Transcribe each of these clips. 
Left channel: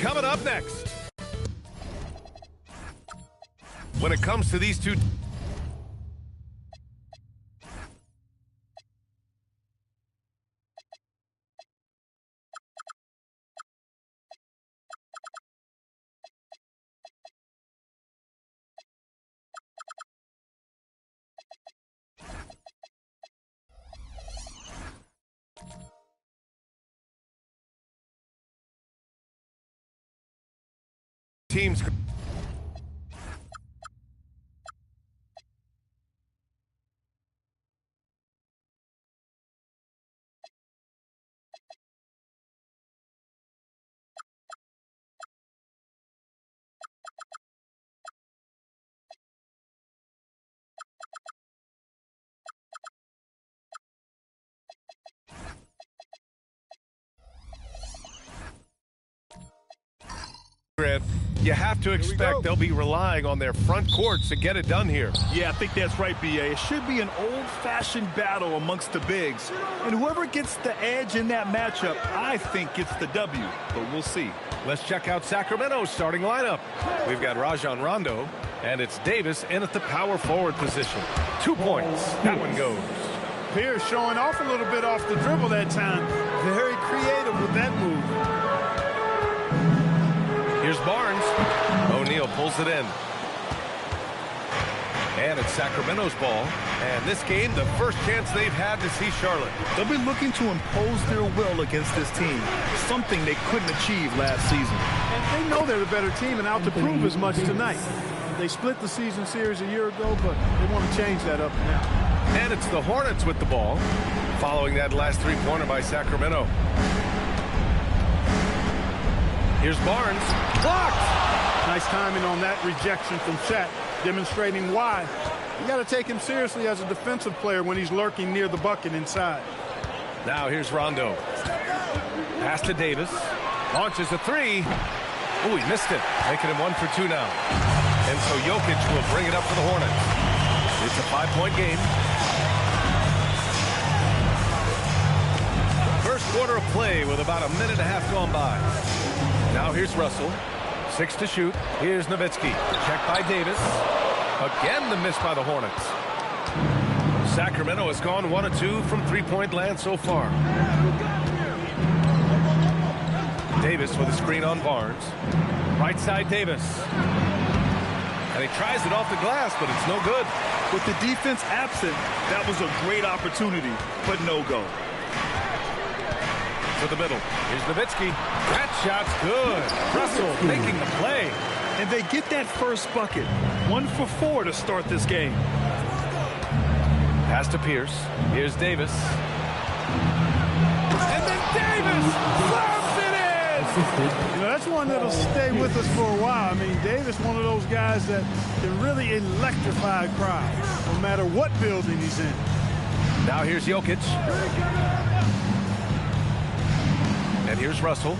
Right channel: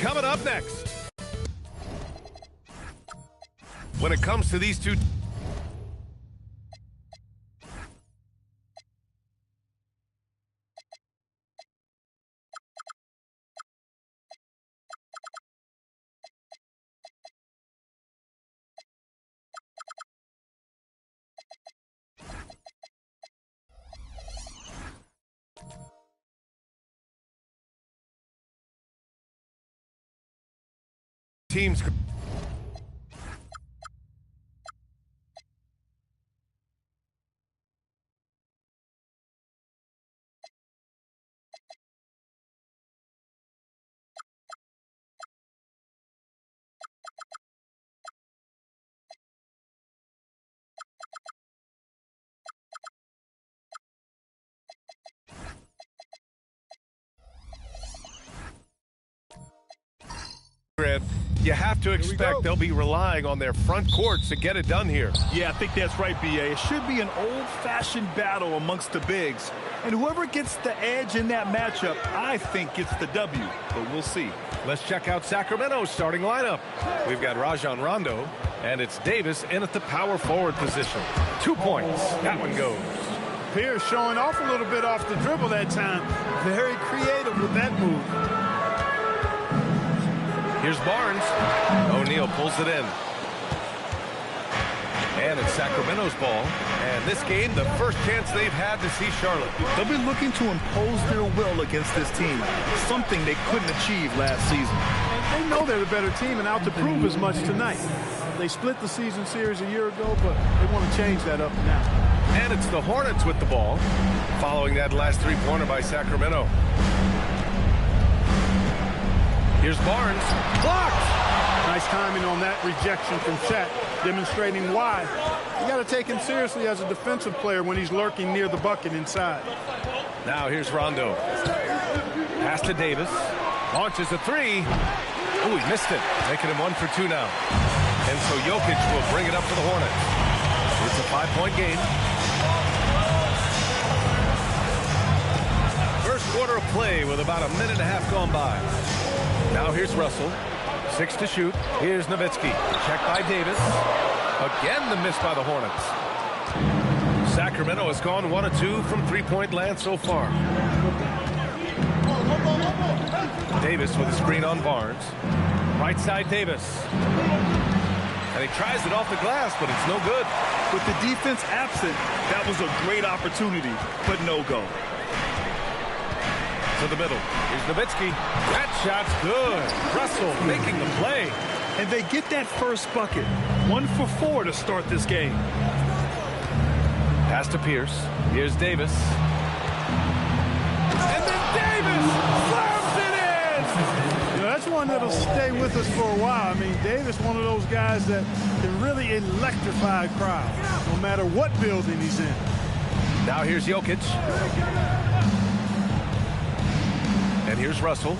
Coming up next. When it comes to these two teams. You have to expect they'll be relying on their front courts to get it done here. Yeah, I think that's right, B.A. It should be an old-fashioned battle amongst the bigs. And whoever gets the edge in that matchup, I think gets the W. But we'll see. Let's check out Sacramento's starting lineup. We've got Rajon Rondo, and it's Davis in at the power forward position. 2 points. That one goes. Pierce showing off a little bit off the dribble that time. Very creative with that move. Here's Barnes. O'Neal pulls it in. And it's Sacramento's ball. And this game, the first chance they've had to see Charlotte. They'll be looking to impose their will against this team, something they couldn't achieve last season. And they know they're the better team and out to prove as much tonight. They split the season series a year ago, but they want to change that up now. And it's the Hornets with the ball, following that last three-pointer by Sacramento. Here's Barnes. Blocked! Nice timing on that rejection from Shaq, demonstrating why. You got to take him seriously as a defensive player when he's lurking near the bucket inside. Now here's Rondo. Pass to Davis. Launches a three. Oh, he missed it. Making him 1 for 2 now. And so Jokic will bring it up for the Hornets. It's a 5-point game. First quarter of play with about a minute and a half gone by. Now here's Russell. 6 to shoot. Here's Nowitzki. Checked by Davis. Again the miss by the Hornets. Sacramento has gone 1 of 2 from three-point land so far. Davis with a screen on Barnes. Right side Davis. And he tries it off the glass, but it's no good. With the defense absent, that was a great opportunity, but no go. To the middle. Here's Nowitzki. That shot's good. Russell making the play. And they get that first bucket. 1 for 4 to start this game. Pass to Pierce. Here's Davis. And then Davis slams it in! You know, that's one that'll stay with us for a while. I mean, Davis, one of those guys that can really electrify a crowd, no matter what building he's in. Now here's Jokic. And here's Russell.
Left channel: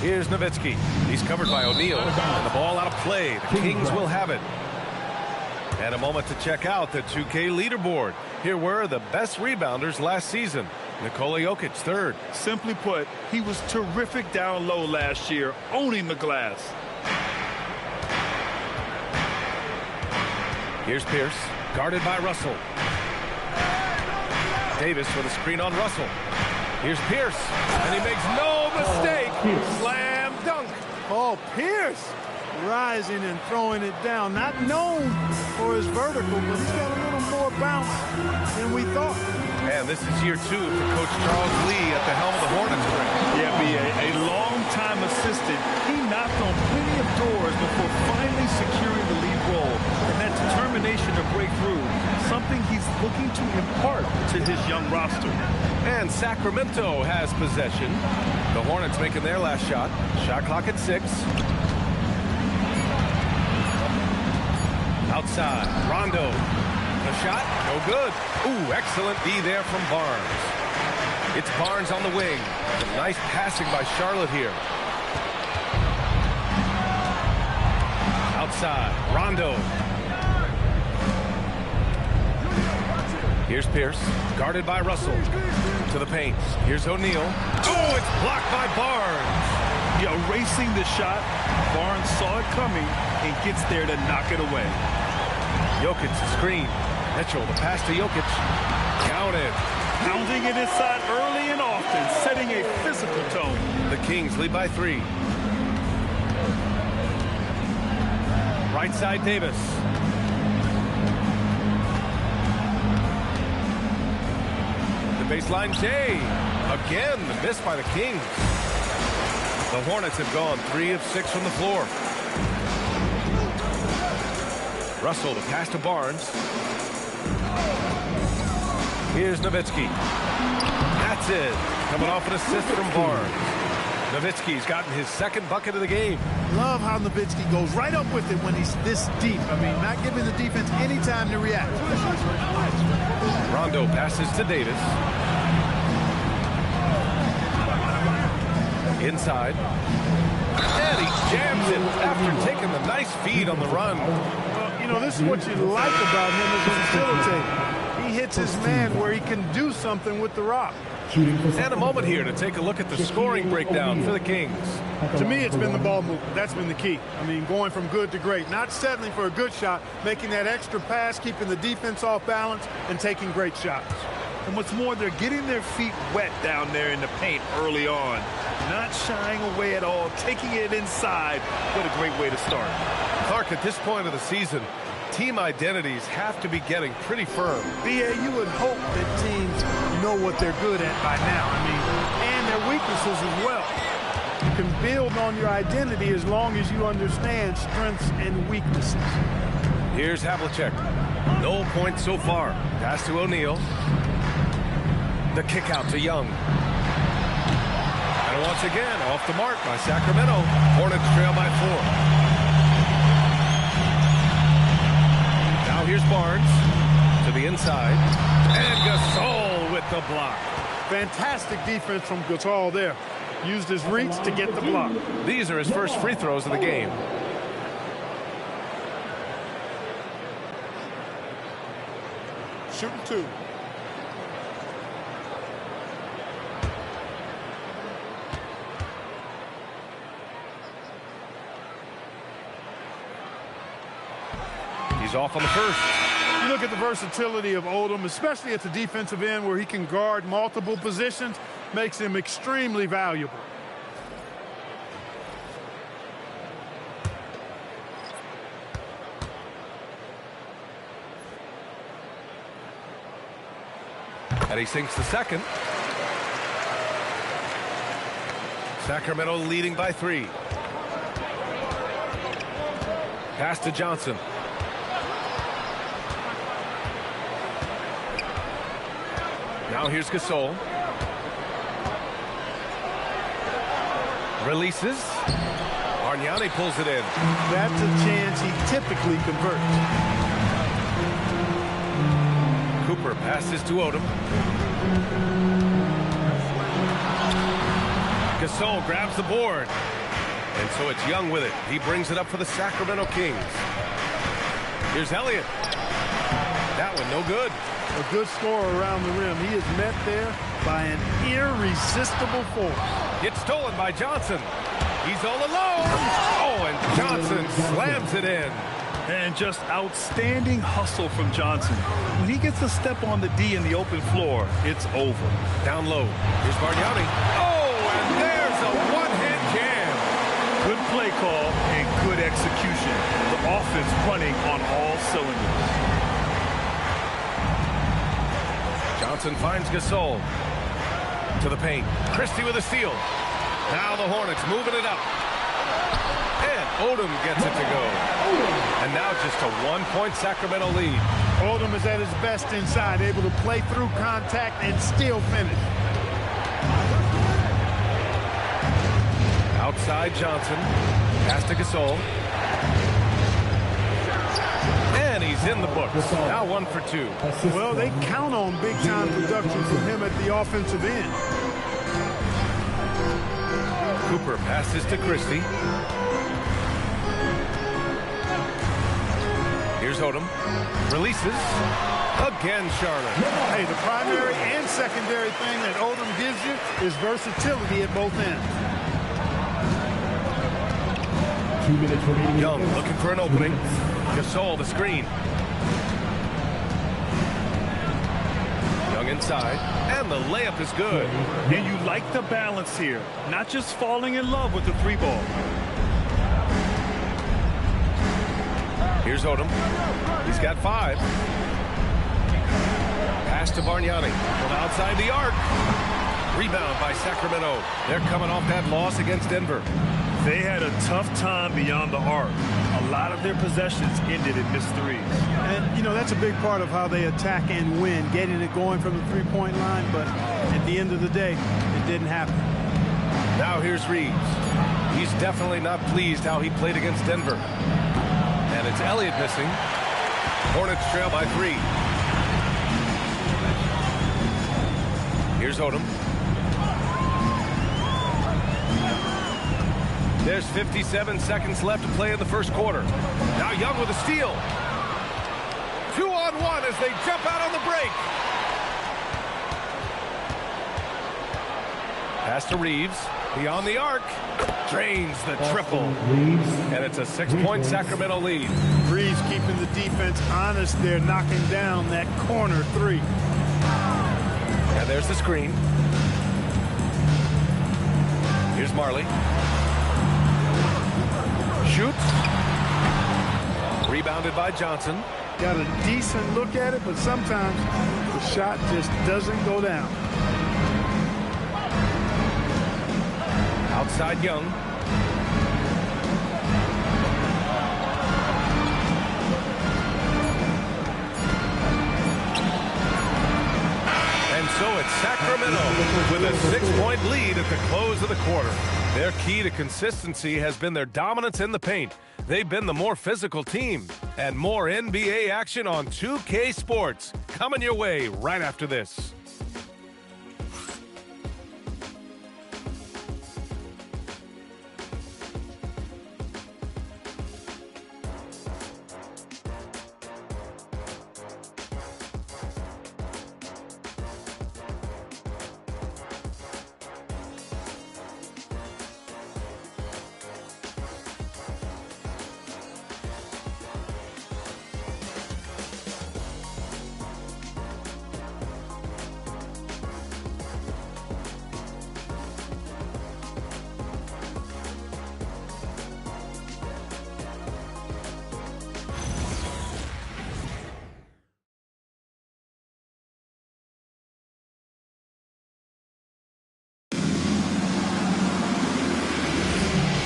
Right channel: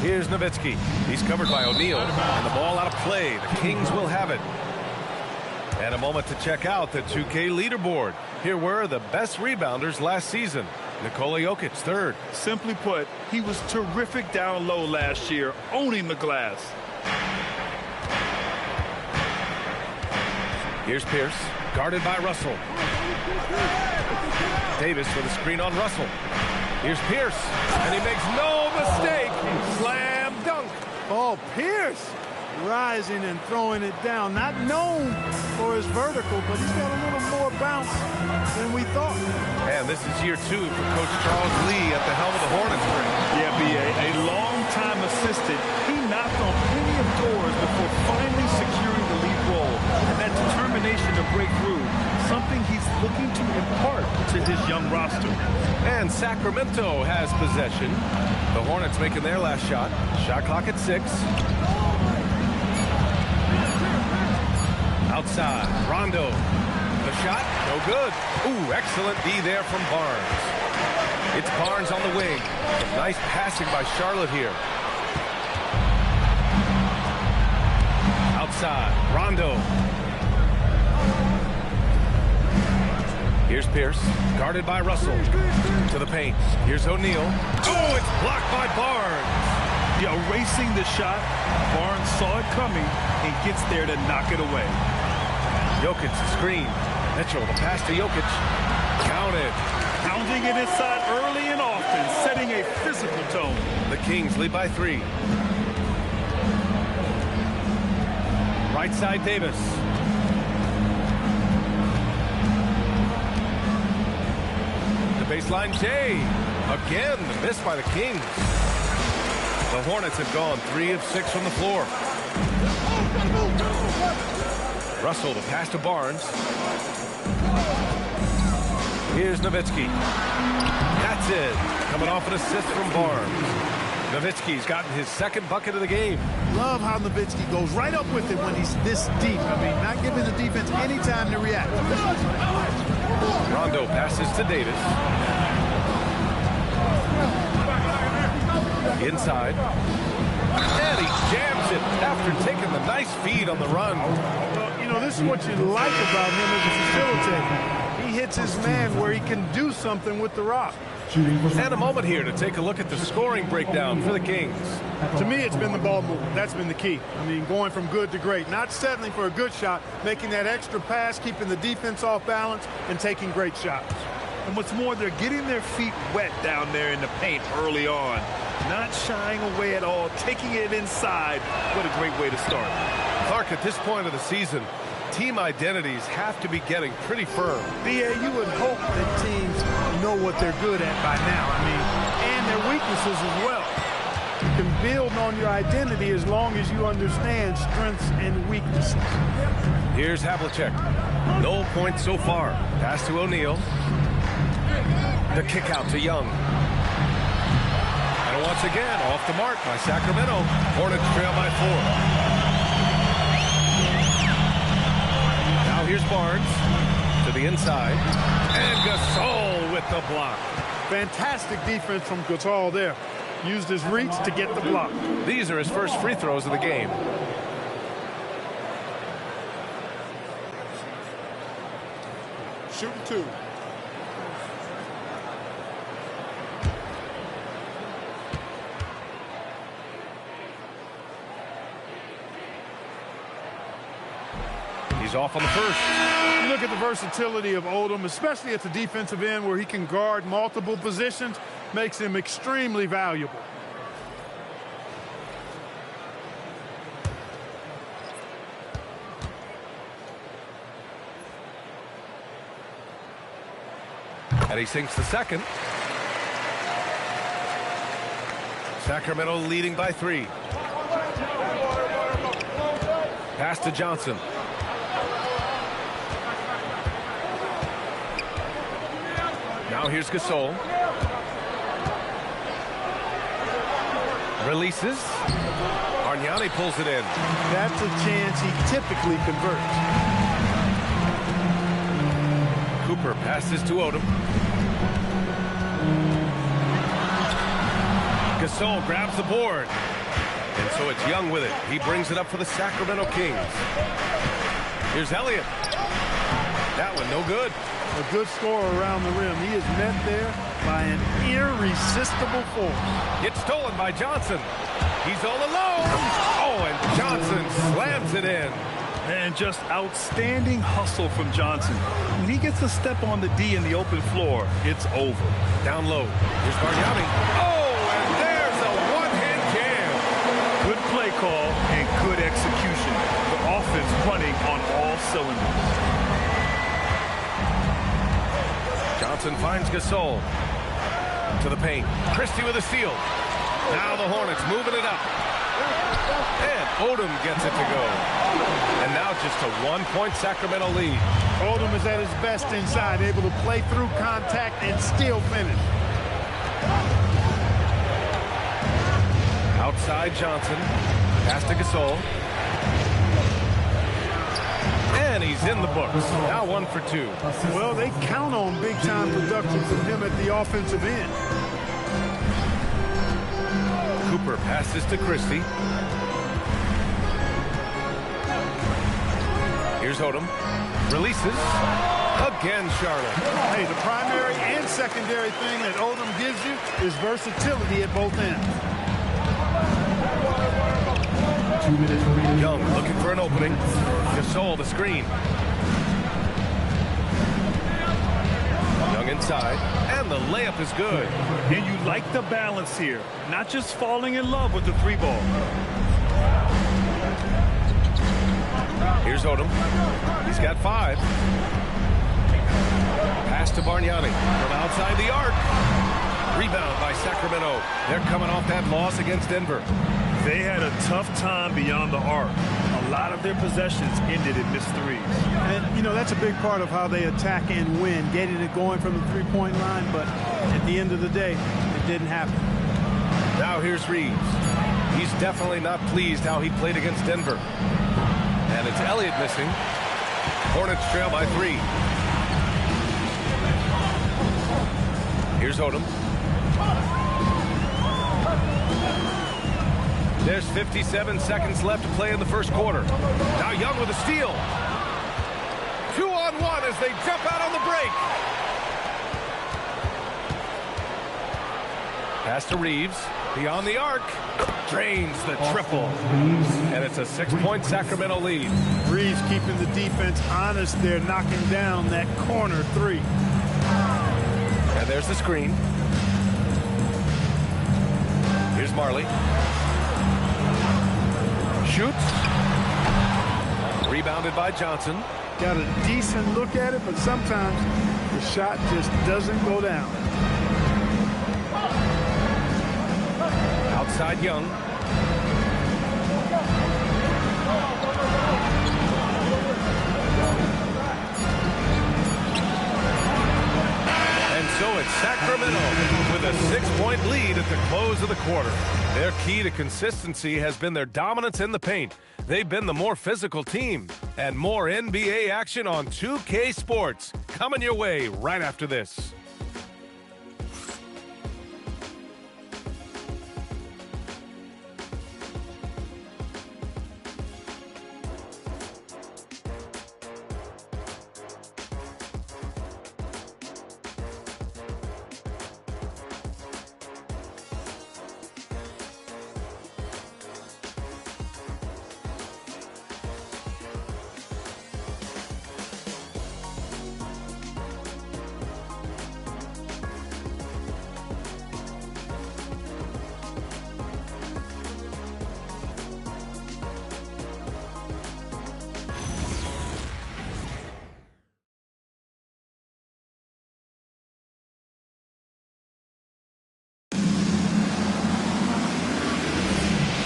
Here's Nowitzki. He's covered by O'Neal. And the ball out of play. The Kings will have it. And a moment to check out the 2K leaderboard. Here were the best rebounders last season. Nikola Jokic, 3rd. Simply put, he was terrific down low last year, owning the glass. Here's Pierce, guarded by Russell. Davis with a screen on Russell. Here's Pierce, and he makes no mistake. Slam dunk. Paul Pierce rising and throwing it down. Not known for his vertical, but he's got a little more bounce than we thought. And this is year 2 for Coach Charles Lee at the helm of the Hornets. Yeah, B.A., a long-time assistant. He knocked on plenty of doors before finally securing the lead role. And that determination to break through, something he's looking to impart to his young roster. And Sacramento has possession. The Hornets making their last shot. Shot clock at 6. Outside, Rondo. The shot, no good. Ooh, excellent D there from Barnes. It's Barnes on the wing. Some nice passing by Charlotte here. Outside, Rondo. Here's Pierce, guarded by Russell. To the paint. Here's O'Neal. Oh, it's blocked by Barnes. Yeah, erasing the shot. Barnes saw it coming and gets there to knock it away. Jokic the screen. Mitchell the pass to Jokic. Counted. Pounding it inside early and often, setting a physical tone. The Kings lead by 3. Right side Davis. The baseline Jay. Again, the miss by the Kings. The Hornets have gone 3 of 6 from the floor. Russell, the pass to Barnes. Here's Nowitzki. That's it. Coming off an assist from Barnes. Nowitzki's gotten his second bucket of the game. Love how Nowitzki goes right up with it when he's this deep. I mean, not giving the defense any time to react. Rondo passes to Davis. Inside. And he jams it after taking the nice feed on the run. Well, you know, this is what you like about him as a facilitator. He hits his man where he can do something with the rock. And a moment here to take a look at the scoring breakdown for the Kings. To me, it's been the ball movement. That's been the key. I mean, going from good to great. Not settling for a good shot, making that extra pass, keeping the defense off balance, and taking great shots. And what's more, they're getting their feet wet down there in the paint early on. Not shying away at all, taking it inside. What a great way to start. Clark, at this point of the season, team identities have to be getting pretty firm. B.A., you would hope that teams know what they're good at by now. I mean, and their weaknesses as well. You can build on your identity as long as you understand strengths and weaknesses. Here's Havlicek. No points so far. Pass to O'Neal. The kick out to Young. And once again, off the mark by Sacramento. Hornets trail by 4. Now here's Barnes to the inside. And Gasol with the block. Fantastic defense from Gasol there. Used his reach to get the block. These are his first free throws of the game. Shooting 2. He's off on the first. You look at the versatility of Odom, especially at the defensive end where he can guard multiple positions, makes him extremely valuable. And he sinks the second. Sacramento leading by 3. Pass to Johnson. Now here's Gasol. Releases. Bargnani pulls it in. That's a chance he typically converts. Cooper passes to Odom. Gasol grabs the board. And so it's Young with it. He brings it up for the Sacramento Kings. Here's Elliott. That one no good. A good scorer around the rim. He is met there by an irresistible force. It's stolen by Johnson. He's all alone. Oh, and Johnson slams it in. And just outstanding hustle from Johnson. When he gets a step on the D in the open floor, it's over. Down low. Here's Bargnani. Oh, and there's a one-hand jam. Good play call and good execution. The offense running on all cylinders. Johnson finds Gasol to the paint. Christie with a steal. Now the Hornets moving it up. And Odom gets it to go. And now just a 1-point Sacramento lead. Odom is at his best inside, able to play through contact and still finish. Outside Johnson. Pass to Gasol. And he's in the books. Now 1 for 2. Well, they count on big-time production from him at the offensive end. Cooper passes to Christie. Here's Odom. Releases. Again, Charlotte. Hey, the primary and secondary thing that Odom gives you is versatility at both ends. 2 minutes remaining. Young looking for an opening. Gasol the screen. Young inside, and the layup is good. And you like the balance here, not just falling in love with the three ball. Here's Odom. He's got 5. Pass to Bargnani from outside the arc. Rebound by Sacramento. They're coming off that loss against Denver. They had a tough time beyond the arc. A lot of their possessions ended in missed threes. And, you know, that's a big part of how they attack and win, getting it going from the three-point line. But at the end of the day, it didn't happen. Now here's Reeves. He's definitely not pleased how he played against Denver. And it's Elliott missing. Hornets trail by 3. Here's Odom. There's 57 seconds left to play in the first quarter. Now Young with a steal. 2-on-1 as they jump out on the break. Pass to Reeves. Beyond the arc. Drains the triple. And it's a 6-point Sacramento lead. Reeves keeping the defense honest there, knocking down that corner 3. And there's the screen. Here's Marley. Shoots. Rebounded by Johnson. Got a decent look at it, but sometimes the shot just doesn't go down. Outside Young. And so it's Sacramento with a 6-point lead at the close of the quarter. Their key to consistency has been their dominance in the paint. They've been the more physical team. And more NBA action on 2K Sports coming your way right after this.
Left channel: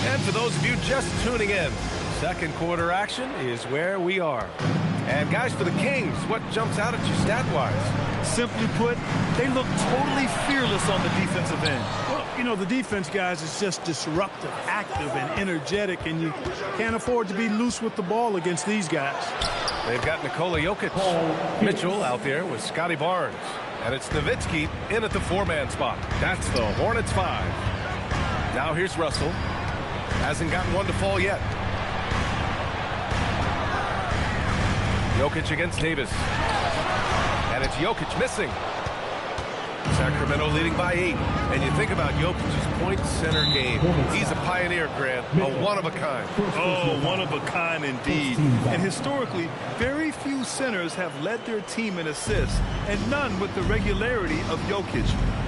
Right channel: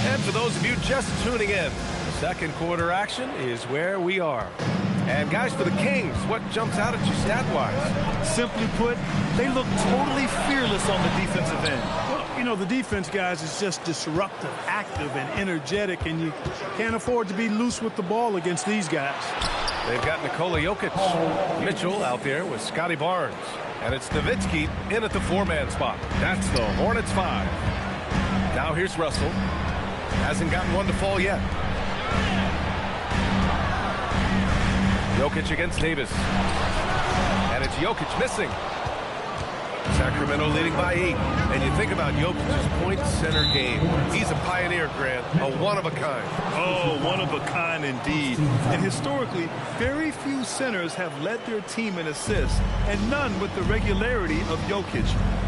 And for those of you just tuning in, second quarter action is where we are. And guys, for the Kings, what jumps out at you stat-wise? Simply put, they look totally fearless on the defensive end. Well, you know, the defense, guys, is just disruptive, active, and energetic, and you can't afford to be loose with the ball against these guys. They've got Nikola Jokic. Mitchell out there with Scotty Barnes. And it's Nowitzki in at the 4-man spot. That's the Hornets 5. Now here's Russell. Hasn't gotten one to fall yet. Jokic against Davis. And it's Jokic missing. Sacramento leading by 8. And you think about Jokic's point center game. He's a pioneer, Grant. A one-of-a-kind. Oh, one-of-a-kind indeed. And historically, very few centers have led their team in assists, and none with the regularity of Jokic.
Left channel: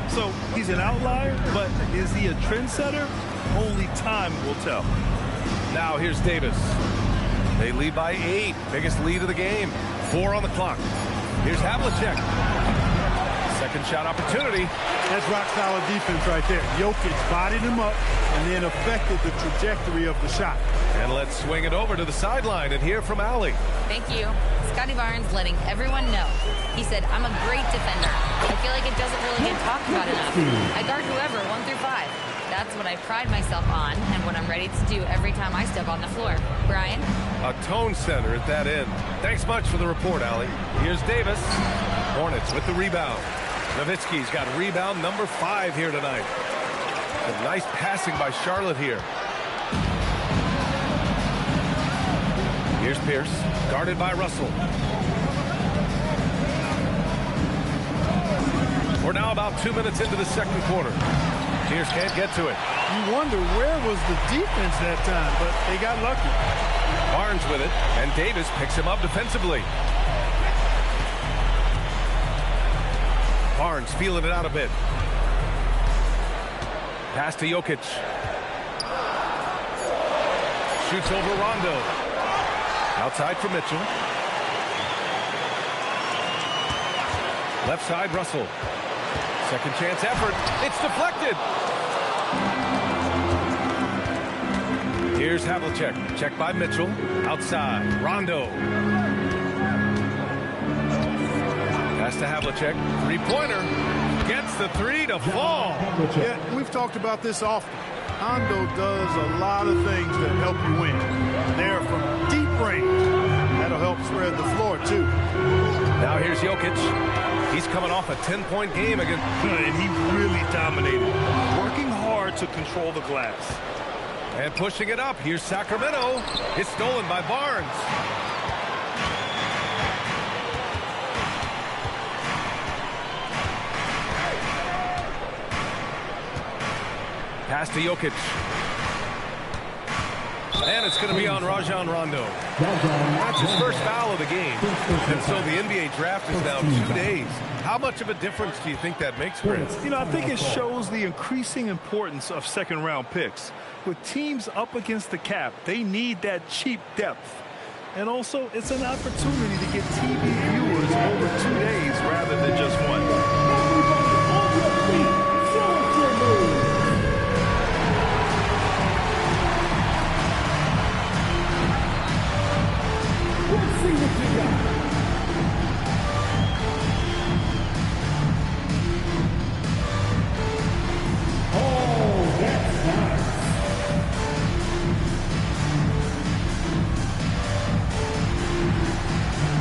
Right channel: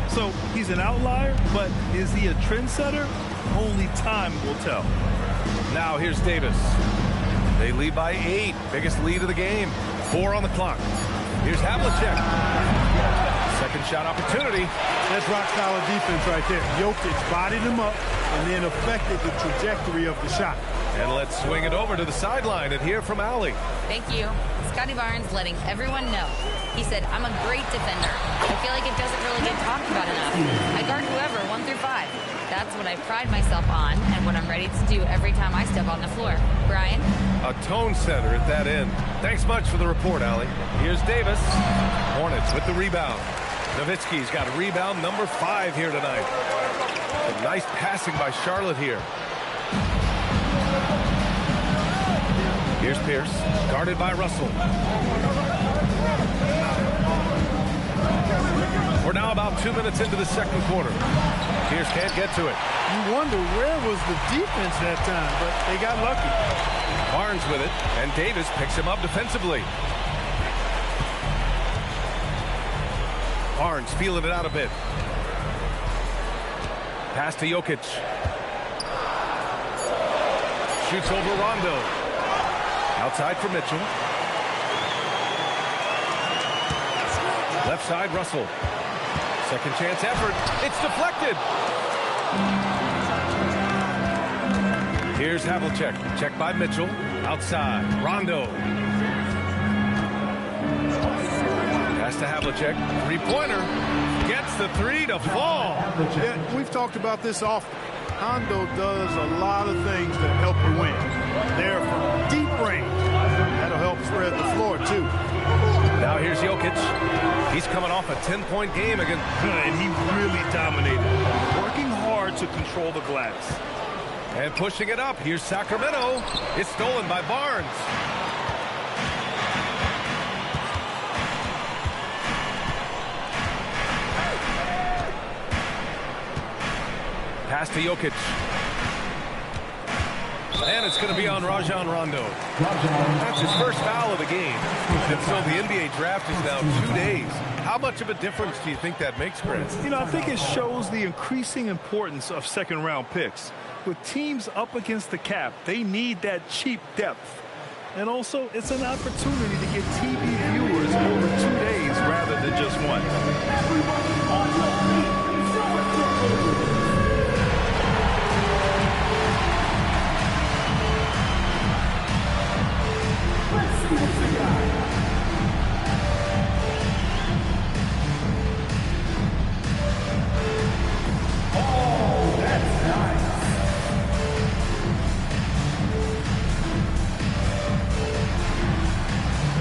So he's an outlier, but is he a trendsetter? Only time will tell. Now here's Davis. They lead by 8. Biggest lead of the game. 4 on the clock. Here's Havlicek. Second shot opportunity. That's rock-solid defense right there. Jokic bodied him up and then affected the trajectory of the shot. And let's swing it over to the sideline and hear from Allie. Thank you. Scotty Barnes letting everyone know. He said, I'm a great defender. I feel like it doesn't really get talked about enough. I guard whoever, 1 through 5. That's what I pride myself on and what I'm ready to do every time I step on the floor. Brian? A tone setter at that end. Thanks much for the report, Allie. Here's Davis. Hornets with the rebound. Nowitzki's got rebound number 5 here tonight. Some nice passing by Charlotte here. Here's Pierce, guarded by Russell. We're now about 2 minutes into the second quarter. Pierce can't get to it. You wonder where was the defense that time, but they got lucky. Barnes with it, and Davis picks him up defensively. Barnes feeling it out a bit. Pass to Jokic. Shoots over Rondo. Outside for Mitchell. Left side, Russell. Second chance effort. It's deflected. Here's Havlicek. Check by Mitchell. Outside. Rondo. Pass to Havlicek. Three-pointer. Gets the three to fall. Yeah, we've talked about this often. Rondo does a lot of things that help you win. They're from deep range. That'll help spread the floor, too. Now here's Jokic. He's coming off a 10-point game again. And he really dominated. Working hard to control the glass. And pushing it up. Here's Sacramento. It's stolen by Barnes. Pass to Jokic. And it's going to be on Rajon Rondo. That's his first foul of the game. And so the NBA draft is now 2 days. How much of a difference do you think that makes, Chris? You know, I think it shows the increasing importance of second-round picks. With teams up against the cap, they need that cheap depth. And also, it's an opportunity to get TV viewers over 2 days rather than just one. Everybody on your feet. Celebrate. Let's see what you got. Oh, that's nice.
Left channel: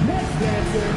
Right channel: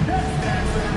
Next dancer.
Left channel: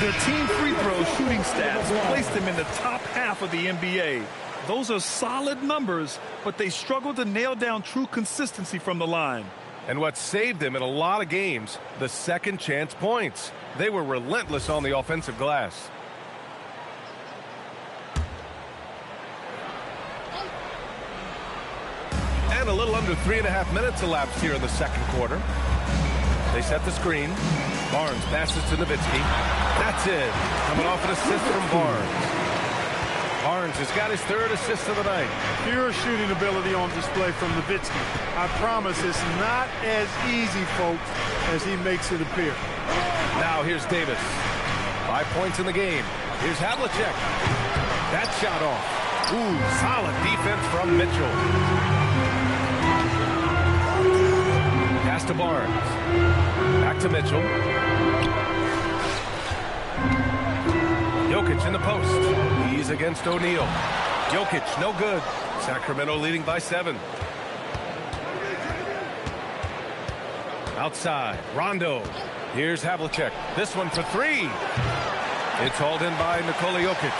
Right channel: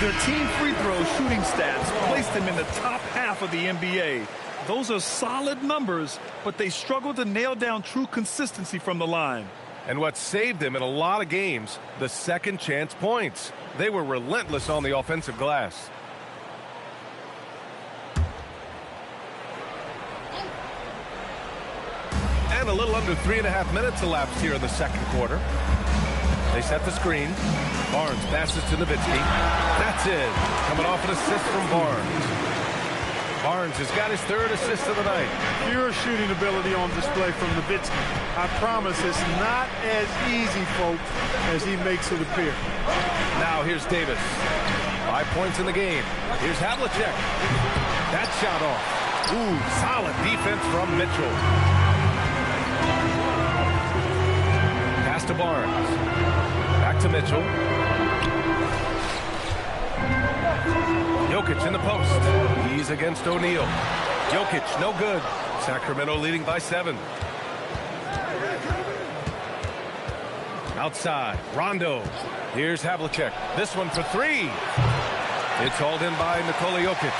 Their team free throw shooting stats placed them in the top half of the NBA. Those are solid numbers, but they struggle to nail down true consistency from the line. And what saved them in a lot of games, the second chance points. They were relentless on the offensive glass. And a little under 3.5 minutes elapsed here in the second quarter. They set the screen. Barnes passes to Nowitzki. That's it. Coming off an assist from Barnes. Barnes has got his third assist of the night. Pure shooting ability on display from Nowitzki. I promise it's not as easy, folks, as he makes it appear. Now here's Davis. 5 points in the game. Here's Havlicek. That shot off. Ooh, solid defense from Mitchell. Pass to Barnes. Back to Mitchell. Jokic in the post. He's against O'Neal. Jokic, no good. Sacramento leading by 7. Outside, Rondo. Here's Havlicek. This one for 3. It's hauled in by Nikola Jokic.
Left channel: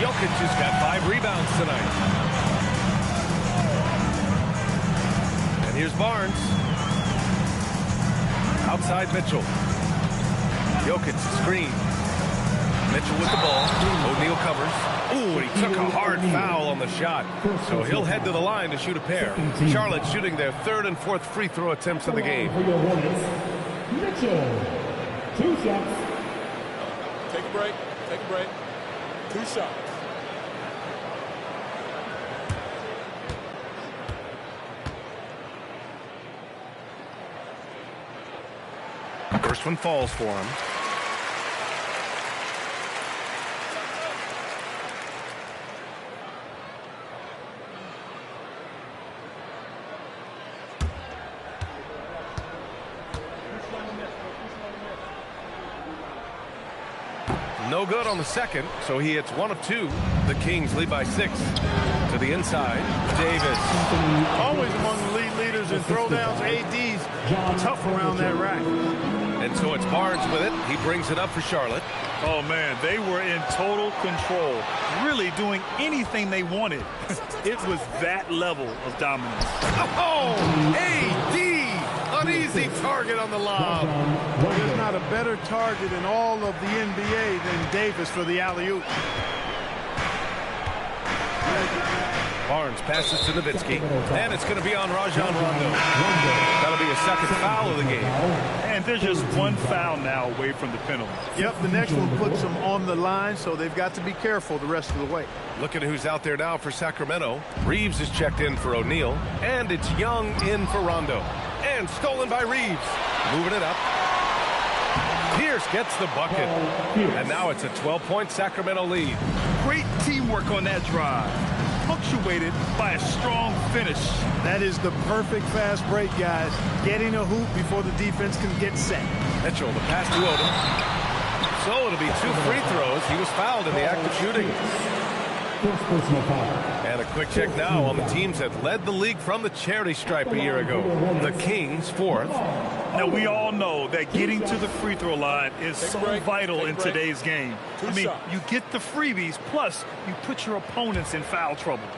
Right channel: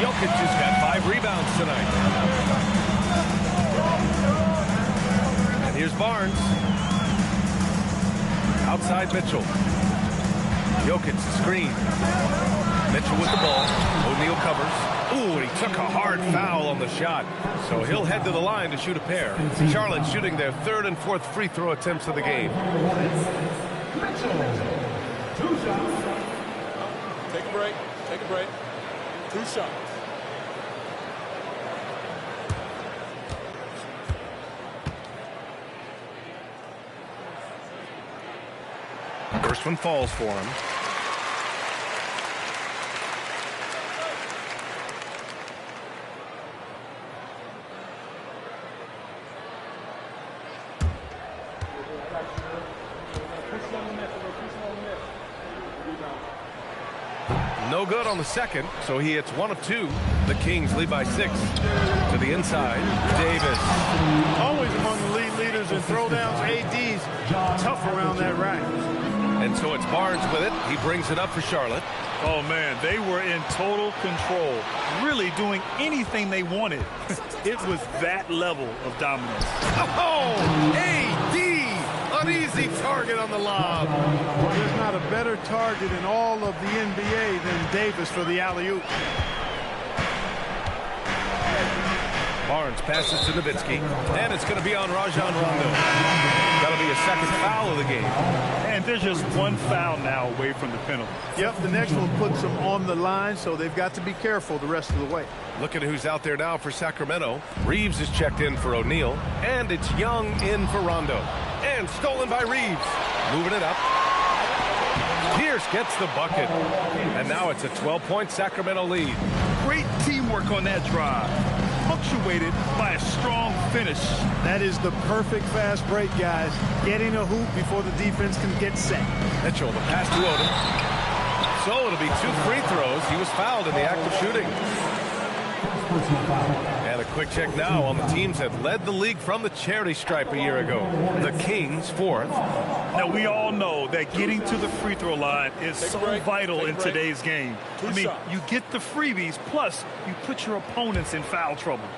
Jokic has got 5 rebounds tonight. And here's Barnes. Outside Mitchell. Jokic screen. Mitchell with the ball. O'Neal covers. Ooh, and he took a hard foul on the shot. So he'll head to the line to shoot a pair. Charlotte shooting their 3rd and 4th free throw attempts of the game. Mitchell, 2 shots. Take a break. Take a break. 2 shots. First one falls for him. No good on the second, so he hits 1 of 2. The Kings lead by 6. To the inside, Davis. Always among the lead leaders in throwdowns. AD's tough around that rack. And so it's Barnes with it. He brings it up for Charlotte. Oh, man, they were in total control, really doing anything they wanted. It was that level of dominance. Oh, A.D. An easy target on the lob. Well, there's not a better target in all of the NBA than Davis for the alley-oop. Barnes passes to Nowitzki, and it's going to be on Rajon Rondo. That'll be a second foul of the game. And there's just one foul now away from the penalty. Yep, the next one puts them on the line, so they've got to be careful the rest of the way. Look at who's out there now for Sacramento. Reeves is checked in for O'Neal, and it's Young in for Rondo. And stolen by Reeves. Moving it up. Pierce gets the bucket. And now it's a 12-point Sacramento lead. Great teamwork on that drive, punctuated by a strong finish. That is the perfect fast break, guys. Getting a hoop before the defense can get set. Mitchell, the pass to Odom. So it'll be 2 free throws. He was fouled in the act of shooting. First personal foul. And a quick check now on the teams that led the league from the charity stripe a year ago. The Kings, 4th. Now, we all know that getting to the free throw line is so vital in today's game. I mean, you get the freebies, plus you put your opponents in foul trouble.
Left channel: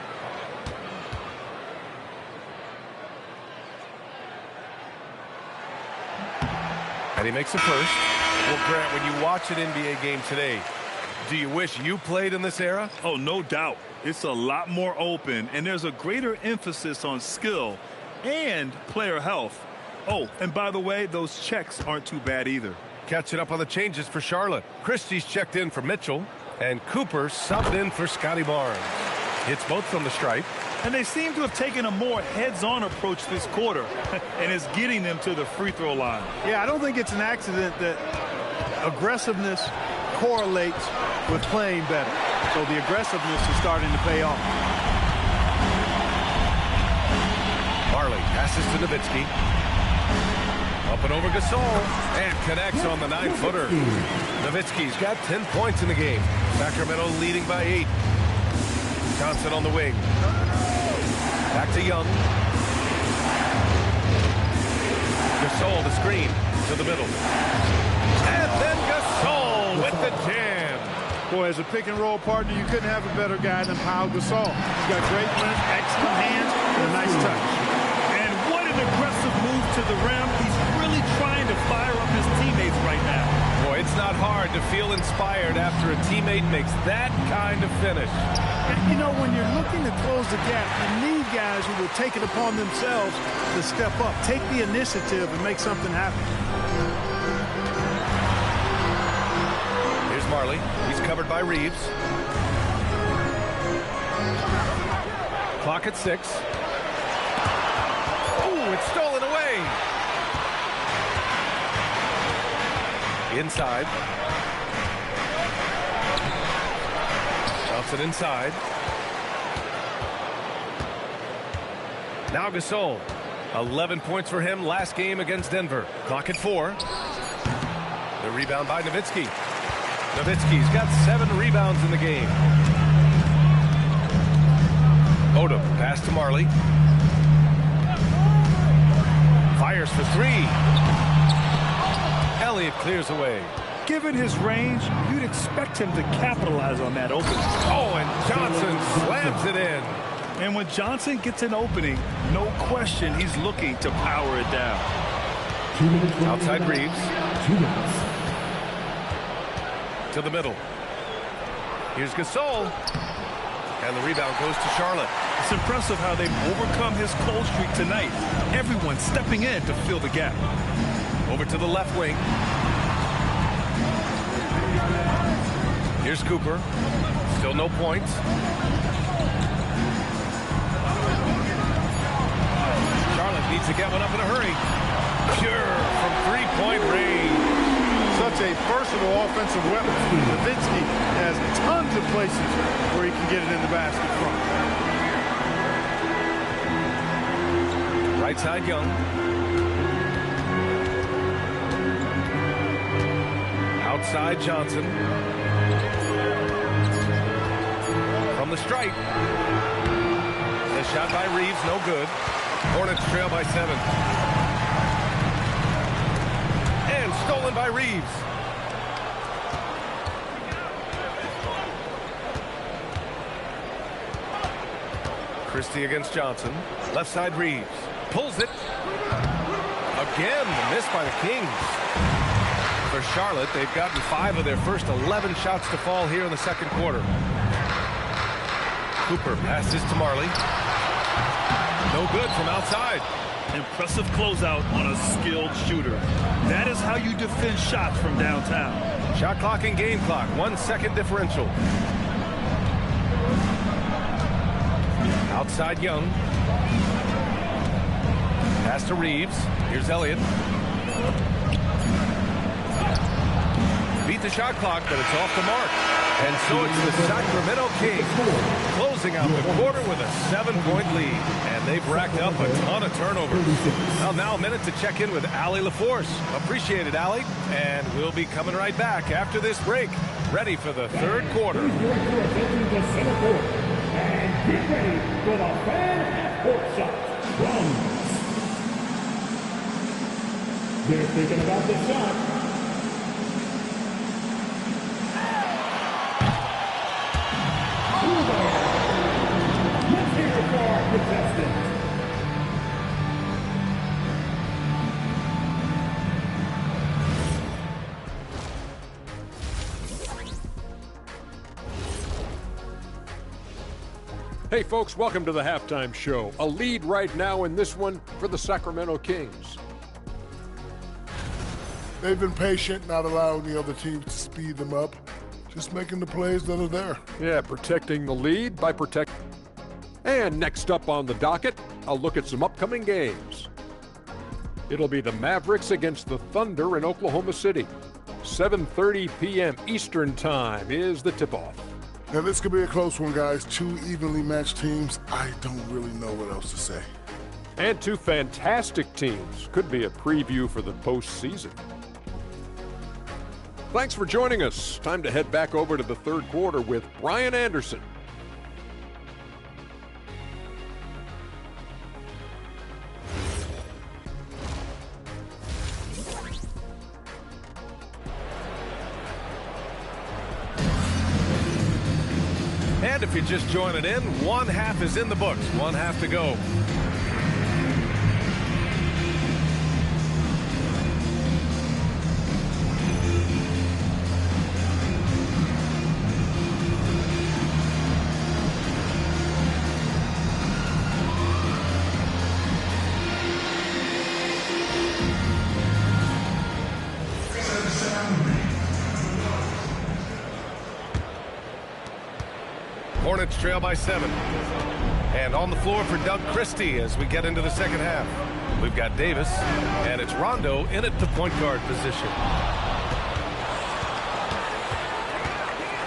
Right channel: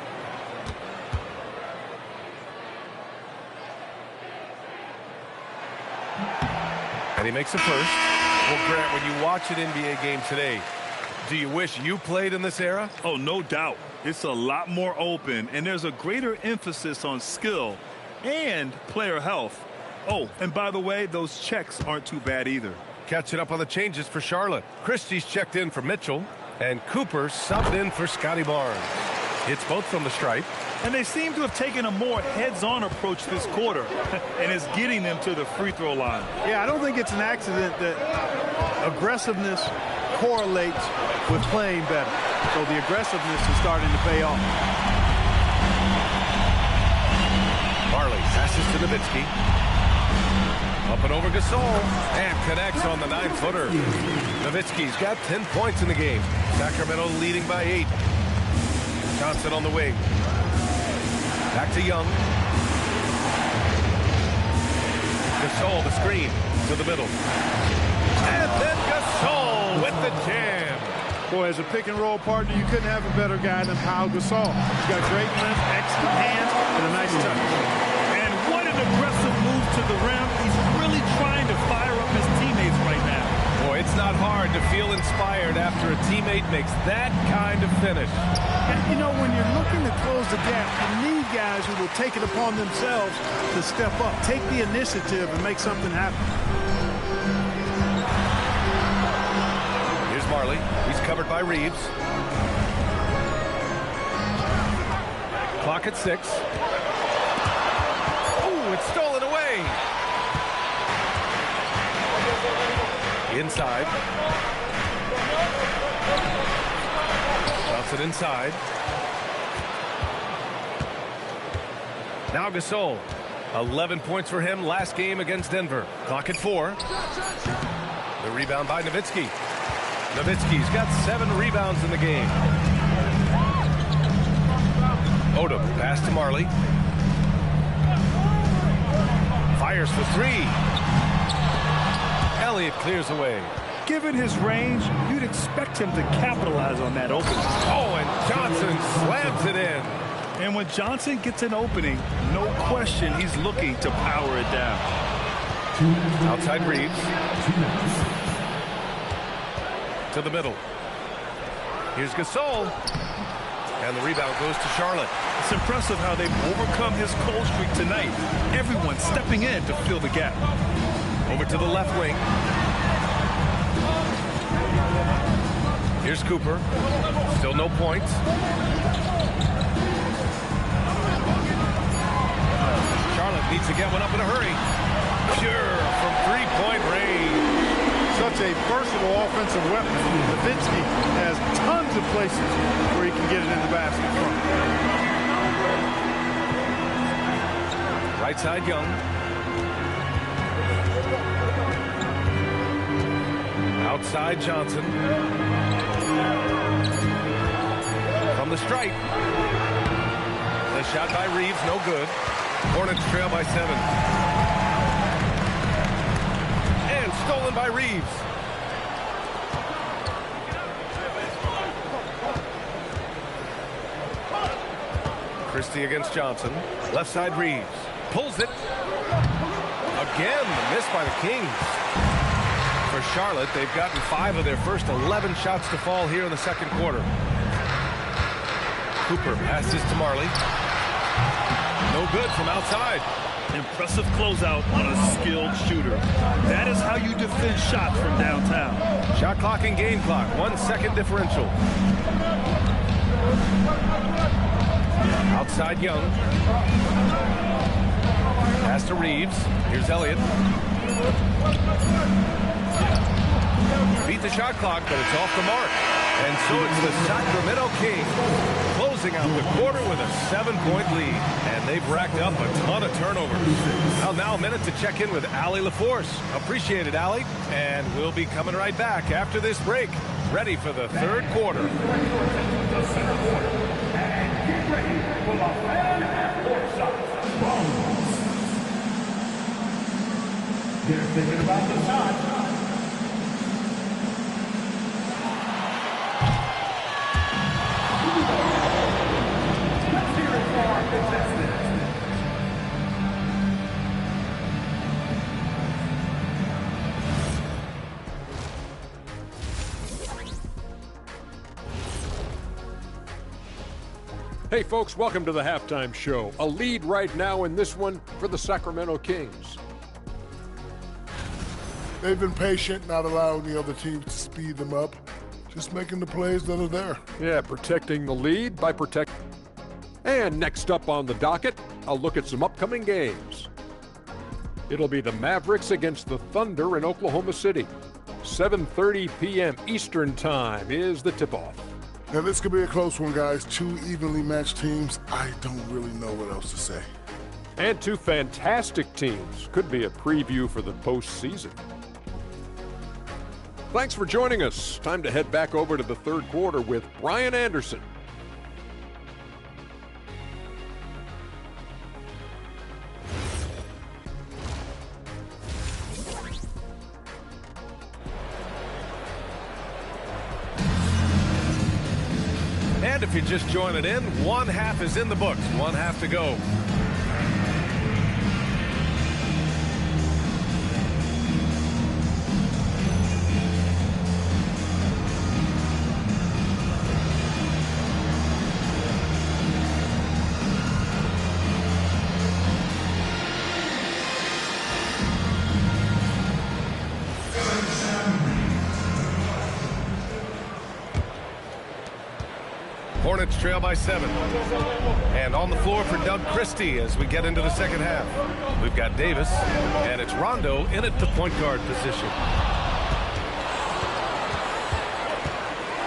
And he makes a first. Well, Grant, when you watch an NBA game today, do you wish you played in this era? Oh, no doubt. It's a lot more open, and there's a greater emphasis on skill and player health. Oh, and by the way, those checks aren't too bad either. Catching up on the changes for Charlotte. Christie's checked in for Mitchell, and Cooper subbed in for Scotty Barnes. Hits both from the stripe. And they seem to have taken a more heads-on approach this quarter, and it's getting them to the free throw line. Yeah, I don't think it's an accident that aggressiveness correlates with playing better. So the aggressiveness is starting to pay off. Marley passes to Nowitzki. Up and over Gasol. And connects on the 9-footer. Nowitzki's got 10 points in the game. Sacramento leading by 8. Johnson on the wing. Back to Young. Gasol the screen to the middle. And then Gasol with the jam. Boy, as a pick-and-roll partner, you couldn't have a better guy than Pau Gasol. He's got great length, excellent hands, and a nice touch. And what an aggressive move to the rim. He's really trying to fire up his teammates right now. Boy, it's not hard to feel inspired after a teammate makes that kind of finish. And, you know, when you're looking to close the gap, you need guys who will take it upon themselves to step up, take the initiative, and make something happen. Here's Marley. He's covered by Reeves. Clock at 6. Oh, it's stolen away. Inside. Johnson inside. Now Gasol. 11 points for him last game against Denver. Clock at 4. The rebound by Nowitzki. Nowitzki's got 7 rebounds in the game. Odom, pass to Marley. Fires for 3. Elliott clears away. Given his range, you'd expect him to capitalize on that opening. Oh, and Johnson slams it in. And when Johnson gets an opening, no question he's looking to power it down. 2 minutes. Outside Reeves. 2 minutes. To the middle. Here's Gasol. And the rebound goes to Charlotte. It's impressive how they've overcome his cold streak tonight. Everyone stepping in to fill the gap. Over to the left wing. Here's Cooper. Still no points. Charlotte needs to get one up in a hurry. Pure from 3-point range. Such a versatile offensive weapon. Nowitzki has tons of places where he can get it in the basket from. Right side, Young. Outside, Johnson. From the stripe. The shot by Reeves, no good. Hornets trail by 7. And stolen by Reeves. Christie against Johnson. Left side Reeves. Pulls it. Again, the miss by the Kings. For Charlotte, they've gotten 5 of their first 11 shots to fall here in the second quarter. Cooper passes to Marley. No good from outside. Impressive closeout on a skilled shooter. That is how you defend shots from downtown. Shot clock and game clock. 1 second differential. Outside Young. Pass to Reeves. Here's Elliott. Beat the shot clock, but it's off the mark. And so it's the Sacramento Kings closing out the quarter with a 7-point lead. And they've racked up a ton of turnovers. Now a minute to check in with Allie LaForce. Appreciate it, Allie. And we'll be coming right back after this break. Ready for the third quarter. And get ready for the fan half-court shot. They're thinking about the shot. Let's hear it for our contestants. Hey folks, welcome to the halftime show. A lead right now in this one for the Sacramento Kings. They've been patient, not allowing the other teams to speed them up. Just making the plays that are there. Yeah, protecting the lead by protecting. And next up on the docket, a look at some upcoming games. It'll be the Mavericks against the Thunder in Oklahoma City. 7:30 p.m. Eastern Time is the tip-off. Now, this could be a close one, guys. 2 evenly matched teams. I don't really know what else to say. And 2 fantastic teams. Could be a preview for the postseason. Thanks for joining us. Time to head back over to the third quarter with Brian Anderson. And if you're just joining in, 1 half is in the books. 1 half to go. Hornets trail by 7. And on the floor for Doug Christie as we get into the second half. We've got Davis, and it's Rondo in at the point guard position.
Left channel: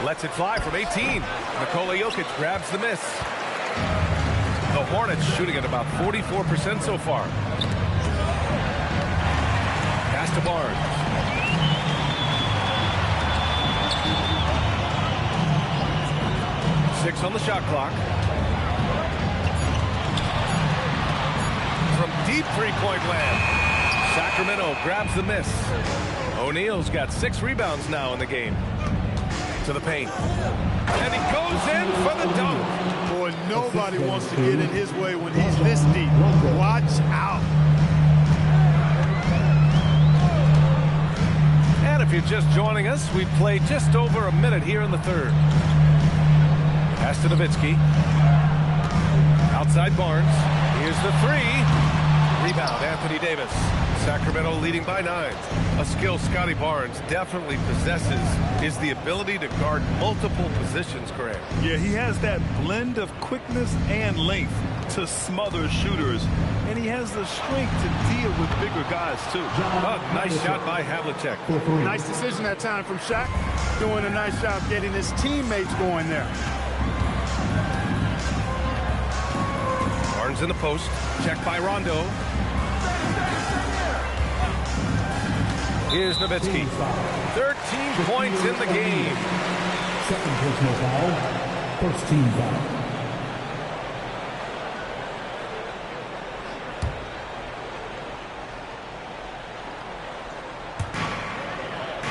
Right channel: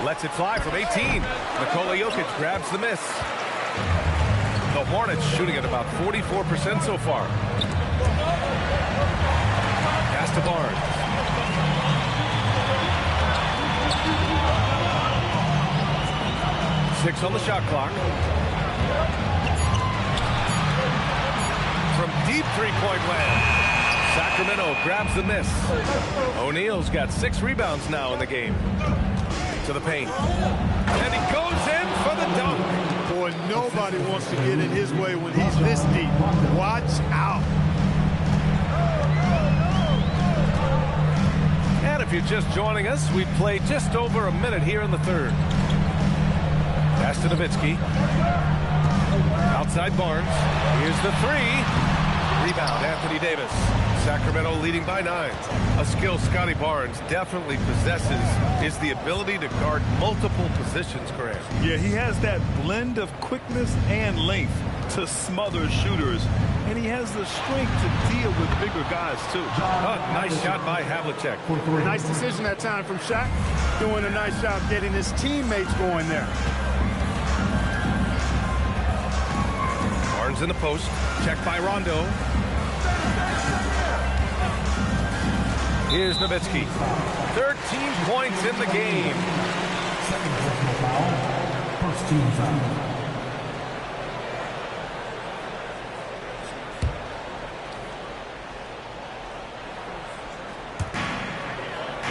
Lets it fly from 18. Nikola Jokic grabs the miss. The Hornets shooting at about 44% so far. Pass to Barnes. Six on the shot clock. From deep three-point land, Sacramento grabs the miss. O'Neal's got 6 rebounds now in the game. To the paint. And he goes in for the dunk. Boy, nobody wants to get in his way when he's this deep. Watch out. And if you're just joining us, we've played just over a minute here in the third. Pass to Nowitzki. Outside Barnes. Here's the 3. Rebound, Anthony Davis. Sacramento leading by 9. A skill Scotty Barnes definitely possesses is the ability to guard multiple positions, Graham. Yeah, he has that blend of quickness and length to smother shooters. And he has the strength to deal with bigger guys, too. Nice shot by Havlicek. Nice decision that time from Shaq. Doing a nice job getting his teammates going there. Barnes in the post. Checked by Rondo. Here's Nowitzki. 13 points in the game. Second personal foul. First team foul.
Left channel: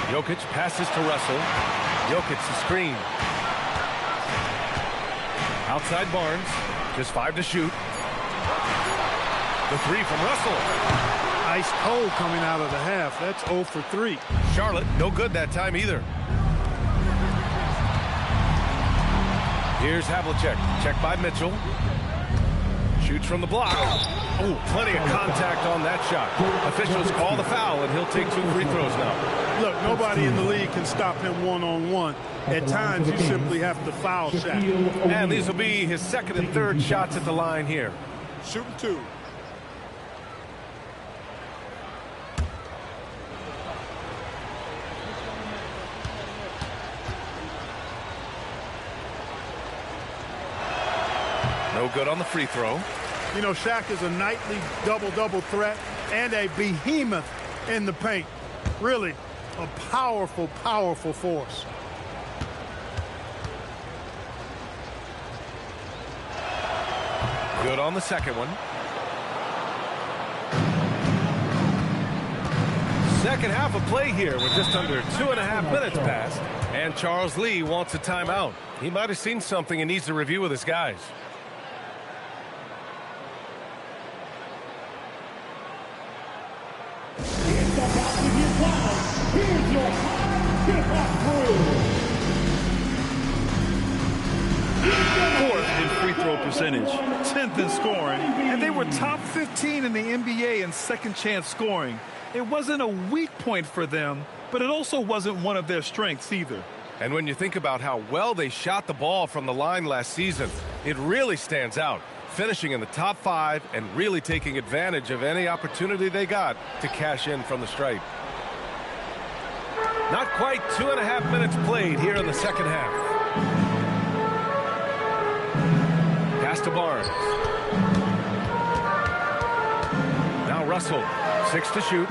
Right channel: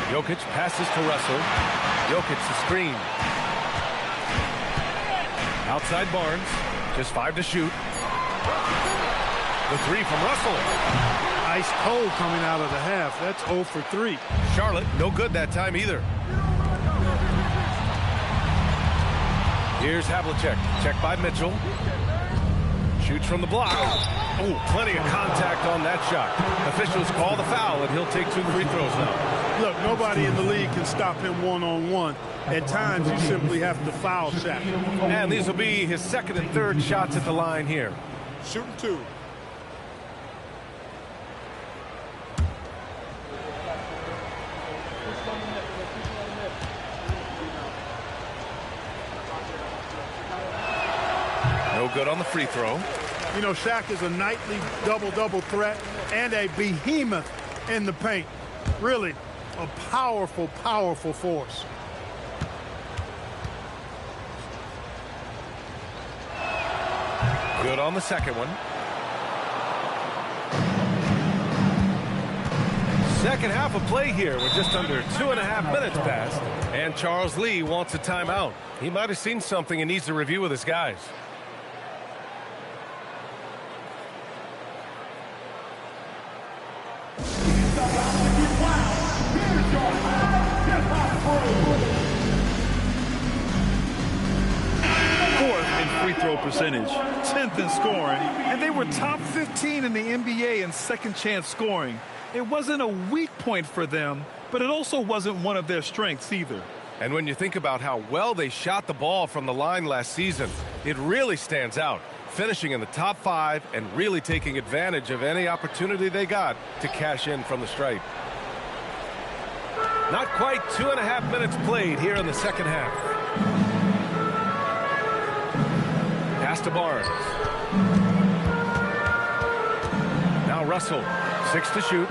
Jokic passes to Russell. Jokic the screen. Outside Barnes. Just 5 to shoot. The 3 from Russell. Ice cold coming out of the half. That's 0 for 3. Charlotte, no good that time either. Here's Havlicek. Check by Mitchell. Shoots from the block. Oh, plenty of contact on that shot. Officials call the foul, and he'll take 2 free throws now. Look, nobody in the league can stop him one-on-one. At times, you simply have to foul Shaq. And these will be his second and third shots at the line here. Shooting 2. No good on the free throw. You know, Shaq is a nightly double-double threat and a behemoth in the paint. Really a powerful, powerful force. Good on the second one. Second half of play here. We're just under 2.5 minutes past. And Charles Lee wants a timeout. He might have seen something and needs to review with his guys. Fourth in free throw percentage, 10th in scoring, and they were top 15 in the NBA in second chance scoring. It wasn't a weak point for them, but it also wasn't one of their strengths either. And when you think about how well they shot the ball from the line last season, it really stands out, finishing in the top 5 and really taking advantage of any opportunity they got to cash in from the stripe. Not quite 2.5 minutes played here in the second half. Pass to Barnes. Now Russell, 6 to shoot.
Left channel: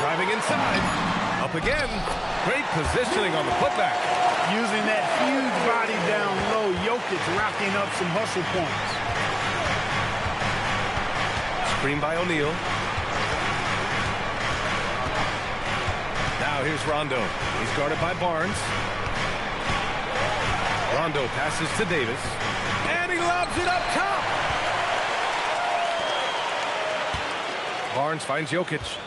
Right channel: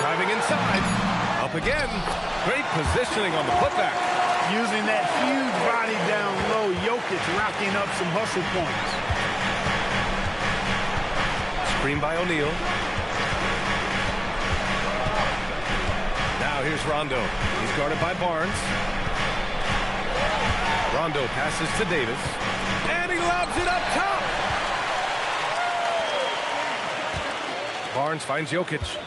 Driving inside. Up again. Great positioning on the putback. Using that huge body down low, Jokic racking up some hustle points. Screen by O'Neal. Now here's Rondo. He's guarded by Barnes. Rondo passes to Davis. And he lobs it up top. Barnes finds Jokic.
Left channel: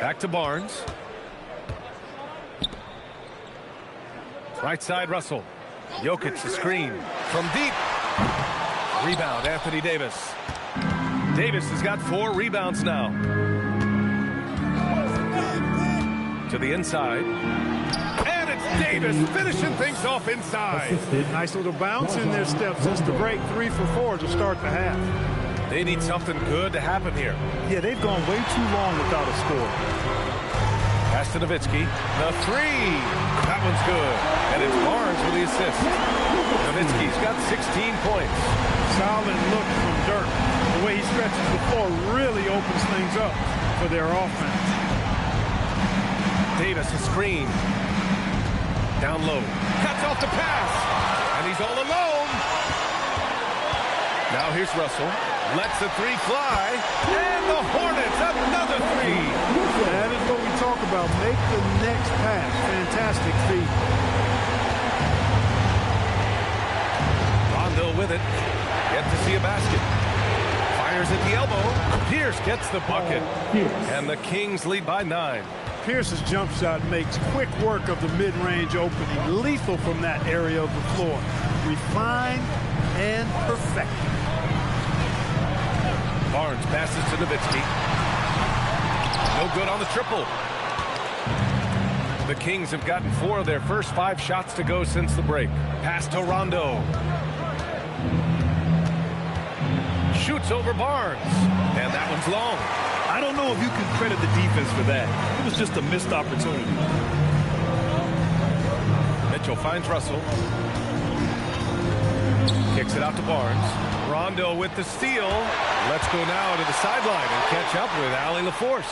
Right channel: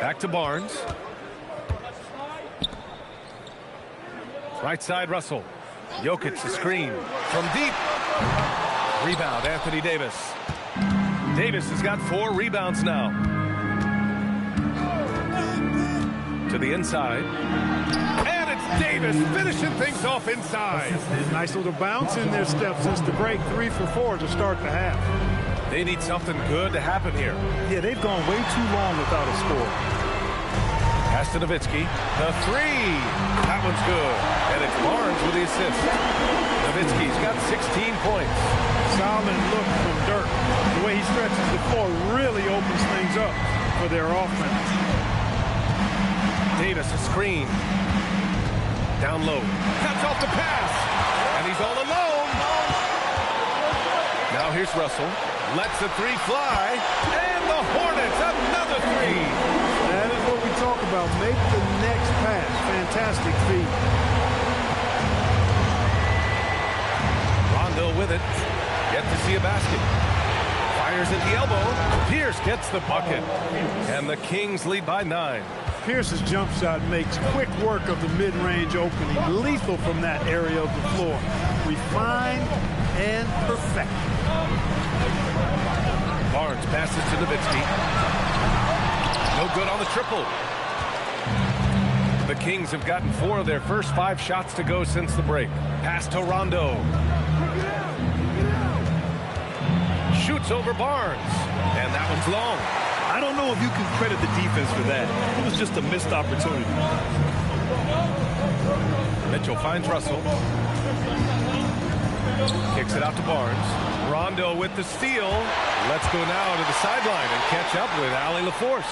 Back to Barnes. Right side, Russell. Jokic the screen from deep. Rebound, Anthony Davis. Davis has got 4 rebounds now. To the inside. And it's Davis finishing things off inside. Nice little bounce in their step since the break. 3 for 4 to start the half. They need something good to happen here. Yeah, they've gone way too long without a score. Pass to Nowitzki. The 3. That one's good. And it's Barnes with the assist. Nowitzki's got 16 points. Solid look from Dirk. The way he stretches the floor really opens things up for their offense. Davis a screen. Down low. Cuts off the pass. And he's all alone. Now here's Russell. Lets the 3 fly. And the Hornets, another 3. That is what we talk about. Make the next pass. Fantastic feat. Rondo with it. Yet to see a basket. Fires at the elbow. Pierce gets the bucket. And the Kings lead by 9. Pierce's jump shot makes quick work of the mid-range opening. Lethal from that area of the floor. Refined and perfect. Barnes passes to Nowitzki. No good on the triple. The Kings have gotten 4 of their first 5 shots to go since the break. Pass to Rondo. Shoots over Barnes. And that one's long. I don't know if you can credit the defense for that. It was just a missed opportunity. Mitchell finds Russell. Kicks it out to Barnes. Rondo with the steal. Let's go now to the sideline and catch up with Allie LaForce.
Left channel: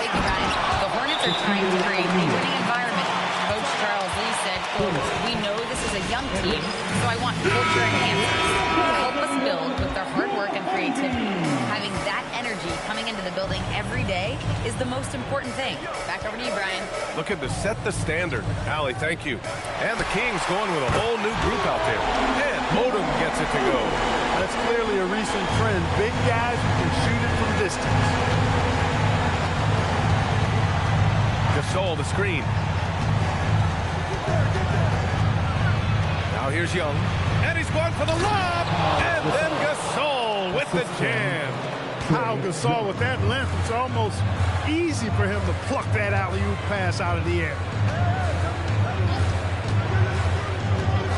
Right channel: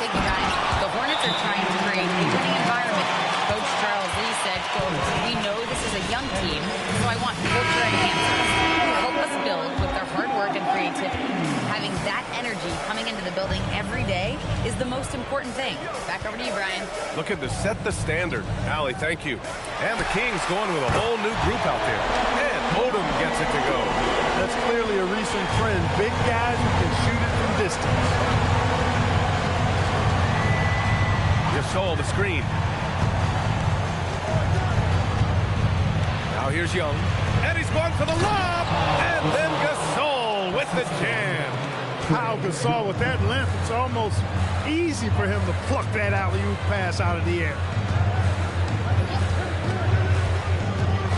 Thank you, Ryan. The Hornets are trying to create a winning environment. Coach Charles Lee said, quote, "We know this is a young team, so I want culture enhancers who help us build with their hard work and creativity. Having that energy coming into the building every day is the most important thing." Back over to you, Brian. Looking to set the standard. Allie, thank you. And the Kings going with a whole new group out there. And Odom gets it to go. That's clearly a recent trend. Big guys who can shoot it from distance. Gasol, the screen. Now here's Young. And he's going for the lob. And then Gasol with the jam. How Gasol with that length, it's almost easy for him to pluck that alley-oop pass out of the air.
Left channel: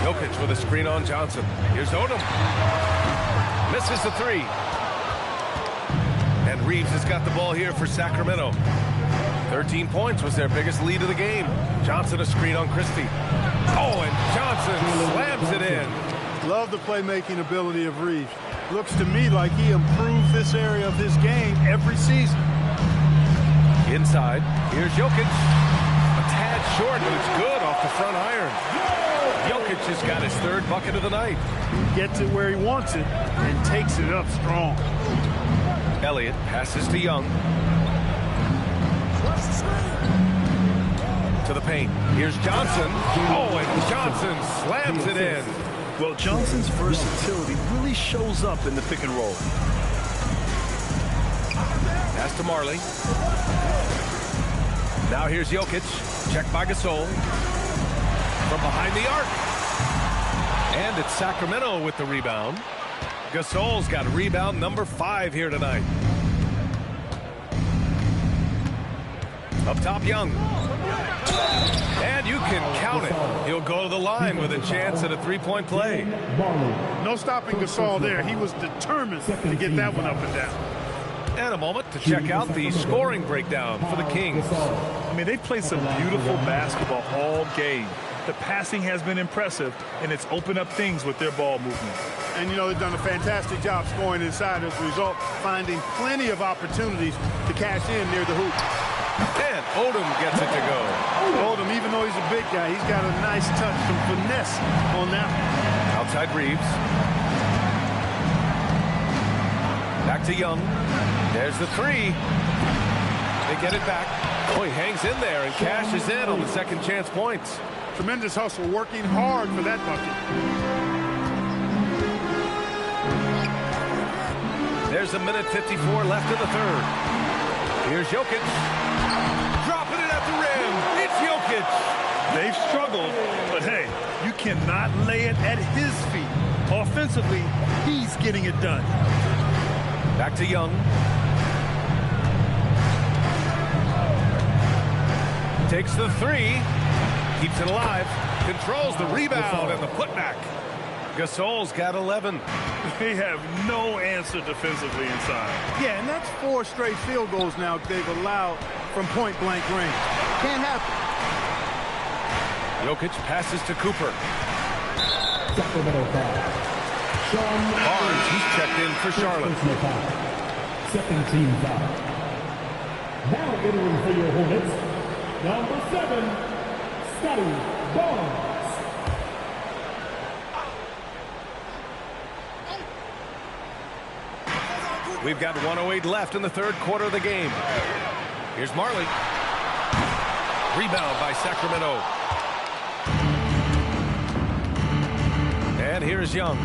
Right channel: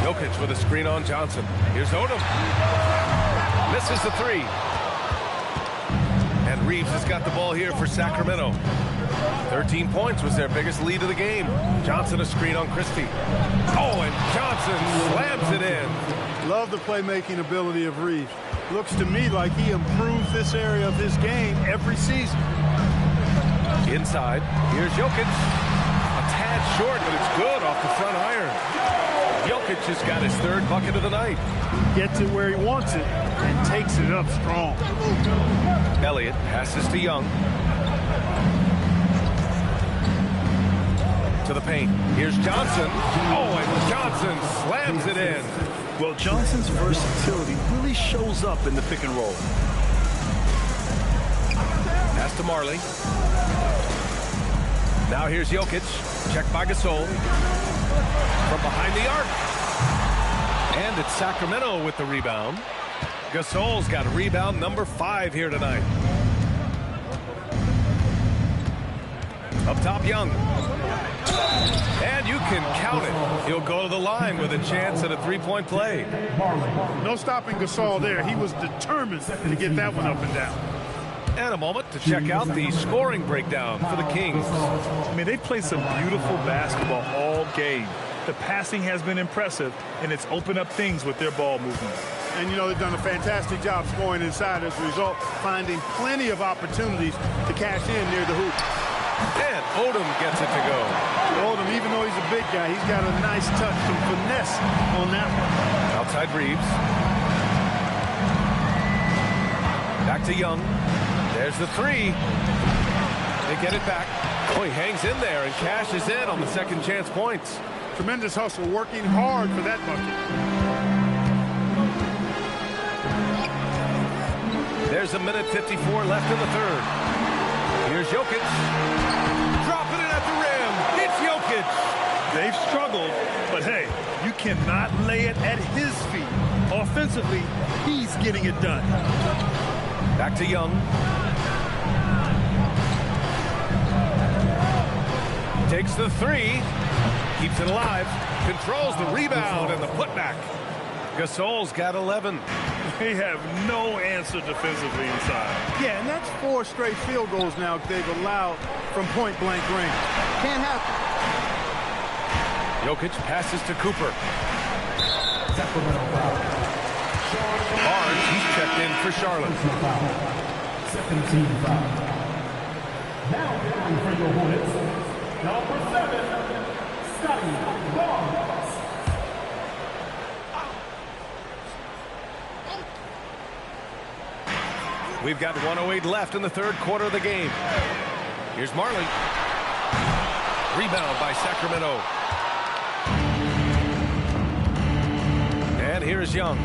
Jokic with a screen on Johnson. Here's Odom. Misses the three. And Reeves has got the ball here for Sacramento. 13 points was their biggest lead of the game. Johnson a screen on Christie. Oh, and Johnson slams it in. Love the playmaking ability of Reeves. Looks to me like he improves this area of his game every season. Inside, here's Jokic. A tad short, but it's good off the front iron. Jokic has got his third bucket of the night. He gets it where he wants it and takes it up strong. Elliott passes to Young. To the paint. Here's Johnson. Oh, and Johnson slams it in. Well, Johnson's versatility really shows up in the pick and roll. Pass to Marley. Now here's Jokic. Checked by Gasol. From behind the arc. And it's Sacramento with the rebound. Gasol's got rebound number 5 here tonight. Up top, Young. And you can count it. He'll go to the line with a chance at a three-point play. No stopping Gasol there. He was determined to get that one up and down. And a moment to check out the scoring breakdown for the Kings. I mean, they've played some beautiful basketball all game. The passing has been impressive, and it's opened up things with their ball movement. And, you know, they've done a fantastic job scoring inside as a result, finding plenty of opportunities to cash in near the hoop. And Odom gets it to go. Odom, even though he's a big guy, he's got a nice touch, some finesse on that one. Outside Reeves. Back to Young. There's the three. They get it back. Oh, he hangs in there and cashes in on the second chance points. Tremendous hustle, working hard for that bucket. There's a minute 54 left in the third. Here's Jokic. Dropping it at the rim. It's Jokic. They've struggled, but hey, you cannot lay it at his feet. Offensively, he's getting it done. Back to Young. Takes the three. Keeps it alive. Controls the rebound and the putback. Gasol's got 11. They have no answer defensively inside. Yeah, and that's 4 straight field goals now they've allowed from point-blank range. Can't happen. Jokic passes to Cooper. Barnes, he's checked in for Charlotte. Second team foul. Now entering for your Hornets, number 7, Scotty Barnes. We've got 1:08 left in the third quarter of the game. Here's Marley. Rebound by Sacramento. And here's Young.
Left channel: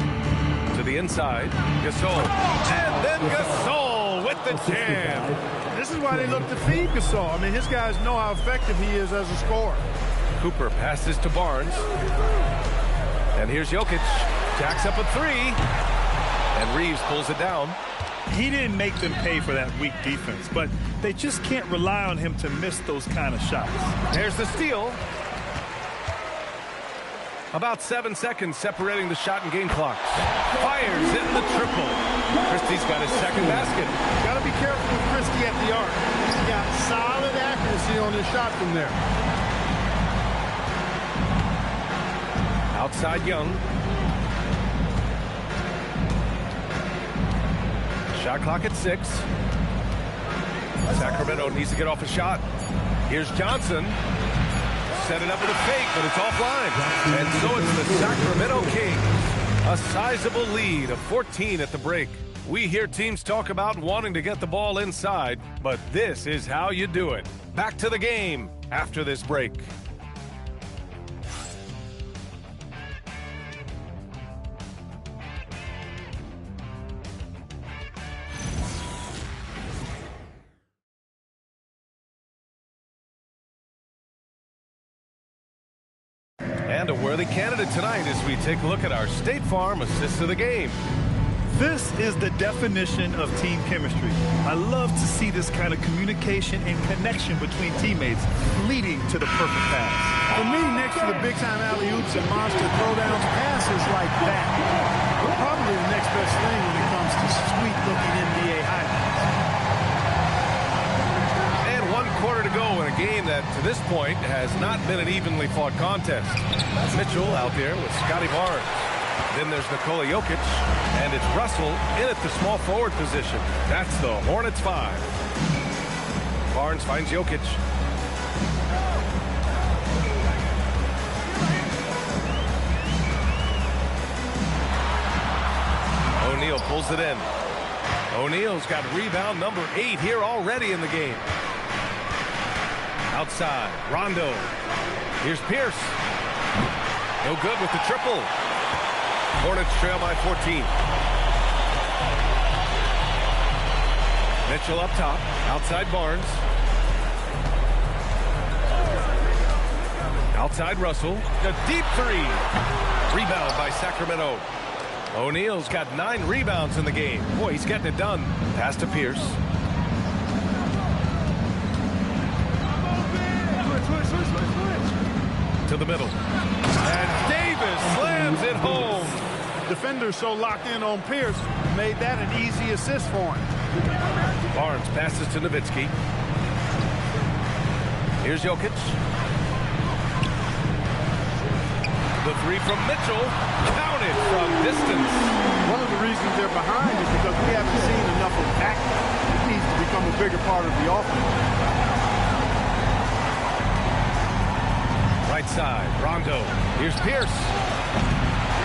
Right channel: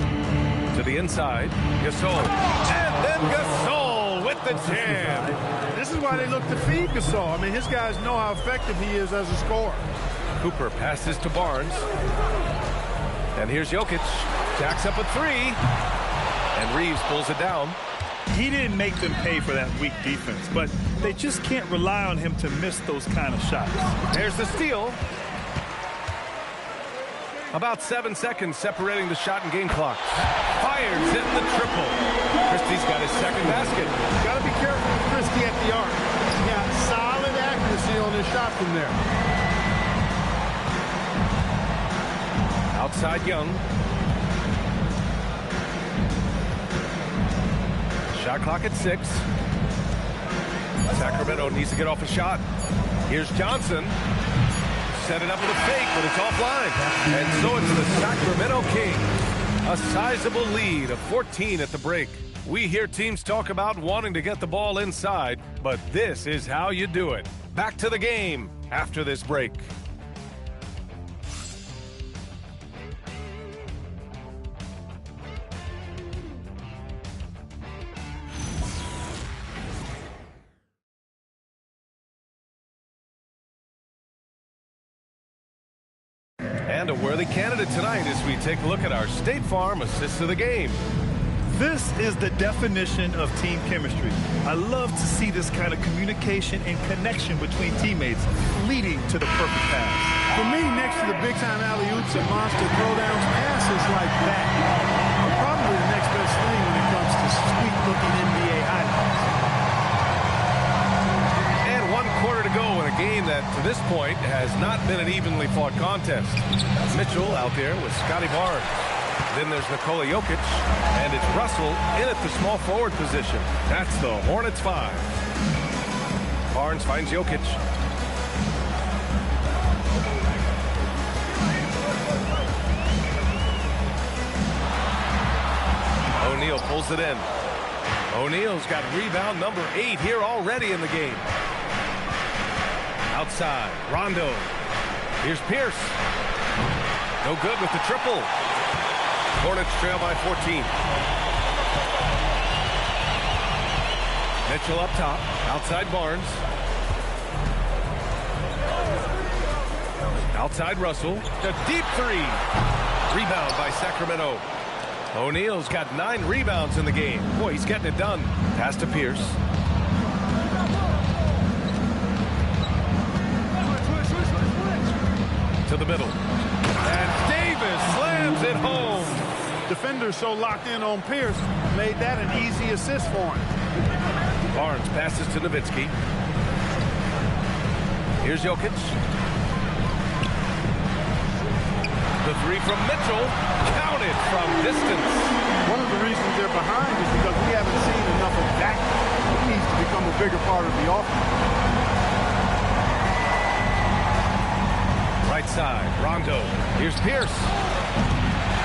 To the inside. Gasol. And then Gasol with the jam. This is why they look to feed Gasol. I mean, his guys know how effective he is as a scorer. Cooper passes to Barnes. And here's Jokic. Jacks up a three. And Reeves pulls it down. He didn't make them pay for that weak defense, but they just can't rely on him to miss those kind of shots. There's the steal. About 7 seconds separating the shot and game clock. Fires in the triple. Christie's got his second basket. Got to be careful with Christie at the arc. He's got solid accuracy on his shot from there. Outside Young. Shot clock at 6. Sacramento needs to get off a shot. Here's Johnson. Set it up with a fake, but it's offline. And so it's the Sacramento Kings. A sizable lead of 14 at the break. We hear teams talk about wanting to get the ball inside, but this is how you do it. Back to the game after this break. And a worthy candidate tonight as we take a look at our State Farm assist of the game. This is the definition of team chemistry. I love to see this kind of communication and connection between teammates leading to the perfect pass. For me, next to the big-time alley-oops and monster throwdowns, passes like that are probably the next best thing when it comes to sweet-looking NBA highlights. And 1 quarter to go in a game that, to this point, has not been an evenly fought contest. Mitchell out there with Scotty Barnes. Then there's Nikola Jokic, and it's Russell in at the small forward position. That's the Hornets 5. Barnes finds Jokic. O'Neal pulls it in. O'Neal's got rebound number 8 here already in the game. Outside, Rondo. Here's Pierce. No good with the triple. Hornets trail by 14. Mitchell up top. Outside Barnes. Outside Russell. The deep 3. Rebound by Sacramento. O'Neal's got 9 rebounds in the game. Boy, he's getting it done. Pass to Pierce. To the middle. And Davis slams it home. Defenders so locked in on Pierce made that an easy assist for him. Barnes passes to Nowitzki. Here's Jokic. The 3 from Mitchell. Counted from distance. One of the reasons they're behind is because we haven't seen enough of that. It needs to become a bigger part of the offense. Right side, Rondo. Here's Pierce.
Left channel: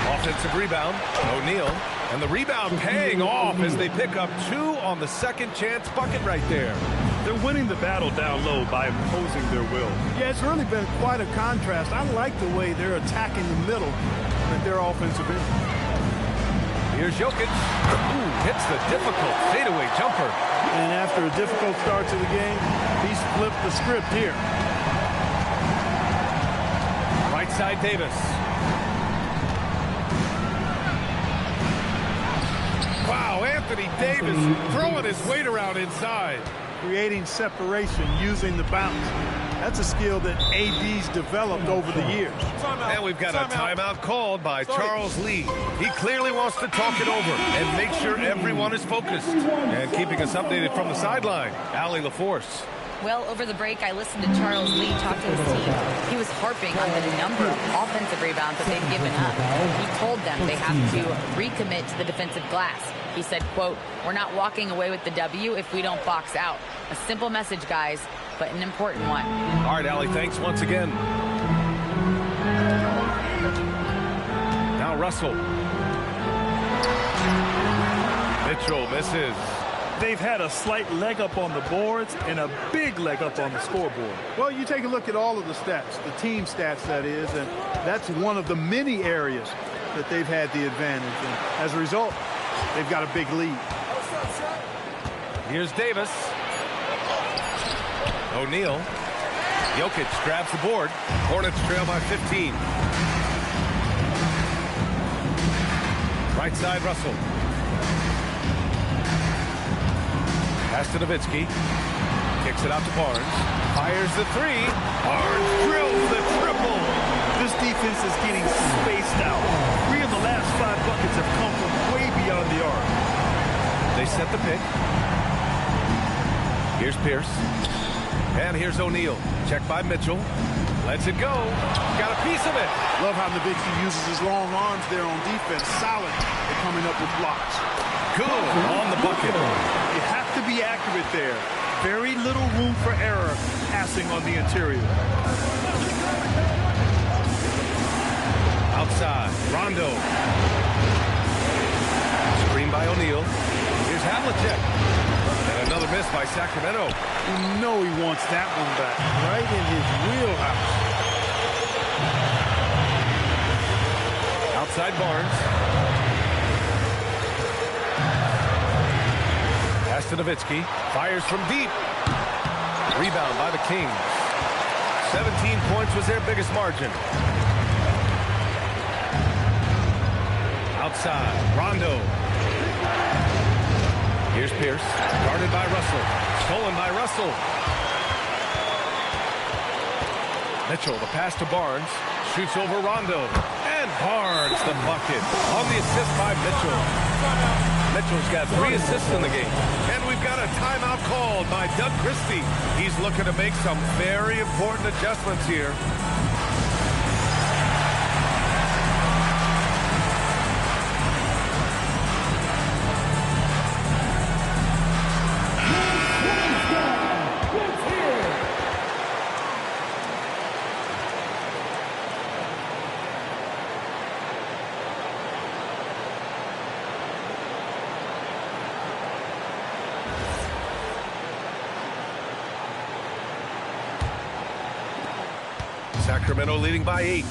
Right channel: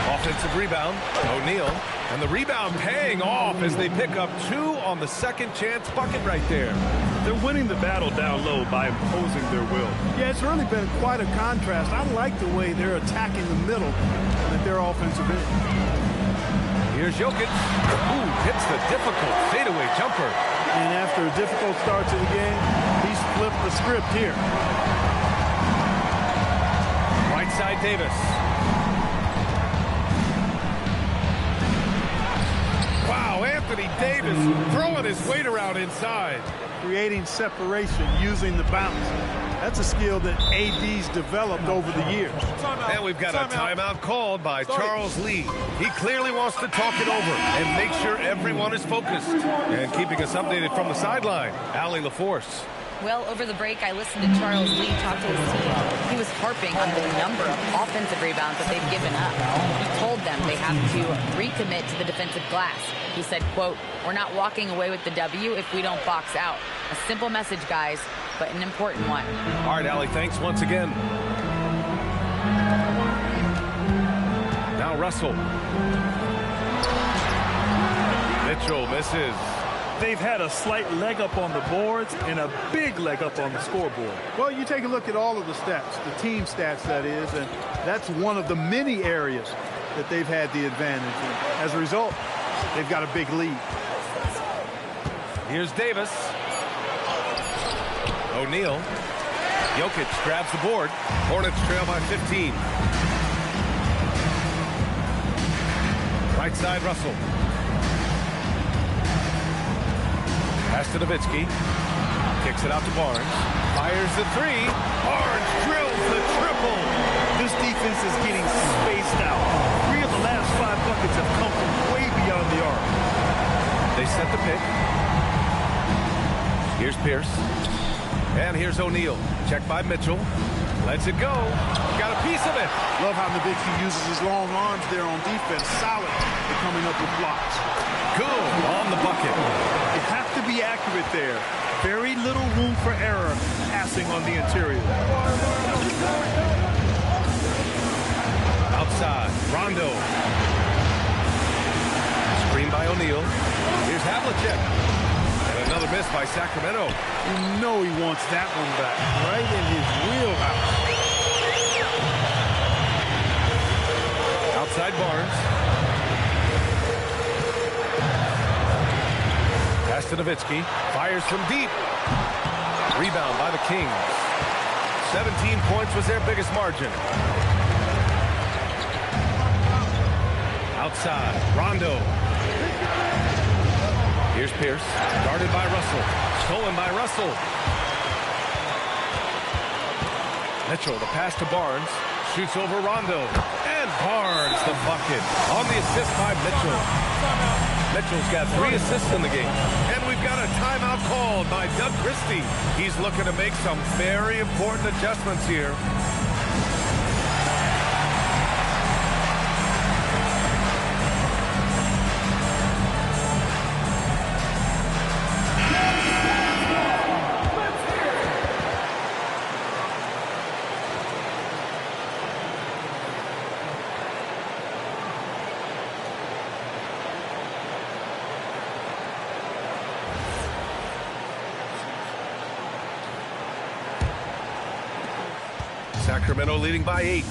Offensive rebound, O'Neal. And the rebound paying off as they pick up 2 on the second chance bucket right there. They're winning the battle down low by imposing their will. Yeah, it's really been quite a contrast. I like the way they're attacking the middle at their offensive end. Here's Jokic. Ooh, hits the difficult fadeaway jumper. And after a difficult start to the game, he's flipped the script here. Right side, Davis. Wow, Anthony Davis throwing his weight around inside. Creating separation using the bounce. That's a skill that AD's developed over the years. And we've got a timeout called by Charles Lee. He clearly wants to talk it over and make sure everyone is focused. And keeping us updated from the sideline, Allie LaForce. Well, over the break, I listened to Charles Lee talk to his team. He was harping on the number of offensive rebounds that they've given up. He told them they have to recommit to the defensive glass. He said, quote, "We're not walking away with the W if we don't box out." A simple message, guys, but an important one. All right, Allie, thanks once again. Now Russell. Mitchell misses. They've had a slight leg up on the boards and a big leg up on the scoreboard. Well, you take a look at all of the stats, the team stats that is, and that's one of the many areas that they've had the advantage. And as a result, they've got a big lead. Here's Davis. O'Neal. Jokic grabs the board. Hornets trail by 15. Right side, Russell. Pass to Nowitzki. Kicks it out to Barnes. Fires the 3. Barnes drills the triple. This defense is getting spaced out. 3 of the last 5 buckets have come from way beyond the arc. They set the pick. Here's Pierce. And here's O'Neal. Checked by Mitchell. Lets it go. Got a piece of it. Love how Nowitzki uses his long arms there on defense. Solid at coming up with blocks. Good on the bucket. You have to be accurate there. Very little room for error passing on the interior. Outside, Rondo. Screen by O'Neal. Here's Havlicek. And another miss by Sacramento. You know he wants that one back. Right in his wheelhouse. Outside Barnes. Pass to Nowitzki. Fires from deep. Rebound by the Kings. 17 points was their biggest margin. Outside, Rondo. Here's Pierce, guarded by Russell. Stolen by Russell. Mitchell, the pass to Barnes. Shoots over Rondo. And Barnes, the bucket. On the assist by Mitchell. Mitchell's got 3 assists in the game. And we've got a timeout called by Doug Christie. He's looking to make some very important adjustments here. Sacramento leading by 8.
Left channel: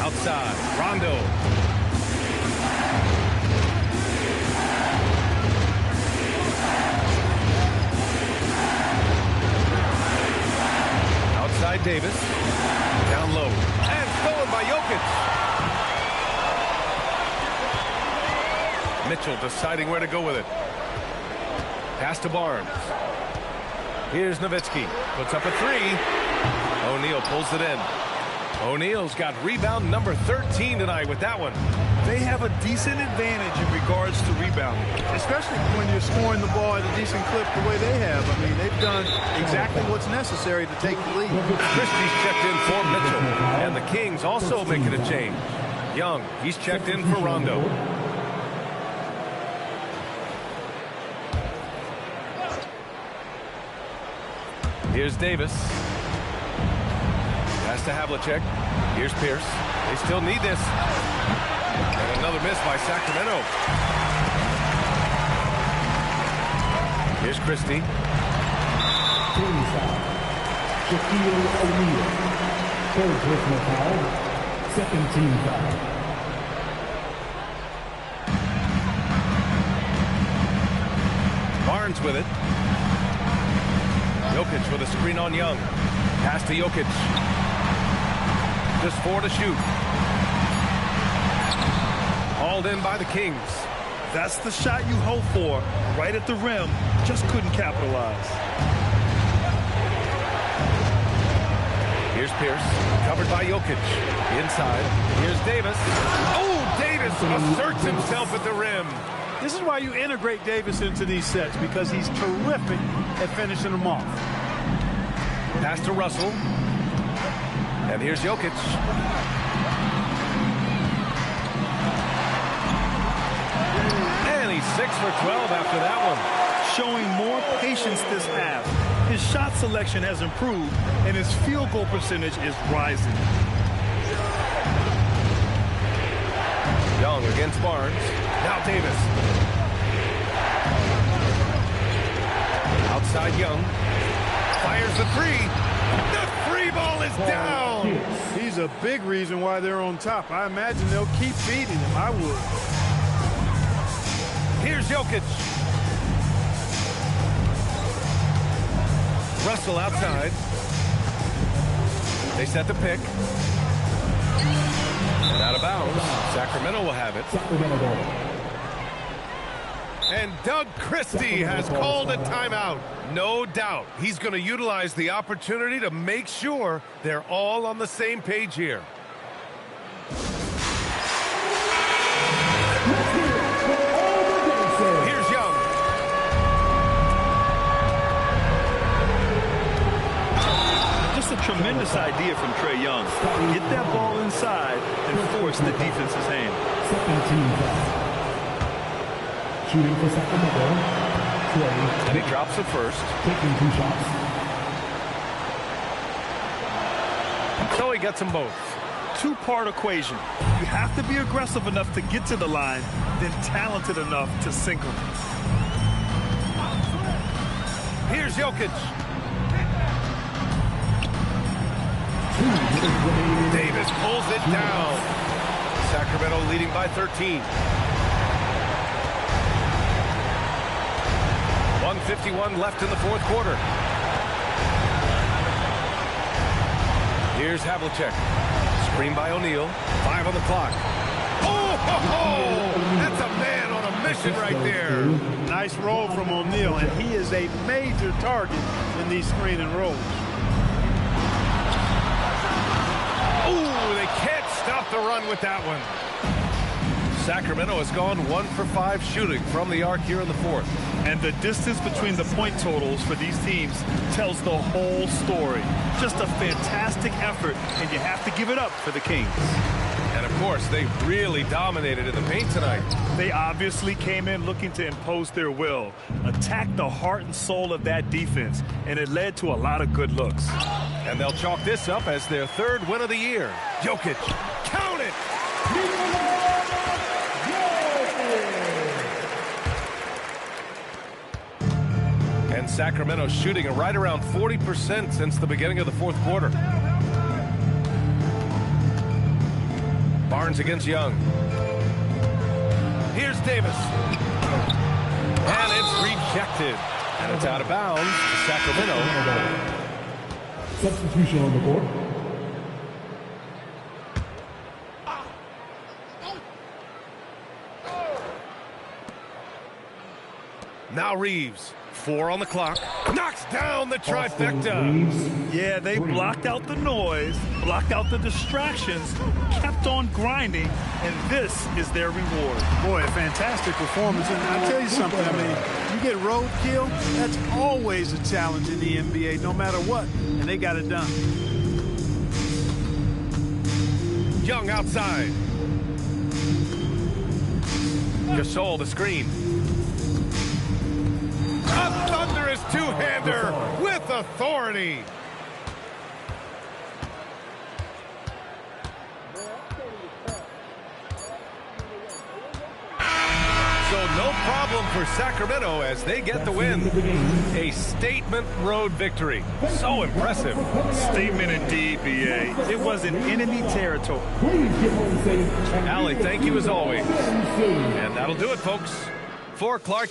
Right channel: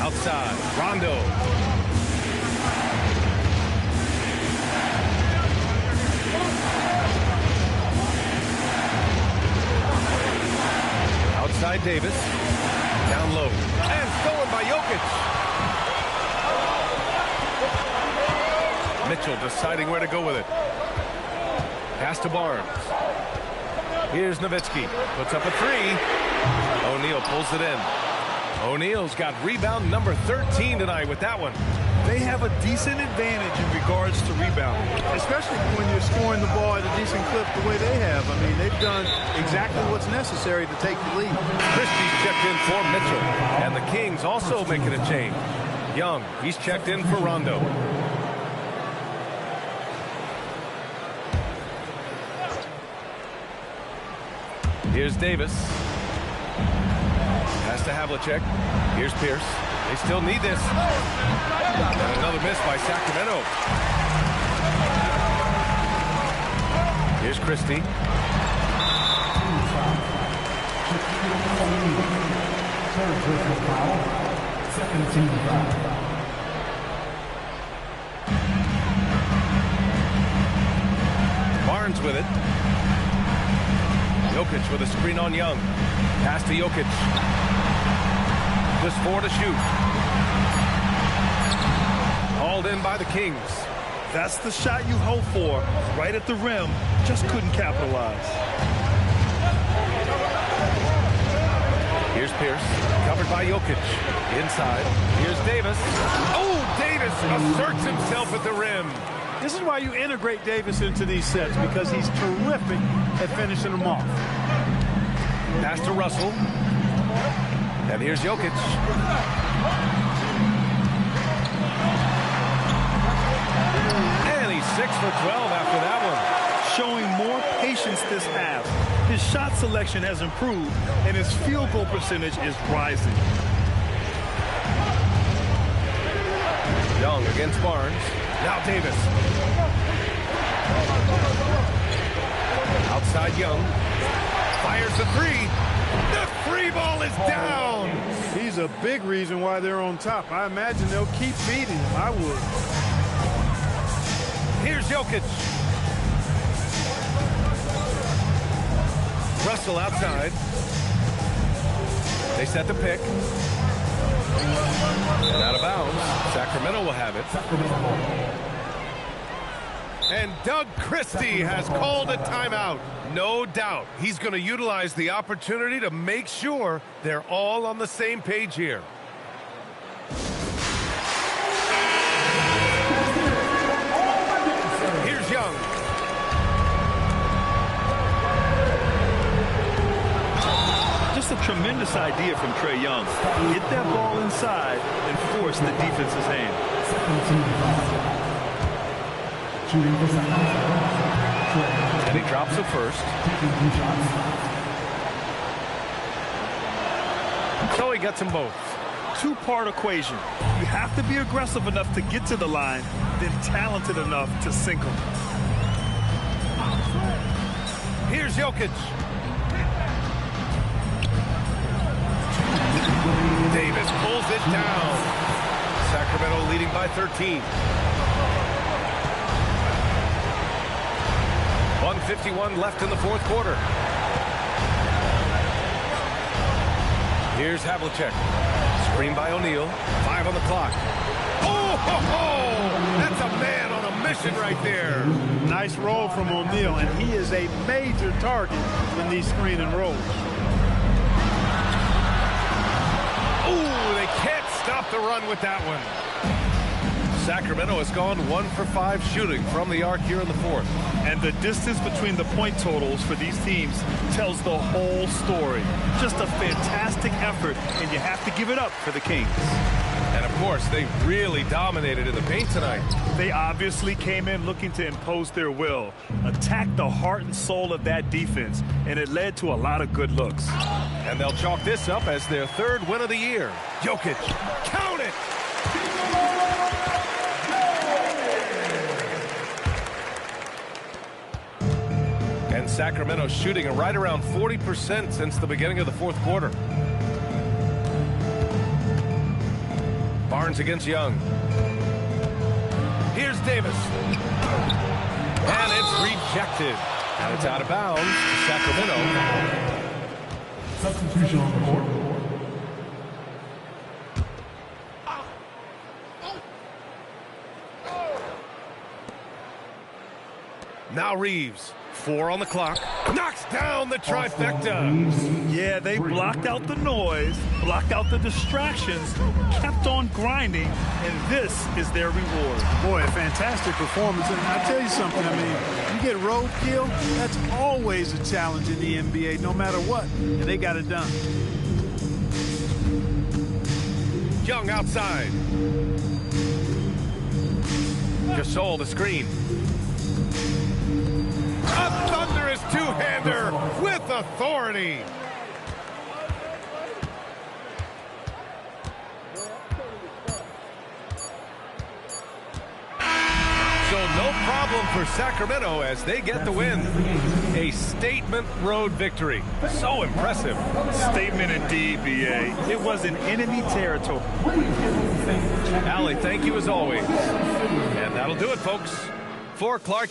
Outside, Rondo. Outside Davis. Down low. And stolen by Jokic. Mitchell deciding where to go with it. Pass to Barnes. Here's Nowitzki. Puts up a 3. O'Neal pulls it in. O'Neal's got rebound number 13 tonight with that one. They have a decent advantage in regards to rebounding. Especially when you're scoring the ball at a decent clip the way they have. I mean, they've done exactly what's necessary to take the lead. Christie's checked in for Mitchell. And the Kings also making a change. Young, he's checked in for Rondo. Here's Davis. Pass to Havlicek. Here's Pierce. They still need this. And another miss by Sacramento. Here's Christie. Team foul. XIII O'Neal. Third personal foul. Second team foul. Barnes with it. Jokic with a screen on Young. Pass to Jokic. Just 4 to shoot. Hauled in by the Kings. That's the shot you hope for. Right at the rim. Just couldn't capitalize. Here's Pierce. Covered by Jokic. Inside. Here's Davis. Oh, Davis asserts himself at the rim. This is why you integrate Davis into these sets, because he's terrific at finishing them off. Pass to Russell. And here's Jokic. And he's 6 for 12 after that one. Showing more patience this half. His shot selection has improved, and his field goal percentage is rising. Young against Barnes. Now Davis. Outside Young. Fires the 3. The 3 ball is down. He's a big reason why they're on top. I imagine they'll keep feeding him. I would. Here's Jokic. Russell outside. They set the pick. And out of bounds. Sacramento will have it. And Doug Christie has called a timeout. No doubt he's going to utilize the opportunity to make sure they're all on the same page here. Here's Young. Tremendous idea from Trae Young. Get that ball inside and force the defense's hand. Shooting for Sacramento. And he drops it first. Taking 2 shots. So he gets them both. Two-part equation. You have to be aggressive enough to get to the line, then talented enough to sink them. Here's Jokic. Davis pulls it down. Sacramento leading by 13. 1:51 left in the fourth quarter. Here's Havlicek. Screen by O'Neal. 5 on the clock. Oh, ho, ho! That's a man on a mission right there. Nice roll from O'Neal, and he is a major target in these screen and rolls. Ooh, they can't stop the run with that one. Sacramento has gone 1 for 5 shooting from the arc here in the fourth. And the distance between the point totals for these teams tells the whole story. Just a fantastic effort, and you have to give it up for the Kings. And, of course, they really dominated in the paint tonight. They obviously came in looking to impose their will, attack the heart and soul of that defense, and it led to a lot of good looks. And they'll chalk this up as their 3rd win of the year. Jokic, count it! And Sacramento shooting right around 40% since the beginning of the fourth quarter. Barnes against Young. Here's Davis. And it's rejected. And it's out of bounds to Sacramento. Substitution on the court. Now Reeves. 4 on the clock. Knocks down the trifecta. Yeah, they blocked out the noise, blocked out the distractions, kept on grinding, and this is their reward. Boy, a fantastic performance. And I'll tell you something, I mean, you get roadkill, that's always a challenge in the NBA, no matter what. And they got it done. Young outside. Gasol the screen. A thunderous two-hander with authority. So no problem for Sacramento as they get the win. A statement road victory. So impressive. Statement indeed, B.A. It was in enemy territory. Allie, thank you as always. And that'll do it, folks. For Clark.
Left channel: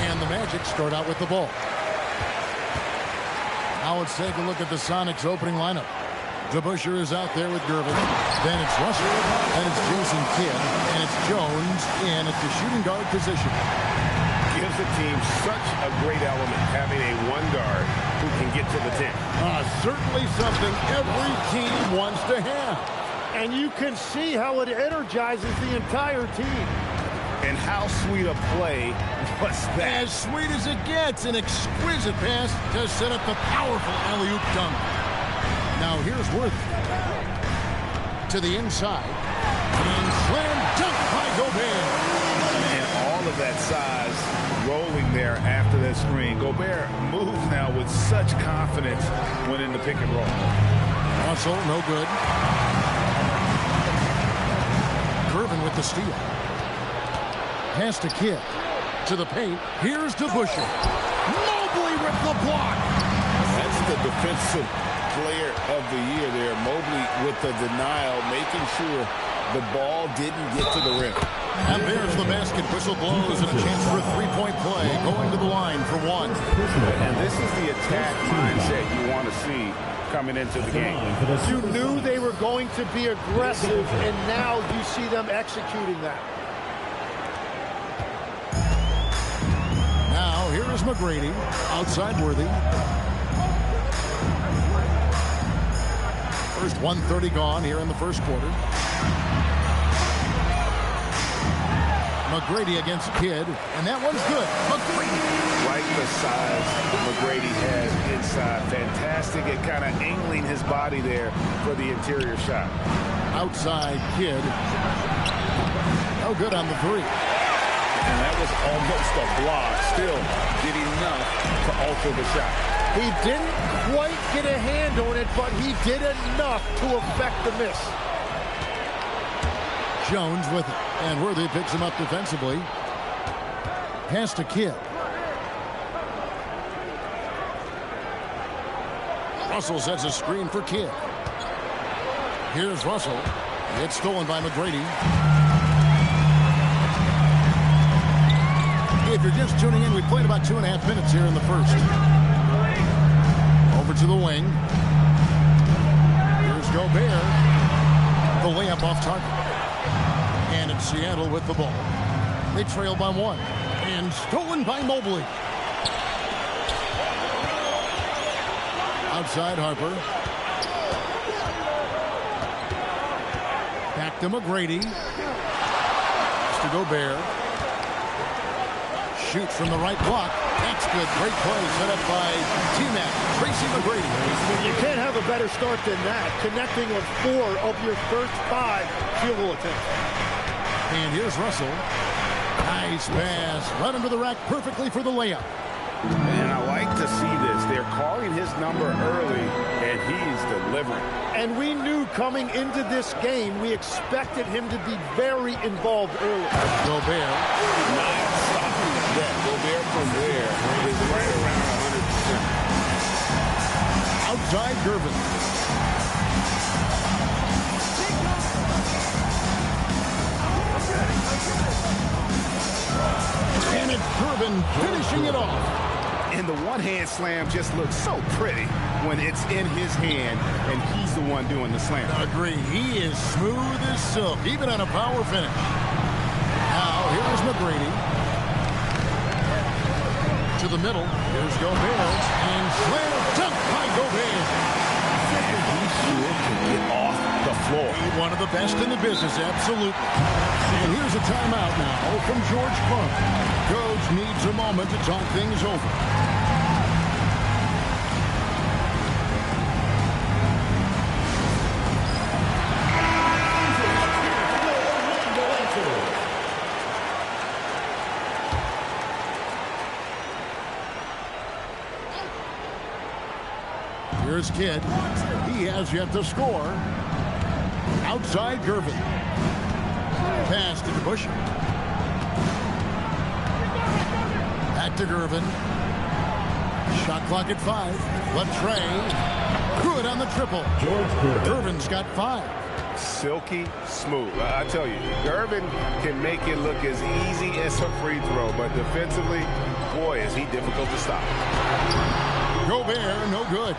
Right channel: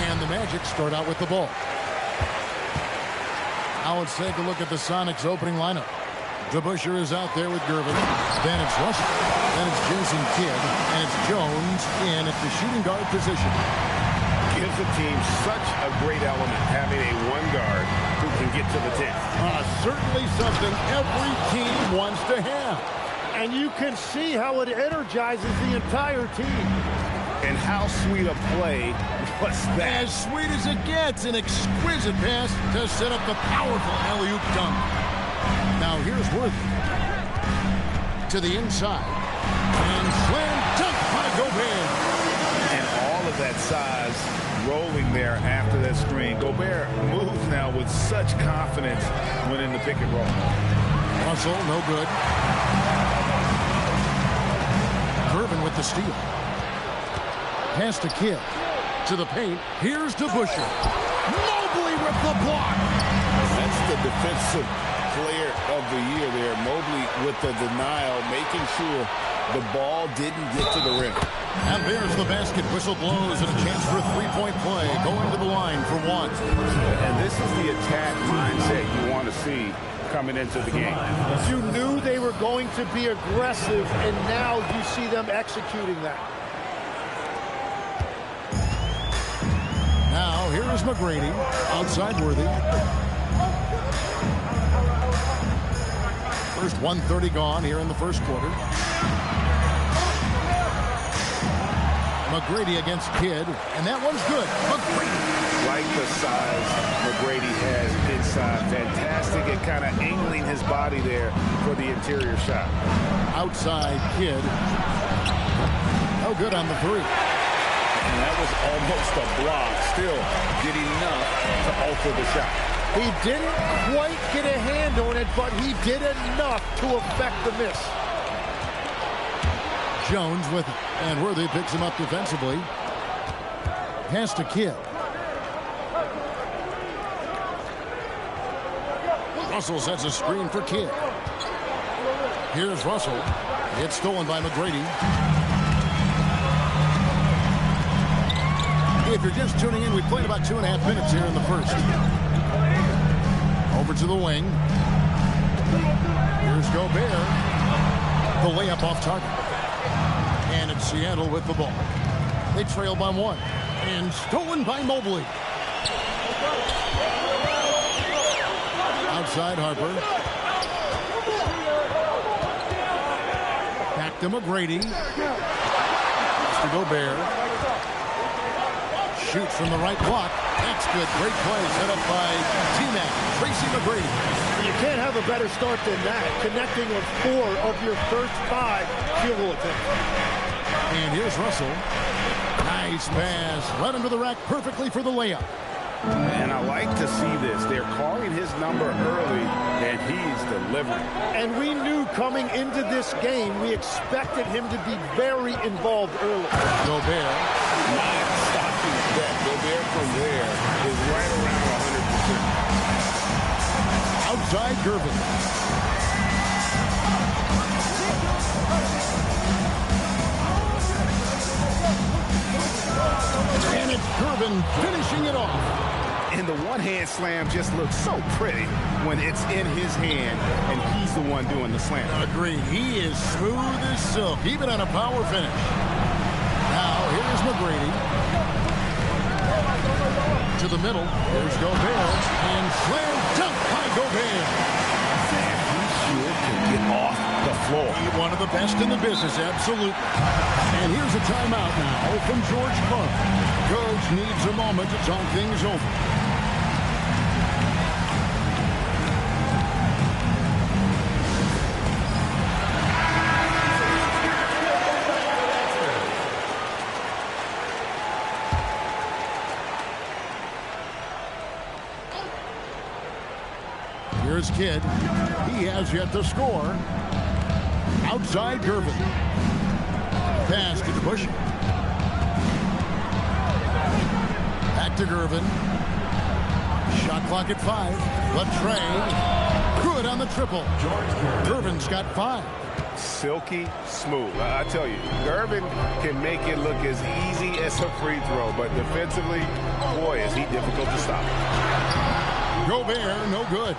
And the Magic start out with the ball. Now let's take a look at the Sonics opening lineup. DeBusschere is out there with Gervin. Then it's Russell. Then it's Jason Kidd. And it's Jones in at the shooting guard position. Gives the team such a great element having a one guard who can get to the 10. Certainly something every team wants to have. And you can see how it energizes the entire team. And how sweet a play was that? As sweet as it gets, an exquisite pass to set up the powerful alley-oop dunk. Now here's Worthy. To the inside. And slam dunk by Gobert. And all of that size rolling there after that screen. Gobert moves now with such confidence when in the pick and roll. Russell, no good. Gervin with the steal. Pass to Kidd. To the paint. Here's DeBusschere. Mobley with the block. That's the defensive player of the year there. Mobley with the denial, making sure the ball didn't get to the rim. And there's the basket. Whistle blows and a chance for a three-point play. Going to the line for one. And this is the attack mindset you want to see coming into the game. You knew they were going to be aggressive, and now you see them executing that. Now, here is McGrady. Outside Worthy. First 1:30 gone here in the first quarter. McGrady against Kidd, and that one's good. McGrady. Like the size McGrady has inside. Fantastic at kind of angling his body there for the interior shot. Outside Kidd. No good on the three. And that was almost a block. Still did enough to alter the shot. He didn't quite get a hand on it, but he did enough to affect the miss. Jones with it. And Worthy picks him up defensively. Pass to Kidd. Russell sets a screen for Kidd. Here's Russell. It's stolen by McGrady. If you're just tuning in, we played about 2.5 minutes here in the first. Over to the wing. Here's Gobert. The layup off target. And it's Seattle with the ball. They trail by one. And stolen by Mobley. Outside Harper. Back to McGrady. Pass to Gobert. Shoots from the right block. That's good. Great play set up by T-Mac. Tracy McGrady. You can't have a better start than that. Connecting on 4 of your first 5 field goal attempts. And here's Russell. Nice pass. Led him to the rack perfectly for the layup. And I like to see this. They're calling his number early, and he's delivering. And we knew coming into this game, we expected him to be very involved early. Gobert. Not stopping that. Gobert from there is right around 100%. Outside Gervin. And it's Gervin finishing it off. And the one-hand slam just looks so pretty when it's in his hand and he's the one doing the slam. Agreed. He is smooth as silk, even on a power finish. Now, here's McGrady. To the middle. Here's Gobert. And slam dunk by Gobert. And he sure can get off the floor. One of the best in the business, absolutely. And here's a timeout now from George Karl. Coach needs a moment to talk things over. Here's Kidd. He has yet to score. Outside Gervin. Pass to DeBusch. Back to Gervin. Shot clock at 5. Latrey. Good on the triple. Gervin's got 5. Silky smooth. I tell you, Gervin can make it look as easy as a free throw, but defensively, boy, is he difficult to stop. Gobert, no good.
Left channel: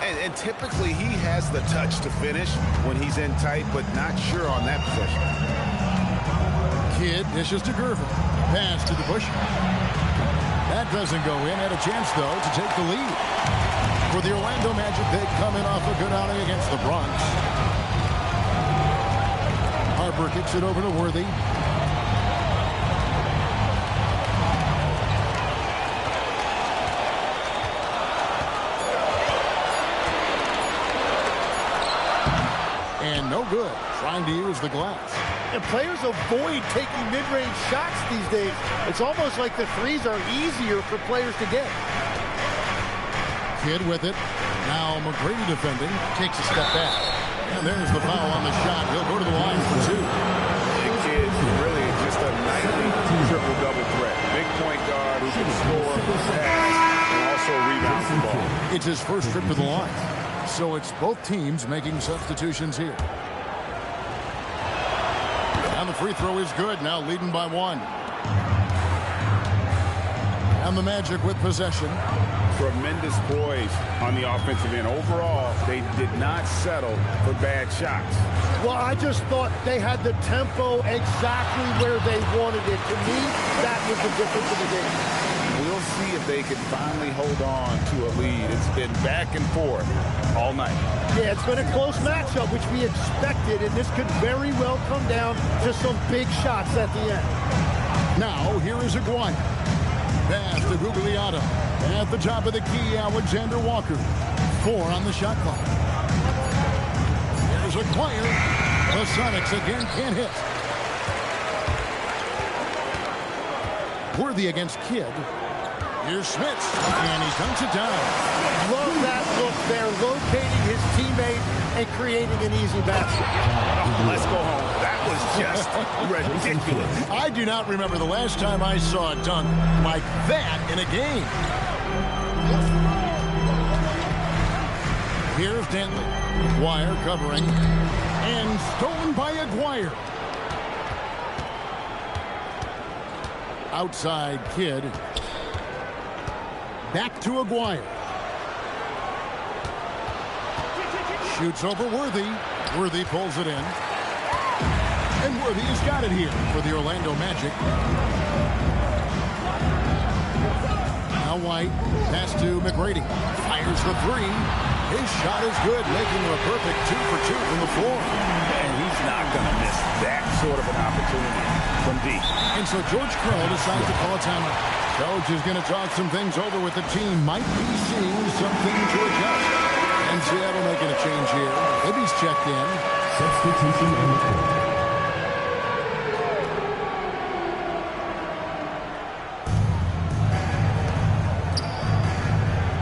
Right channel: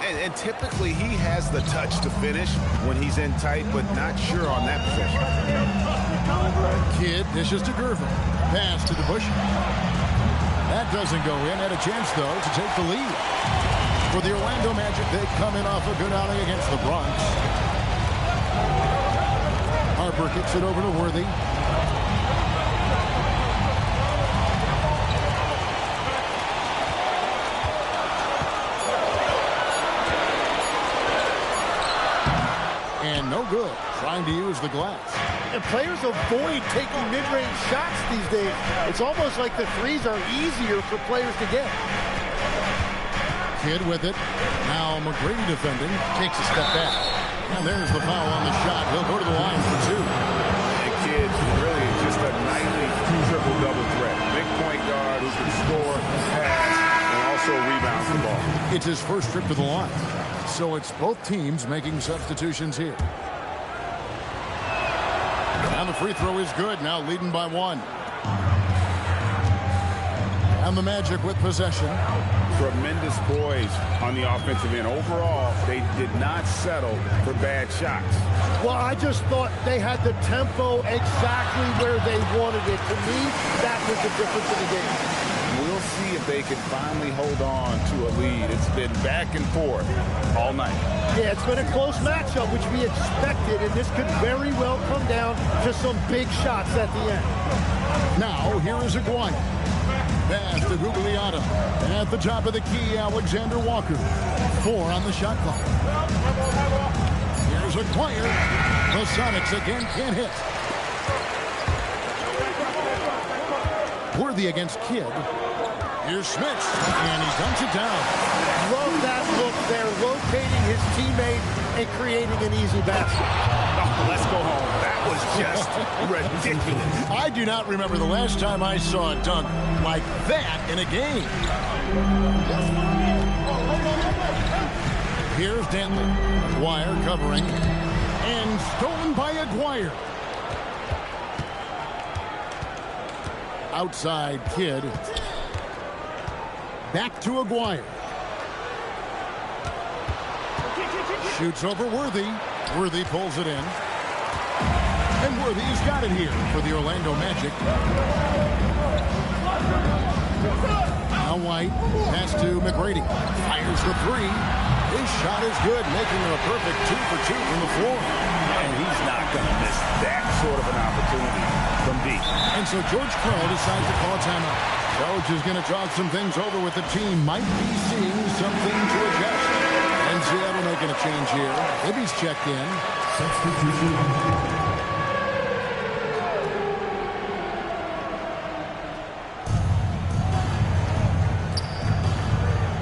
And typically he has the touch to finish when he's in tight, but not sure on that possession. Kidd dishes to Gervin. Pass to DeBusch. That doesn't go in. Had a chance, though, to take the lead. For the Orlando Magic, they come in off a good outing against the Bronx. Harper kicks it over to Worthy. And no good. Trying to use the glass. And players avoid taking mid-range shots these days. It's almost like the threes are easier for players to get. Kidd with it. Now McGrady defending. Takes a step back. And there's the foul on the shot. He'll go to the line for 2. And Kidd really just a nightly triple-double threat. Big point guard who can score, pass, and also rebound the ball. It's his first trip to the line. So it's both teams making substitutions here. And the free throw is good. Now leading by 1. And the Magic with possession. Tremendous poise on the offensive end. Overall, they did not settle for bad shots. Well, I just thought they had the tempo exactly where they wanted it. To me, that was the difference in the game. We'll see if they can finally hold on to a lead. It's been back and forth all night. Yeah, it's been a close matchup, which we expected, and this could very well come down to some big shots at the end. Now, here is Aguirre. Pass to Gugliotta. At the top of the key, Alexander Walker. 4 on the shot clock. Here's Aguirre. The Sonics again can't hit. Worthy against Kidd. Here's Smits, and he dunks it down. Love that look there, locating his teammate and creating an easy basket. Oh, let's go home. That was just ridiculous. I do not remember the last time I saw a dunk like that in a game. Here's Denley. Aguirre covering. And stolen by Aguirre. Outside Kidd. Back to Aguirre. Shoots over Worthy. Worthy pulls it in. And Worthy has got it here for the Orlando Magic. Now White. Pass to McGrady. Fires the 3. His shot is good, making him a perfect 2 for 2 from the floor. And he's not going to miss that sort of an opportunity from deep. And so George Karl decides to call a timeout. Coach is going to talk some things over with the team. Might be seeing something to adjust. And Seattle making a change here. Libby's checked in. Substitution on the court.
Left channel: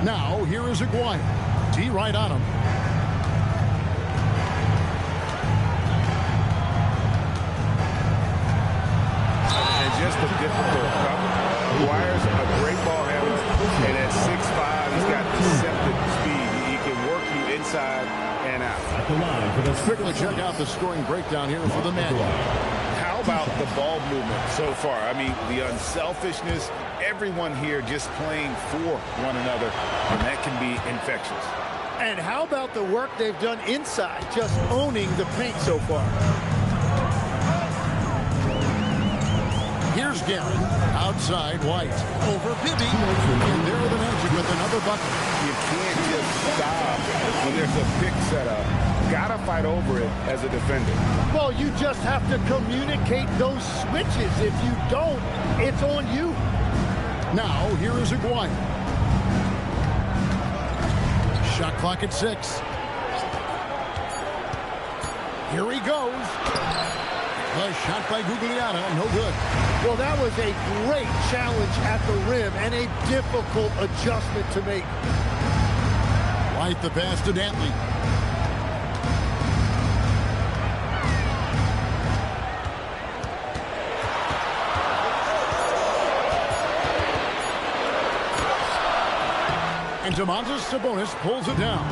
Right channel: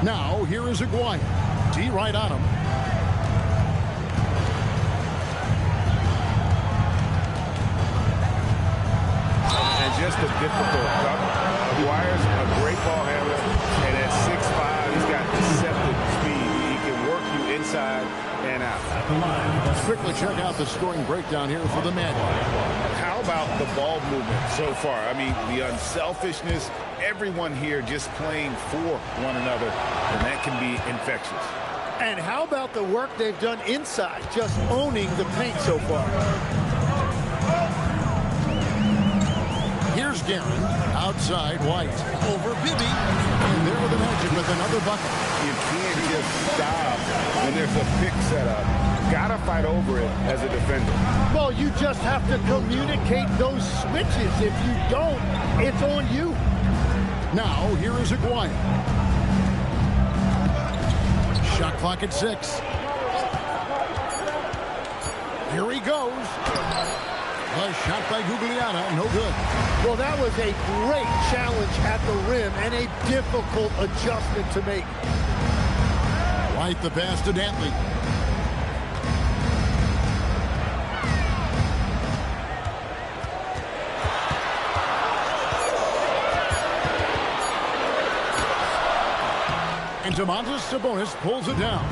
Now, here is Aguirre. D right on him. And just a difficult cover. Aguirre's a great ball handler, and at 6'5", he's got deceptive speed. He can work you inside and out. Let's quickly check out the scoring breakdown here for the Magic. How how about the ball movement so far? I mean, the unselfishness, everyone here just playing for one another, and that can be infectious. And how about the work they've done inside, just owning the paint so far? Here's Guerin, outside White, over Bibby, and there are the Magic with another bucket. You can't just stop when there's a pick set up. Gotta fight over it as a defender. Well, you just have to communicate those switches. If you don't, it's on you. Now, here is Aguirre. Shot clock at 6. Here he goes. The shot by Gugliotta, no good. Well, that was a great challenge at the rim and a difficult adjustment to make. White the pass to Dantley. And Domantas Sabonis pulls it down.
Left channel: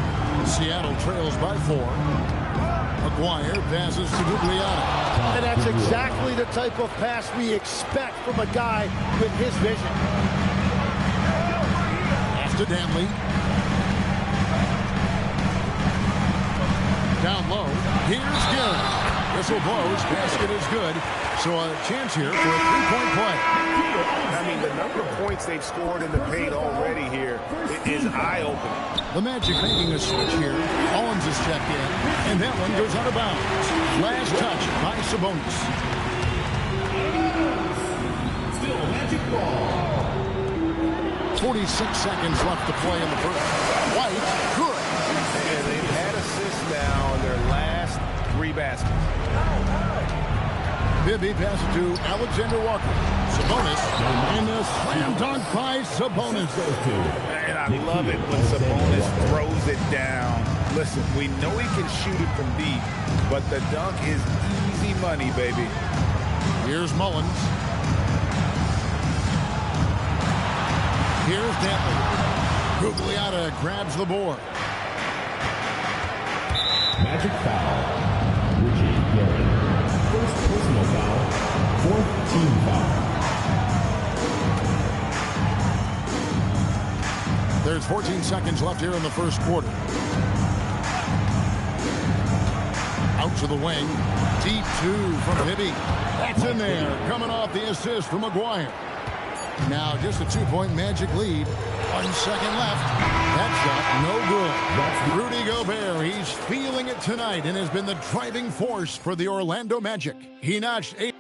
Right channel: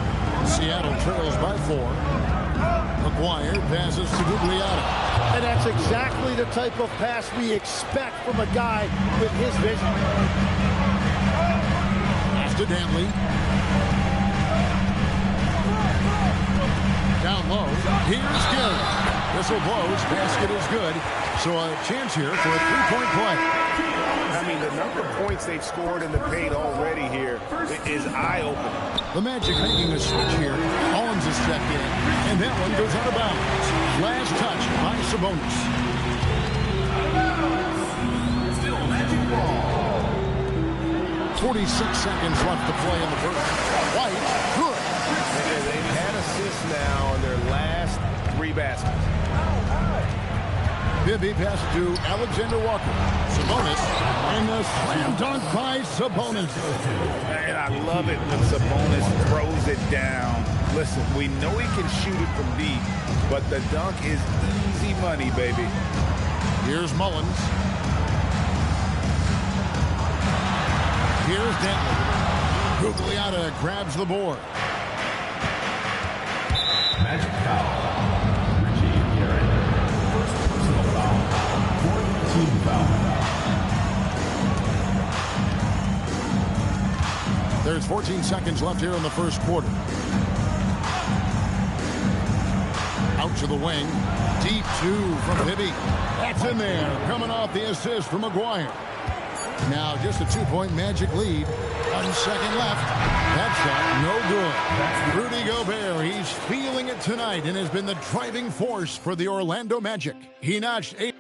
Seattle trails by 4. Aguirre passes to Gugliotta. And that's exactly the type of pass we expect from a guy with his vision. Pass to Dantley. Down low. Here's Guerin. Whistle blows. Basket is good. So a chance here for a three-point play. I mean, the number of points they've scored in the paint already here is eye-opening. The Magic making a switch here. Owens is checked in, and that one goes out of bounds. Last touch by Sabonis. Still Magic ball. 46 seconds left to play in the first. White, good. And they've had assists now in their last 3 baskets. Bibby passes to Alexander Walker. Sabonis, and a slam dunk by Sabonis. And I love it when Sabonis throws it down. Listen, we know he can shoot it from deep, but the dunk is easy money, baby. Here's Mullins. Here's Dantley. Gugliotta grabs the board. Magic foul. Richie Guerin. First personal foul. 4th team foul. There's 14 seconds left here in the first quarter. Out to the wing. Deep 2 from Bibby. That's in there. Coming off the assist from Aguirre. Now just a 2-point Magic lead. 1 second left. That shot, no good. Rudy Gobert, he's feeling it tonight and has been the driving force for the Orlando Magic. He notched 8.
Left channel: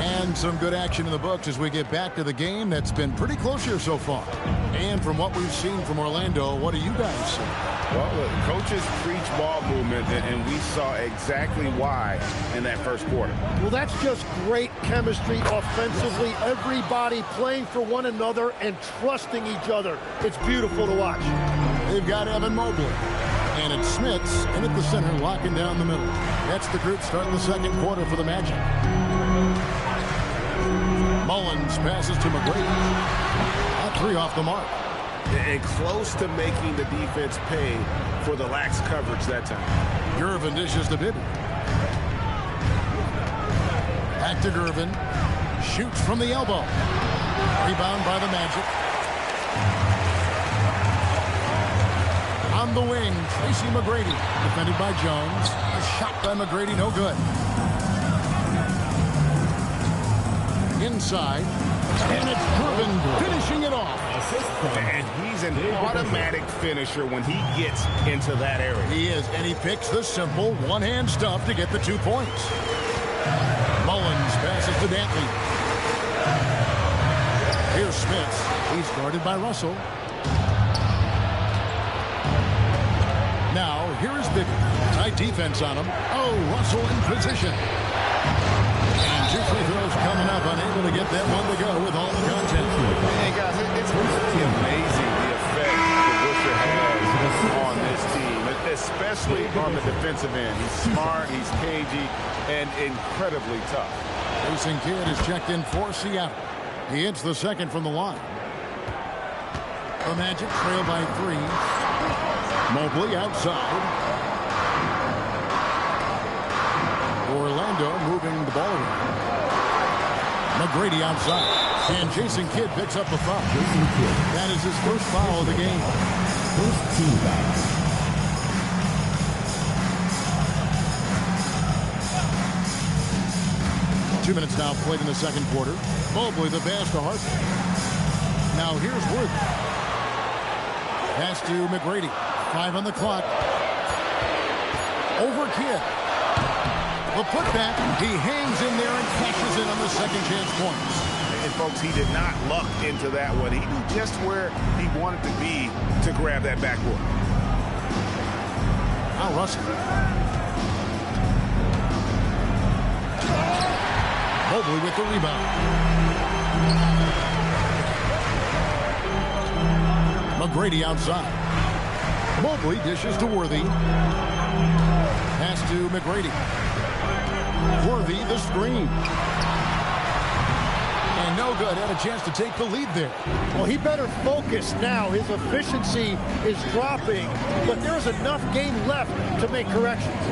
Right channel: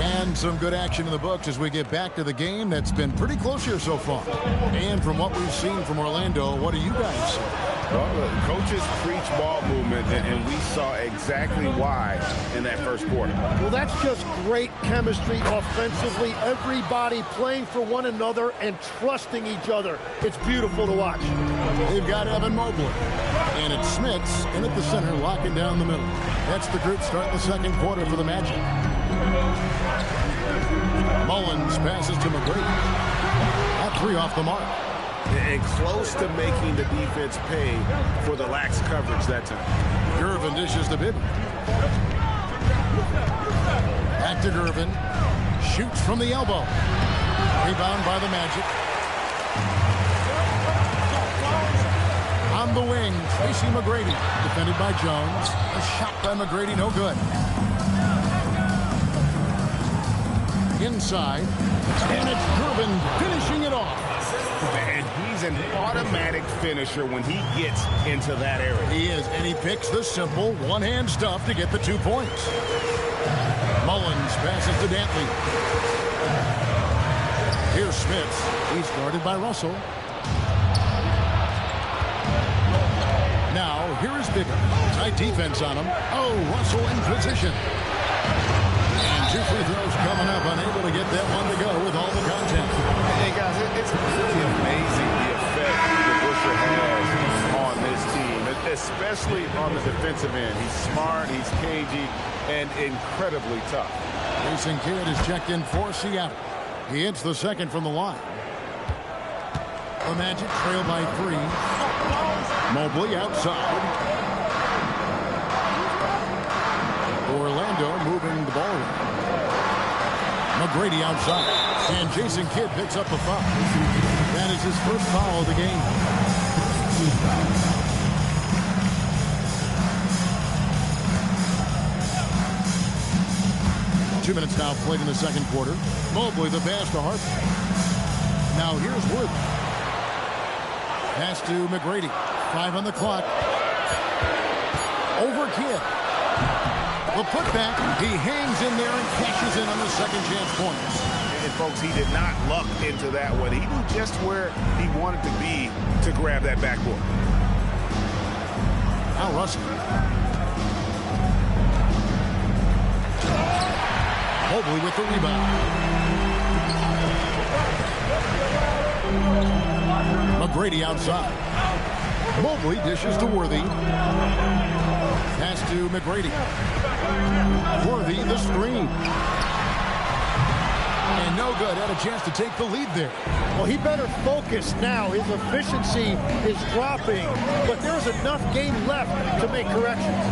And some good action in the books as we get back to the game that's been pretty close here so far. And from what we've seen from Orlando, what do you guys see? Well, the coaches preach ball movement, and we saw exactly why in that first quarter. Well, that's just great chemistry offensively. Everybody playing for one another and trusting each other. It's beautiful to watch. They've got Evan Mobley. And it's Smits in at the center, locking down the middle. That's the group starting the second quarter for the Magic. Mullins passes to McGrady. That 3 off the mark. And close to making the defense pay for the lax coverage that time. Gervin dishes to Bibby. Back to Gervin. Shoots from the elbow. Rebound by the Magic. On the wing, Tracy McGrady. Defended by Jones. A shot by McGrady, no good. Inside. And it's Gervin finishing it off. And he's an automatic finisher when he gets into that area. He is, and he picks the simple one-hand stuff to get the 2 points. Mullins passes to Dantley. Here's Smits. He's guarded by Russell. Now, here is Bibby. Tight defense on him. Oh, Russell in position. And 2 free throws coming up, unable to get that one to go with all the contact. Hey, guys, it's really amazing the effect that Busher has on this team, especially on the defensive end. He's smart, he's cagey, and incredibly tough. Jason Kidd is checked in for Seattle. He hits the second from the line. The Magic trail by 3. Mobley outside. Orlando moving the ball around. McGrady outside. And Jason Kidd picks up a foul. That is his first foul of the game. First team foul. 2 minutes now played in the second quarter. Mobley the pass to Harper. Now here's Worthy. Pass to McGrady. 5 on the clock. Over Kidd. The putback. He hangs in there and cashes in on the second chance points. And folks, he did not luck into that one. He knew just where he wanted to be to grab that backboard. Now Russell. Mobley with the rebound. McGrady outside. Mobley dishes to Worthy. Pass to McGrady. Worthy the screen. And no good. Had a chance to take the lead there. Well, he better focus now. His efficiency is dropping, but there's enough game left to make corrections.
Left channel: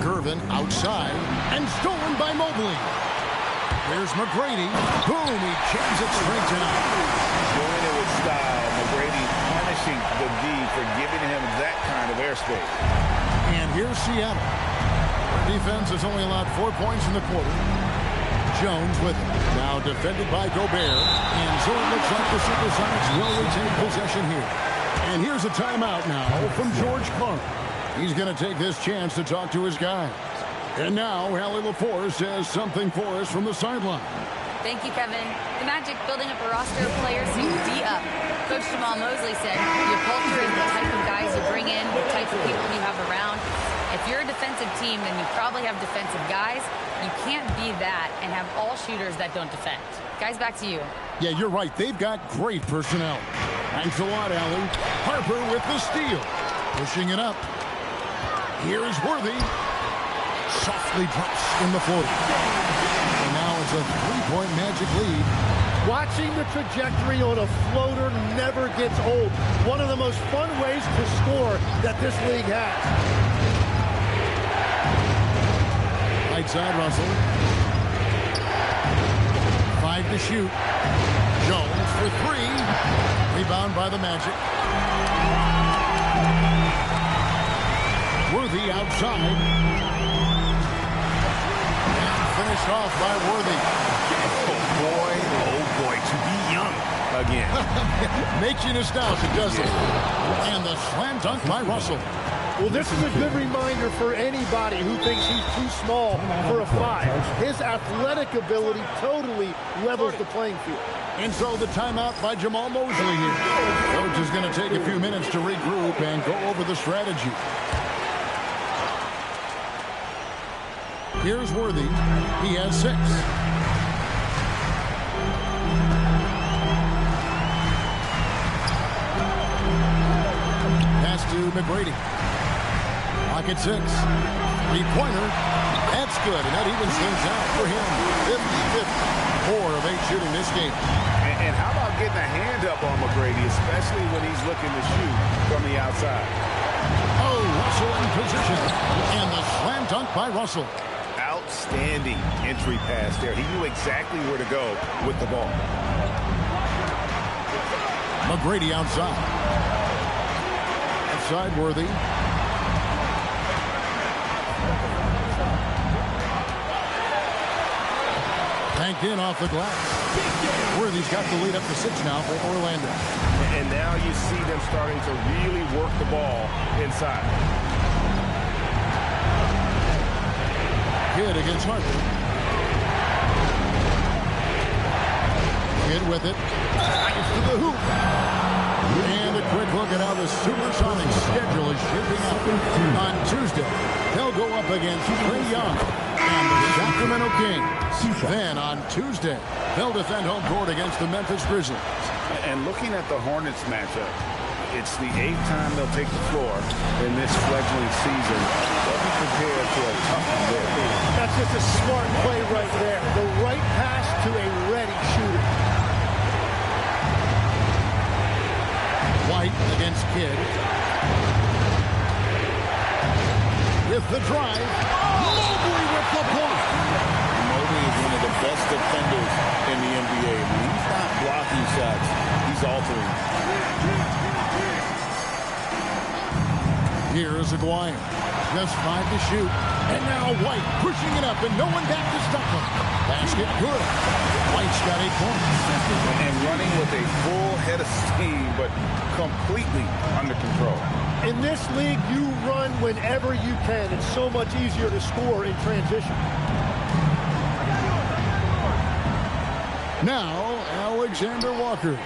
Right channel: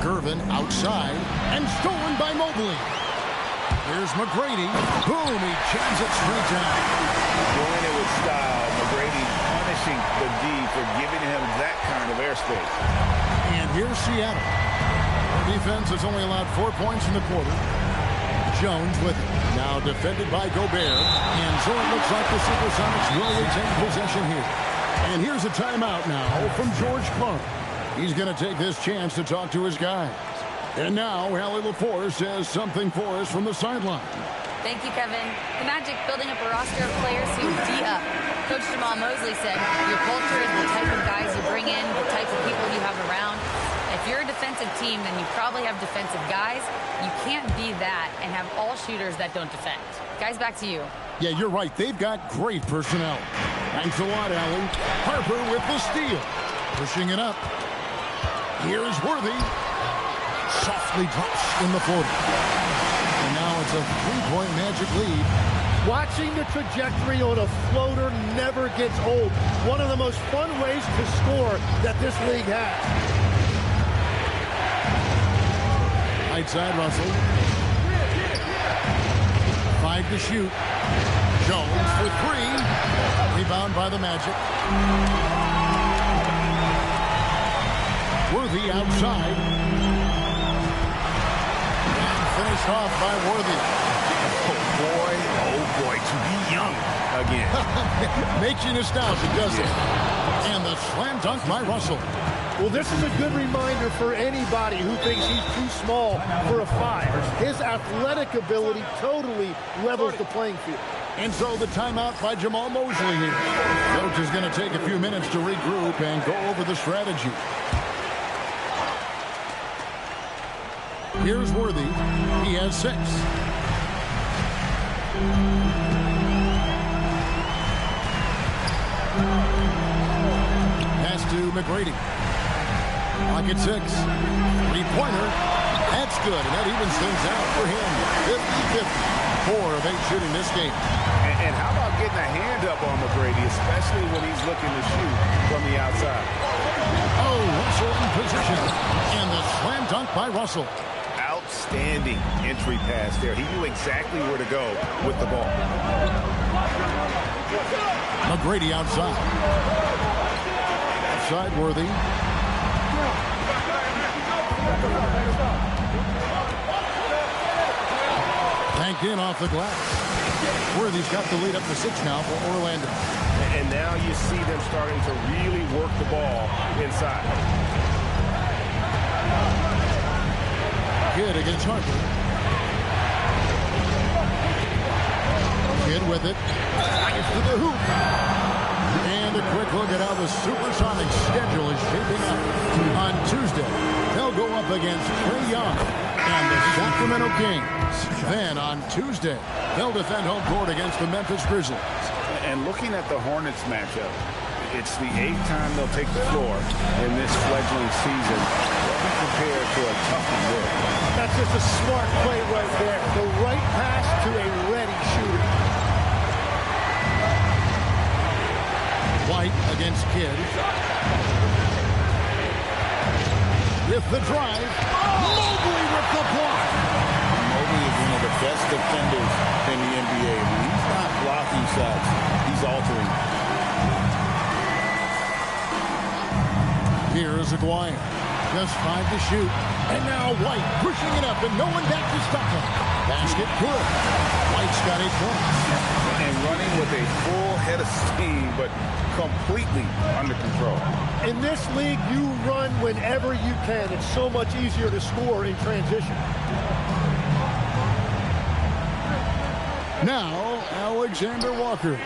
Gervin outside and stolen by Mobley. Here's McGrady. Boom, he jams it straight down. Doing it with style. McGrady punishing the D for giving him that kind of airspace. And here's Seattle. Their defense has only allowed 4 points in the quarter. Jones with it. Now defended by Gobert. And so it looks like the Supersonics will retain possession here. And here's a timeout now from George Clark. He's going to take this chance to talk to his guys. And now, Allie LaForce has something for us from the sideline. Thank you, Kevin. The Magic building up a roster of players who D up. Coach Jamal Mosley said, your culture is the type of guys you bring in, the type of people you have around. If you're a defensive team, then you probably have defensive guys. You can't be that and have all shooters that don't defend. Guys, back to you. Yeah, you're right. They've got great personnel. Thanks a lot, Allie. Harper with the steal. Pushing it up. Here's Worthy. Softly drops in the floater. And now it's a three-point Magic lead. Watching the trajectory on a floater never gets old. One of the most fun ways to score that this league has. Right side, Russell. 5 to shoot. Jones for 3. Rebound by the Magic. Worthy outside. And finished off by Worthy. Oh boy, to be young again. Makes you nostalgic, doesn't it? And the slam dunk by Russell. Well, this is a good reminder for anybody who thinks he's too small for a 5. His athletic ability totally levels the playing field. And so the timeout by Jamal Mosley here. Coach is going to take a few minutes to regroup and go over the strategy. Here's Worthy. He has 6. Pass to McGrady. Pocket 6. 3-pointer. That's good, and that evens things out for him. 50-50. 4 of 8 shooting this game. And how about getting a hand up on McGrady, especially when he's looking to shoot from the outside? Oh, Russell in position. And the slam dunk by Russell. Outstanding entry pass there. He knew exactly where to go with the ball. McGrady outside. Outside Worthy. Banked in off the glass. Worthy's got the lead up to 6 now for Orlando. And now you see them starting to really work the ball inside. Kidd against Harper. Kidd with it. Gets to the hoop. And a quick look at how the Supersonics schedule is shaping up. On Tuesday, they'll go up against Trae Young and the Sacramento Kings. Then on Tuesday, they'll defend home court against the Memphis Grizzlies. And looking at the Hornets matchup, it's the 8th time they'll take the floor in this fledgling season. They'll be prepared for a tough one there. That's just a smart play right there. The right pass to a ready shooter. White against Kidd. with the drive. Mobley with the block. Mobley is one of the best defenders in the NBA. When he's not blocking shots, he's altering. Here's Aguirre. Just 5 to shoot. And now White pushing it up and no one back to stop him. Basket good. White's got 8 points. And running with a full head of steam, but completely under control. In this league, you run whenever you can. It's so much easier to score in transition. Now, Alexander Walker.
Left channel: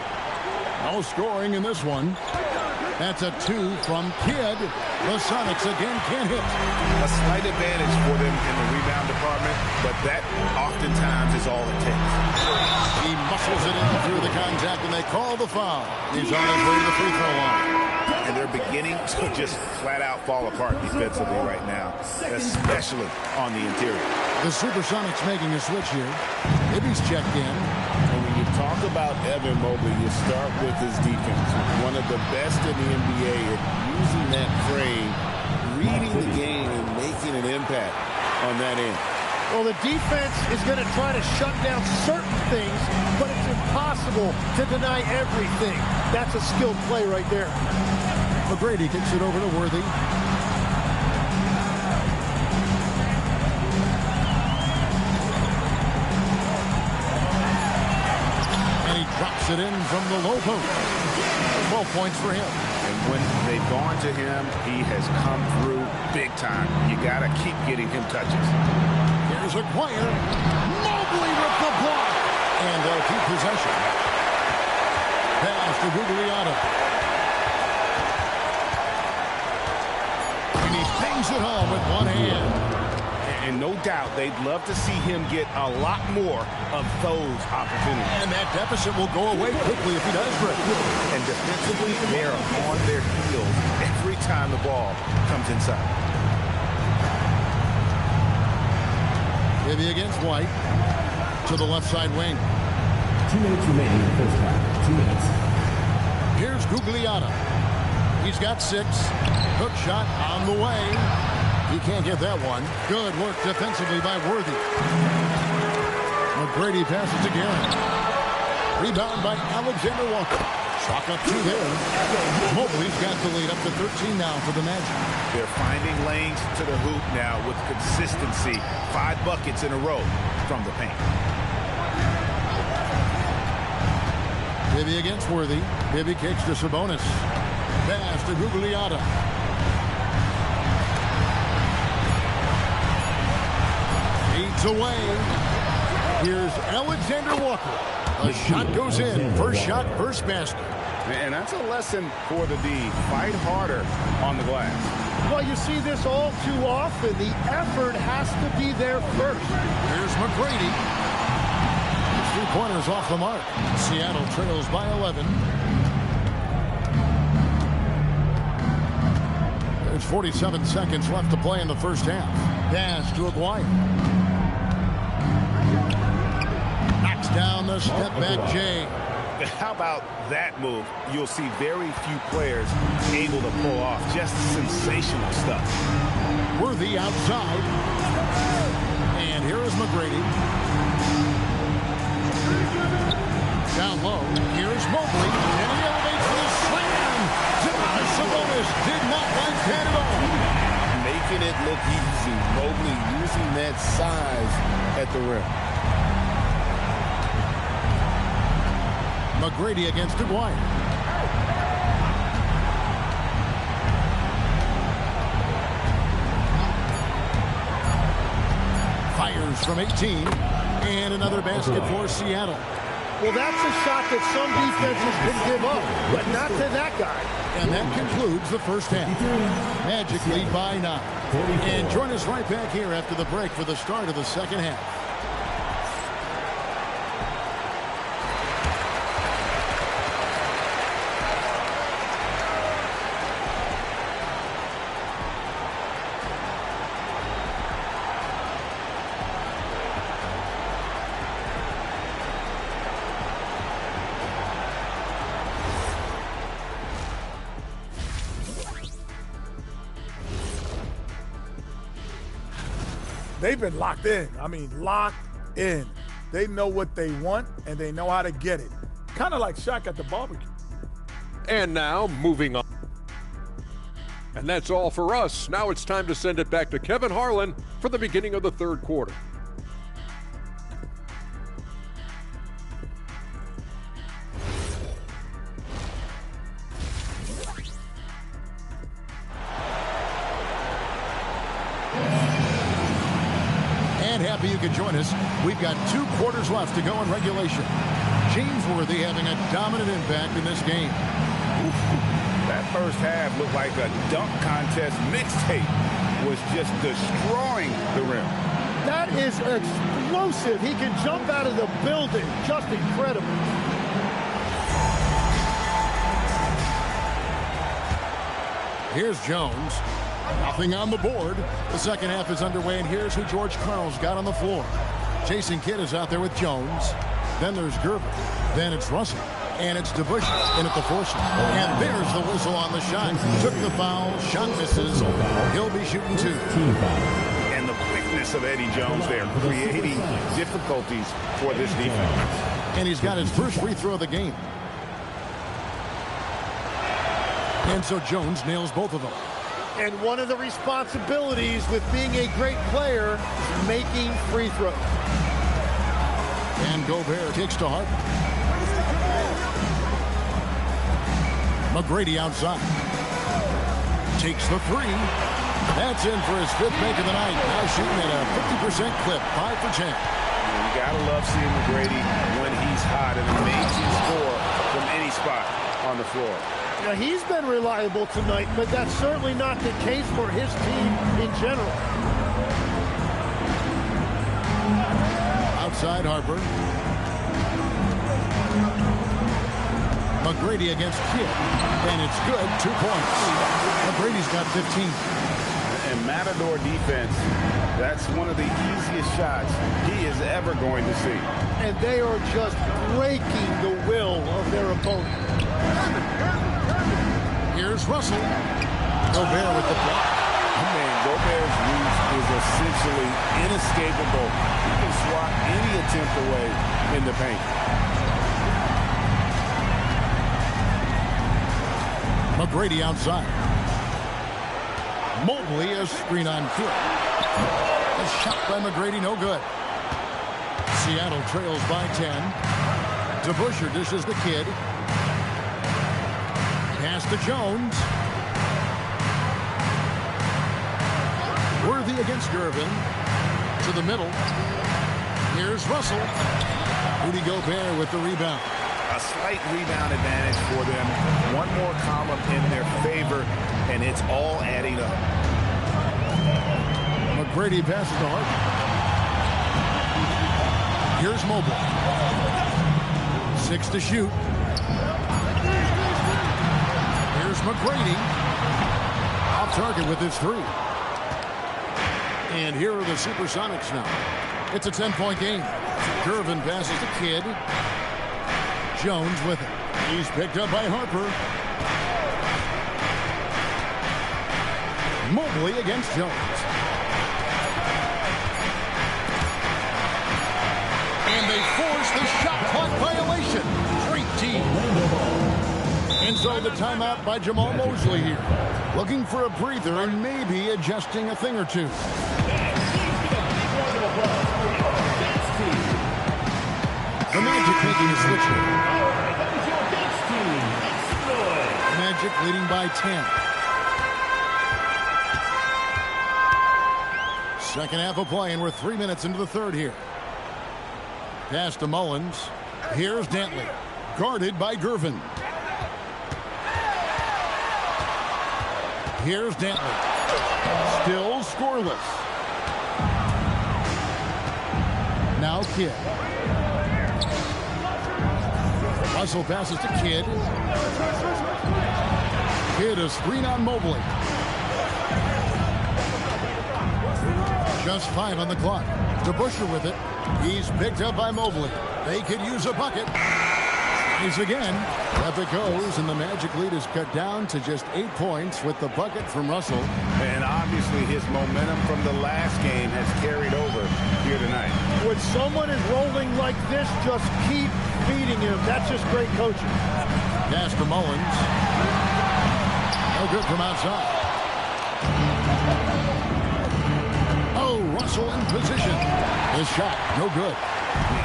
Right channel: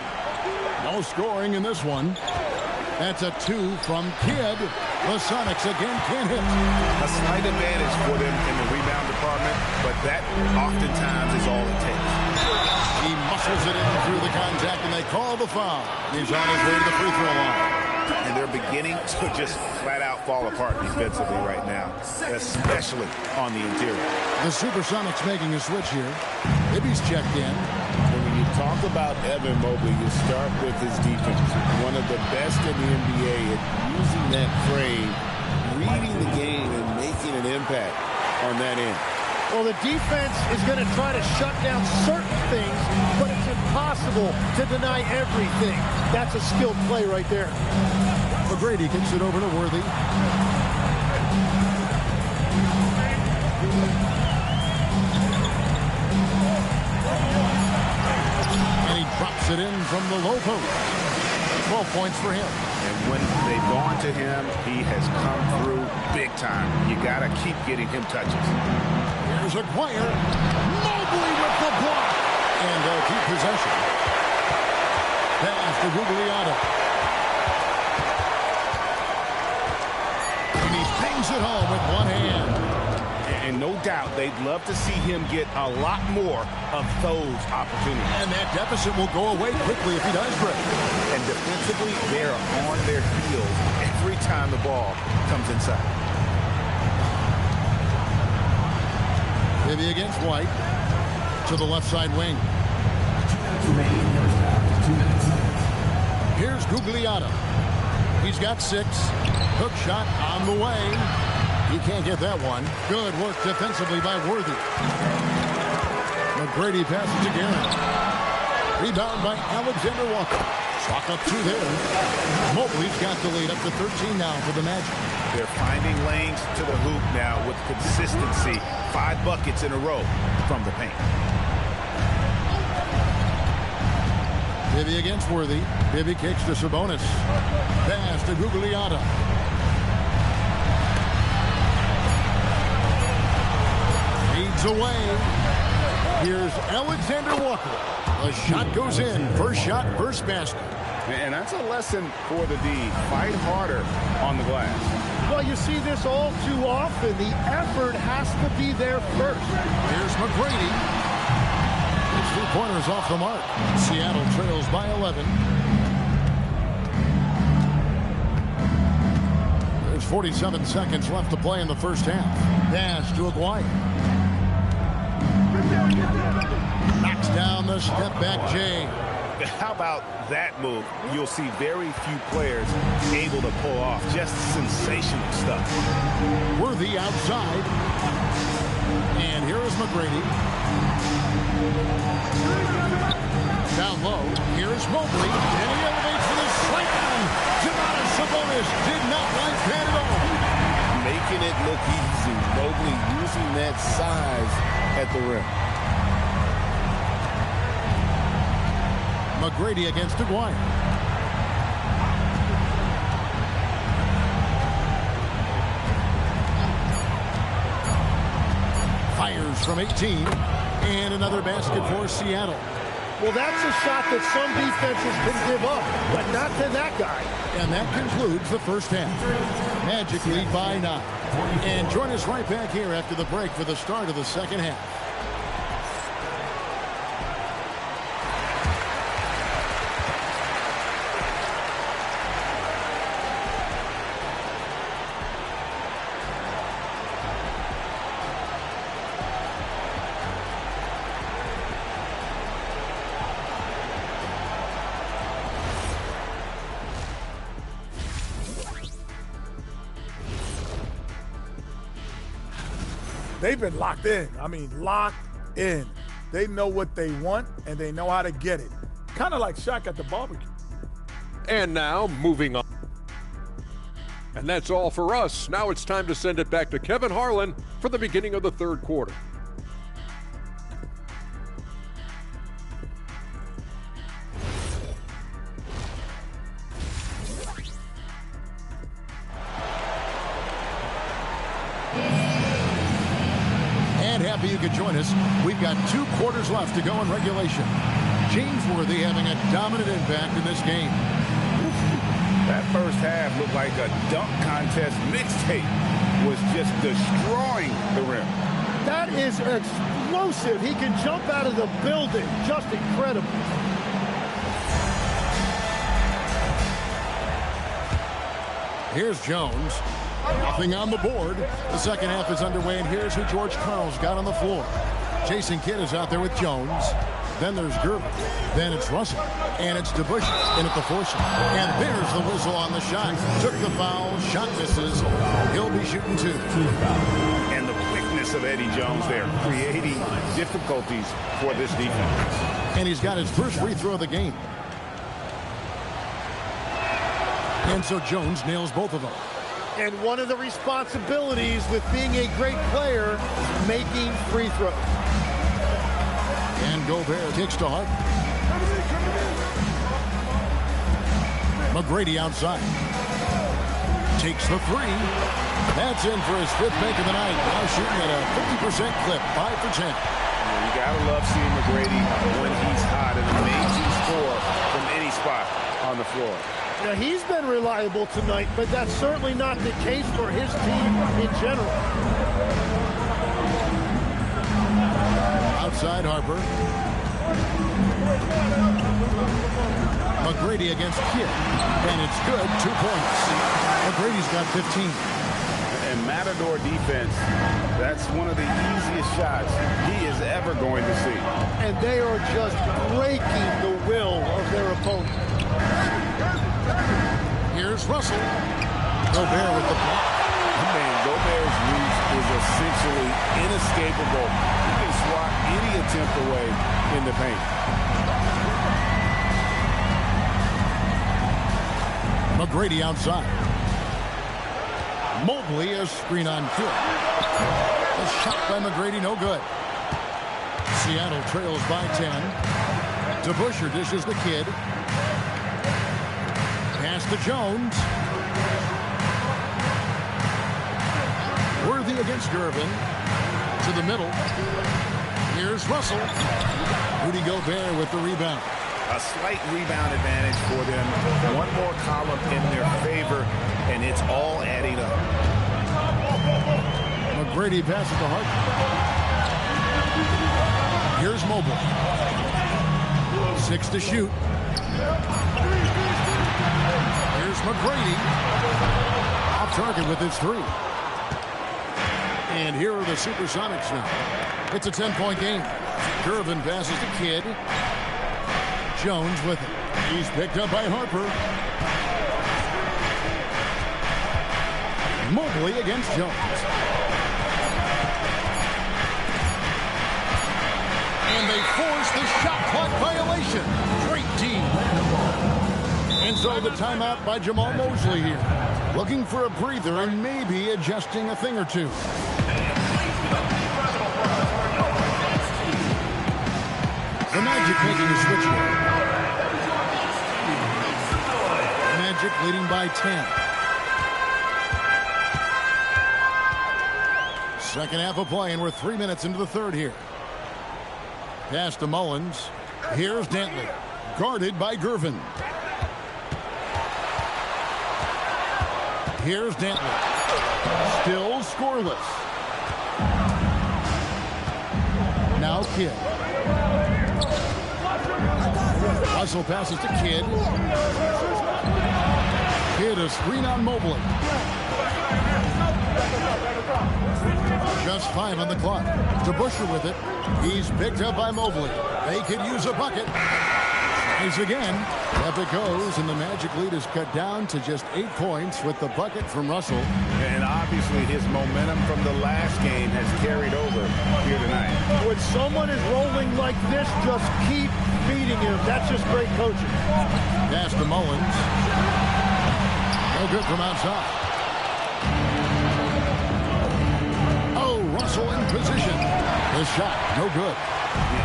No scoring in this one. That's a 2 from Kidd. The Sonics again can't hit. A slight advantage for them in the rebound department, but that oftentimes is all it takes. He muscles it in through the contact, and they call the foul. He's on his way to the free throw line. And they're beginning to just flat out fall apart defensively right now, especially on the interior. The Supersonics making a switch here. Ibby's checked in. And when you talk about Evan Mobley, you start with his defense. One of the best in the NBA at using that frame, reading the game, and making an impact on that end. Well, the defense is going to try to shut down certain things, but it's impossible to deny everything. That's a skilled play right there. McGrady kicks it over to Worthy. And he drops it in from the low post. 12 points for him. And when they've gone to him, he has come through big time. You got to keep getting him touches. Here's Aguirre. Mobley with the block. And they'll keep possession. Pass to Gugliotta. And he bangs it home with one hand. And no doubt they'd love to see him get a lot more of those opportunities. And that deficit will go away quickly if he does break. And defensively, they are on their heels every time the ball comes inside. Bibby against White to the left side wing. 2 minutes remaining in the first half. 2 minutes. Here's Gugliotta. He's got 6. Hook shot on the way. He can't get that one. Good work defensively by Worthy. McGrady passes to Guerin. Rebound by Alexander Walker. Chalk up 2 there. Mobley's got the lead up to 13 now for the Magic. They're finding lanes to the hoop now with consistency. 5 buckets in a row from the paint. Bibby against Worthy. Bibby kicks to Sabonis. Pass to Gugliotta. Fades away. Here's Alexander Walker. The shot goes in. First shot, first basket. And that's a lesson for the D. Fight harder on the glass. Well, you see this all too often. The effort has to be there first. Here's McGrady. His 3-pointers off the mark. Seattle trails by 11. There's 47 seconds left to play in the first half. Pass to Aguirre. Knocks down the step-back J. How about that move? You'll see very few players able to pull off. Just sensational stuff. Worthy outside. And here is McGrady. Down low. Here's Mobley. And he elevates for the slam. Domantas Sabonis did not like that at all. Making it look easy. Mobley using that size at the rim. McGrady against Aguirre. Fires from 18. And another basket for Seattle. Well, that's a shot that some defenses can give up, but not to that guy. And that concludes the first half. Magic lead by 9. And join us right back here after the break for the start of the second half. they've been locked in. I mean, locked in. They know what they want, and they know how to get it. Kind of like Shaq at the barbecue. And now, moving on. And that's all for us. Now it's time to send it back to Kevin Harlan for the beginning of the third quarter. And happy you could join us. We've got 2 quarters left to go in regulation. James Worthy having a dominant impact in this game. That first half looked like a dunk contest mixtape was just destroying the rim. That is explosive. He can jump out of the building. Just incredible. Here's Jones. Nothing on the board. The second half is underway, and here's who George Karl's got on the floor. Jason Kidd is out there with Jones. Then there's Gervin. Then it's Russell. And it's DeBusschere in at the force. And there's the whistle on the shot. Took the foul. Shot misses. He'll be shooting 2. And the quickness of Eddie Jones there, creating difficulties for this defense. And he's got his first free throw of the game. And so Jones nails both of them. And one of the responsibilities with being a great player is making free throws. And Gobert kicks to Harper. McGrady outside. Takes the 3. That's in for his 5th make of the night. Now shooting at a 50% clip, 5 for 10. You gotta love seeing McGrady when he's hot. An amazing score from any spot on the floor. You know, he's been reliable tonight, but that's certainly not the case for his team in general. Outside Harper. McGrady against Kidd, and it's good. 2 points. McGrady's got 15. And Matador defense, that's one of the easiest shots he is ever going to see. And they are just breaking the will of their opponent. Here's Russell. Gobert with the block. Man, Gobert's reach is essentially inescapable. He can swat any attempt away in the paint. McGrady outside. Mobley, a screen on Kidd. A shot by McGrady, no good. Seattle trails by 10. DeBusschere dishes the Kidd. Pass to Jones. Worthy against Gervin. To the middle. Here's Russell. Rudy Gobert with the rebound. A slight rebound advantage for them. One more column in their favor, and it's all adding up. McGrady passes to Harper. Here's Mobley. 6 to shoot. Here's McGrady. Off target with his 3. And here are the Supersonics now. It's a 10-point game. Gervin passes to Kidd. Jones with it. He's picked up by Harper. Mobley against Jones. And they force the shot clock violation. Great team. And so the timeout by Jamal Mosley here. Looking for a breather and maybe adjusting a thing or two. The Magic making a switch here. Magic leading by 10. Second half of play, and we're 3 minutes into the third here. Pass to Mullins. Here's Dantley. Guarded by Gervin. Here's Dantley. Still scoreless. Now Kidd. Russell passes to Kidd. Kidd a screen on Mobley. Just 5 on the clock. DeBusschere with it. He's picked up by Mobley. They could use a bucket. Tries again. Up it goes, and the Magic lead is cut down to just 8 points with the bucket from Russell. And obviously his momentum from the last game has carried over here tonight. When someone is rolling like this, just keep feeding him. That's just great coaching. Pass to Mullins. No good from outside. Oh, Russell in position. The shot, no good.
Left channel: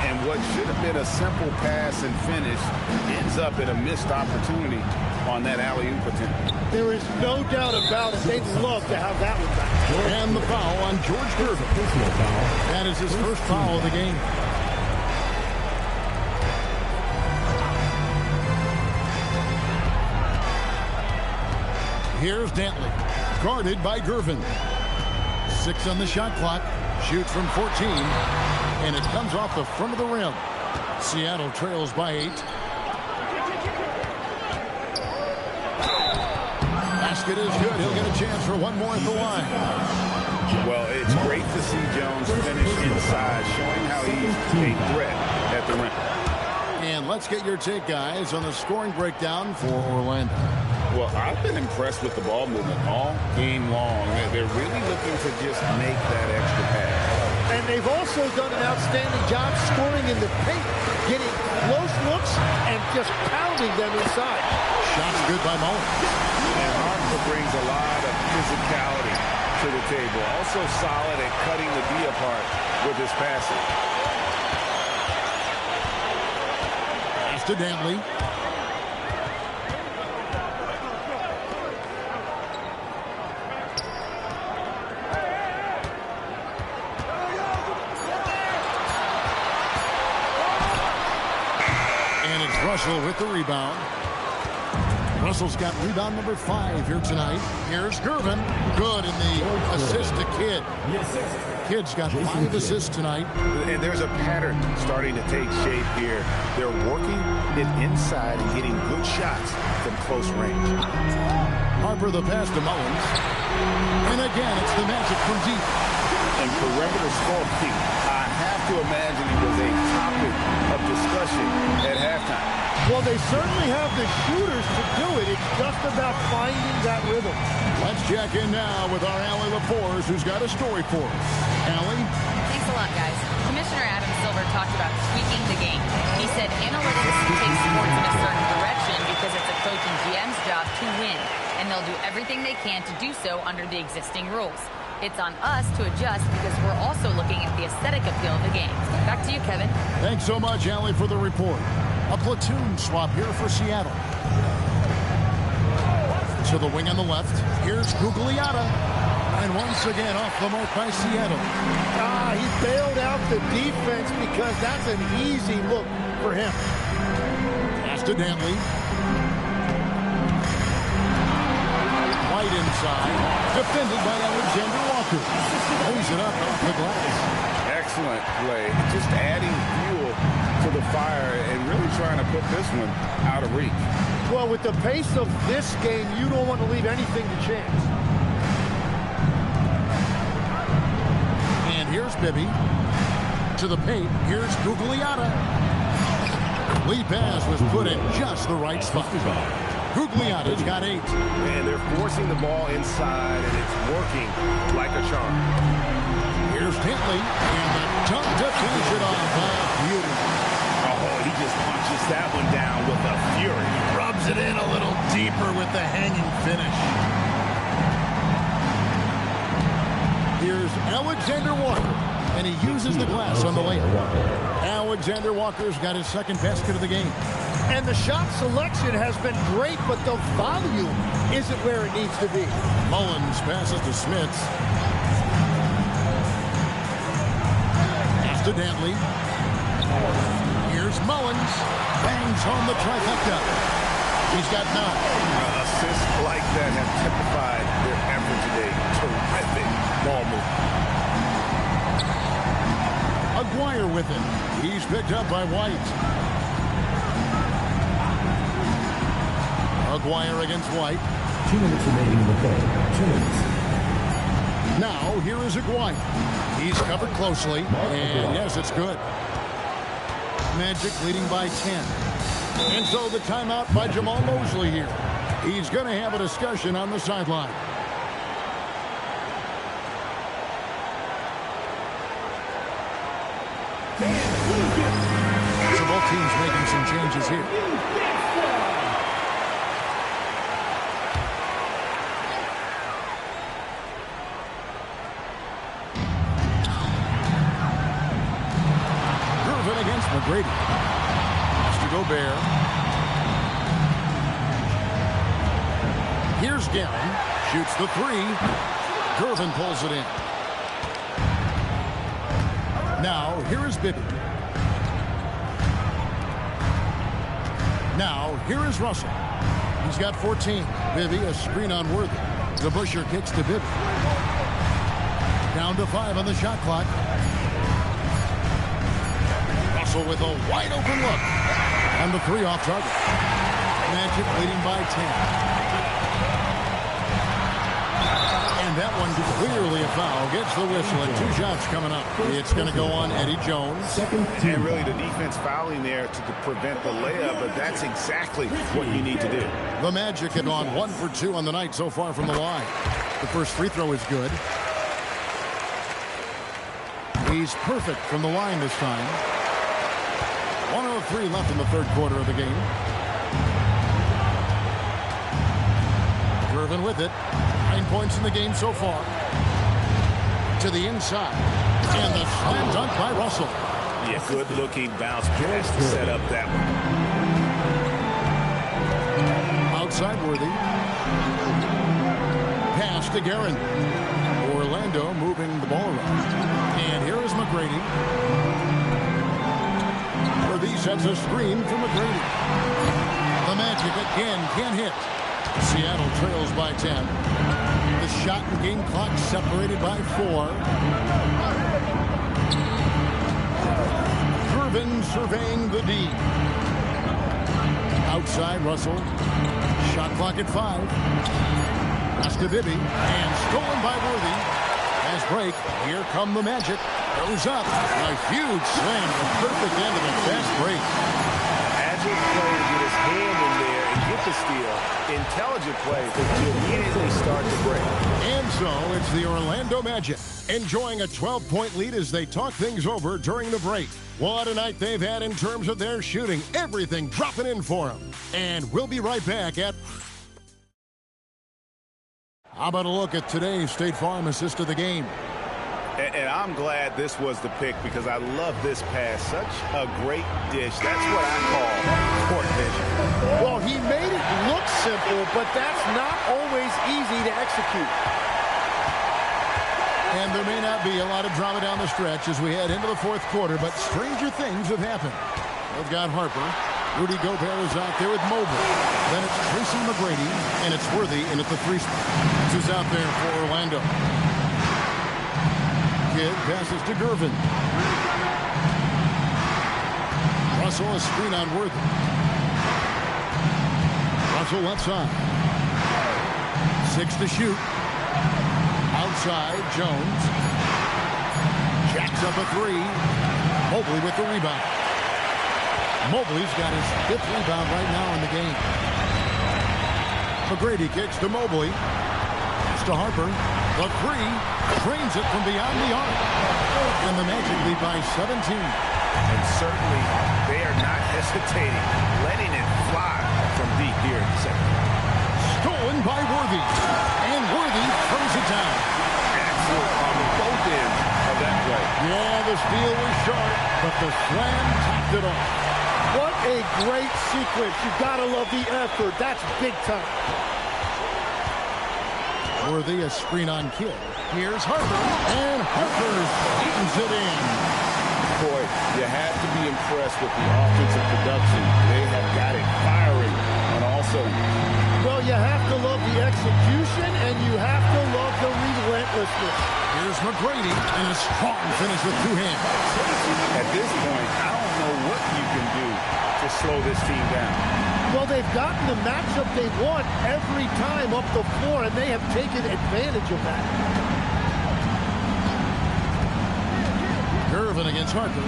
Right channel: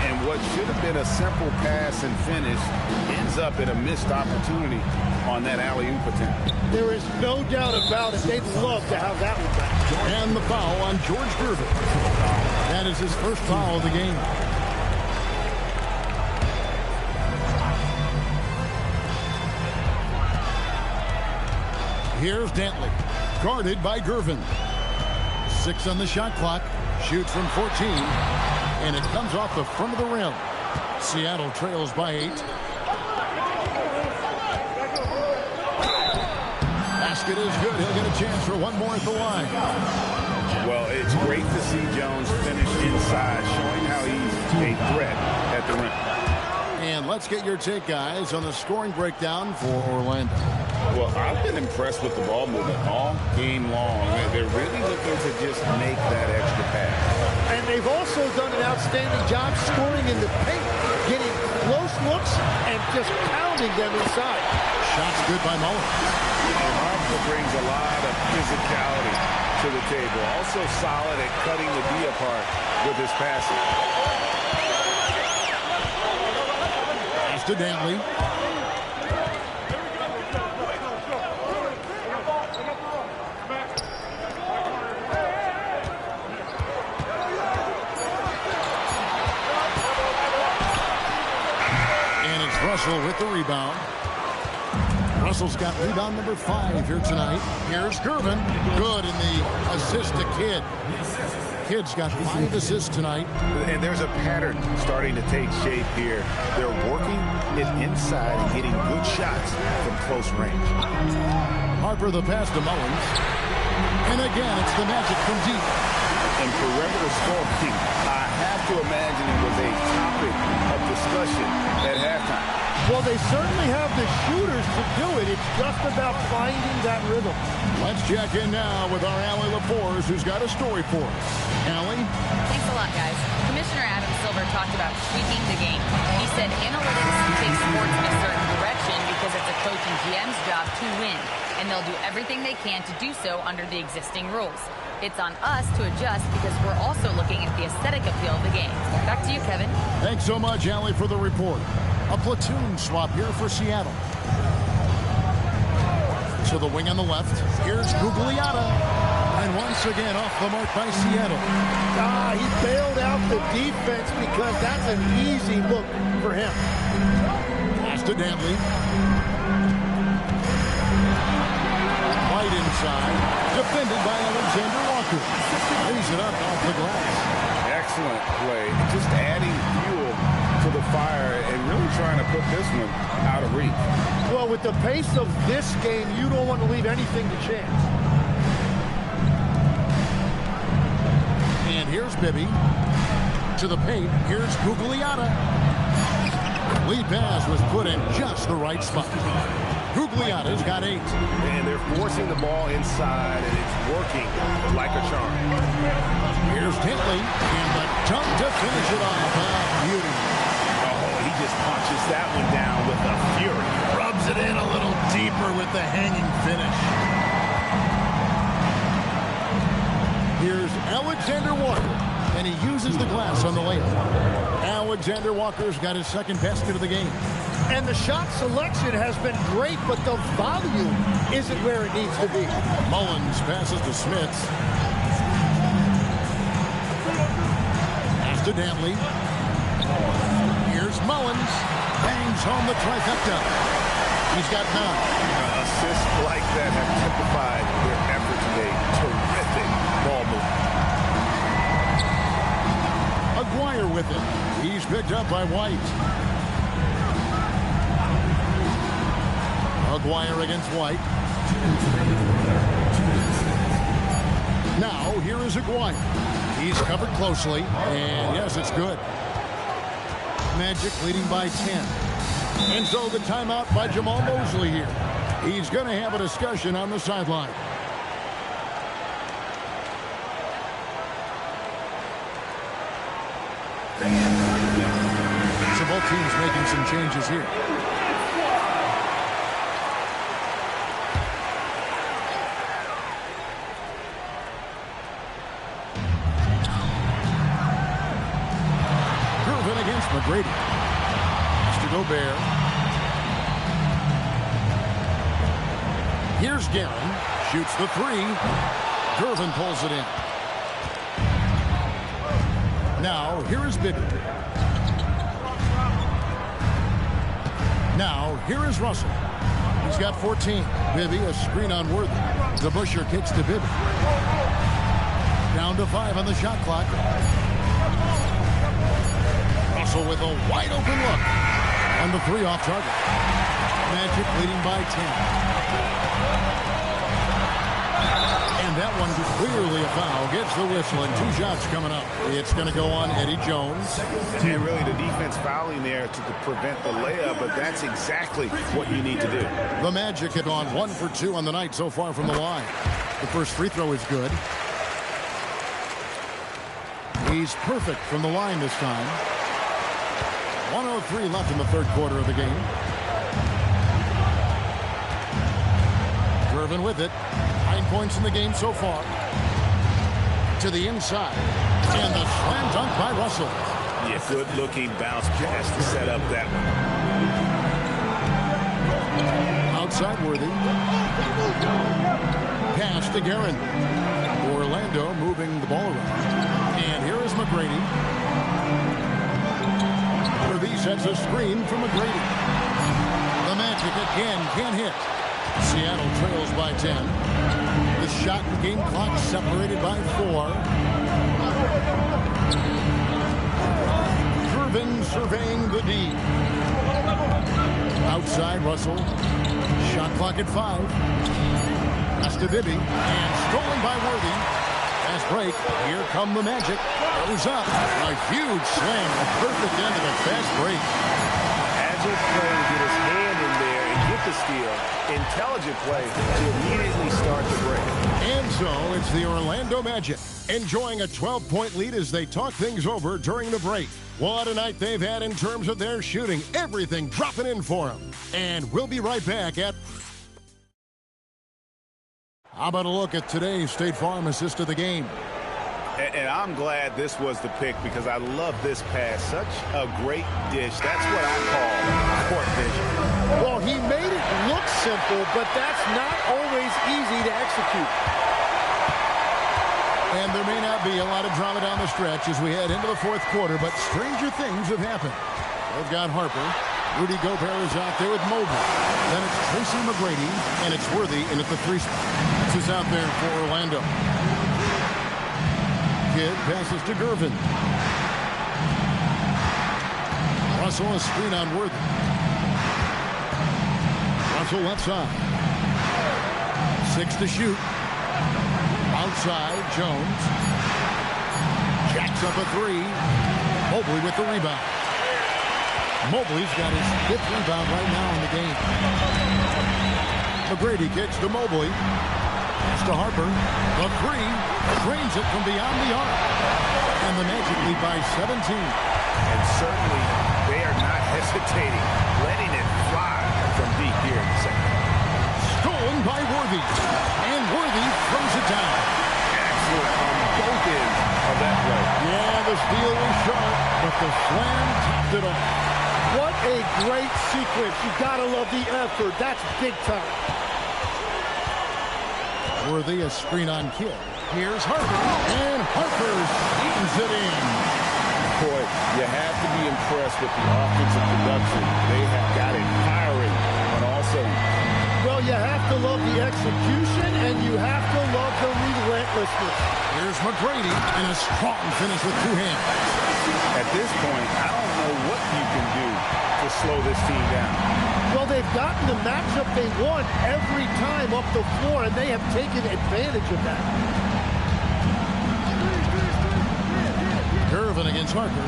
And what should have been a simple pass and finish ends up in a missed opportunity on that alley-oop attempt. There is no doubt about it. They'd love to have that one back. And the foul on George Gervin. That is his first foul of the game. Here's Dantley, guarded by Gervin. 6 on the shot clock, shoots from 14, and it comes off the front of the rim. Seattle trails by 8. Basket is good. He'll get a chance for one more at the line. Well, it's great to see Jones finish inside, showing how he's a threat at the rim. And let's get your take, guys, on the scoring breakdown for Orlando. Well, I've been impressed with the ball movement all game long. They're really looking to just make that extra pass. And they've also done an outstanding job scoring in the paint, getting close looks and just pounding them inside. Shots good by Mullins. And Harper brings a lot of physicality to the table. Also solid at cutting the D apart with his passing. Pass to Dantley. And it's Russell with the rebound. Russell's got rebound number 5 here tonight. Here's Gervin. Good in the assist to Kidd. Kidd's got 5 assists tonight. And there's a pattern starting to take shape here. They're working it inside and getting good shots from close range. Harper the pass to Mullins. And again, it's the Magic from deep. And perimeter scoring, I have to imagine it was a topic of discussion at halftime. Well, they certainly have the shooters to do it. It's just about finding that rhythm. Let's check in now with our Allie LaForce, who's got a story for us. Allie? Thanks a lot, guys. Commissioner Adam Silver talked about tweaking the game. He said analytics take sports in a certain direction because it's a coach and GM's job to win, and they'll do everything they can to do so under the existing rules. It's on us to adjust because we're also looking at the aesthetic appeal of the game. Back to you, Kevin. Thanks so much, Allie, for the report. A platoon swap here for Seattle. To the wing on the left. Here's Gugliotta. And once again off the mark by Seattle. He bailed out the defense because that's an easy look for him. Pass to Dantley. White inside. Defended by Alexander Walker. Lays it up off the glass. Excellent play. Just adding fuel to the fire and really trying to put this one out of reach. Well, with the pace of this game, you don't want to leave anything to chance. And here's Bibby. To the paint. Here's Gugliotta. Lee pass was put in just the right spot. Gugliotta's got 8. And they're forcing the ball inside, and it's working like a charm. Here's Dantley. And the dunk to finish it off. Beauty. Oh, he just punches that one down with a fury. Rubs it in a little deeper with the hanging finish. Here's Alexander Walker, and he uses the glass on the layup. Alexander Walker's got his second basket of the game. And the shot selection has been great, but the volume isn't where it needs to be. Mullins passes to Smits. Pass to Dantley. Here's Mullins. Bangs home the trifecta. He's got 9. Assists like that have typified their effort today. Terrific ball movement. Aguirre with it. He's picked up by White. Aguirre against White. 2 minutes remaining in the third. 2 minutes. Now, here is Aguirre. He's covered closely, and yes, it's good. Magic leading by 10. And so the timeout by Jamal Mosley here. He's going to have a discussion on the sideline. So both teams making some changes here. Gervin against McGrady. Has to go Bear. Here's Guerin. Shoots the three. Gervin pulls it in. Now, here is Bibby. Now, here is Russell. He's got 14. Bibby, a screen on Worthy. DeBusschere kicks to Bibby. Down to 5 on the shot clock. Russell with a wide open look. And the 3 off target. Magic leading by 10. And that one clearly a foul. Gets the whistle and 2 shots coming up. It's going to go on Eddie Jones. And really the defense fouling there to prevent the layup, but that's exactly what you need to do. The Magic have gone 1 for 2 on the night so far from the line. The first free throw is good. He's perfect from the line this time. 1:03 left in the third quarter of the game. Gervin with it. 9 points in the game so far. To the inside. And the slam dunk by Russell. Yeah, good-looking bounce pass to set up that one. Outside Worthy. Pass to Guerin. Orlando moving the ball around. And here is McGrady. Worthy sets a screen for McGrady. The Magic again can't hit. Seattle trails by 10. The shot and game clock separated by 4. Gervin surveying the D. Outside Russell. Shot clock at 5. Pass to Bibby. And stolen by Worthy. Fast break. Here come the Magic. Goes up. A huge slam. The perfect end of a fast break. Agile play to get his hand in there and get the steal. Intelligent play to immediately start the break. And so it's the Orlando Magic enjoying a 12-point lead as they talk things over during the break. What a night they've had in terms of their shooting. Everything dropping in for them. And we'll be right back at... How about a look at today's State Farm assist of the game? And I'm glad this was the pick because I love this pass. Such a great dish. That's what I call court vision. Well, he made it look simple, but that's not always easy to execute. And there may not be a lot of drama down the stretch as we head into the fourth quarter, but stranger things have happened. They've got Harper. Rudy Gobert is out there with Mobley. Then it's Tracy McGrady, and it's Worthy in at the 3 spot. That's who's out there for Orlando. Kidd passes to Gervin. Russell a screen on Worthy. Russell left side. 6 to shoot. Outside Jones. Jacks up a 3. Mobley with the rebound. Mobley's got his 5th rebound right now in the game. McGrady kicks to Mobley. Pass to Harper. The 3 drains it from beyond the arc. And the Magic lead by 17. And certainly they are not hesitating, letting it fly from deep here in the second. Stolen by Worthy. And Worthy throws it down. Excellent on both ends of that play. Yeah, the steal was sharp, but the slam topped it off. What a great sequence. You gotta love the effort. That's big time. Worthy a screen on Kidd. Here's Harper. And Harper sneaks it in. Boy, you have to be impressed with the offensive production. They have got it firing on all cylinders. Well, you have to love the execution, and you have to love the relentlessness. Here's McGrady, and a strong finish with 2 hands. At this point, I don't know what you can do to slow this team down. Well, they've gotten the matchup they want every time up the floor, and they have taken advantage of that. Gervin against Harper.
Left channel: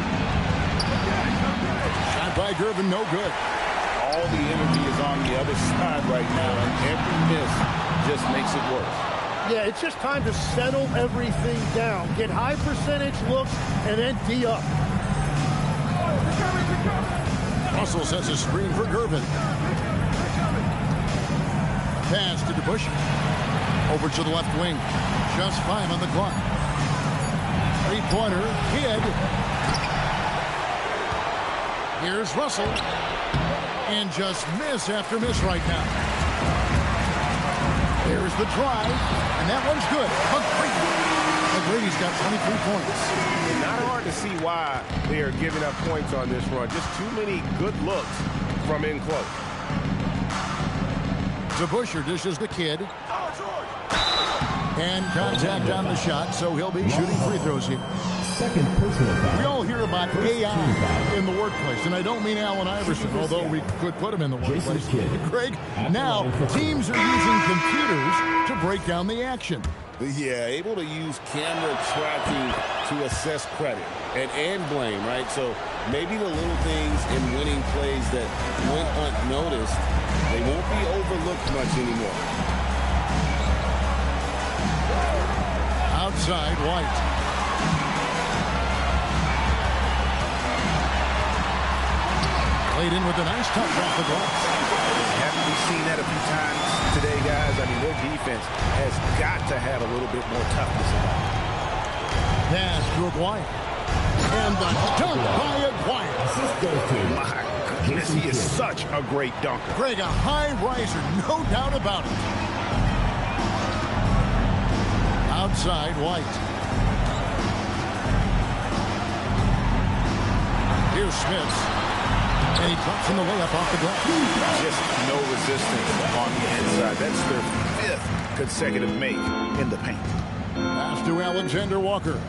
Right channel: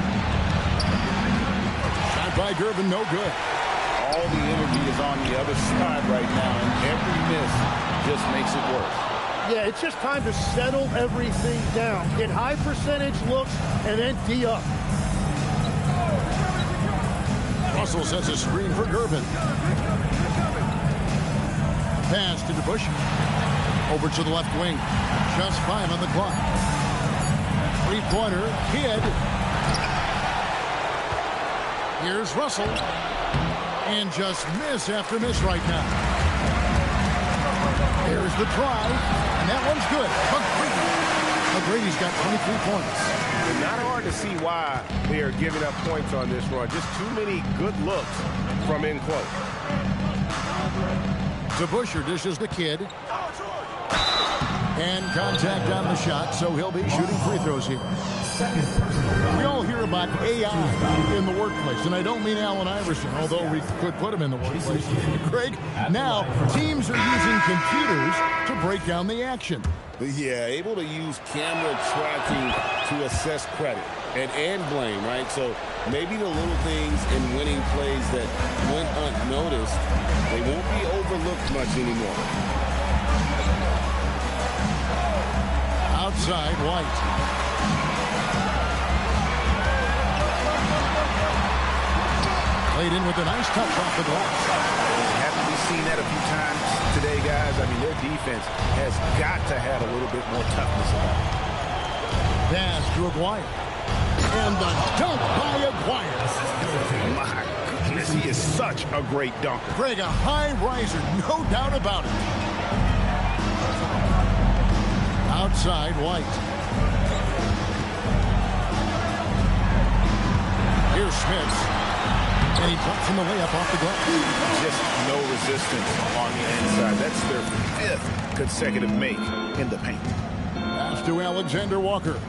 Shot by Gervin, no good. all the energy is on the other side right now, and every miss just makes it worse. Yeah, it's just time to settle everything down. Get high percentage looks and then D up. Russell sets a screen for Gervin. Pass to DeBusch. Over to the left wing. Just 5 on the clock. Three-pointer, Kidd. Here's Russell. And just miss after miss right now. There's the drive, and that one's good. McGrady's got 23 points. And not hard to see why they are giving up points on this run. Just too many good looks from in close. DeBuscher dishes the Kidd. And contact on the shot, so he'll be shooting free throws here. Second personal foul. We all hear about AI in the workplace, and I don't mean Allen Iverson, although we could put him in the workplace. Greg, now teams are using computers to break down the action. Yeah, able to use camera tracking to assess credit and blame, right? So maybe the little things in winning plays that went unnoticed, they won't be overlooked much anymore. Outside, White. Played in with a nice touch off the glass. Haven't we seen that a few times today, guys? I mean, their defense has got to have a little bit more toughness about it. Pass to Aguirre. And the dunk by Aguirre. My goodness, he is such a great dunker. Greg, a high riser, no doubt about it. Outside, White. Here's Smith. And he drops in the layup off the glass. Just no resistance on the inside. That's their 5th consecutive make in the paint. Pass to Alexander Walker.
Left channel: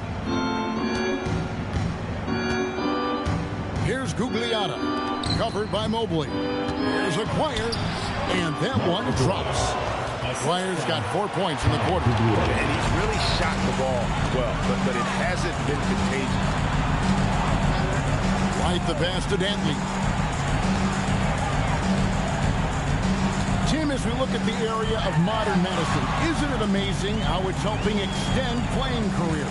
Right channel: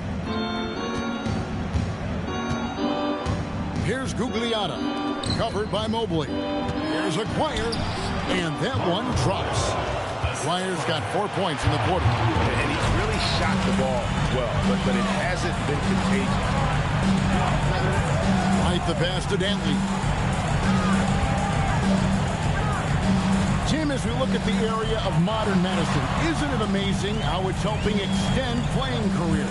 Here's Gugliotta. Covered by Mobley. Here's Aguirre. And that one drops. Aguirre's got 4 points in the quarter. And he's really shot the ball well, but it hasn't been contagious. White the pass to Dantley. Tim, as we look at the area of modern medicine, isn't it amazing how it's helping extend playing careers?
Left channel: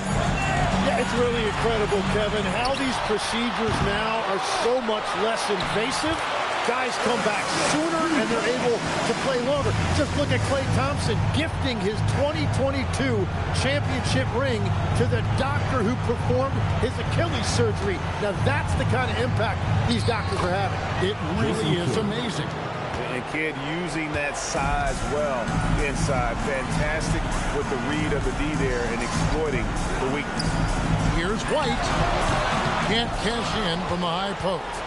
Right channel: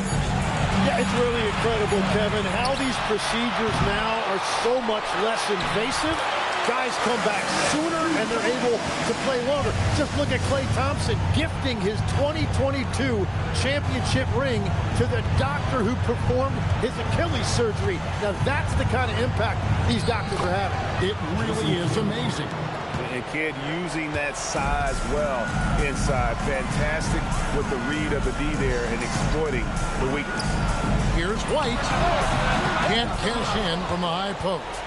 Yeah, it's really incredible, Kevin, how these procedures now are so much less invasive. Guys come back sooner, and they're able to play longer. Just look at Klay Thompson gifting his 2022 championship ring to the doctor who performed his Achilles surgery. Now, that's the kind of impact these doctors are having. It really is amazing. And Kidd using that size well inside. Fantastic with the read of the D there and exploiting the weakness. Here's White. Can't cash in from the high post.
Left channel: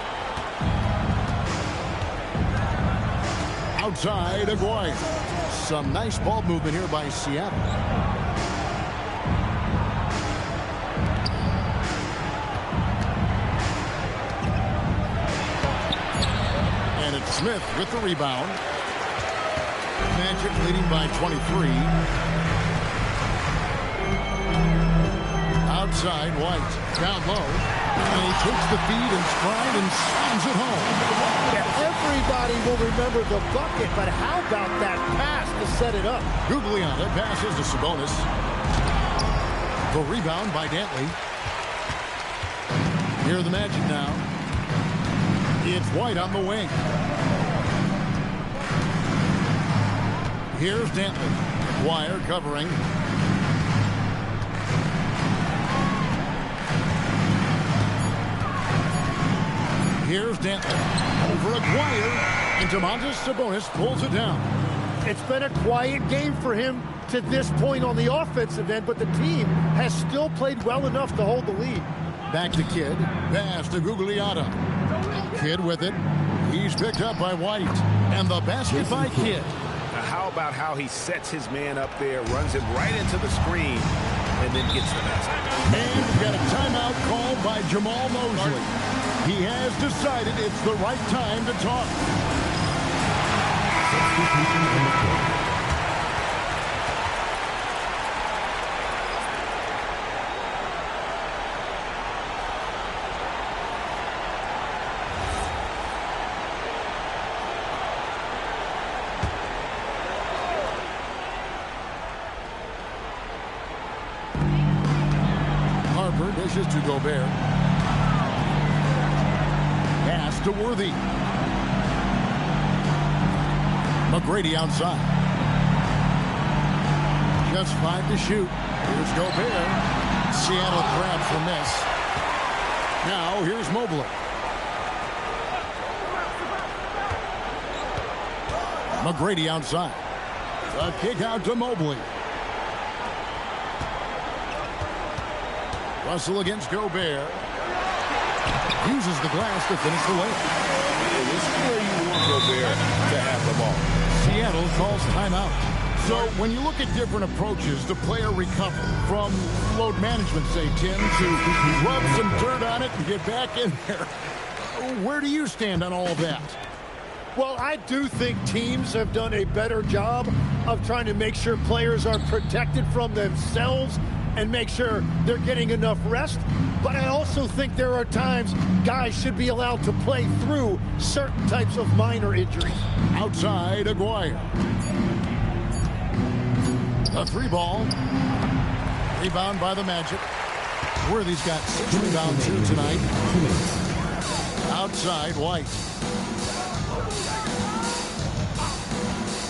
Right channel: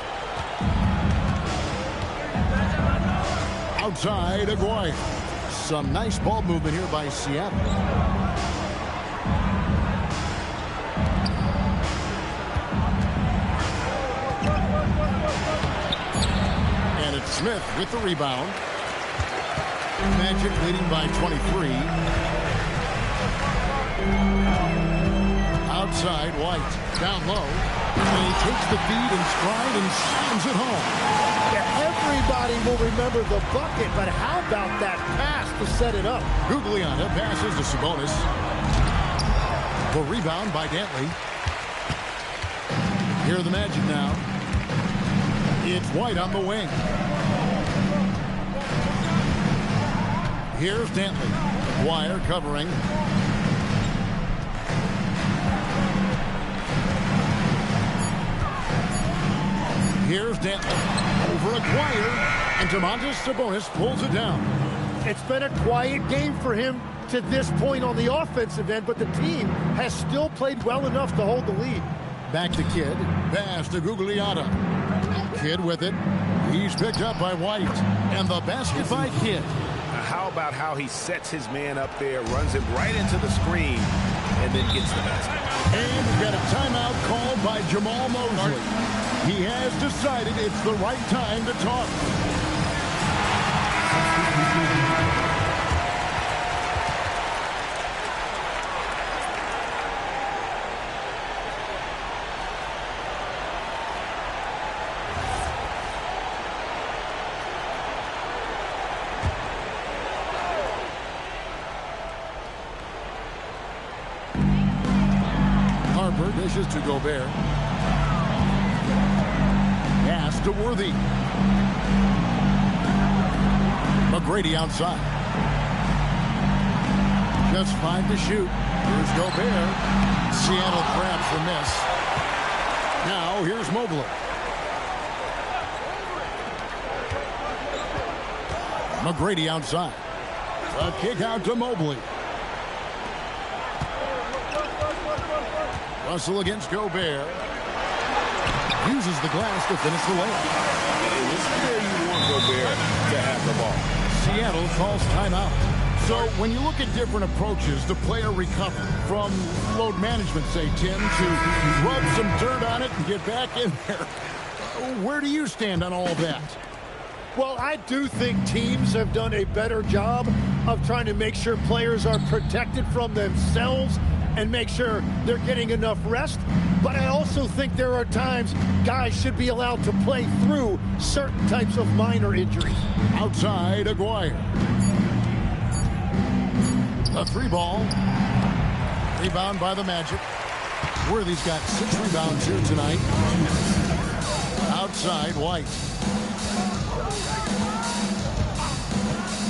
Outside, Aguirre. Some nice ball movement here by Seattle. And it's Smith with the rebound. Magic leading by 23. Outside, White. Down low. And he takes the feed in stride and slams it home. Everybody will remember the bucket, but how about that pass to set it up? Gugliotta passes to Sabonis. The rebound by Dantley. Here are the Magic now. It's White on the wing. Here's Dantley. Aguirre covering. Here's Dantley. Over Aguirre. And Domantas Sabonis pulls it down. It's been a quiet game for him to this point on the offensive end, but the team has still played well enough to hold the lead. Back to Kidd. Pass to Gugliotta. Kidd with it. He's picked up by White. And the basket by Kidd. Now, how about how he sets his man up there, runs him right into the screen, and then gets the basket. And we've got a timeout called by Jamal Mosley. He has decided it's the right time to talk. Harper dishes to Gobert. Pass to Worthy. McGrady outside. Just 5 to shoot. Here's Gobert. Seattle grabs the miss. Now here's Mobley. McGrady outside. A kick out to Mobley. Russell against Gobert. Uses the glass to finish the layup. And this is where you want Gobert to have the ball. Seattle calls timeout. So when you look at different approaches to player recovery, from load management, say, Tim, to rub some dirt on it and get back in there, where do you stand on all of that? Well, I do think teams have done a better job of trying to make sure players are protected from themselves and make sure they're getting enough rest. But I also think there are times guys should be allowed to play through certain types of minor injuries. Outside, Aguirre. The 3 ball. Rebound by the Magic. Worthy's got 6 rebounds here tonight. Outside, White.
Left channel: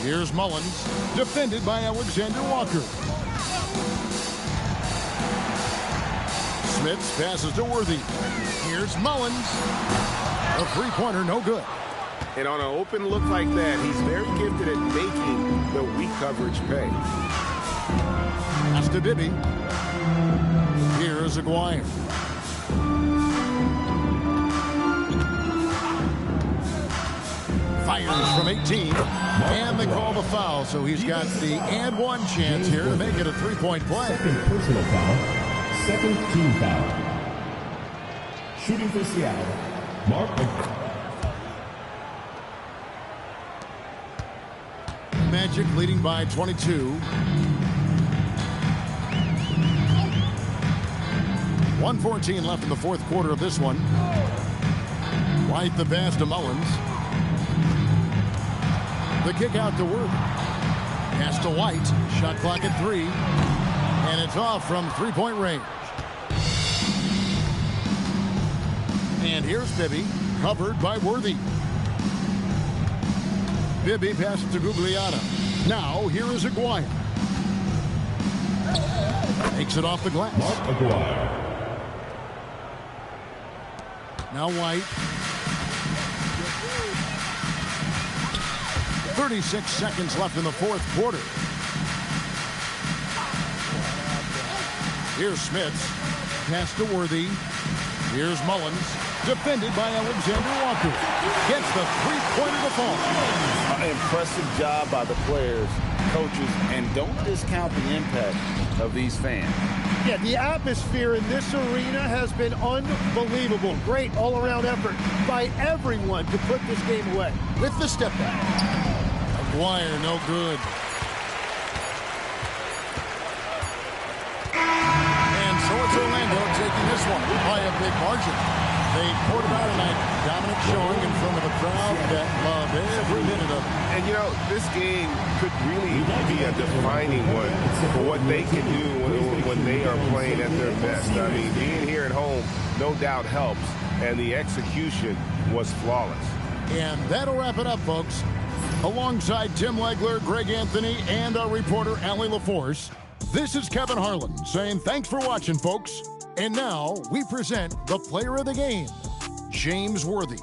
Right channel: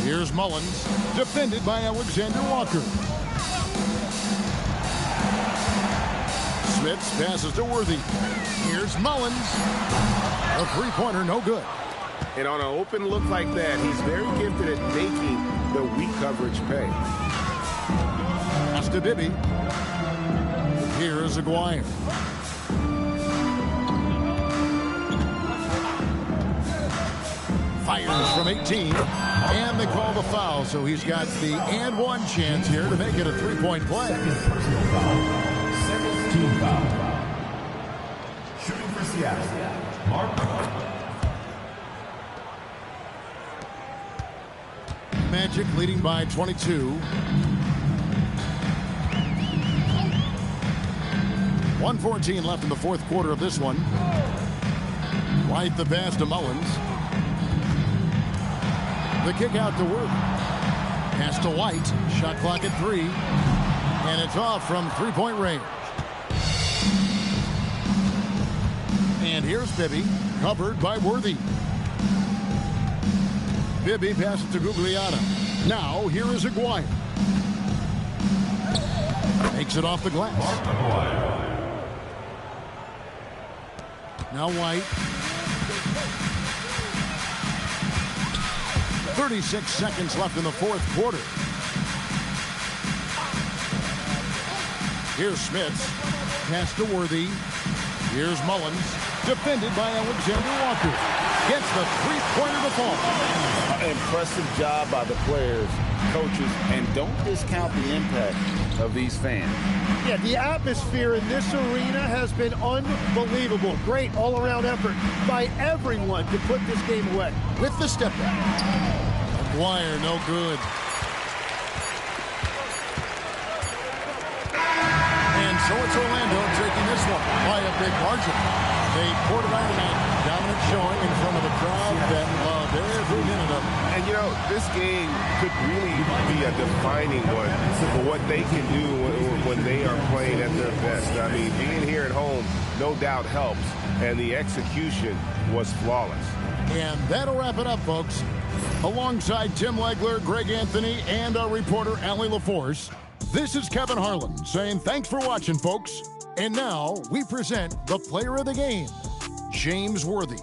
Here's Mullins, defended by Alexander Walker. Smits passes to Worthy. Here's Mullins. A 3-pointer, no good. And on an open look like that, he's very gifted at making the weak coverage pay. Pass to Bibby. Here's Aguirre. Fires from 18. And they call the foul, so he's got the and one chance here to make it a 3-point play. Second personal foul. Second team foul. Shooting for Seattle, Mark. Magic leading by 22. 1:14 left in the 4th quarter of this one. White the pass to Mullins. The kick out to Worthy. Pass to White. Shot clock at 3. And it's off from 3-point range. And here's Bibby, covered by Worthy. Bibby passes to Gugliotta. Now here is Aguirre. Takes it off the glass. Mark Aguirre. Now White. 36 seconds left in the 4th quarter. Here's Smits. Pass to Worthy. Here's Mullins. Defended by Alexander Walker. Gets the 3-pointer to fall. Impressive job by the players, coaches, and don't discount the impact of these fans. Yeah, the atmosphere in this arena has been unbelievable. Great all-around effort by everyone to put this game away. With the step back. Aguirre, no good. And so it's Orlando taking this one by a big margin. They poured it out tonight. Dominant showing in front of a crowd that loved every minute of it. And, you know, this game could really be a defining one for what they can do when they are playing at their best. I mean, being here at home, no doubt helps, and the execution was flawless. And that'll wrap it up, folks. Alongside Tim Legler, Greg Anthony, and our reporter, Allie LaForce, this is Kevin Harlan saying thanks for watching, folks. And now we present the player of the game, James Worthy.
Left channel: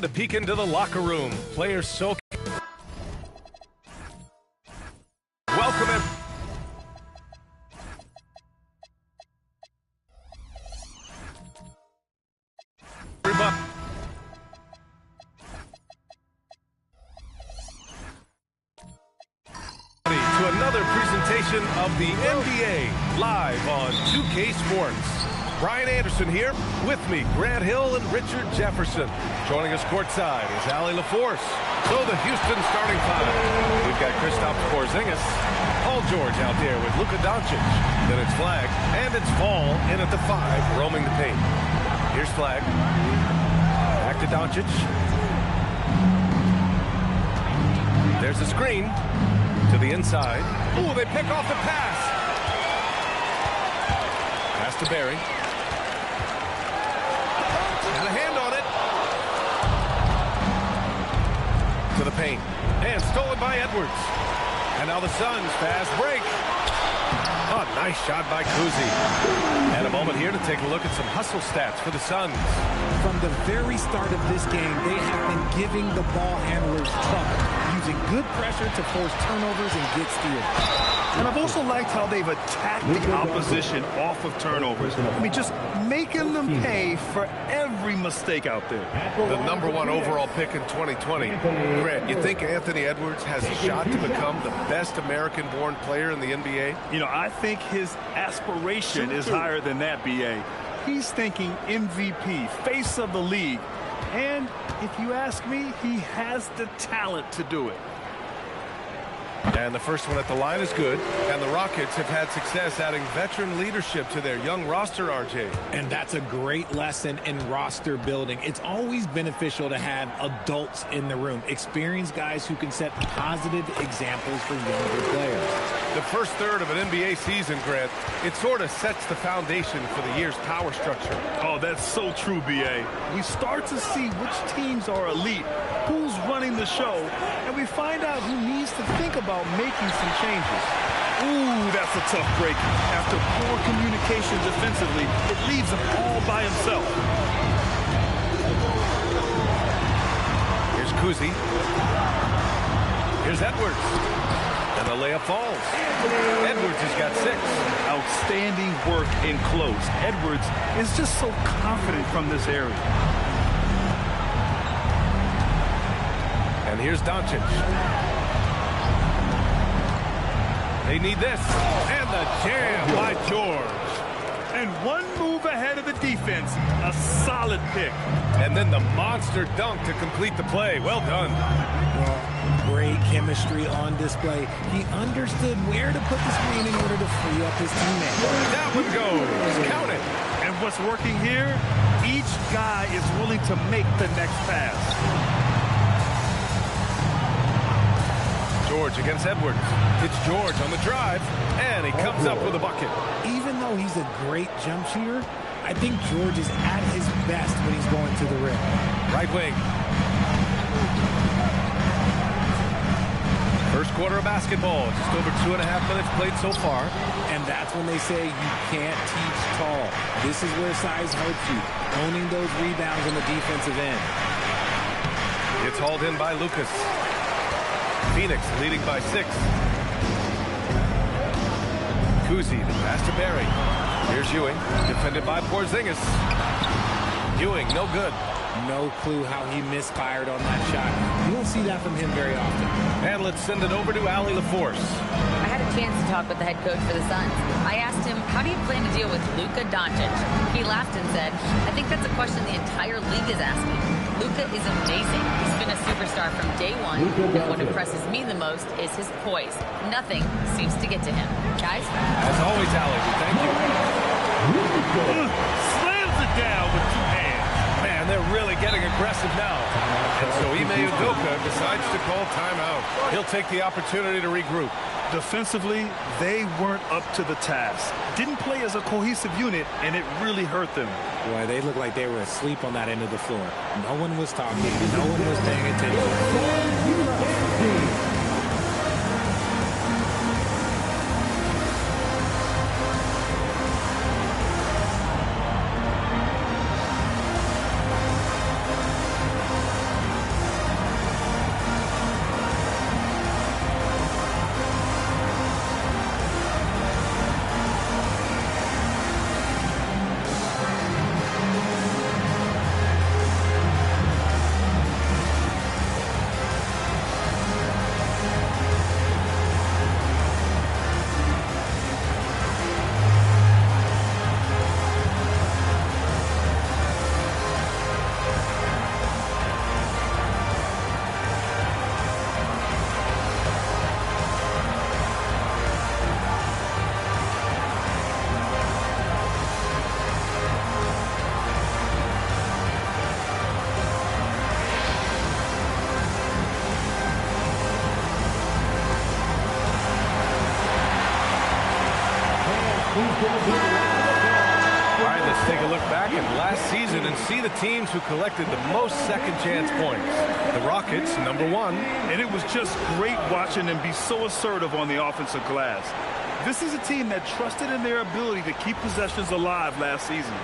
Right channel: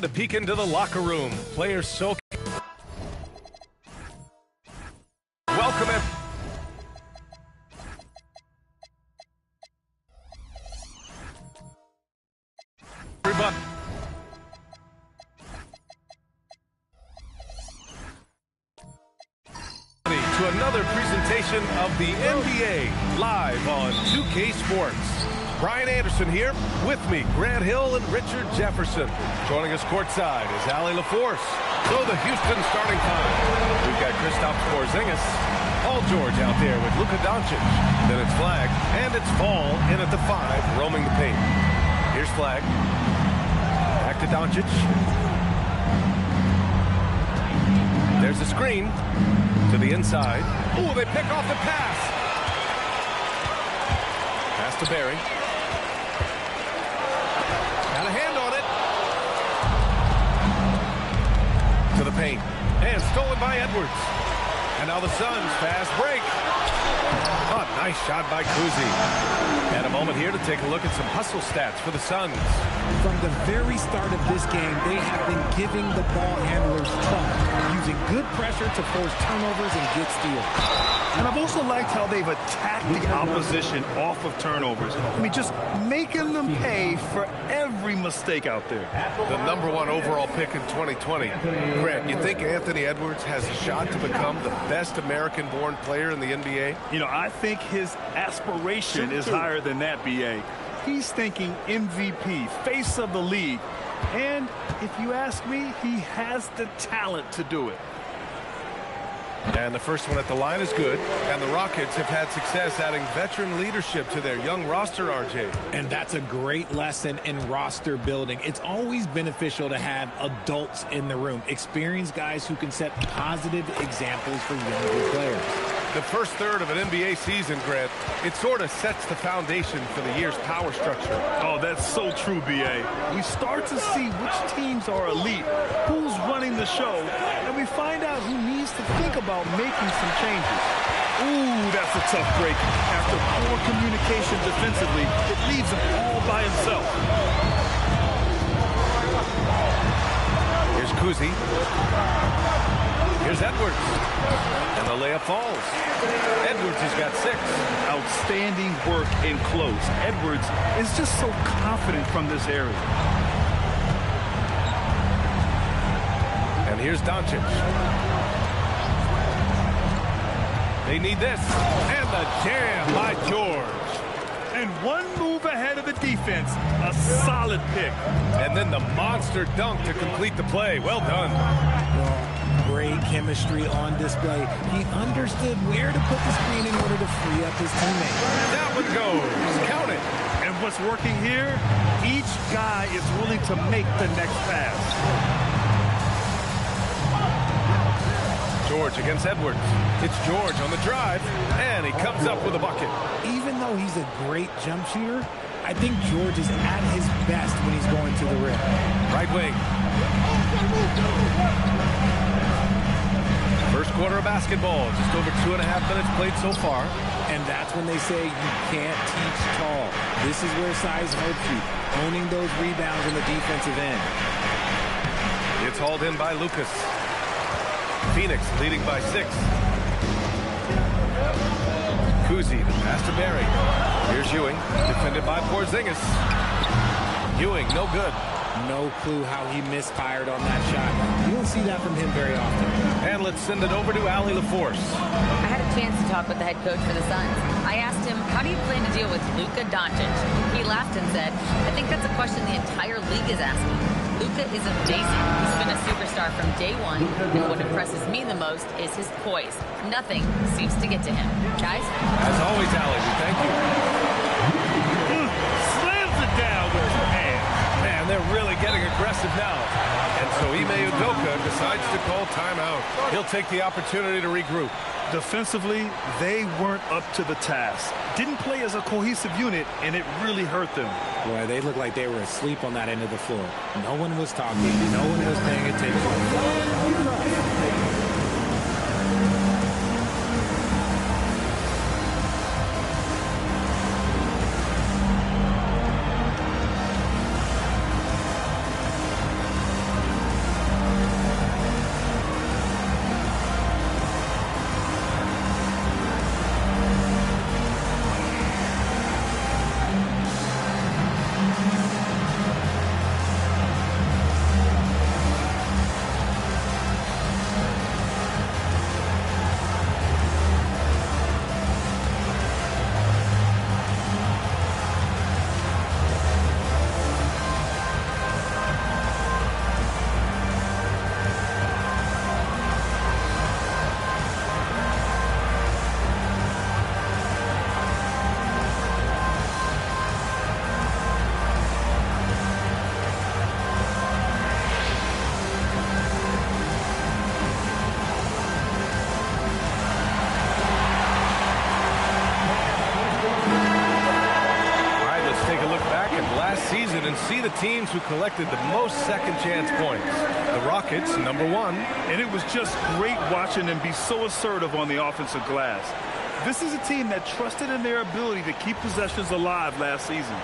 And a peek into the locker room. Players so welcome everybody to another presentation of the NBA live on 2K Sports. Brian Anderson here, with me, Grant Hill and Richard Jefferson. Joining us courtside is Allie LaForce. So the Houston starting five. We've got Kristaps Porzingis, Paul George out there with Luka Doncic. Then it's Flag, and it's Fall in at the 5, roaming the paint. Here's Flag. Back to Doncic. There's a screen to the inside. Ooh, they pick off the pass. Pass to Barry. Got a hand on it. To the paint. And stolen by Edwards. And now the Suns fast break. Oh, nice shot by Kuzi. And a moment here to take a look at some hustle stats for the Suns. From the very start of this game, they have been giving the ball handlers trouble, using good pressure to force turnovers and get steals. And I've also liked how they've attacked the opposition off of turnovers. I mean, just making them pay for every mistake out there. The #1 overall pick in 2020. Grant, you think Anthony Edwards has a shot to become the best American-born player in the NBA? You know, I think his aspiration is higher than that, B.A. He's thinking MVP, face of the league. And if you ask me, he has the talent to do it. And the first one at the line is good. And the Rockets have had success adding veteran leadership to their young roster, RJ. And that's a great lesson in roster building. It's always beneficial to have adults in the room, experienced guys who can set positive examples for younger players. The first third of an NBA season, Grant, it sort of sets the foundation for the year's power structure. Oh, that's so true, B.A. We start to see which teams are elite, who's running the show, and we find out who needs to think about making some changes. Ooh, that's a tough break. After poor communication defensively, it leaves him all by himself. Here's Kuzi. Here's Edwards. And the layup falls. Edwards has got 6. Outstanding work in close. Edwards is just so confident from this area. And here's Doncic. They need this. And the jam by George. And one move ahead of the defense. A solid pick. And then the monster dunk to complete the play. Well done. Well, great chemistry on display. He understood where to put the screen in order to free up his teammate. That one goes. Count it. And what's working here, each guy is willing to make the next pass. George against Edwards. It's George on the drive, and he comes up with a bucket. Even though he's a great jump shooter, I think George is at his best when he's going to the rim. Right wing. First quarter of basketball, just over 2.5 minutes played so far. And that's when they say you can't teach tall. This is where size helps you, owning those rebounds on the defensive end. It's hauled in by Lucas. Phoenix leading by 6. Kuzi, the pass to Barry. Here's Ewing, defended by Porzingis. Ewing, no good. No clue how he misfired on that shot. You don't see that from him very often. And let's send it over to Allie LaForce. I had a chance to talk with the head coach for the Suns. I asked him, how do you plan to deal with Luka Doncic? He laughed and said, I think that's a question the entire league is asking. Luka is amazing. He's been a superstar from day one, and what impresses me the most is his poise. Nothing seems to get to him. Guys? As always, Allie, we thank you. Slams it down with 2 hands. Man, they're really getting aggressive now. And so Ime Udoka decides to call timeout. He'll take the opportunity to regroup. Defensively, they weren't up to the task. Didn't play as a cohesive unit, and it really hurt them. Boy, they looked like they were asleep on that end of the floor. No one was talking. No one was paying attention. All right, let's take a look back at last season and see the teams who collected the most second chance points. The Rockets, #1. And it was just great watching them be so assertive on the offensive glass. This is a team that trusted in their ability to keep possessions alive last season.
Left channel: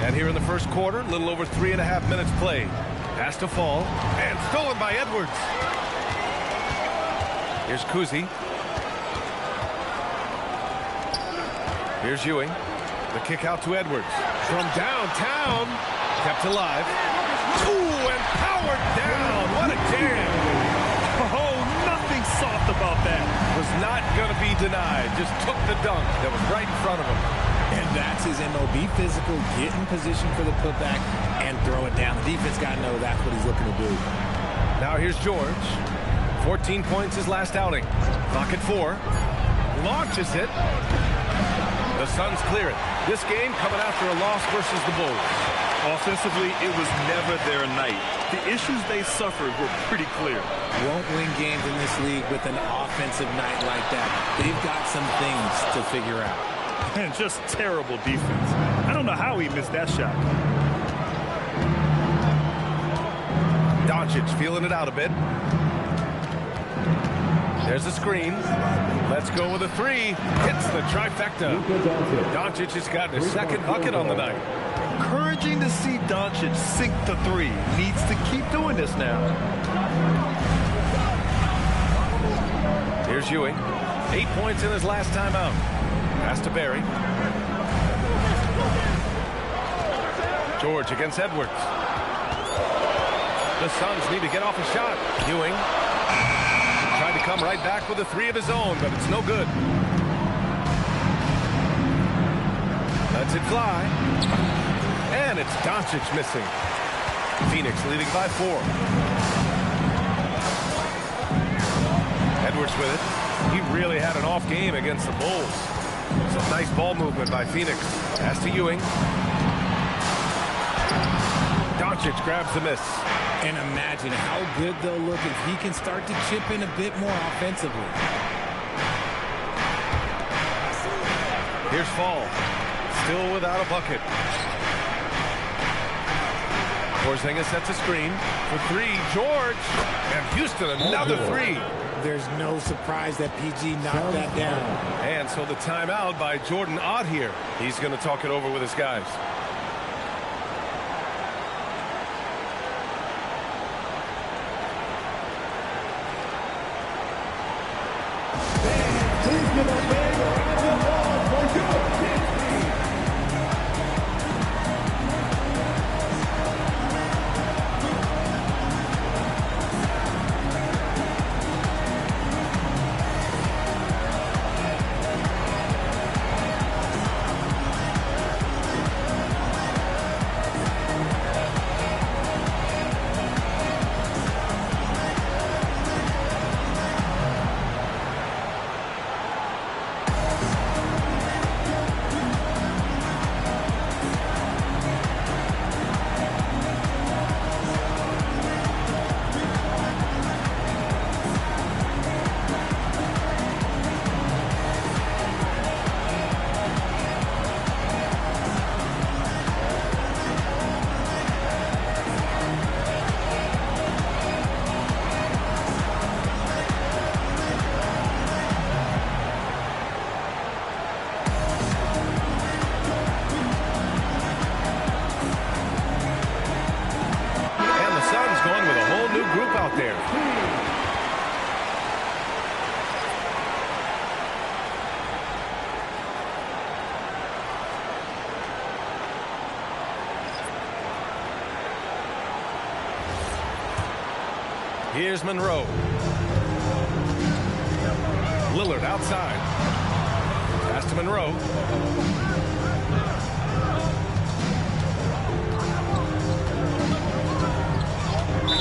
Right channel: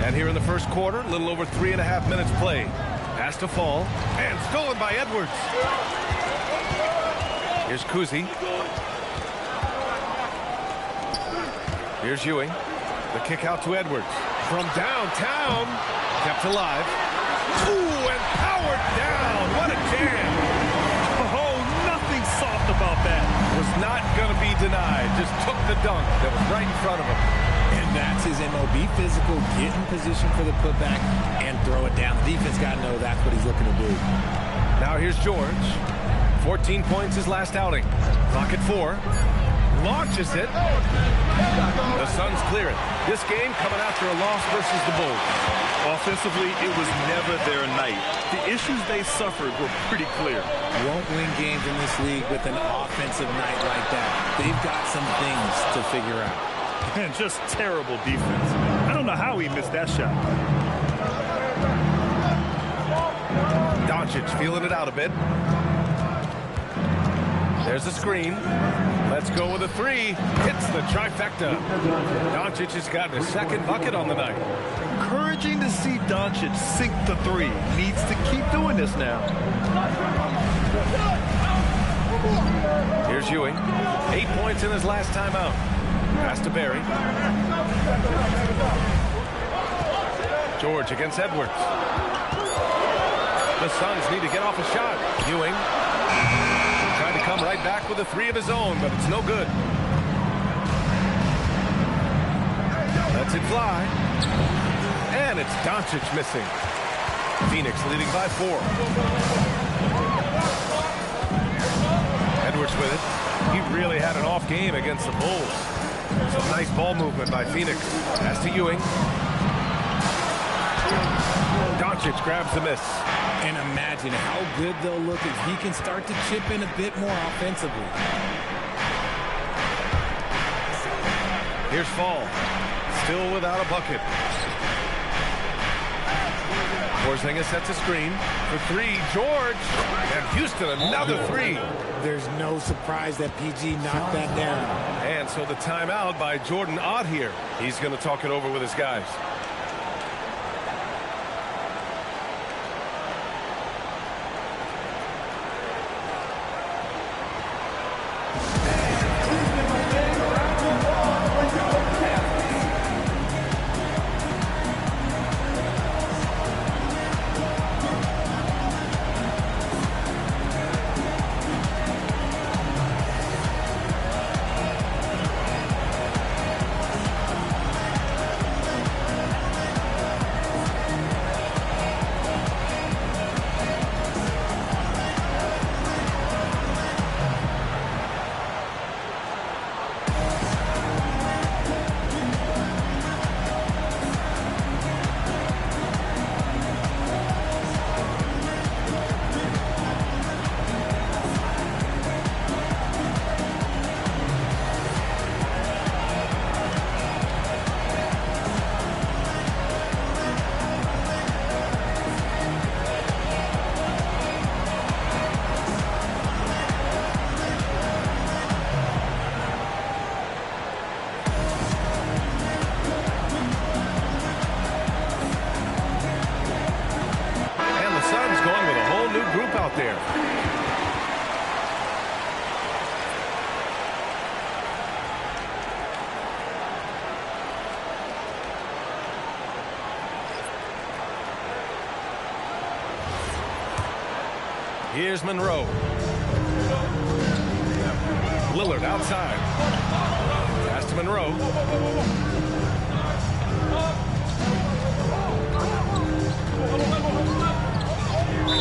And here in the first quarter, a little over 3.5 minutes played. Pass to Fall, and stolen by Edwards. Here's Kuzi. Here's Ewing. The kick out to Edwards. From downtown, kept alive. Ooh, and powered down. What a jam. Oh, nothing soft about that. Was not going to be denied. Just took the dunk that was right in front of him. And that's his MO. Be physical, get in position for the putback, and throw it down. The defense got to know that's what he's looking to do. Now here's George. 14 points his last outing. Clock at 4. Launches it. The Suns clear it. This game coming after a loss versus the Bulls. Offensively, it was never their night. The issues they suffered were pretty clear. Won't win games in this league with an offensive night like that. They've got some things to figure out. And just terrible defense. I don't know how he missed that shot. Doncic feeling it out a bit. There's a screen. Let's go with a 3. Hits the trifecta. Doncic has gotten his second bucket on the night. Encouraging to see Doncic sink the 3. Needs to keep doing this now. Here's Ewing. 8 points in his last time out. Pass to Barry. George against Edwards. The Suns need to get off a shot. Ewing tried to come right back with a 3 of his own, but it's no good. Lets it fly. And it's Doncic missing. Phoenix leading by 4. Edwards with it. He really had an off game against the Bulls. Some nice ball movement by Phoenix. Pass to Ewing. Doncic grabs the miss. And imagine how good they'll look if he can start to chip in a bit more offensively. Here's Fall. Still without a bucket. Porzingis sets a screen for 3. George. And Houston another 3. There's no surprise that PG knocked that down. And so the timeout by Jordan Ott here. He's going to talk it over with his guys. Suns going with a whole new group out there. Here's Monroe. Lillard outside. Pass to Monroe.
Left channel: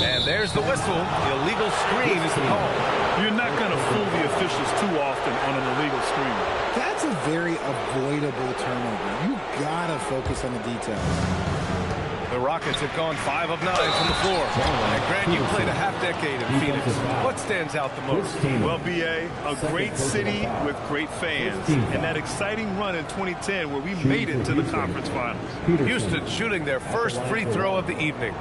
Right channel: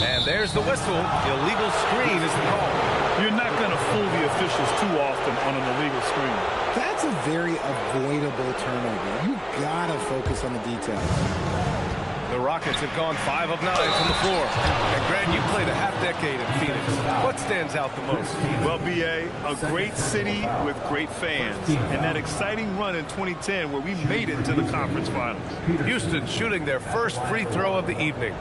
And there's the whistle. Illegal screen is the call. You're not going to fool the officials too often on an illegal screen. That's a very avoidable turnover. You got to focus on the details. The Rockets have gone 5 of 9 from the floor. And Grant, you played a half-decade in Phoenix. What stands out the most? Well, B.A., a great city with great fans. And that exciting run in 2010 where we made it to the conference finals. Houston shooting their first free throw of the evening.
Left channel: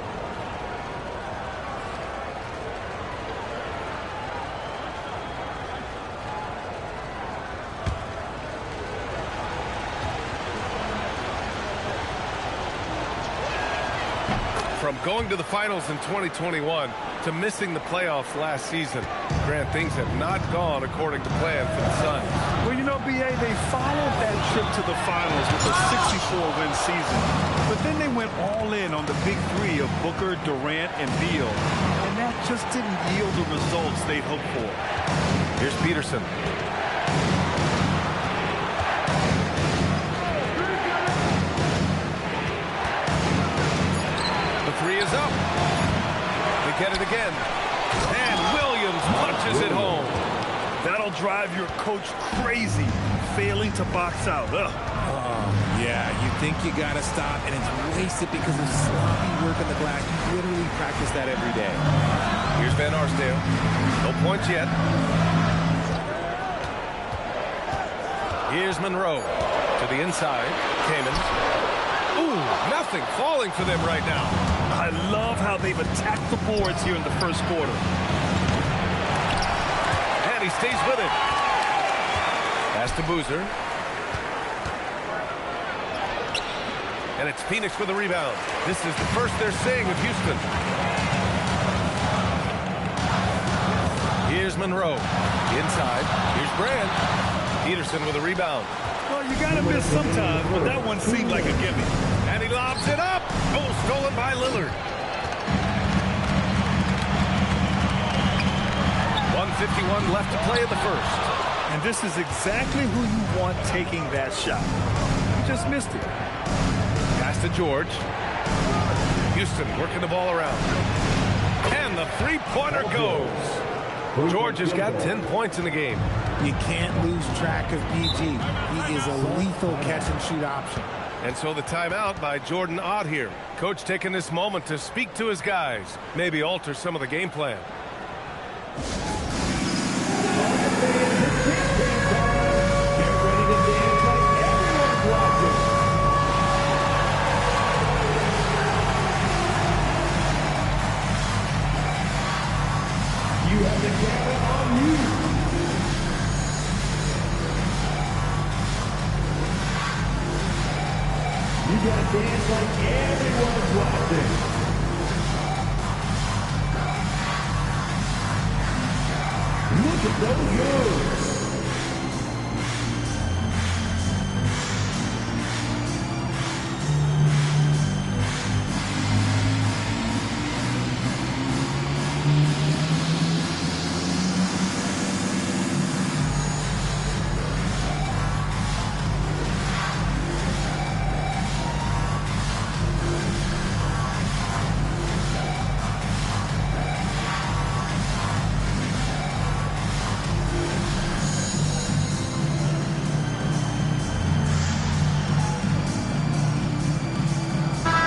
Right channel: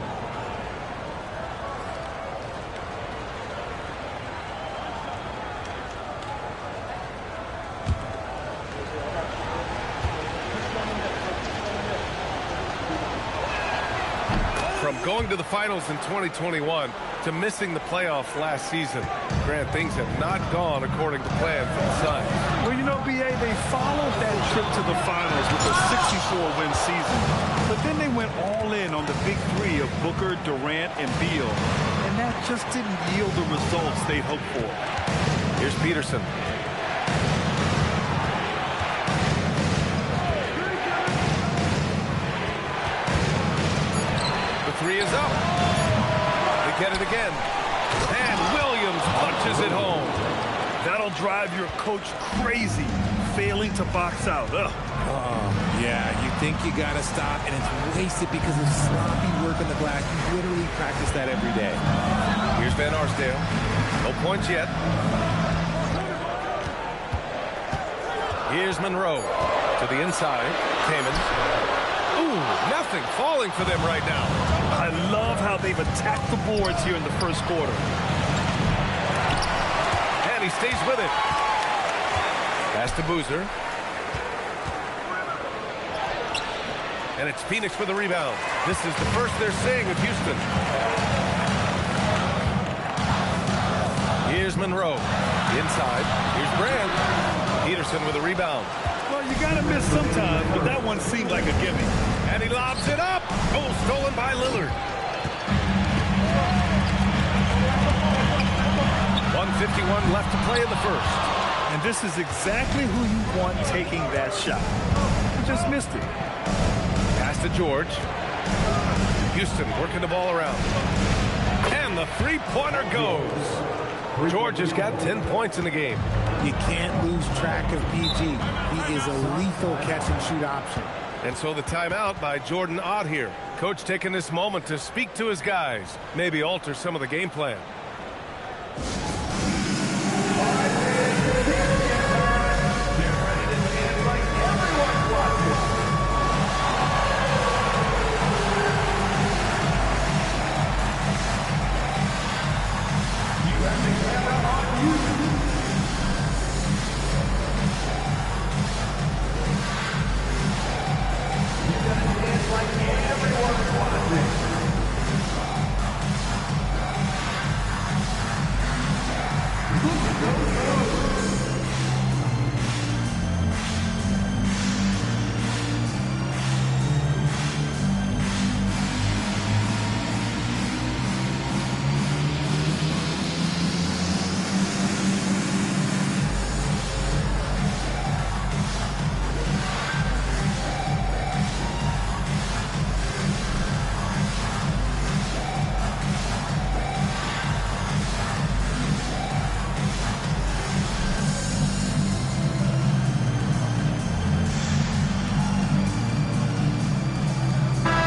From going to the finals in 2021 to missing the playoffs last season, Grant, things have not gone according to plan for the Suns. Well, you know, B.A., they followed that trip to the finals with a 64-win season. But then they went all in on the big three of Booker, Durant, and Beal. And that just didn't yield the results they'd hoped for. Here's Peterson. The three is up. They get it again. And Williams punches it home. That'll drive your coach crazy, failing to box out. Ugh. Yeah, you think you got to stop, and it's wasted because of sloppy work on the glass. You literally practice that every day. Here's Van Arsdale. No points yet. Here's Monroe to the inside. Kaman. Ooh, nothing falling for them right now. I love how they've attacked the boards here in the first quarter. And he stays with it. Pass to Boozer. And it's Phoenix with a rebound. This is the first they're seeing of Houston. Here's Monroe. Inside. Here's Brand. Peterson with a rebound. Well, you got to miss sometimes, but that one seemed like a gimme. And he lobs it up. Goal stolen by Lillard. 1:51 left to play in the first. And this is exactly who you want taking that shot. He just missed it. Pass to George. Houston working the ball around. And the three-pointer goes. George has got 10 points in the game. You can't lose track of PG. He is a lethal catch-and-shoot option. And so the timeout by Jordan Ott here. Coach taking this moment to speak to his guys. Maybe alter some of the game plan. You have the camera on you. You gotta dance like everyone's watching. Look at those moves.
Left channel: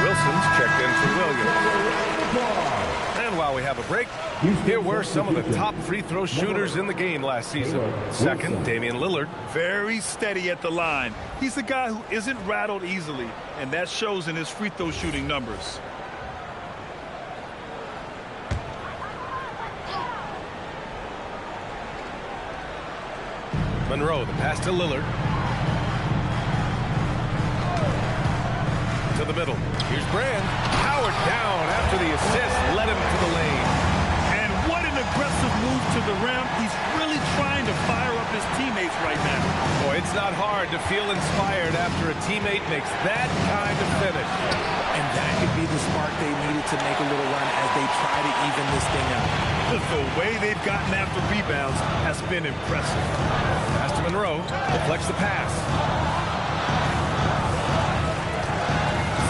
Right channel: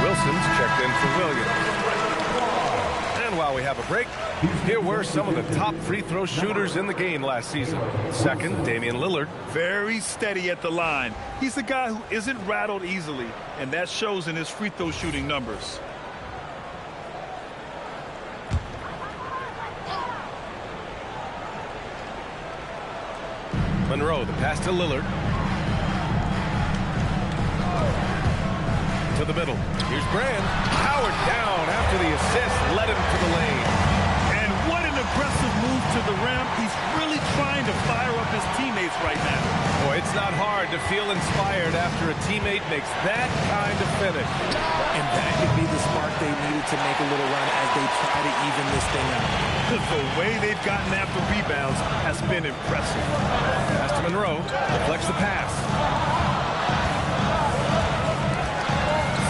Wilson's checked in for Williams. And while we have a break, here were some of the top free throw shooters in the game last season. Second, Damian Lillard. Very steady at the line. He's a guy who isn't rattled easily, and that shows in his free throw shooting numbers. Monroe, the pass to Lillard. To the middle. Here's Brand. Powered down after the assist led him to the lane. And what an aggressive move to the rim. He's really trying to fire up his teammates right now. Boy, it's not hard to feel inspired after a teammate makes that kind of finish. And that could be the spark they needed to make a little run as they try to even this thing up. The way they've gotten after rebounds has been impressive. Pass to Monroe. Deflects the pass.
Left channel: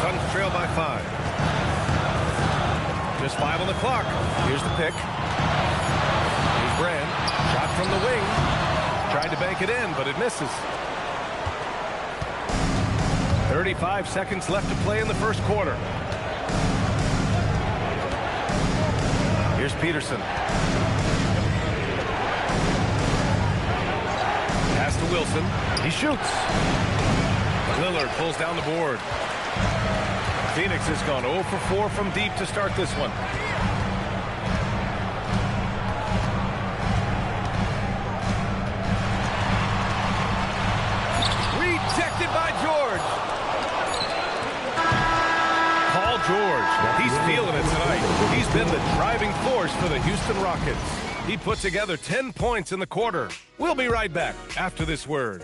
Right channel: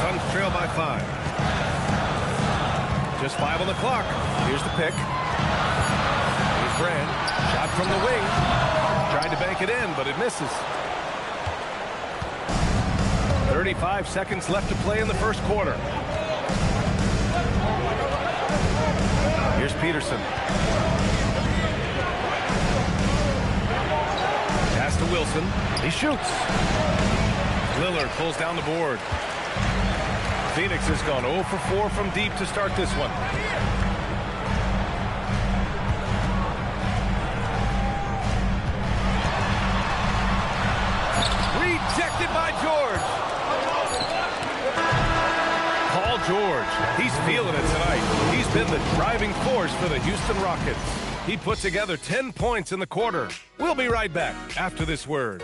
Suns trail by 5. Just 5 on the clock. Here's the pick. Here's Brand. Shot from the wing. Tried to bank it in, but it misses. 35 seconds left to play in the first quarter. Here's Peterson. Pass to Wilson. He shoots. Lillard pulls down the board. Phoenix has gone 0 for 4 from deep to start this one. Rejected by George. Paul George, he's feeling it tonight. He's been the driving force for the Houston Rockets. He put together 10 points in the quarter. We'll be right back after this word.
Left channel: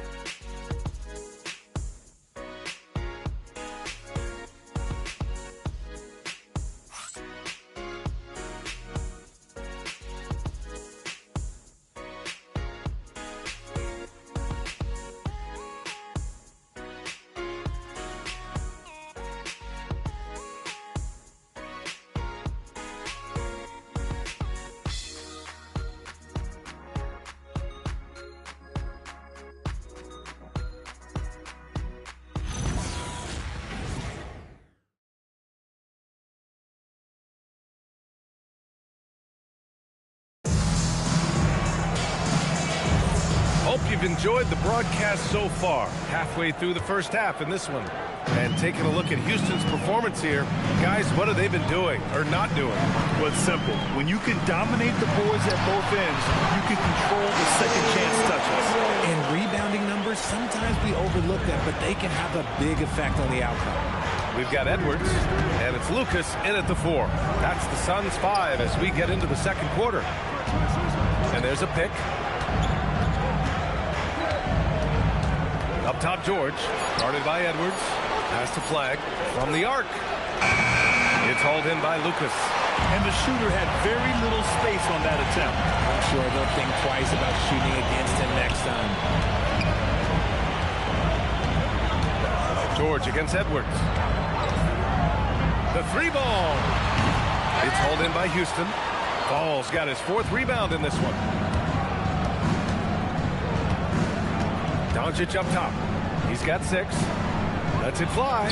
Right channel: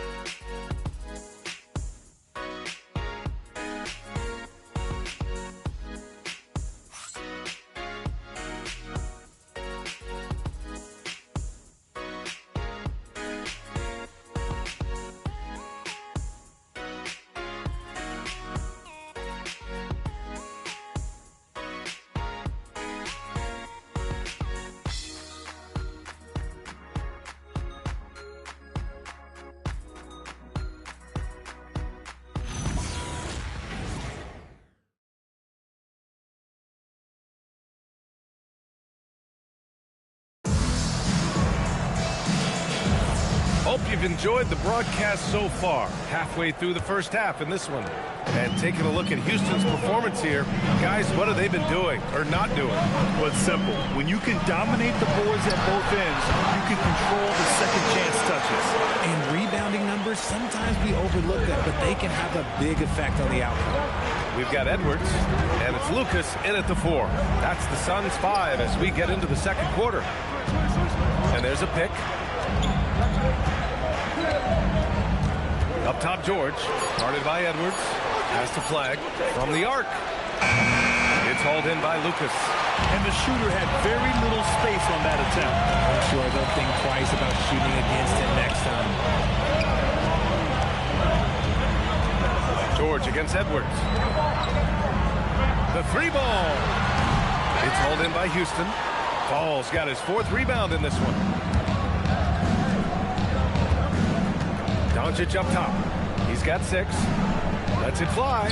Hope you've enjoyed the broadcast so far. Halfway through the first half in this one. And taking a look at Houston's performance here, guys, what have they been doing or not doing? Well, it's simple. When you can dominate the boards at both ends, you can control the second chance touches. And rebounding numbers, sometimes we overlook that, but they can have a big effect on the outcome. We've got Edwards, and it's Lucas in at the 4. That's the Suns' 5 as we get into the second quarter. And there's a pick. Up top, George, guarded by Edwards. Pass to Flag from the arc. It's hauled in by Lucas. And the shooter had very little space on that attempt. I'm sure they'll think twice about shooting against him next time. George against Edwards. The 3 ball. It's hauled in by Houston. Paul's got his 4th rebound in this one. Doncic up top. He's got 6. Lets it fly.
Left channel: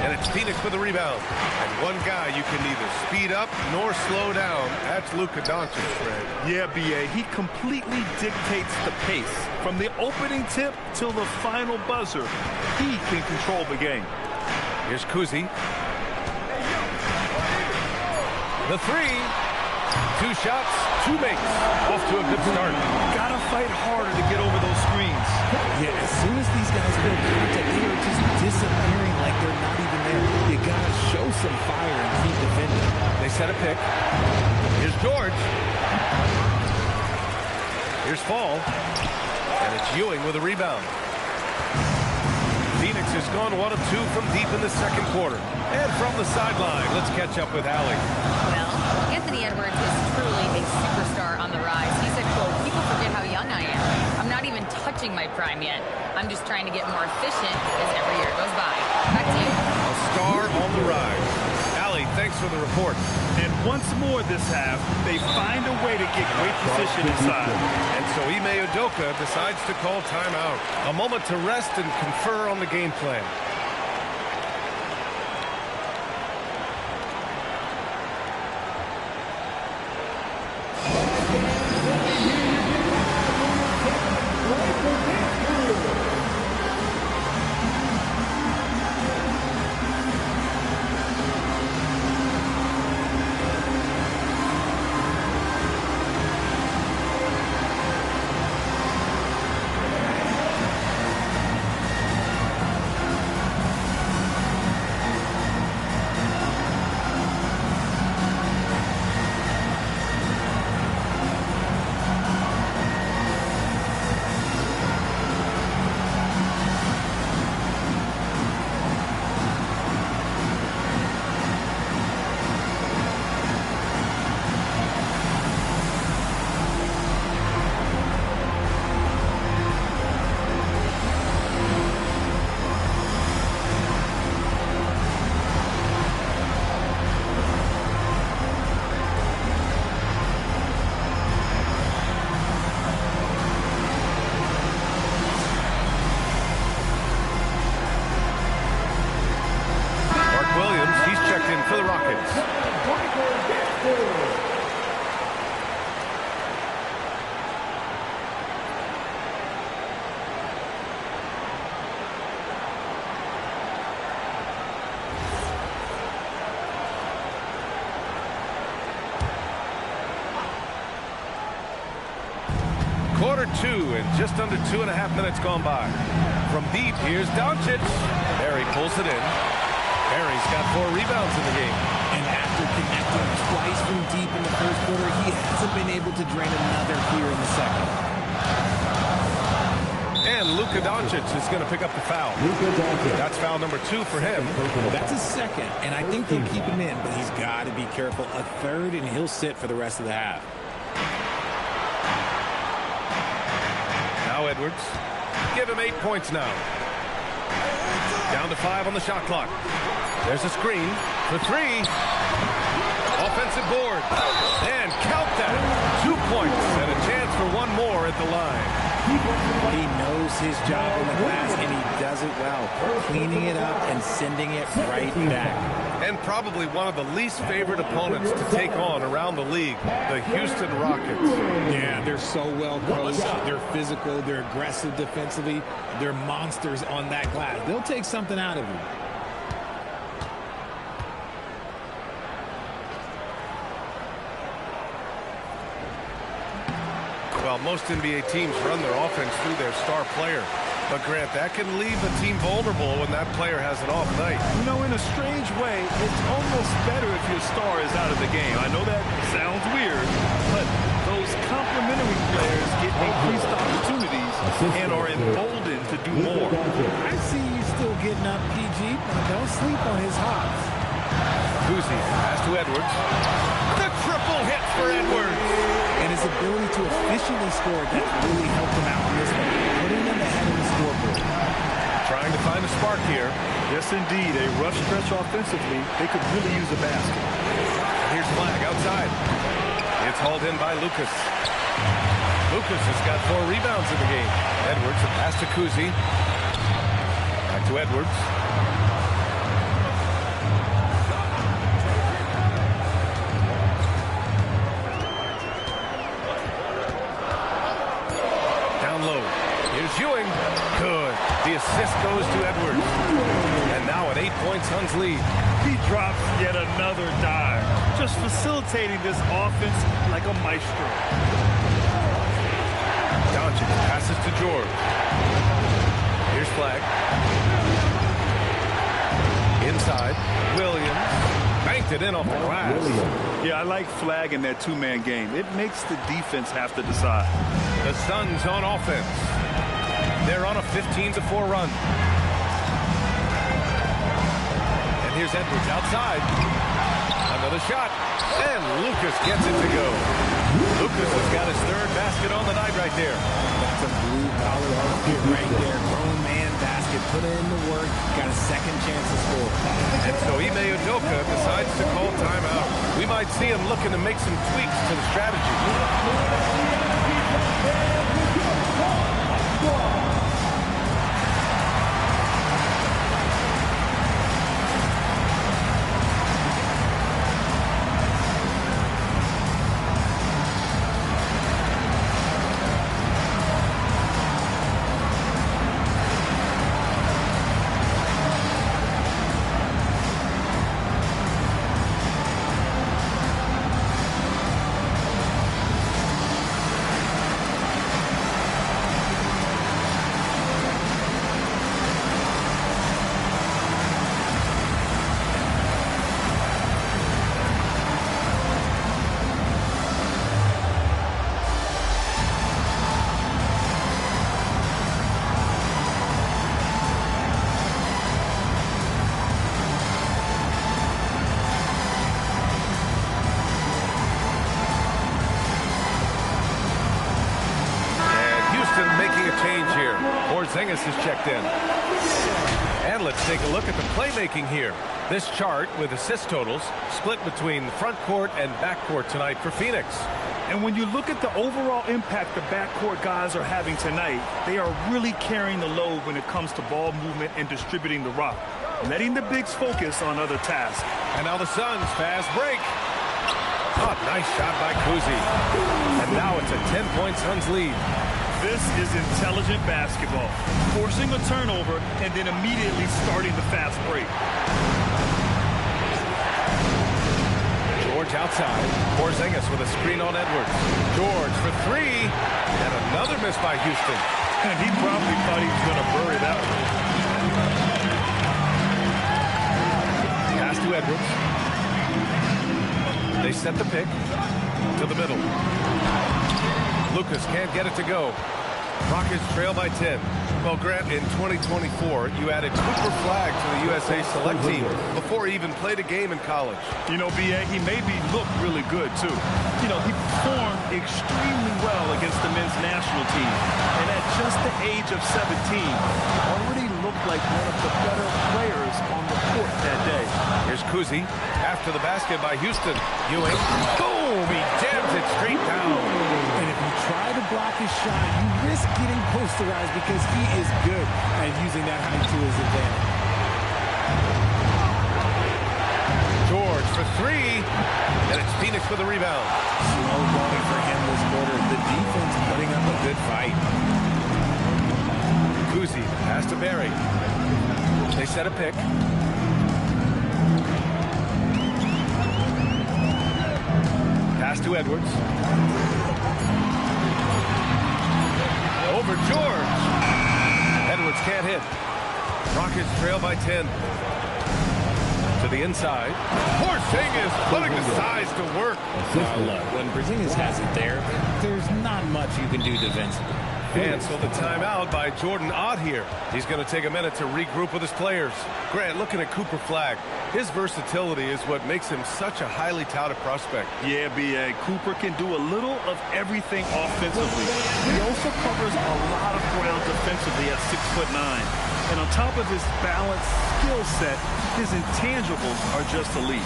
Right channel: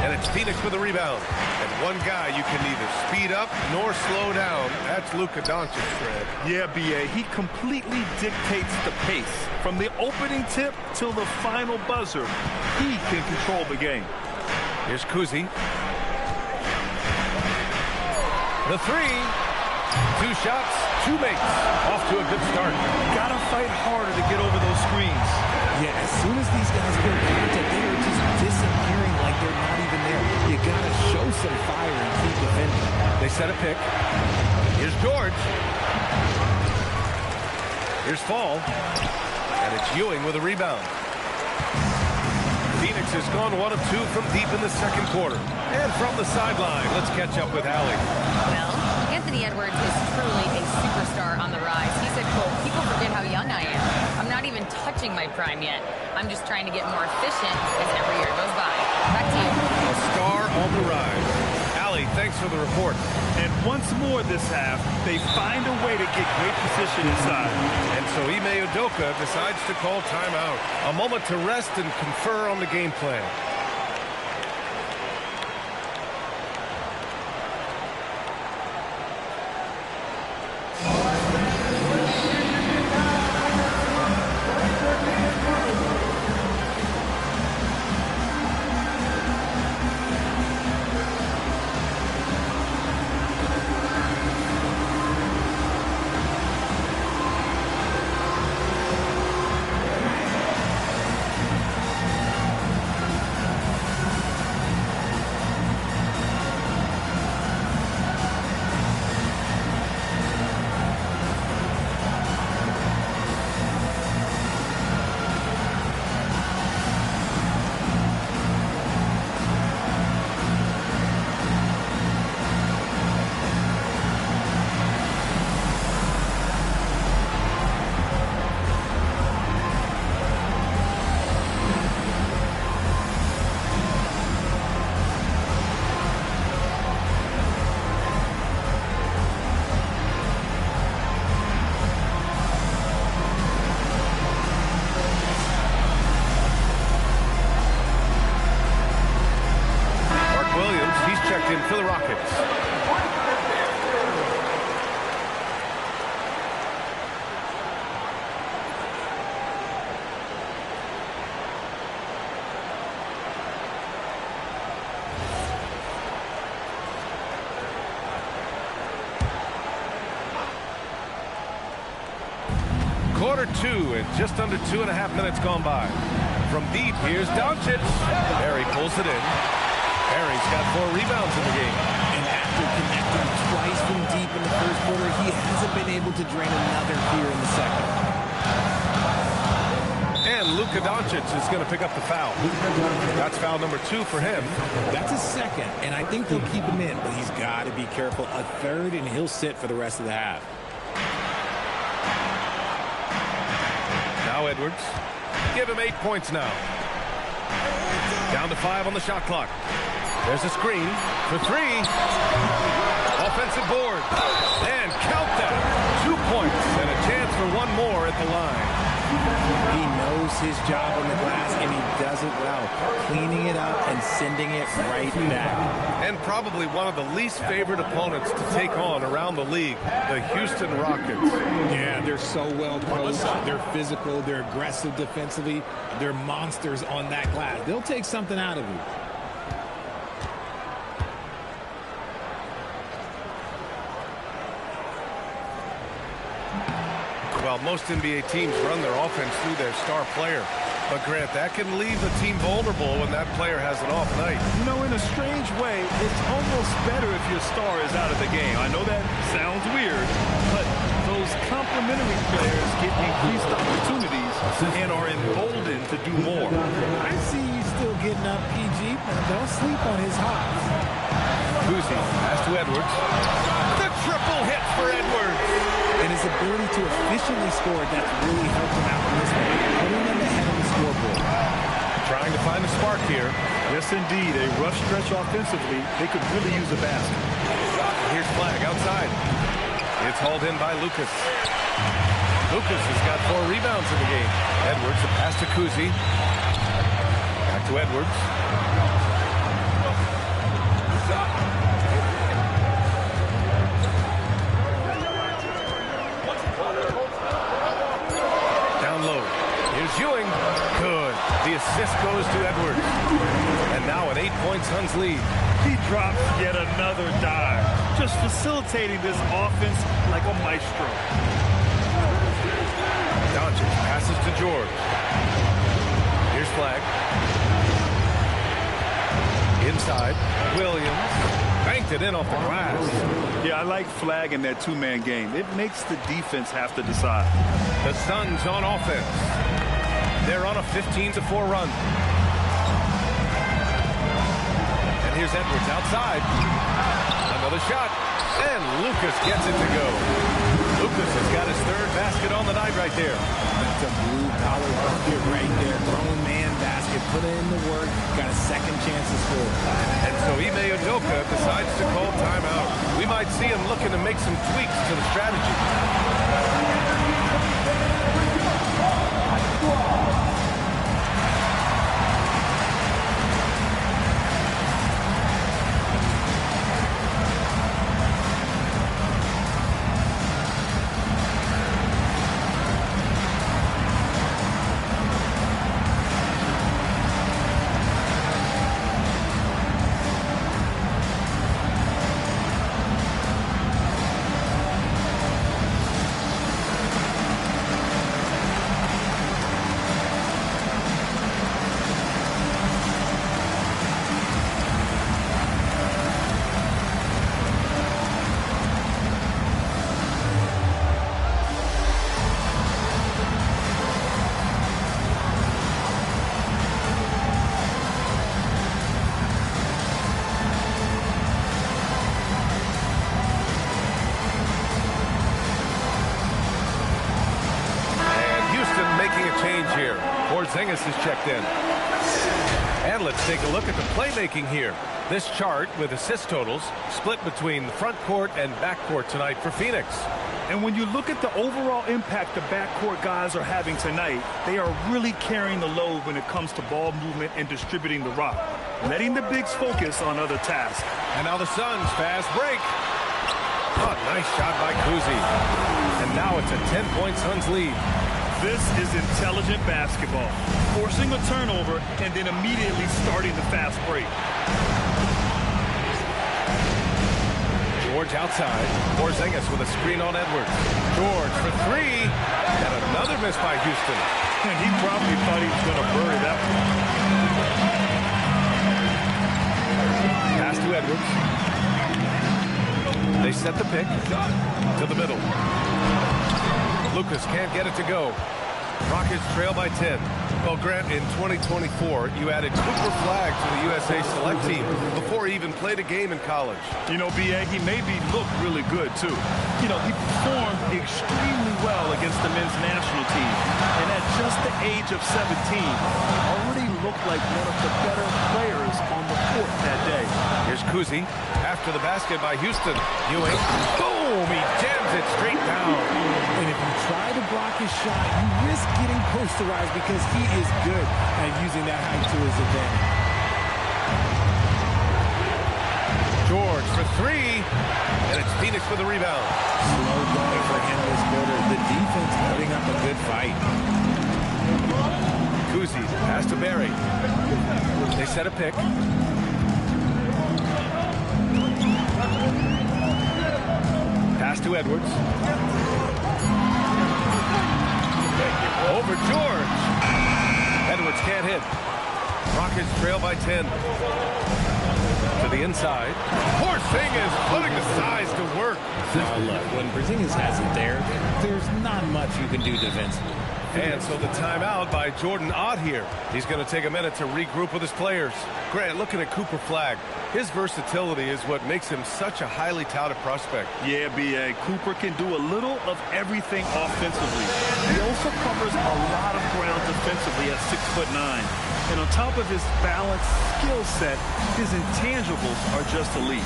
And it's Phoenix with a rebound. And one guy you can neither speed up nor slow down. That's Luka Doncic, Fred. Yeah, B.A. He completely dictates the pace. From the opening tip till the final buzzer, he can control the game. Here's Kuzi. The 3. 2 shots, 2 makes. Off to a good start. Gotta fight harder to get over those screens. Yeah, as soon as these guys feel contact, they are just disappearing like they're not even there. You gotta show some fire and keep defending. They set a pick. Here's George. Here's Fall. And it's Ewing with a rebound. Phoenix has gone 1 of 2 from deep in the second quarter. And from the sideline, let's catch up with Allie. Well, Anthony Edwards is truly a superstar on the rise. He said, quote, "People forget how young I am. I'm not even touching my prime yet. I'm just trying to get more efficient as every year goes by." Back to you. A star on the rise. Allie, thanks for the report. And once more this half, they find a way to get great position inside. And so Ime Udoka decides to call timeout. A moment to rest and confer on the game plan. Williams, he's checked in for the Rockets. Quarter 2 and just under 2.5 minutes gone by. From deep, here's Doncic. Barry pulls it in. Barry's got 4 rebounds in the game. And after connecting twice from deep in the first quarter, he hasn't been able to drain another here in the second. And Luka Doncic is going to pick up the foul. That's foul number 2 for him. That's his second, and I think they'll keep him in, but he's got to be careful. A third, and he'll sit for the rest of the half. Now Edwards. Give him 8 points now. Down to 5 on the shot clock. There's a screen for 3. Offensive board. And count that. 2 points and a chance for 1 more at the line. He knows his job on the glass, and he does it well, cleaning it up and sending it right back. And probably one of the least favorite opponents to take on around the league, the Houston Rockets. Yeah, they're so well coached. They're physical. They're aggressive defensively. They're monsters on that glass. They'll take something out of you. Well, most NBA teams run their offense through their star player. But, Grant, that can leave a team vulnerable when that player has an off night. You know, in a strange way, it's almost better if your star is out of the game. I know that sounds weird, but those complementary players get increased opportunities and are emboldened to do more. I see you still getting up, PG, but don't sleep on his hops. Kuzi, pass to Edwards. The triple hit for Edwards. And his ability to efficiently score, that's really helped him out in this one, putting them ahead of the scoreboard. Trying to find a spark here. Yes, indeed. A rough stretch offensively. They could really use a basket. Here's Flag outside. It's hauled in by Lucas. Lucas has got 4 rebounds in the game. Edwards, a pass to Kuzi. Back to Edwards. Here's Ewing. Good. The assist goes to Edwards. And now an 8-point Suns lead. He drops yet another dime. Just facilitating this offense like a maestro. Doncic passes to George. Here's Flag. Inside. Williams. Banked it in off the glass. Yeah, I like Flag in that 2-man game. It makes the defense have to decide. The Suns on offense. They're on a 15-4 run. And here's Edwards outside. Another shot. And Lucas gets it to go. Lucas has got his 3rd basket on the night right there. That's a blue-collar bucket right there. Grown man basket. Put in the work. Got a second chance to score. And so Ime Udoka decides to call timeout. We might see him looking to make some tweaks to the strategy. Making a change here. Porzingis is checked in. And let's take a look at the playmaking here. This chart with assist totals split between the front court and back court tonight for Phoenix. And when you look at the overall impact the backcourt guys are having tonight, they are really carrying the load when it comes to ball movement and distributing the rock. letting the bigs focus on other tasks. And now the Suns fast break. Oh, nice shot by Kuzi. And now it's a 10-point Suns lead. This is intelligent basketball. Forcing a turnover and then immediately starting the fast break. George outside. Porzingis with a screen on Edwards. George for three. And another miss by Houston. And he probably thought he was going to bury that one. Pass to Edwards. They set the pick to the middle. Lucas can't get it to go. Rockets trail by 10. Well, Grant, in 2024, you added Cooper Flagg to the USA Select team before he even played a game in college. You know, B.A., he made me look really good, too. You know, he performed extremely well against the men's national team. And at just the age of 17, he already looked like one of the better players on the court that day. Here's Kuzi. After the basket by Houston. Ewing. Boom! He jams it straight down. And if you try to block his shot, you risk getting posterized because he is good at using that height to his advantage. George for three. And it's Phoenix with the rebound. Slow going for him this quarter. The defense putting up a good fight. Kuzi, pass to Barry. They set a pick. Pass to Edwards. Over George. Edwards can't hit. Rockets trail by 10. To the inside. Porzingis putting the size to work. Now look, when Porzingis has it there, there's not much you can do defensively. And so the timeout by Jordan Ott here. He's going to take a minute to regroup with his players. Grant, looking at Cooper Flagg, his versatility is what makes him such a highly touted prospect. Yeah, B.A. Cooper can do a little of everything offensively. He also covers a lot of ground defensively at 6'9". And on top of his balanced skill set, his intangibles are just elite.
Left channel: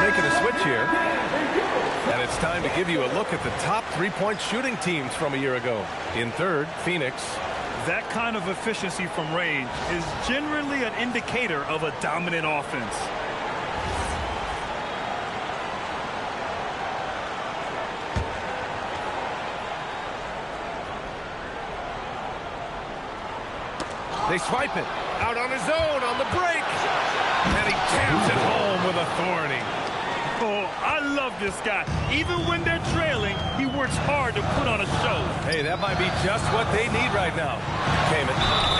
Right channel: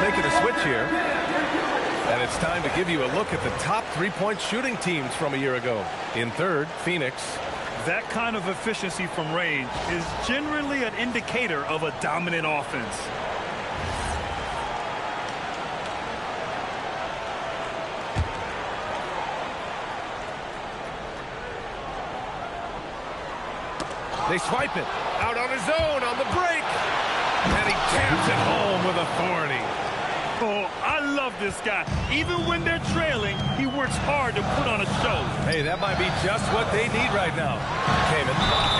Making a switch here. And it's time to give you a look at the top three-point shooting teams from a year ago. In third, Phoenix. That kind of efficiency from range is generally an indicator of a dominant offense. They swipe it out on his own on the break. And he jams it home with authority. Oh, I love this guy. Even when they're trailing, he works hard to put on a show. Hey, that might be just what they need right now. Kamen.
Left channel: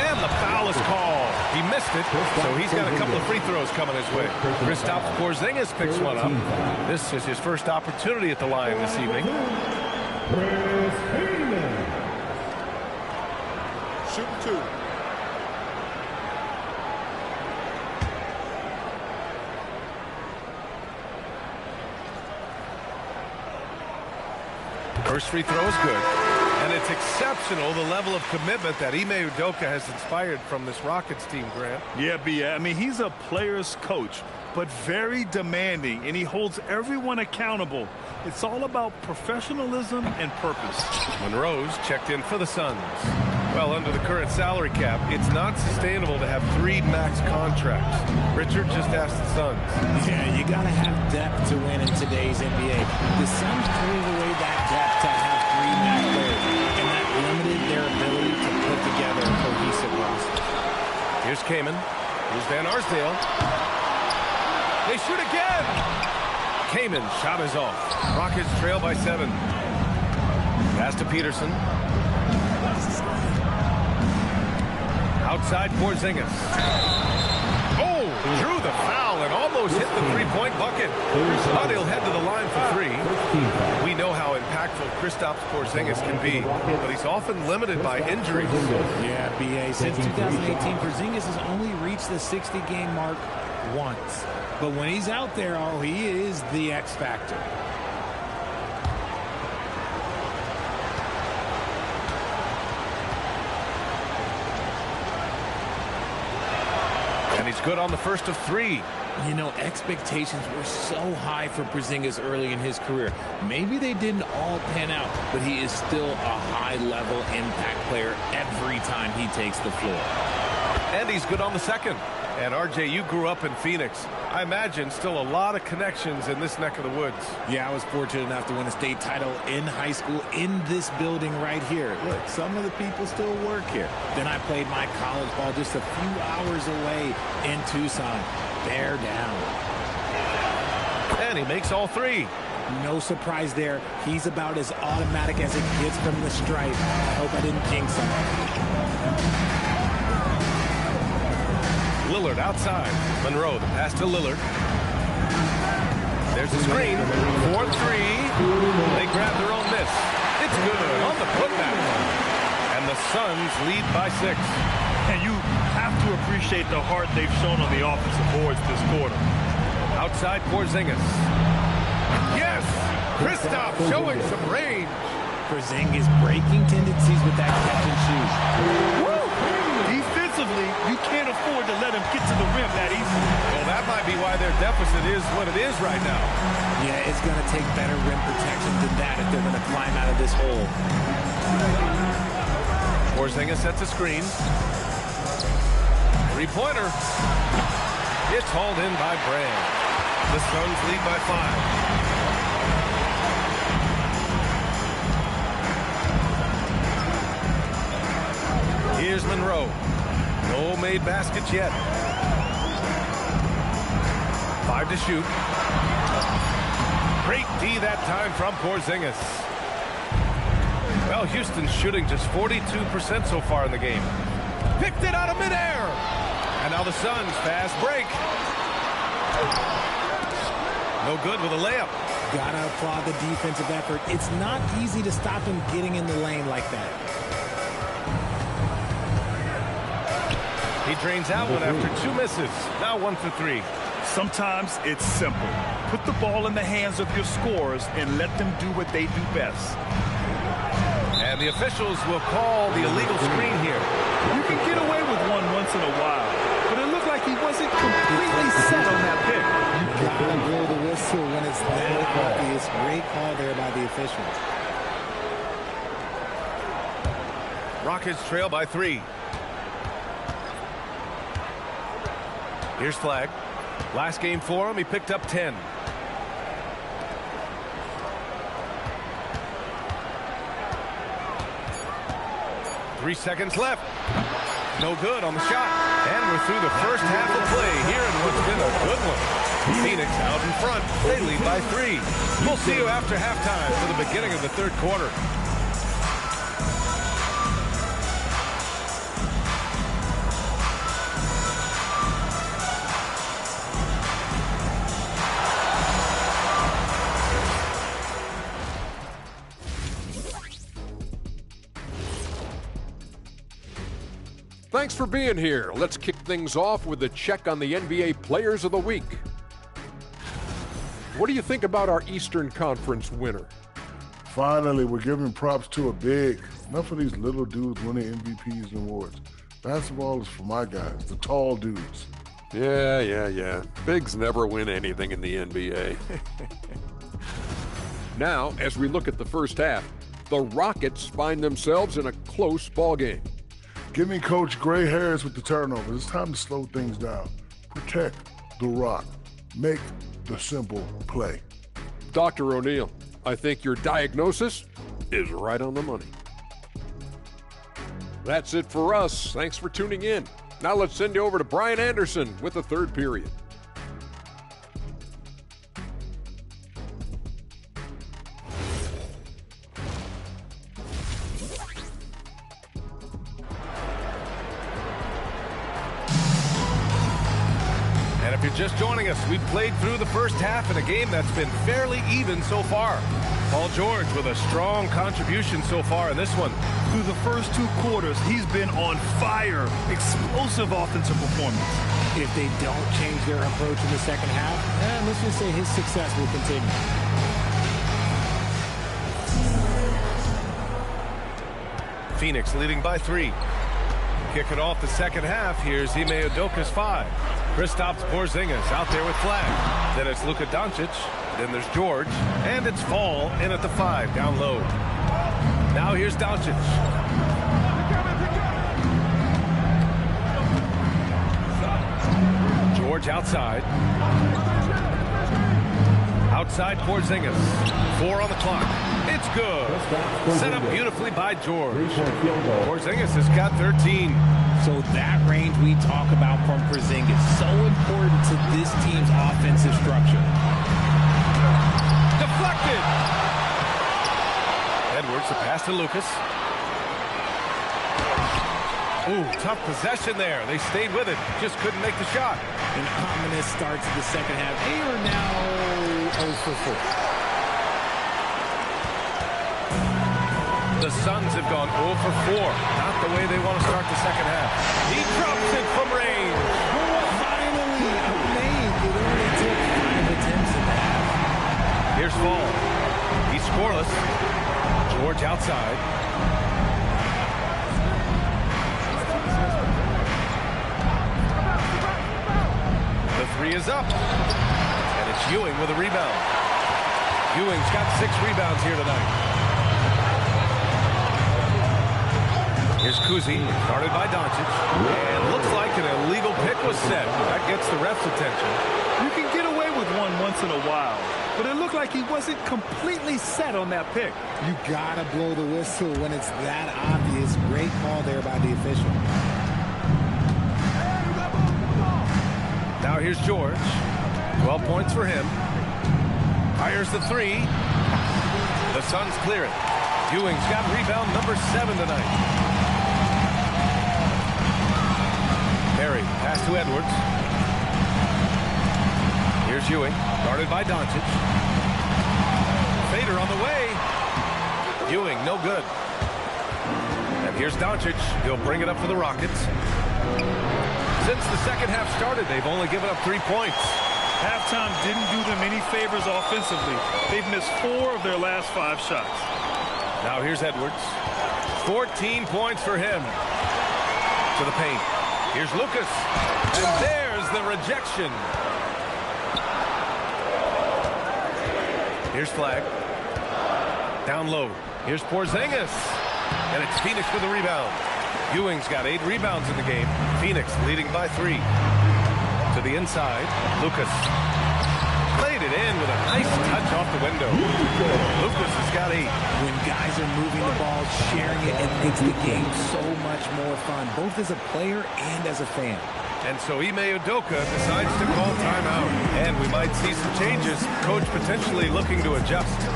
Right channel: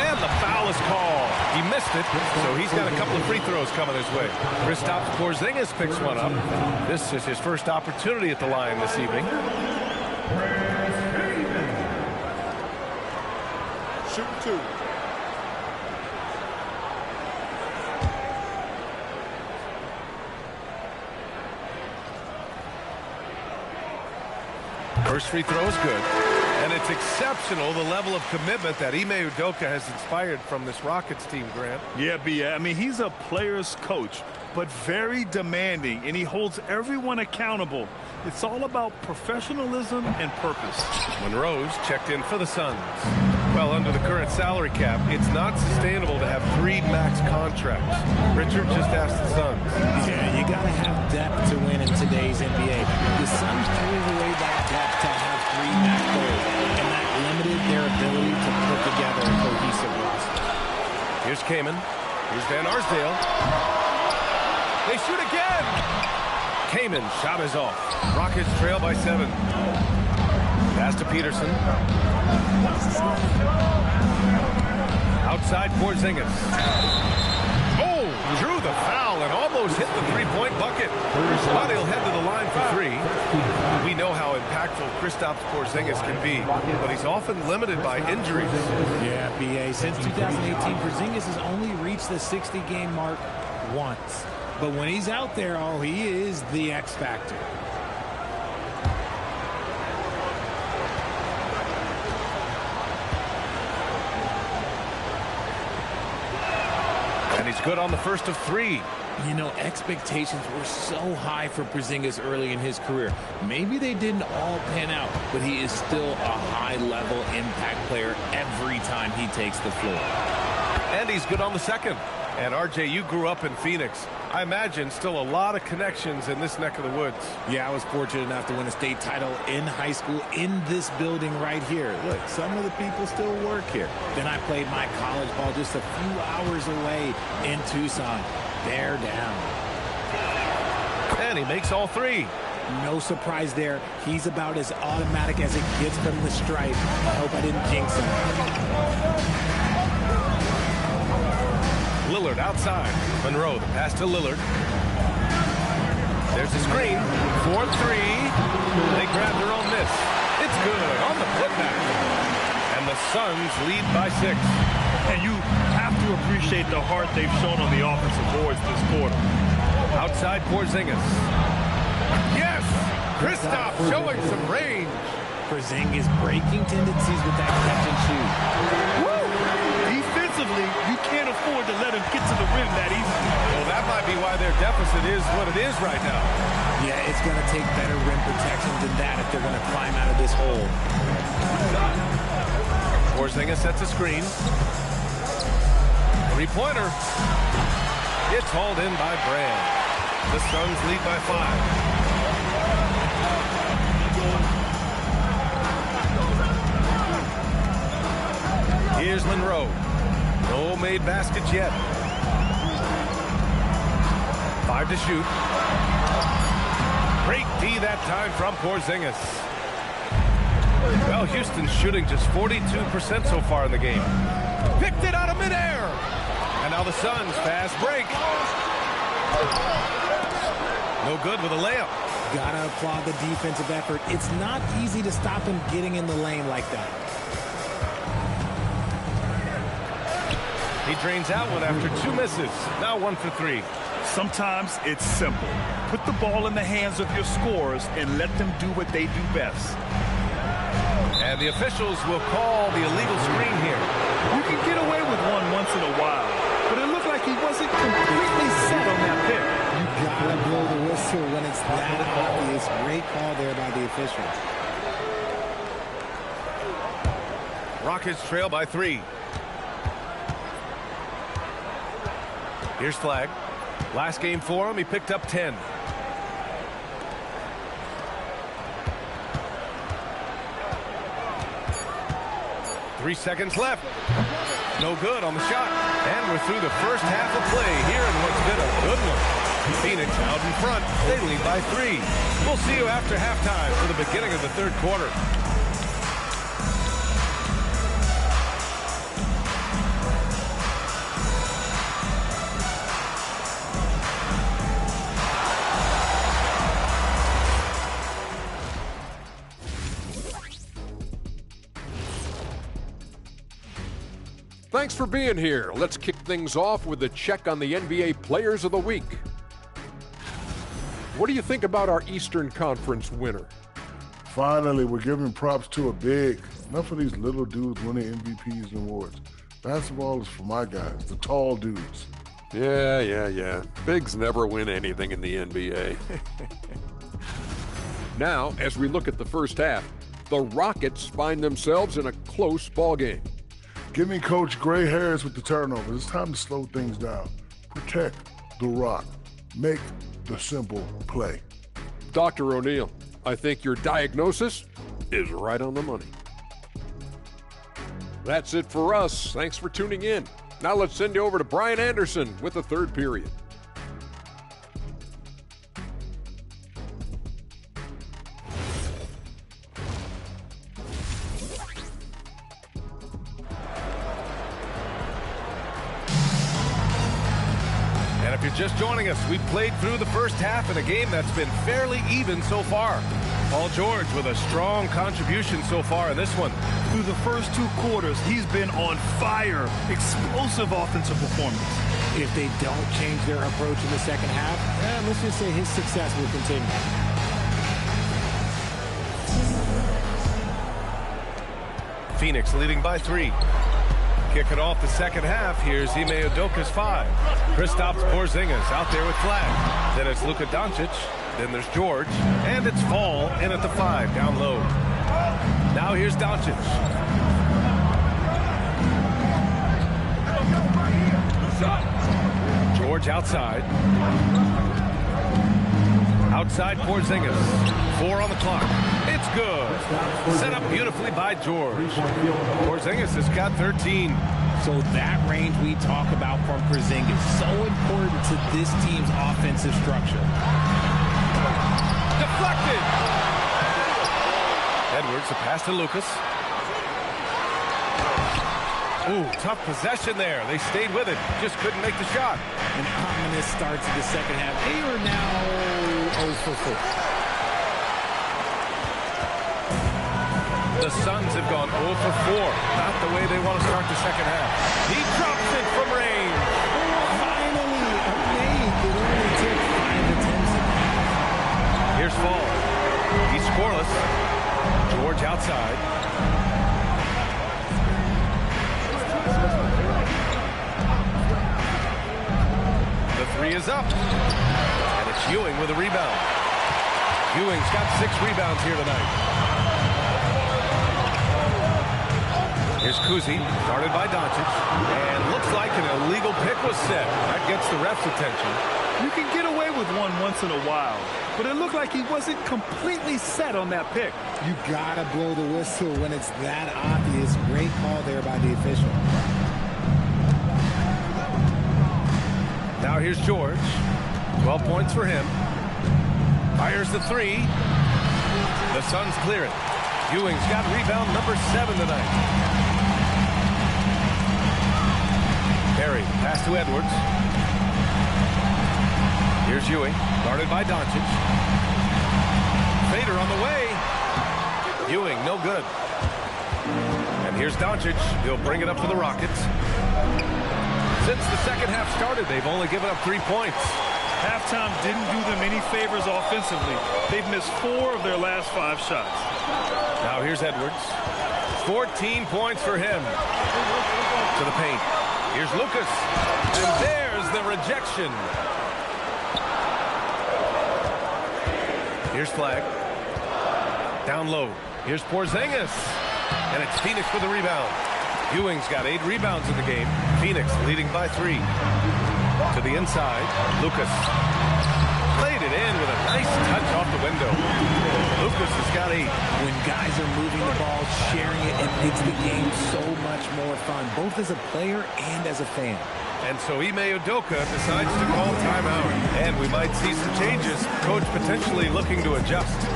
And the foul is called. He missed it, so he's got a couple of free throws coming his way. Kristaps Porzingis picks one up. This is his first opportunity at the line this evening. Shooting two. First free throw is good. And it's exceptional, the level of commitment that Ime Udoka has inspired from this Rockets team, Grant. Yeah, B.A. I mean, he's a player's coach, but very demanding, and he holds everyone accountable. It's all about professionalism and purpose. Monroe's checked in for the Suns. Well, under the current salary cap, it's not sustainable to have 3 max contracts. Richard just asked the Suns. Yeah, you got to have depth to win in today's NBA. The Suns traded away that depth to have 3 max players, and that limited their ability to put together a cohesive roster. Here's Kamen. Here's Van Arsdale. They shoot again. Kamen shot is off. Rockets trail by 7. Pass to Peterson. Outside Porzingis. Oh, drew the foul and almost hit the three-point bucket. But he'll head to the line for 3. We know how impactful Kristaps Porzingis can be, but he's often limited by injuries. Yeah, B.A. Since 2018, Porzingis has only reached the 60-game mark once. But when he's out there, oh, he is the X factor. And he's good on the first of 3. You know, expectations were so high for Porzingis early in his career. Maybe they didn't all pan out, but he is still a high-level impact player every time he takes the floor. And he's good on the second. And, RJ, you grew up in Phoenix. I imagine still a lot of connections in this neck of the woods. Yeah, I was fortunate enough to win a state title in high school in this building right here. Look, some of the people still work here. Then I played my college ball just a few hours away in Tucson. They're down. And he makes all 3. No surprise there. He's about as automatic as it gets from the stripe. I hope I didn't jinx him. Lillard outside. Monroe, the pass to Lillard. There's the screen. 4-3. They grab their own miss. It's good on the putback. And the Suns lead by 6. And you have to appreciate the heart they've shown on the offensive boards this quarter. Outside Porzingis. Yes! Kristaps showing some range. Porzingis breaking tendencies with that catch and shoot. Woo! Defensively, you can't afford to let him get to the rim that easily. Well, that might be why their deficit is what it is right now. Yeah, it's going to take better rim protection than that if they're going to climb out of this hole. Porzingis sets a screen. Three-pointer. It's hauled in by Brand. The Suns lead by 5. Here's Monroe. No made baskets yet. 5 to shoot. Great D that time from Porzingis. Well, Houston's shooting just 42% so far in the game. Picked it out of midair. And now the Suns fast break. No good with a layup. Gotta applaud the defensive effort. It's not easy to stop him getting in the lane like that. He drains out one after 2 misses. Now 1 for 3. Sometimes it's simple. Put the ball in the hands of your scorers and let them do what they do best. And the officials will call the illegal screen here. You can get away with one once in a while, but it looked like he wasn't completely set on that pick. You gotta blow the whistle when it's that obvious. Great call there by the official. Rockets trail by 3. Here's Flag. Last game for him, he picked up 10. Three seconds left. No good on the shot. And we're through the first half of play here in what's been a good one. Phoenix out in front. They lead by 3. We'll see you after halftime for the beginning of the third quarter. Thanks for being here. Let's kick things off with a check on the NBA Players of the Week. What do you think about our Eastern Conference winner? Finally, we're giving props to a big. Enough of these little dudes winning MVPs and awards. Basketball is for my guys, the tall dudes. Yeah. Bigs never win anything in the NBA. Now, as we look at the first half, the Rockets find themselves in a close ballgame. Give me Coach Gray Harris with the turnovers. It's time to slow things down. Protect the rock. Make the simple play. Dr. O'Neill, I think your diagnosis is right on the money. That's it for us. Thanks for tuning in. Now let's send you over to Brian Anderson with the third period. And if you're just joining us, we've played through the first half in a game that's been fairly even so far. Paul George with a strong contribution so far in this one. Through the first 2 quarters, he's been on fire. Explosive offensive performance. If they don't change their approach in the second half, let's just say his success will continue. Phoenix leading by 3. Kicking off the second half, here's Ime Udoka's 5. Kristaps Porzingis out there with flag. Then it's Luka Doncic. Then there's George. And it's Fall in at the 5, down low. Now here's Doncic. George outside. Outside Porzingis. 4 on the clock. It's good. Set up beautifully by George. Porzingis has got 13. So that range we talk about from Porzingis, so important to this team's offensive structure. Deflected. Edwards, the pass to Lucas. Ooh, tough possession there. They stayed with it. Just couldn't make the shot. An ominous start to the second half. They are now 0 for 4. The Suns have gone 0 for 4. Not the way they want to start the second half. He drops it from range. Finally, a make. It only took 5 attempts in that. Here's Fall. He's scoreless. George outside. The 3 is up. And it's Ewing with a rebound. Ewing's got 6 rebounds here tonight. Here's Kuzi, guarded by Doncic. And looks like an illegal pick was set. That gets the ref's attention. You can get away with one once in a while, but it looked like he wasn't completely set on that pick. You gotta blow the whistle when it's that obvious. Great call there by the official. Now here's George. 12 points for him. Fires the 3. The Suns clear it. Ewing's got rebound number 7 tonight. Perry, pass to Edwards. Here's Ewing, guarded by Doncic. Fader on the way. Ewing, no good. And here's Doncic. He'll bring it up for the Rockets. Since the second half started, they've only given up 3 points. Halftime didn't do them any favors offensively. They've missed 4 of their last 5 shots. Now here's Edwards. 14 points for him. To the paint. Here's Lucas. And there's the rejection. Here's Flag. Down low. Here's Porzingis. And it's Phoenix with the rebound. Ewing's got 8 rebounds in the game. Phoenix leading by 3. To the inside. Lucas. Played it in with a nice touch off the window. Lucas has got 8. When guys are moving the ball, sharing it, it makes the game so much more fun, both as a player and as a fan. And so Ime Udoka decides to call timeout. And we might see some changes. Coach potentially looking to adjust.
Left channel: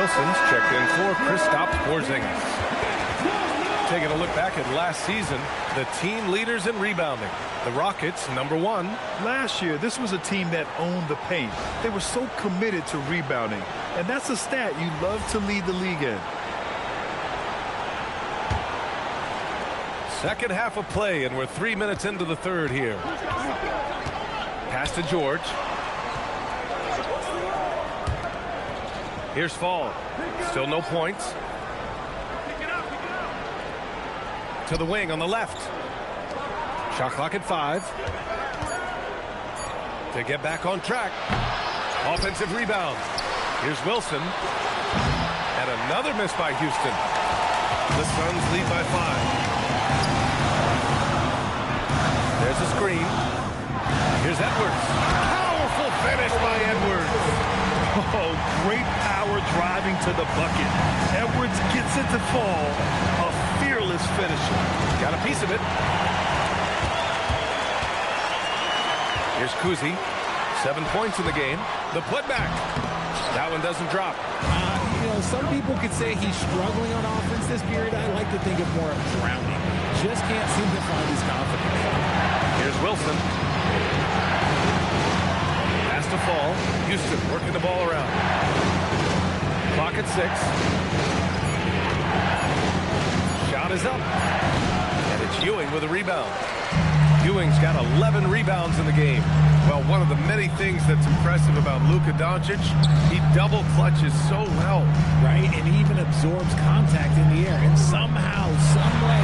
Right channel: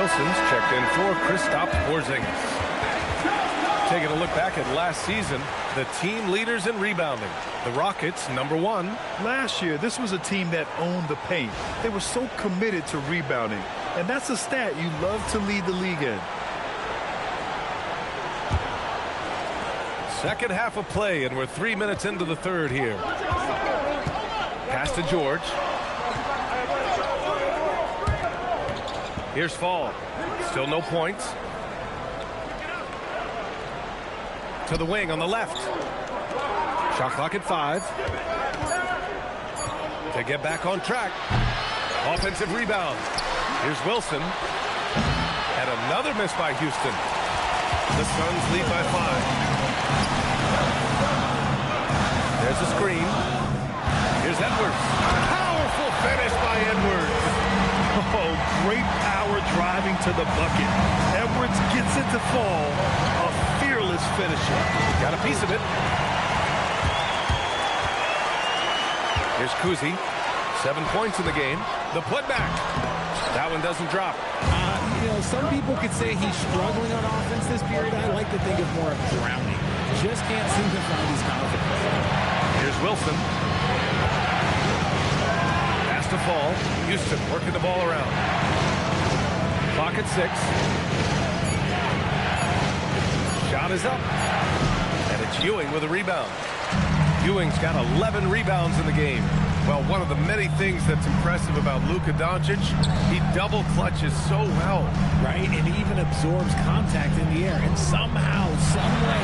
Wilson's checked in for Kristaps Porzingis. Taking a look back at last season, the team leaders in rebounding. The Rockets, #1. Last year, this was a team that owned the paint. They were so committed to rebounding. And that's a stat you love to lead the league in. Second half of play, and we're 3 minutes into the third here. Pass to George. Here's Fall. Still no points. To the wing on the left. Shot clock at 5. To get back on track. Offensive rebound. Here's Wilson. And another miss by Houston. The Suns lead by 5. There's a screen. Here's Edwards. Powerful finish by Edwards. Oh, great power driving to the bucket. Edwards gets it to fall. A fearless finisher. Got a piece of it. Here's Kuzi. 7 points in the game. The putback. That one doesn't drop. You know, some people could say he's struggling on offense this period. I like to think of more of drowning. Just can't seem to find his confidence. Here's Wilson. Pass to Fall. Houston working the ball around. Clock at 6. Shot is up. And it's Ewing with a rebound. Ewing's got 11 rebounds in the game. Well, one of the many things that's impressive about Luka Doncic, he double clutches so well. Right, and he even absorbs contact in the air, and somehow, some way,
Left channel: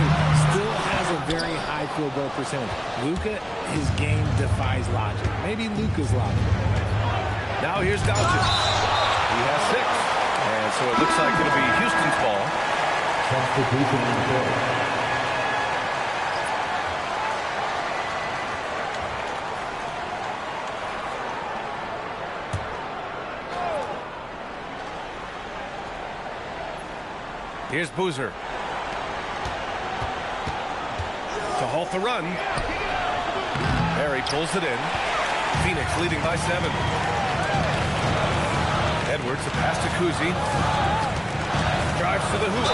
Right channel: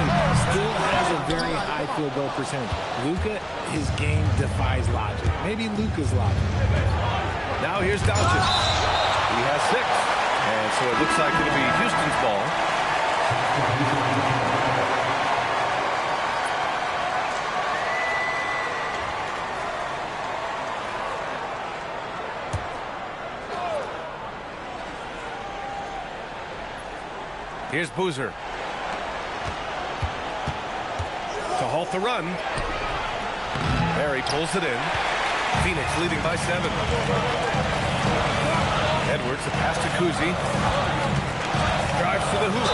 still has a very high field goal percentage. Luka, his game defies logic. Maybe Luka's logic. Now here's Doncic. He has 6. And so it looks like it'll be Houston's ball. Here's Boozer. To halt the run. Barry pulls it in. Phoenix leading by 7. Edwards, a pass to Kuzi. Drives to the hoop.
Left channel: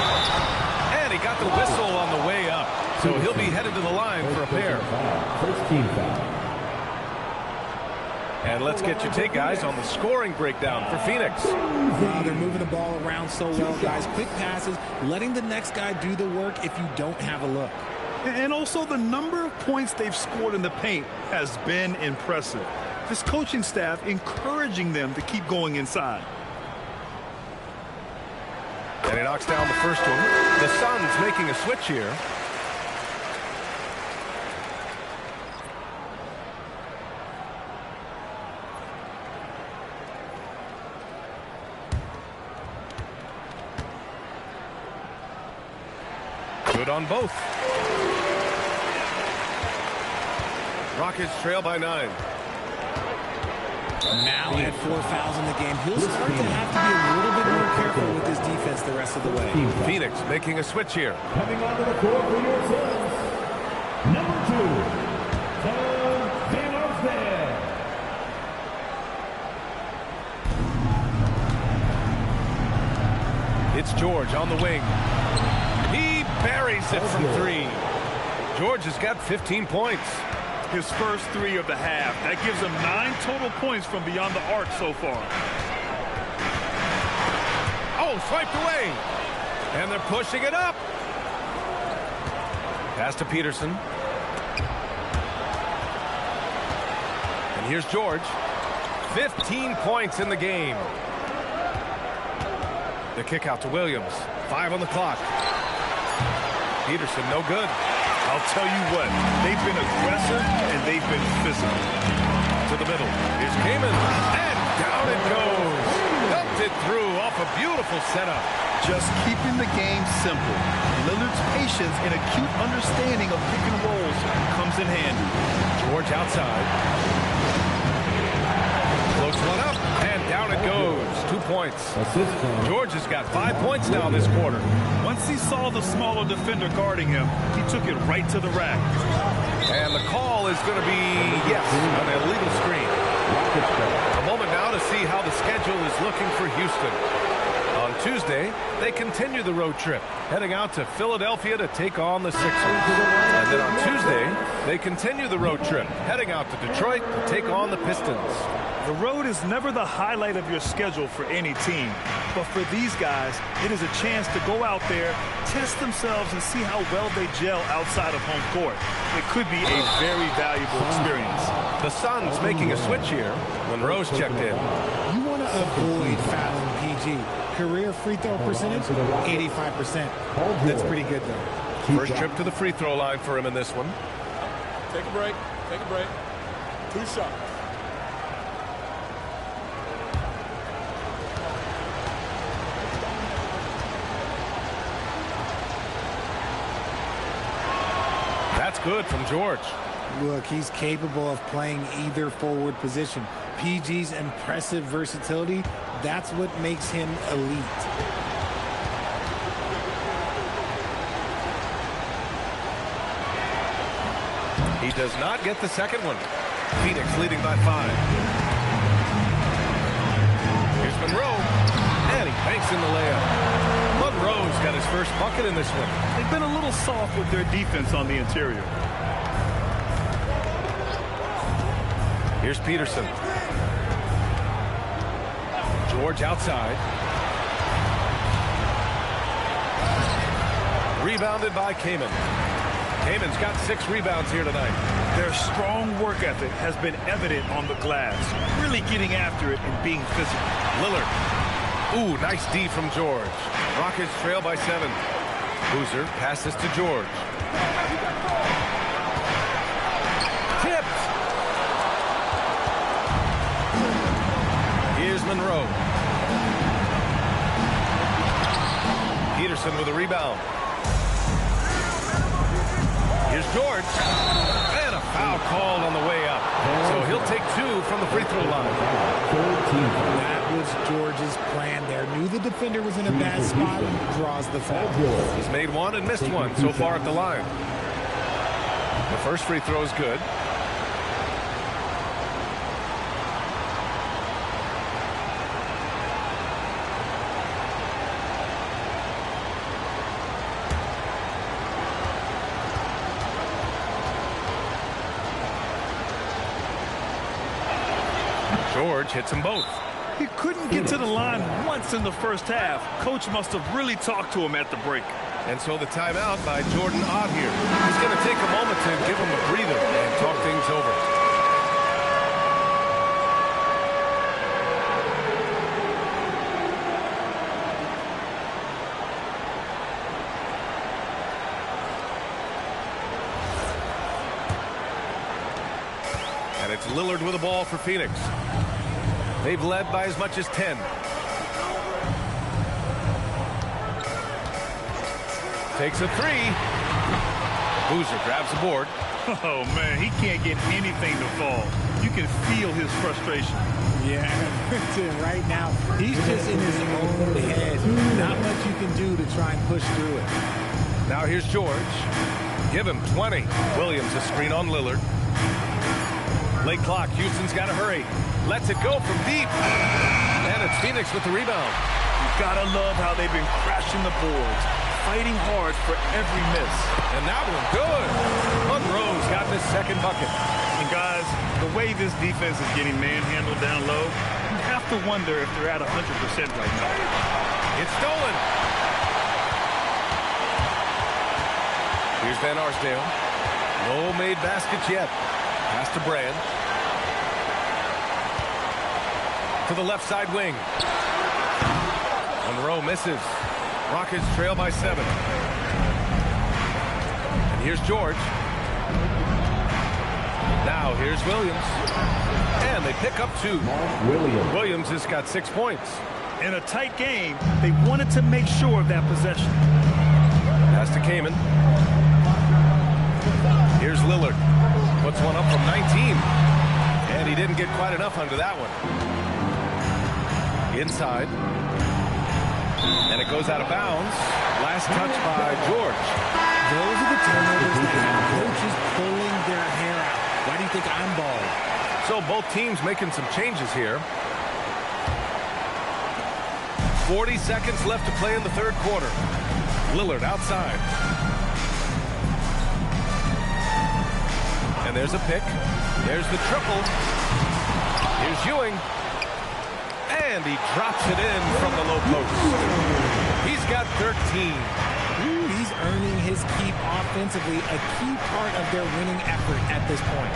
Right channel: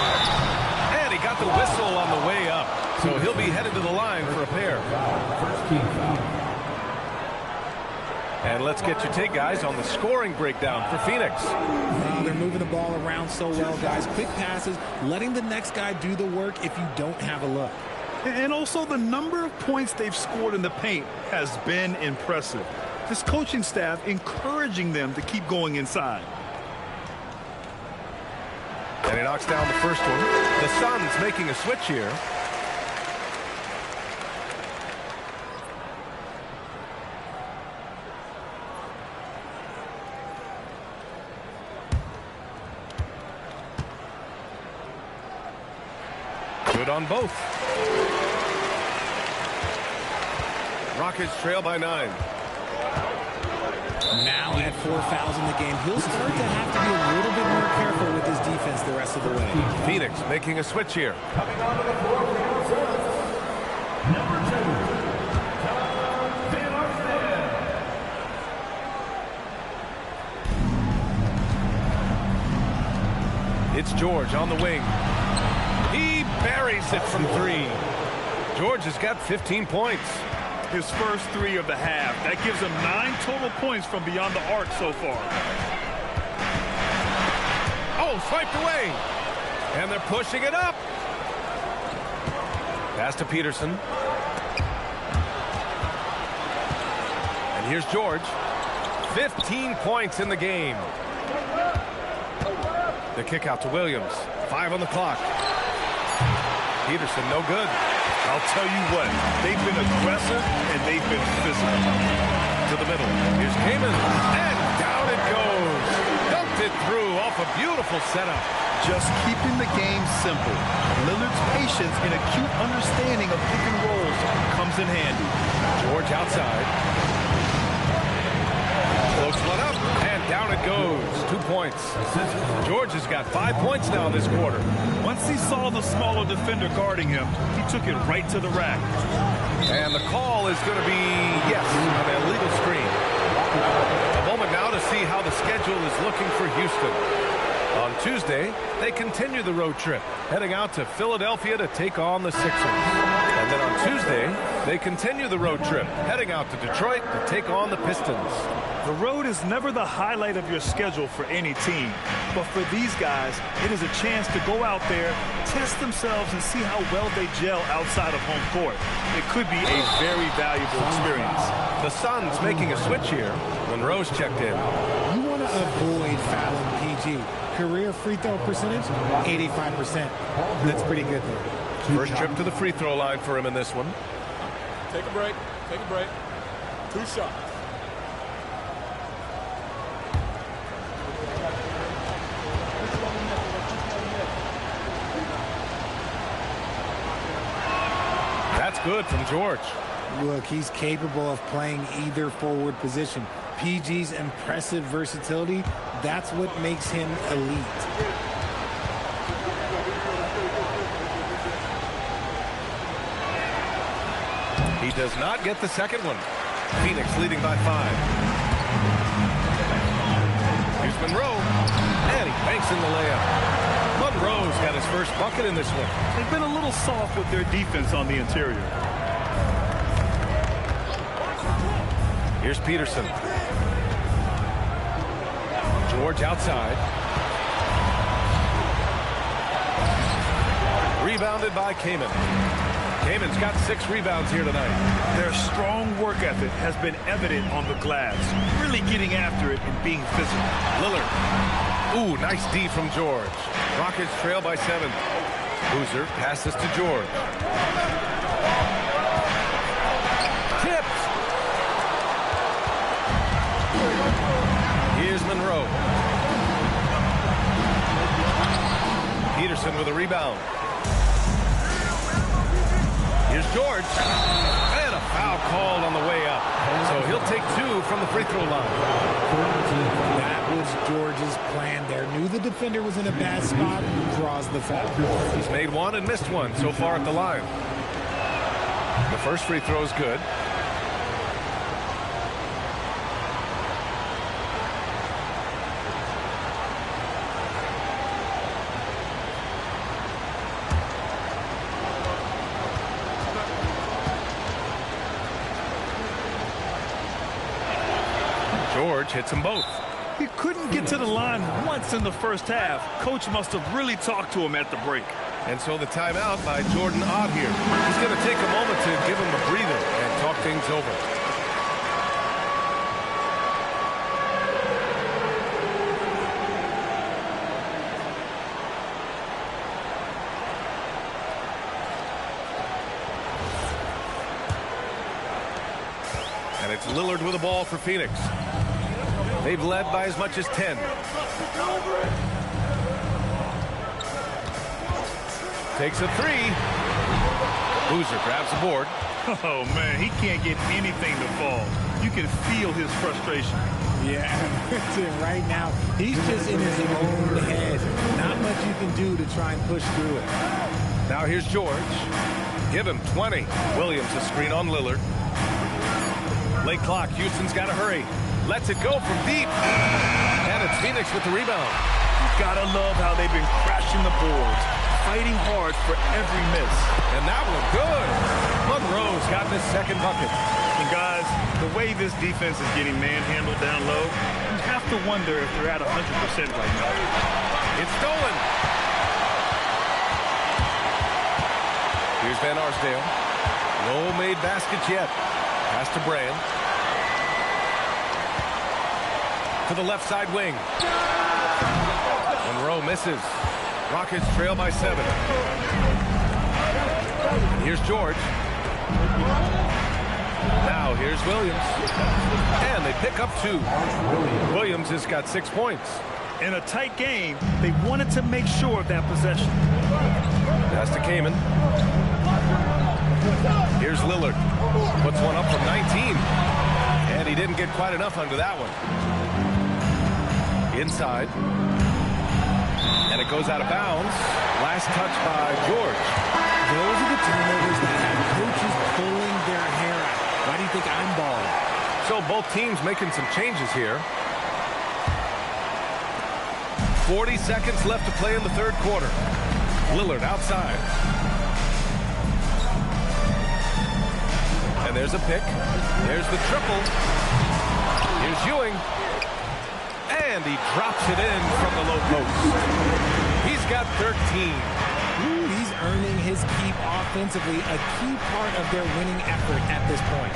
And he got the whistle on the way up. So he'll be headed to the line for a pair. First team foul. And let's get your take, guys, on the scoring breakdown for Phoenix. They're moving the ball around so well, guys. Quick passes, letting the next guy do the work if you don't have a look. And also the number of points they've scored in the paint has been impressive. This coaching staff encouraging them to keep going inside. And he knocks down the first one. The Suns making a switch here. Good on both. Rockets trail by 9. Now at 4 fouls in the game, he'll start to have to be a little bit more careful with his defense the rest of the way. Phoenix making a switch here. Coming onto the floor for your Suns, number 2, It's George on the wing. He buries it from 3. George has got 15 points. His first 3 of the half. That gives him 9 total points from beyond the arc so far. Oh, swiped away. And they're pushing it up. Pass to Peterson. And here's George. 15 points in the game. The kick out to Williams. 5 on the clock. Peterson, no good. I'll tell you what, they've been aggressive and they've been physical. To the middle. Here's Kaman. And down it goes. Dunked it through off a beautiful setup. Just keeping the game simple. Lillard's patience and acute understanding of pick and rolls comes in handy. George outside. Floats one up, and down it goes. 2 points. George has got 5 points now this quarter. Once he saw the smaller defender guarding him, he took it right to the rack. And the call is going to be, yes, an illegal screen. A moment now to see how the schedule is looking for Houston. On Tuesday, they continue the road trip, heading out to Philadelphia to take on the Sixers. And then on Tuesday, they continue the road trip, heading out to Detroit to take on the Pistons. The road is never the highlight of your schedule for any team. But for these guys, it is a chance to go out there, test themselves, and see how well they gel outside of home court. It could be a very valuable experience. The Suns making a switch here when Rose checked in. You want to avoid fouling PG. Career free throw percentage, 85%. That's pretty good there. First trip to the free throw line for him in this one. Take a break. Take a break. 2 shots. That's good from George. Look, he's capable of playing either forward position. PG's impressive versatility, that's what makes him elite. He does not get the second one. Phoenix leading by 5. Here's Monroe, and he banks in the layup. Monroe's got his first bucket in this one. They've been a little soft with their defense on the interior. Here's Peterson. George outside. Rebounded by Kaman. Kaman's got 6 rebounds here tonight. Their strong work ethic has been evident on the glass, really getting after it and being physical. Lillard. Ooh, nice D from George. Rockets trail by 7. Boozer passes to George. Tipped. Here's Monroe. Peterson with a rebound. Here's George. And a foul called on the way up. So he'll take 2 from the free throw line. That was George's plan there. Knew the defender was in a bad spot, draws the foul. He's made 1 and missed 1 so far at the line. The first free throw is good. George hits them both. He couldn't get to the line once in the first half. Coach must have really talked to him at the break. And so the timeout by Jordan Ott here. He's going to take a moment to give him a breather and talk things over. And it's Lillard with the ball for Phoenix. They've led by as much as 10. Takes a 3. Boozer grabs the board. Oh, man, he can't get anything to fall. You can feel his frustration. Yeah, right now, he's just in his own head. Not much you can do to try and push through it. Now here's George. Give him 20. Williams a screen on Lillard. Late clock. Houston's got to hurry. Lets it go from deep. And it's Phoenix with the rebound. You've got to love how they've been crashing the boards, fighting hard for every miss. And that one good. Monroe's got this second bucket. And guys, the way this defense is getting manhandled down low, you have to wonder if they're at 100% right now. It's stolen. Here's Van Arsdale. No made baskets yet. Pass to Brand. To the left side wing. Monroe misses. Rockets trail by 7. And here's George. Now here's Williams. And they pick up 2. Williams has got 6 points. In a tight game, they wanted to make sure of that possession. Pass to Kaman. Here's Lillard. Puts one up from 19. And he didn't get quite enough under that one. Inside. And it goes out of bounds. Last touch by George. Those are the turnovers that have coaches pulling their hair out. Why do you think I'm bald? So both teams making some changes here. 40 seconds left to play in the third quarter. Lillard outside. And there's a pick. There's the triple. Here's Ewing. And he drops it in from the low post. He's got 13. Ooh, he's earning his keep offensively, a key part of their winning effort at this point.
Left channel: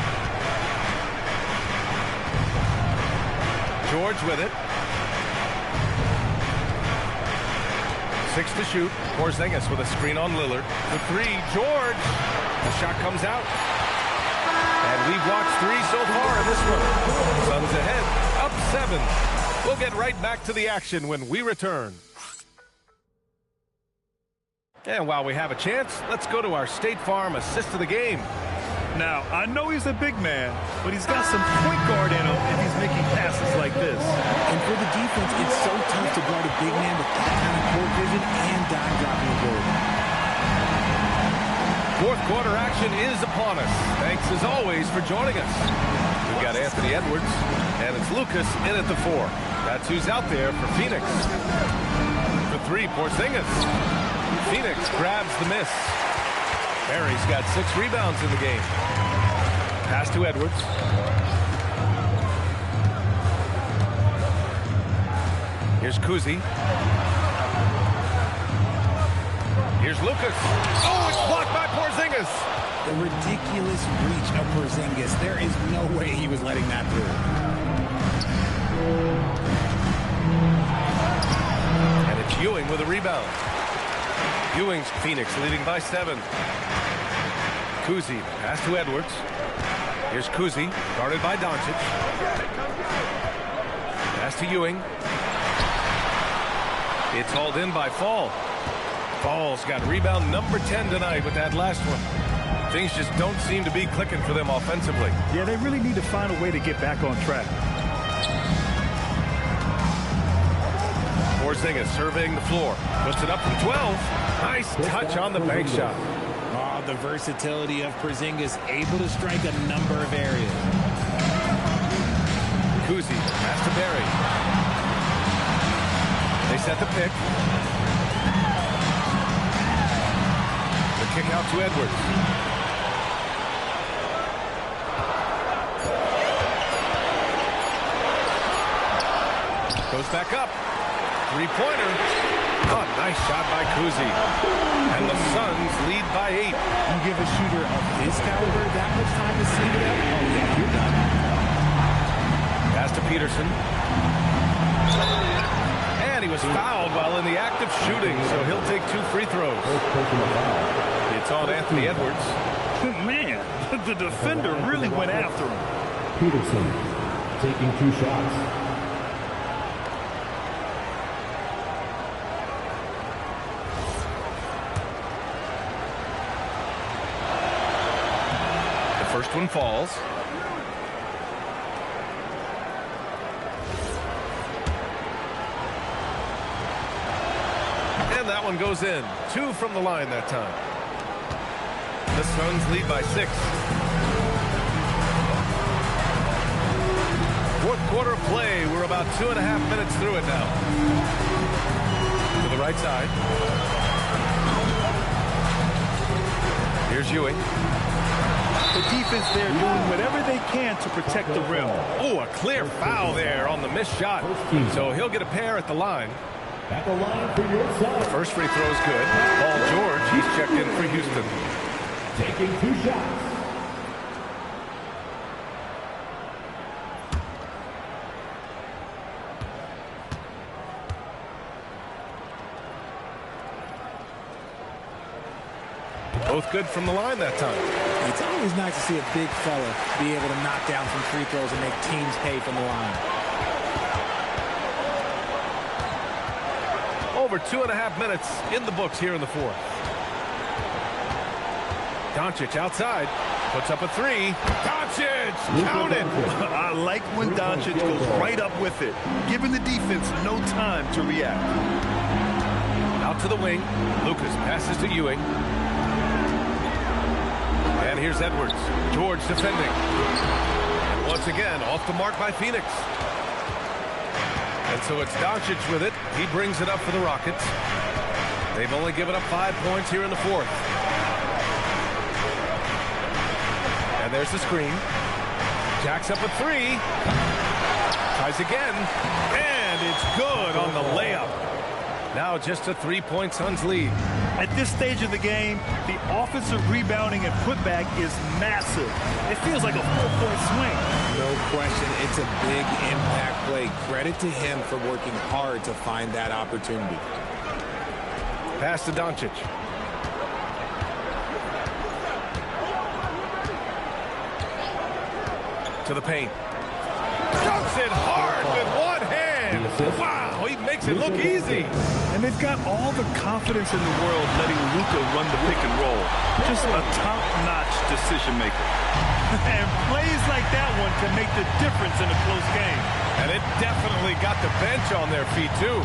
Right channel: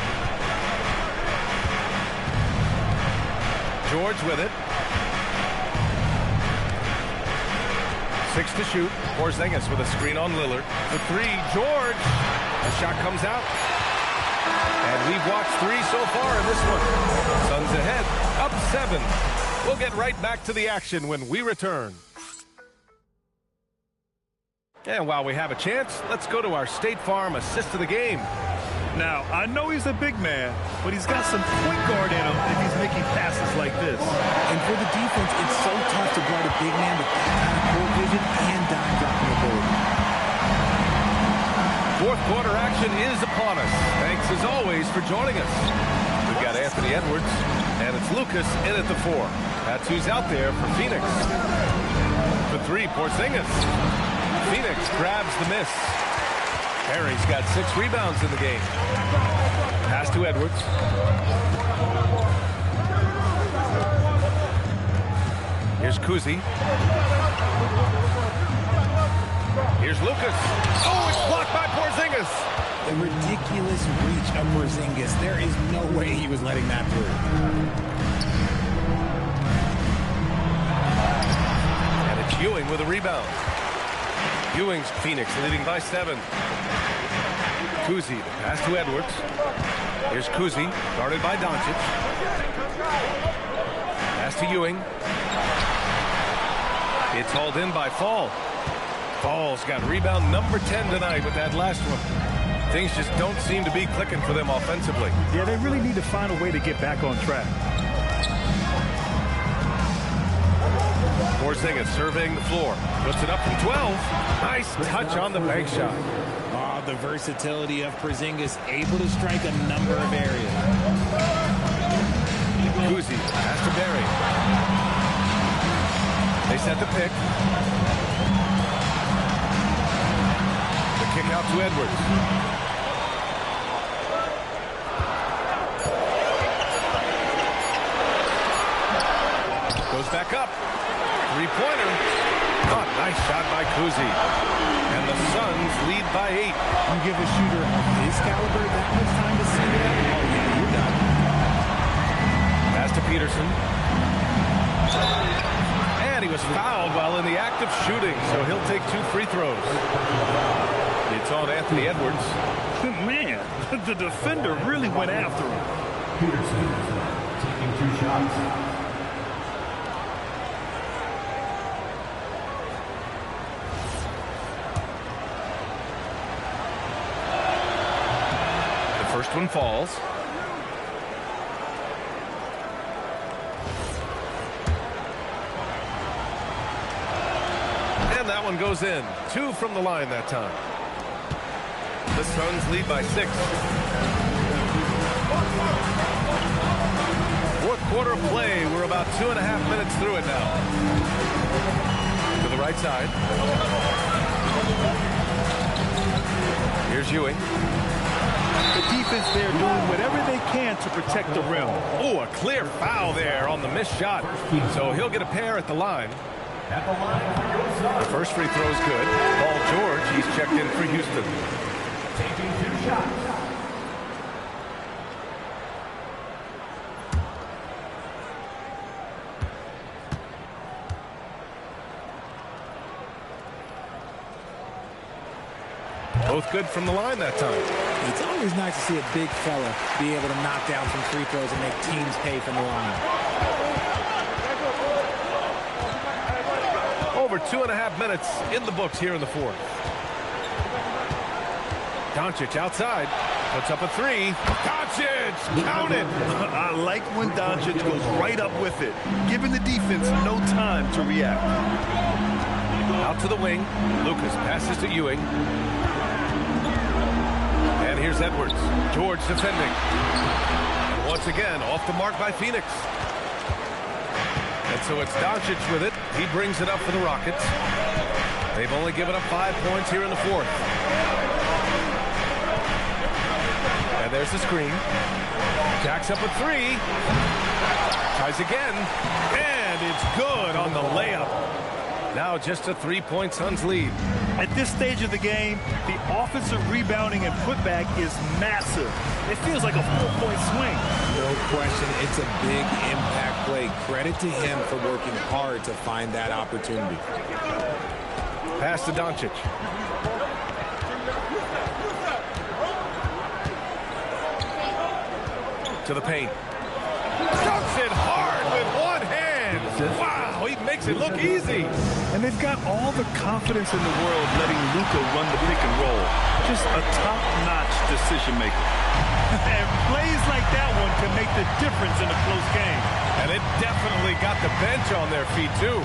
George with it. 6 to shoot. Porzingis with a screen on Lillard. The three, George. The shot comes out. And we've watched 3 so far in this one. Suns ahead, up 7. We'll get right back to the action when we return. And while we have a chance, let's go to our State Farm assist of the game. Now, I know he's a big man, but he's got some point guard in him if he's making passes like this. And for the defense, it's so tough to guard a big man with that kind of court vision and dime-dropping ability. Fourth quarter action is upon us. Thanks, as always, for joining us. We've got Anthony Edwards, and it's Lucas in at the 4. That's who's out there for Phoenix. For 3, Porzingis. Phoenix grabs the miss. Barry's got 6 rebounds in the game. Pass to Edwards. Here's Kuzi. Here's Lucas. Oh, it's blocked by Porzingis. The ridiculous reach of Porzingis. There is no way he was letting that through. And it's Ewing with a rebound. Ewing's Phoenix leading by 7. Kuzi, the pass to Edwards. Here's Kuzi, guarded by Doncic. Pass to Ewing. It's hauled in by Fall. Fall's got rebound number 10 tonight with that last one. Things just don't seem to be clicking for them offensively. Yeah, they really need to find a way to get back on track. Porzingis surveying the floor. Puts it up from 12. Nice touch on the bank shot. Oh, the versatility of Porzingis, able to strike a number of areas. Kuzi, pass to Barry. They set the pick. The kick out to Edwards. Goes back up. Three-pointer. Oh, nice shot by Kuzi. And the Suns lead by 8. You give a shooter of his caliber that much time to see it up? Oh, yeah, you're done. Pass to Peterson. And he was fouled while in the act of shooting, so he'll take 2 free throws. It's on Anthony Edwards. Man, the defender really went after him. Peterson taking 2 shots. First one falls. And that one goes in. 2 from the line that time. The Suns lead by 6. Fourth quarter of play. We're about 2.5 minutes through it now. To the right side. Here's Ewing. The defense there doing whatever they can to protect the rim. Oh, a clear foul there on the missed shot. So he'll get a pair at the line. At the line for your side. The first free throw's good. Paul George, he's checked in for Houston. Taking 2 shots. Both good from the line that time. It's always nice to see a big fella be able to knock down some free throws and make teams pay from the line. Over 2.5 minutes in the books here in the fourth. Doncic outside. Puts up a 3. Doncic! Count it! I like when Doncic goes right up with it, giving the defense no time to react. Out to the wing. Lucas passes to Ewing. And here's Edwards. George defending. And once again, off the mark by Phoenix. And so it's Doncic with it. He brings it up for the Rockets. They've only given up 5 points here in the fourth. And there's the screen. Jacks up a three. Tries again. And it's good on the layup. Now just a 3-point Suns lead. At this stage of the game, the offensive rebounding and putback is massive. It feels like a 4-point swing. No question, it's a big impact play. Credit to him for working hard to find that opportunity. Pass to Doncic. To the paint. Dunks it hard with one hand. Wow, he makes it look easy. And they've got all the confidence in the world letting Luka run the pick and roll. Just a top-notch decision maker. And plays like that one can make the difference in a close game. And it definitely got the bench on their feet, too.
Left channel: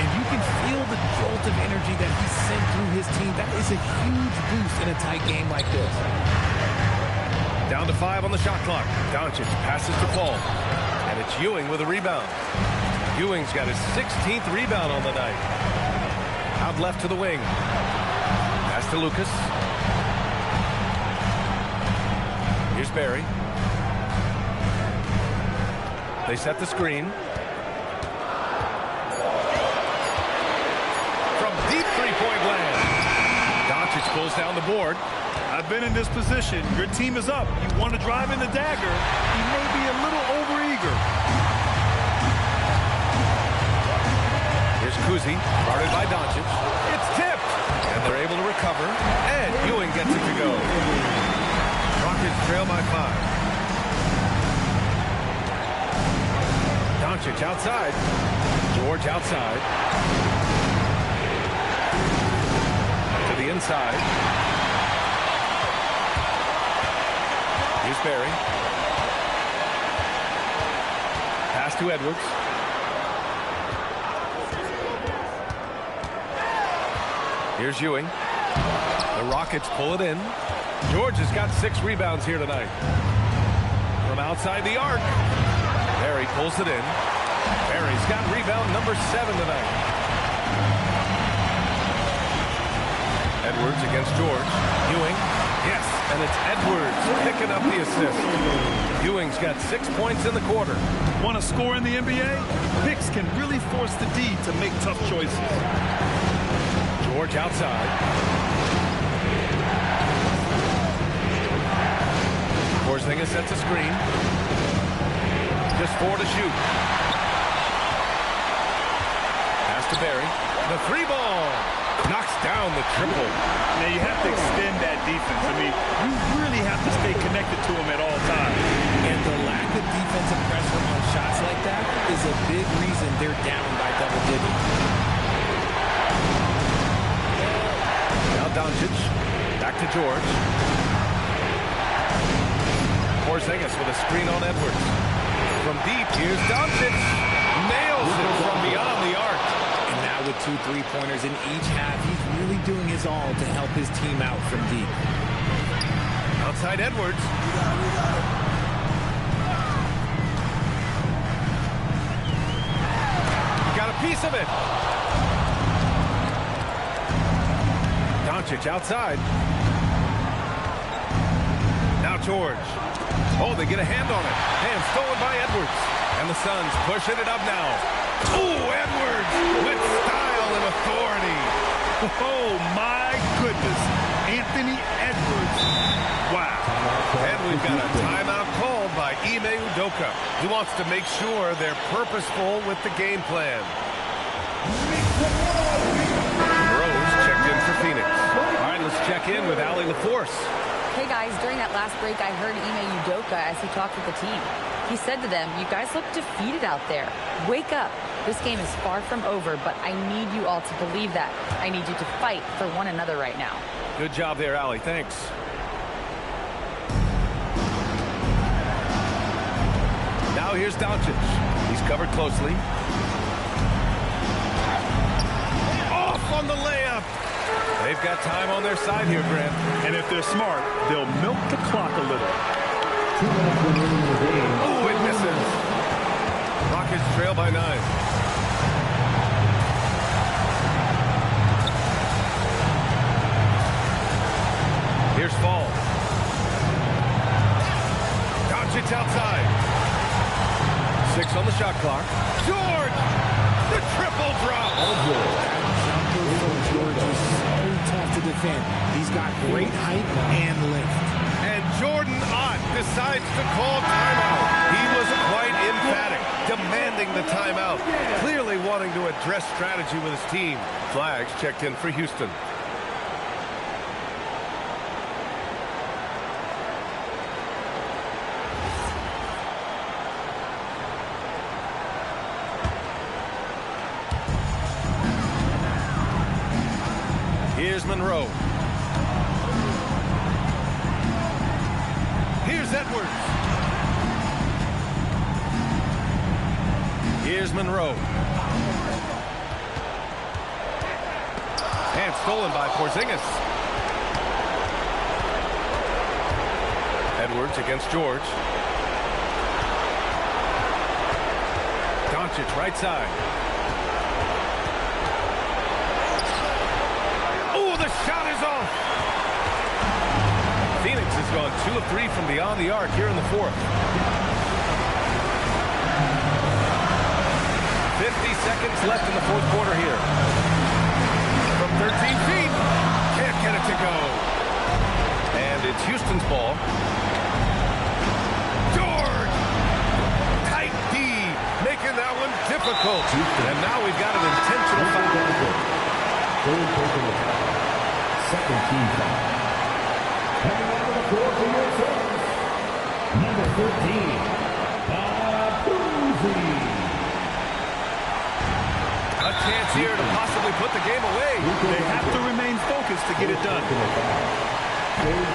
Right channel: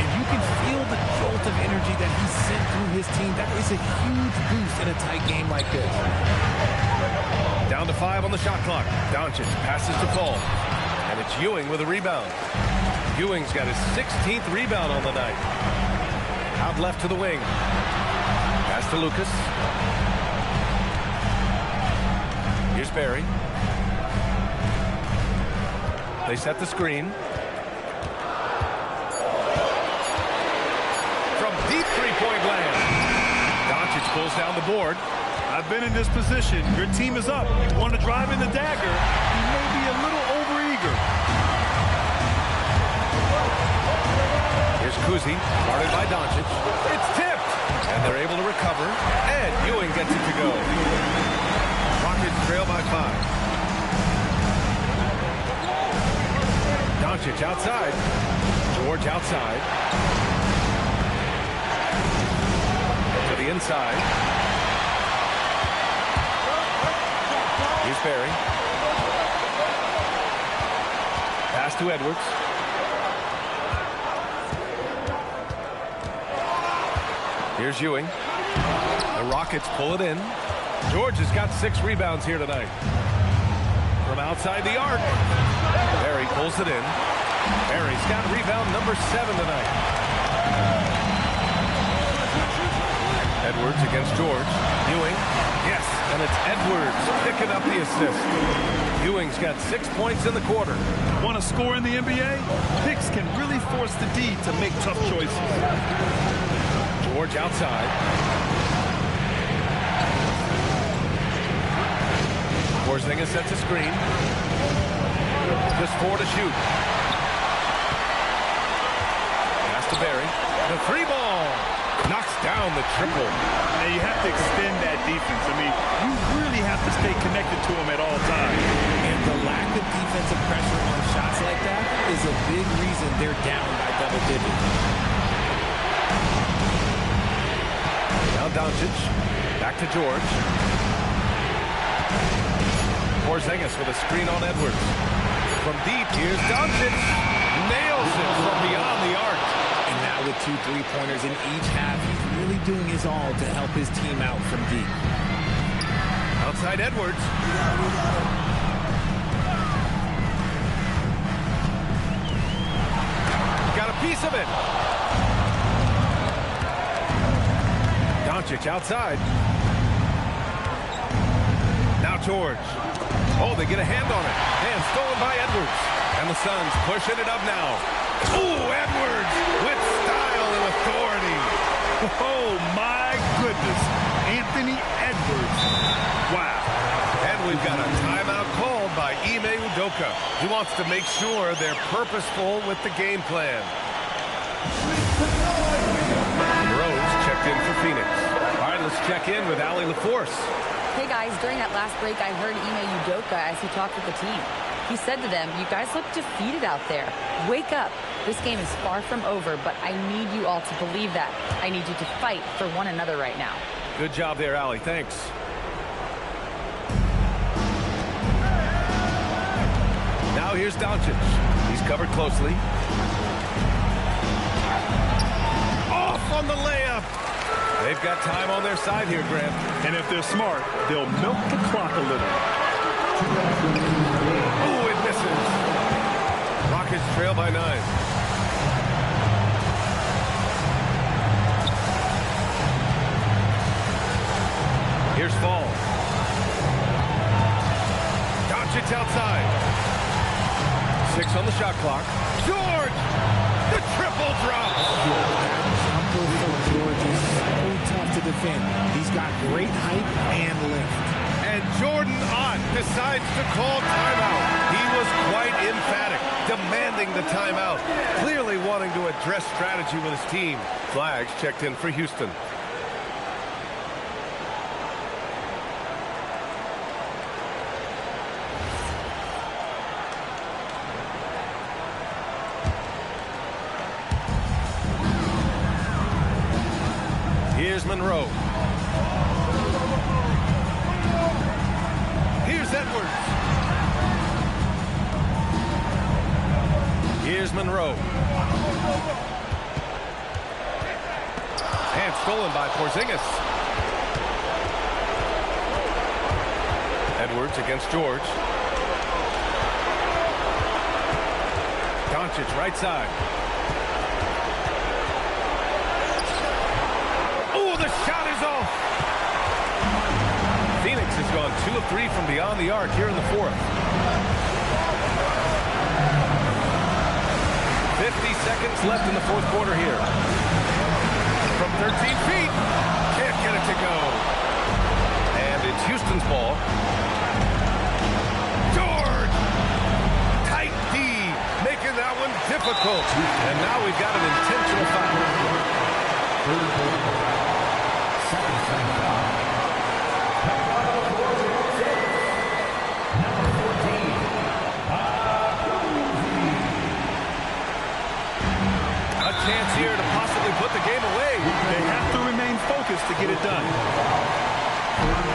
And you can feel the jolt of energy that he sent through his team. That is a huge boost in a tight game like this. Down to 5 on the shot clock. Doncic passes to Paul. And it's Ewing with a rebound. Ewing's got his 16th rebound on the night. Out left to the wing. Pass to Lucas. Here's Barry. They set the screen. From deep three-point land. Doncic pulls down the board. I've been in this position. Your team is up. You want to drive in the dagger. He may be a little overeager. Here's Kuzi, guarded by Doncic. It's tipped, and they're able to recover, and Ewing gets it to go. Rockets trail by 5. Doncic outside. George outside. To the inside. Here's Barry. Pass to Edwards. Here's Ewing. The Rockets pull it in. George has got 6 rebounds here tonight. From outside the arc. Barry pulls it in. Barry's got rebound number 7 tonight. Edwards against George. Ewing. Yes, and it's Edwards picking up the assist. Ewing's got 6 points in the quarter. Want to score in the NBA? Picks can really force the D to make tough choices. George outside. Porzingis sets a screen. Just 4 to shoot. Pass to Barry. The 3-ball. Knocks down the triple. Now you have to extend that defense. I mean, you really have to stay connected to him at all times. And the lack of defensive pressure on shots like that is a big reason they're down by double digits. Now Doncic. Back to George. Porzingis with a screen on Edwards. From deep, here's Doncic. Nails it from beyond the arc. And now with 2 3-pointers in each half, he's really doing his all to help his team out from deep. Outside Edwards. We got him. He got a piece of it. Doncic outside. Now George. Oh, they get a hand on it. And stolen by Edwards. And the Suns pushing it up now. Oh, Edwards with style and authority. Oh, my goodness. Anthony Edwards. Wow. And we've got a timeout called by Ime Udoka. He wants to make sure they're purposeful with the game plan. Rose checked in for Phoenix. All right, let's check in with Allie LaForce. Hey, guys, during that last break, I heard Ime Udoka as he talked with the team. He said to them, you guys look defeated out there. Wake up. This game is far from over, but I need you all to believe that. I need you to fight for one another right now. Good job there, Allie. Thanks. Now here's Doncic. He's covered closely. Off on the layup. They've got time on their side here, Grant. And if they're smart, they'll milk the clock a little. Oh, it misses. Rockets trail by 9. Here's Fall. Doncic outside. 6 on the shot clock. George! The triple drop! That jumper from George is so tough to defend. He's got great height and lift. And Jordan Ott decides to call timeout. He was quite emphatic, demanding the timeout, clearly wanting to address strategy with his team. Flags checked in for Houston. Here's Monroe. Here's Edwards. Here's Monroe. And stolen by Porzingis. Edwards against George. Doncic right side. Oh, the shot is off. Phoenix has gone 2 of 3 from beyond the arc here in the fourth. 50 seconds left in the fourth quarter here. From 13 feet. Can't get it to go. And it's Houston's ball. George! Tight D, making that one difficult. And now we've got an intentional foul. Third personal foul. Second team foul. Coming out on the floor for your service, number 14, Baduzi. A chance here to possibly put the game away. They have to remain focused to get it done.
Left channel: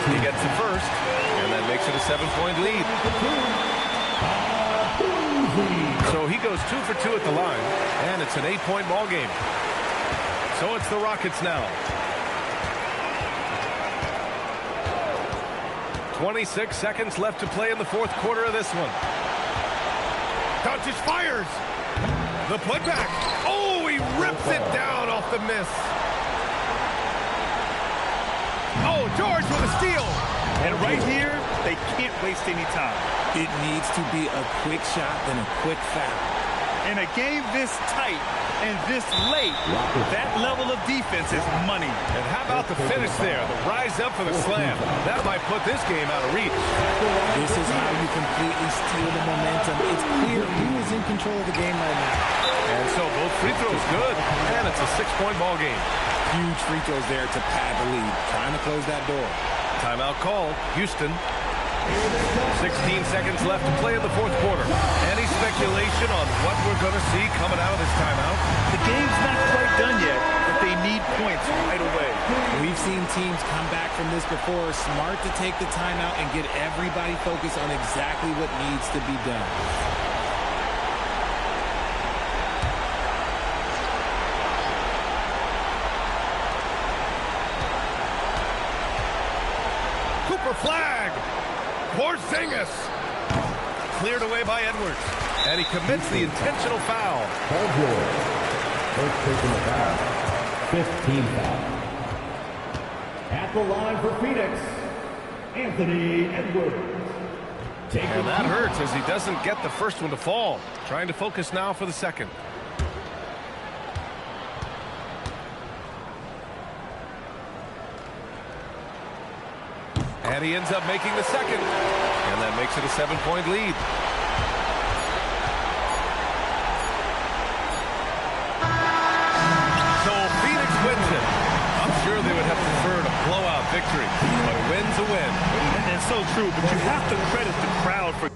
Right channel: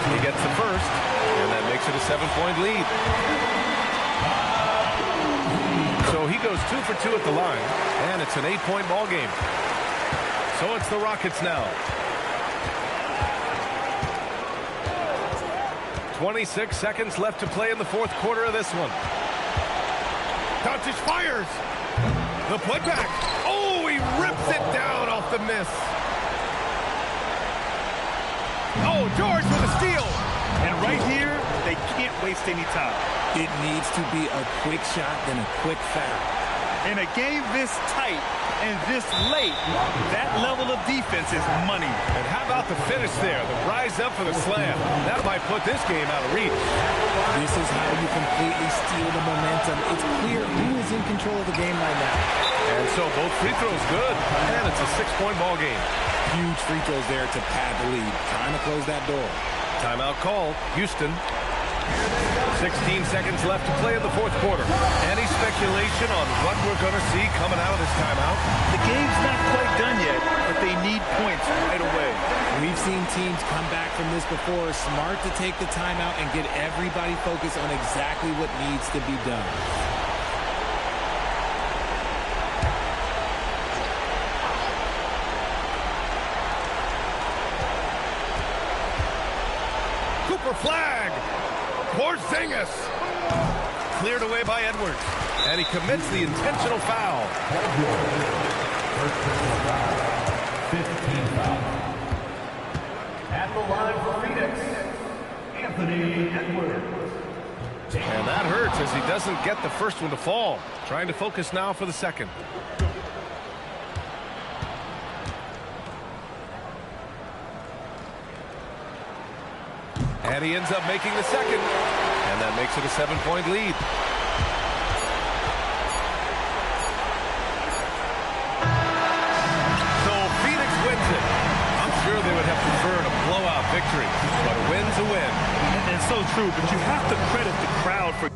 He gets the first, and that makes it a 7-point lead. So he goes 2 for 2 at the line, and it's an 8-point ball game. So it's the Rockets now. 26 seconds left to play in the fourth quarter of this one. Doncic fires. The putback. Oh, he rips it down off the miss. Oh, George with a steal. And right here, they can't waste any time. It needs to be a quick shot, then a quick foul. In a game this tight and this late, that level of defense is money. And how about the finish there? The rise up for the slam. That might put this game out of reach. This is how you completely steal the momentum. It's clear who is in control of the game right now. And so both free throws good, and it's a 6-point ball game. Huge free throws there to pad the lead, trying to close that door. Timeout called. Houston. 16 seconds left to play in the fourth quarter. Any speculation on what we're going to see coming out of this timeout? The game's not quite done yet, but they need points right away. We've seen teams come back from this before. Smart to take the timeout and get everybody focused on exactly what needs to be done. Cooper flag. Porzingis. Cleared away by Edwards. And he commits the intentional foul. Paul George. First personal foul. 15 foul. At the line for Phoenix, Anthony Edwards. And that hurts as he doesn't get the first one to fall. Trying to focus now for the second. And he ends up making the second. And that makes it a 7-point lead. So Phoenix wins it. I'm sure they would have preferred a blowout victory, but a win's a win. And so true, but you have to credit the crowd for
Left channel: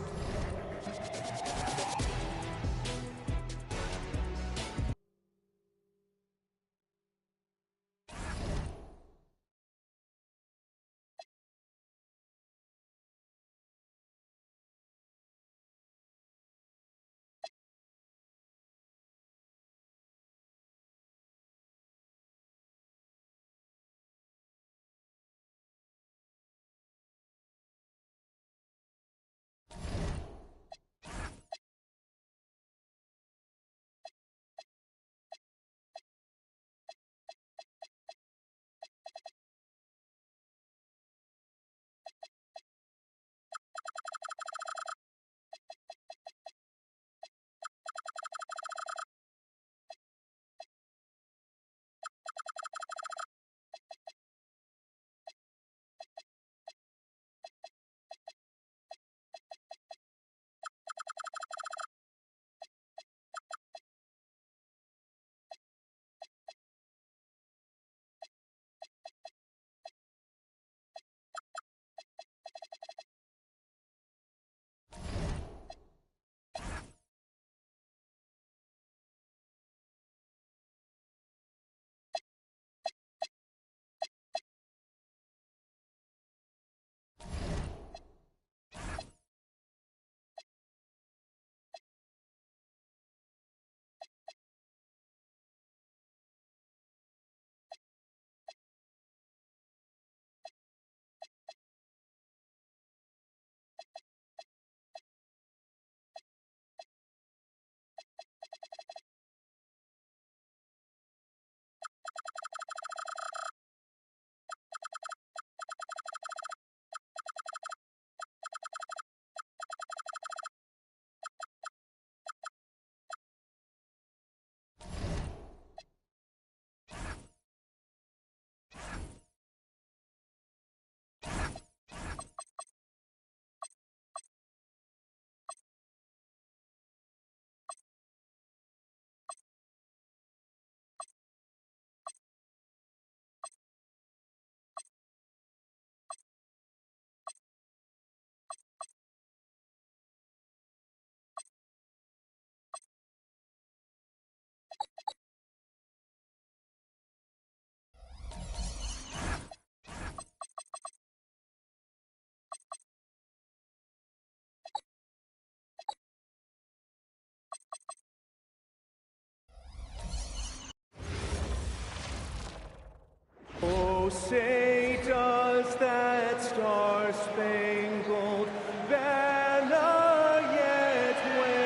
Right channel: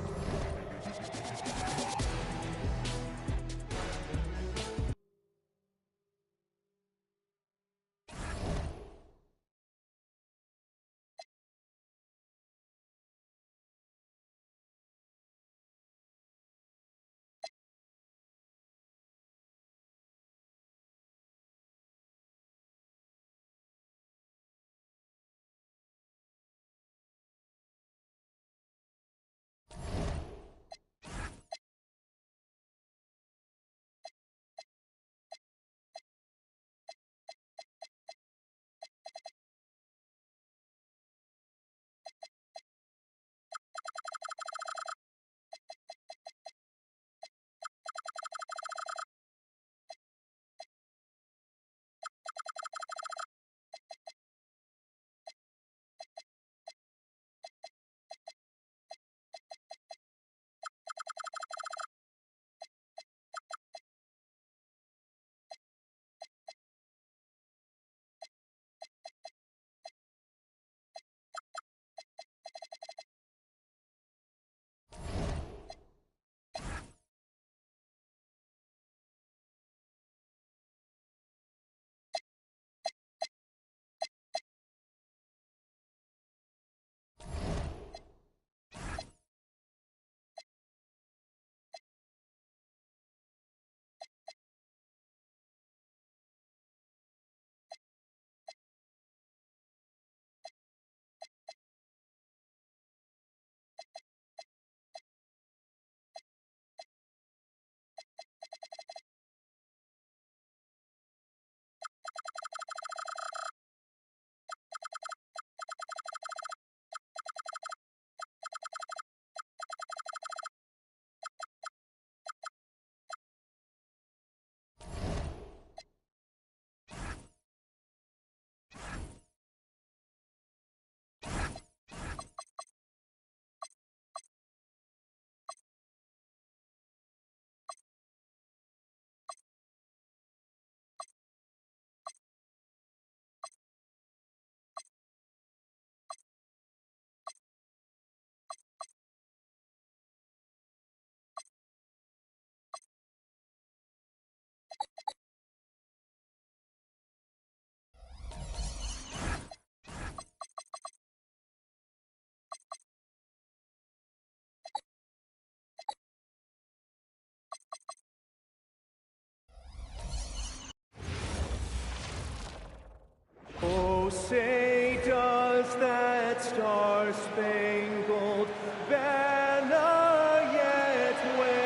say does that star-spangled banner yet wave?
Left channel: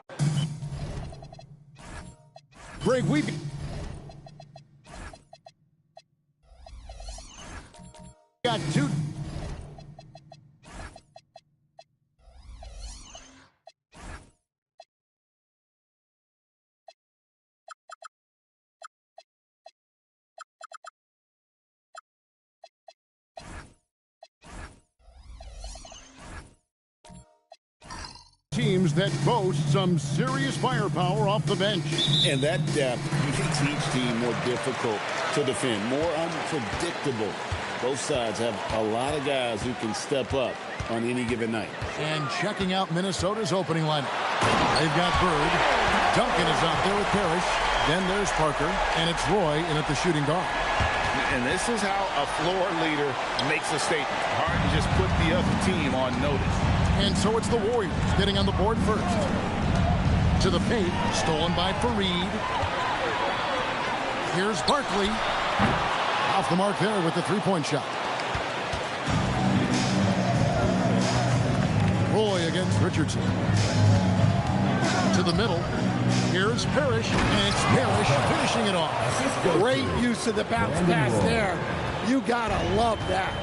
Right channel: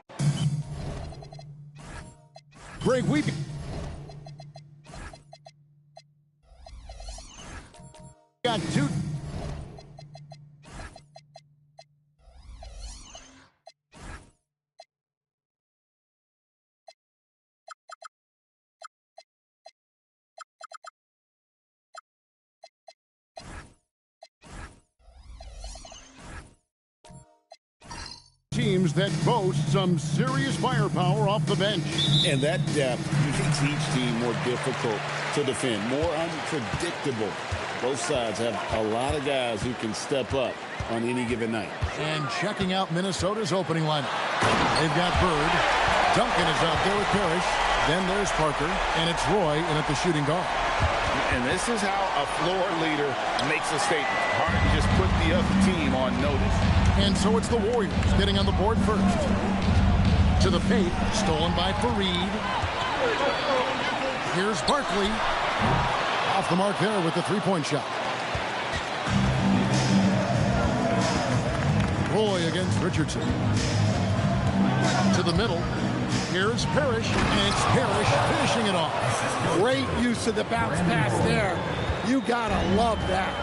Greg, we got two. Teams that boast some serious firepower off the bench. And that depth makes each team more difficult to defend, more unpredictable. Both sides have a lot of guys who can step up on any given night. And checking out Minnesota's opening lineup. They've got Bird. Duncan is out there with Parrish. Then there's Parker. And it's Roy in at the shooting guard. And this is how a floor leader makes a statement. Harden just put the other team on notice. And so it's the Warriors getting on the board first. To the paint, stolen by Fareed. Here's Barkley. Off the mark there with the three-point shot. Roy against Richardson. To the middle. Here's Parrish, and it's Parrish finishing it off. Great use of the bounce pass there. You gotta love that.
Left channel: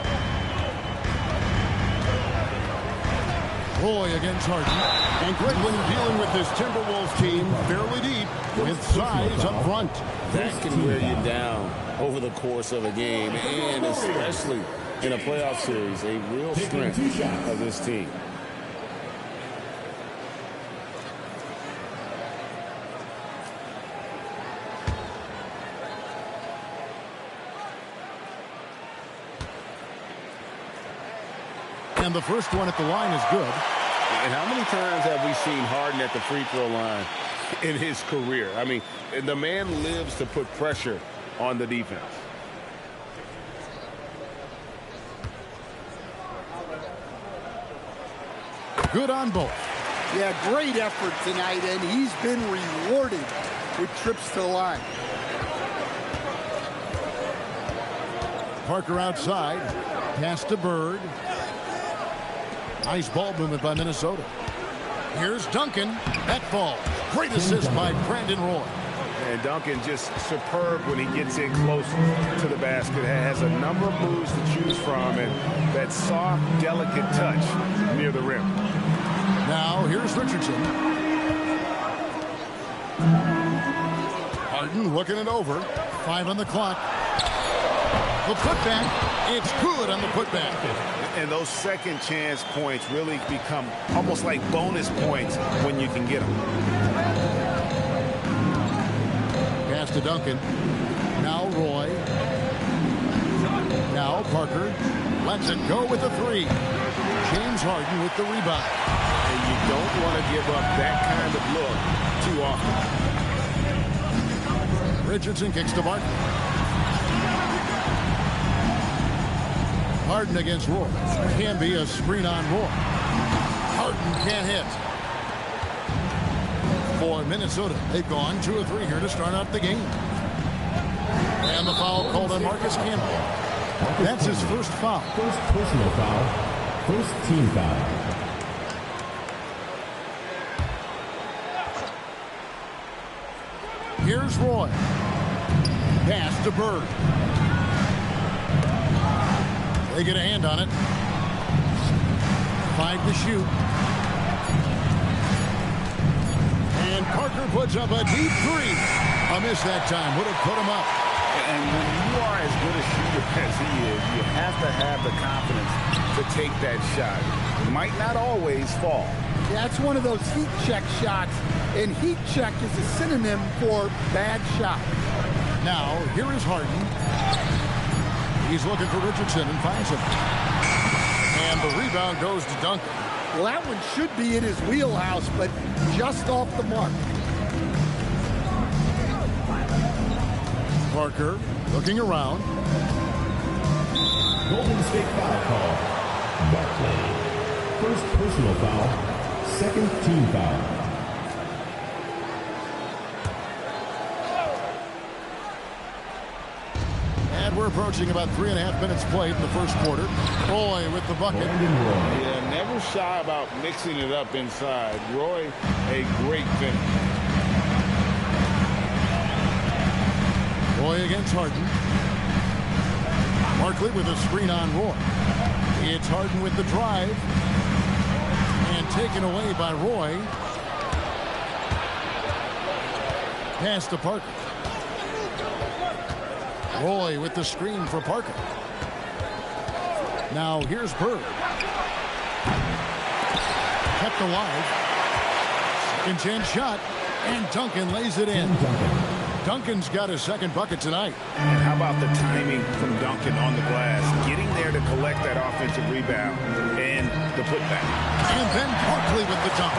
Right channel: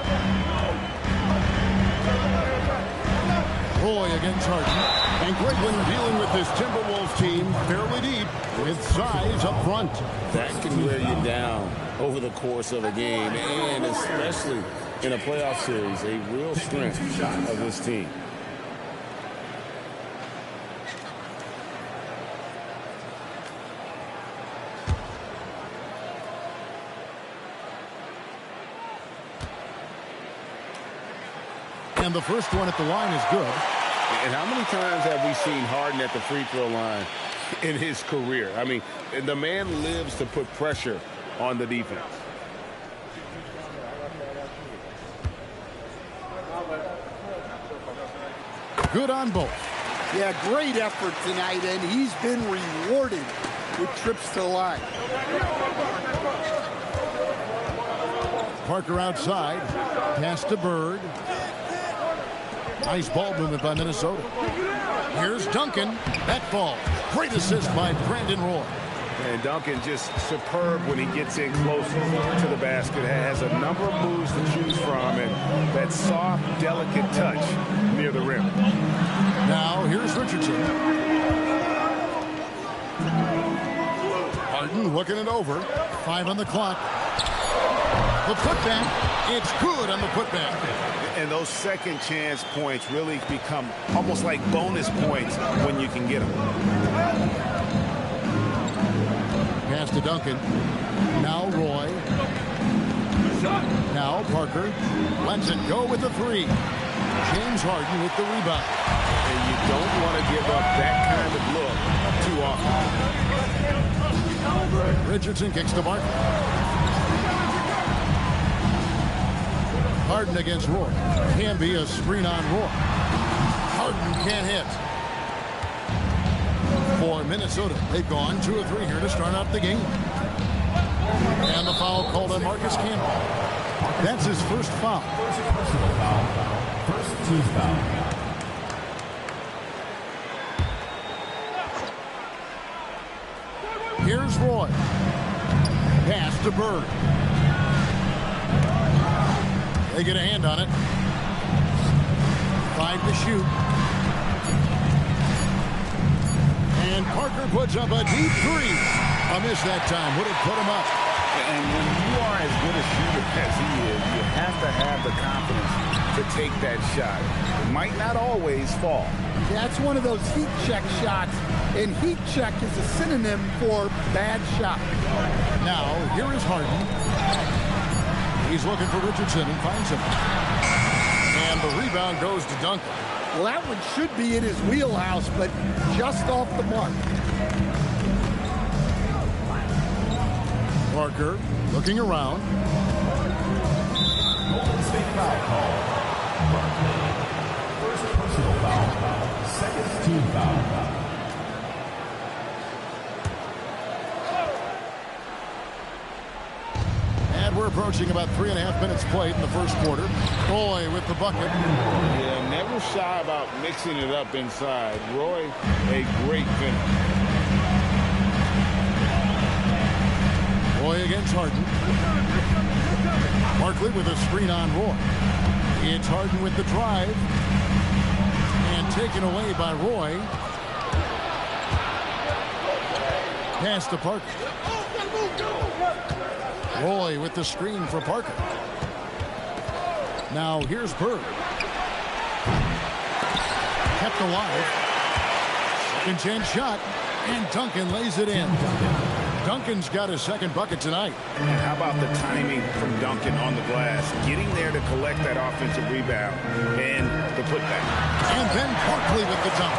Roy against Harden. And Greg, when you're dealing with this Timberwolves team fairly deep with size up front. That can wear you down over the course of a game, and especially in a playoff series, a real strength of this team. And the first one at the line is good. And how many times have we seen Harden at the free throw line in his career? I mean, the man lives to put pressure on the defense. Good on both. Yeah, great effort tonight, and he's been rewarded with trips to the line. Parker outside. Pass to Bird. Nice ball movement by Minnesota. Here's Duncan. That falls. Great assist by Brandon Roy. And Duncan just superb when he gets in close to the basket. Has a number of moves to choose from, and that soft, delicate touch near the rim. Now here's Richardson. Harden looking it over. 5 on the clock. The putback. It's good on the putback. And those second chance points really become almost like bonus points when you can get them. Pass to Duncan. Now Roy. Now Parker. Lets it go with the three. James Harden with the rebound. And you don't want to give up that kind of look too often. Richardson kicks to Barkley. Harden against Roy. Can be a screen on Roy. Harden can't hit. For Minnesota, they've gone 2 of 3 here to start out the game. And the foul called on Marcus Campbell. That's his first foul. First personal foul. First team foul. Here's Roy. Pass to Bird. They get a hand on it. 5 to shoot. And Parker puts up a deep 3. A miss that time. Would have put him up. And when you are as good a shooter as he is, you have to have the confidence to take that shot. It might not always fall. Yeah, it's one of those heat check shots, and heat check is a synonym for bad shot. Now, here is Harden. He's looking for Richardson and finds him. And the rebound goes to Duncan. Well, that one should be in his wheelhouse, but just off the mark. Parker looking around. Golden State foul call. Barkley. First personal foul. Second team foul. And we're approaching about 3.5 minutes played in the first quarter. Roy with the bucket. Yeah, never shy about mixing it up inside. Roy, a great finish. Roy against Harden. Barkley with a screen on Roy. It's Harden with the drive. And taken away by Roy. Pass to Parker. Roy with the screen for Parker. Now here's Bird. Kept alive. Second chance shot. And Duncan lays it in. Duncan's got his second bucket tonight. And how about the timing from Duncan on the glass? Getting there to collect that offensive rebound and the putback. And then Barkley with the dunk.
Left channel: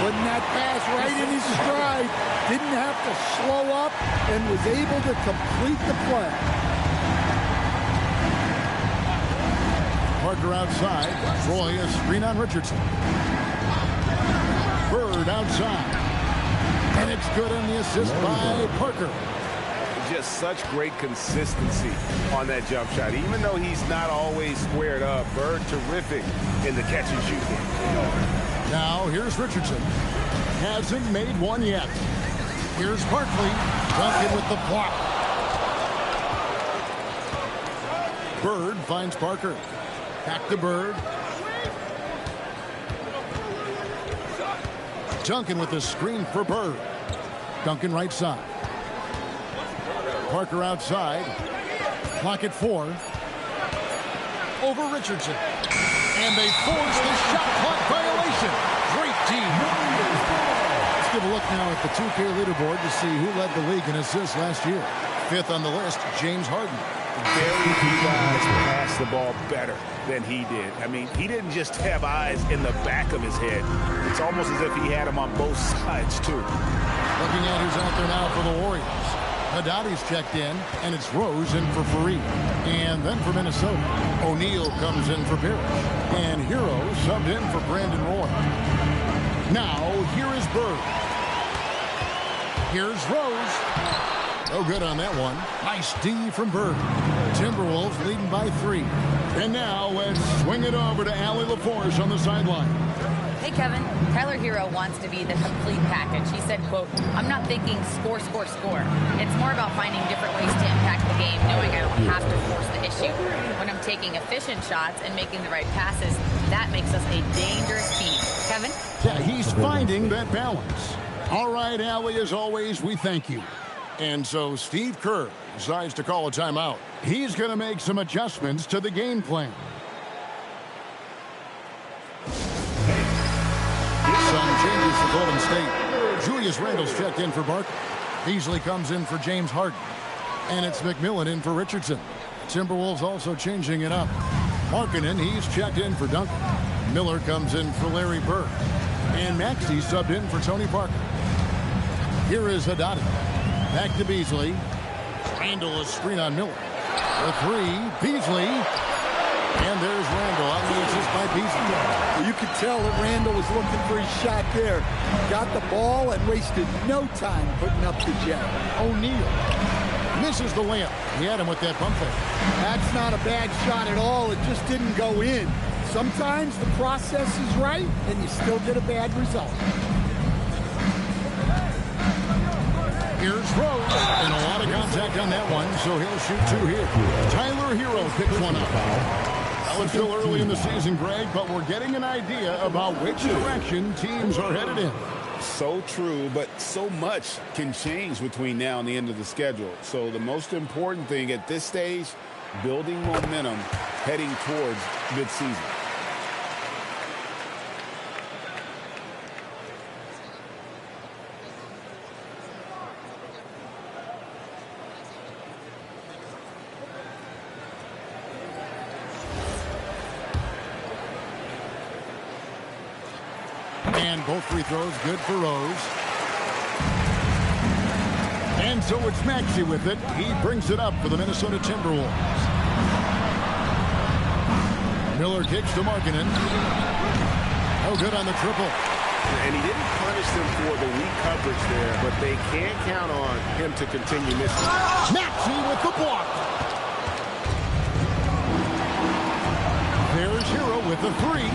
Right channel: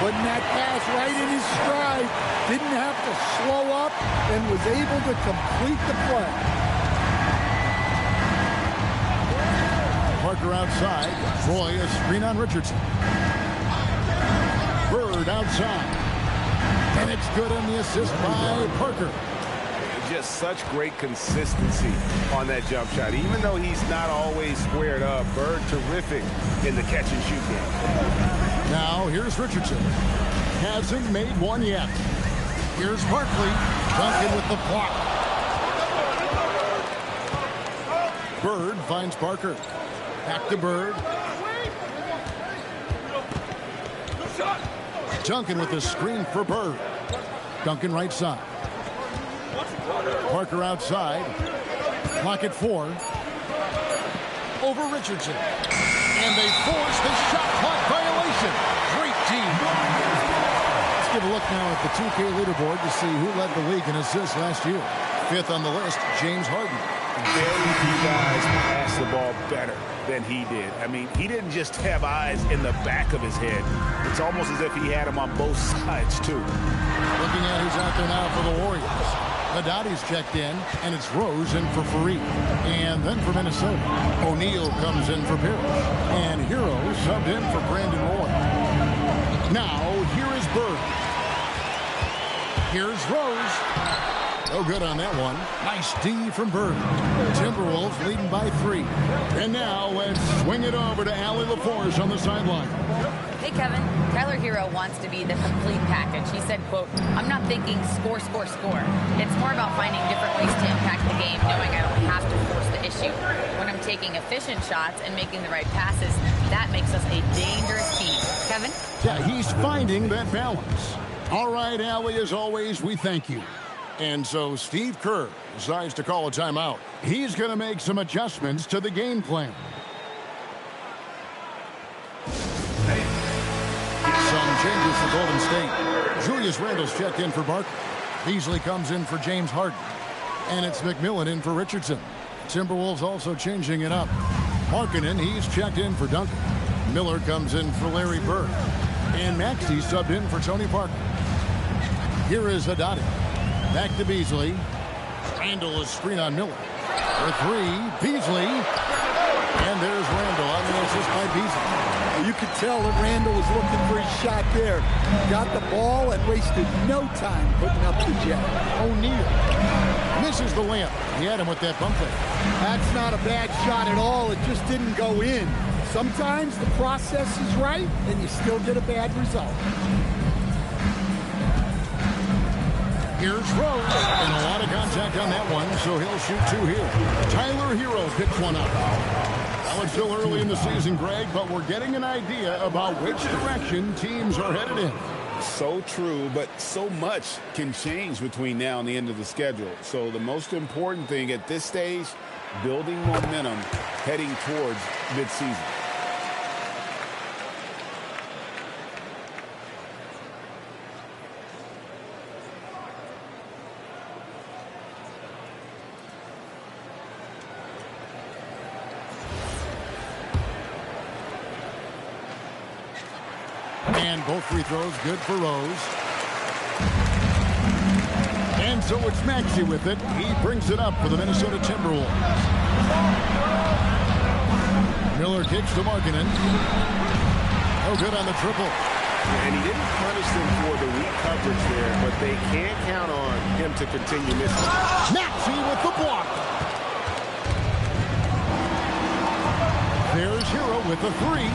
Putting that pass right in his stride. Didn't have to slow up and was able to complete the play. Parker outside. Roy a screen on Richardson. Bird outside. And it's good on the assist by Parker. Just such great consistency on that jump shot. Even though he's not always squared up, Bird terrific in the catch and shoot game. Now here's Richardson. Hasn't made one yet. Here's Barkley. Duncan with the block. Bird finds Parker. Back to Bird. Duncan with the screen for Bird. Duncan right side. Parker outside. Clock at 4. Over Richardson. And they force the shot clock violation. Great team. Let's give a look now at the 2K leaderboard to see who led the league in assists last year. 5th on the list, James Harden. Very few guys pass the ball better than he did. I mean, he didn't just have eyes in the back of his head. It's almost as if he had them on both sides, too. Looking at who's out there now for the Warriors. Haddadi's checked in, and it's Rose in for Fareed. And then for Minnesota, O'Neal comes in for Parrish. And Hero subbed in for Brandon Roy. Now, here is Bird. Here's Rose. No good on that one. Nice D from Bird. Timberwolves leading by 3. And now let's swing it over to Allie LaForce on the sideline. Hey, Kevin. Tyler Hero wants to be the complete package. He said, quote, I'm not thinking score, score, score. It's more about finding different ways to impact the game, knowing I don't have to force the issue. When I'm taking efficient shots and making the right passes, that makes us a dangerous team. Kevin? Yeah, he's finding that balance. All right, Allie, as always, we thank you. And so Steve Kerr decides to call a timeout. He's going to make some adjustments to the game plan. Some changes for Golden State. Julius Randle's checked in for Barkley. Beasley comes in for James Harden. And it's McMillan in for Richardson. Timberwolves also changing it up. Markkanen, he's checked in for Duncan. Miller comes in for Larry Bird. And Maxey subbed in for Tony Parker. Here is Haddadi. Back to Beasley. Randle a screen on Miller. For 3, Beasley. And there's Randle on the assist by Beasley. Well, you could tell that Randle was looking for his shot there. Got the ball and wasted no time putting up the jab. O'Neal misses the layup. He had him with that bump fake. That's not a bad shot at all. It just didn't go in. Sometimes the process is right and you still get a bad result. Here's Rose, and a lot of contact on that one, so he'll shoot 2 here. Tyler Hero picks one up. Well, it's still early in the season, Greg, but we're getting an idea about which direction teams are headed in. So true, but so much can change between now and the end of the schedule. So the most important thing at this stage, building momentum heading towards midseason. And both free throws good for Rose. And so it's Maxey with it. He brings it up for the Minnesota Timberwolves. Miller kicks to Markkanen. No good on the triple. And he didn't punish them for the weak coverage there, but they can't count on him to continue missing. Maxey with the block. There's Hero with the three.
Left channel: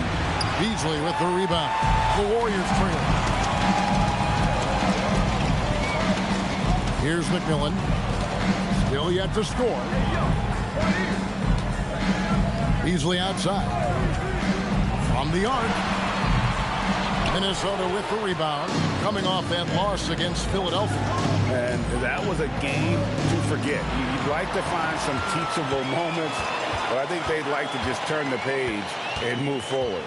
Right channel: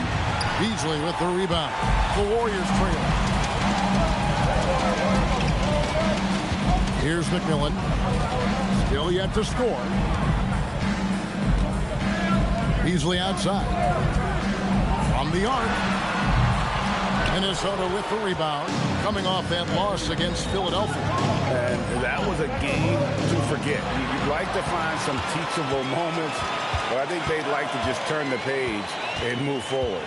Beasley with the rebound. The Warriors trail. Here's McMillan. Still yet to score. Beasley outside. From the arc. Minnesota with the rebound. Coming off that loss against Philadelphia. And that was a game to forget. You'd like to find some teachable moments, but I think they'd like to just turn the page and move forward.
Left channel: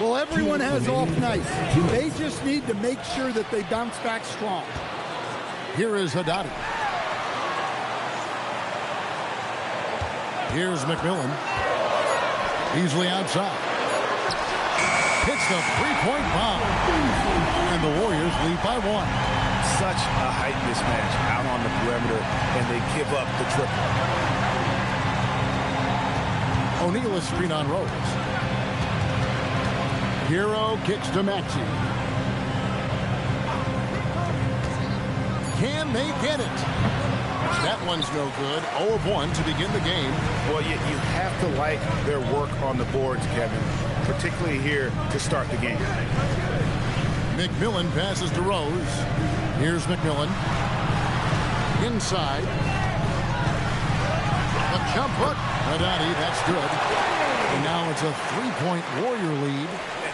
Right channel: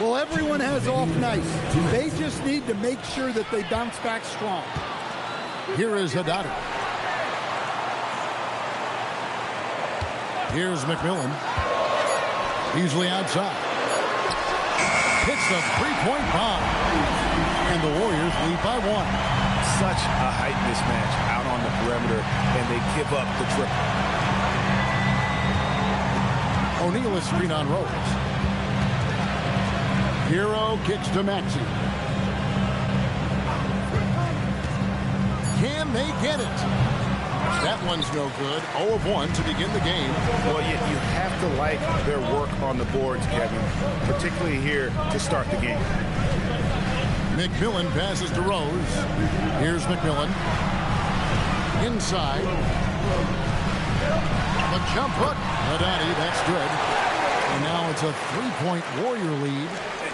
Well, everyone has off nights. They just need to make sure that they bounce back strong. Here is Haddadi. Here's McMillan. Beasley outside. Hits the three-point bomb. And the Warriors lead by one. Such a height mismatch out on the perimeter, and they give up the triple. O'Neal is screen on Rose. Hero kicks to Maxey. Can they get it? That one's no good. 0 of 1 to begin the game. Well, you have to like their work on the boards, Kevin, particularly here to start the game. McMillan passes to Rose. Here's McMillan. Inside. The jump hook. Haddadi, that's good. And now it's a three-point Warrior lead.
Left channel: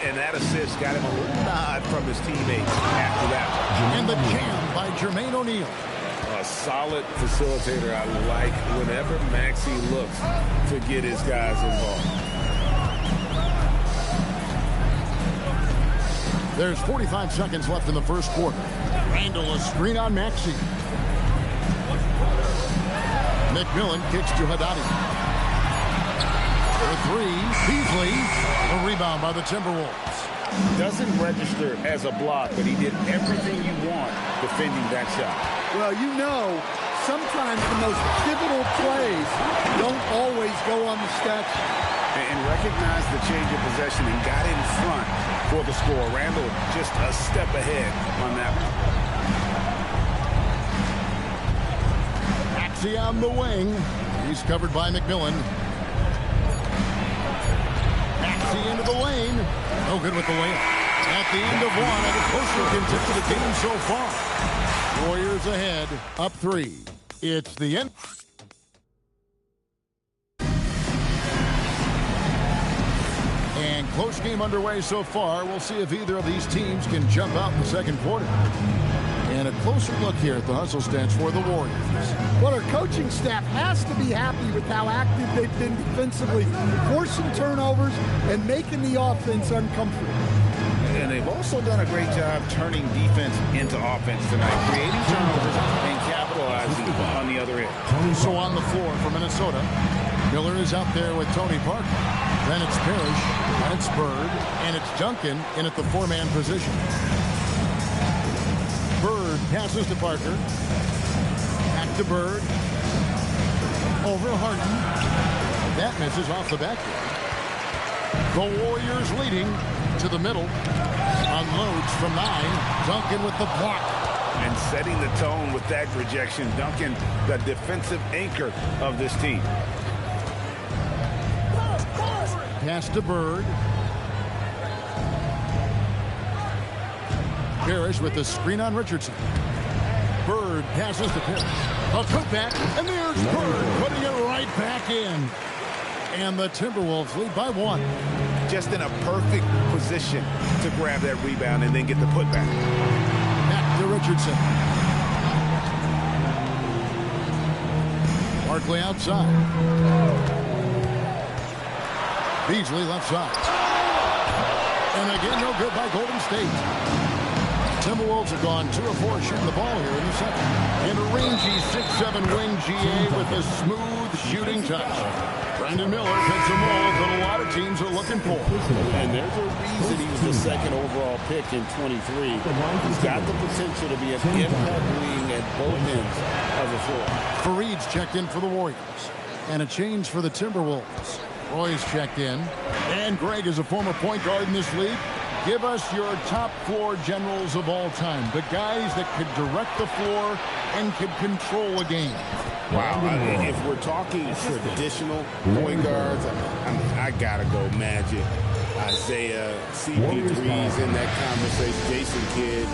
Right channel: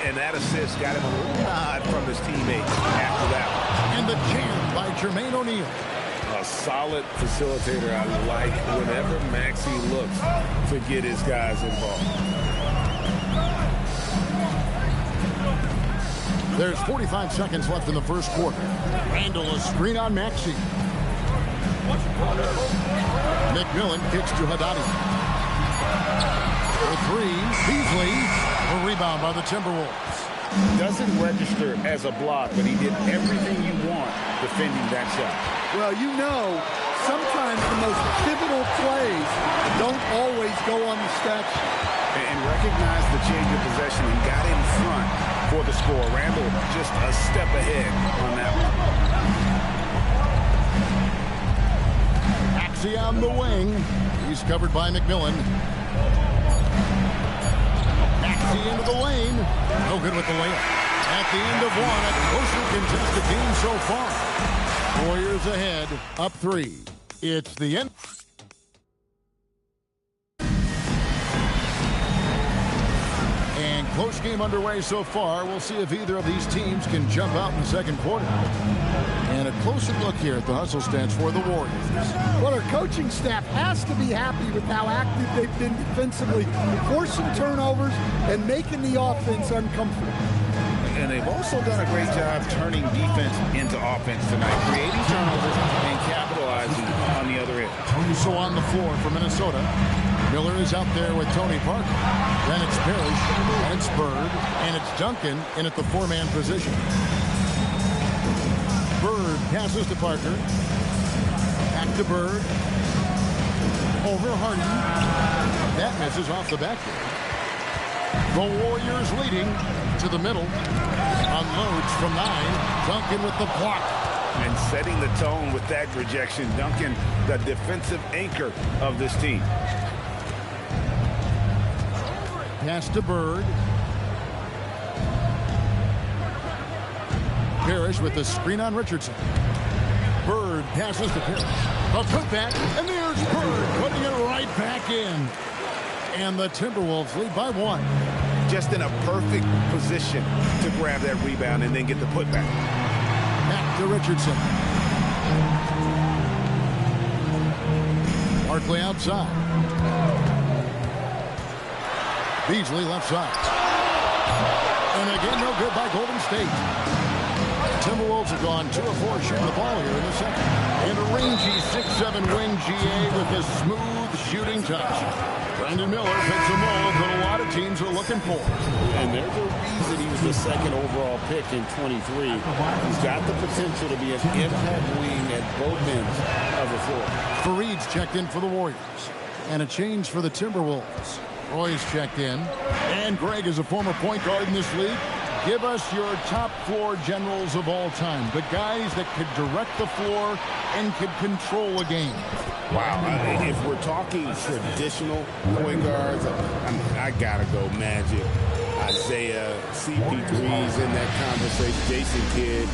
And that assist got him a little nod from his teammates after that one. And the jam by Jermaine O'Neal. A solid facilitator. I like whenever Maxey looks to get his guys involved. There's 45 seconds left in the first quarter. Randall a screen on Maxey. McMillan kicks to Haddadi. For three, Beasley. A rebound by the Timberwolves. Doesn't register as a block, but he did everything you want defending that shot. Well, you know, sometimes the most pivotal plays don't always go on the stat sheet. And recognized the change of possession and got in front for the score. Randall just a step ahead on that one. Maxey on the wing. He's covered by McMillan. Maxey into the lane. No good with the layup. At the end of one, a closer contested game so far. Warriors ahead, up 3. It's the end. And close game underway so far. We'll see if either of these teams can jump out in the second quarter. And a closer look here at the hustle stats for the Warriors. Well, our coaching staff has to be happy with how active they've been defensively, forcing turnovers and making the offense uncomfortable. And they've also done a great job turning defense into offense tonight, creating turnovers and capitalizing on the other end. So on the floor for Minnesota, Miller is out there with Tony Parker. Then it's Parrish, and it's Bird, and it's Duncan in at the 4-man position. Bird passes to Parker. Back to Bird. Over Harden. That misses off the backboard. The Warriors leading to the middle. Unloads from 9. Duncan with the block. And setting the tone with that rejection. Duncan, the defensive anchor of this team. Pass to Bird. Parrish with the screen on Richardson. Bird passes to Parrish. A putback, and there's Bird putting it right back in. And the Timberwolves lead by 1. Just in a perfect position to grab that rebound and then get the putback. Back to Richardson. Barkley outside. Beasley left side. And again, no good by Golden State. Timberwolves have gone 2 of 4 shooting the ball here in the second. And a rangy 6'7" wing GA with a smooth shooting touch. Brandon Miller fits a mold that a lot of teams are looking for. And there's a reason he was the second overall pick in 23. He's got the potential to be an impact wing at both ends of the floor. Fareed's checked in for the Warriors. And a change for the Timberwolves. Roy's checked in. And Greg is a former point guard in this league. give us your top floor generals of all time, the guys that could direct the floor and could control a game. Wow, if we're talking traditional point guards, I gotta go Magic, Isaiah, CP3's in that conversation, Jason Kidd.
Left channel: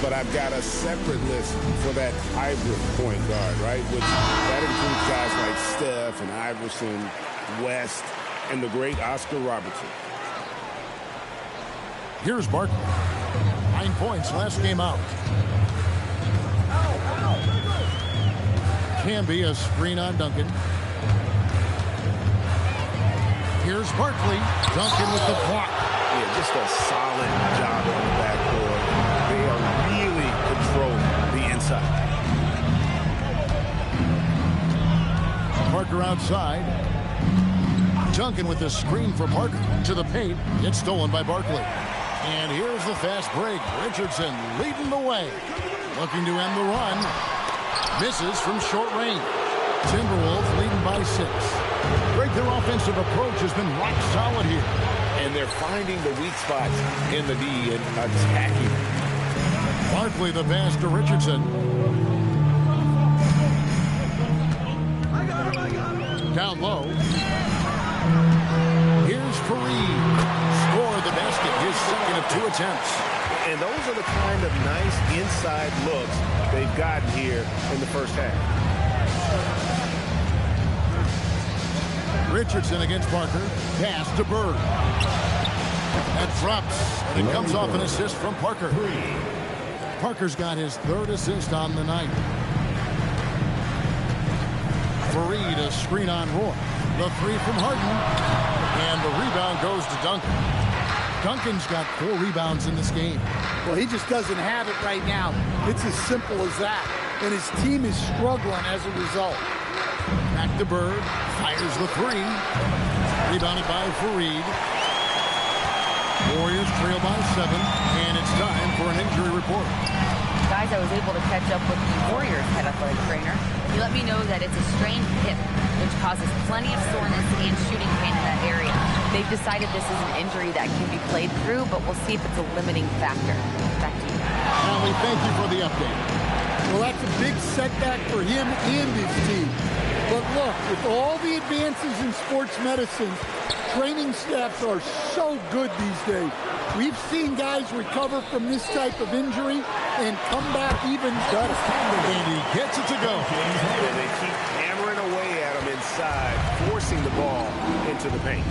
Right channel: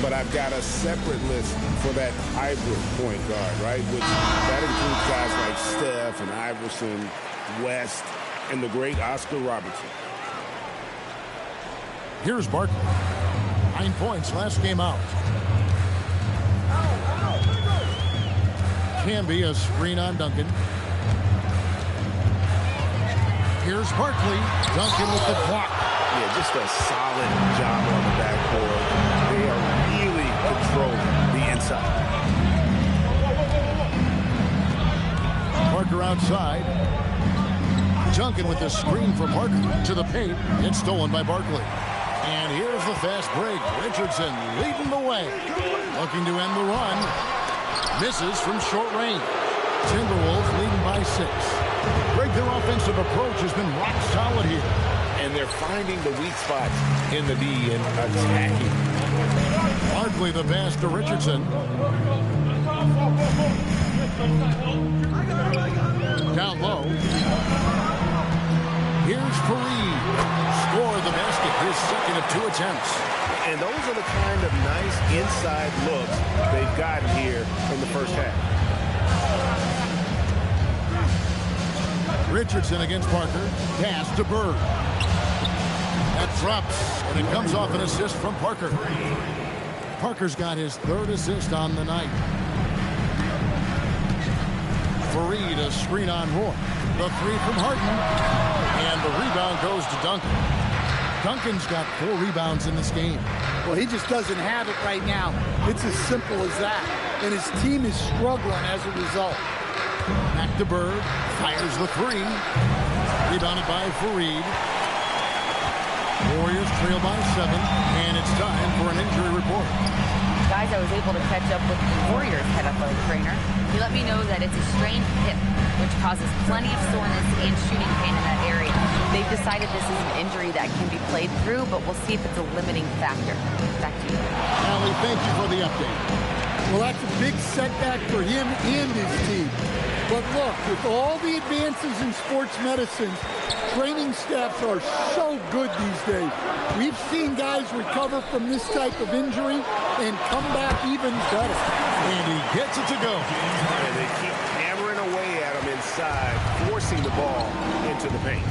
But I've got a separate list for that hybrid point guard, right? Which that includes guys like Steph and Iverson, West, and the great Oscar Robertson. Here's Barkley. 9 points last game out. Can be a screen on Duncan. Here's Barkley. Duncan with the block. Yeah, just a solid job on the backboard. They are really controlling the inside. Parker outside. Duncan with the screen for Parker to the paint. It's stolen by Barkley. And here's the fast break. Richardson leading the way. Looking to end the run. Misses from short range. Timberwolves leading by 6. Greg, their offensive approach has been rock solid here. And they're finding the weak spots in the D and attacking. Barkley the pass to Richardson. Down low. Here's Fareed. Score the basket, his second of 2 attempts. And those are the kind of nice inside looks they've gotten here in the first half. Richardson against Parker. Pass to Bird. That drops, and it comes off an assist from Parker. Parker's got his 3rd assist on the night. Fareed, a screen on Roy. The 3 from Harden. And the rebound goes to Duncan. Duncan's got 4 rebounds in this game. Well, he just doesn't have it right now. It's as simple as that. And his team is struggling as a result. Back to Bird. Fires the 3. Rebounded by Fareed. Warriors trail by 7. And it's time for an injury report. Guys, I was able to catch up with the Warriors head athletic trainer. He let me know that it's a strained hip, which causes plenty of soreness and shooting pain in that area. They've decided this is an injury that can be played through, but we'll see if it's a limiting factor. Back to you. Allie, thank you for the update. Well, that's a big setback for him and his team. But look, with all the advances in sports medicine, training staffs are so good these days. We've seen guys recover from this type of injury and come back even better. And he gets it to go. And they keep hammering away at him inside, forcing the ball into the paint.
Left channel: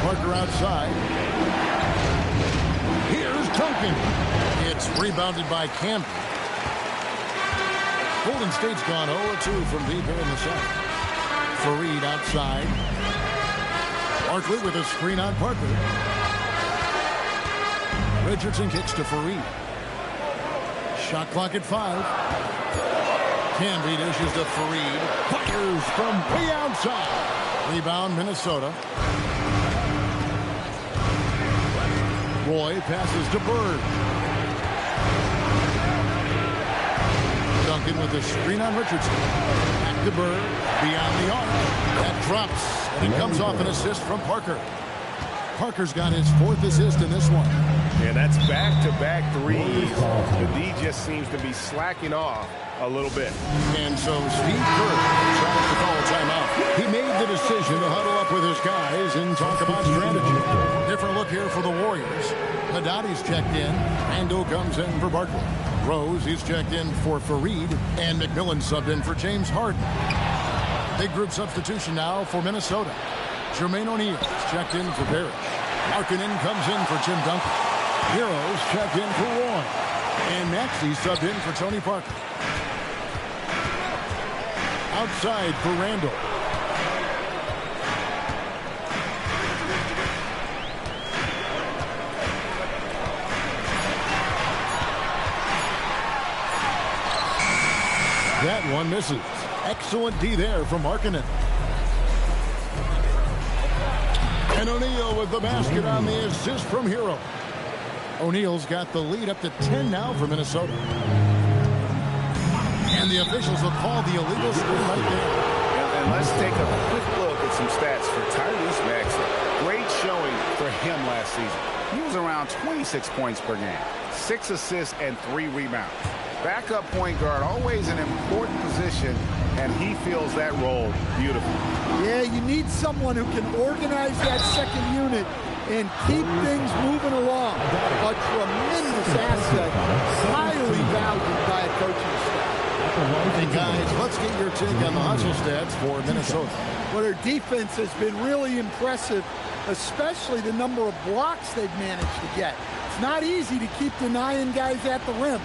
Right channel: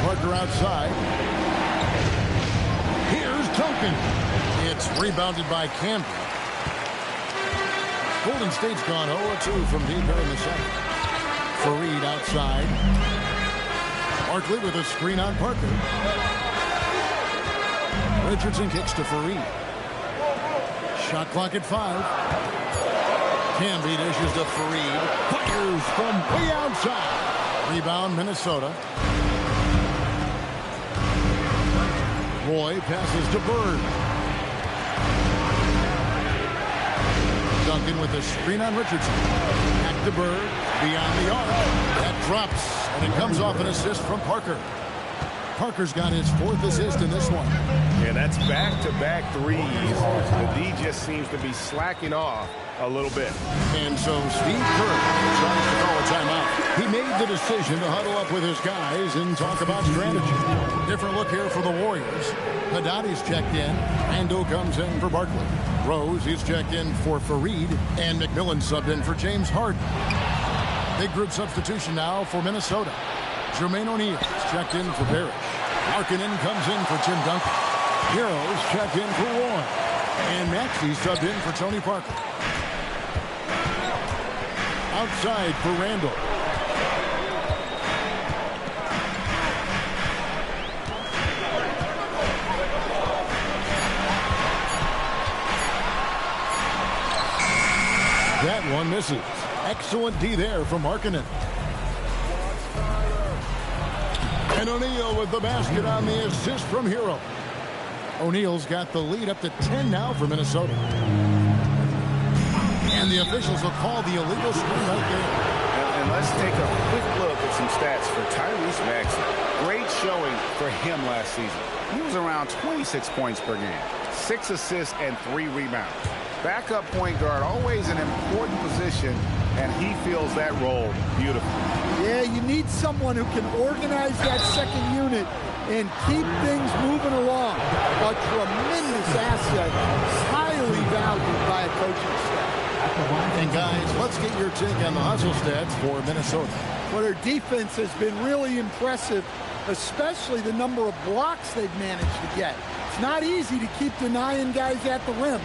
Parker outside. Here's Duncan. It's rebounded by Camby. Golden State's gone 0-2 from deep here in the 7th. Fareed outside. Barkley with a screen on Parker. Richardson kicks to Fareed. Shot clock at 5. Camby dishes to Fareed. Fires from way outside. Rebound Minnesota. Roy passes to Bird. Duncan with a screen on Richardson. Back to Bird. Beyond the arc. That drops. And it comes off an assist from Parker. Parker's got his 4th assist in this one. Yeah, that's back-to-back threes. The D just seems to be slacking off a little bit. And so Steve Kerr tries to call a timeout. He made the decision to huddle up with his guys and talk about strategy. Different look here for the Warriors. Hadadi's checked in. Randall comes in for Barkley. Rose is checked in for Fareed. And McMillan subbed in for James Harden. Big group substitution now for Minnesota. Jermaine O'Neal is checked in for Parrish. Markkanen comes in for Tim Duncan. Heroes checked in for Roy. And Maxey subbed in for Tony Parker. Outside for Randall. That one misses. Excellent D there from Markkanen. And O'Neal with the basket on the assist from Hero. O'Neal's got the lead up to 10 now for Minnesota. And the officials will call the illegal screen right there. And And let's take a quick look at some stats for Tyrese Maxey. Great showing for him last season. He was around 26 points per game, 6 assists and 3 rebounds. Backup point guard, always an important position, and he fills that role beautifully. Yeah, you need someone who can organize that second unit and keep things moving along. A tremendous asset, highly valued by a coaching staff. And guys, let's get your take on the hustle stats for Minnesota. Well, their defense has been really impressive, especially the number of blocks they've managed to get. It's not easy to keep denying guys at the rim.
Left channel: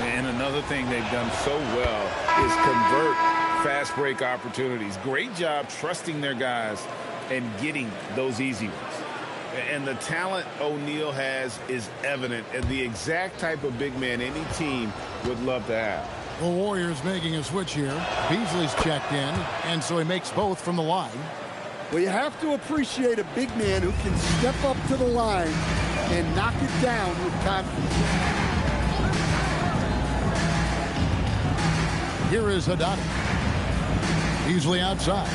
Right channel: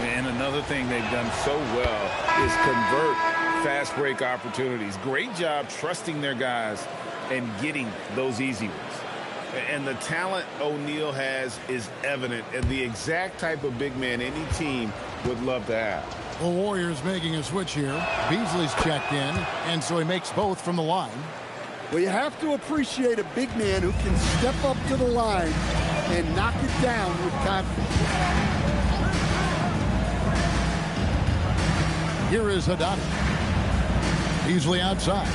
And another thing they've done so well is convert fast break opportunities. Great job trusting their guys and getting those easy ones. And the talent O'Neal has is evident, and the exact type of big man any team would love to have. The Warriors making a switch here. Beasley's checked in, and so he makes both from the line. Well, you have to appreciate a big man who can step up to the line and knock it down with confidence. Here is Haddadi. Beasley outside.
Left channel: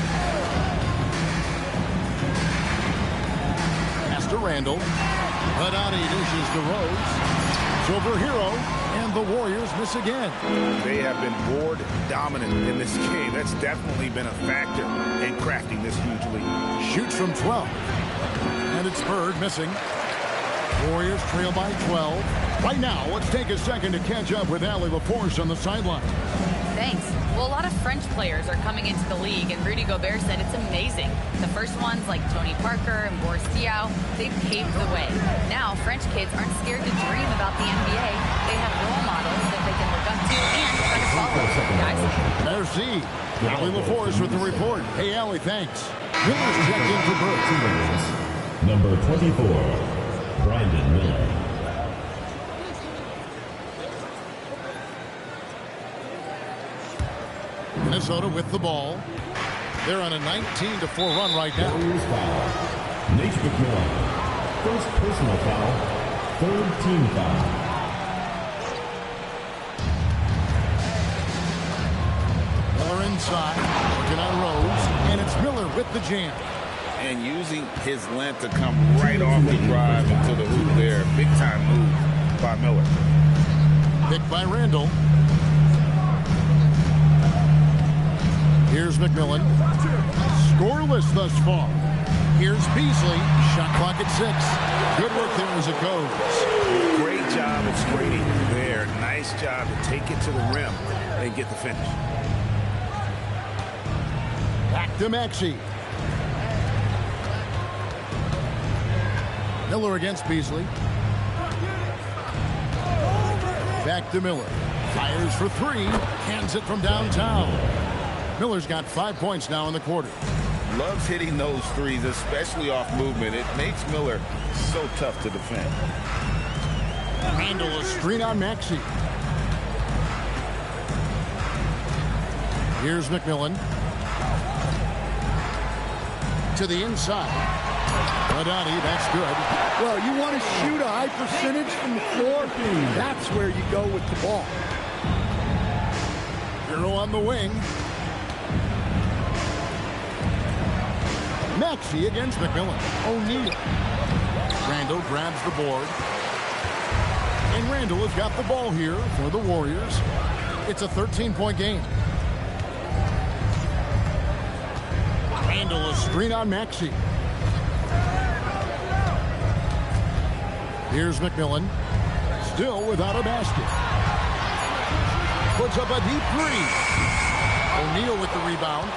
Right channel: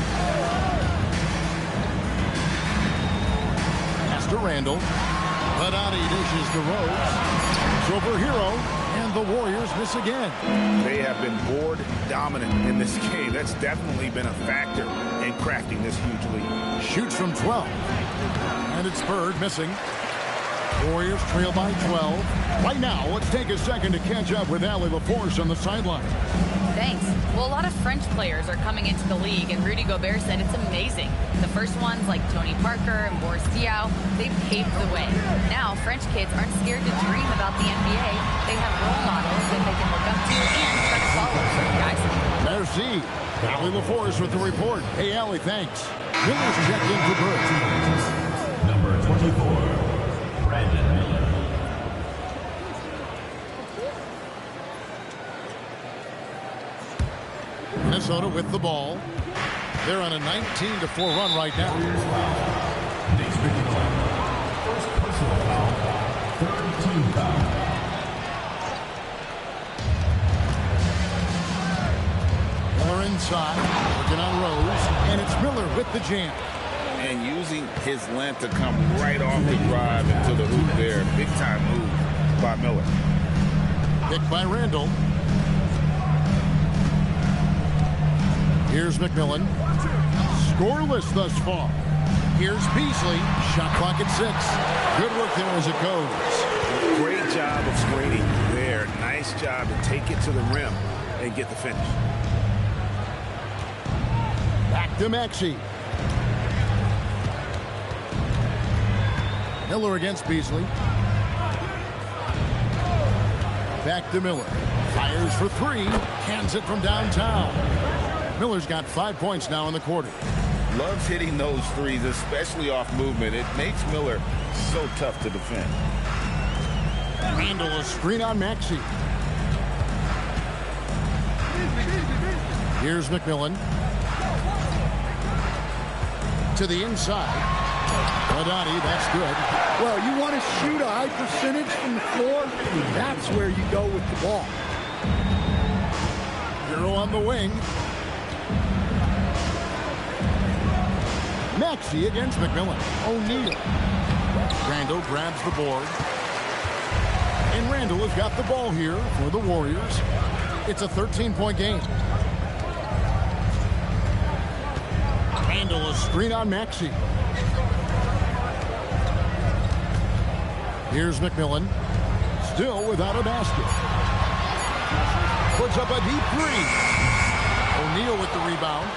Pass to Randall. Haddadi dishes to Rose. It's over Hero, and the Warriors miss again. They have been board dominant in this game. That's definitely been a factor in crafting this huge lead. Shoots from 12. And it's Bird missing. Warriors trail by 12. Right now, let's take a second to catch up with Allie LaForce on the sideline. Thanks. Well, a lot of French players are coming into the league, and Rudy Gobert said it's amazing. The first ones, like Tony Parker and Boris Diaw, they paved the way. Now, French kids aren't scared to dream about the NBA. They have role models that they can look up to and try to follow. Guys? Merci. Allie LaForce with the report. Hey, Allie, thanks. Miller's checked in for Bird. Number 24, Brandon Miller. Minnesota with the ball. They're on a 19-4 run right now. Nate McMillan. First personal foul. Third team foul. Miller inside, working on Rose, and it's Miller with the jam. And using his length to come right off the drive into the hoop there. Big time move by Miller. Picked by Randall. Here's McMillan. Scoreless thus far. Here's Beasley. Shot clock at 6. Good work there as it goes. Great job of screening there. Nice job to take it to the rim and get the finish. Back to Maxey. Miller against Beasley. Back to Miller. Fires for 3. Cans it from downtown. Miller's got 5 points now in the quarter. Loves hitting those threes, especially off movement. It makes Miller so tough to defend. Randall a screen on Maxey. Here's McMillan. To the inside. Haddadi, that's good. Well, you want to shoot a high percentage from the floor? That's where you go with the ball. Hero on the wing. Maxey against McMillan. O'Neal. Randall grabs the board. And Randall has got the ball here for the Warriors. It's a 13-point game. Randall a screen on Maxey. Here's McMillan. Still without a basket. Puts up a deep 3. O'Neal with the rebound.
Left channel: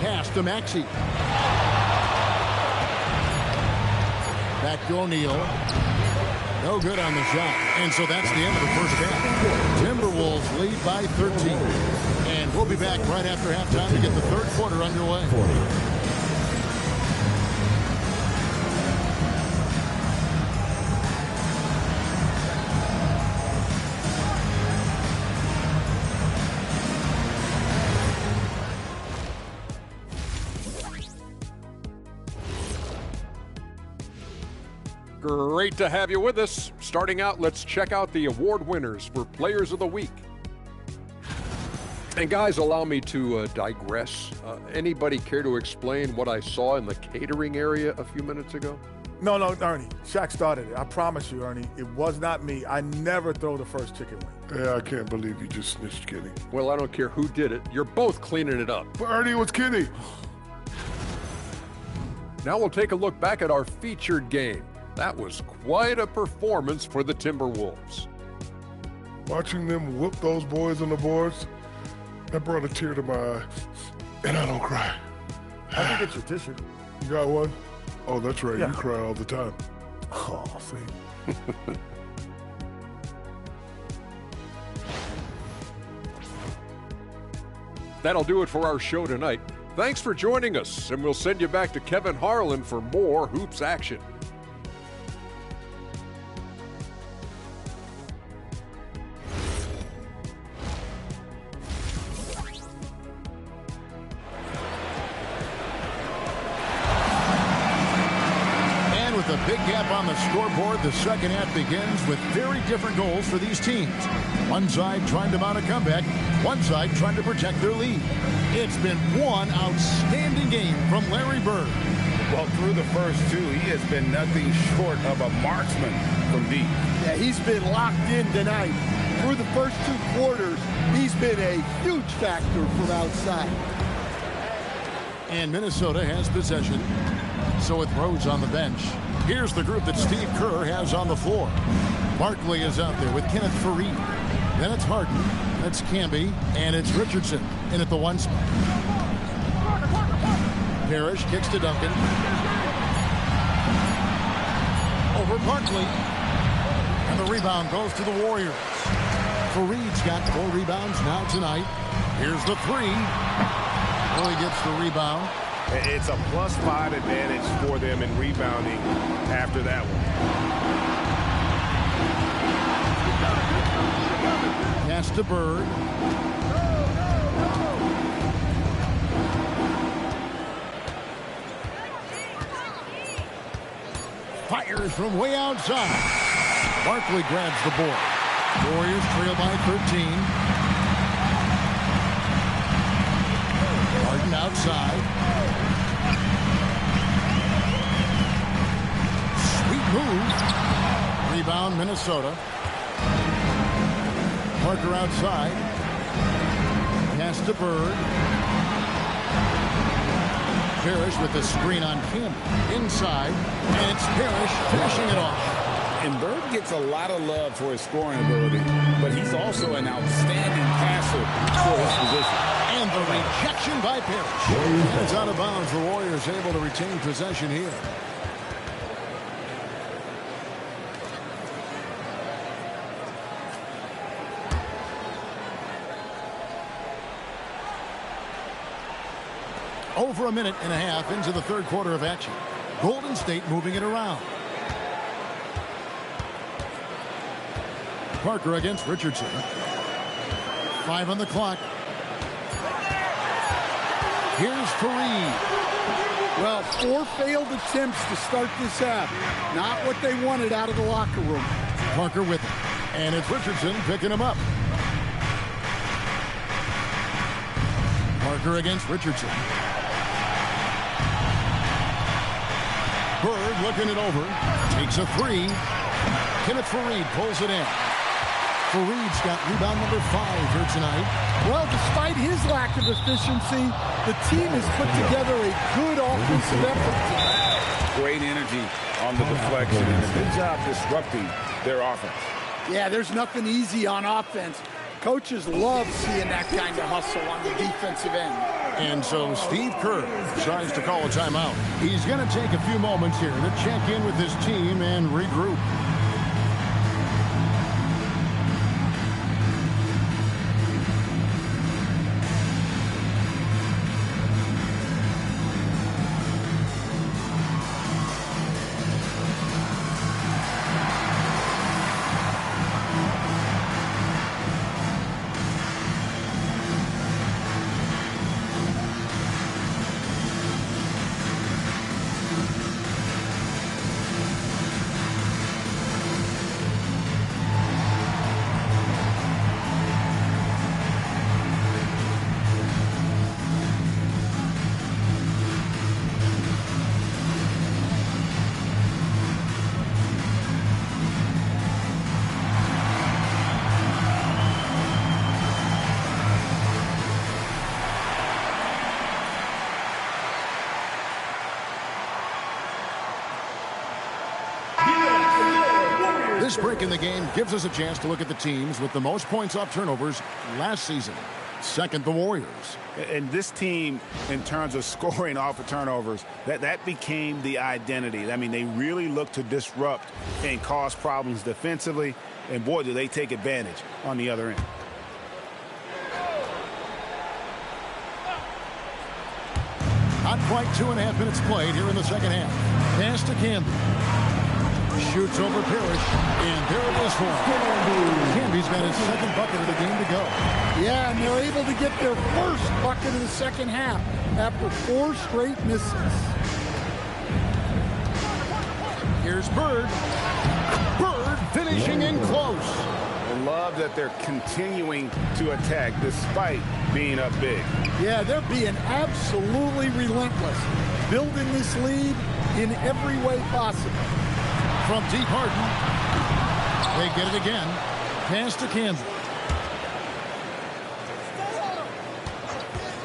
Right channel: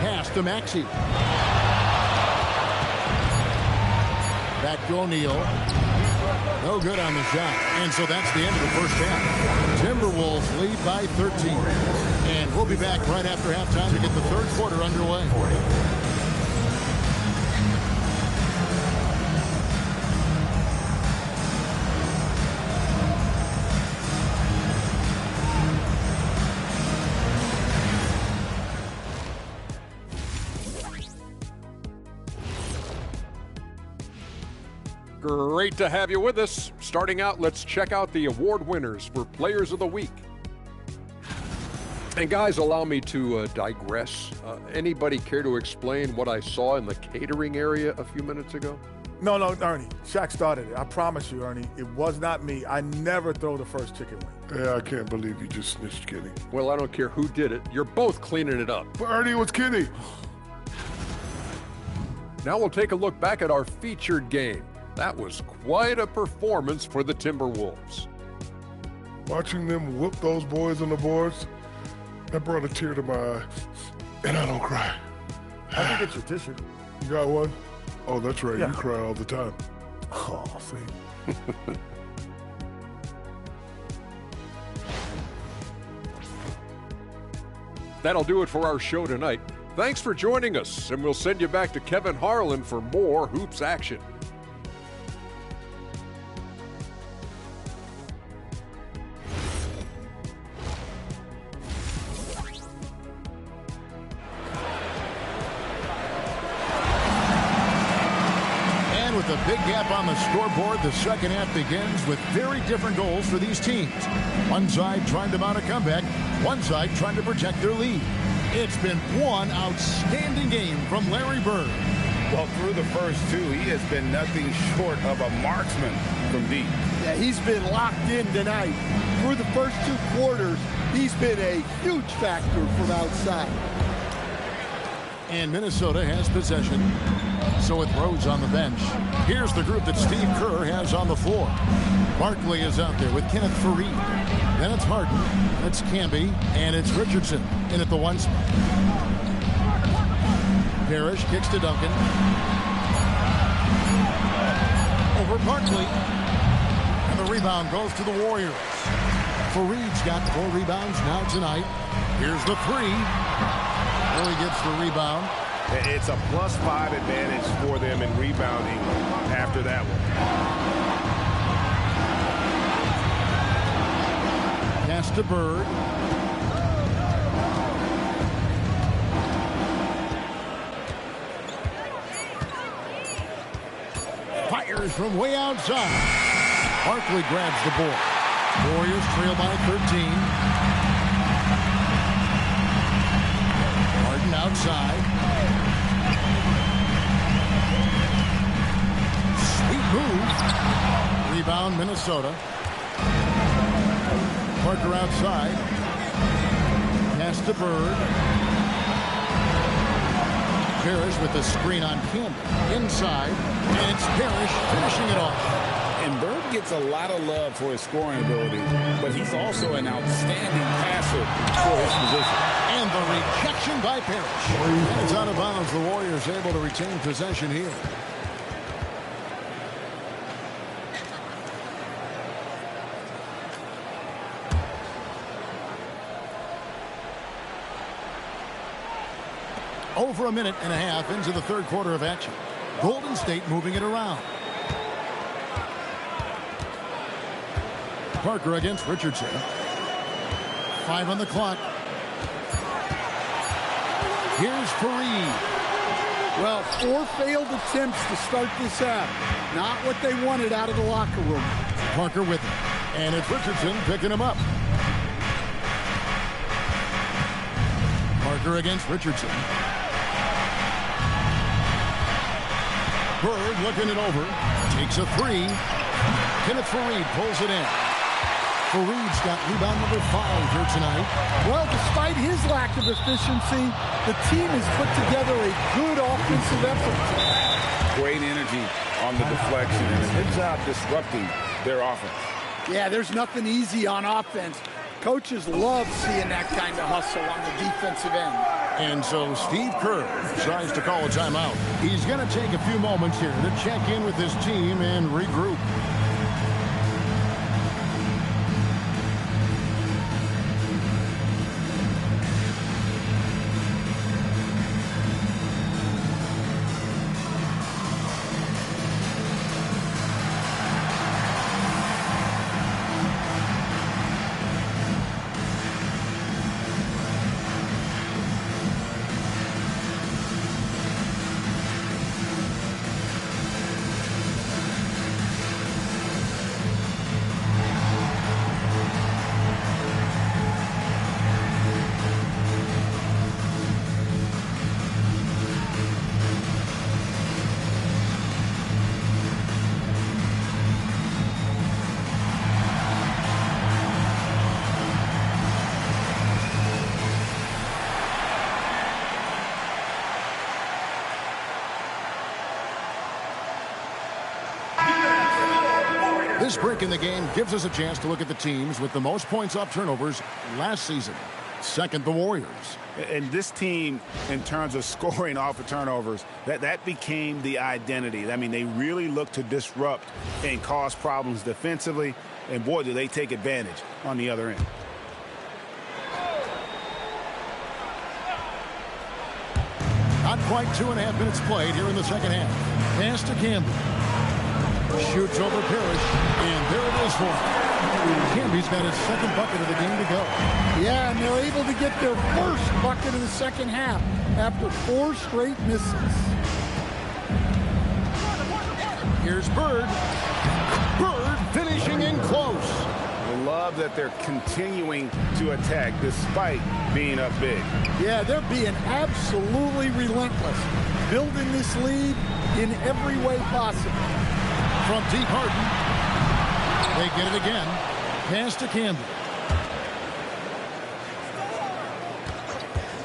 Pass to Maxey. Back to O'Neal. No good on the shot. And so that's the end of the first half. Timberwolves lead by 13. And we'll be back right after halftime to get the third quarter underway. Great to have you with us. Starting out, let's check out the award winners for Players of the Week. And guys, allow me to digress. Anybody care to explain what I saw in the catering area a few minutes ago? No, Ernie. Shaq started it. I promise you, Ernie. It was not me. I never throw the first chicken wing. Yeah, I can't believe you just snitched Kenny. Well, I don't care who did it. You're both cleaning it up. But Ernie, it was Kenny. Now we'll take a look back at our featured game. That was quite a performance for the Timberwolves. Watching them whoop those boys on the boards, that brought a tear to my eye. And I don't cry. I can get your tissue. You got one? Oh, that's right. Yeah. You cry all the time. Oh, see. That'll do it for our show tonight. Thanks for joining us, and we'll send you back to Kevin Harlan for more hoops action. And with a big gap on the scoreboard, the second half begins with very different goals for these teams. One side trying to mount a comeback, one side trying to protect their lead. It's been one outstanding game from Larry Bird. Well, through the first two, he has been nothing short of a marksman from deep. Yeah, he's been locked in tonight. Through the first 2 quarters, he's been a huge factor from outside. And Minnesota has possession. So with Rose on the bench, here's the group that Steve Kerr has on the floor. Barkley is out there with Kenneth Faried. Then it's Harden, that's Camby, and it's Richardson in at the 1 spot. Parrish kicks to Duncan. Over Barkley. And the rebound goes to the Warriors. Faried's got 4 rebounds now tonight. Here's the 3. Only gets the rebound. It's a +5 advantage for them in rebounding after that one. Pass to Bird. Fires from way outside. Barkley grabs the ball. Warriors trail by 13. Harden outside. Sweet move. Rebound Minnesota. Parker outside. Pass to Bird. Parrish with the screen on Camby. Inside. And it's Parrish finishing it off. And Bird gets a lot of love for his scoring ability, but he's also an outstanding passer for his position. And the rejection by Parrish. And it's out of bounds. The Warriors able to retain possession here. Over a minute and a half into the third quarter of action. Golden State moving it around. Parker against Richardson. 5 on the clock. Here's Faried. Well, 4 failed attempts to start this half. Not what they wanted out of the locker room. Parker with it. And it's Richardson picking him up. Parker against Richardson. Bird looking it over. Takes a 3. Kenneth Faried pulls it in. Faried's got rebound number 5 here tonight. Well, despite his lack of efficiency, the team has put together a good offensive effort. Great energy on the deflection and a good job disrupting their offense. Yeah, there's nothing easy on offense. Coaches love seeing that kind of hustle on the defensive end. And so Steve Kerr decides to call a timeout. He's going to take a few moments here to check in with his team and regroup. This break in the game gives us a chance to look at the teams with the most points off turnovers last season. Second, the Warriors. And this team, in terms of scoring off of turnovers, that became the identity. I mean, they really look to disrupt and cause problems defensively. And, boy, do they take advantage on the other end. Not quite 2.5 minutes played here in the second half. Pass to Camby. Shoots over Parrish, and there it is for him. Camby's got his second bucket of the game to go. Yeah, and they're able to get their first bucket of the second half after 4 straight misses. Here's Bird. Bird finishing in close. I love that they're continuing to attack despite being up big. Yeah, they're being absolutely relentless, building this lead in every way possible. From deep, Harden. They get it again. Pass to Camby.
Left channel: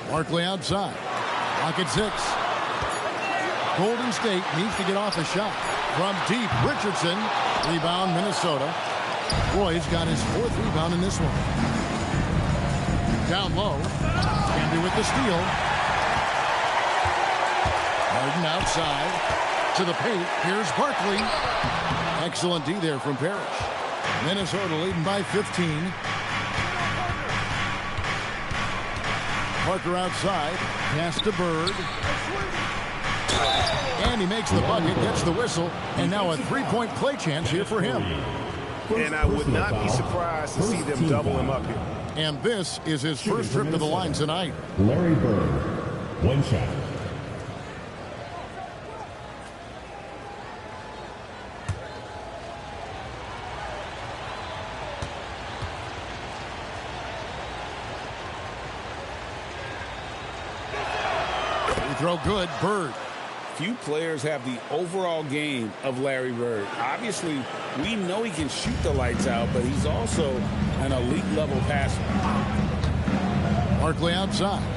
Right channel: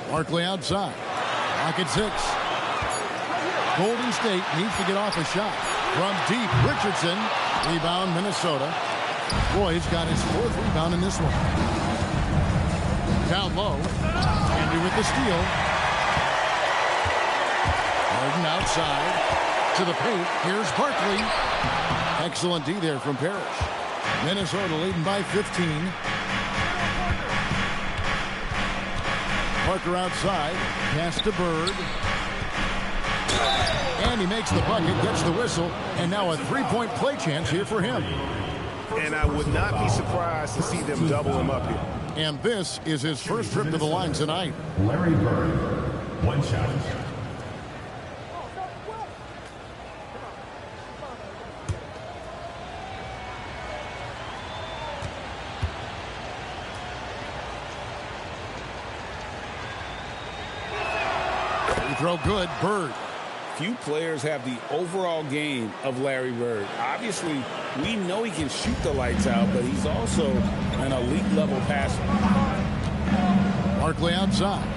Barkley outside. Clock at 6. Golden State needs to get off a shot. From deep, Richardson. Rebound, Minnesota. Roy's got his 4th rebound in this one. Down low. Camby with the steal. Harden outside. To the paint. Here's Barkley. Excellent D there from Parrish. Minnesota leading by 15. Parker outside. Pass to Bird. And he makes the bucket, gets the whistle, and now a 3-point play chance here for him. And I would not be surprised to see them double him up here. And this is his first trip to the line tonight. Larry Bird, 1 shot. Free throw good, Bird. Few players have the overall game of Larry Bird. Obviously, we know he can shoot the lights out, but he's also an elite level passer. Barkley outside.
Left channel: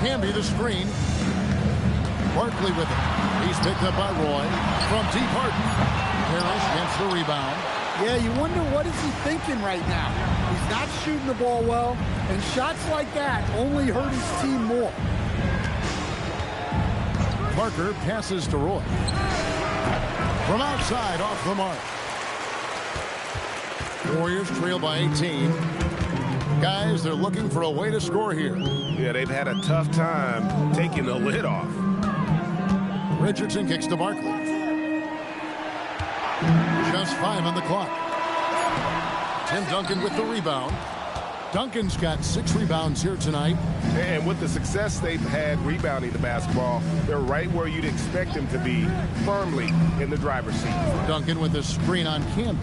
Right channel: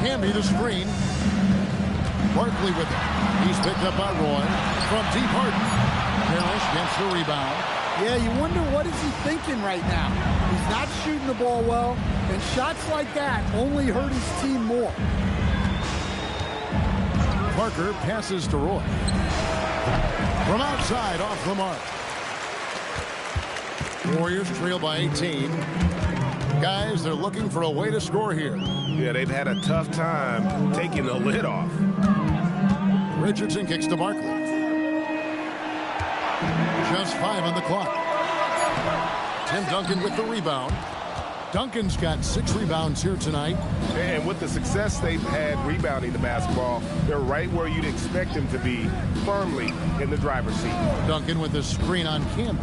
Camby the screen. Barkley with it. He's picked up by Roy. From deep, Harden. Parrish gets the rebound. Yeah, you wonder what is he thinking right now. He's not shooting the ball well, and shots like that only hurt his team more. Parker passes to Roy. From outside, off the mark. Warriors trail by 18. Guys, they're looking for a way to score here. Yeah, they've had a tough time taking the lid off. Richardson kicks to Barkley. Just 5 on the clock. Tim Duncan with the rebound. Duncan's got 6 rebounds here tonight. And with the success they've had rebounding the basketball, they're right where you'd expect them to be, firmly in the driver's seat. Duncan with the screen on Camby.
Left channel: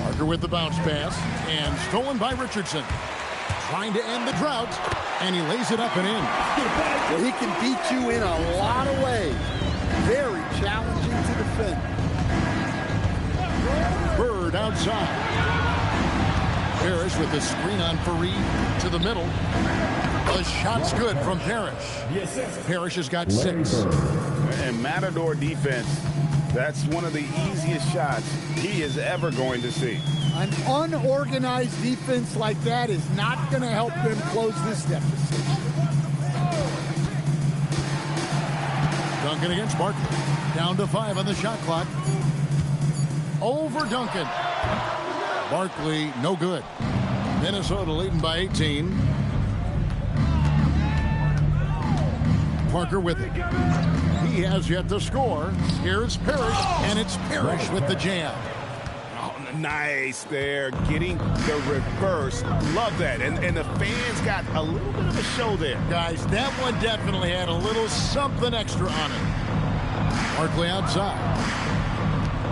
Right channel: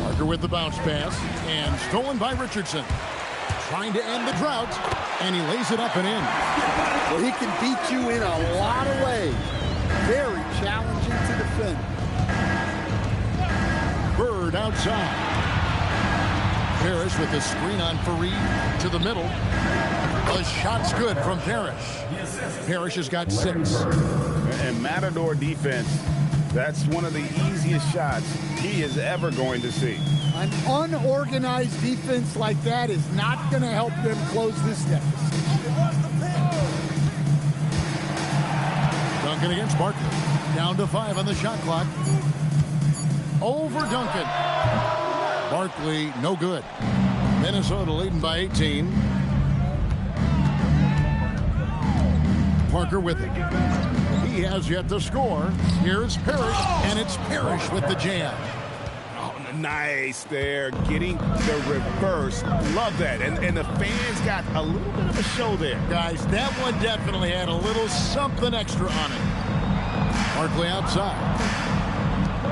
Parker with the bounce pass, and stolen by Richardson. Trying to end the drought, and he lays it up and in. Well, he can beat you in a lot of ways. Very challenging to defend. Bird outside. Parrish with the screen on Fareed to the middle. The shot's good from Parrish. Parrish has got 6. And Matador defense, that's one of the easiest shots he is ever going to see. An unorganized defense like that is not going to help them close this deficit. Duncan against Barkley. Down to 5 on the shot clock. Over Duncan. Barkley, no good. Minnesota leading by 18. Parker with it. He has yet to score. Here's Parrish, and it's Parrish with the jam. Oh, nice there, getting the reverse. Love that. And the fans got a little bit of a show there. Guys, that one definitely had a little something extra on it. Barkley outside.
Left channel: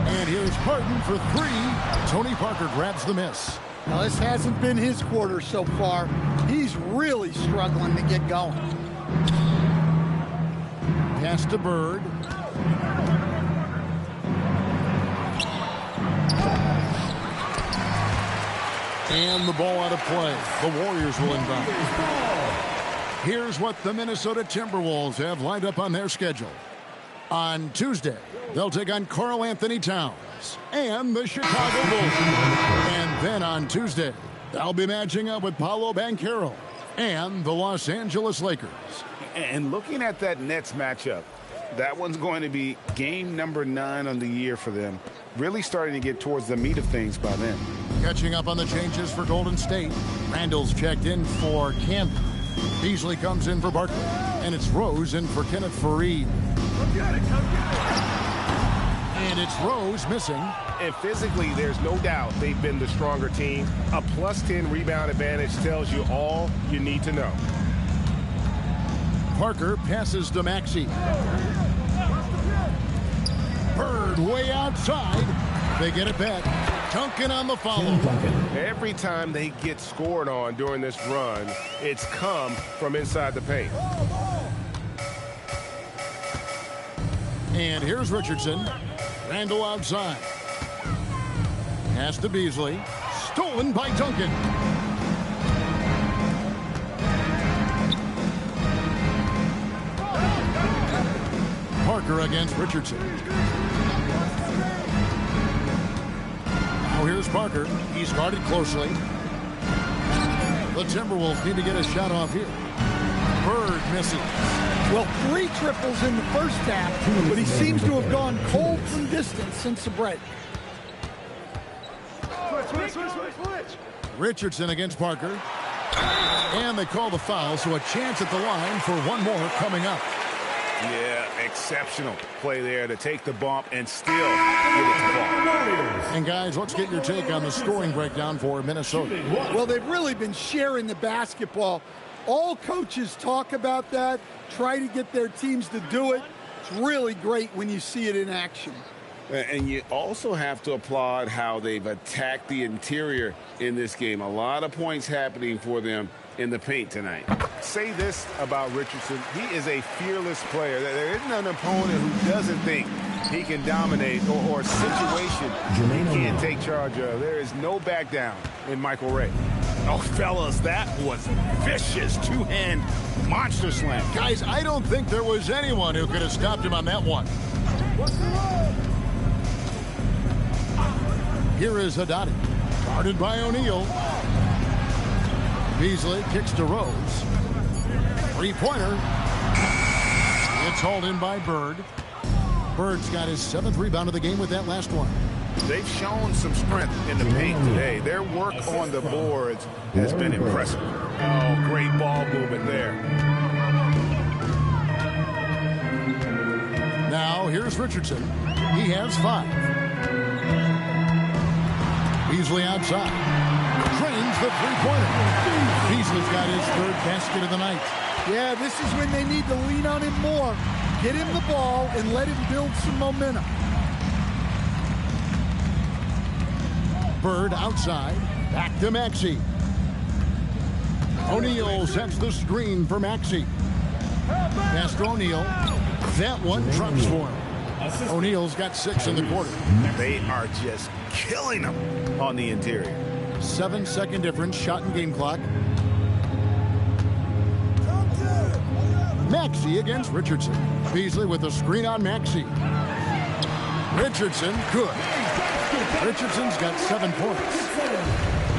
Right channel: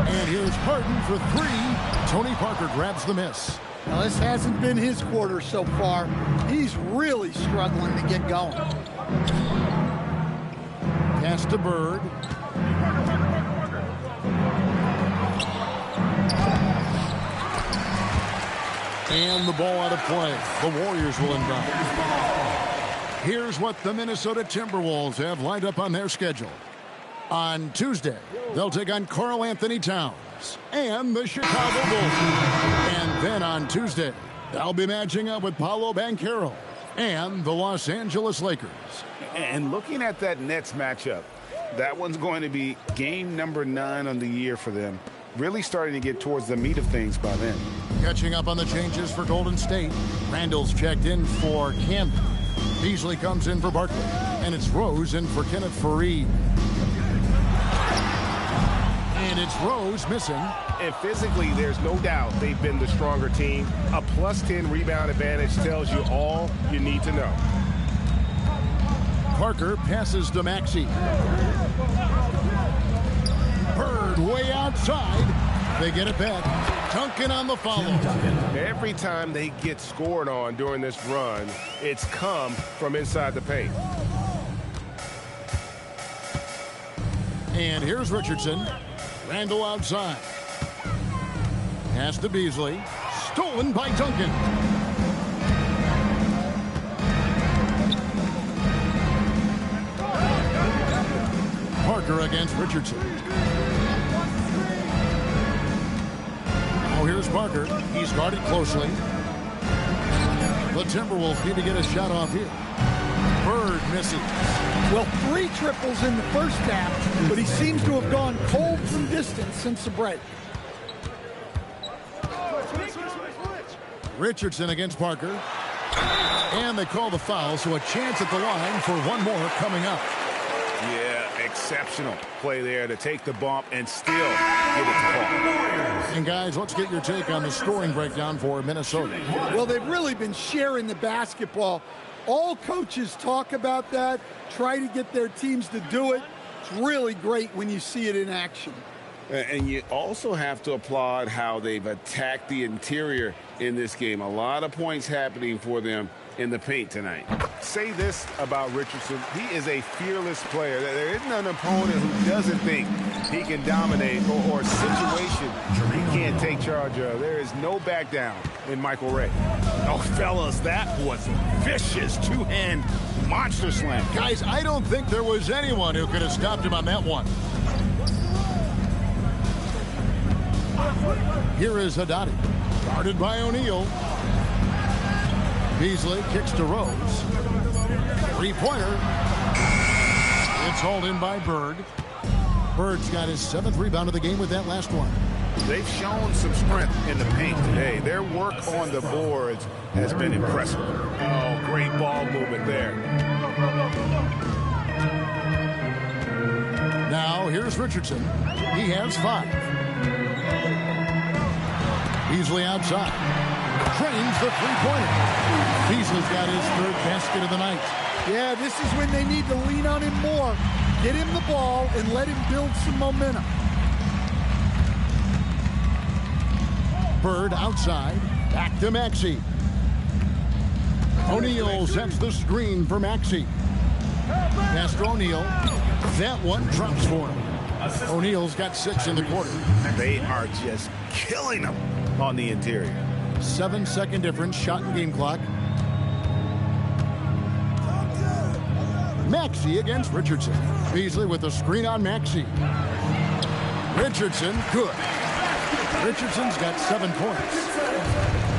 And here's Harden for 3. Tony Parker grabs the miss. Now, this hasn't been his quarter so far. He's really struggling to get going. Pass to Bird. And the ball out of play. The Warriors will inbound. Here's what the Minnesota Timberwolves have lined up on their schedule. On Tuesday, they'll take on Karl Anthony Towns and the Chicago Bulls. And then on Tuesday, they'll be matching up with Paolo Banchero and the Los Angeles Lakers. And looking at that Nets matchup, that one's going to be game number 9 on the year for them. Really starting to get towards the meat of things by then. Catching up on the changes for Golden State. Randall's checked in for Camden. Beasley comes in for Barkley. And it's Rose in for Kenneth Faried. And it's Rose missing. And physically, there's no doubt they've been the stronger team. A +10 rebound advantage tells you all you need to know. Parker passes to Maxey. Bird way outside. They get it back. Duncan on the follow. Every time they get scored on during this run, it's come from inside the paint. And here's Richardson. Randall outside. Pass to Beasley. Stolen by Duncan. Parker against Richardson. Now here's Parker. He's guarded closely. The Timberwolves need to get a shot off here. Bird misses. Well, 3 triples in the first half, but he seems to have gone cold from distance since the break. Richardson against Parker. And they call the foul, so a chance at the line for one more coming up. Yeah, exceptional play there to take the bump and still get it to fall. And guys, let's get your take on the scoring breakdown for Minnesota. Well, they've really been sharing the basketball. All coaches talk about that, try to get their teams to do it. It's really great when you see it in action. And you also have to applaud how they've attacked the interior in this game. A lot of points happening for them in the paint tonight. Say this about Richardson. He is a fearless player. There isn't an opponent who doesn't think he can dominate or a situation he can't take charge of. There is no back down in Michael Ray. Oh, fellas, that was vicious two-hand monster slam. Guys, I don't think there was anyone who could have stopped him on that one. Here is Haddadi, guarded by O'Neal. Beasley kicks to Rose. Three-pointer. It's hauled in by Bird. Bird's got his 7th rebound of the game with that last one. They've shown some strength in the paint today. Their work on the boards has been impressive. Oh, great ball movement there. Now here's Richardson. He has 5. Beasley outside. Drains the three-pointer. Beasley's got his 3rd basket of the night. Yeah, this is when they need to lean on him more. Get him the ball and let him build some momentum. Bird outside. Back to Maxey. O'Neal sets the screen for Maxey. Pass to O'Neal. That one drops for him. O'Neal's got 6 in the quarter. They are just killing them on the interior. 7-second difference, shot and game clock. Maxey against Richardson. Beasley with a screen on Maxey. Richardson, good. Richardson's got 7 points.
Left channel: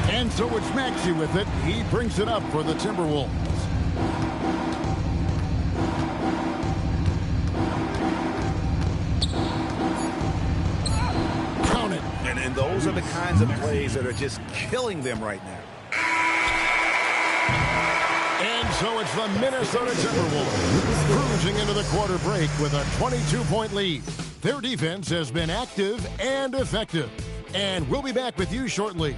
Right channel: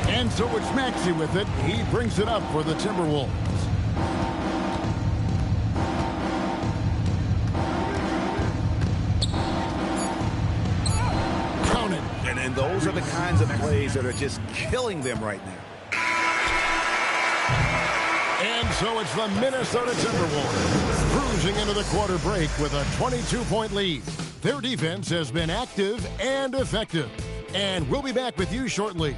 And so it's Maxey with it. He brings it up for the Timberwolves. Count it. And those are the kinds of plays that are just killing them right now. And so it's the Minnesota Timberwolves cruising into the quarter break with a 22-point lead. Their defense has been active and effective. And we'll be back with you shortly.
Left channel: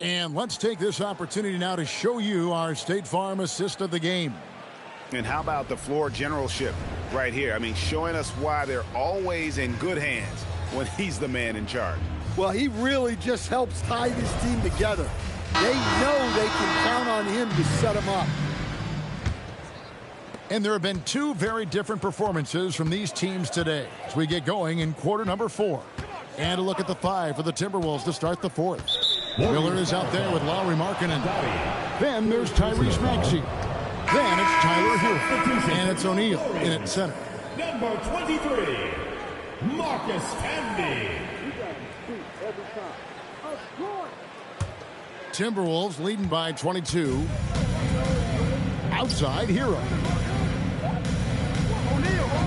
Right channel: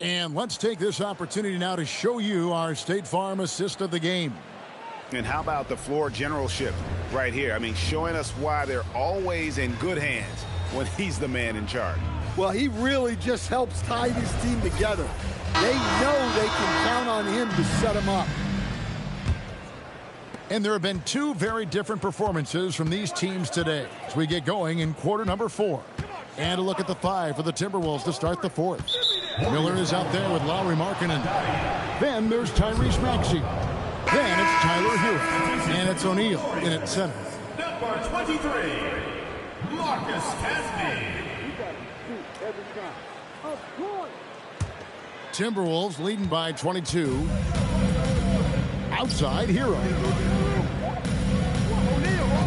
And let's take this opportunity now to show you our State Farm assist of the game. And how about the floor generalship right here? I mean, showing us why they're always in good hands when he's the man in charge. Well, he really just helps tie this team together. They know they can count on him to set them up. And there have been two very different performances from these teams today as we get going in quarter number 4. And a look at the 5 for the Timberwolves to start the 4th. Miller is out there with Lauri Markkanen. Then there's Tyrese Maxey. Then it's Tyler Hero. And it's O'Neal in at center. Number 23, Marcus Camby. Timberwolves leading by 22. Outside, Hero.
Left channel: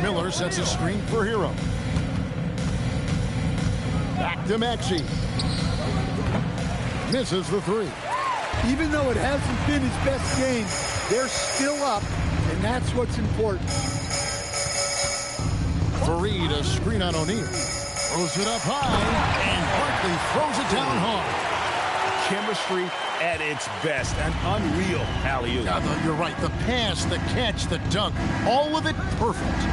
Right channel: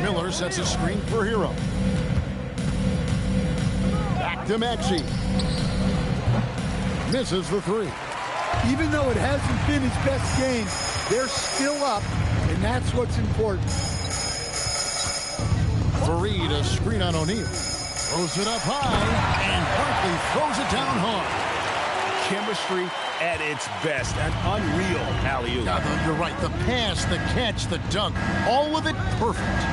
Miller sets a screen for Hero. Back to Maxey. Misses the 3. Even though it hasn't been his best game, they're still up, and that's what's important. Fareed, a screen on O'Neal. Throws it up high, and Barkley throws it down hard. Chemistry at its best. An unreal alley-oop. Yeah, you're right. The pass, the catch, the dunk, all of it perfect.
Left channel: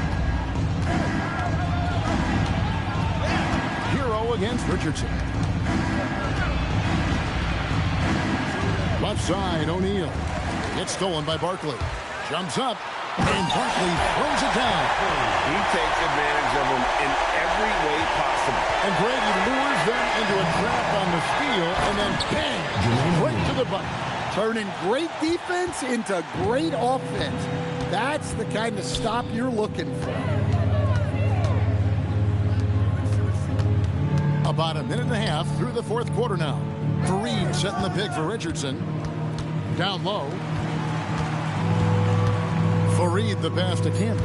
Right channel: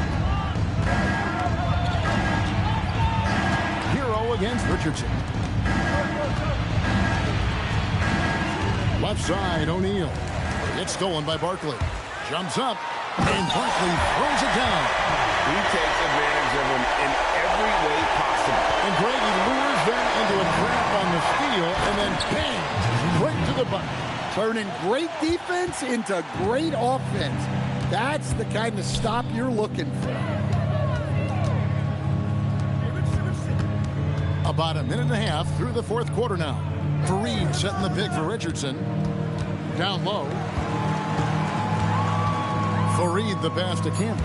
Hero against Richardson. Left side, O'Neal. It's stolen by Barkley. Jumps up, and Barkley throws it down. He takes advantage of them in every way possible. And Greg, he lures them into a trap on the steal, and then bang, right to the button. Turning great defense into great offense. That's the kind of stop you're looking for. About a minute and a half through the 4th quarter now. Fareed setting the pick for Richardson. Down low. Fareed the pass to Camby.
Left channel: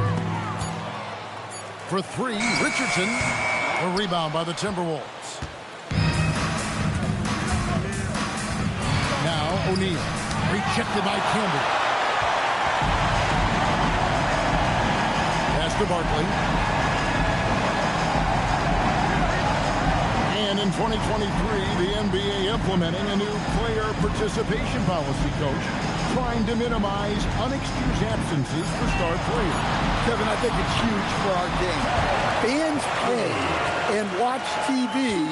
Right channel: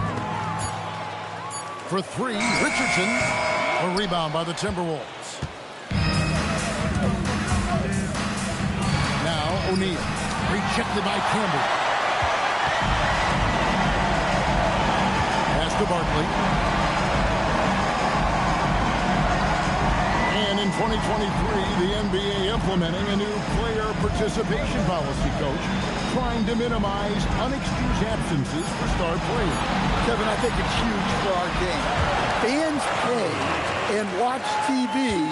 For 3, Richardson. A rebound by the Timberwolves. Now O'Neal. Rejected by Camby. Pass to Barkley. And in 2023, the NBA implementing a new player participation policy, Coach, trying to minimize unexcused absences for star players. Kevin, I think it's huge for our game. Fans pay and watch TV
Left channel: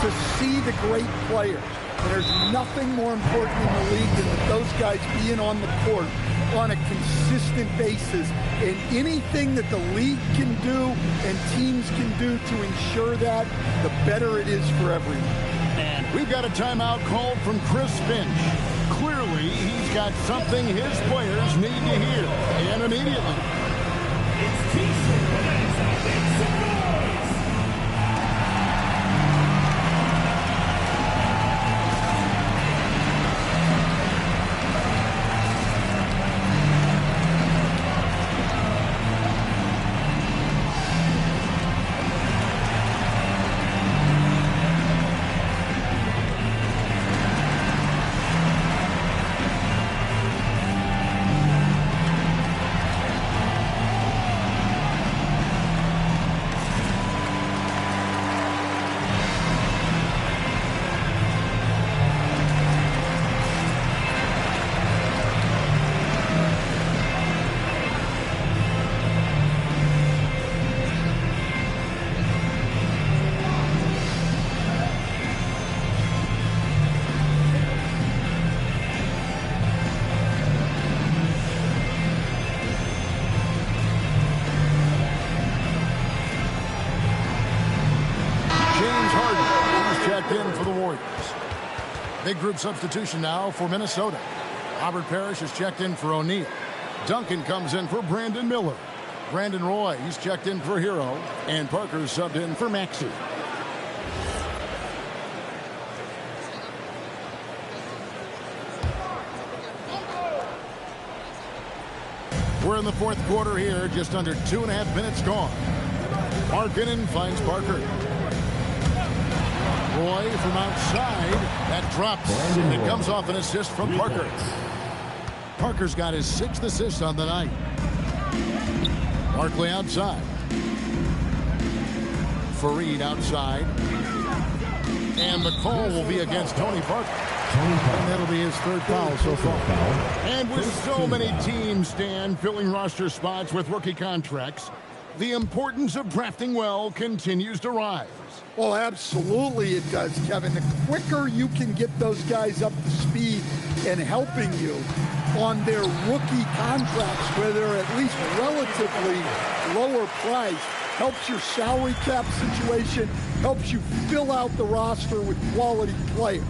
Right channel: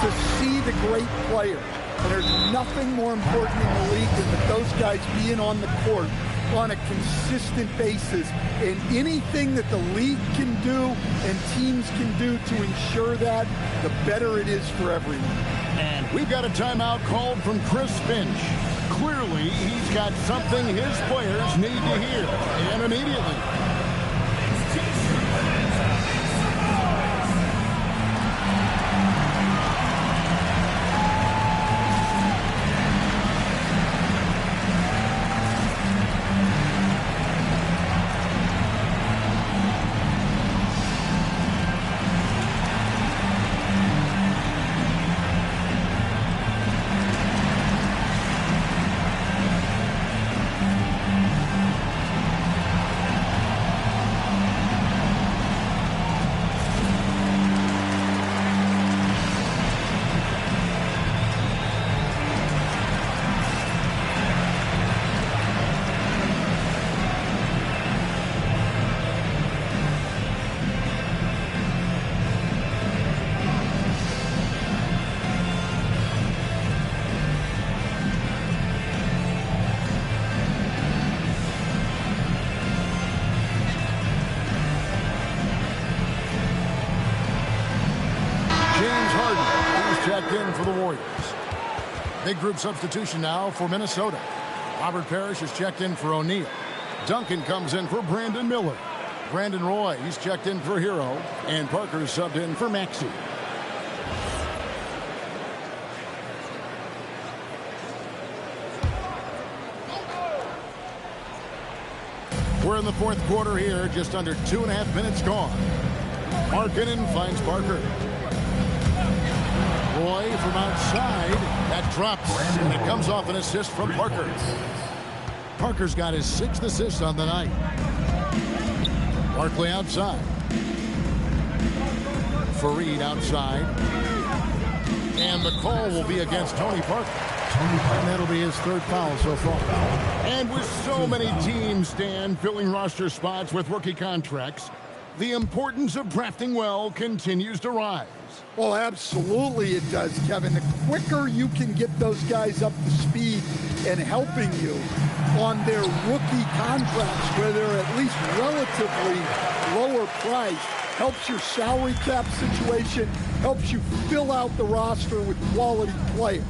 to see the great players. And there's nothing more important in the league than that those guys being on the court on a consistent basis, and anything that the league can do and teams can do to ensure that, the better it is for everyone. And we've got a timeout called from Chris Finch. Clearly, he's got something his players need to hear, and immediately. Checked in for the Warriors. Big group substitution now for Minnesota. Robert Parrish is checked in for O'Neal. Duncan comes in for Brandon Miller. Brandon Roy, he's checked in for Hero. And Parker's subbed in for Maxey. We're in the 4th quarter here, just under 2.5 minutes gone. Markkanen finds Parker. Roy from outside. That drops, and it comes off an assist from Parker. Parker's got his 6th assist on the night. Barkley outside. Fareed outside. And the call will be against Tony Parker. And that'll be his 3rd foul so far. And with so many teams, Stan, filling roster spots with rookie contracts, the importance of drafting well continues to rise. Well, absolutely it does, Kevin. The quicker you can get those guys up to speed and helping you, on their rookie contracts where they're at least relatively lower priced helps your salary cap situation, helps you fill out the roster with quality players.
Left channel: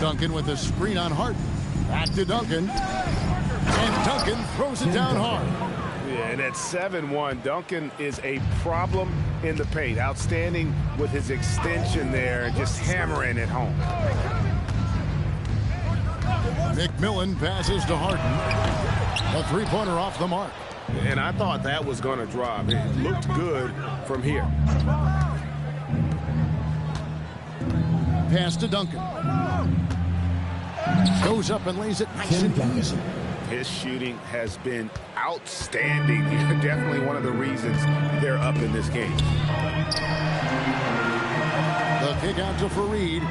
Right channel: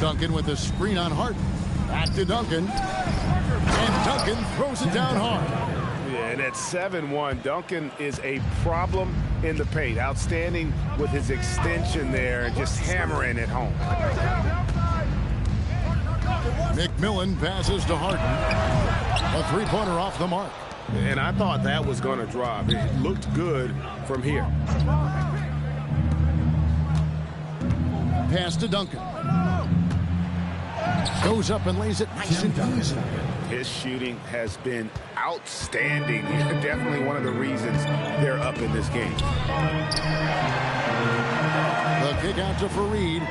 Duncan with a screen on Harden. Back to Duncan. And Duncan throws it down hard. Yeah, and at 7-1, Duncan is a problem in the paint. Outstanding with his extension there and just hammering it home. McMillan passes to Harden. A three-pointer off the mark. And I thought that was going to drop. It looked good from here. Pass to Duncan. Goes up and lays it nice and easy. His shooting has been outstanding. Definitely one of the reasons they're up in this game. The kick out to Fareed.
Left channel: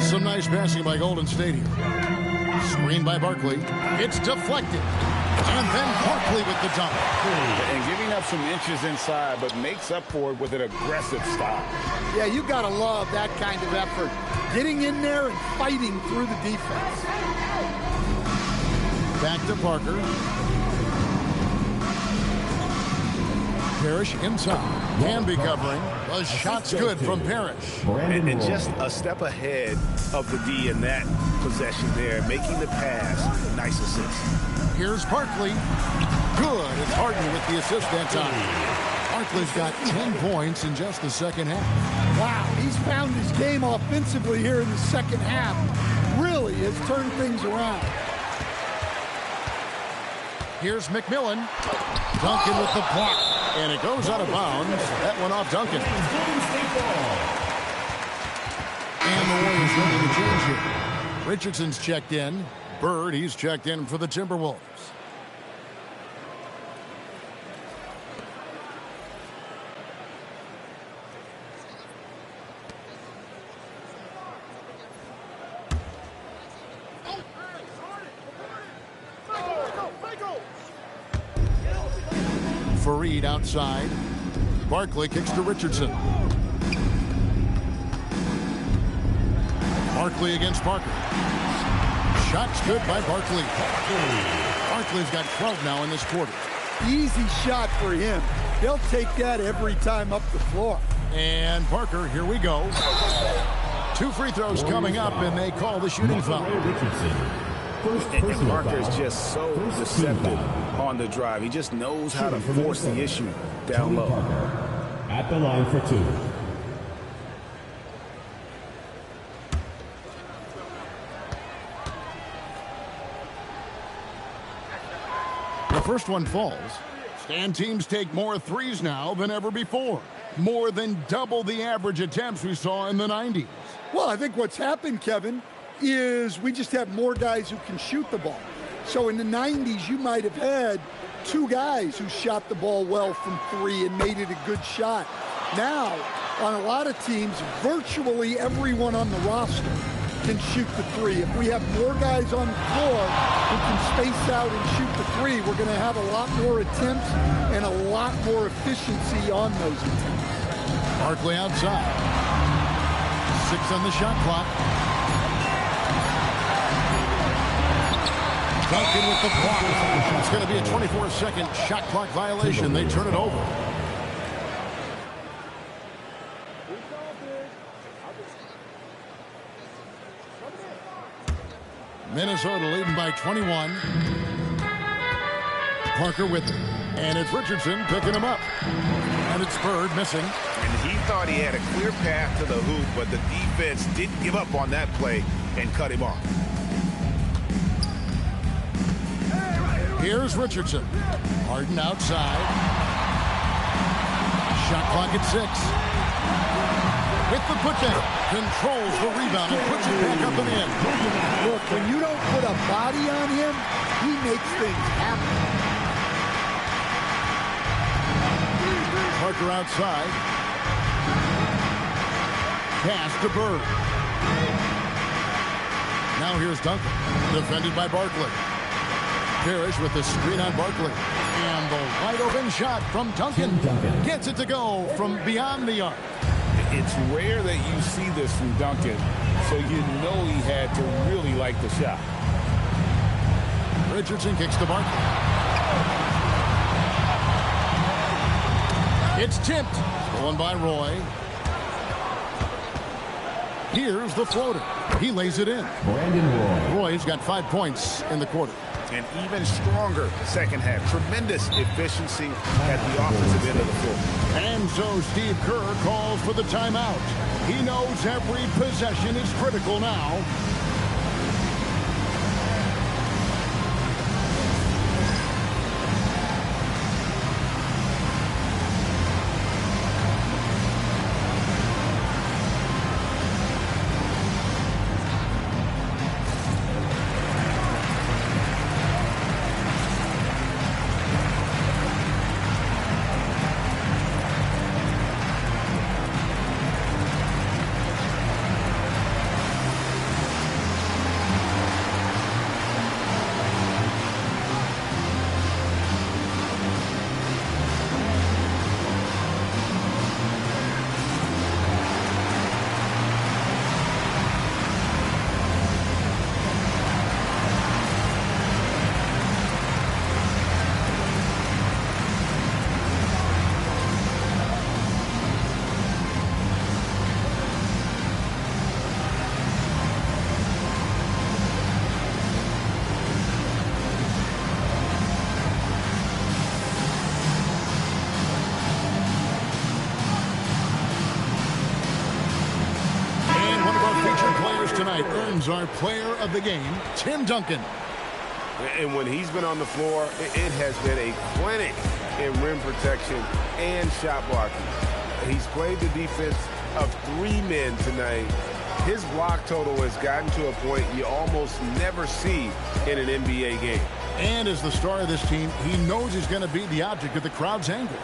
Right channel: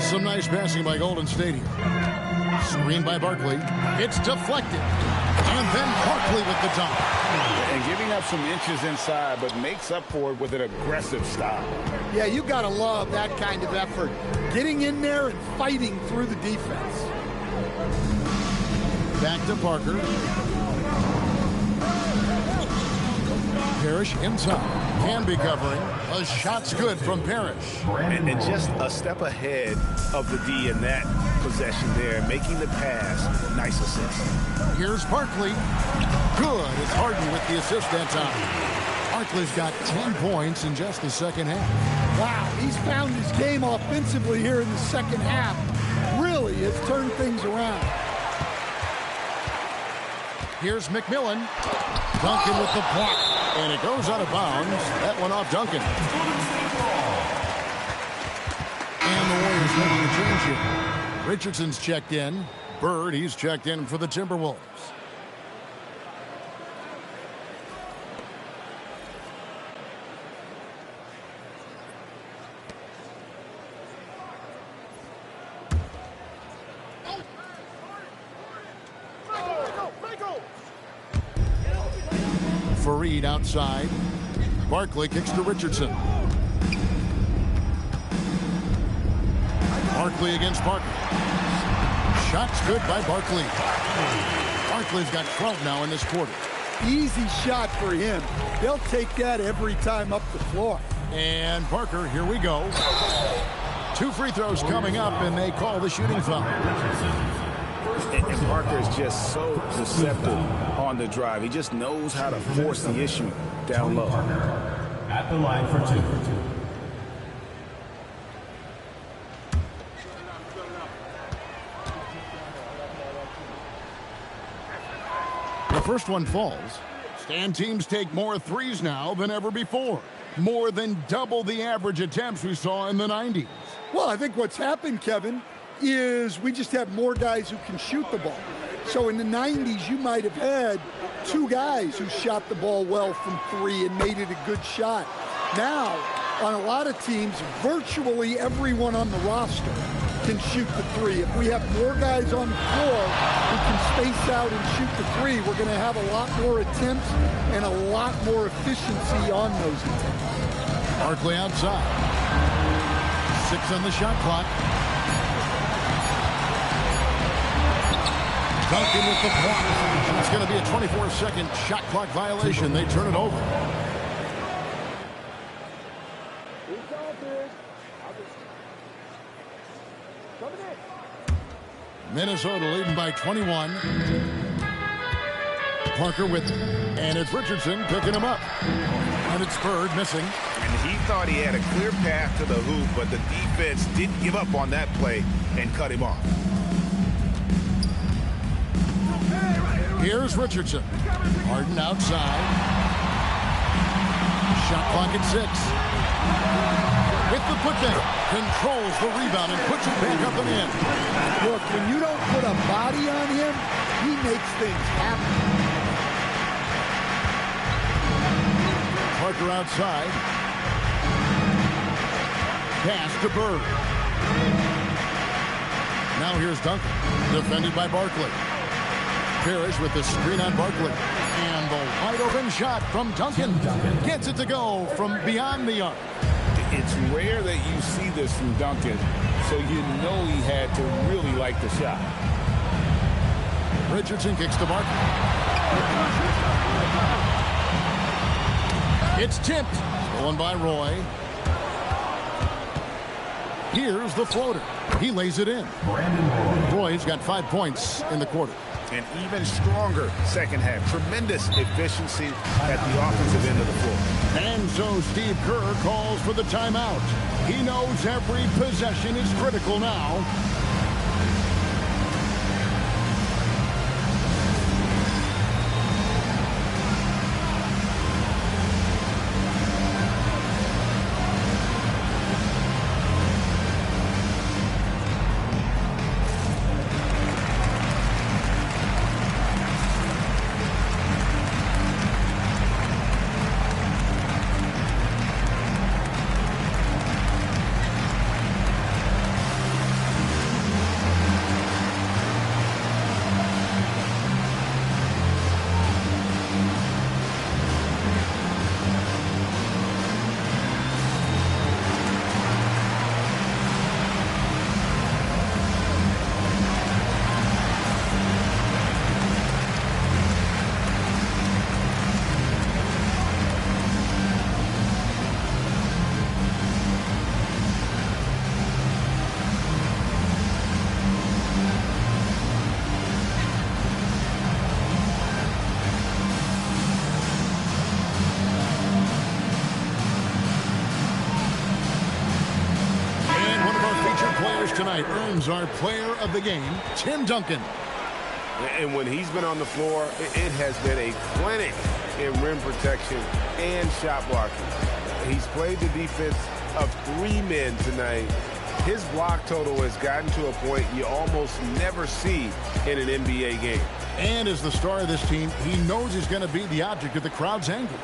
Some nice passing by Golden State here. Screen by Barkley. It's deflected. And then Barkley with the dunk. And giving up some inches inside, but makes up for it with an aggressive stop. Yeah, you got to love that kind of effort. Getting in there and fighting through the defense. Back to Parker. Parrish inside. Can be covering. A shot's good from Parrish. And just a step ahead of the D in that possession there, making the pass. Nice assist. Here's Barkley. Good. It's Harden with the assist that time. Barkley's got 10 points in just the second half. Wow, he's found his game offensively here in the second half. Really has turned things around. Here's McMillan. Duncan with the block. And it goes out of bounds. That one off Duncan. And the Warriors making a change here. Richardson's checked in. Bird, he's checked in for the Timberwolves. Fareed outside. Barkley kicks to Richardson. Barkley against Parker. Shot's good by Barkley. Barkley's got 12 now in this quarter. Easy shot for him. They'll take that every time up the floor. And Parker, here we go. 2 free throws coming up, and they call the shooting foul. And Parker is just so deceptive on the drive. He just knows how to force the issue down low. At the line for 2. The first one falls. Stan teams take more threes now than ever before. More than double the average attempts we saw in the 90s. Well, I think what's happened, Kevin, is we just have more guys who can shoot the ball. So in the 90s, you might have had 2 guys who shot the ball well from 3 and made it a good shot. Now, on a lot of teams, virtually everyone on the roster can shoot the 3. If we have more guys on the floor who can space out and shoot the 3, we're going to have a lot more attempts and a lot more efficiency on those attempts. Barkley outside. 6 on the shot clock. Duncan with the block. It's going to be a 24-second shot clock violation. They turn it over. Minnesota leading by 21. Parker with it. And it's Richardson picking him up. And it's Bird missing. And he thought he had a clear path to the hoop, but the defense didn't give up on that play and cut him off. Here's Richardson. Harden outside. Shot clock at 6. With the putback. Controls the rebound and puts it back up and in. Look, when you don't put a body on him, he makes things happen. Parker outside. Pass to Bird. Now here's Duncan. Defended by Barkley. Parrish with the screen on Barkley. And the wide open shot from Duncan. Gets it to go from beyond the arc. It's rare that you see this from Duncan, so you know he had to really like the shot. Richardson kicks to Barkley. It's tipped. Stolen by Roy. Here's the floater. He lays it in. Roy's got 5 points in the quarter. An even stronger second half. Tremendous efficiency at the offensive end of the floor. And so Steve Kerr calls for the timeout. He knows every possession is critical now. Players tonight earns our player of the game, Tim Duncan. And when he's been on the floor, it has been a clinic in rim protection and shot blocking. He's played the defense of 3 men tonight. His block total has gotten to a point you almost never see in an NBA game. And as the star of this team, he knows he's going to be the object of the crowd's anger.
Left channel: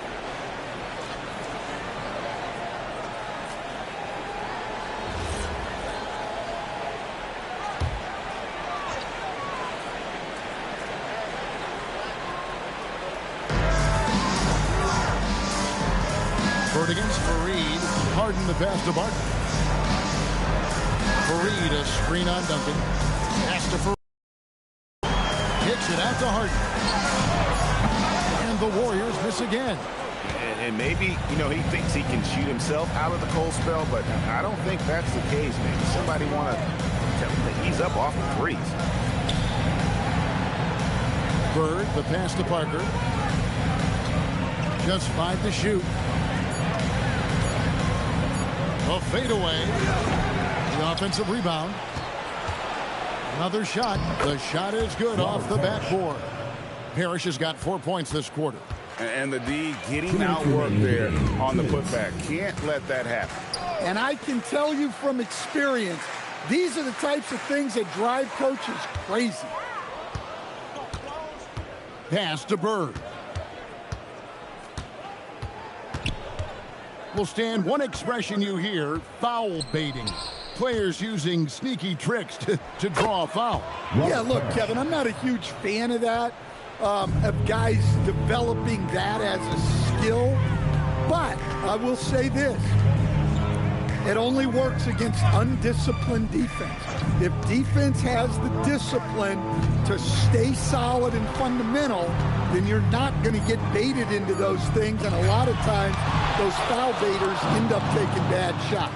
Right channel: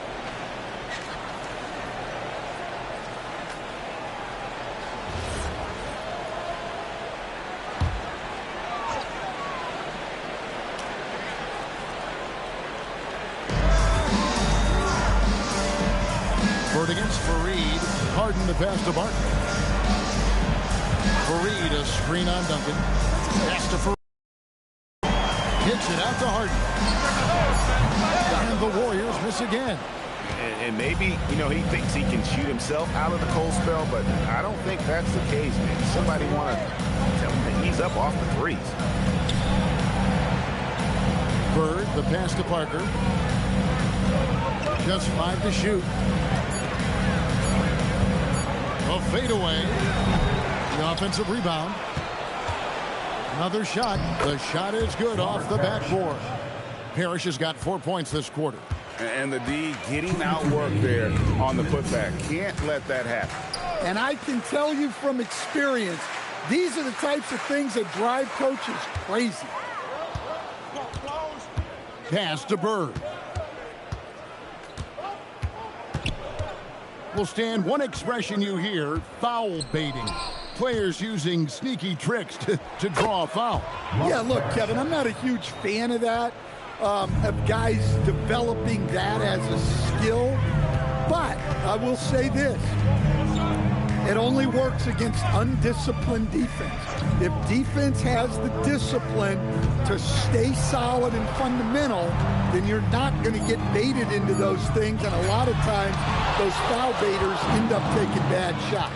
Against Fareed. Harden the pass to Barkley. Fareed, a screen on Duncan. Pass to Fareed. Kicks it out to Harden. And the Warriors miss again. And maybe, you know, he thinks he can shoot himself out of the cold spell, but I don't think that's the case, man. Somebody want to tell him to ease up off the threes. Bird, the pass to Parker. Just 5 to shoot. A fadeaway. The offensive rebound. Another shot. The shot is good off the backboard. Parrish has got 4 points this quarter. And the D getting outworked there on the putback. Can't let that happen. And I can tell you from experience, these are the types of things that drive coaches crazy. Pass to Bird. Will stand one expression you hear: foul baiting. Players using sneaky tricks to draw a foul. Yeah, look, Kevin, I'm not a huge fan of that, of guys developing that as a skill. But I will say this. It only works against undisciplined defense. If defense has the discipline to stay solid and fundamental, then you're not going to get baited into those things. And a lot of times, those foul baiters end up taking bad shots.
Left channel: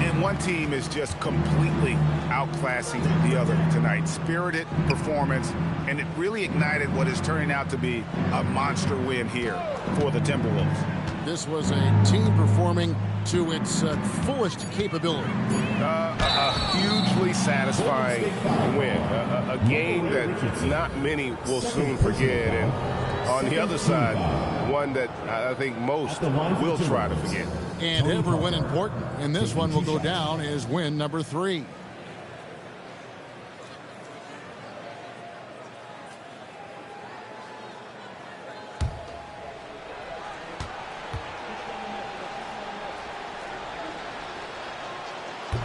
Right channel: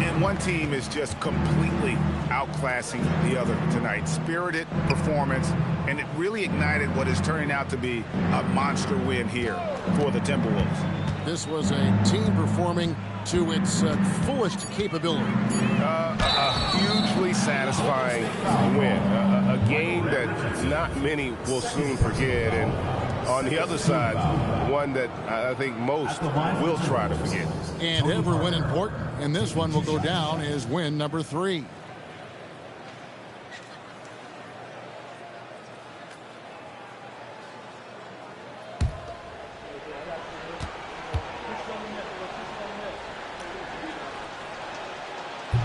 And one team is just completely outclassing the other tonight. Spirited performance, and it really ignited what is turning out to be a monster win here for the Timberwolves. This was a team performing to its fullest capability. A hugely satisfying win. A game that not many will soon forget. And on the other side, one that I think most will try to forget. And every win important. And this one will go down as win number 3.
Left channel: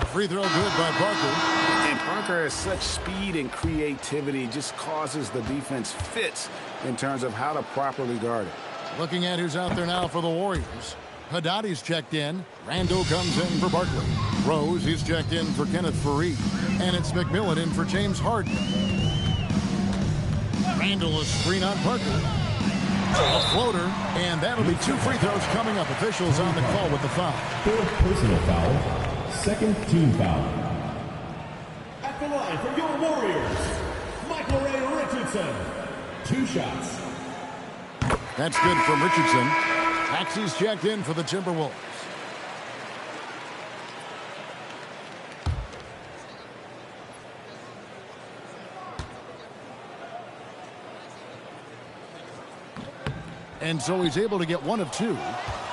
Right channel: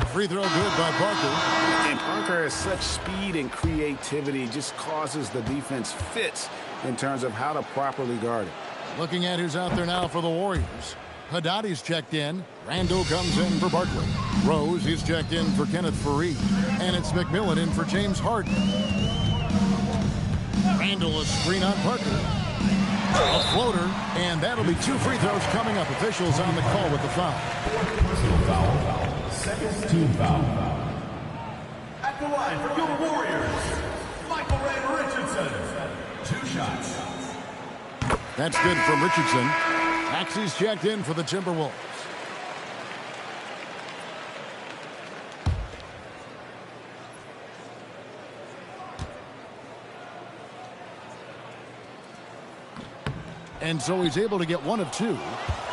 Free throw good by Parker. And Parker has such speed and creativity, just causes the defense fits in terms of how to properly guard it. Looking at who's out there now for the Warriors. Haddadi's checked in. Rando comes in for Barkley. Rose is checked in for Kenneth Fareed. And it's McMillan in for James Harden. Randall, a screen on Parker. A floater, and that'll be 2 free throws coming up. Officials on the call with the foul. 4th personal foul. 2nd team foul. At the line for your Warriors, Michael Ray Richardson. 2 shots. That's good from Richardson. Axie's checked in for the Timberwolves. And so he's able to get 1 of 2.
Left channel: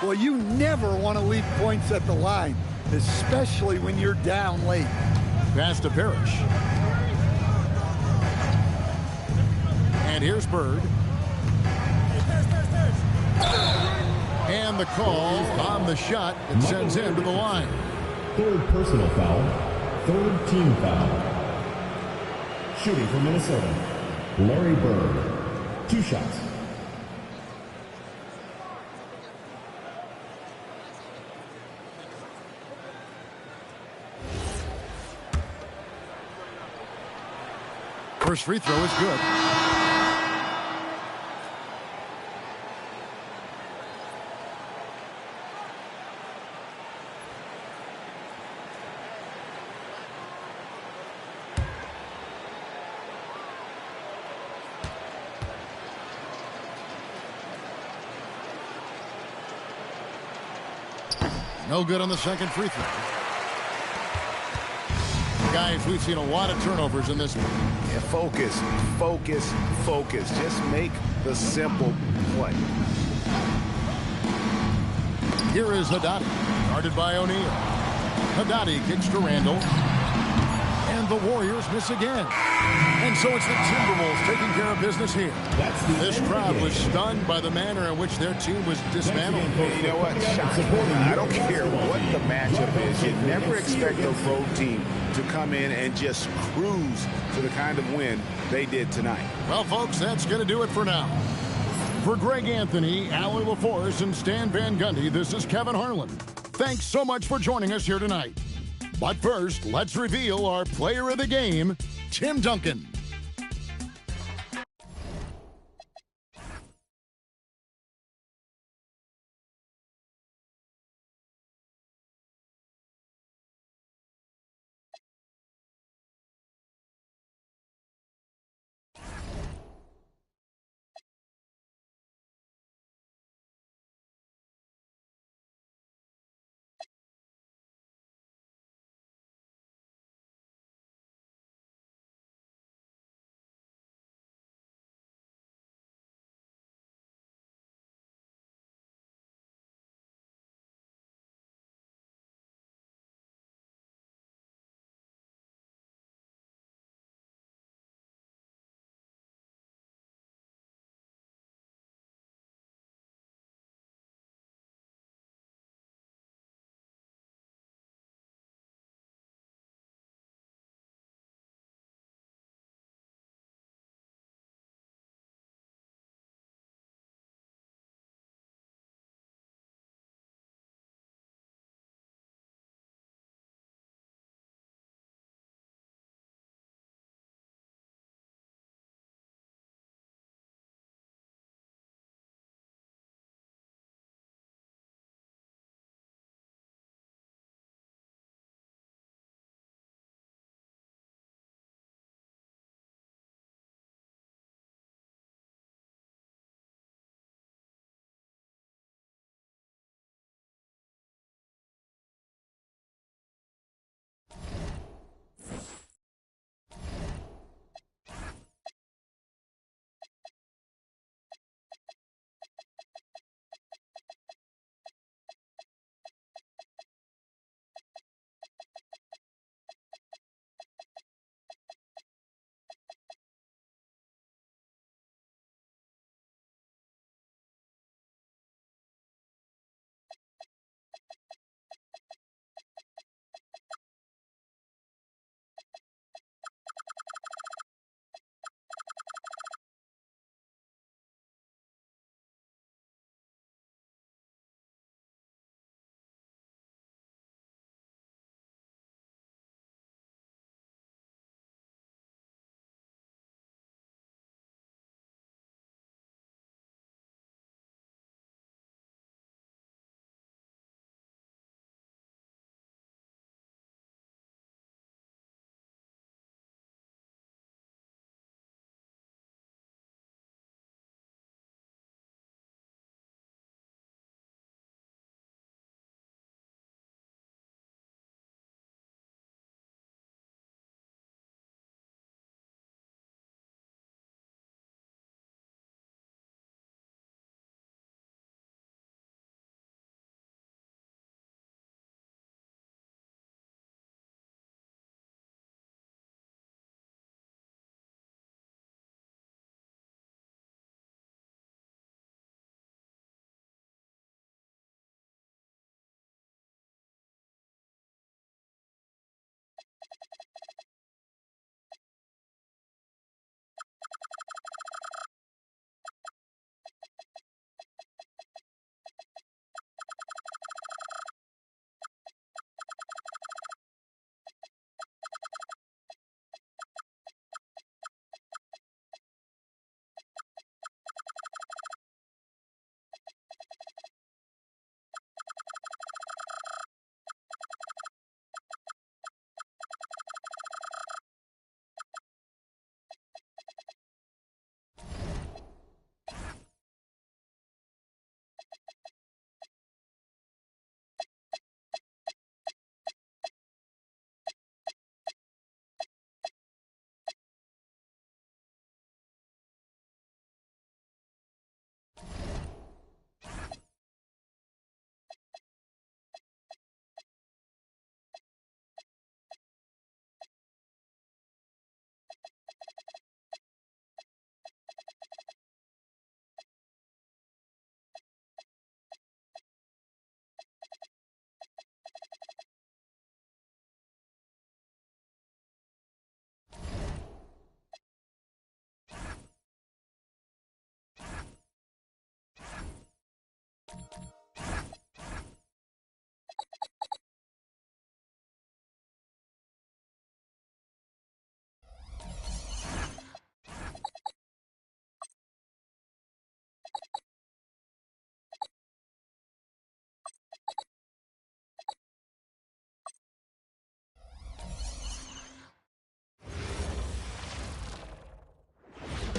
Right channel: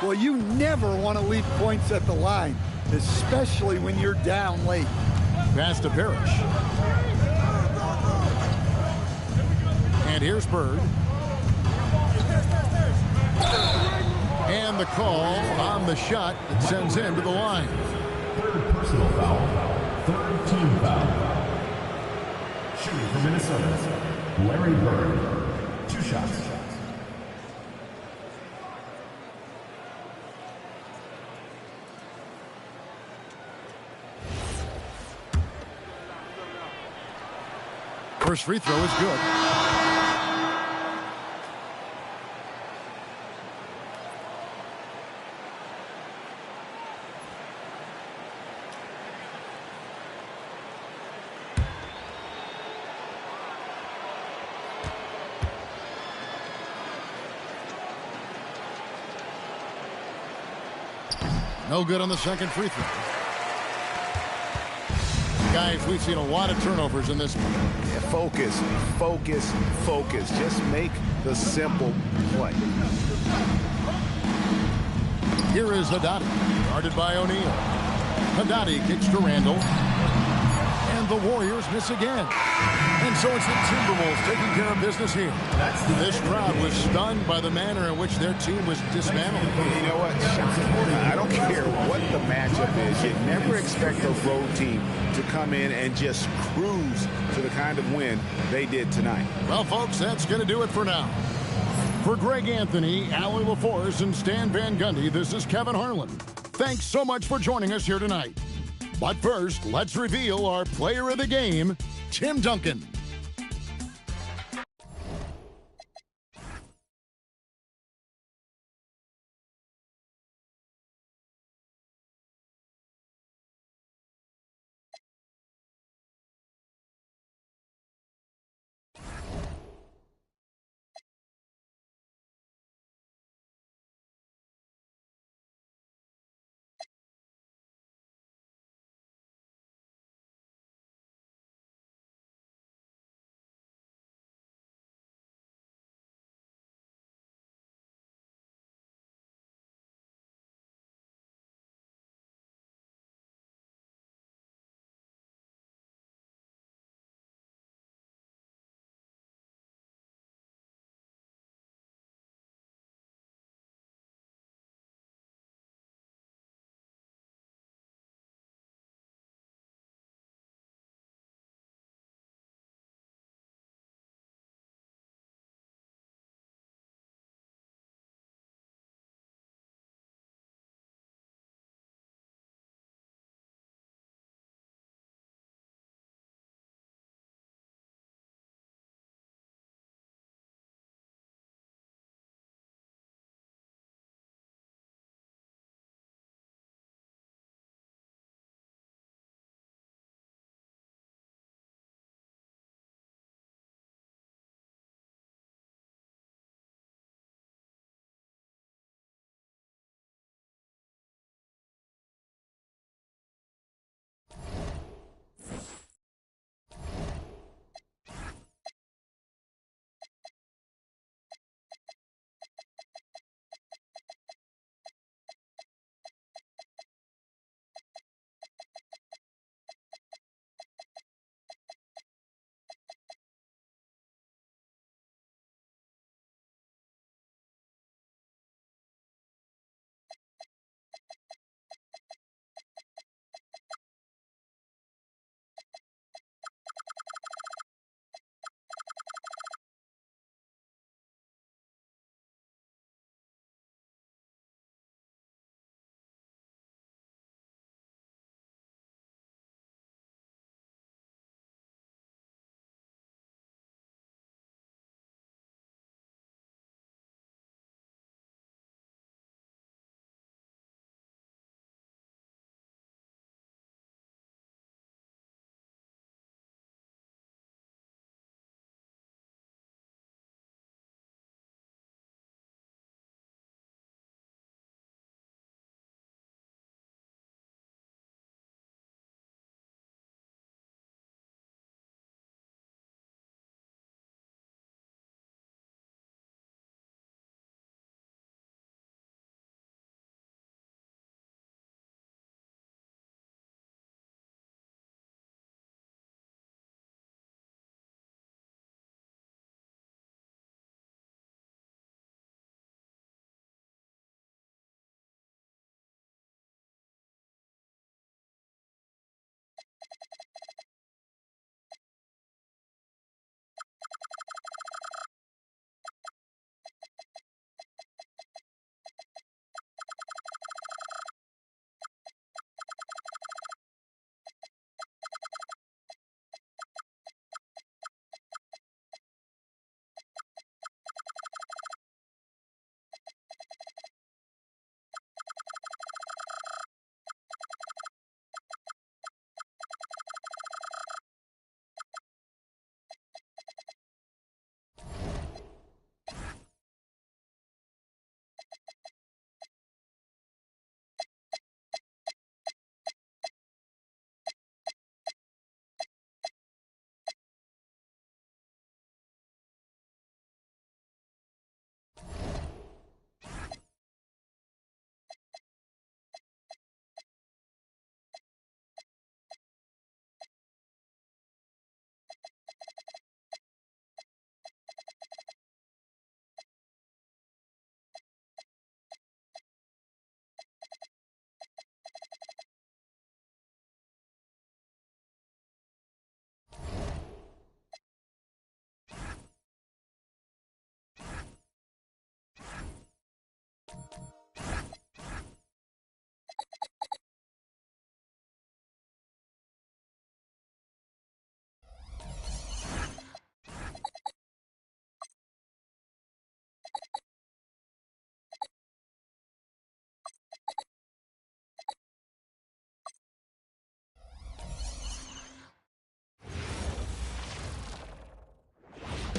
Well, you never want to leave points at the line, especially when you're down late. Pass to Parrish. And here's Bird. And the call on the shot that sends him to the line. 3rd personal foul. 3rd team foul. Shooting for Minnesota, Larry Bird. 2 shots. First free throw is good. No good on the second free throw. Guys, we've seen a lot of turnovers in this one. Yeah, focus, focus, focus. Just make the simple play. Here is Haddadi, guarded by O'Neal. Haddadi kicks to Randall. And the Warriors miss again. And so it's the Timberwolves taking care of business here. This crowd was stunned by the manner in which their team was dismantled. You know what? Shocking. I don't care what the matchup is. You never expect a road team to come in and just cruise to the kind of win they did tonight. Well, folks, that's going to do it for now. For Greg Anthony, Allie LaForce, and Stan Van Gundy, this is Kevin Harlan. Thanks so much for joining us here tonight. But first, let's reveal our player of the game, Tim Duncan.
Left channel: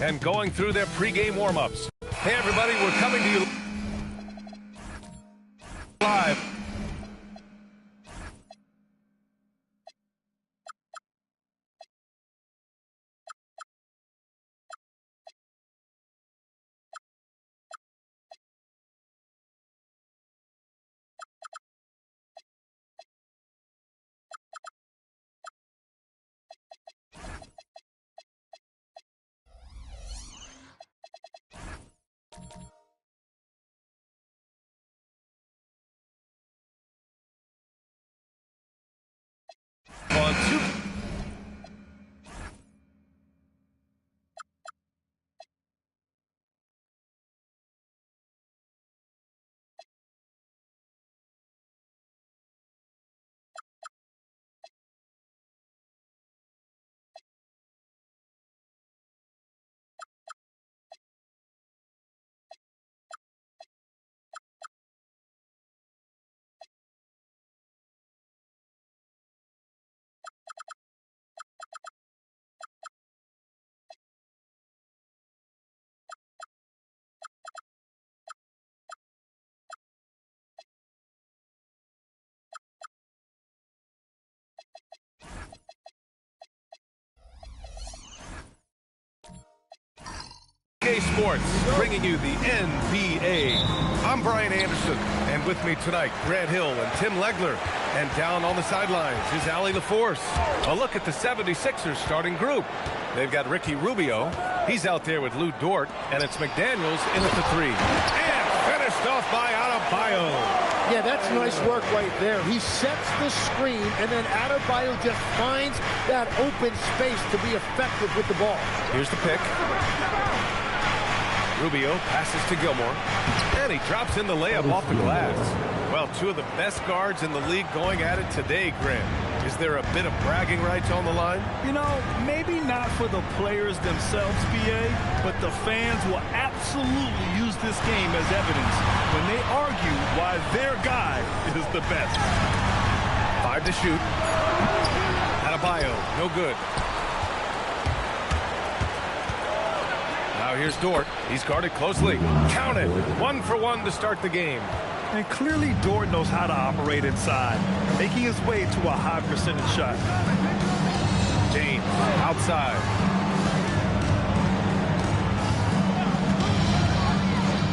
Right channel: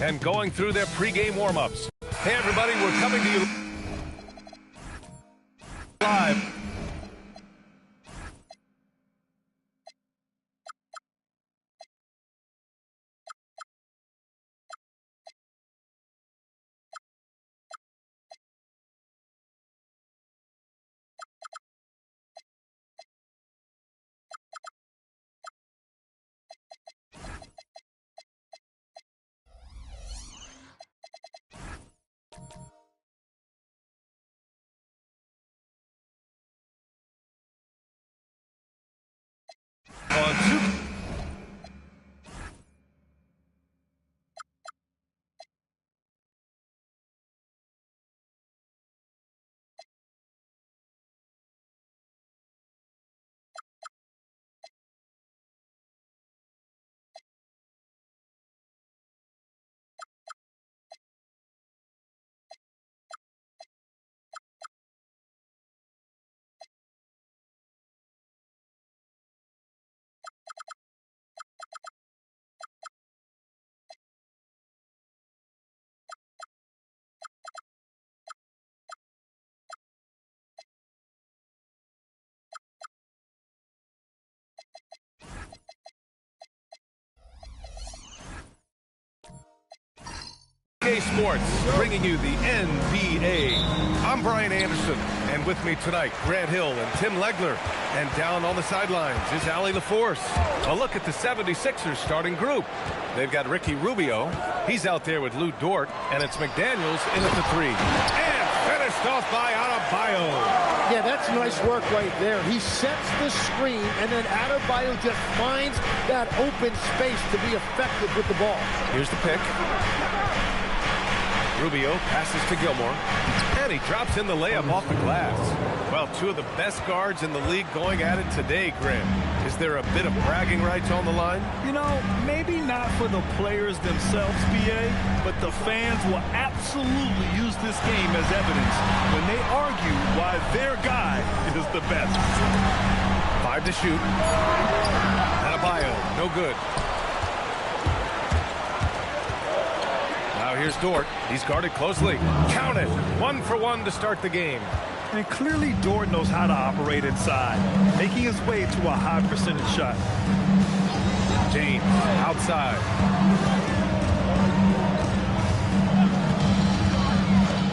and going through their pregame warm-ups. Hey, everybody, we're coming to you live. On two. Sports, bringing you the NBA. I'm Brian Anderson, and with me tonight, Grant Hill and Tim Legler. And down on the sidelines is Allie LaForce. A look at the 76ers starting group. They've got Ricky Rubio. He's out there with Lou Dort, and it's McDaniels in at the 3. And finished off by Adebayo. Yeah, that's nice work right there. He sets the screen, and then Adebayo just finds that open space to be effective with the ball. Here's the pick. Rubio passes to Gilmore, and he drops in the layup off the glass. Well, two of the best guards in the league going at it today, Graham. Is there a bit of bragging rights on the line? You know, maybe not for the players themselves, BA, but the fans will absolutely use this game as evidence when they argue why their guy is the best. 5 to shoot. Adebayo, no good. Now here's Dort. He's guarded closely. Count it. 1 for 1 to start the game. And clearly Dort knows how to operate inside, making his way to a high percentage shot. James outside.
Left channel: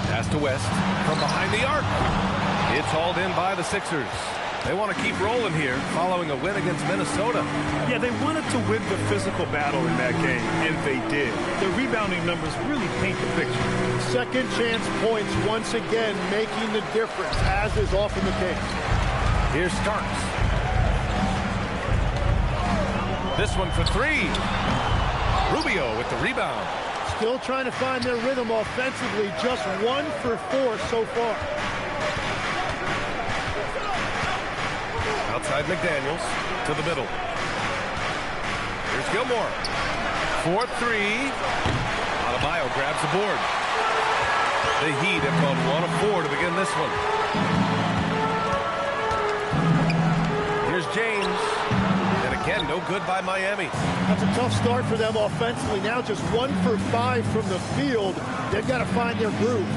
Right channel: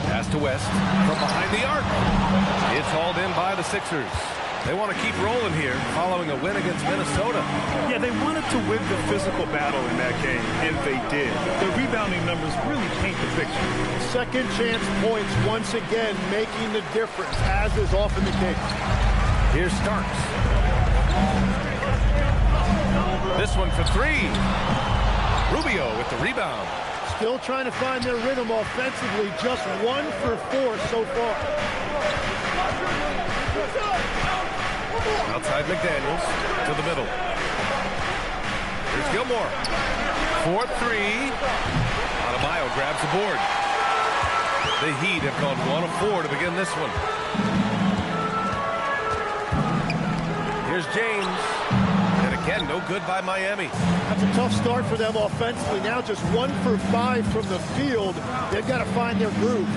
Pass to West from behind the arc. It's hauled in by the Sixers. They want to keep rolling here following a win against Minnesota. Yeah, they wanted to win the physical battle in that game, and they did. Their rebounding numbers really paint the picture. Second chance points once again making the difference, as is often the case. Here's Starks. This one for 3. Rubio with the rebound. Still trying to find their rhythm offensively. Just 1 for 4 so far. Outside McDaniels to the middle. Here's Gilmore. 4-3. Adebayo grabs the board. The Heat have gone 1 of 4 to begin this one. Here's James. And again, no good by Miami. That's a tough start for them offensively. Now just 1 for 5 from the field. They've got to find their groove.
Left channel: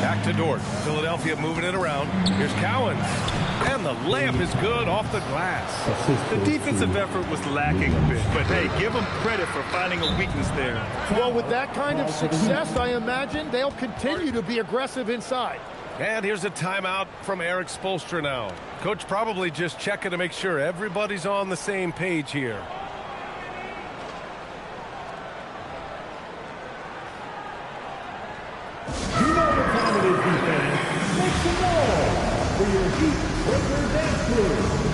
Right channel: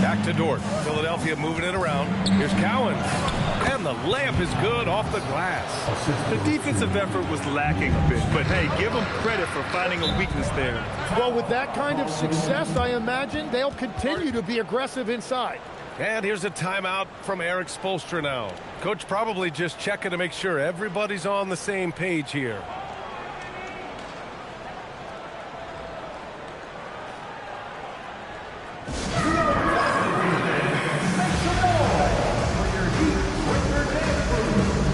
Back to Dort. Philadelphia moving it around. Here's Cowens. And the layup is good off the glass. The defensive effort was lacking a bit, but hey, give them credit for finding a weakness there. Well, with that kind of success, I imagine they'll continue to be aggressive inside. And here's a timeout from Eric Spoelstra now. Coach probably just checking to make sure everybody's on the same page here. Make some noise for your Heat Breaker Dance Crew.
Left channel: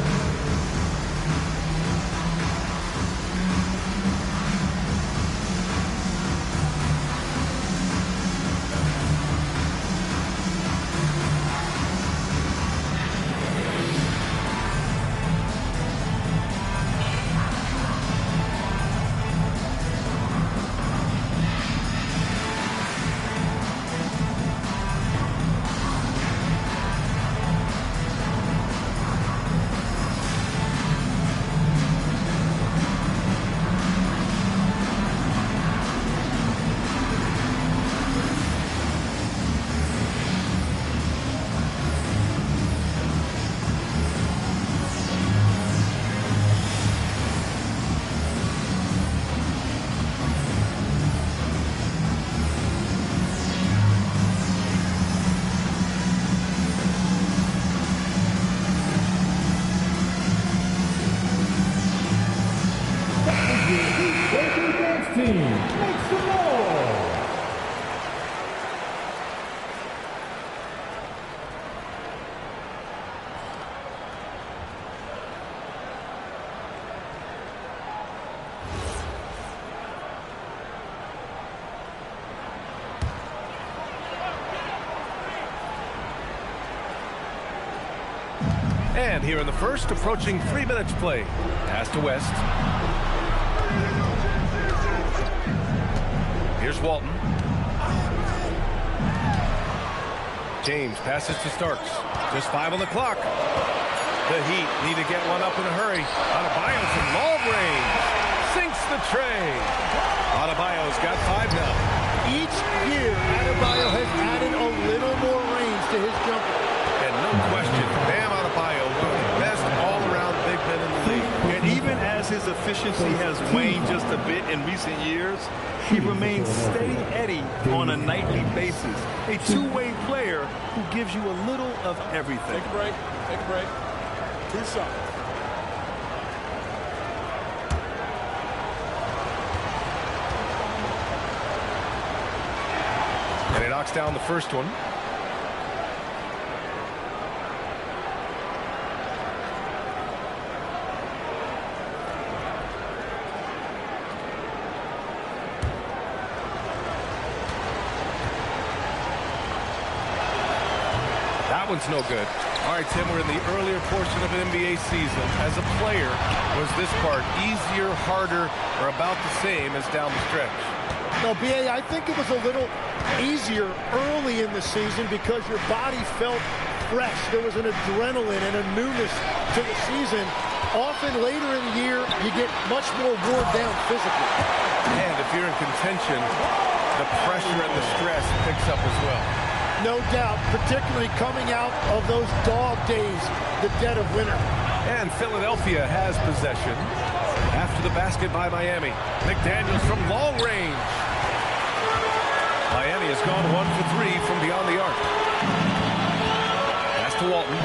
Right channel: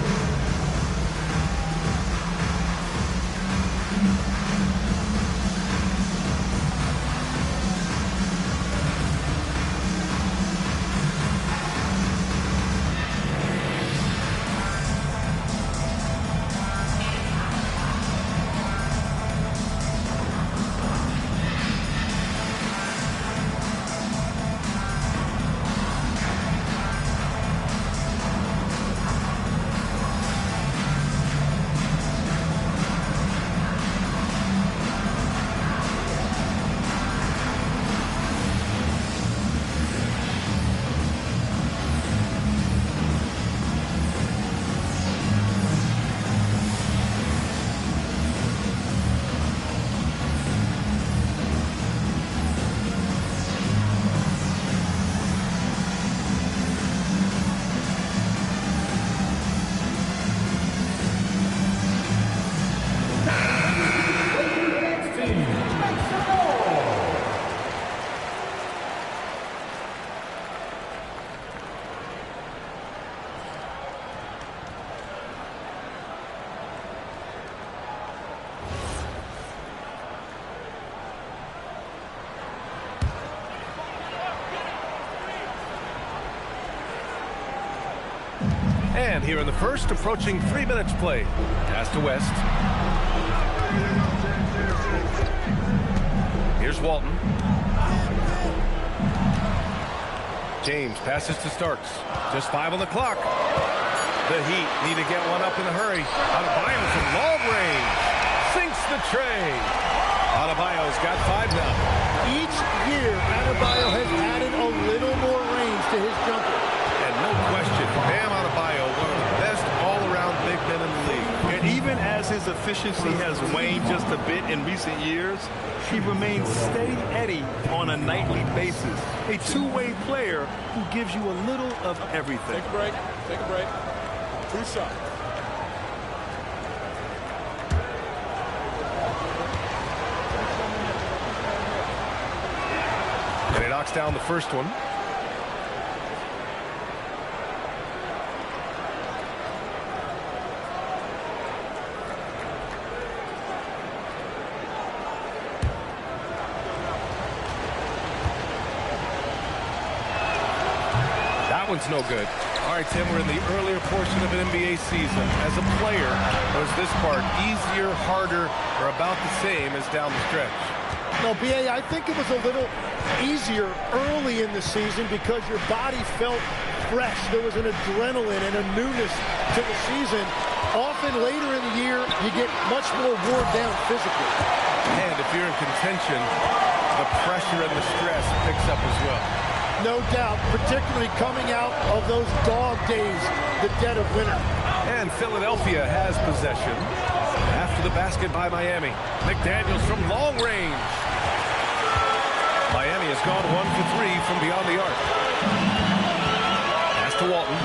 And here in the first, approaching 3 minutes play. Pass to West. Here's Walton. James passes to Starks. Just 5 on the clock. The Heat need to get one up in a hurry. Adebayo from long range. Sinks the tray. Adebayo's got 5 now. Each year, Adebayo has added a little more range to his jumper. And no question, Bam Adebayo, one of the best all-around big men in the league. And even as his efficiency has waned just a bit in recent years, he remains steady Eddie on a nightly basis. A two-way player who gives you a little of everything. Take a break. Take a break. 2 shots. And he knocks down the first one. That one's no good. All right, Tim, we're in the earlier portion of an NBA season. As a player, was this part easier, harder, or about the same as down the stretch? No, B.A., I think it was a little easier early in the season because your body felt fresh. There was an adrenaline and a newness to the season. Often later in the year, you get much more worn down physically. And if you're in contention, the pressure and the stress picks up as well. No doubt, particularly coming out of those dog days, the dead of winter. And Philadelphia has possession after the basket by Miami. McDaniels from long range. Miami has gone 1 for 3 from beyond the arc. Pass to Walton.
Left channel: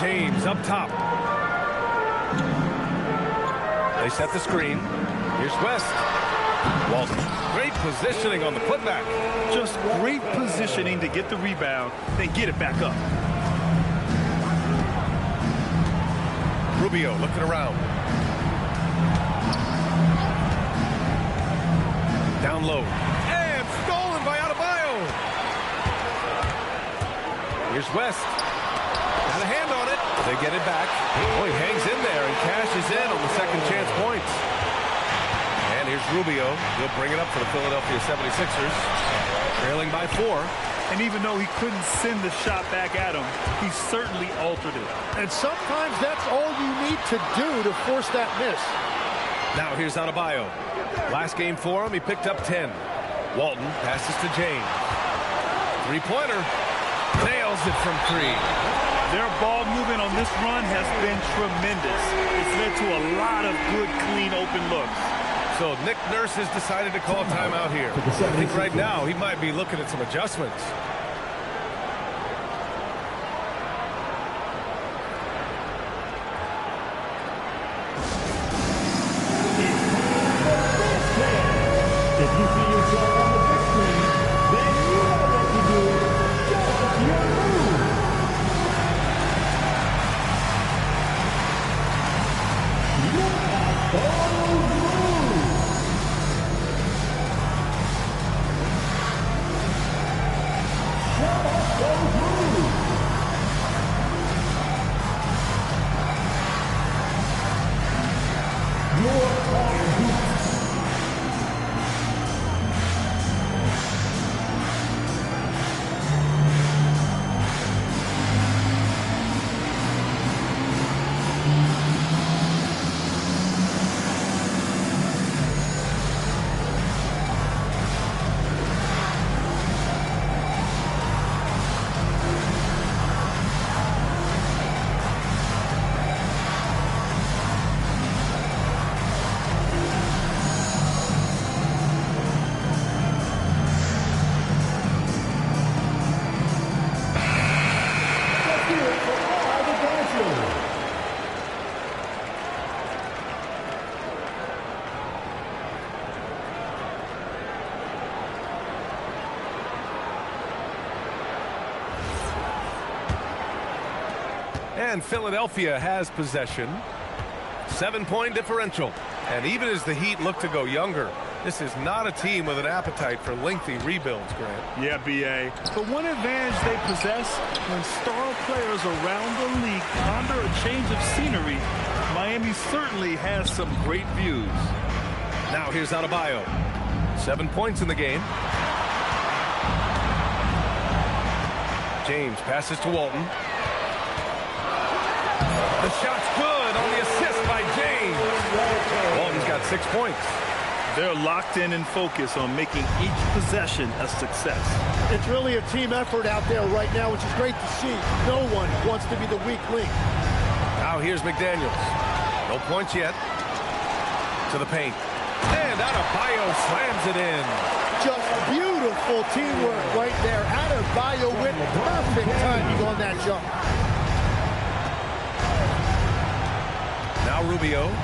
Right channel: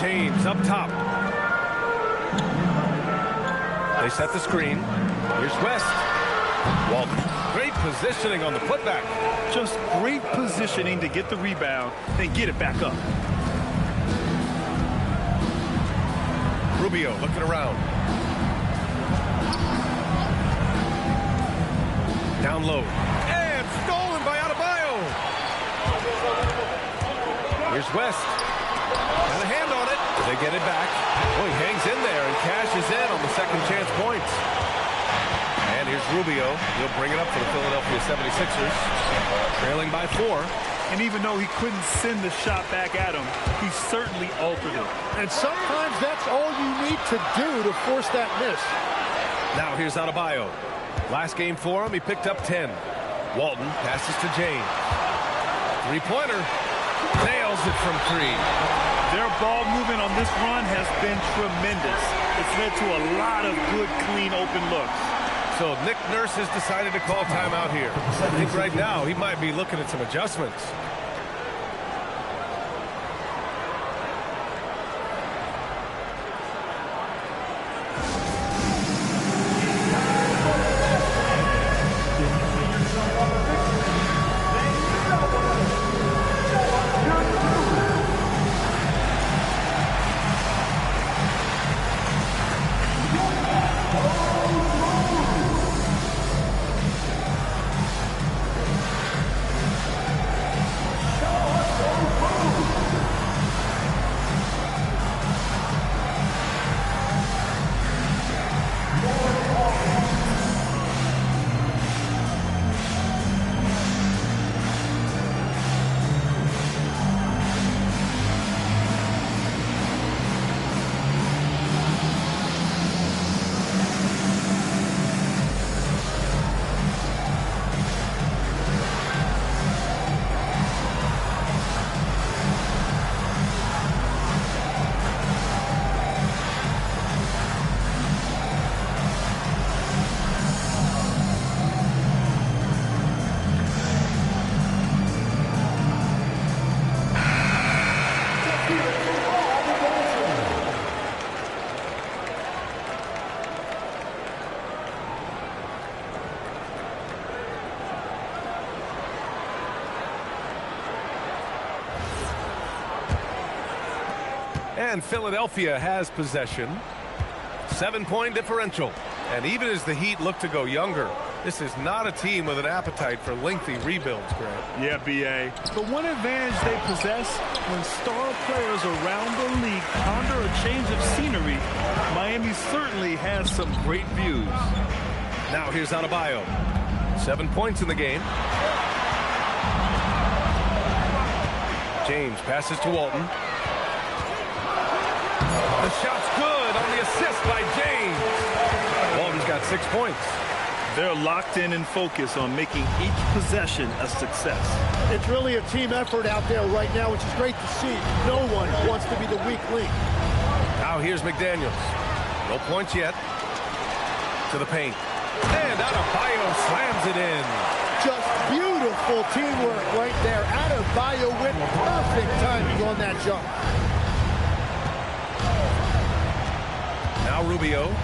James up top. They set the screen. Here's West. Walton. Great positioning on the putback. Just great positioning to get the rebound, then get it back up. Rubio looking around. Down low. And stolen by Adebayo. Here's West. Got a hand on it. They get it back. Oh, he hangs in there and cashes in on the second chance points. And here's Rubio. He'll bring it up for the Philadelphia 76ers. Trailing by 4. And even though he couldn't send the shot back at him, he certainly altered it. And sometimes that's all you need to do to force that miss. Now here's Adebayo. Last game for him, he picked up 10. Walton passes to James. Three-pointer. Nails it from 3. Their ball movement on this run has been tremendous. It's led to a lot of good, clean, open looks. So Nick Nurse has decided to call timeout here. I think right now he might be looking at some adjustments. If you see yourself on the big screen, then you know what to do. Show us your move. Look at those moves. Show us those moves. Your car beats. And Philadelphia has possession. 7-point differential. And even as the Heat look to go younger, this is not a team with an appetite for lengthy rebuilds, Grant. Yeah, B.A. But one advantage they possess, when star players around the league ponder a change of scenery, Miami certainly has some great views. Now here's Adebayo. 7 points in the game. James passes to Walton. The shot's good on the assist by James. Walton's got 6 points. They're locked in and focused on making each possession a success. It's really a team effort out there right now, which is great to see. No one wants to be the weak link. Now here's McDaniels. No points yet. To the paint. And Adebayo slams it in. Just beautiful teamwork right there. Adebayo with perfect timing on that jump. Now Rubio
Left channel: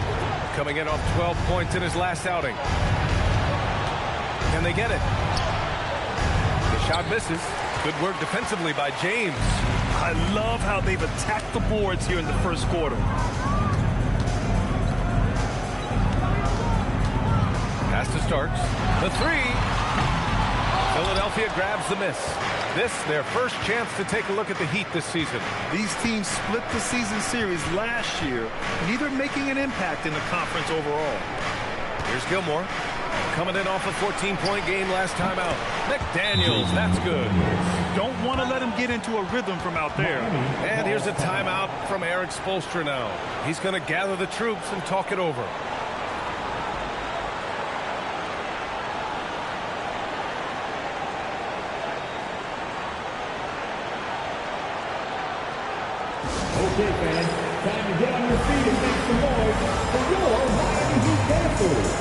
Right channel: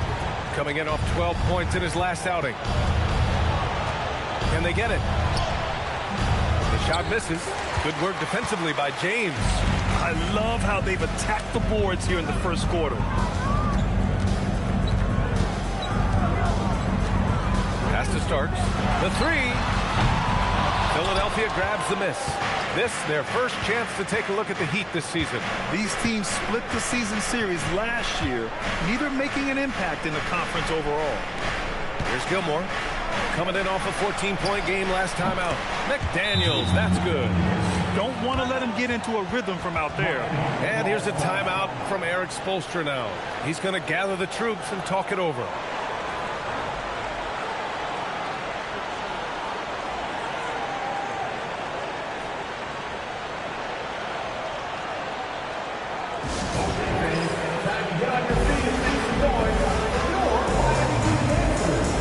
coming in off 12 points in his last outing. Can they get it? The shot misses. Good work defensively by James. I love how they've attacked the boards here in the first quarter. Pass to Starks. The three. Philadelphia grabs the miss. This, their first chance to take a look at the Heat this season. These teams split the season series last year, neither making an impact in the conference overall. Here's Gilmore. Coming in off a 14-point game last time out. McDaniels, that's good. Don't want to let him get into a rhythm from out there. And here's a timeout from Eric Spoelstra now. He's going to gather the troops and talk it over. Okay, fans, time to get on your feet and make some noise. Your Miami Heat Panthers.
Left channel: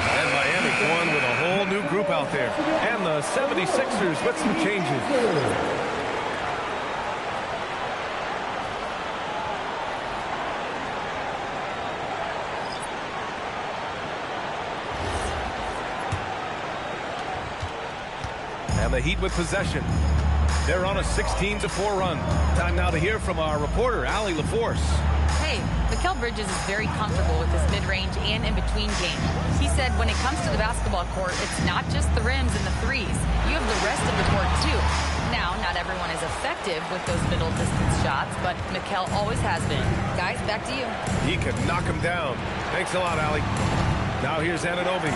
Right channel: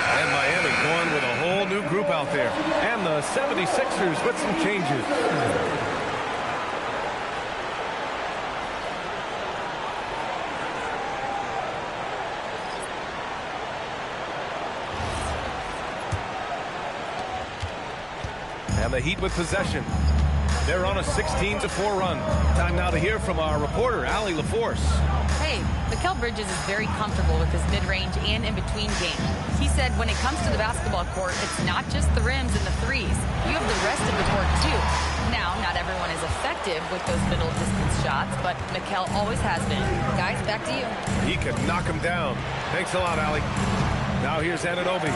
And Miami going with a whole new group out there. And the 76ers with some changes. And the Heat with possession. They're on a 16-4 run. Time now to hear from our reporter, Allie LaForce. Hey, Mikal Bridges is very comfortable with his mid-range and in-between game. He said when it comes to the basketball court, it's not just the rims and the threes. You have the rest of the court, too. Now, not everyone is effective with those middle-distance shots, but Mikal always has been. Guys, back to you. He can knock him down. Thanks a lot, Allie. Now here's Anunoby.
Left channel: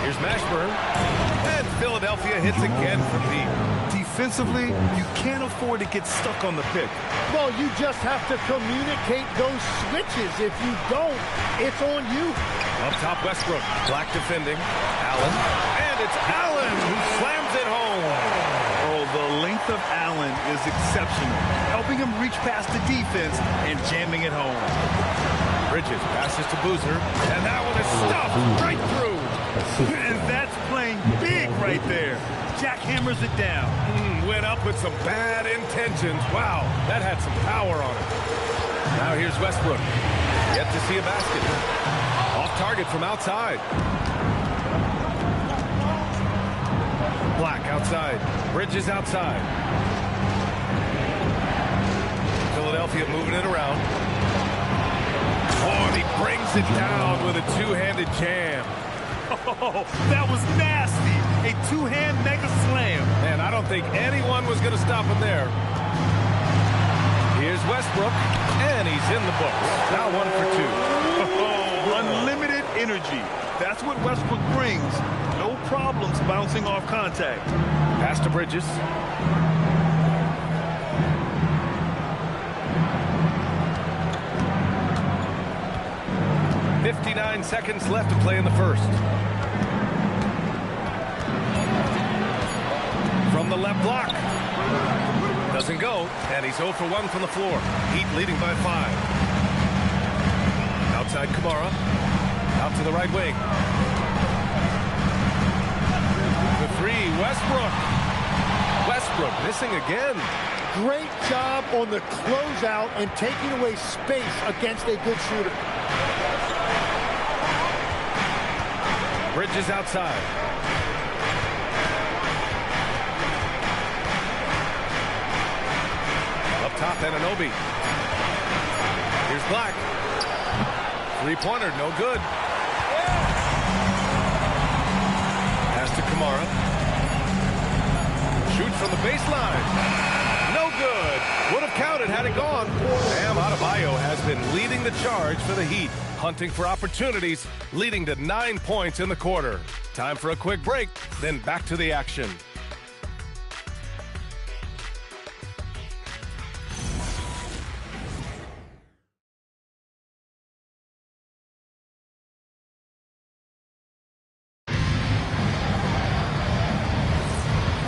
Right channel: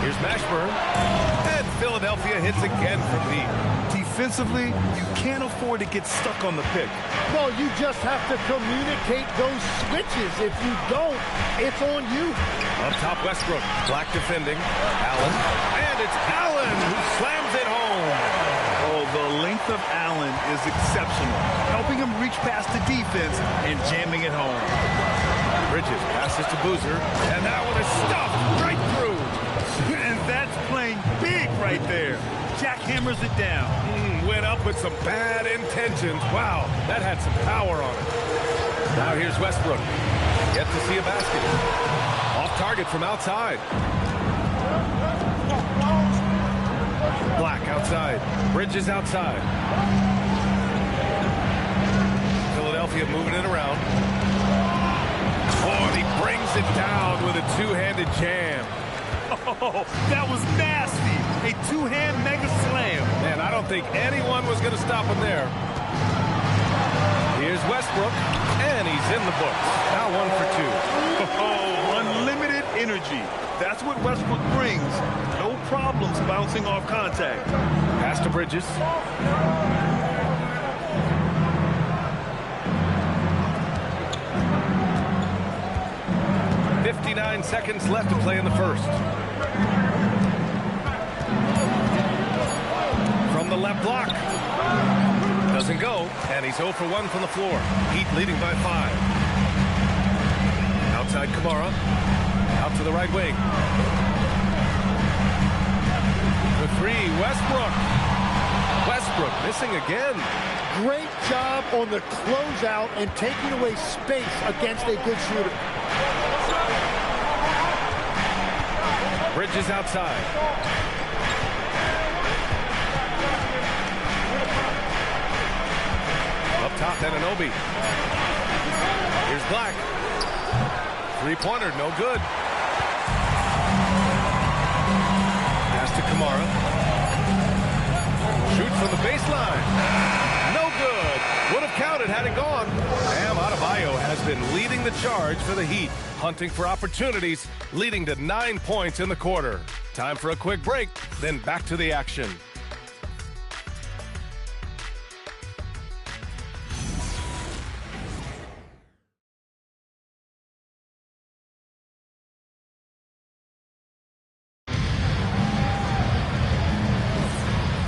Here's Mashburn. And Philadelphia hits again from deep. Defensively, you can't afford to get stuck on the pick. Well, you just have to communicate those switches. If you don't, it's on you. Up top, Westbrook. Black defending. Allen. And it's Allen who slams it home. Oh, the length of Allen is exceptional, helping him reach past the defense and jamming it home. Bridges passes to Boozer, and that one is stuffed right through. And that's playing big right there. Jackhammers it down. Went up with some bad intentions. Wow, that had some power on it. Now here's Westbrook. Yet to see a basket. Off target from outside. Black outside. Bridges outside. Philadelphia moving it around. Oh, and he brings it down with a two-handed jam. Oh, that was nasty. A two-hand mega slam. Man, I don't think anyone was going to stop him there. Here's Westbrook. And he's in the books. Now 1 for 2. Oh, unlimited energy. That's what Westbrook brings. No problems bouncing off contact. Pass to Bridges. "59 seconds left to play in the first." From the left block. Doesn't go, and he's 0 for 1 from the floor. Heat leading by 5. Outside Kamara. Out to the right wing. The 3, Westbrook. Westbrook missing again. Great job on the closeout and taking away space against a good shooter. Bridges outside. Up top, Anunoby. Here's Black. Three-pointer, no good. Pass to Kamara. Shoot from the baseline. No good. Would have counted had it gone. Bam Adebayo has been leading the charge for the Heat. Hunting for opportunities, leading to 9 points in the quarter. Time for a quick break, then back to the action.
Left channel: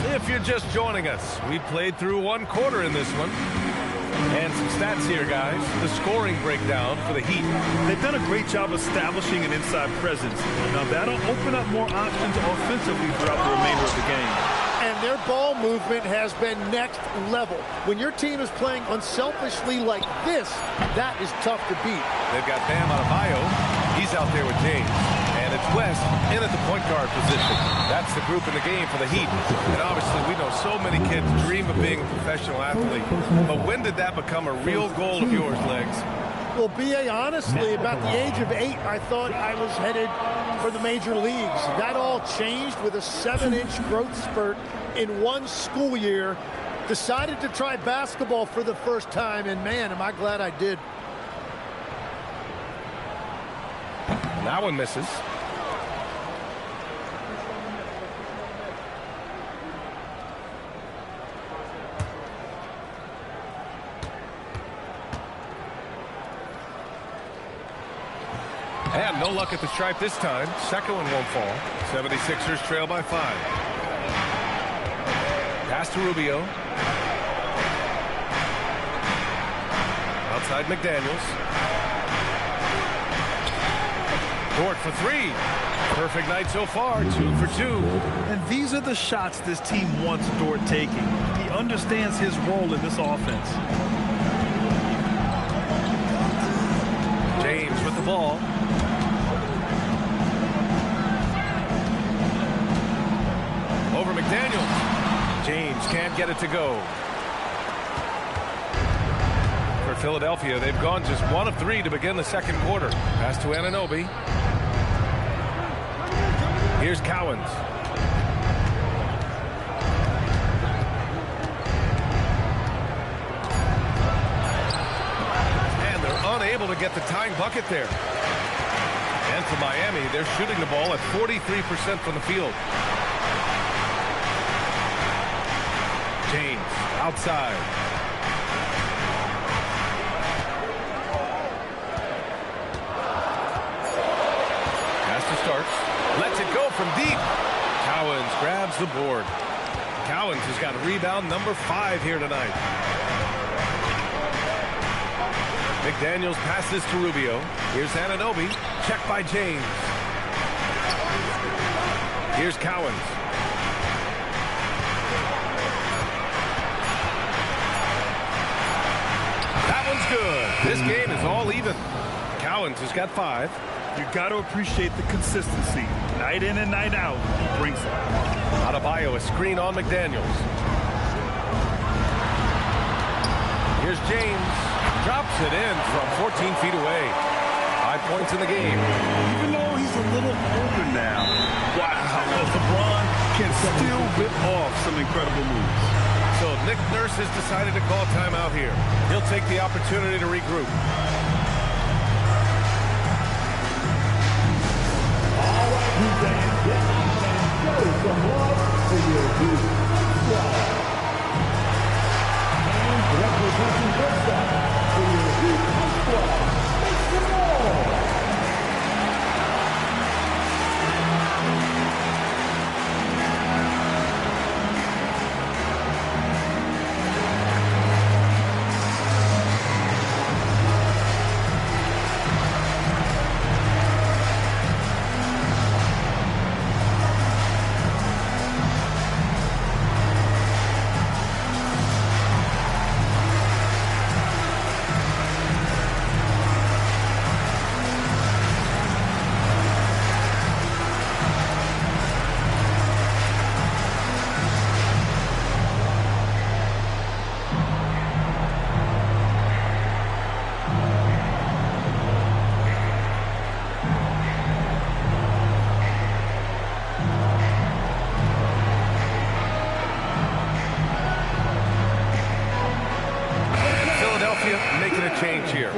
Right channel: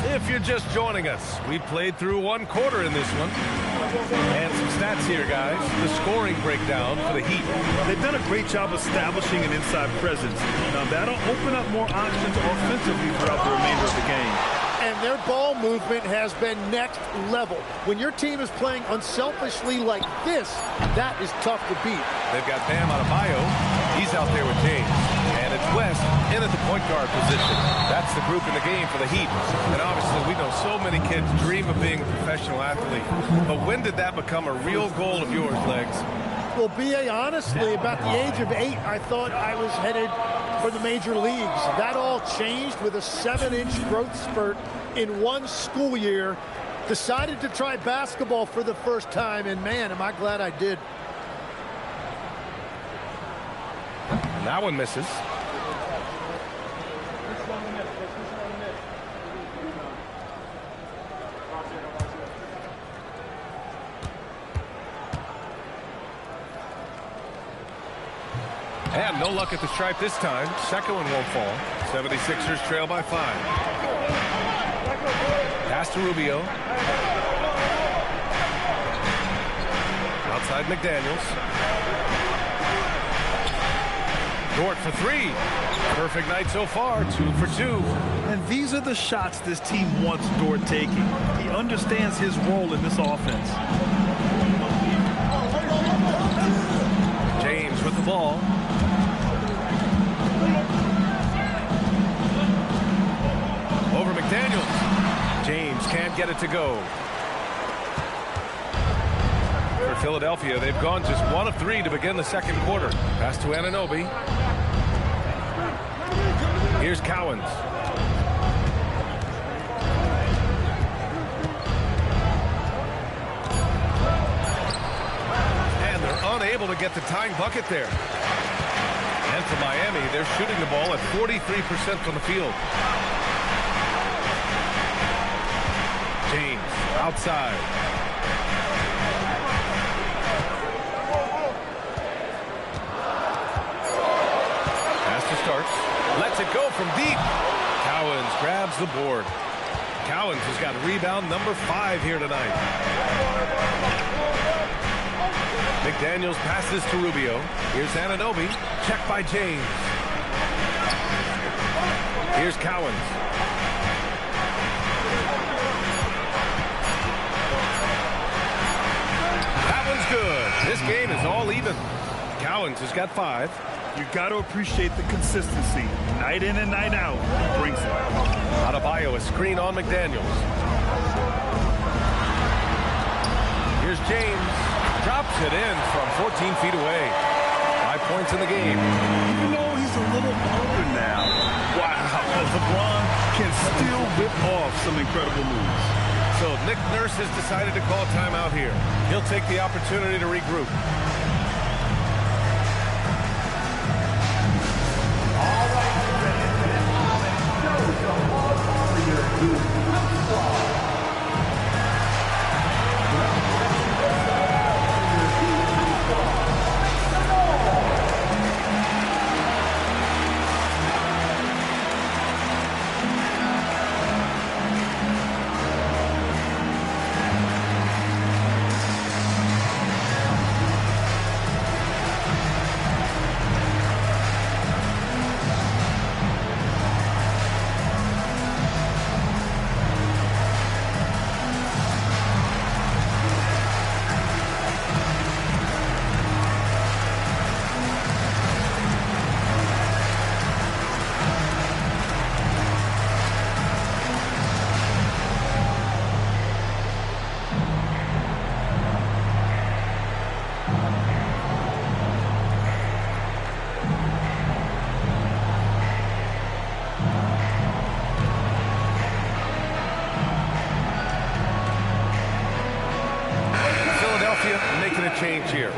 If you're just joining us, we played through 1 quarter in this one. And some stats here, guys. The scoring breakdown for the Heat. They've done a great job establishing an inside presence. Now, that'll open up more options offensively throughout the remainder of the game. And their ball movement has been next level. When your team is playing unselfishly like this, that is tough to beat. They've got Bam Adebayo. He's out there with James. And it's West in at the point guard position. That's the group in the game for the Heat. And obviously, we know so many kids dream of being a professional athlete. But when did that become a real goal of yours, Legs? Well, B.A., honestly, about the age of 8, I thought I was headed for the major leagues. That all changed with a 7-inch growth spurt in 1 school year. Decided to try basketball for the first time, and man, am I glad I did. And that one misses. And no luck at the stripe this time. Second one won't fall. 76ers trail by 5. Pass to Rubio. Outside McDaniels. Dort for 3. Perfect night so far. 2 for 2. And these are the shots this team wants Dort taking. He understands his role in this offense. James with the ball. Over McDaniels. James can't get it to go. For Philadelphia, they've gone just 1 of 3 to begin the second quarter. Pass to Anunoby. Here's Cowens. And they're unable to get the tying bucket there. And for Miami, they're shooting the ball at 43% from the field. James outside. Pass to Starks. Lets it go from deep. Cowens grabs the board. Cowens has got rebound number 5 here tonight. McDaniels passes to Rubio. Here's Anunoby. Check by James. Here's Cowens. That one's good. This game is all even. Cowens has got 5. You got to appreciate the consistency. Night in and night out, he brings it. Adebayo, a screen on McDaniels. Here's James. Drops it in from 14 feet away. 5 points in the game. Even though he's a little older now, wow, LeBron can still whip off some incredible moves. So Nick Nurse has decided to call timeout here. He'll take the opportunity to regroup. All right, fans, show some love for your Heat squad. And representing your side for your Heat squad, make some noise. Making a change here.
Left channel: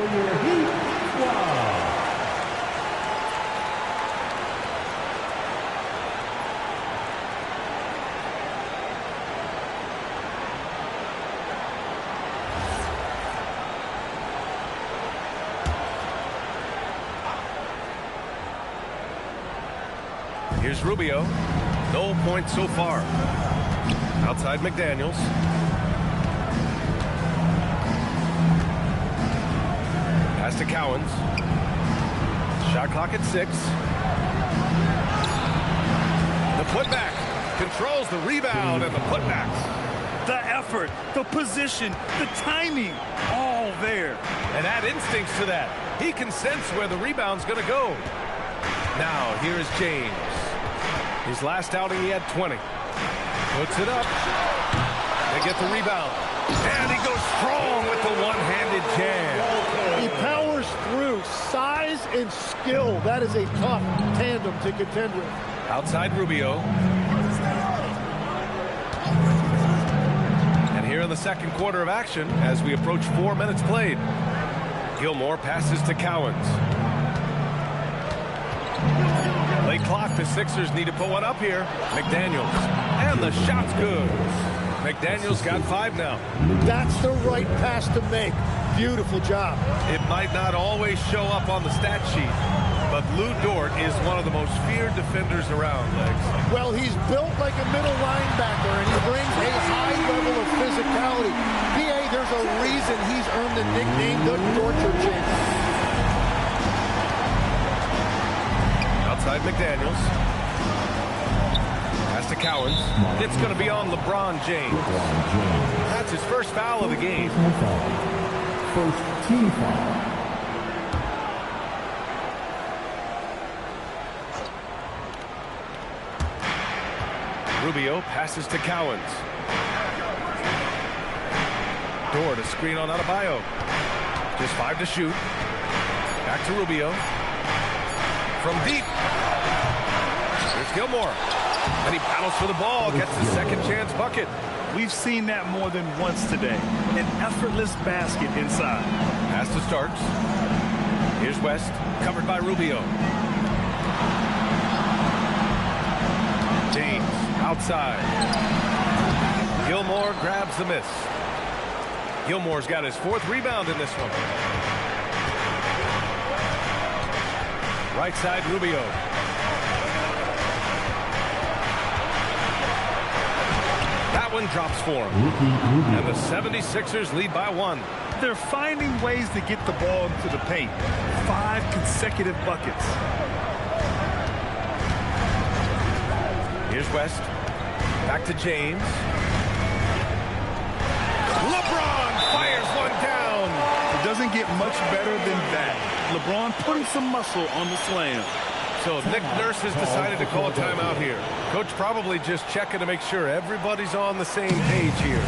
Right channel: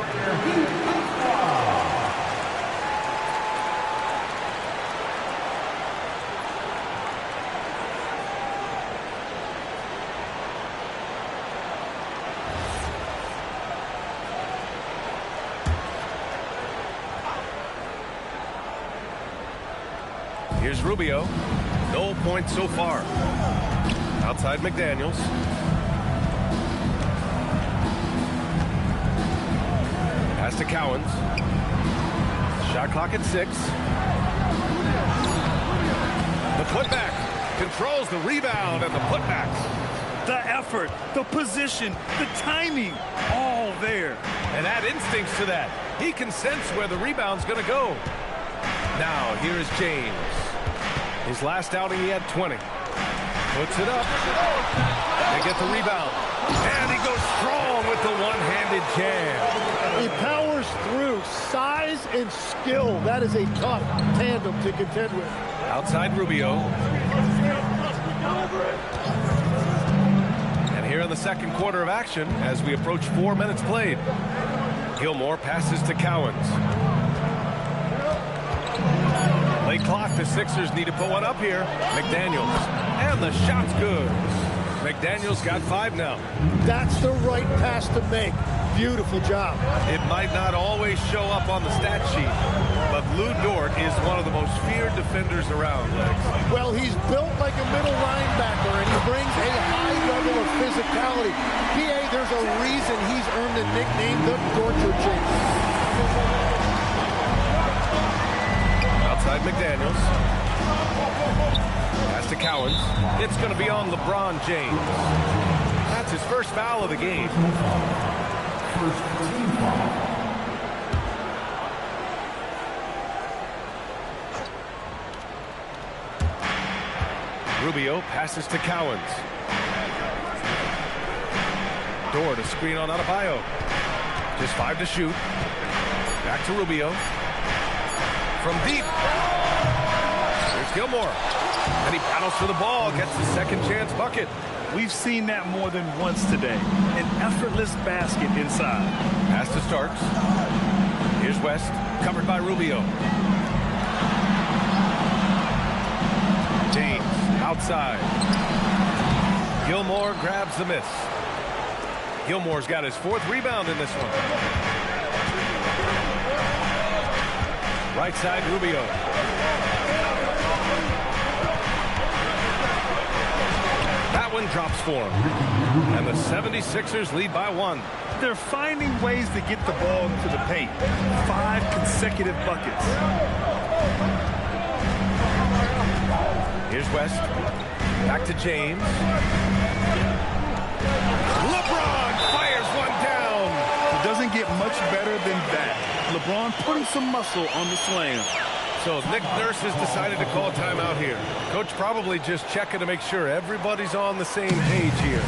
Here's Rubio. No points so far. Outside McDaniels. Pass to Cowens. Shot clock at 6. The putback. Controls the rebound and the putback. The effort, the position, the timing, all there. And add instincts to that. He can sense where the rebound's going to go. Now, here is James. His last outing, he had 20. Puts it up. They get the rebound. And he goes strong with the one-handed jam. He powers through. Size and skill. That is a tough tandem to contend with. Outside Rubio. And here in the second quarter of action, as we approach 4 minutes played, Gilmore passes to Cowens. Late clock, the Sixers need to put one up here. McDaniels. And the shot's good. McDaniels got 5 now. That's the right pass to make. Beautiful job. It might not always show up on the stat sheet, but Lou Dort is one of the most feared defenders around, Legs. Well, he's built like a middle linebacker, and he brings a high level of physicality. PA, there's a reason he's earned the nickname the Torture Chamber. Outside McDaniels. Pass to Cowens. It's going to be on LeBron James. That's his first foul of the game. First team foul. Rubio passes to Cowens. Dort a screen on Adebayo. Just 5 to shoot. Back to Rubio. From deep. Here's Gilmore. And he battles for the ball. Gets the second chance bucket. We've seen that more than once today. An effortless basket inside. Pass to Starks. Here's West. Covered by Rubio. James outside. Gilmore grabs the miss. Gilmore's got his 4th rebound in this one. Right side, Rubio. That one drops for him. And the 76ers lead by 1. They're finding ways to get the ball into the paint. 5 consecutive buckets. Here's West. Back to James. LeBron fires one down. It doesn't get much better than that. LeBron putting some muscle on the slam. So Nick Nurse has decided to call timeout here. Coach probably just checking to make sure everybody's on the same page here.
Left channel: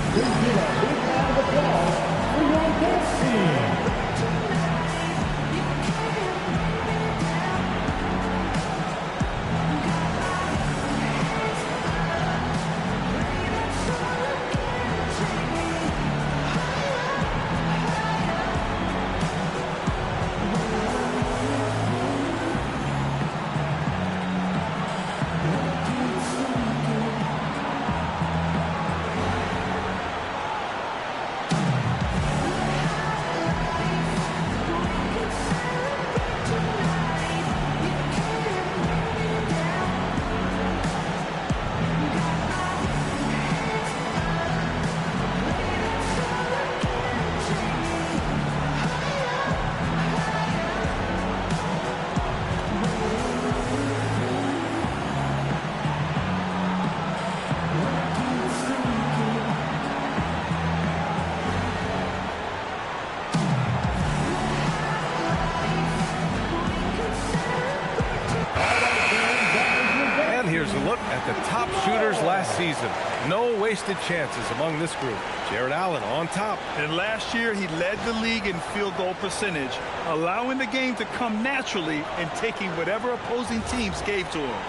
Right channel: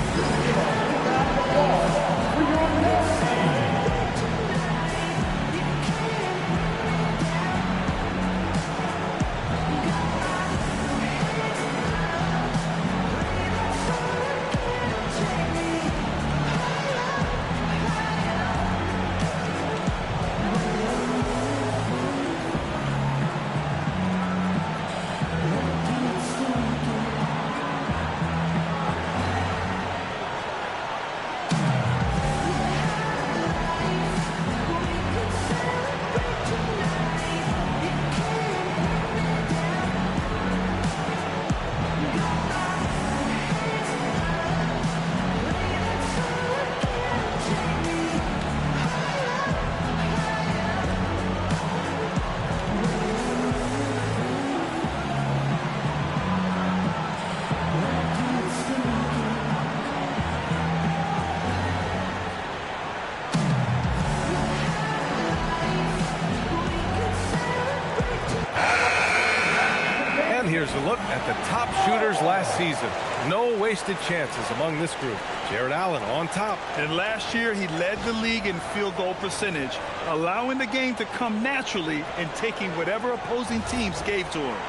here's a look at the top shooters last season. No wasted chances among this group. Jared Allen on top. And last year, he led the league in field goal percentage, allowing the game to come naturally and taking whatever opposing teams gave to him.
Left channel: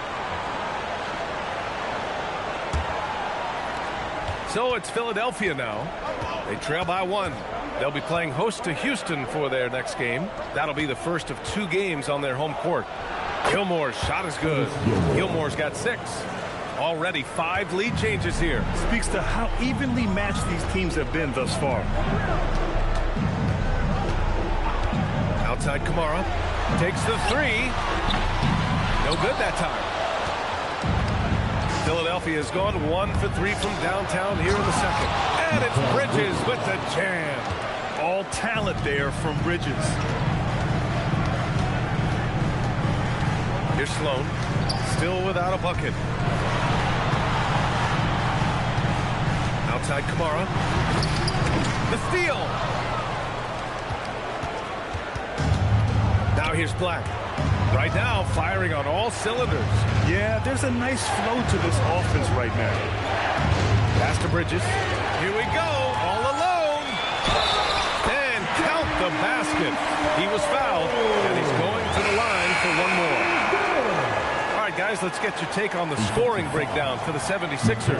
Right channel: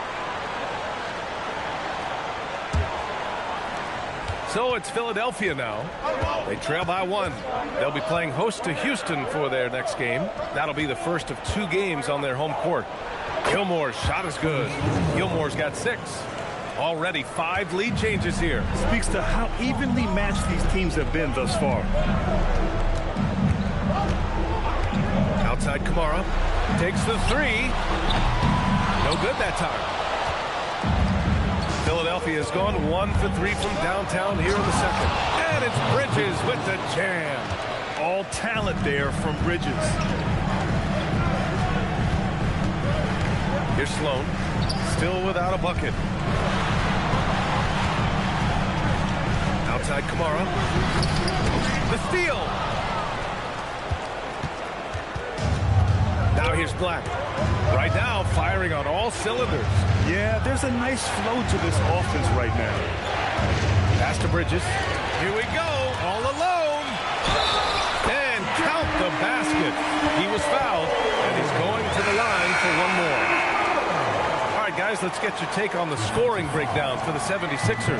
So it's Philadelphia now. They trail by 1. They'll be playing host to Houston for their next game. That'll be the first of 2 games on their home court. Gilmore's shot is good. Gilmore's got 6. Already 5 lead changes here. Speaks to how evenly matched these teams have been thus far. Outside Kamara. Takes the 3. No good that time. Philadelphia has gone 1 for 3 from downtown here in the second. And it's Bridges with the jam. All talent there from Bridges. Here's Sloan. Still without a bucket. Outside Kamara. The steal. Now here's Black. Right now, firing on all cylinders. Yeah, there's a nice flow to this offense right now. Pass to Bridges. Here we go, all alone. And count the basket. He was fouled, and he's going to the line for 1 more. All right, guys, let's get your take on the scoring breakdown for the 76ers.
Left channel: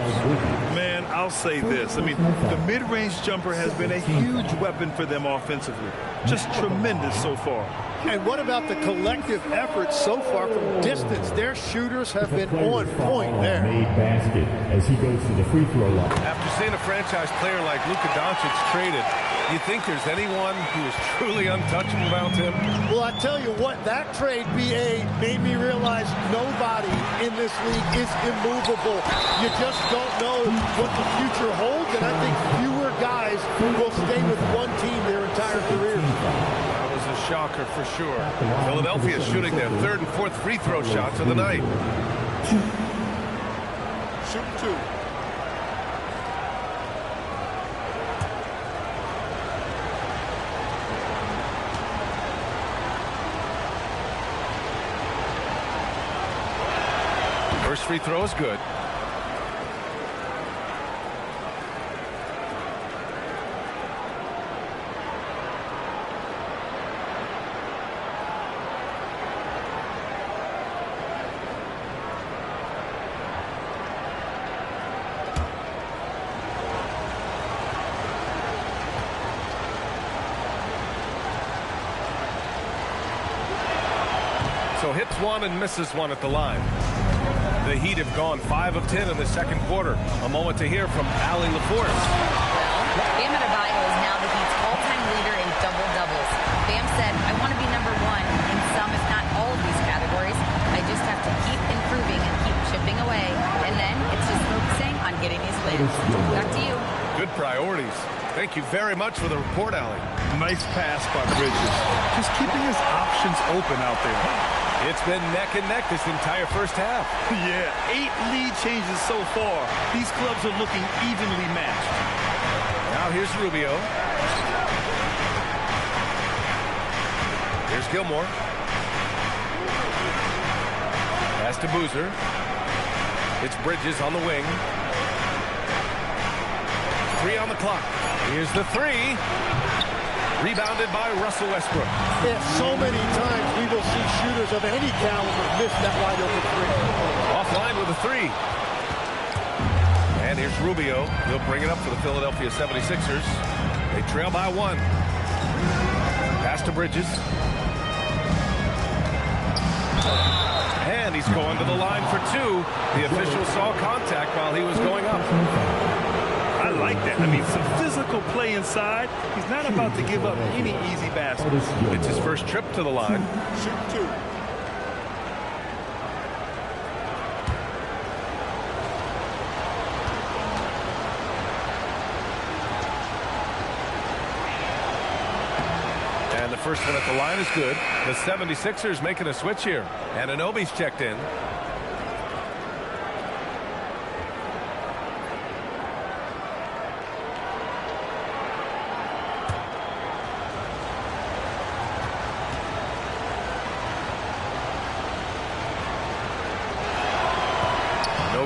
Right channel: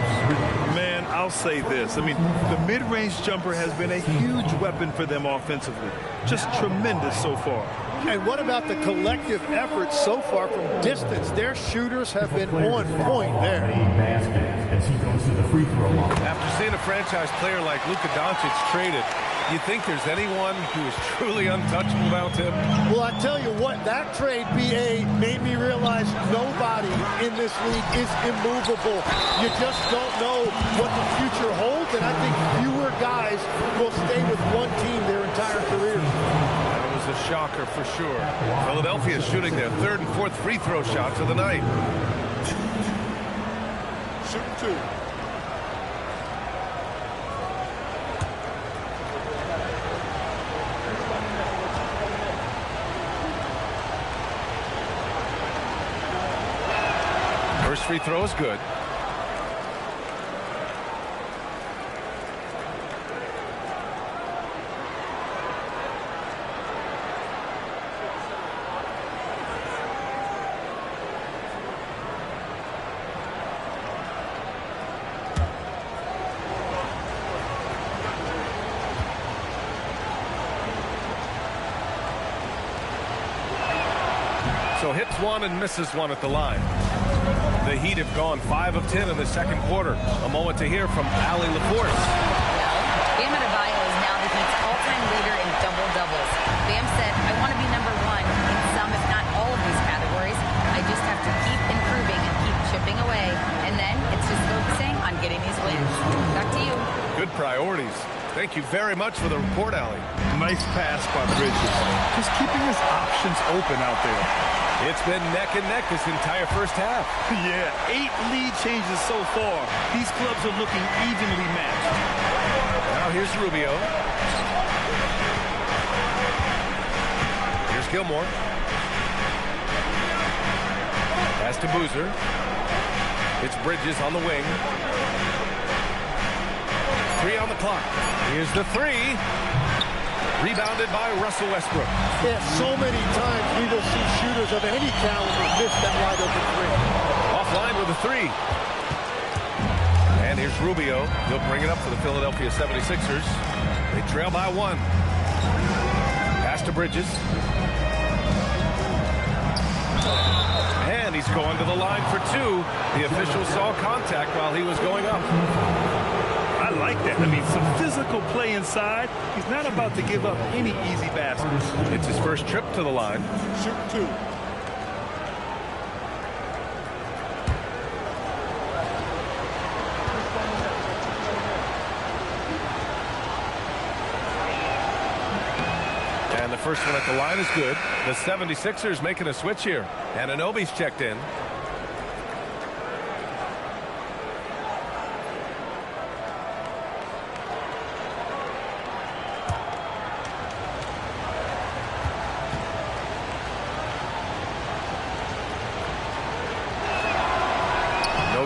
Man, I'll say this. I mean, the mid-range jumper has been a huge weapon for them offensively. Just tremendous so far. And what about the collective effort so far from distance? Their shooters have been on point there. Basket as he goes to the free throw line. After seeing a franchise player like Luka Doncic traded, you think there's anyone who is truly untouchable about him? Well, I tell you what, that trade, BA, made me realize nobody in this league is immovable. You just don't know what the future holds, and I think fewer guys will stay with one team their entire careers. That was a shocker for sure. Philadelphia is shooting their 3rd and 4th free throw shots of the night. Shoot 2. First free throw is good. So hits 1 and misses 1 at the line. The Heat have gone 5 of 10 in the second quarter. A moment to hear from Allie LaForce. Well, Bam Adebayo is now the Heat's all-time leader in double-doubles. Bam said, I want to be number 1 in some, if not all of these categories. I just have to keep improving and keep chipping away. And then it's just focusing on getting these wins. Back to you. Good priorities. Thank you very much for the report, Allie. Nice pass by Bridges. Just keeping his options open out there. It's been neck and neck this entire first half. Yeah, 8 lead changes so far. These clubs are looking evenly matched. Now here's Rubio. Here's Gilmore. Pass to Boozer. It's Bridges on the wing. 3 on the clock. Here's the 3. Rebounded by Russell Westbrook. Yeah, so many times we will see shooters of any caliber miss that wide open 3. Offline with a 3. And here's Rubio. He'll bring it up for the Philadelphia 76ers. They trail by 1. Pass to Bridges. And he's going to the line for 2. The official saw contact while he was going up. I like that. I mean, some physical play inside. He's not about to give up any easy basket. It's his first trip to the line. Shoot 2. And the first one at the line is good. The 76ers making a switch here. And Anunoby's checked in.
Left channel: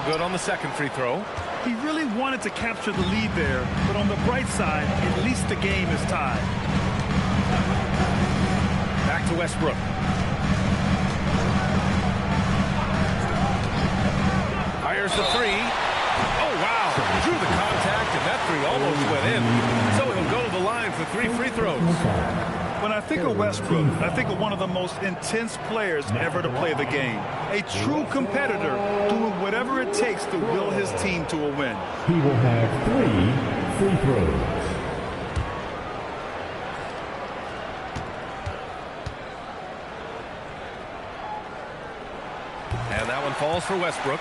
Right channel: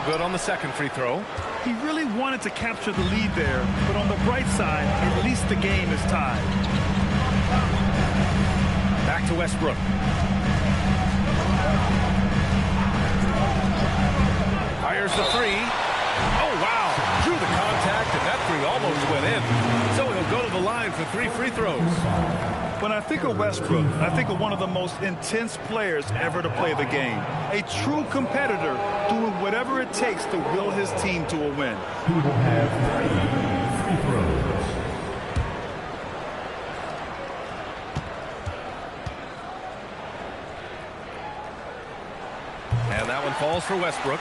good on the second free throw. He really wanted to capture the lead there, but on the bright side, at least the game is tied. Back to Westbrook. Fires the three. Oh, wow. Drew the contact, and that three almost went in. So he'll go to the line for 3 free throws. When I think of Westbrook, I think of one of the most intense players ever to play the game. A true competitor doing whatever it takes to will his team to a win. He will have 3 free throws. And that one falls for Westbrook.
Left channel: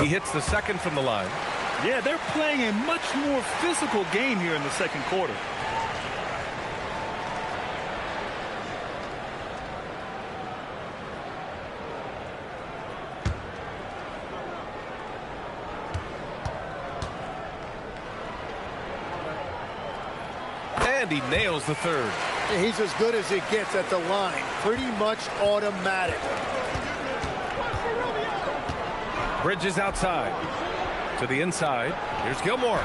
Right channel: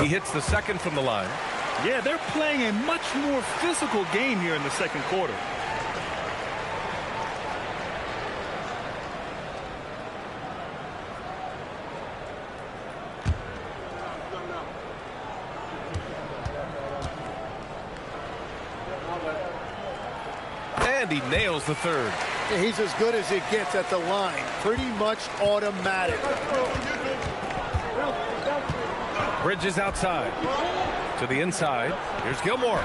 He hits the second from the line. Yeah, they're playing a much more physical game here in the second quarter. And he nails the third. Yeah, he's as good as it gets at the line. Pretty much automatic. Bridges outside. To the inside. Here's Gilmore.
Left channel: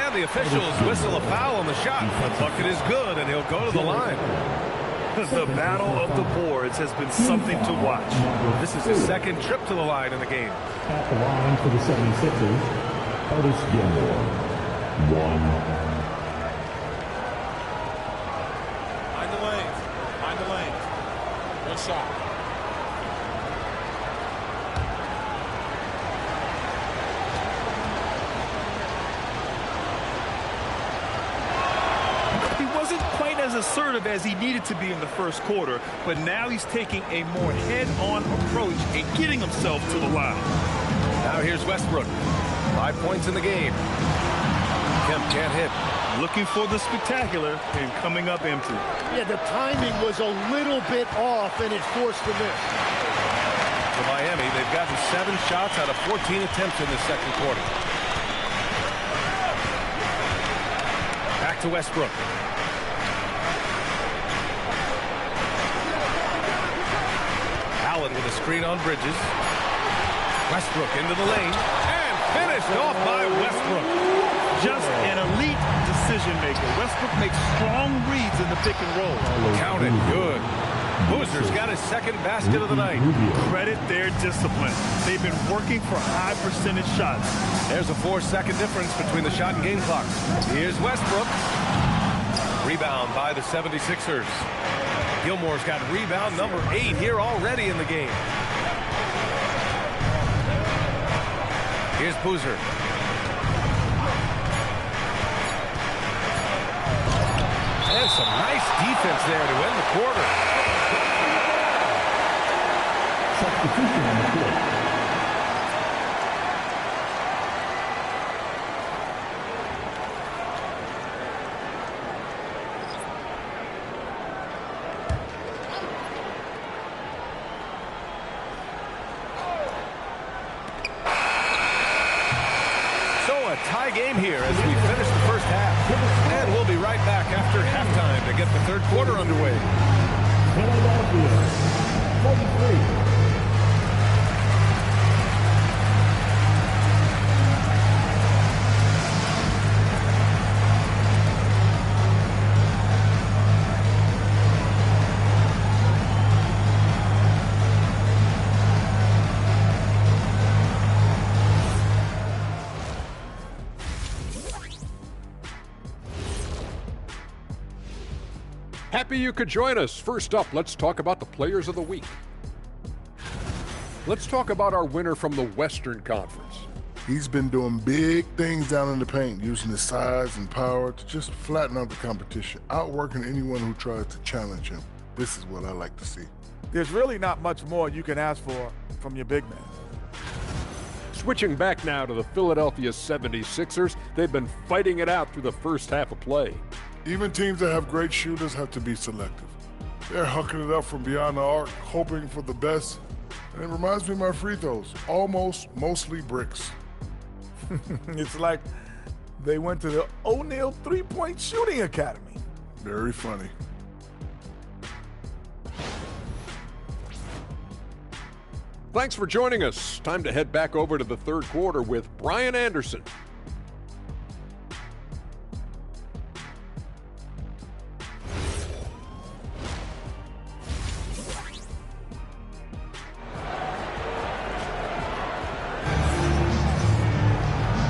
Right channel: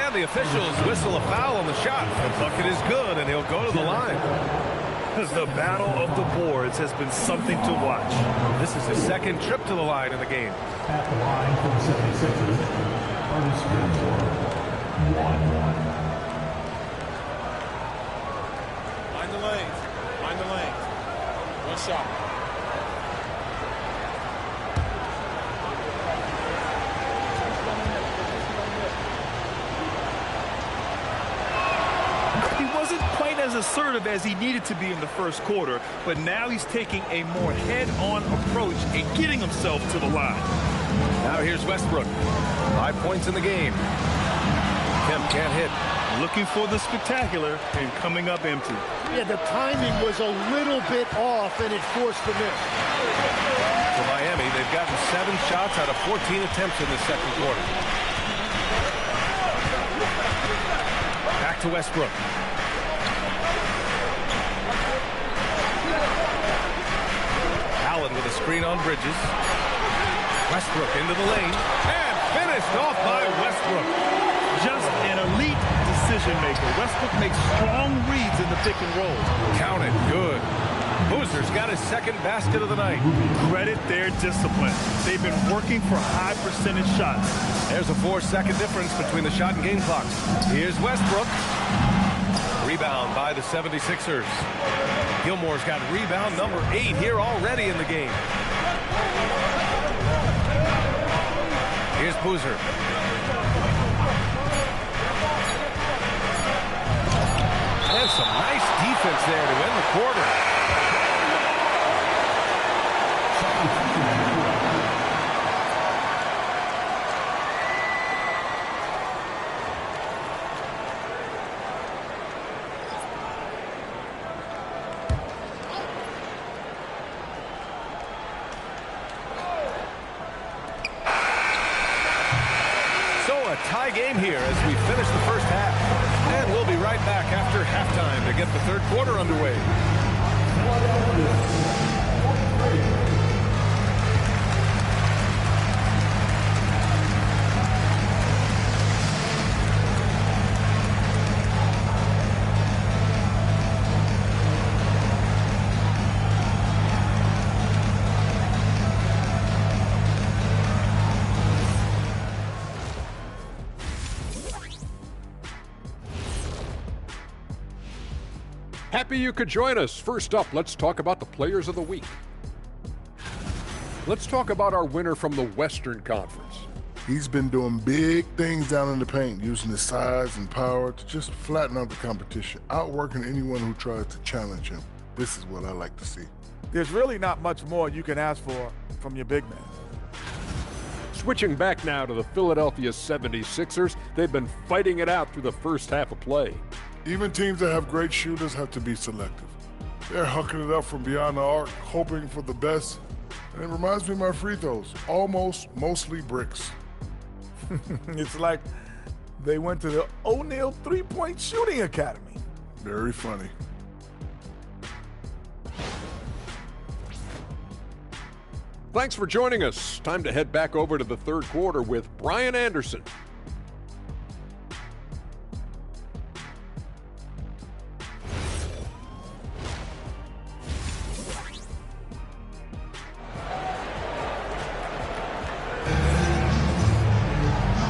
And the officials whistle a foul on the shot. The bucket is good, and he'll go to the line. The battle of the boards has been something to watch. This is his second trip to the line in the game. At the line for the 76ers, Curtis Gilmore. 1. Mind the lanes. Mind the lanes. One shot. He wasn't quite as assertive as he needed to be in the first quarter, but now he's taking a more head-on approach and getting himself to the line. Now here's Westbrook. 5 points in the game. Kemp can't hit. Looking for the spectacular and coming up empty. Yeah, the timing was a little bit off, and it forced the miss. For Miami, they've gotten 7 shots out of 14 attempts in the second quarter. Back to Westbrook. Allen with a screen on Bridges. Westbrook into the lane. And finished off by Westbrook. Just an elite decision maker. Westbrook makes strong reads in the pick and roll. Counted. Good. Boozer's got his second basket of the night. Credit their discipline. They've been working for high percentage shots. There's a 4-second difference between the shot and game clocks. Here's Westbrook. Rebound by the 76ers. Gilmore's got rebound number 8 here already in the game. Here's Boozer. And some nice defense there to end the quarter. So a tie game here as we finish the first half. And we'll be right back after halftime to get the third quarter underway. Happy you could join us. First up, let's talk about the players of the week. Let's talk about our winner from the Western Conference. He's been doing big things down in the paint, using his size and power to just flatten out the competition, outworking anyone who tries to challenge him. This is what I like to see. There's really not much more you can ask for from your big man. Switching back now to the Philadelphia 76ers, they've been fighting it out through the first half of play. Even teams that have great shooters have to be selective. They're hucking it up from beyond the arc, hoping for the best. And it reminds me of my free throws, almost mostly bricks. It's like they went to the O'Neal three-point shooting academy. Very funny. Thanks for joining us. Time to head back over to the third quarter with Brian Anderson.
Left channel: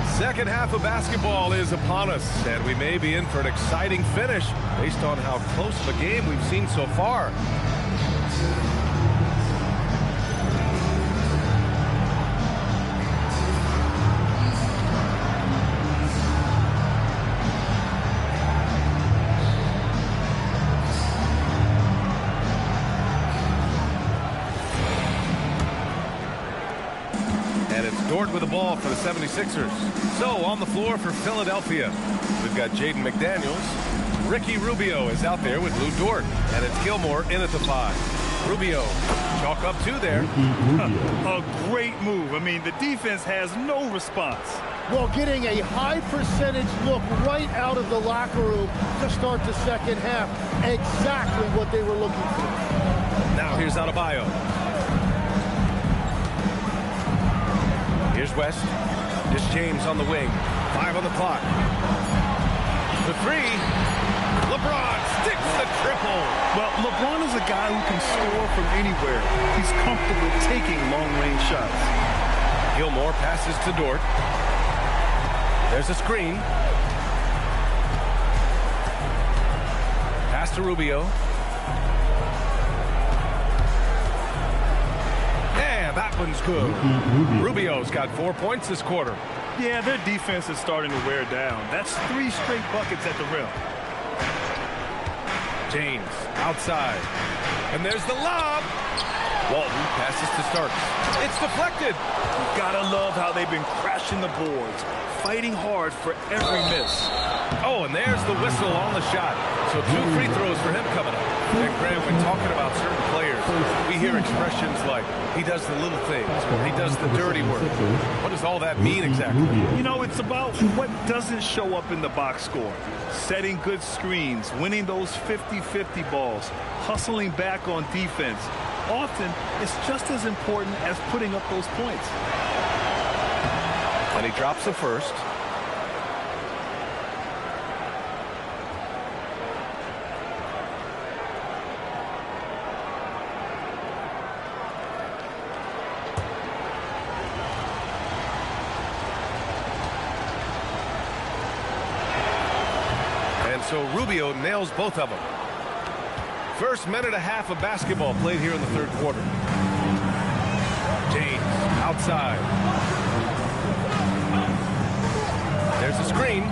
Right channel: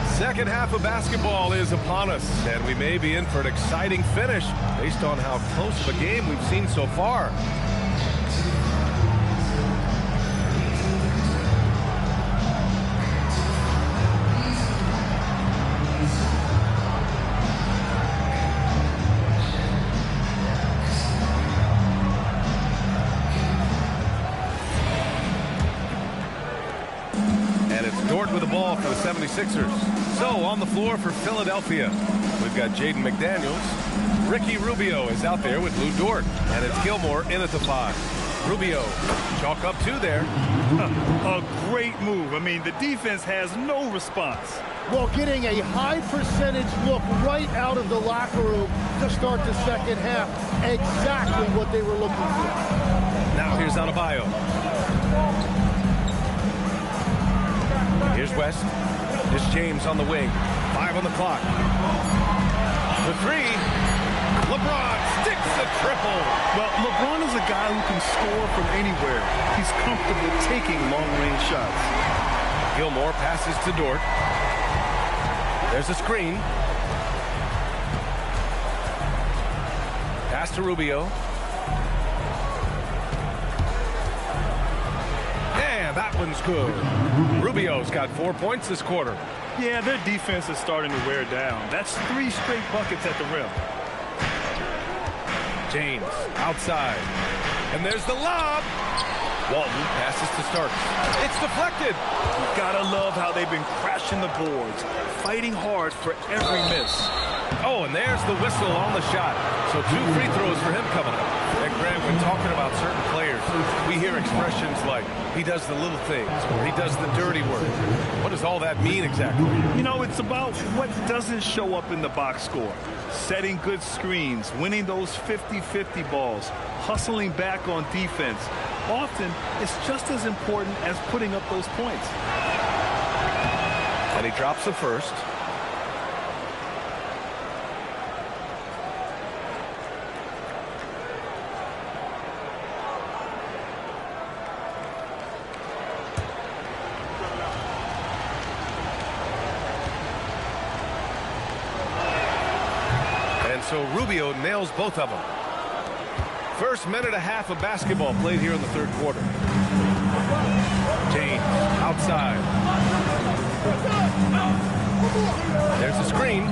Second half of basketball is upon us, and we may be in for an exciting finish based on how close of a game we've seen so far. And it's Dort with the ball for the 76ers. So on the floor for Philadelphia, we've got Jaden McDaniels. Ricky Rubio is out there with Lou Dort. And it's Gilmore in at the 5. Rubio, chalk up 2 there. A great move. I mean, the defense has no response. Well, getting a high percentage look right out of the locker room to start the second half. Exactly what they were looking for. Now here's Adebayo. Here's West. Here's James on the wing. 5 on the clock. The 3. LeBron sticks the triple. Well, LeBron is a guy who can score from anywhere. He's comfortable taking long-range shots. Gilmore passes to Dort. There's a screen. Pass to Rubio. And that one's good. Rubio's got 4 points this quarter. Yeah, their defense is starting to wear down. That's 3 straight buckets at the rim. James outside. And there's the lob. Walton passes to Starks. It's deflected. You gotta love how they've been crashing the boards, fighting hard for every miss. Oh, and there's the whistle on the shot. So 2 free throws for him coming up. And Grant, when talking about certain players, we hear expressions like, he does the little things, or he does the dirty work. What does all that mean exactly? You know, it's about what doesn't show up in the box score. Setting good screens, winning those 50-50 balls, hustling back on defense. Often, it's just as important as putting up those points. And he drops the first. And so Rubio nails both of them. First minute and a half of basketball played here in the third quarter. James outside. There's the screen.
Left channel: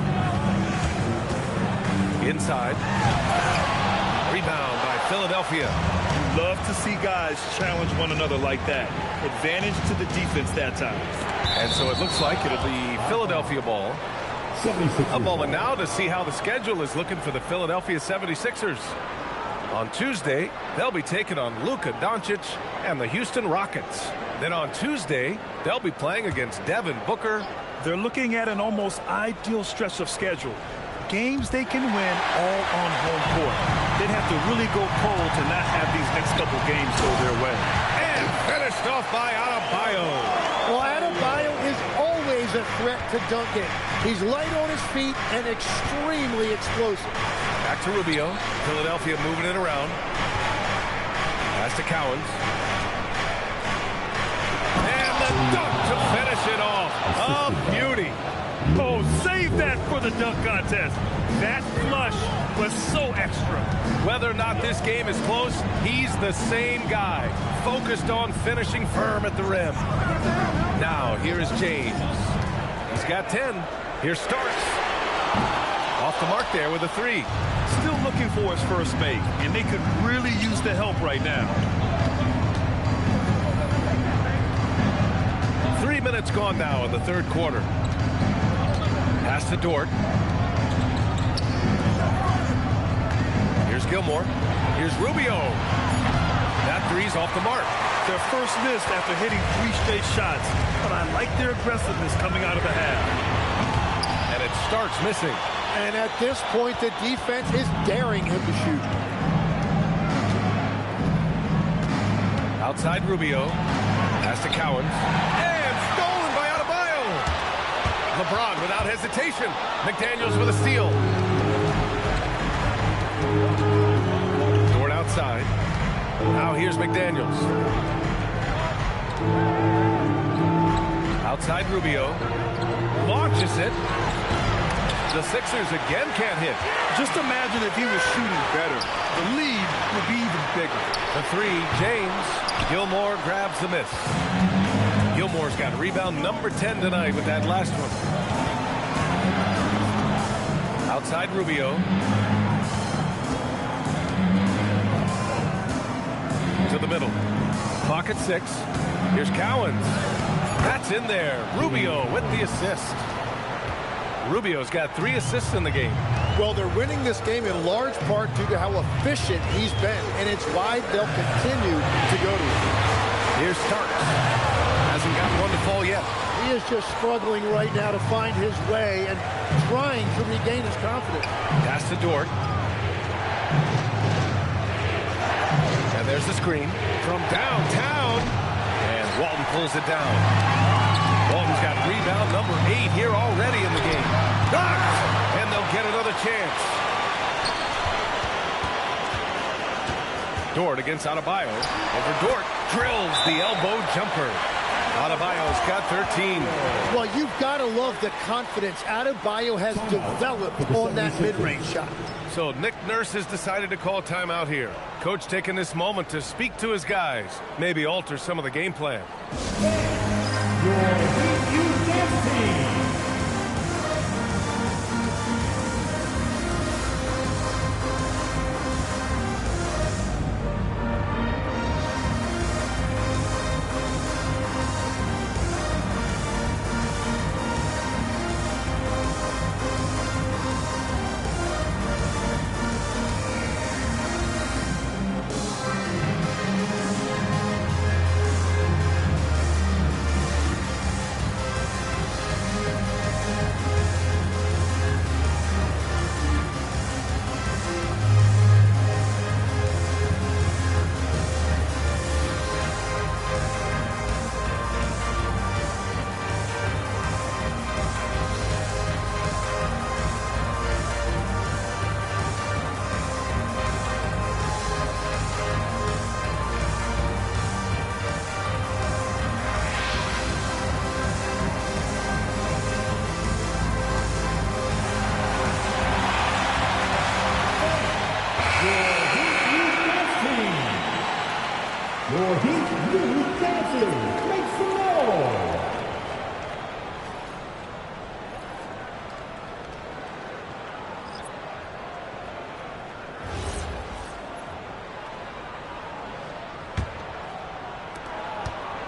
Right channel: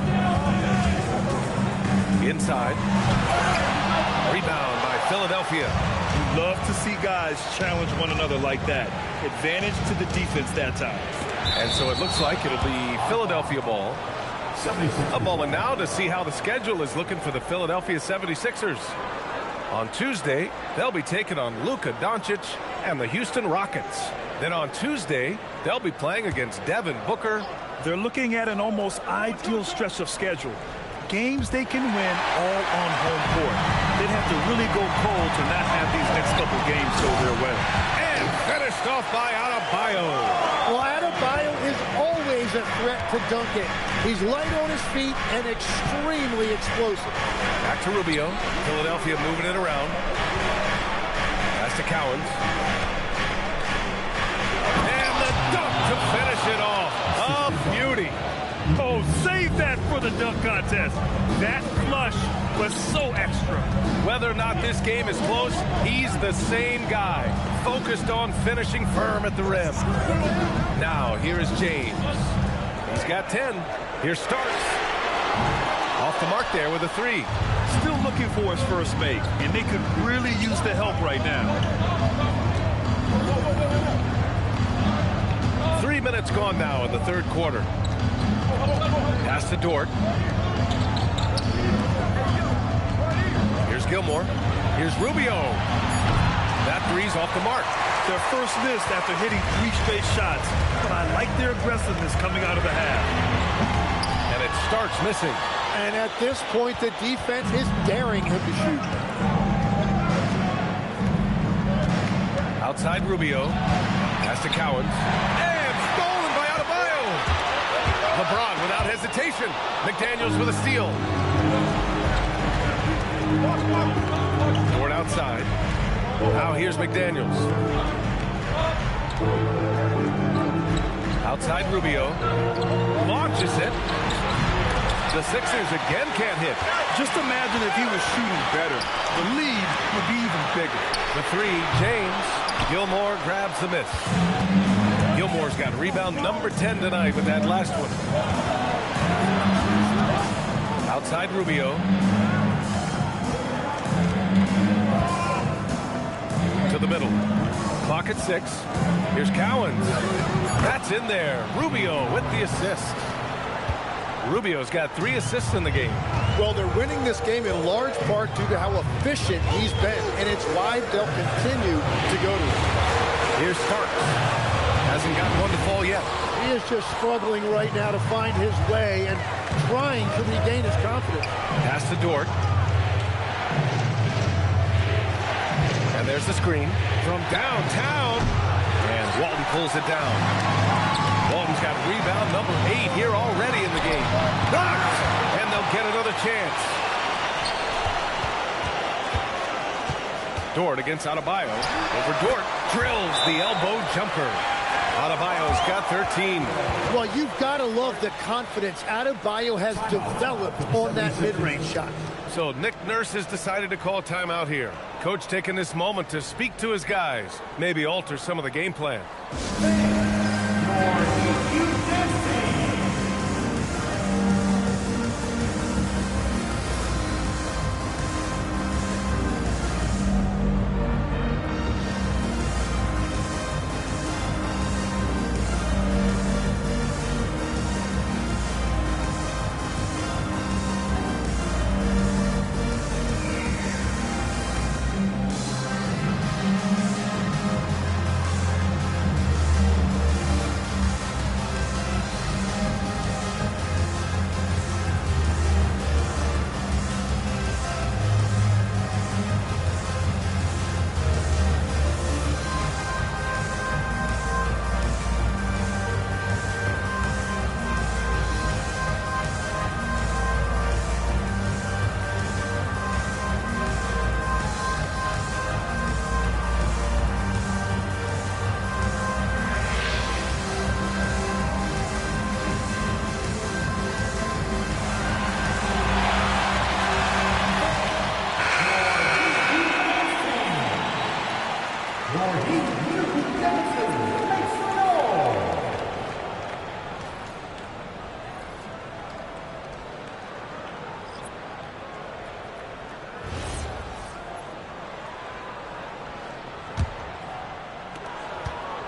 Inside. Rebound by Philadelphia. You love to see guys challenge one another like that. Advantage to the defense that time. And so it looks like it'll be Philadelphia ball. A moment now to see how the schedule is looking for the Philadelphia 76ers. On Tuesday, they'll be taking on Luka Doncic and the Houston Rockets. Then on Tuesday, they'll be playing against Devin Booker. They're looking at an almost ideal stretch of schedule. Games they can win all on home court. They'd have to really go cold to not have these next couple games go their way. And finished off by Adebayo. Well, Adebayo is always a threat to dunk it. He's light on his feet and extremely explosive. Back to Rubio. Philadelphia moving it around. Pass to Cowens. And the dunk to finish it off. A beauty. Oh, save that for the dunk contest. That flush was so extra. Whether or not this game is close, he's the same guy, focused on finishing firm at the rim. Now, here is James. He's got 10. Here's Starks. Off the mark there with a 3. Still looking for his first make, and they could really use the help right now. 3 minutes gone now in the third quarter. Pass to Dort. Here's Gilmore. Here's Rubio. That 3's off the mark. Their first missed after hitting 3 straight shots, but I like their aggressiveness coming out of the half. And it starts missing. And at this point, the defense is daring him to shoot. Outside Rubio. Pass to Cowens. And stolen by Adebayo. LeBron without hesitation. McDaniels with a steal. Dort outside. Now here's McDaniels. Outside Rubio. Launches it. The Sixers again can't hit. Just imagine if he was shooting better. The lead would be even bigger. The three, James. Gilmore grabs the miss. Gilmore's got rebound number 10 tonight with that last one. Outside Rubio. To the middle. Clock at 6. Here's Cowens. That's in there. Rubio with the assist. Rubio's got 3 assists in the game. Well, they're winning this game in large part due to how efficient he's been, and it's why they'll continue to go to him. Here's Starks. Hasn't gotten one to fall yet. He is just struggling right now to find his way and trying to regain his confidence. Pass to Dort. And there's the screen from downtown. And Walton pulls it down. Walton's got rebound number 8 here already in the game. Knocked! And they'll get another chance. Dort against Adebayo. Over Dort. Drills the elbow jumper. Adebayo's got 13. Well, you've got to love the confidence Adebayo has developed on that mid-range shot. So Nick Nurse has decided to call timeout here. Coach taking this moment to speak to his guys. Maybe alter some of the game plan.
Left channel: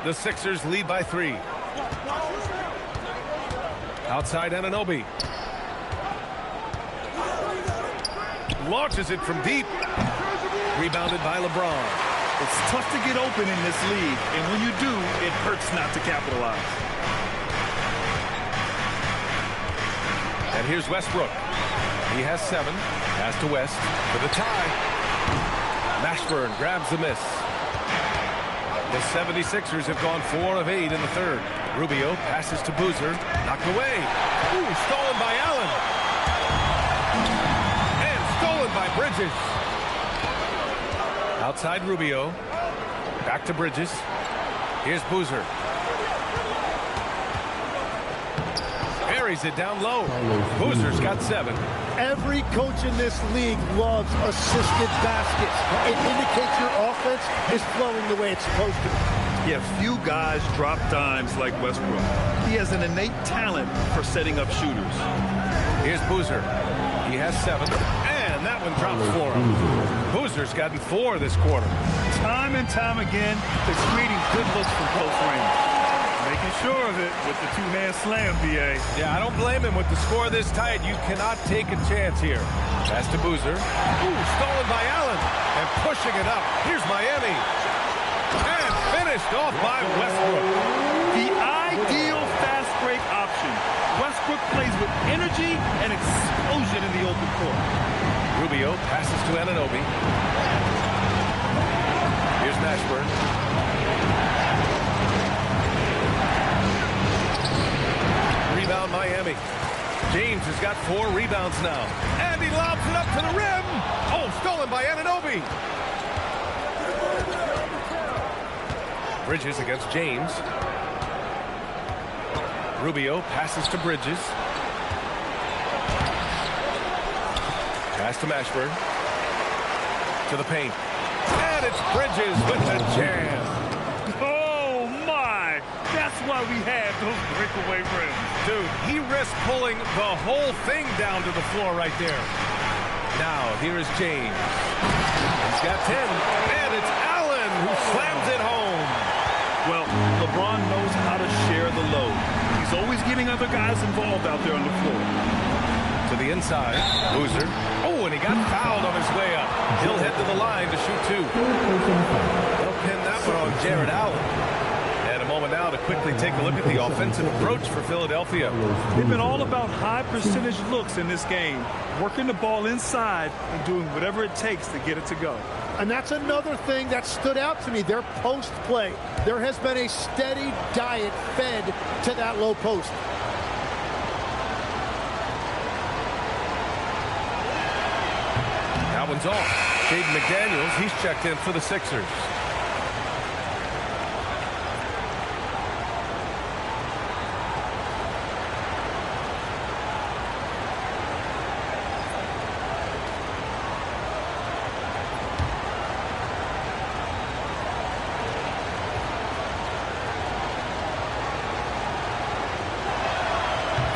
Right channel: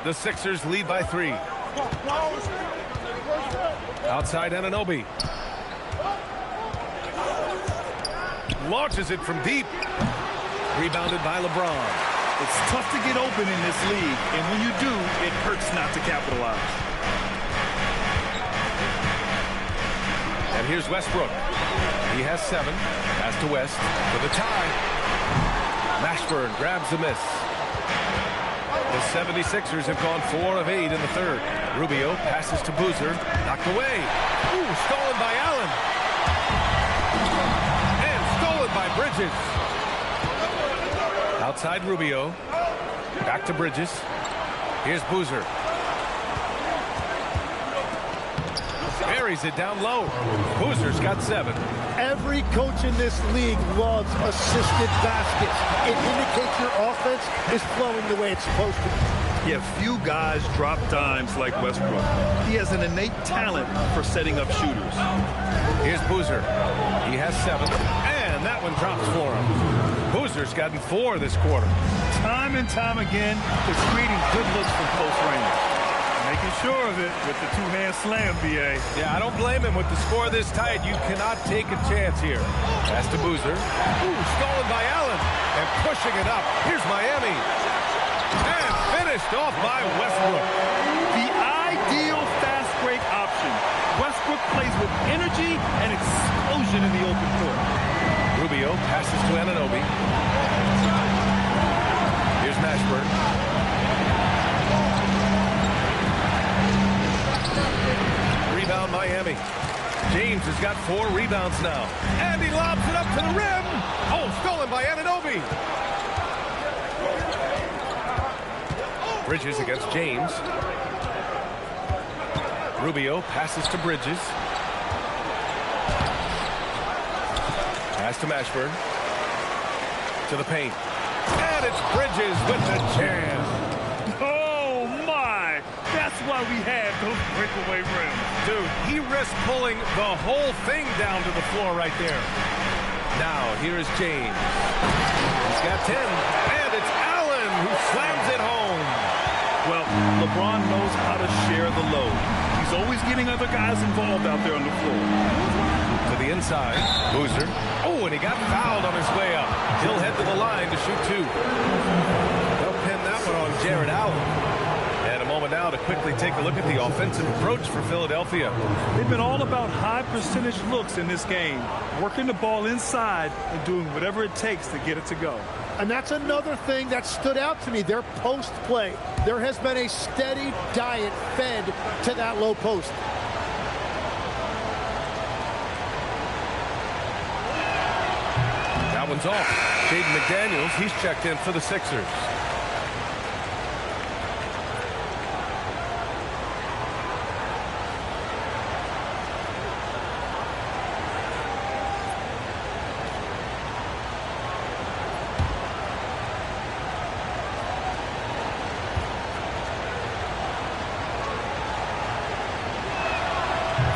The Sixers lead by 3. Outside Anunoby. Launches it from deep. Rebounded by LeBron. It's tough to get open in this league, and when you do, it hurts not to capitalize. And here's Westbrook. He has 7. Pass to West for the tie. Mashburn grabs the miss. The 76ers have gone 4 of 8 in the third. Rubio passes to Boozer. Knocked away. Ooh, stolen by Allen. And stolen by Bridges. Outside Rubio. Back to Bridges. Here's Boozer. Buries it down low. Boozer's got 7. Every coach in this league loves assisted baskets. It indicates your offense is flowing the way it's supposed to. Yeah, few guys drop dimes like Westbrook. He has an innate talent for setting up shooters. Here's Boozer. He has 7. And that one drops for him. Boozer's gotten 4 this quarter. Time and time again, they're creating good looks from close range. Making sure of it with the two-hand slam, B.A. Yeah, I don't blame him. With the score this tight, you cannot take a chance here. Pass to Boozer. Ooh, stolen by Allen. And pushing it up. Here's Miami. And finish. Finished off by Westbrook. The ideal fast break option. Westbrook plays with energy and explosion in the open court. Rubio passes to Anunoby. Here's Mashburn. Rebound Miami. James has got 4 rebounds now. And he lobs it up to the rim. Oh, stolen by Anunoby. Bridges against James. Rubio passes to Bridges. Pass to Mashburn. To the paint. And it's Bridges with the jam. Oh, my. That's why we have those breakaway rims. Dude, he risked pulling the whole thing down to the floor right there. Now, here is James. He's got 10. And it's Allen who slams it home. Well, LeBron knows how to share the load. He's always getting other guys involved out there on the floor. To the inside, Boozer. Oh, and he got fouled on his way up. He'll head to the line to shoot 2. They'll pin that one on Jared Allen. And a moment now to quickly take a look at the offensive approach for Philadelphia. They've been all about high percentage looks in this game, working the ball inside and doing whatever it takes to get it to go. And that's another thing that stood out to me, their post play. There has been a steady diet fed to that low post. That one's off. Jaden McDaniels, he's checked in for the Sixers.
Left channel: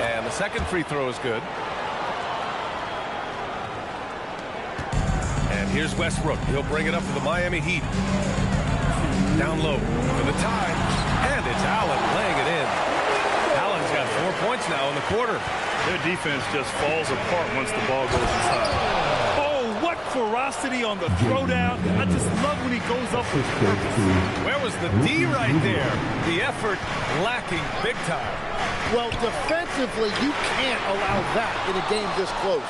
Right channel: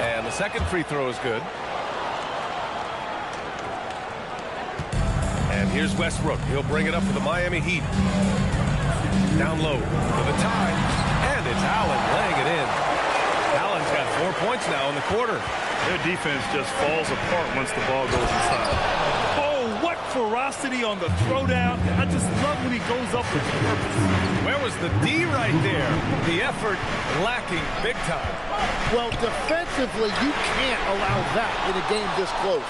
And the second free throw is good. And here's Westbrook. He'll bring it up for the Miami Heat. Down low for the tie. And it's Allen laying it in. Allen's got 4 points now in the quarter. Their defense just falls apart once the ball goes inside. Oh, what ferocity on the throwdown. I just love when he goes up with purpose. Where was the D right there? The effort lacking big time. Well, defensively, you can't allow that in a game this close.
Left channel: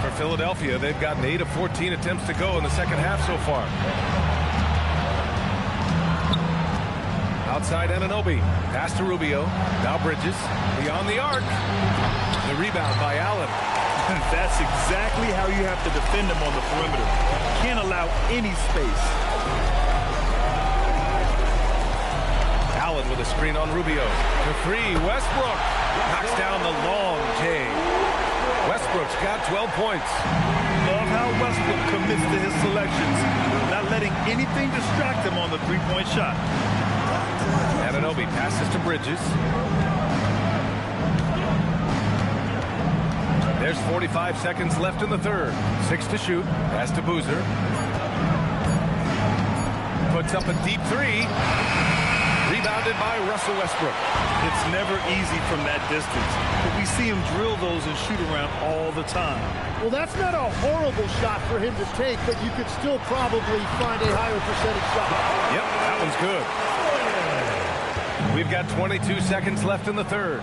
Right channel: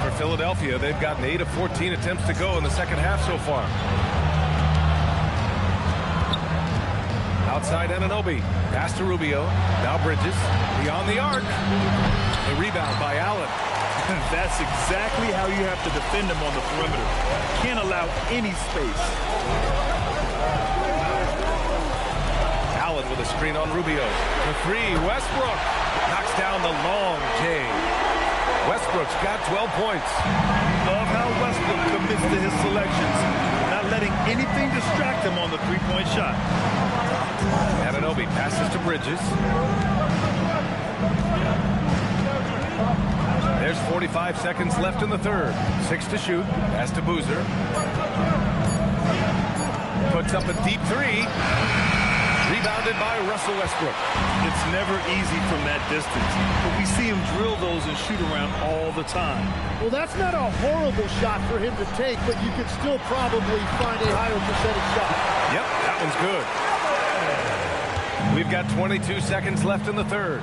For Philadelphia, they've gotten 8 of 14 attempts to go in the second half so far. Outside Anunoby. Pass to Rubio. Now Bridges. Beyond the arc. The rebound by Allen. That's exactly how you have to defend him on the perimeter. Can't allow any space. Allen with a screen on Rubio. For 3, Westbrook. Knocks down the long J. Westbrook's got 12 points. Love how Westbrook commits to his selections, not letting anything distract him on the three-point shot. Anunoby passes to Bridges. There's 45 seconds left in the third. 6 to shoot. Pass to Boozer. Puts up a deep 3. Rebounded by Russell Westbrook. It's never easy from that distance, but we see him drill those and shoot around all the time. Well, that's not a horrible shot for him to take, but you could still probably find a higher percentage shot. Yep, that one's good. We've got 22 seconds left in the third.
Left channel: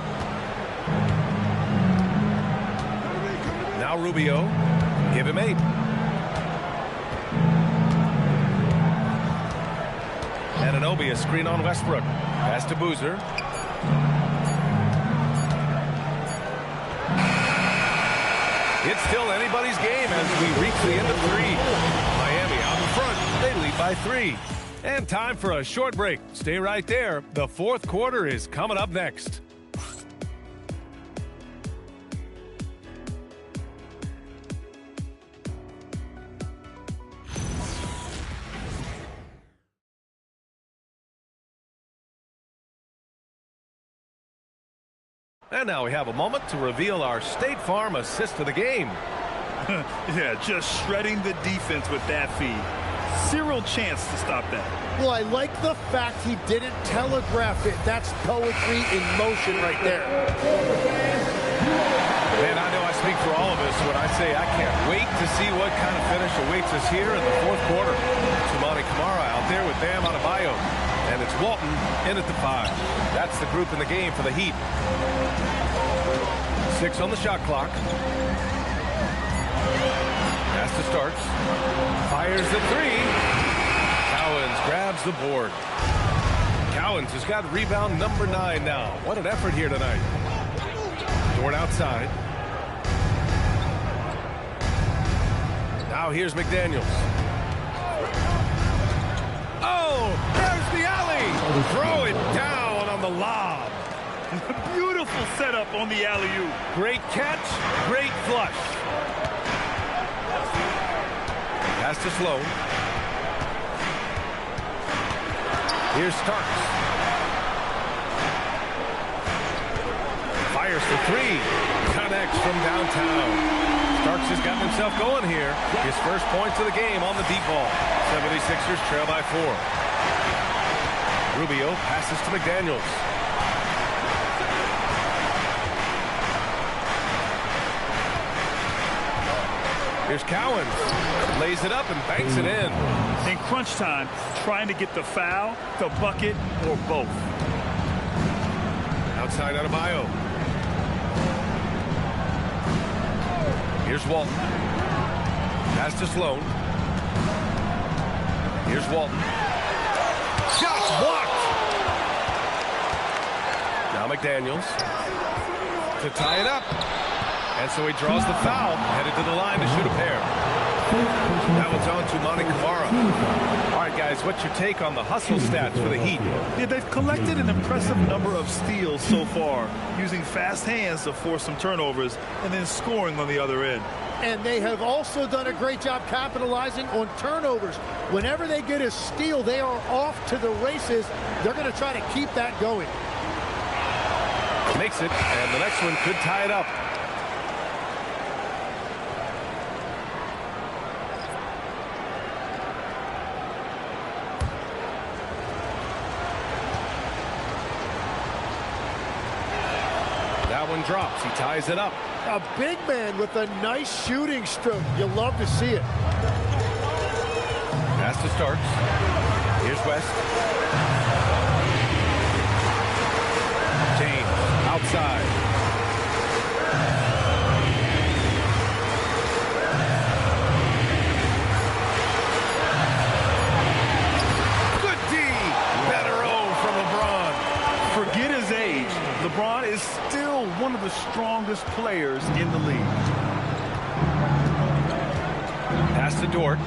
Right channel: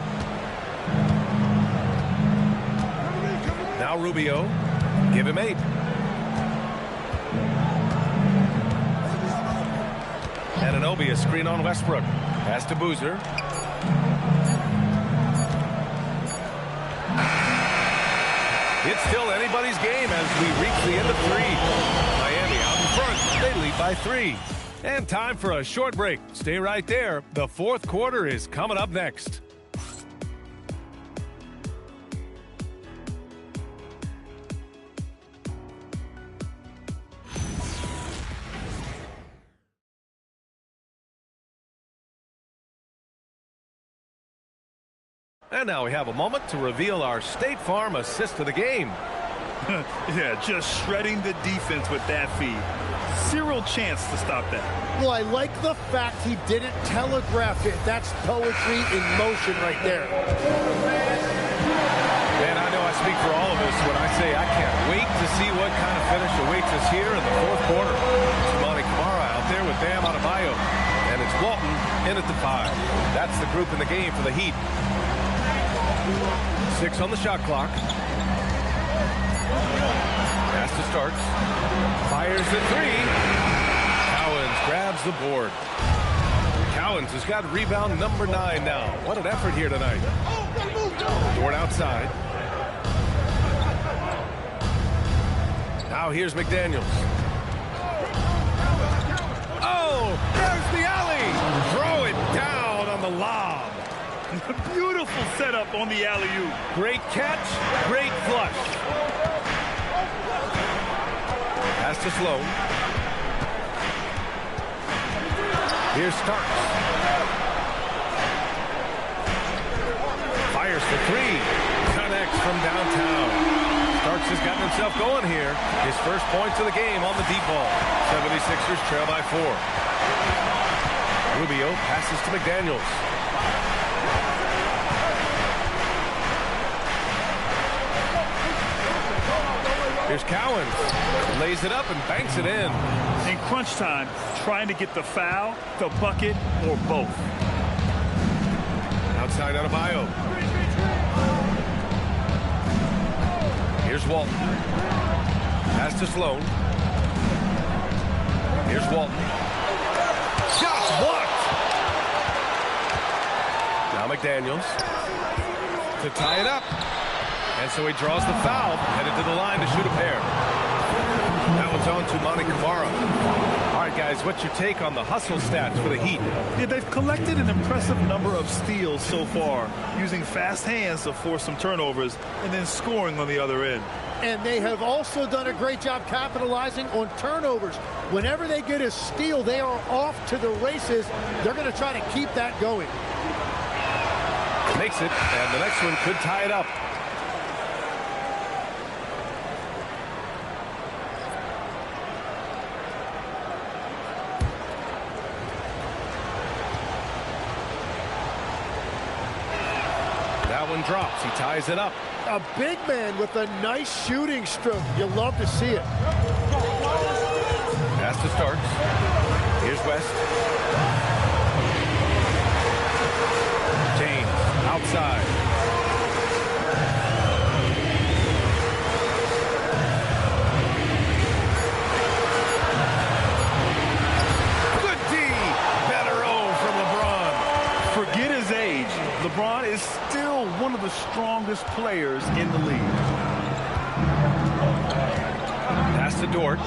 Now Rubio. Give him 8. Anunoby, a screen on Westbrook. Pass to Boozer. It's still anybody's game as we reach the end of 3. Miami out in front. They lead by 3. And time for a short break. Stay right there. The fourth quarter is coming up next. And now we have a moment to reveal our State Farm assist of the game. Yeah, just shredding the defense with that feed. Zero chance to stop that. Well, I like the fact he didn't telegraph it. That's poetry in motion right there. Man, I know I speak for all of us when I say I can't wait to see what kind of finish awaits us here in the fourth quarter. To Tumani Kamara out there with Bam Adebayo. And it's Walton in at the 5. That's the group in the game for the Heat. 6 on the shot clock. Pass to Starks. Fires the 3. Cowens grabs the board. Cowens has got rebound number 9 now. What an effort here tonight. Dort outside. Now here's McDaniels. Oh, there's the alley. Throw it down on the lob. Beautiful setup on the alley-oop. Great catch, great flush. Pass to Sloan. Here's Starks. Fires for 3. Connects from downtown. Starks has gotten himself going here. His first points of the game on the deep ball. 76ers trail by 4. Rubio passes to McDaniels. Here's Cowens. Lays it up and banks it in. In crunch time, trying to get the foul, the bucket, or both. Outside Adebayo. Here's Walton. Pass to Sloan. Here's Walton. Shot blocked. Now McDaniels to tie it up. And so he draws the foul, headed to the line to shoot a pair. That one's on to Tumani Kamara. All right, guys, what's your take on the hustle stats for the Heat? Yeah, they've collected an impressive number of steals so far, using fast hands to force some turnovers and then scoring on the other end. And they have also done a great job capitalizing on turnovers. Whenever they get a steal, they are off to the races. They're going to try to keep that going. Makes it, and the next one could tie it up. That one drops. He ties it up. A big man with a nice shooting stroke. You love to see it. Pass to Starks. Here's West. James outside. Good D. Better O from LeBron. Forget his age. LeBron is still one of the strongest players in the league. Pass to Dort.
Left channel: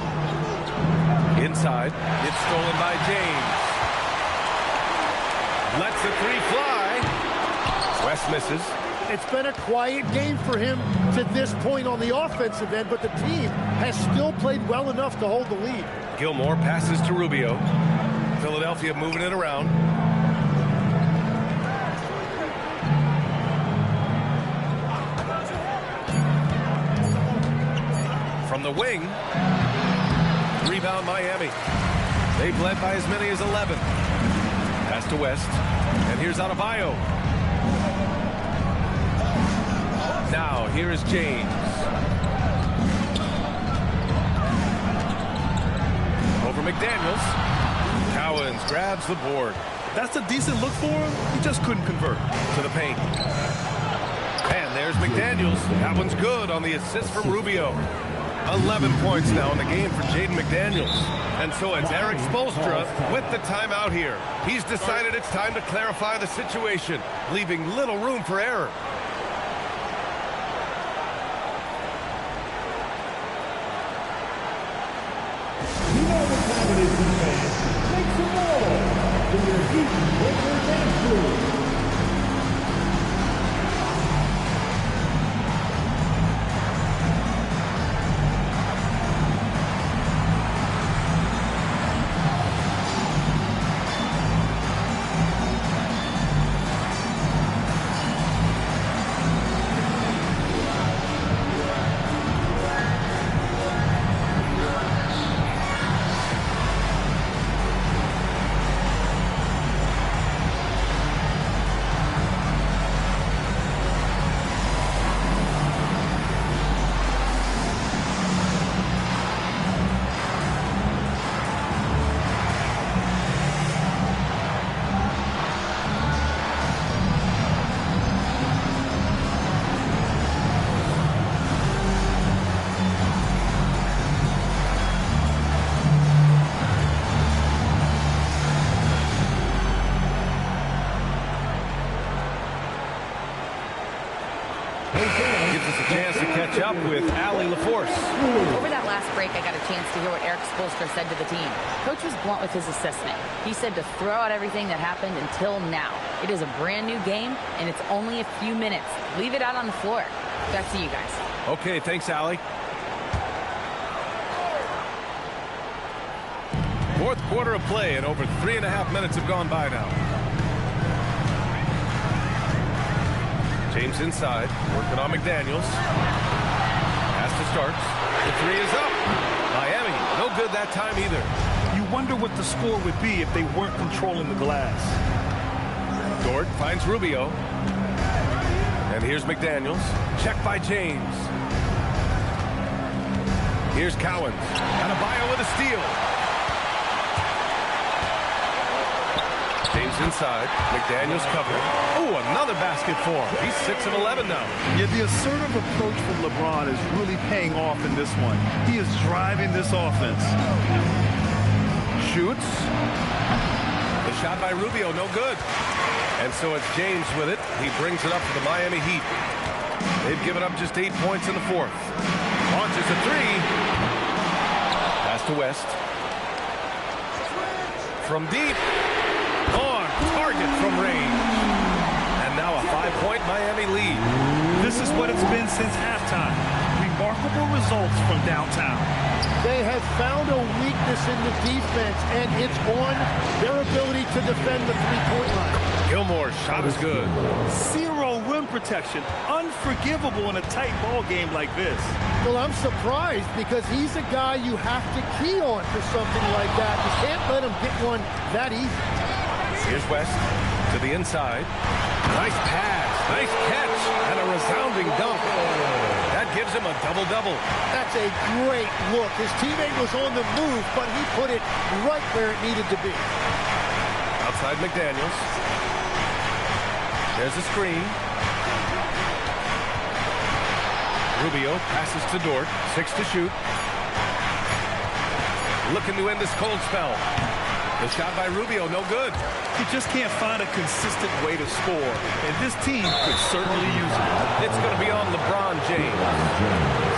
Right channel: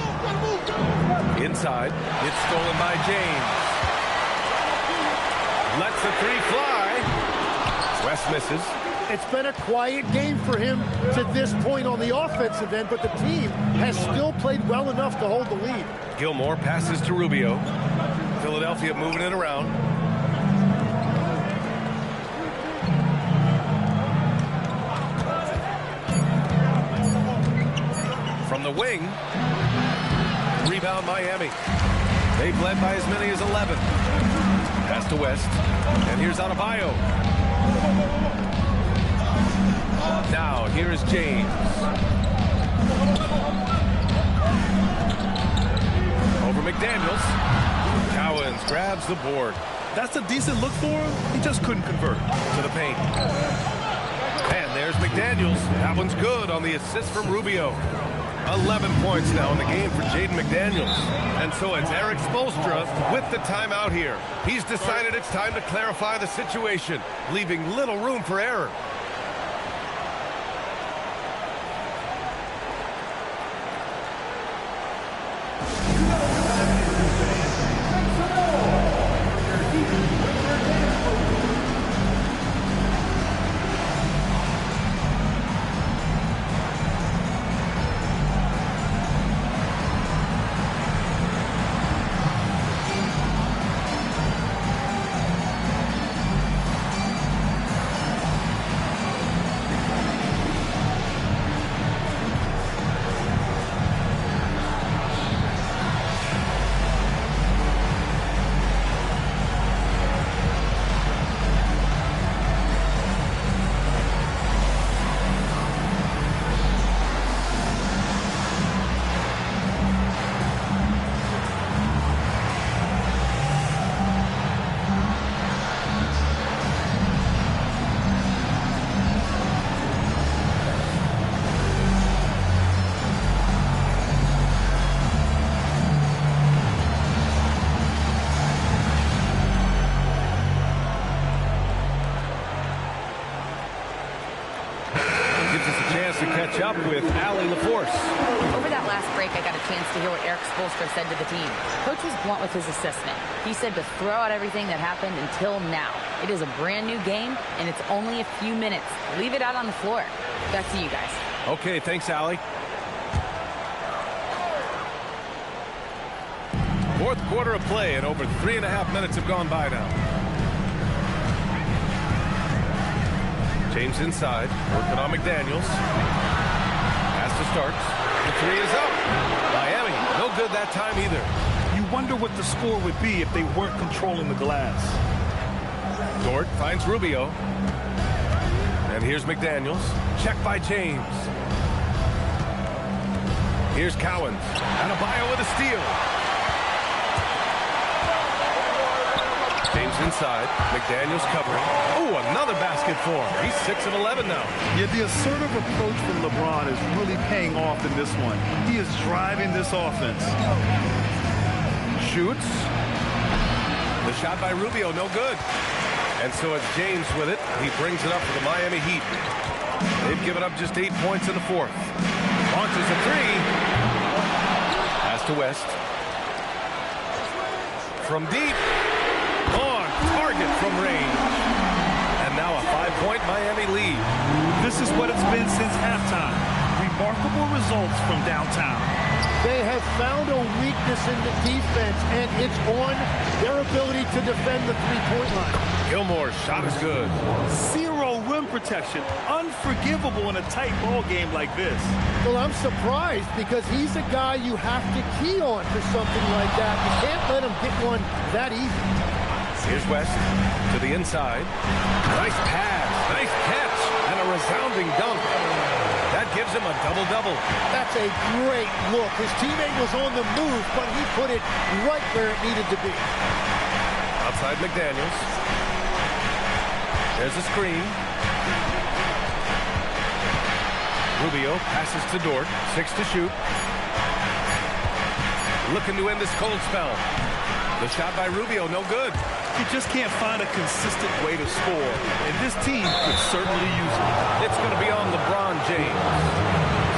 Inside. It's stolen by James. Lets the 3 fly. West misses. It's been a quiet game for him to this point on the offensive end, but the team has still played well enough to hold the lead. Gilmore passes to Rubio. Philadelphia moving it around. From the wing, rebound Miami. They've led by as many as 11. Pass to West, and here's Adebayo. Now, here is James. Over McDaniels. Cowens grabs the board. That's a decent look for him. He just couldn't convert. To the paint. And there's McDaniels. That one's good on the assist from Rubio. 11 points now in the game for Jaden McDaniels. And so it's Eric Spoelstra with the timeout here. He's decided it's time to clarify the situation, leaving little room for error. You know what time it is, fans. Make some noise for your Heat Winter Dance Crew. a chance to catch up with Allie LaForce. Over that last break, I got a chance to hear what Eric Spoelstra said to the team. Coach was blunt with his assessment. He said to throw out everything that happened until now. It is a brand new game, and it's only a few minutes. Leave it out on the floor. Back to you guys. Okay, thanks, Allie. Fourth quarter of play, and over 3.5 minutes have gone by now. James inside, working on McDaniels. Pass to Starks. The three is up. Miami, no good that time either. You wonder what the score would be if they weren't controlling the glass. Dort finds Rubio. And here's McDaniels. Check by James. Here's Cowens. Adebayo with a steal. James inside. McDaniels covering. Oh, another basket for him. He's 6 of 11 now. Yeah, the assertive approach from LeBron is really paying off in this one. He is driving this offense. Shoots. The shot by Rubio, no good. And so it's James with it. He brings it up for the Miami Heat. They've given up just 8 points in the fourth. Launches a three. Pass to West. From deep. On target from range. And now a 5-point Miami lead. This is what it's been since halftime. Remarkable results from downtown. They have found a weakness in the defense, and it's on their ability to defend the three-point line. Gilmore's shot is good. Zero rim protection. Unforgivable in a tight ball game like this. Well, I'm surprised because he's a guy you have to key on for something like that. You can't let him get one that easy. Here's West to the inside. Nice pass, nice catch, and a resounding dunk. That gives him a double-double. That's a great look. His teammate was on the move, but he put it right where it needed to be. Outside McDaniels. There's a screen. Rubio passes to Dort. 6 to shoot. Looking to end this cold spell. The shot by Rubio, no good. You just can't find a consistent way to score, and this team could certainly use it. It's going to be on LeBron James.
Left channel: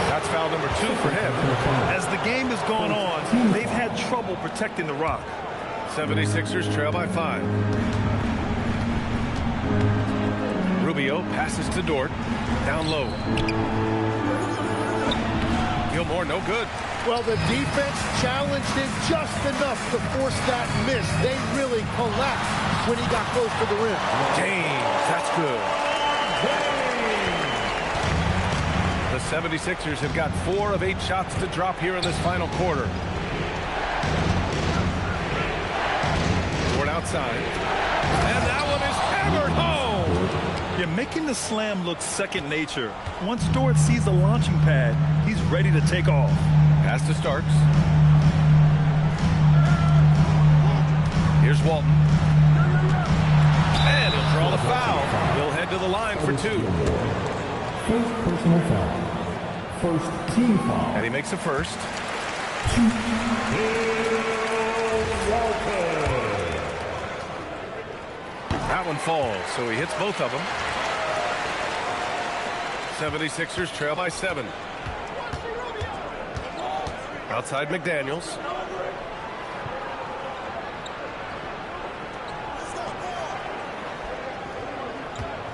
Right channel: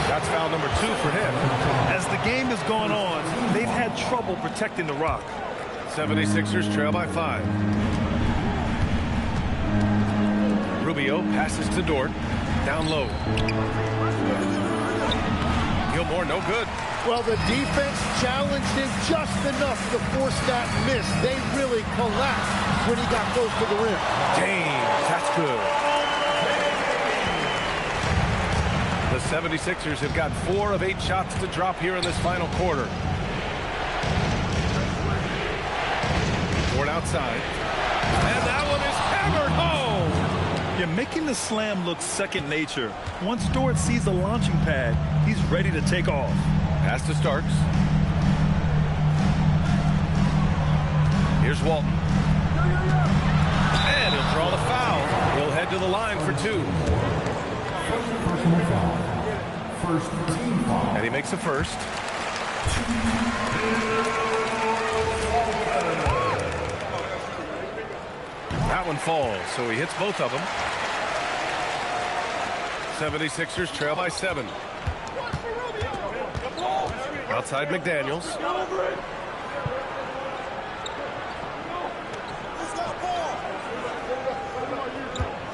That's foul number 2 for him. As the game has gone on, they've had trouble protecting the rock. 76ers trail by 5. Rubio passes to Dort. Down low. Gilmore, no good. Well, the defense challenged him just enough to force that miss. They really collapsed when he got close to the rim. James, that's good. The 76ers have got 4 of 8 shots to drop here in this final quarter. Dort outside. And that one is hammered home. You're making the slam look second nature. Once Dort sees the launching pad, he's ready to take off. Pass to Starks. Here's Walton. And he'll draw the foul. He'll head to the line for 2. First personal foul. First team foul. And he makes the first. That one falls, so he hits both of them. 76ers trail by 7. Outside McDaniels.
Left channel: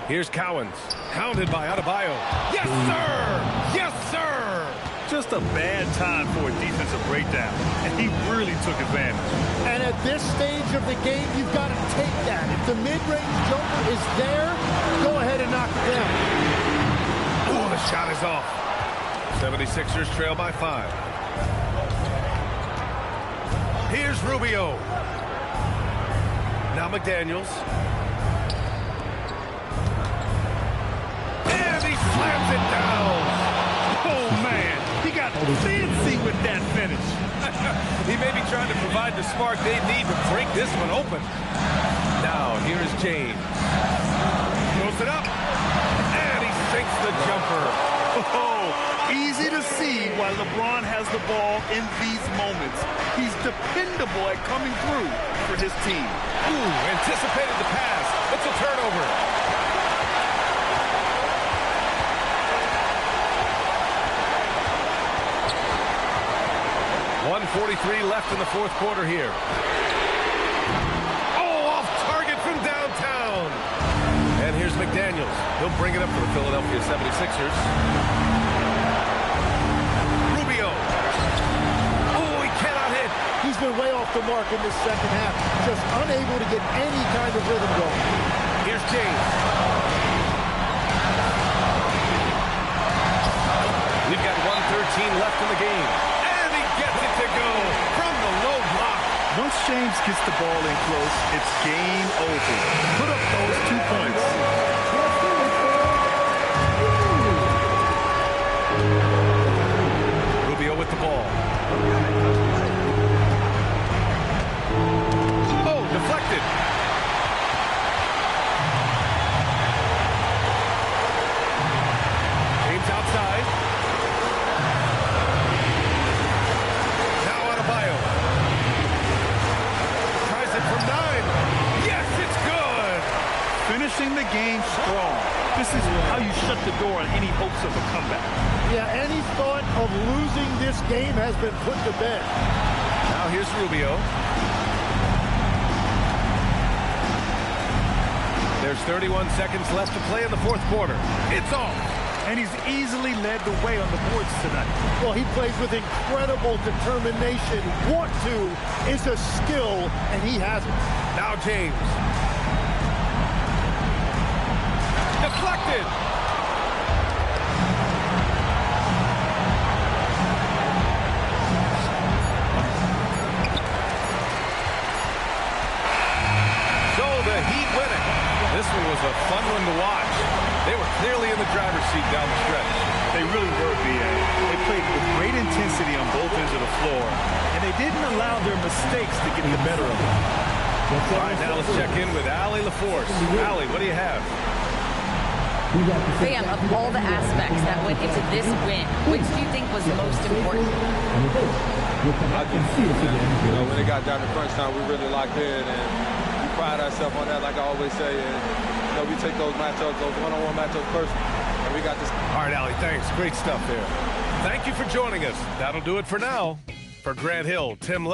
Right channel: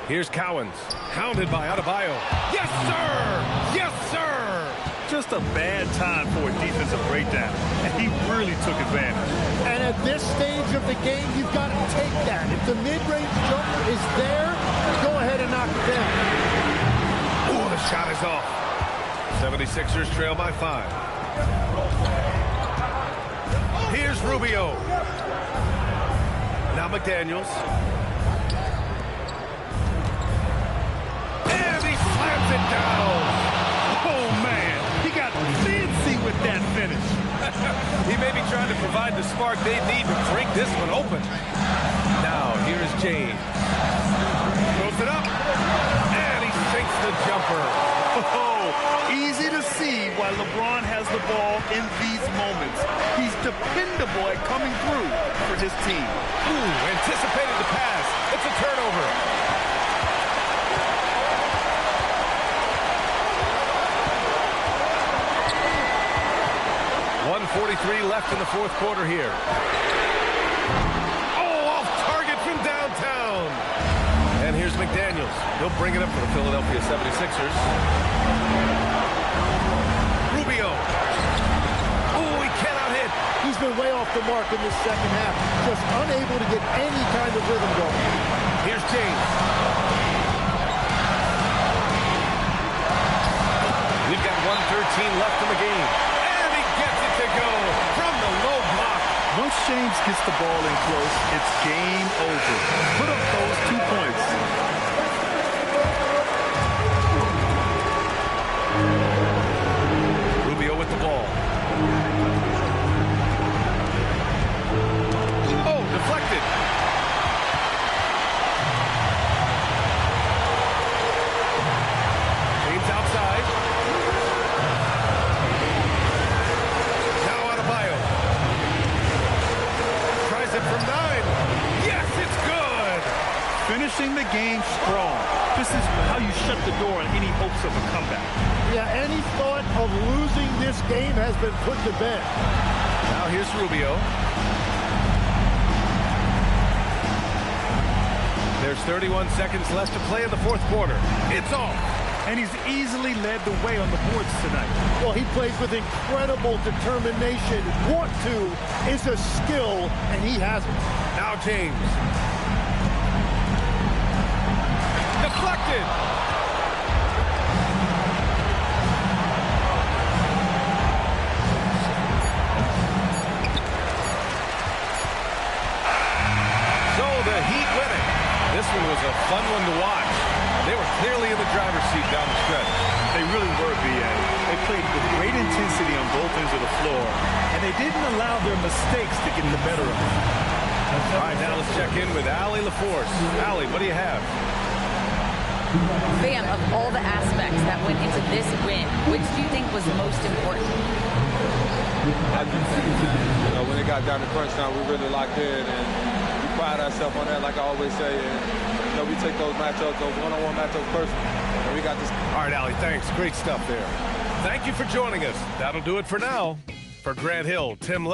Here's Cowens. Hounded by Adebayo. Yes, sir! Yes, sir! Just a bad time for a defensive breakdown, and he really took advantage. And at this stage of the game, you've got to take that. If the mid-range jumper is there, go ahead and knock it down. Oh, the shot is off. 76ers trail by 5. Here's Rubio. Now McDaniels. And he slams it down. Oh, man. He got fancy with that finish. He may be trying to provide the spark they need to break this one open. Now, here's James. Throws it up. And he sinks the jumper. Oh, easy to see why LeBron has the ball in these moments. He's dependable at coming through for his team. Ooh, anticipated the pass. It's a turnover. 1:43 left in the fourth quarter here. Oh, off target from downtown. And here's McDaniels. He'll bring it up for the Philadelphia 76ers. Rubio. Oh, he cannot hit. He's been way off the mark in this second half. Just unable to get any kind of rhythm going. Here's James. We've got 1:13 left in the game. And he gets it to go from the low block. Once James gets the ball in close, it's game over. Put up those 2 points. Rubio with the ball. Oh, deflected. James outside. Now Adebayo. Tries it from 9. Yes, it's good. Finishing the game strong. This is how you shut the door on any hopes of a comeback. Yeah, any thought of losing this game has been put to bed. Now here's Rubio. There's 31 seconds left to play in the fourth quarter. It's off. And he's easily led the way on the boards tonight. Well, he plays with incredible determination. Want to is a skill, and he has it. Now James. Deflected. So the Heat win it. This one was a fun one to watch. They were clearly in the driver's seat down the stretch. They really were, B.A. They played with great intensity on both ends of the floor, and they didn't allow their mistakes to get the better of them. All right, now let's check in with Allie LaForce. Allie, what do you have? Bam, of all the aspects that went into this win, which do you think was most important? I think, when it got down to crunch time, we really locked in, and we pride ourselves on that, like I always say. And, we take those matchups, those one-on-one matchups personal, and we got this. All right, Allie, thanks. Great stuff there. Thank you for joining us. That'll do it for now. For Grant Hill, Tim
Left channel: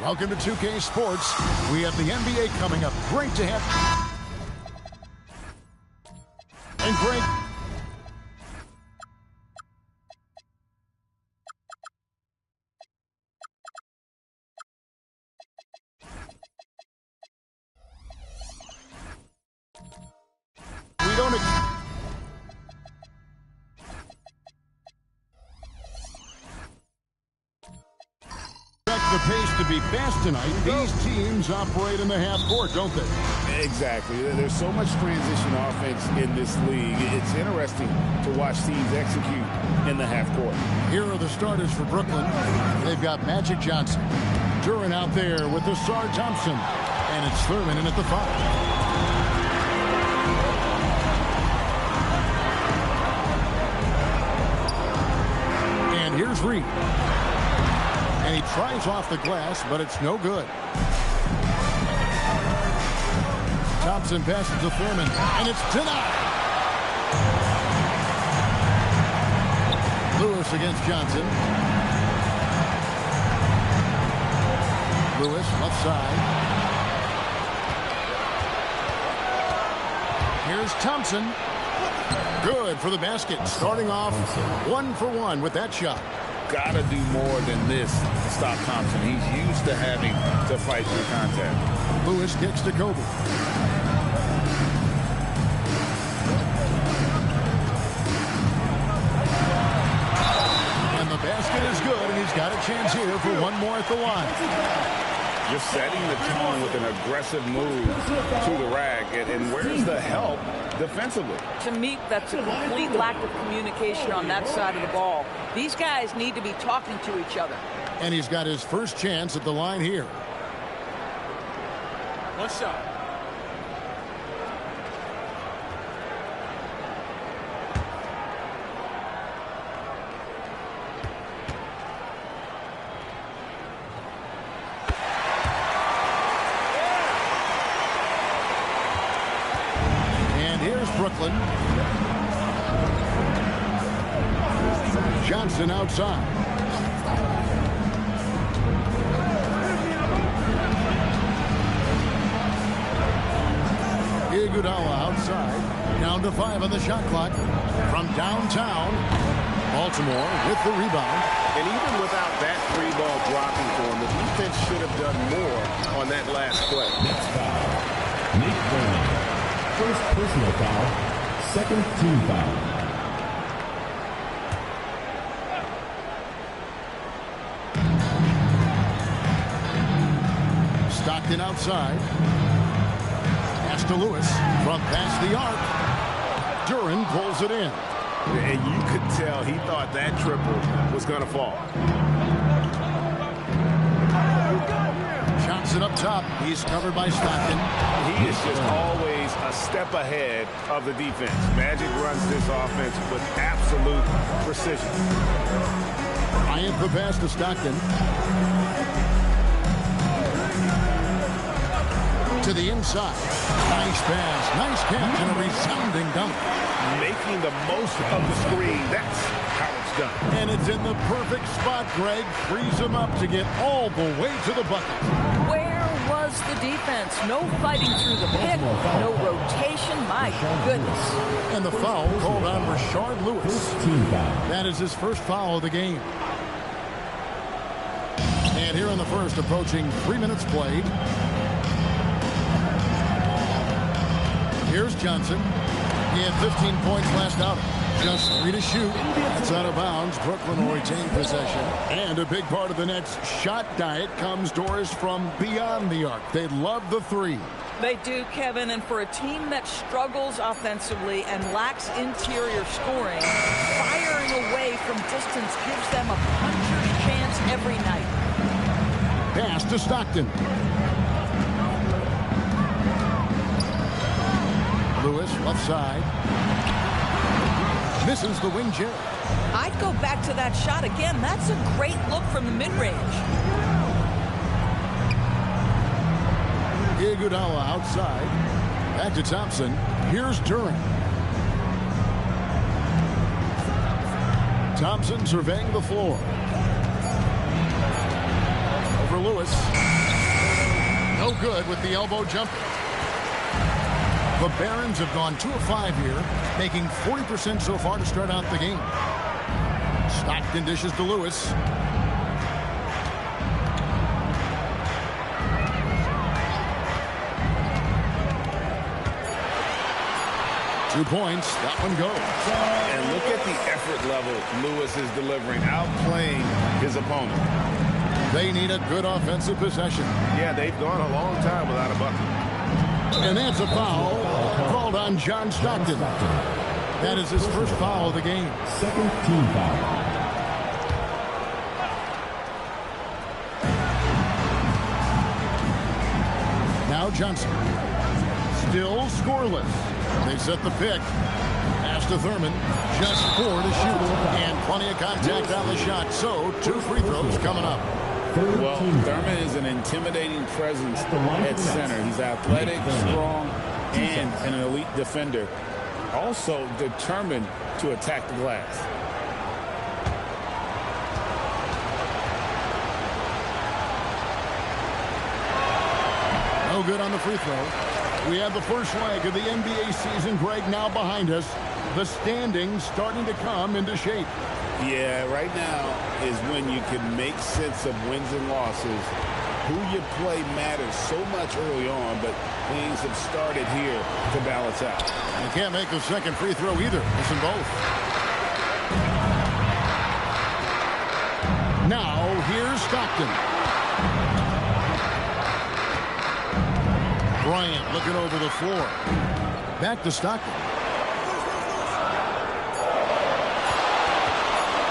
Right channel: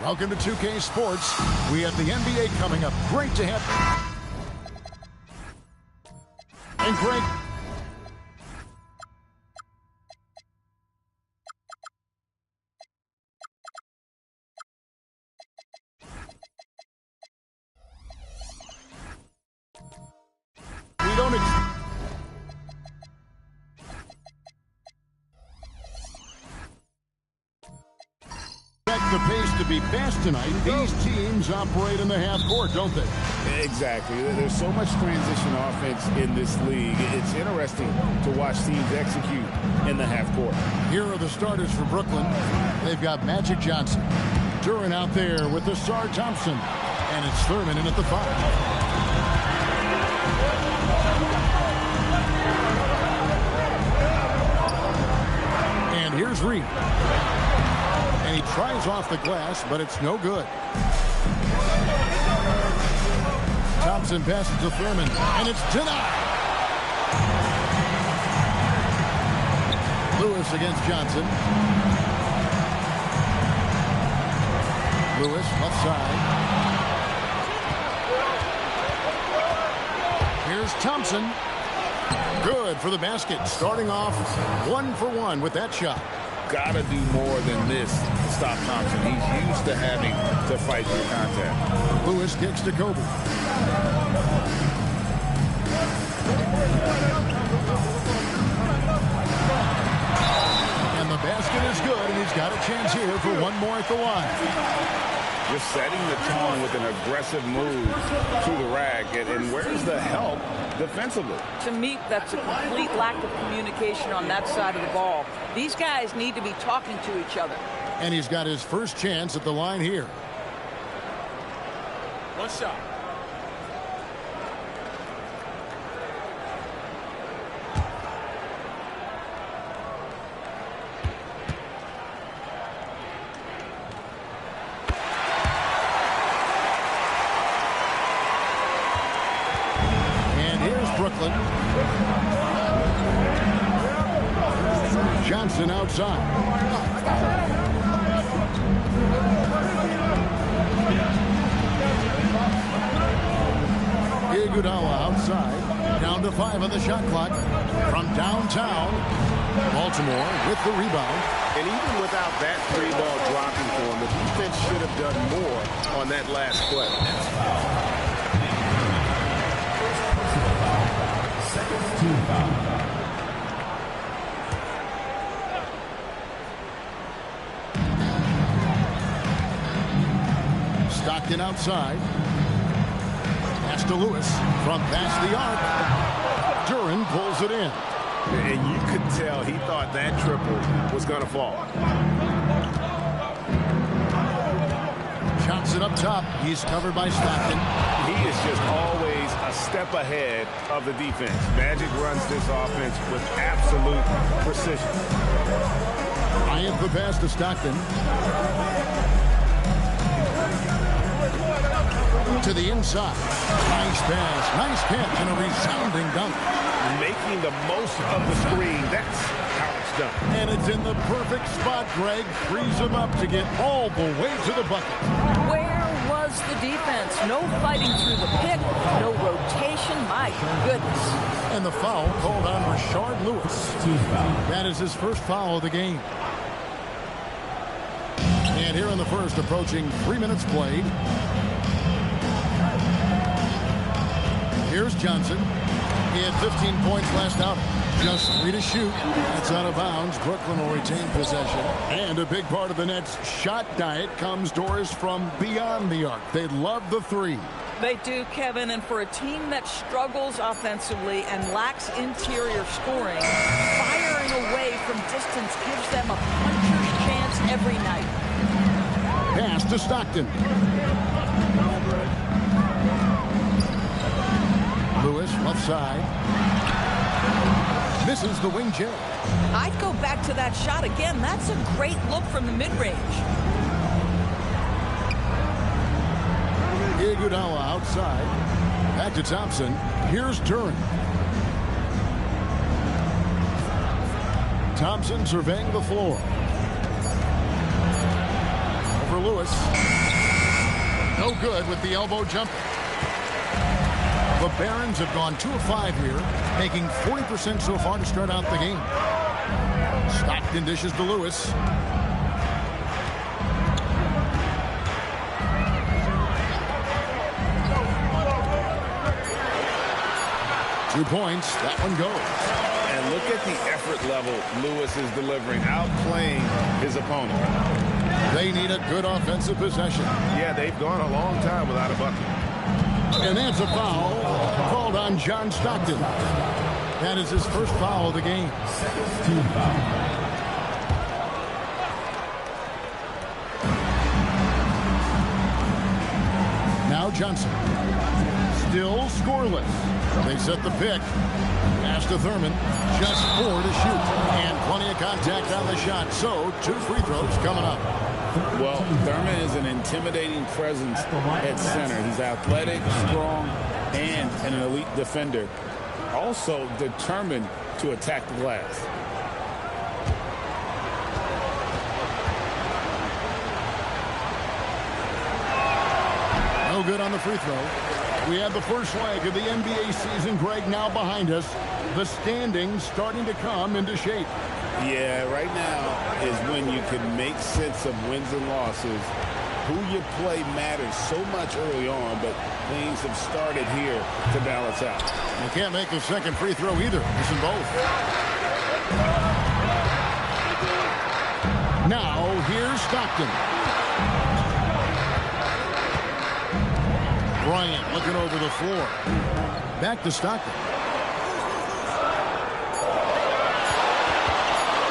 Welcome to 2K Sports. We have the NBA coming up. Great to have. And Greg. We don't expect the pace to be fast tonight. These teams operate in the half court, don't they? Exactly. There's so much transition offense in this league. It's interesting to watch teams execute in the half court. Here are the starters for Brooklyn. They've got Magic Johnson. Duran out there with the Sar Thompson. And it's Thurman in at the 5. And here's Reed. And he tries off the glass, but it's no good. Thompson passes to Thurman, and it's denied. Lewis against Johnson. Lewis, left side. Here's Thompson. Good for the basket. Starting off 1 for 1 with that shot. Gotta do more than this to stop Thompson. He's used to having to fight through contact. Lewis kicks to Kobe. And the basket is good, and he's got a chance here for one more at the line. Just setting the tone with an aggressive move to the rack. And where's the help defensively? To me, that's a complete lack of communication on that side of the ball. These guys need to be talking to each other. And he's got his first chance at the line here. One shot. And here's Brooklyn. Johnson outside. Iguodala outside. Down to 5 on the shot clock. From downtown, Baltimore with the rebound. And even without that 3-ball dropping for him, the defense should have done more on that last play. First personal foul, second team foul. Stockton outside. Pass to Lewis from past the arc. Duran pulls it in. And you could tell he thought that triple was going to fall. Johnson up top. He's covered by Stockton. He is just always a step ahead of the defense. Magic runs this offense with absolute precision. Bryant the pass to Stockton. To the inside. Nice pass. Nice catch and a resounding dunk. Making the most of the screen. That's how it's done. And it's in the perfect spot, Greg. Frees him up to get all the way to the bucket. Where was the defense? No fighting through the pick. No rotation. My goodness. And the foul called on Rashard Lewis. That is his first foul of the game. And here in the first, approaching 3 minutes played. Here's Johnson. He had 15 points last outing. Just 3 to shoot. That's out of bounds. Brooklyn will retain possession. And a big part of the Nets' shot diet comes, Doris, from beyond the arc. They love the 3. They do, Kevin, and for a team that struggles offensively and lacks interior scoring, firing away from distance gives them a puncher's chance every night. Pass to Stockton. Lewis, left side. Misses the wing J. I'd go back to that shot again. That's a great look from the mid-range. Iguodala outside. Back to Thompson. Here's Duran. Thompson surveying the floor. Over for Lewis. No good with the elbow jumper. The Barons have gone 2 of 5 here, making 40% so far to start out the game. Stockton dishes to Lewis. Two points. That one goes. And look at the effort level Lewis is delivering, outplaying his opponent. They need a good offensive possession. Yeah, they've gone a long time without a bucket. And that's a foul called on John Stockton. That is his first foul of the game. Second team foul. Now Johnson. Still scoreless. They set the pick. Pass to Thurman. Just 4 to shoot. And plenty of contact on the shot. So 2 free throws coming up. Well, Thurman is an intimidating presence at center. He's athletic, strong, and an elite defender. Also determined to attack the glass. No good on the free throw. We have the first leg of the NBA season, Greg, now behind us. The standings starting to come into shape. Yeah, right now is when you can make sense of wins and losses. Who you play matters so much early on, but things have started here to balance out. You can't make the second free throw either. Missing both. Now, here's Stockton. Bryant looking over the floor. Back to Stockton.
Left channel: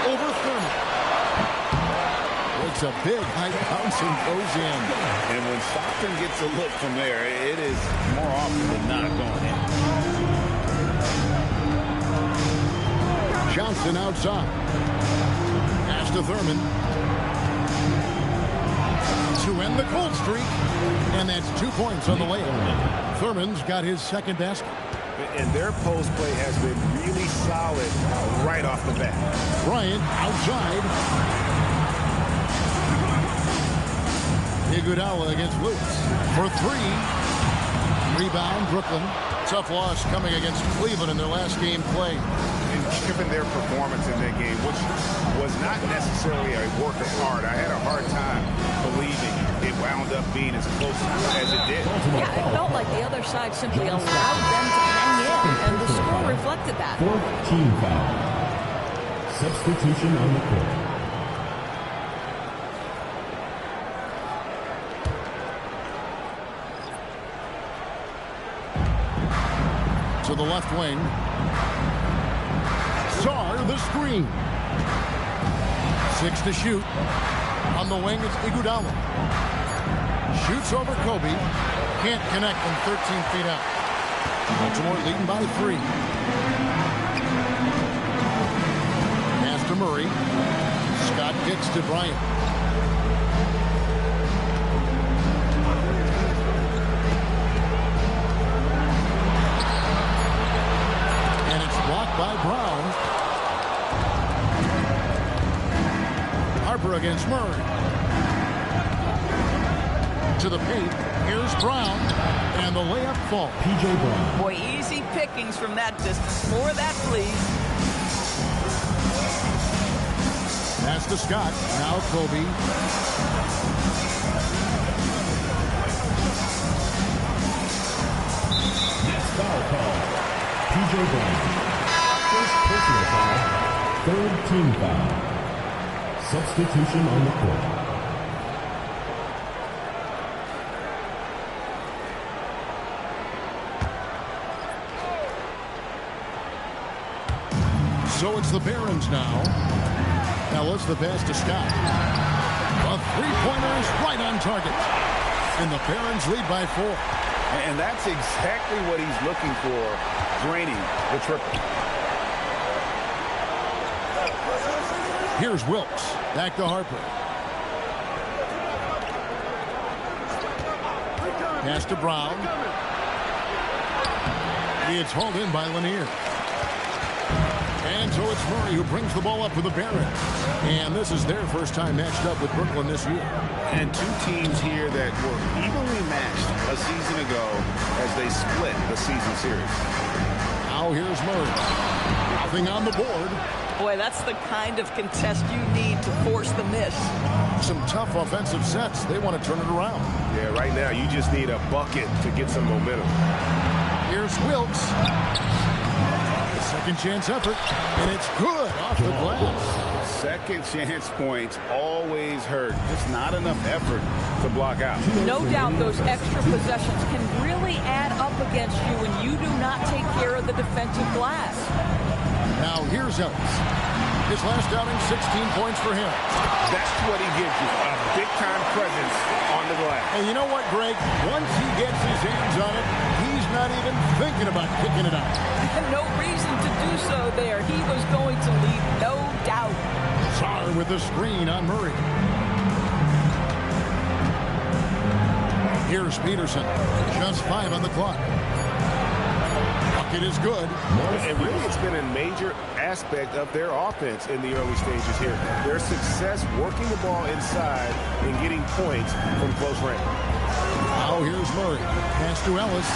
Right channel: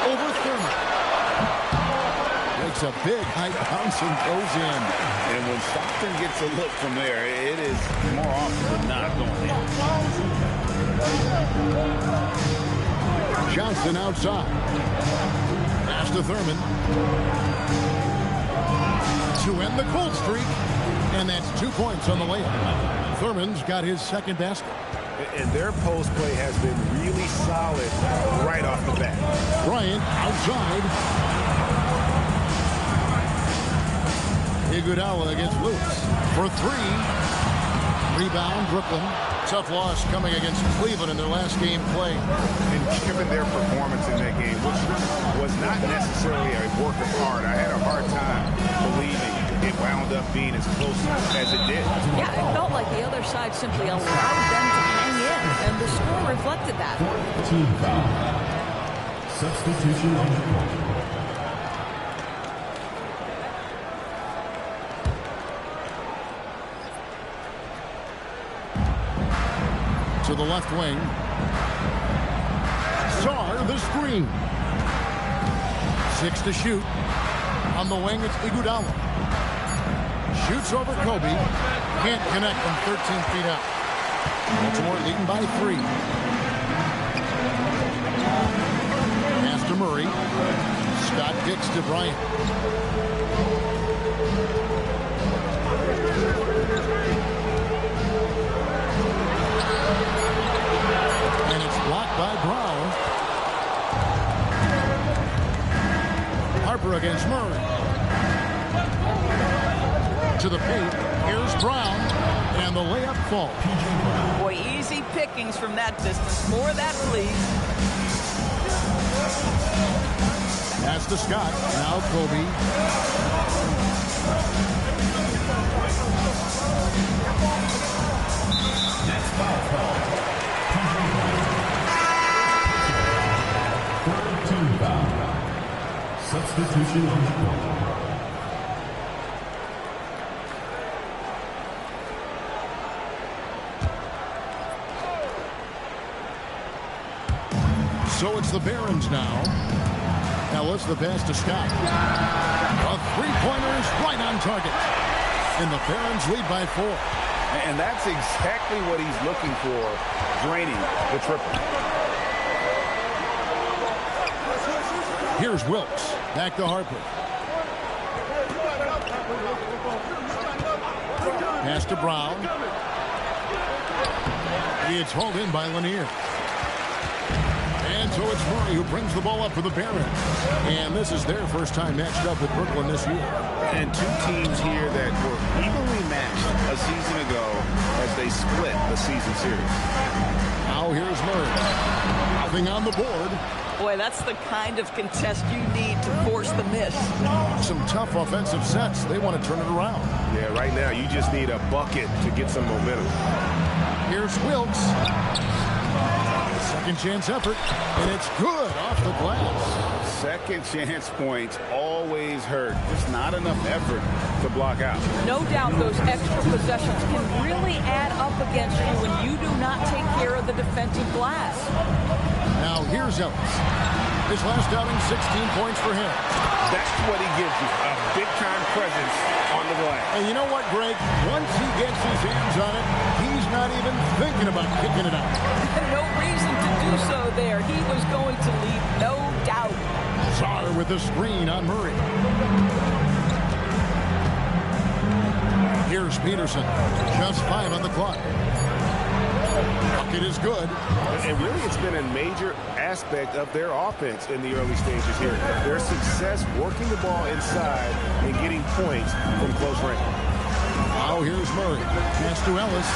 Over Thurman. Makes a big high bounce and goes in. And when Stockton gets a look from there, it is more often than not going in. Johnson outside. Pass to Thurman. To end the cold streak. And that's 2 points on the layup. Thurman's got his second basket. And their post play has been really solid right off the bat. Bryant outside. Iguodala against Lewis for 3. Rebound, Brooklyn. Tough loss coming against Cleveland in their last game played. And given their performance in that game, which was not necessarily a work of art, I had a hard time believing it wound up being as close as it did. Yeah, it felt like the other side simply allowed them to hang in, and the score reflected that. 4th team foul. Substitution on the court. To the left wing. Sarr the screen. 6 to shoot. On the wing, it's Iguodala. Shoots over Kobe. Can't connect from 13 feet out. Baltimore leading by 3. Pass to Murray. Scott kicks to Bryant. And it's blocked by Brown. Harper against Murray. To the paint. Here's Brown. And the layup falls. P.J. Brown. Boy, easy pickings from that distance. More of that, please. Pass to Scott. Now Kobe. Next foul call. P.J. Brown. First personal foul. 3rd team foul. Substitution on the court. So it's the Barons now. Ellis, the pass to Scott. A three-pointer is right on target. And the Barons lead by 4. And that's exactly what he's looking for, draining the triple. Here's Wilkes. Back to Harper. Pass to Brown. It's hauled in by Lanier. And so it's Murray who brings the ball up for the Barons. And this is their first time matched up with Brooklyn this year. And two teams here that were evenly matched a season ago as they split the season series. Now here's Murray. Nothing on the board. Boy, that's the kind of contest you need to force the miss. Some tough offensive sets. They want to turn it around. Yeah, right now you just need a bucket to get some momentum. Here's Wilkes. Second chance effort, and it's good off the glass. Second chance points always hurt. Just not enough effort to block out. No doubt those extra possessions can really add up against you when you do not take care of the defensive glass. Now here's Ellis. His last outing, 16 points for him. That's what he gives you, a big-time presence on the glass. And you know what, Greg? Once he gets his hands on it, he's not even thinking about kicking it out. No reason to do so there. He was going to leave, no doubt. Sarr with the screen on Murray. Here's Peterson. Just 5 on the clock. Bucket is good. And really, it's been a major aspect of their offense in the early stages here. Their success working the ball inside and getting points from close range. Now here's Murray. Pass to Ellis.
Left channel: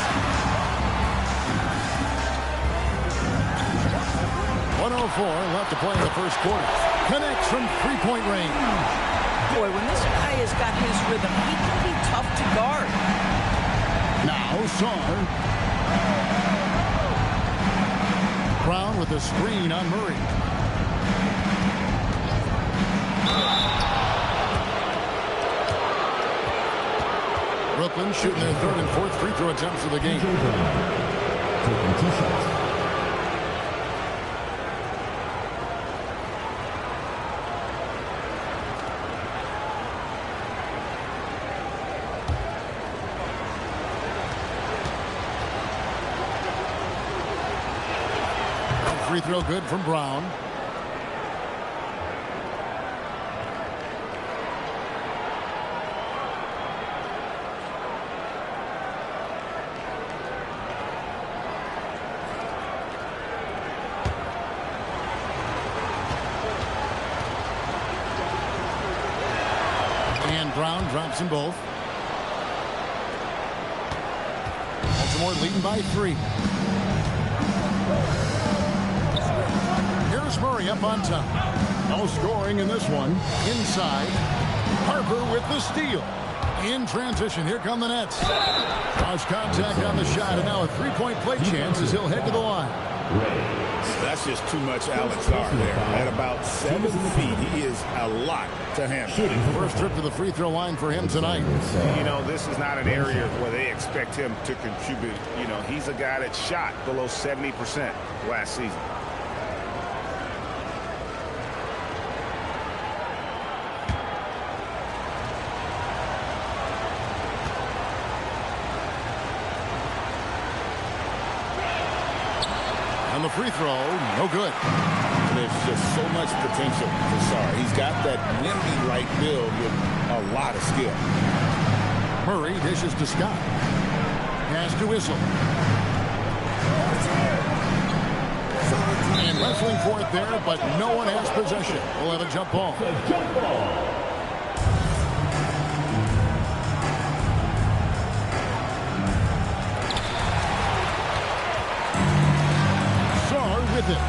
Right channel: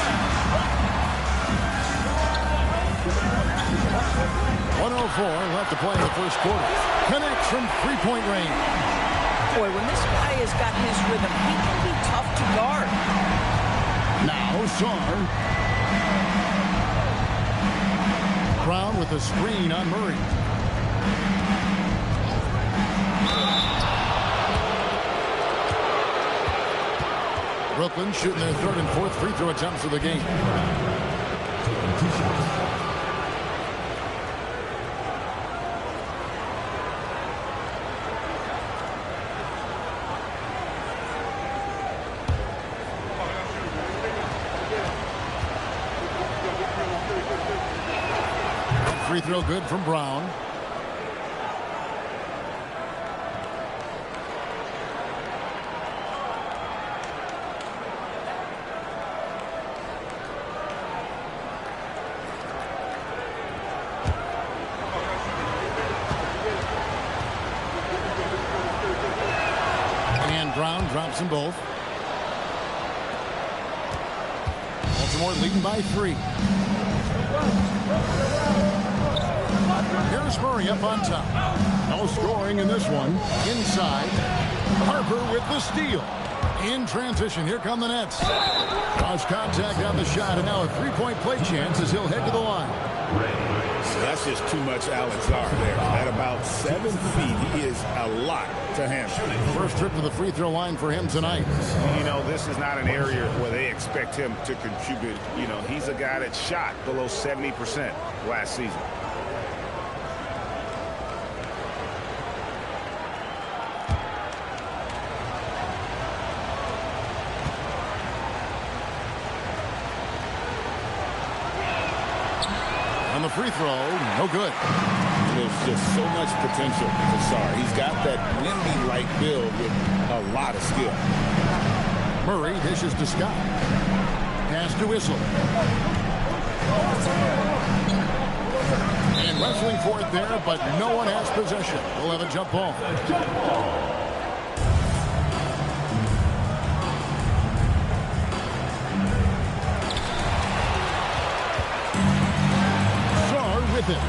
1:04 left to play in the first quarter. Connects from three-point range. Boy, when this guy has got his rhythm, he can be tough to guard. Now Sarr. Brown with a screen on Murray. Brooklyn shooting their third and fourth free throw attempts of the game. Taking 2 shots. Free throw good from Brown. And Brown drops them both. Baltimore leading by 3. Here's Murray up on top. No scoring in this one. Inside. Harper with the steal. In transition, here come the Nets. Cross contact on the shot, and now a three-point play chance as he'll head to the line. So that's just too much Alex Sarr there. At about 7 feet, he is a lot to handle. First trip to the free throw line for him tonight. You know, this is not an area where they expect him to contribute. You know, he's a guy that shot below 70% last season. On the free throw, no good. There's just so much potential for Sarr. He's got that Wemby-like build with a lot of skill. Murray dishes to Scott. Pass to Whistle. And wrestling for it there, but no one has possession. We'll have a jump ball. With it.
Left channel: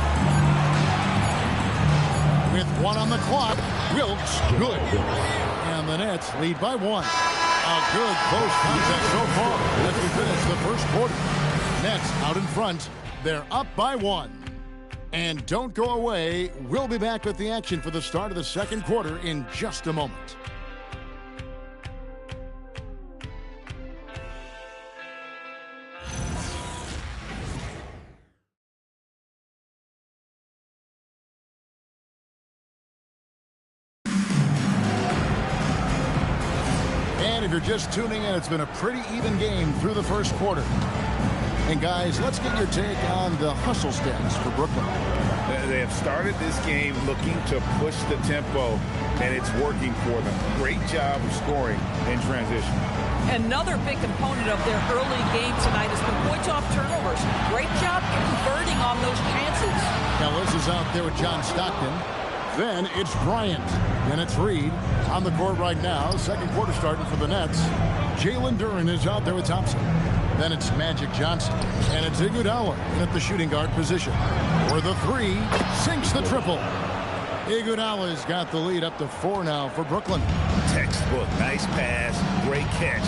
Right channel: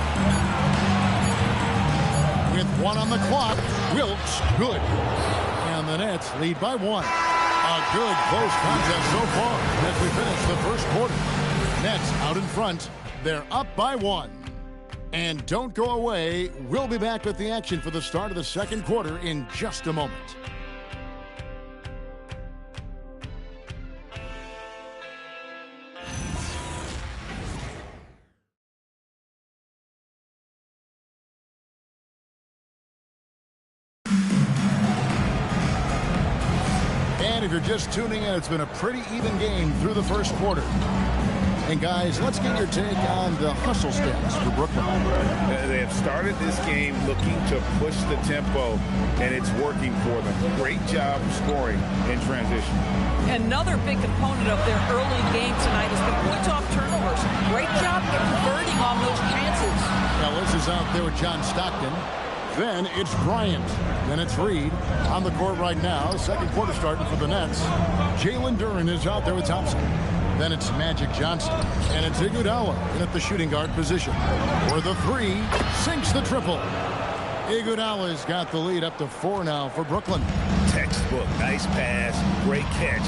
With 1 on the clock, Wilkes, good. And the Nets lead by 1. A good close contest so far as we finish the first quarter. Nets out in front. They're up by 1. And don't go away. We'll be back with the action for the start of the second quarter in just a moment. And if you're just tuning in, it's been a pretty even game through the first quarter. And guys, let's get your take on the hustle stats for Brooklyn. They have started this game looking to push the tempo, and it's working for them. Great job of scoring in transition. Another big component of their early game tonight has been points off turnovers. Great job converting on those chances. Ellis is out there with John Stockton. Then it's Bryant. Then it's Reed on the court right now. Second quarter starting for the Nets. Jalen Duren is out there with Thompson. Then it's Magic Johnson. And it's Iguodala in at the shooting guard position. For the three, sinks the triple. Iguodala's got the lead up to 4 now for Brooklyn. Textbook. Nice pass. Great catch.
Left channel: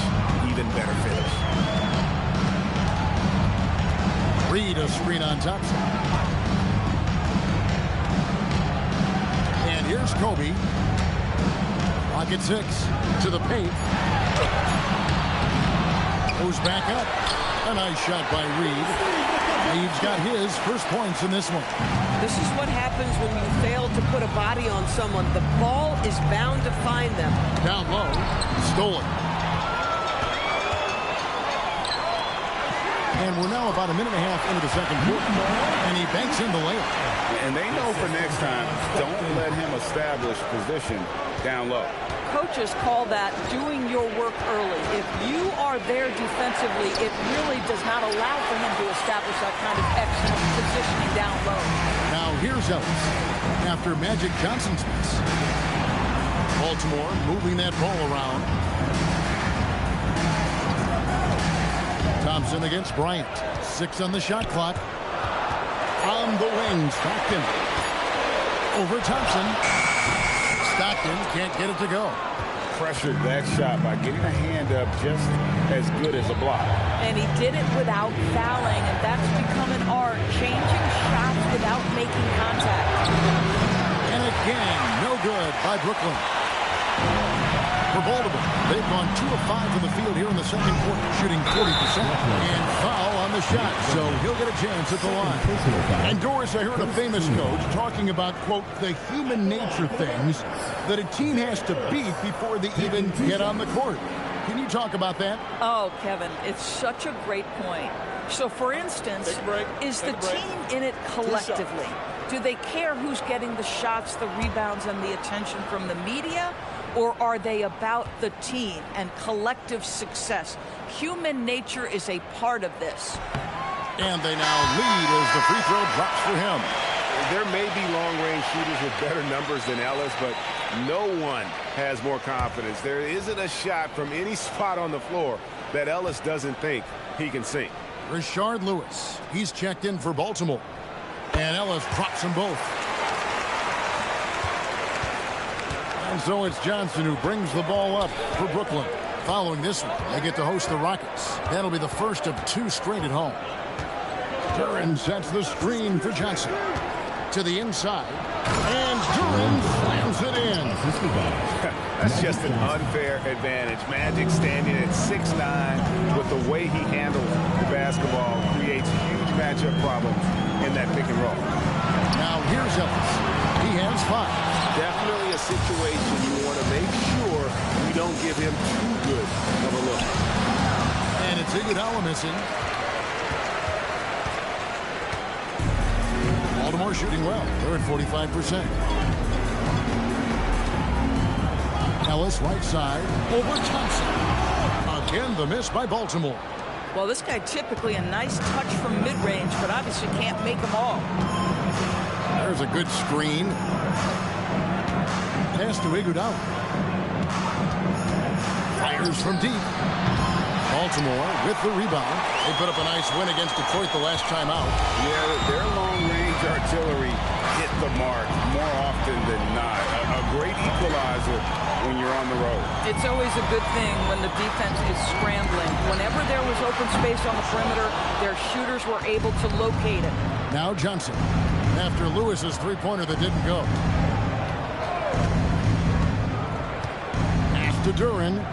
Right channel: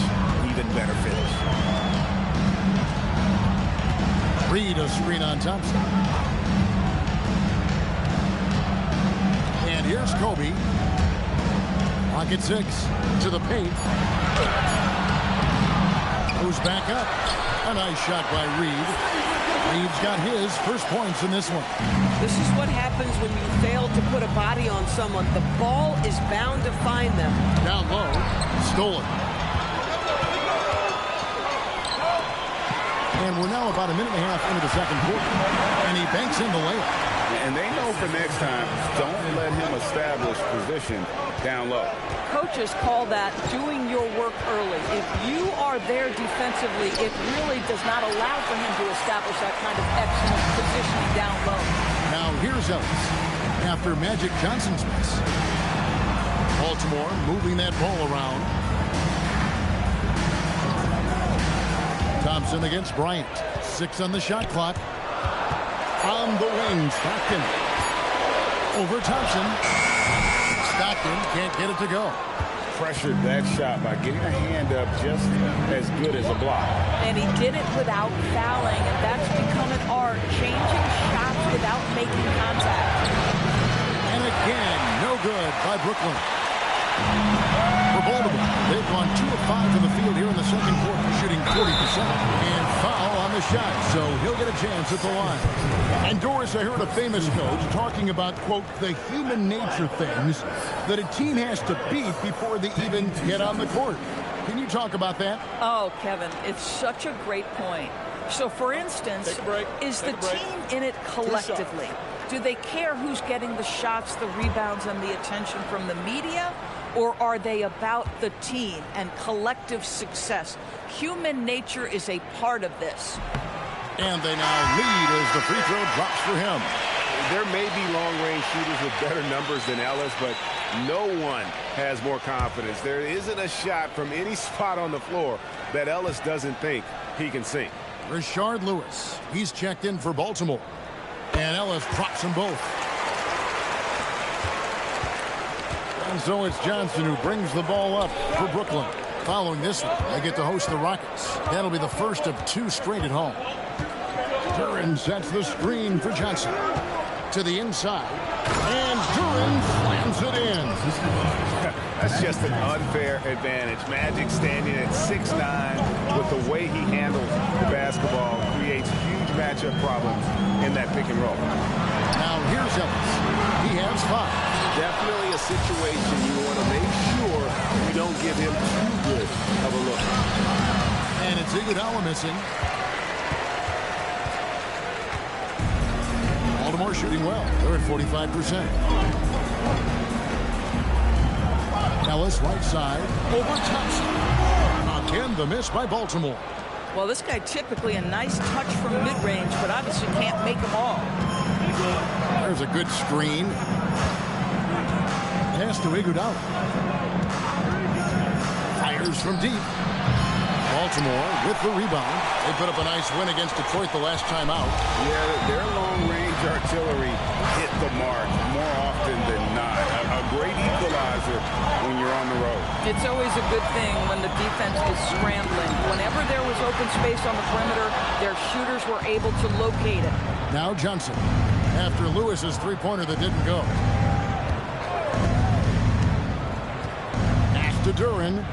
Even better finish. Reed a screen on Thompson. And here's Kobe. Clock at 6 to the paint. Goes back up. A nice shot by Reed. Reed's got his first points in this one. This is what happens when you fail to put a body on someone. The ball is bound to find them. Down low. Stolen. And we're now about a minute and a half into the second quarter. And he banks in the layup. And they know for next time, don't let him establish position down low. Coaches call that doing your work early. If you are there defensively, it really does not allow for him to establish that kind of excellent positioning down low. Now here's Ellis after Magic Johnson's miss. Baltimore moving that ball around. Thompson against Bryant. 6 on the shot clock. On the wing, Stockton. Over Thompson. Stockton can't get it to go. Pressured that shot by getting a hand up just as good as a block. And he did it without fouling, and that's become an art, changing shots without making contact. And again, no good by Brooklyn. For Baltimore, they've gone 2 of 5 from the field here in the second quarter, shooting 40%. And foul on the shot, so he'll get a chance at the line. And Doris, I heard a famous coach talking about, quote, the human nature things that a team has to beat before they even get on the court. Can you talk about that? Oh, Kevin, it's such a great point. So, for instance, is the team in it collectively? Do they care who's getting the shots, the rebounds, and the attention from the media? Or are they about the team and collective success? Human nature is a part of this. And they now lead as the free throw drops for him. There may be long-range shooters with better numbers than Ellis, but no one has more confidence. There isn't a shot from any spot on the floor that Ellis doesn't think he can sink. Rashard Lewis, he's checked in for Baltimore. And Ellis drops them both. And so it's Johnson who brings the ball up for Brooklyn. Following this one, they get to host the Rockets. That'll be the first of 2 straight at home. Duren sets the screen for Johnson. To the inside. And Duren slams it in. That's just an unfair advantage. Magic standing at 6'9", with the way he handles the basketball, creates huge matchup problems in that pick and roll. Now here's Ellis. He has 5. Definitely a situation you want to make sure you don't give him too good of a look. And it's Iguodala missing. Baltimore shooting well. They're at 45%. Ellis right side over Thompson. Again, the miss by Baltimore. Well, this guy typically a nice touch from mid-range, but obviously can't make them all. There's a good screen. Pass to Iguodala. Fires from deep. Baltimore with the rebound. They put up a nice win against Detroit the last time out. Yeah, their long-range artillery hit the mark more often than not. A great equalizer when you're on the road. It's always a good thing when the defense is scrambling. Whenever there was open space on the perimeter, their shooters were able to locate it. Now Johnson, after Lewis's three-pointer that didn't go. Pass to Duren.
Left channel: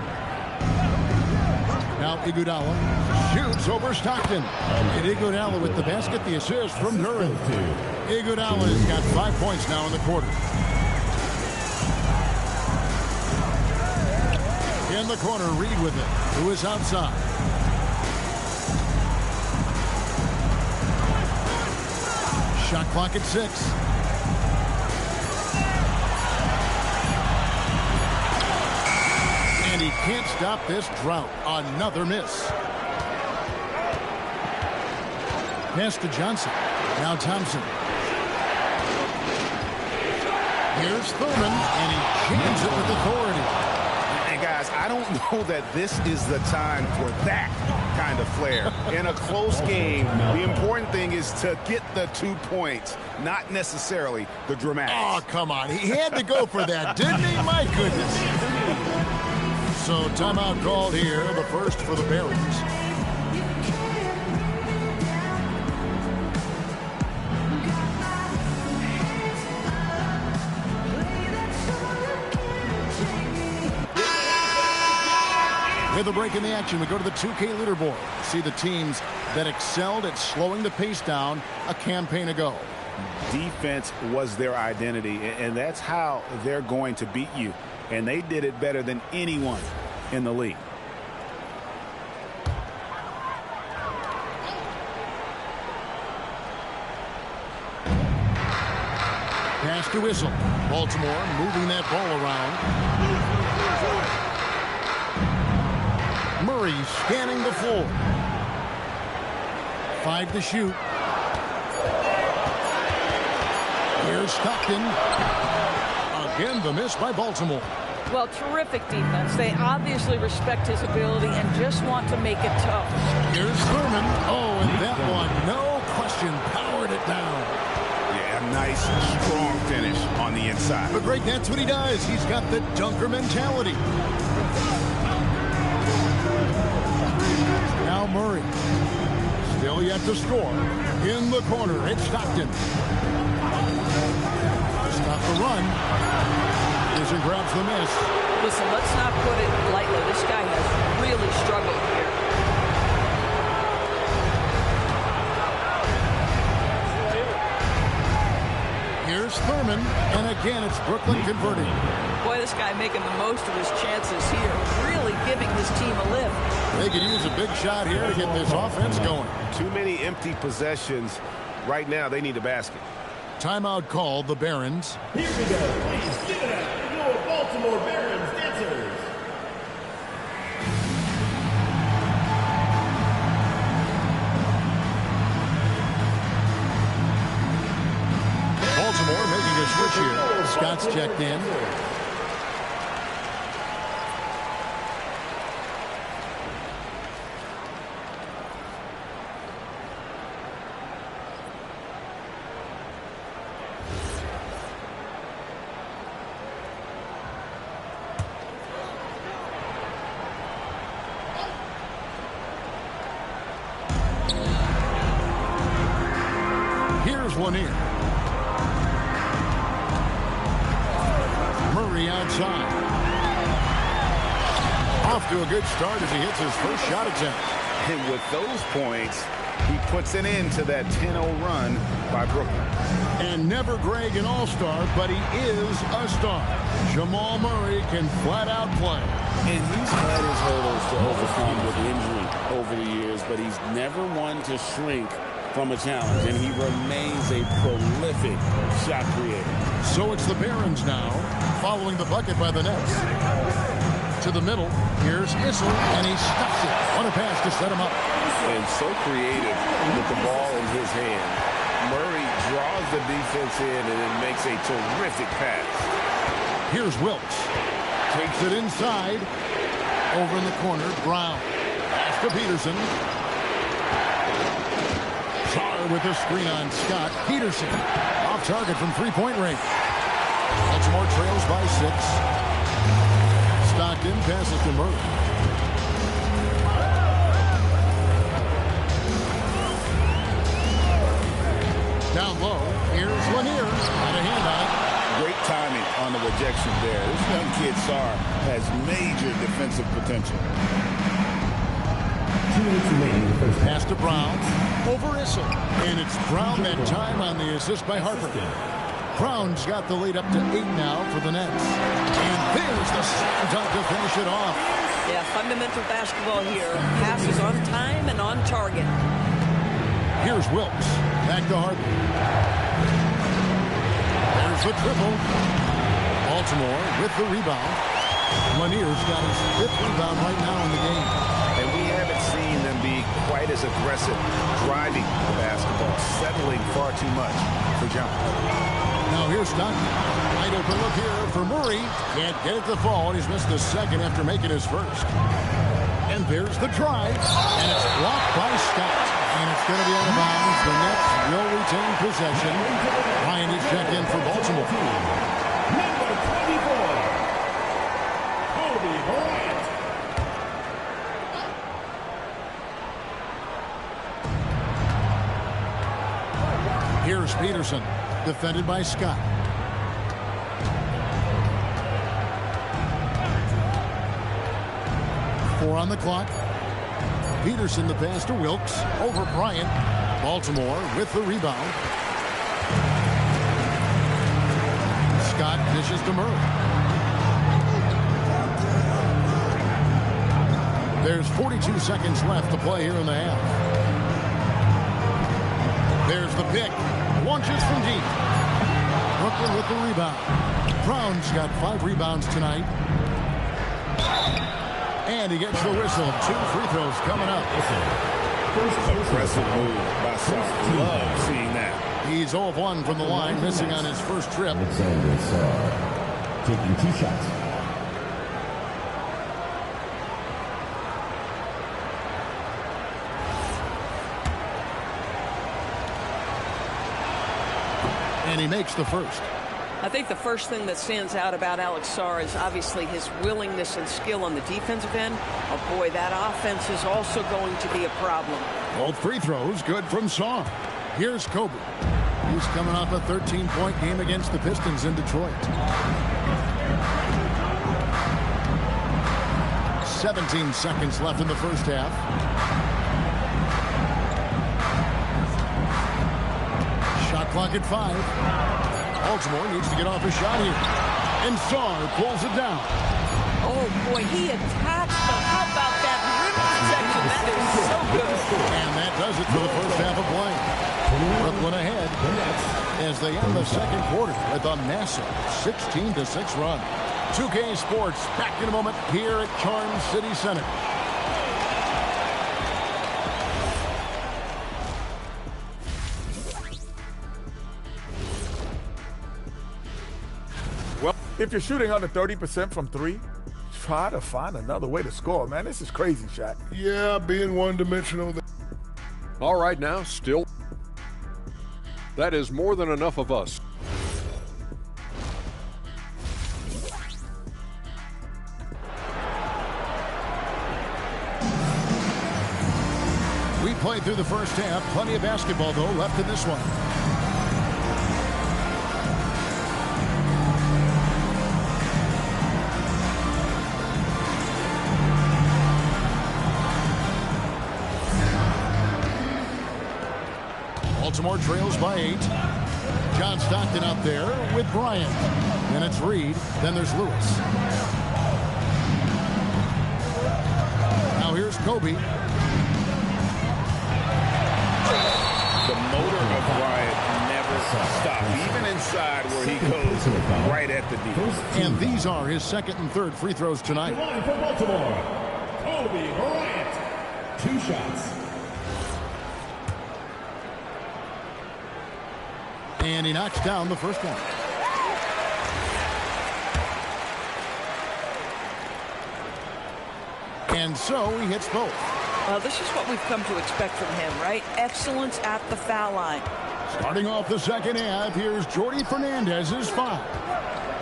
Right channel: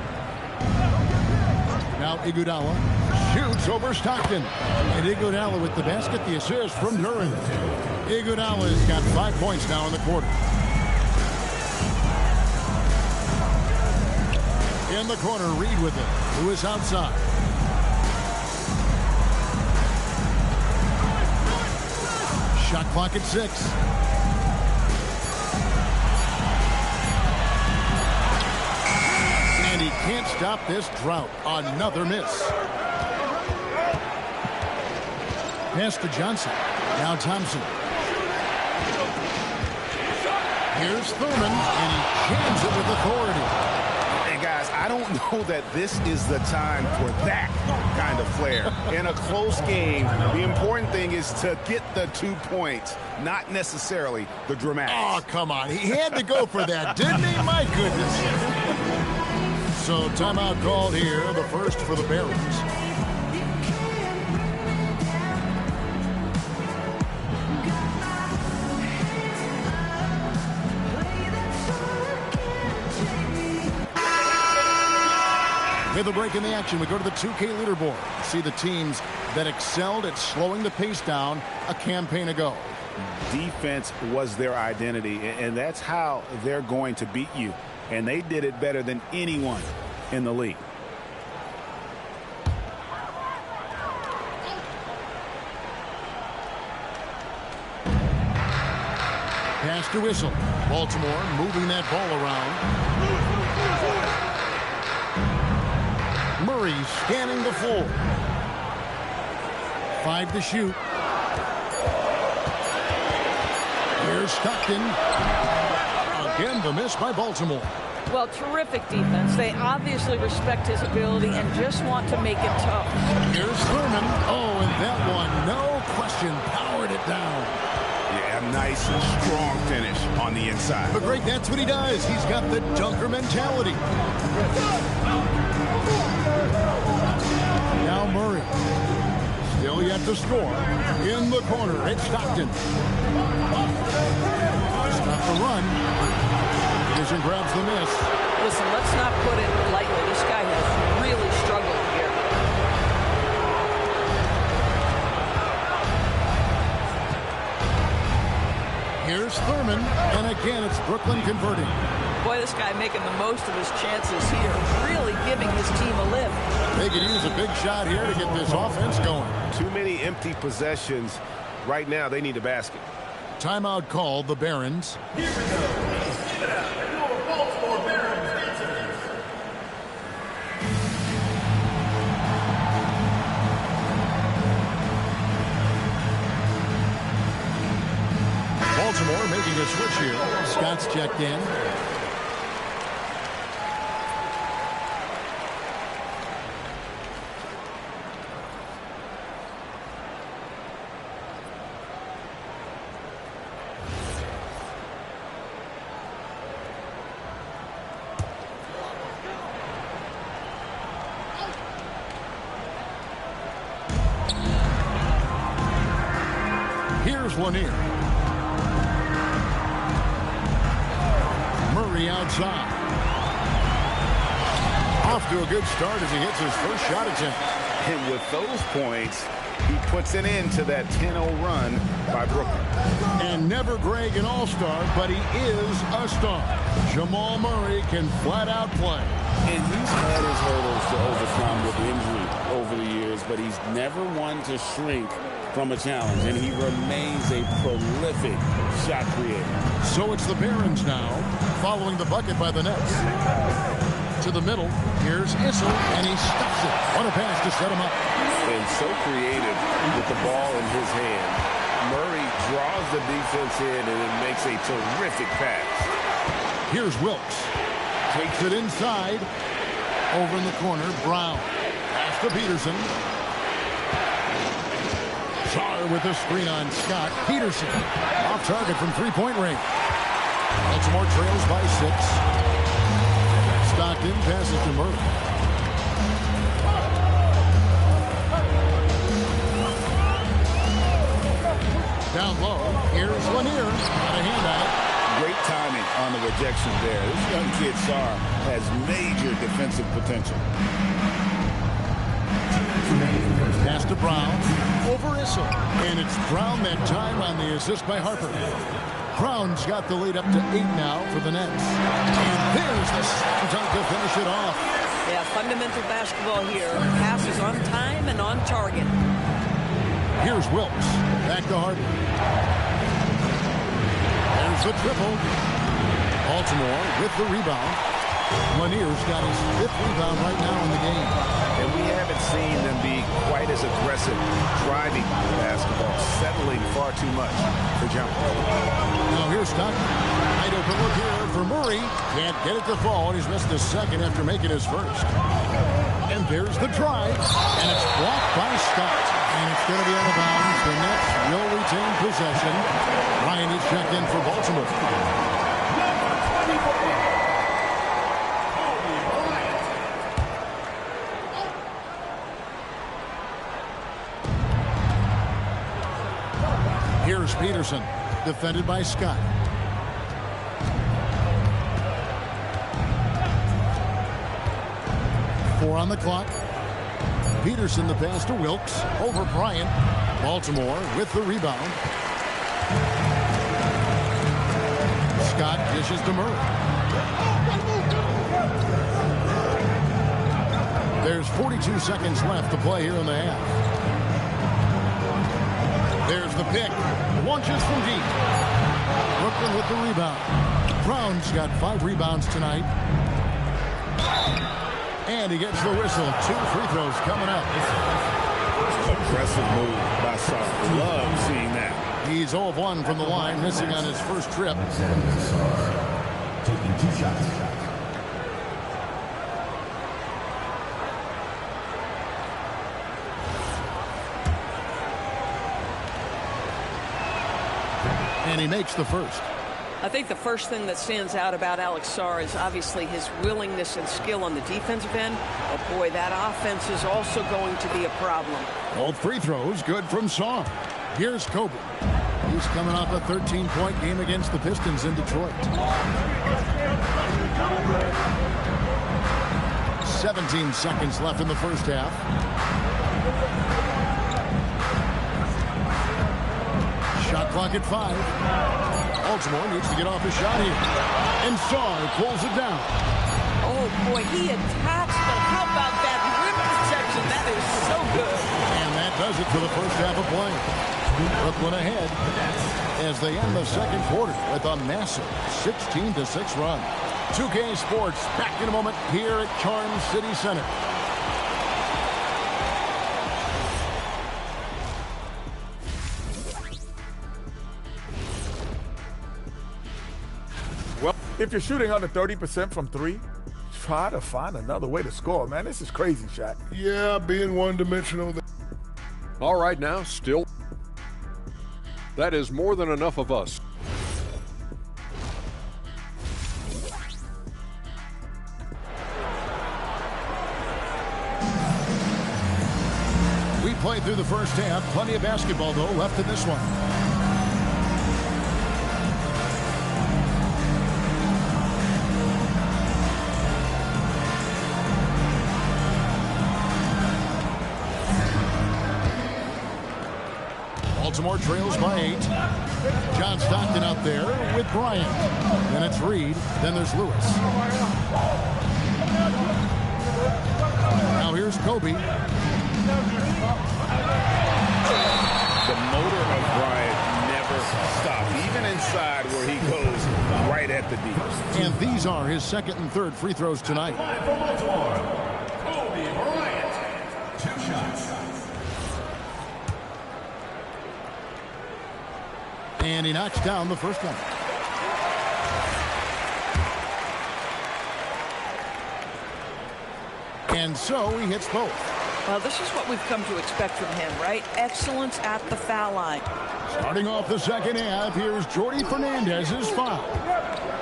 Now Iguodala shoots over Stockton. And Iguodala with the basket, the assist from Duren. Iguodala's got 5 points now in the quarter. In the corner, Reed with it. Who is outside. Shot clock at 6. And he can't stop this drought. Another miss. Pass to Johnson. Now Thompson. Here's Thurman, and he jams it with authority. Hey, guys, I don't know that this is the time for that kind of flair. In a close game, the important thing is to get the 2 points, not necessarily the dramatics. Oh, come on. He had to go for that, didn't he? My goodness. So timeout called here, the first for the Barons. With a break in the action, we go to the 2K leaderboard. See the teams that excelled at slowing the pace down a campaign ago. Defense was their identity, and that's how they're going to beat you. And they did it better than anyone in the league. Pass to Whistle. Baltimore moving that ball around. Murray scanning the floor. 5 to shoot. Here's Stockton. Again, the miss by Baltimore. Well, terrific defense. They obviously respect his ability and just want to make it tough. Here's Thurman. Oh, and that one, no question, powered it down. Yeah, a nice, strong finish on the inside. But great, that's what he does. He's got the dunker mentality. Now Murray. Still yet to score. In the corner, it's Stockton. Stop the run. Peterson grabs the miss. Listen, let's not put it lightly. This guy has really struggled here. Here's Thurman, and again it's Brooklyn converting. Boy, this guy making the most of his chances here, really giving his team a lift. They could use a big shot here to get this offense going. Too many empty possessions. Right now, they need a basket. Timeout called, the Barons. Here we go. Please give it up for your Baltimore Barons dancers. Baltimore making a switch here. Scott's checked in. Here's Lanier. Murray outside. Off to a good start as he hits his first shot attempt. And with those points, he puts an end to that 10-0 run by Brooklyn. And never Greg an all-star, but he is a star. Jamal Murray can flat out play. And he's had his hurdles to overcome with injury over the years, but he's never one to shrink from a challenge, and he remains a prolific shot creator. So it's the Barons now, following the bucket by the Nets. To the middle, here's Issel, and he stuffs it. What a pass to set him up. And so creative with the ball in his hand. Murray draws the defense in and then makes a terrific pass. Here's Wilkes. Takes it inside. Over in the corner, Brown. Pass to Peterson. Czar with a screen on Scott. Peterson off target from three-point range. Baltimore trails by 6. Stockton passes to Murray. Down low, here's Lanier. Got a hand on it. Great timing on the rejection there. This young kid, Czar, has major defensive potential. Pass to Brown. Over Issel. And it's Brown that time on the assist by Harper. Brown's got the lead up to 8 now for the Nets. And there's the slam dunk to finish it off. Yeah, fundamental basketball here. Passes on time and on target. Here's Wilkes. Back to Harper. There's the triple. Baltimore with the rebound. Lanier's got his 5th rebound right now in the game. And we haven't seen them be quite as aggressive driving the basketball, settling far too much for jumpers. Now here's Stockton. Wide open look here for Murray. Can't get it to fall. He's missed the second after making his first. And there's the drive. And it's blocked by Scott. And it's going to be out of bounds. The Nets will retain possession. Ryan is checked in for Baltimore. Number 24, Kobe Bryant. Here's Peterson, defended by Scott. Four on the clock. Peterson the pass to Wilkes over Bryant. Baltimore with the rebound. Scott dishes to Murray. There's 42 seconds left to play here in the half. There's the pick. Launches from deep. Brooklyn with the rebound. Brown's got 5 rebounds tonight. And he gets the whistle. 2 free throws coming up. Aggressive move by Sarr. Love seeing that. He's 0 of 1 from the line, missing on his first trip. Alexander Sarr taking 2 shots. And he makes the first. I think the first thing that stands out about Alex Sarr is obviously his willingness and skill on the defensive end. Oh boy, that offense is also going to be a problem. Both free throws good from Sarr. Here's Kobe. He's coming off a 13-point game against the Pistons in Detroit. 17 seconds left in the first half. Shot clock at 5. Baltimore needs to get off a shot here. And Sarr pulls it down. Oh, boy, he attacks, but how about that rim protection? That is so good. And that does it for the first half of play. Brooklyn ahead as they end the second quarter with a massive 16-6 run. 2K Sports back in a moment here at Charm City Center. Well, if you're shooting under 30% from 3, try to find another way to score, man. This is crazy, Shaq. Yeah, being one-dimensional. All right, now, still. That is more than enough of us. We played through the first half. Plenty of basketball, though, left in this one. Baltimore trails by 8. John Stockton out there with Bryant. Then it's Reed. Then there's Lewis. Now here's Kobe. The motor of Bryant never stops, even inside where he goes right at the D. And these are his second and third free throws tonight. Line for Baltimore, Kobe Bryant. 2 shots. And he knocks down the first one. And so he hits both. Well, this is what we've come to expect from him, right? Excellence at the foul line. Starting off the second half, here's Jordy Fernandez's foul.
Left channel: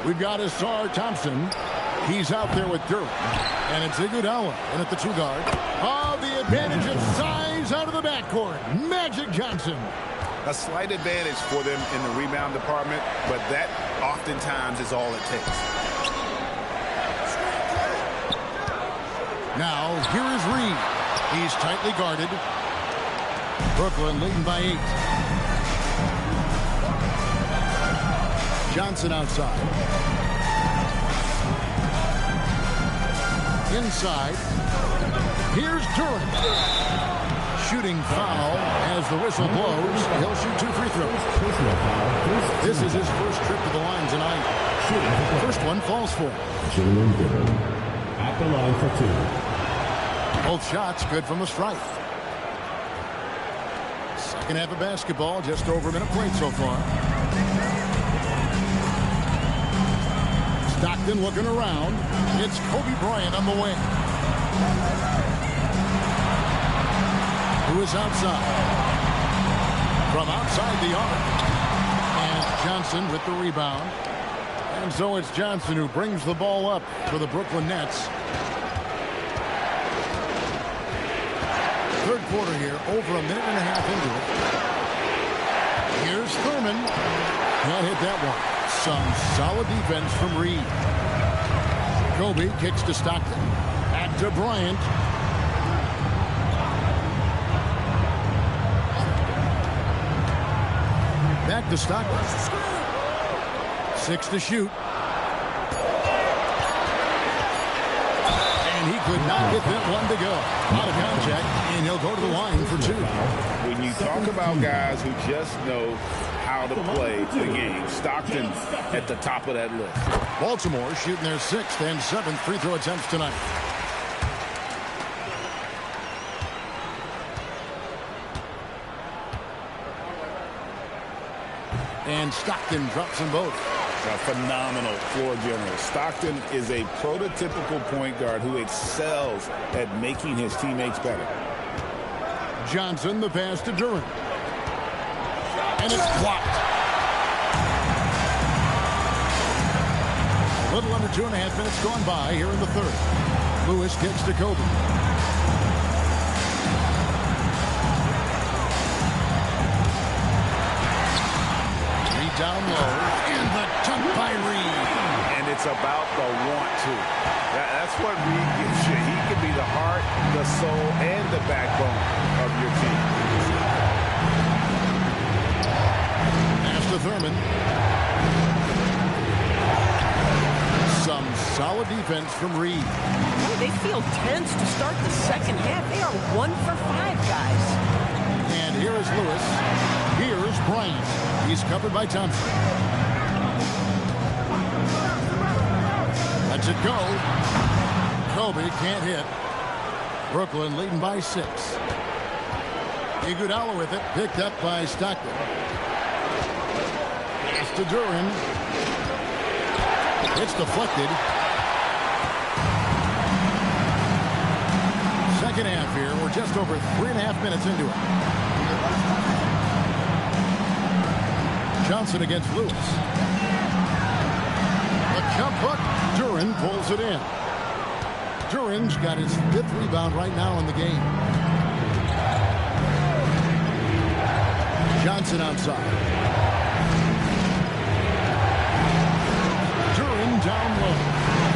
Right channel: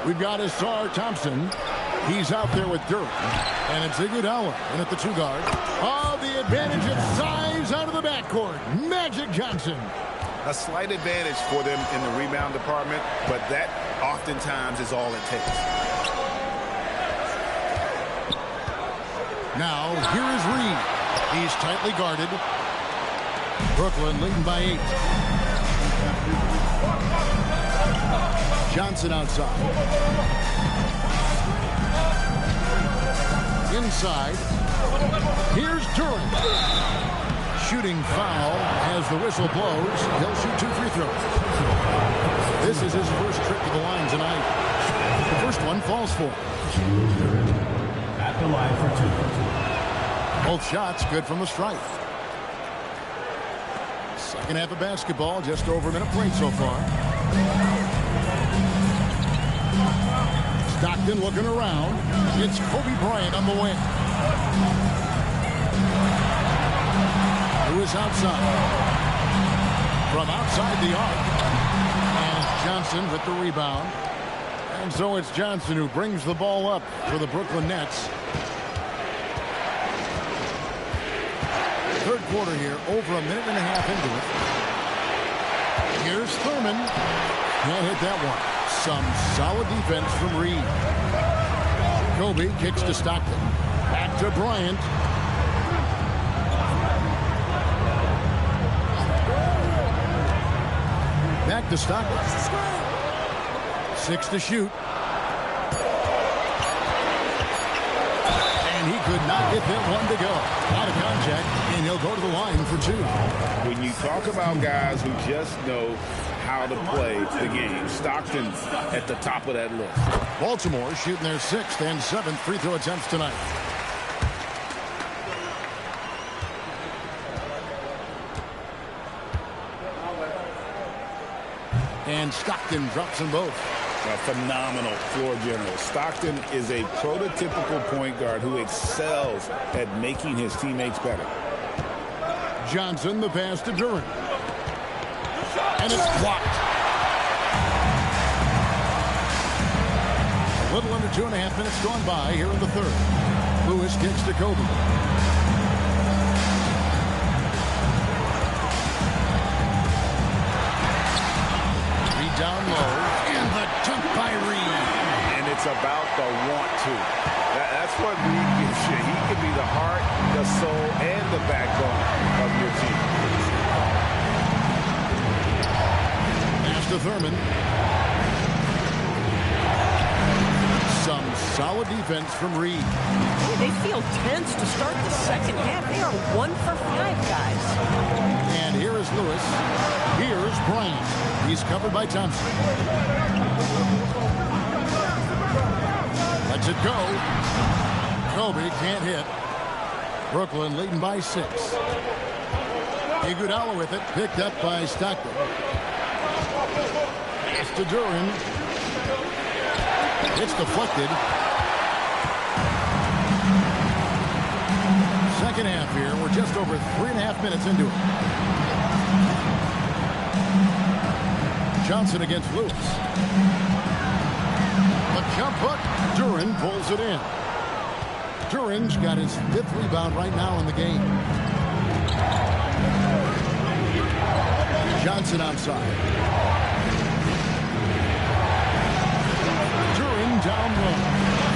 We've got Asar Thompson. He's out there with Durham. And it's Iguodala in at the 2 guard. Oh, the advantage of size out of the backcourt. Magic Johnson. A slight advantage for them in the rebound department, but that oftentimes is all it takes. Now, here is Reed. He's tightly guarded. Brooklyn leading by 8. Johnson outside. Inside. Here's Durant. Shooting foul as the whistle blows. He'll shoot 2 free throws. This is his first trip to the line tonight. First one falls for Jalen Duren at the line for 2. both shots good from the stripe. Second half of basketball, just over a minute played so far. Stockton looking around. It's Kobe Bryant on the wing. Who is outside? From outside the arc. And Johnson with the rebound. And so it's Johnson who brings the ball up for the Brooklyn Nets. Third quarter here, over a minute and a half into it. Here's Thurman. Can't hit that one. Some solid defense from Reed. Kobe kicks to Stockton. Back to Bryant. Back to Stockton. 6 to shoot. And he could not get that one to go. Out of contact, and he'll go to the line for 2. When you talk about guys who just know how to play the game, Stockton at the top of that list. Baltimore shooting their 6th and 7th free throw attempts tonight. And Stockton drops them both. A phenomenal floor general. Stockton is a prototypical point guard who excels at making his teammates better. Johnson, the pass to Duren. And it's blocked. A little under 2.5 minutes gone by here in the third. Lewis kicks to Kobe. Reed down low. And the dunk by Reed. And it's about the want to. That's what Reed gives you. He can be the heart, the soul, and the backbone of your team. Pass to Thurman. Some solid defense from Reed. Boy, they feel tense to start the second half. They are 1 for 5, guys. And here is Lewis. Here's Bryant. He's covered by Thompson. Lets it go. Kobe can't hit. Brooklyn leading by 6. Iguodala with it. Picked up by Stockton. Pass to Duren. It's deflected. Second half here. We're just over 3.5 minutes into it. Johnson against Lewis. The jump hook. Duren pulls it in. Duren's got his 5th rebound right now in the game. Johnson outside. Duren down low.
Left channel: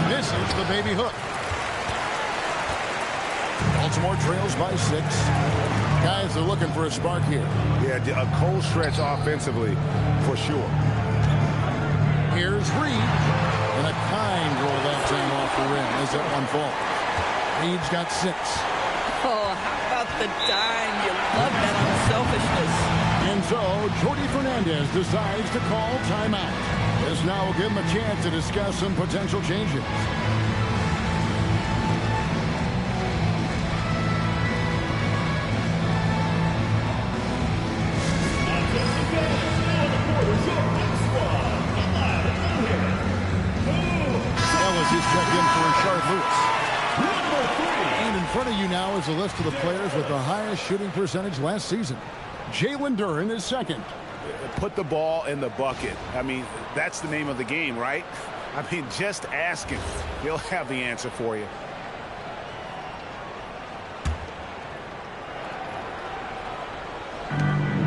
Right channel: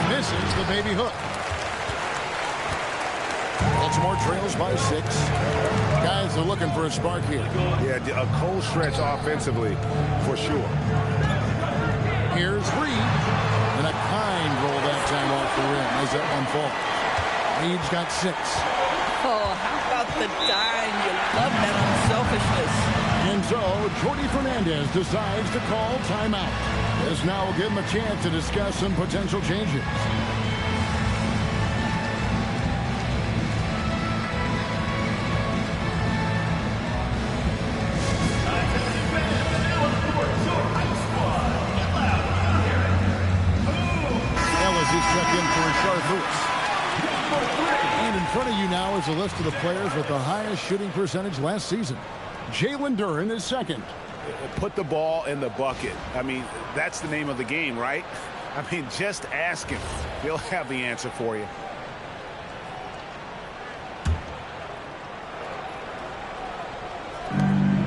Misses the baby hook. Baltimore trails by 6. Guys are looking for a spark here. Yeah, a cold stretch offensively for sure. Here's Reed. And a kind roll that time off the rim as that one falls. Reed's got 6. Oh, how about the dime? You love that unselfishness. And so, Jordi Fernandez decides to call timeout. This now will give him a chance to discuss some potential changes. He's checked in for Rashard Lewis. And in front of you now is a list of the players with the highest shooting percentage last season. Jalen Duren is second. Put the ball in the bucket. I mean, that's the name of the game, right? I mean, just ask him. He'll have the answer for you.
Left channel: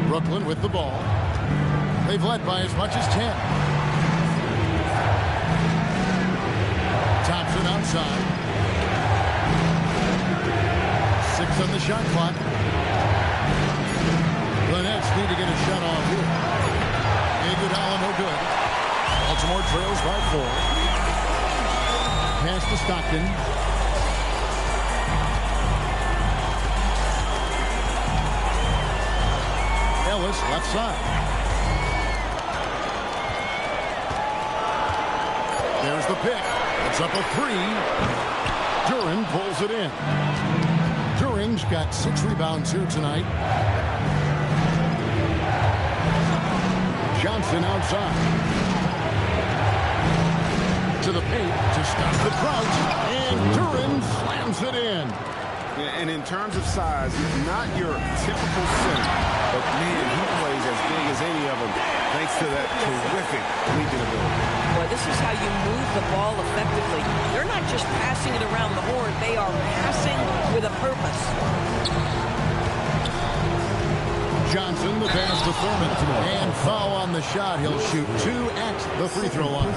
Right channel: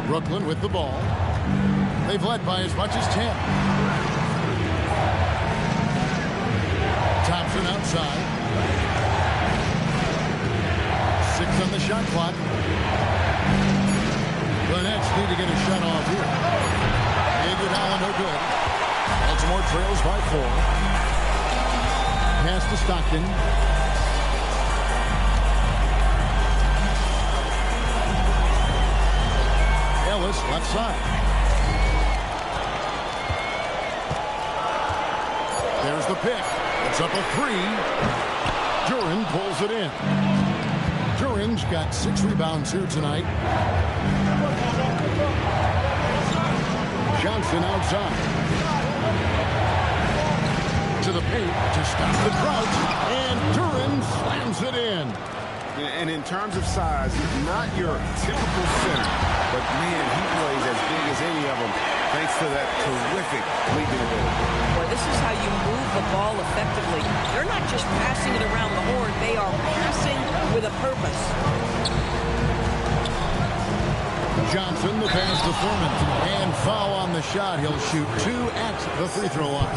Brooklyn with the ball. They've led by as much as 10. Thompson outside. 6 on the shot clock. The Nets need to get a shot off here. Iguodala no good. Baltimore trails by 4. Pass to Stockton. Ellis left side. Here's the pick. It's up a 3. Duren pulls it in. Duren's got 6 rebounds here tonight. Johnson outside. To the paint to stop the drought. And Duren slams it in. And in terms of size, not your typical center, but man, he plays as big as any of them thanks to that terrific leaping ability. Boy, this is how you move the ball effectively. They're not just passing it around the horn. They are passing with a purpose. Johnson, the pass to Thurman. And foul on the shot. He'll shoot 2 at the free throw line.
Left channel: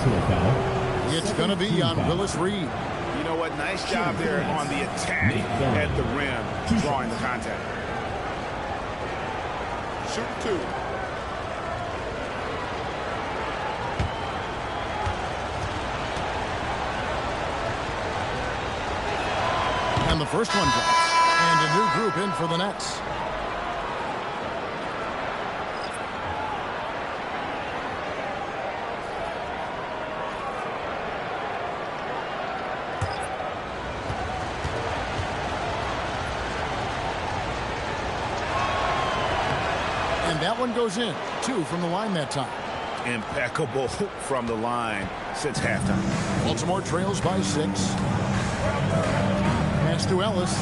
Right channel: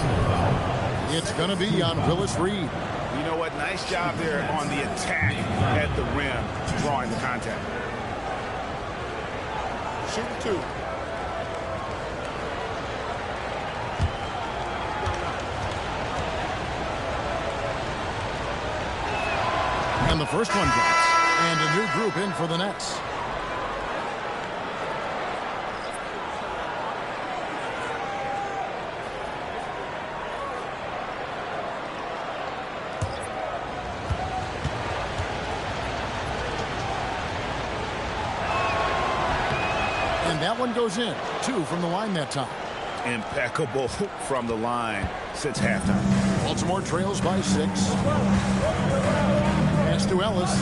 It's going to be on Willis Reed. You know what? Nice job there on the attack at the rim, drawing the contact. Shoot 2. And the first one drops. And a new group in for the Nets. And that one goes in. 2 from the line that time. Impeccable from the line since halftime. Baltimore trails by 6. Pass to Ellis.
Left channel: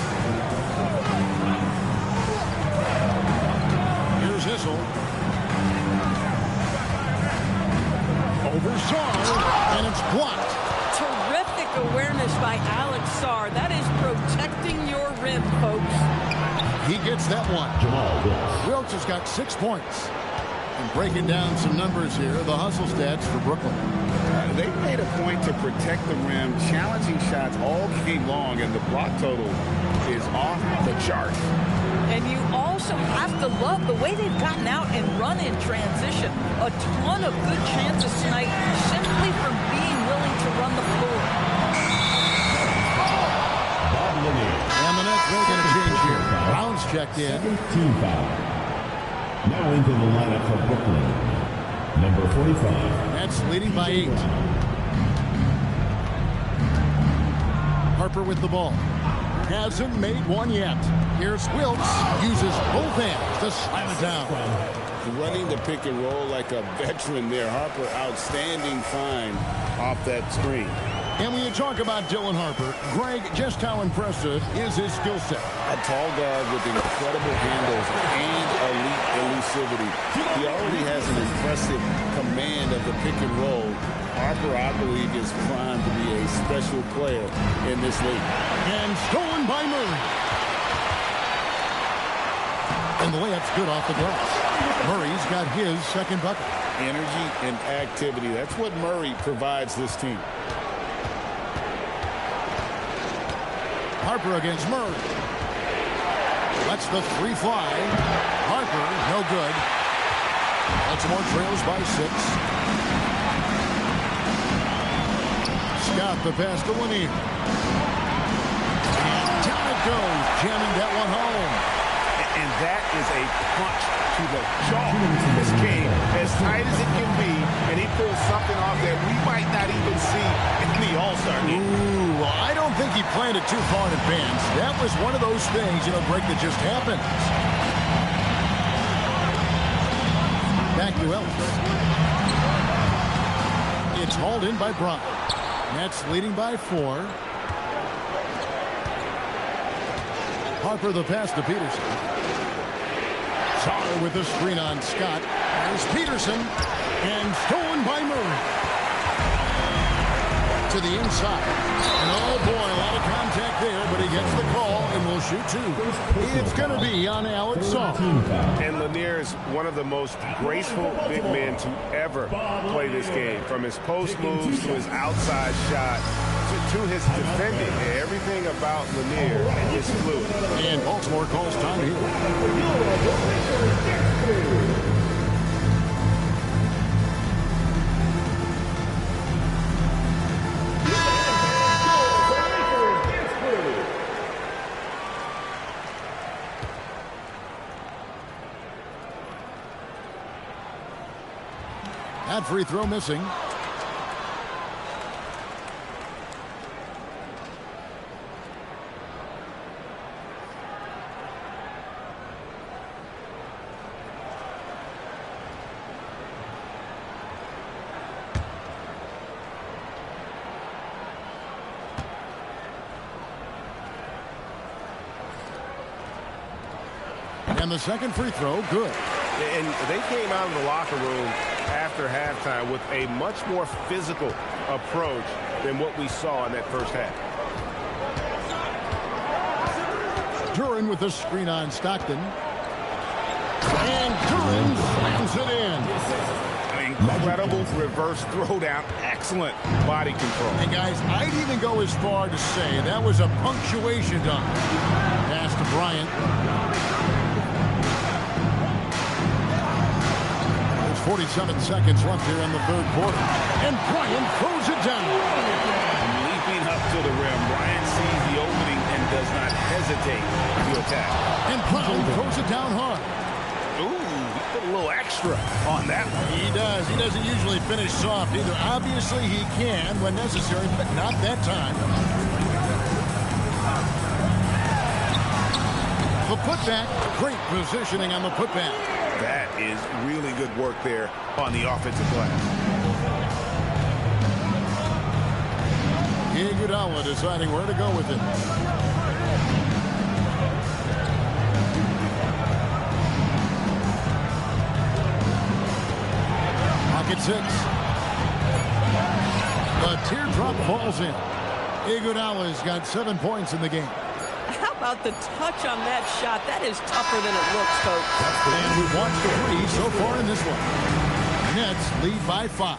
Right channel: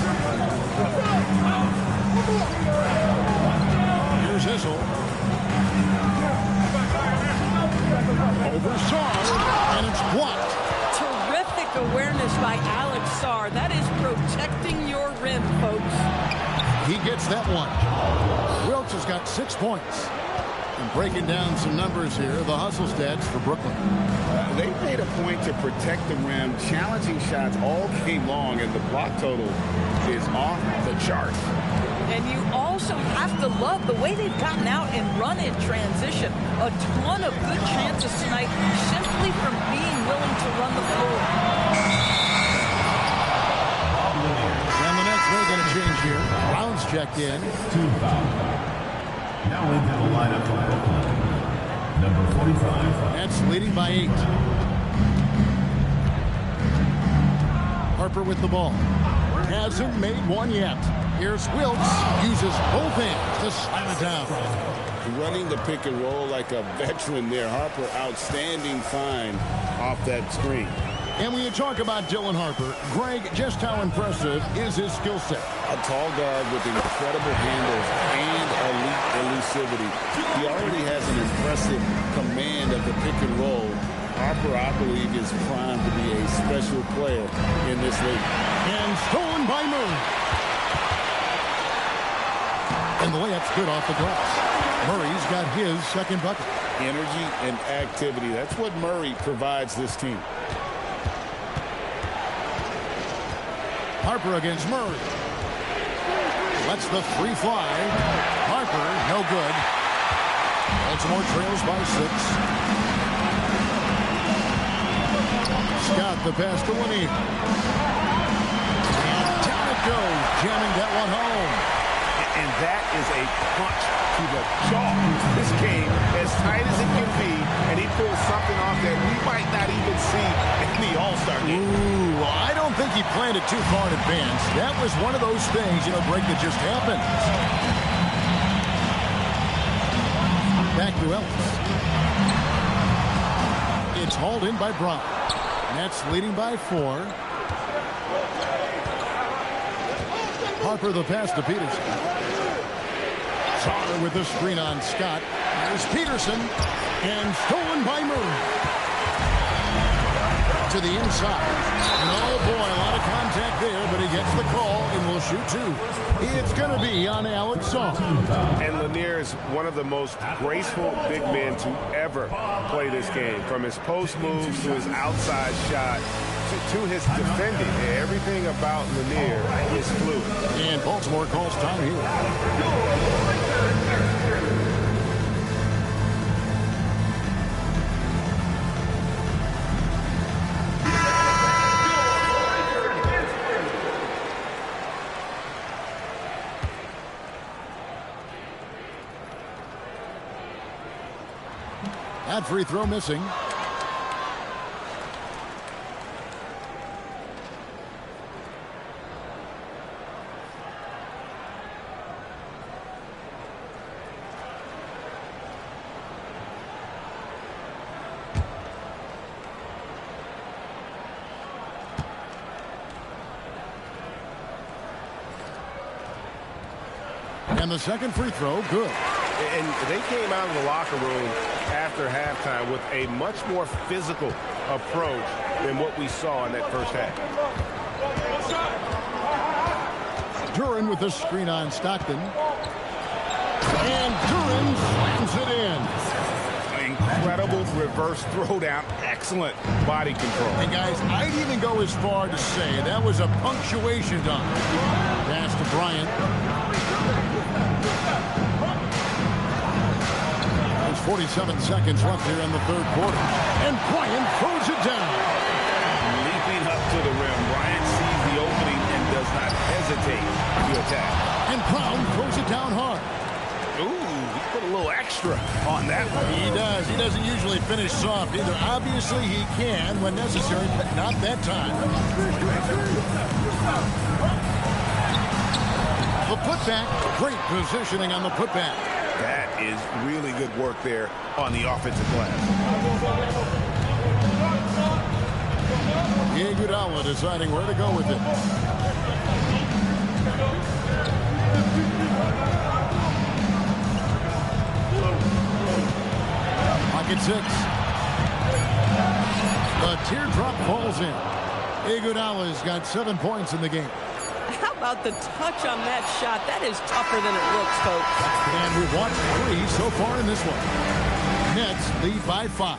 Here's Issel. Over Sarr, and it's blocked. Terrific awareness by Alex Sarr. That is protecting your rim, folks. He gets that one. Wilkes has got 6 points. And breaking down some numbers here, the hustle stats for Brooklyn. They made a point to protect the rim, challenging shots all game long, and the block total is off the charts. And you also have to love the way they've gotten out and run in transition. A ton of good chances tonight simply from being willing to run the floor. And the Nets making a change here. Brown's checked in. Team foul. Now into the lineup for Brooklyn. Number 45. Nets leading by 8. Harper with the ball. Hasn't made one yet. Here's Wilkes. Uses both hands to slam it down. Running the pick and roll like a veteran there. Harper, outstanding find off that screen. And when you talk about Dylan Harper, Greg, just how impressive is his skill set? A tall guard with incredible handles and elite elusivity. He already has an impressive command of the pick and roll. Harper, I believe, is primed to be a special player in this league. And stolen by Murray. And the layup's good off the glass. Murray's got his second bucket. Energy and activity. That's what Murray provides this team. Harper against Murray. Lets the 3 fly. Harper, no good. Baltimore trails by 6. Scott the pass to Lanier. And down it goes, jamming that one home. And that is a punch to the jaw. This game, as tight as it can be, and he pulls something off that we might not even see in the All-Star game. Ooh, well, I don't think he planned it too far in advance. That was one of those things, Greg, that just happens. Back to Ellis. It's hauled in by Brown. Nets leading by 4. Harper the pass to Peterson. Sarr with the screen on Scott. There's Peterson. And stolen by Murray. To the inside. And oh boy, a lot of contact there, but he gets the call and will shoot 2. It's going to be on Alex Sarr. And Lanier is one of the most graceful big men to ever play this game. From his post moves to his outside shot to his defending. Everything about Lanier is fluid. And Baltimore calls time here. That free throw missing. And the second free throw, good. And they came out of the locker room after halftime with a much more physical approach than what we saw in that first half. Duran with the screen on Stockton. And Duran slams it in. Incredible reverse throwdown. Excellent body control. And guys, I'd even go as far to say that was a punctuation dunk. Pass to Bryant. There's 47 seconds left here in the third quarter. And Bryant throws it down. Leaping up to the rim, Bryant sees the opening and does not hesitate to attack. And Brown throws it down hard. Ooh, he put a little extra on that one. He does. He doesn't usually finish soft either. Obviously, he can when necessary, but not that time. The putback. Great positioning on the putback. That is really good work there on the offensive glass. Iguodala deciding where to go with it. Pocket 6. The teardrop falls in. Iguodala's got 7 points in the game. How about the touch on that shot? That is tougher than it looks, folks. And we've watched 3 so far in this one. Nets lead by 5.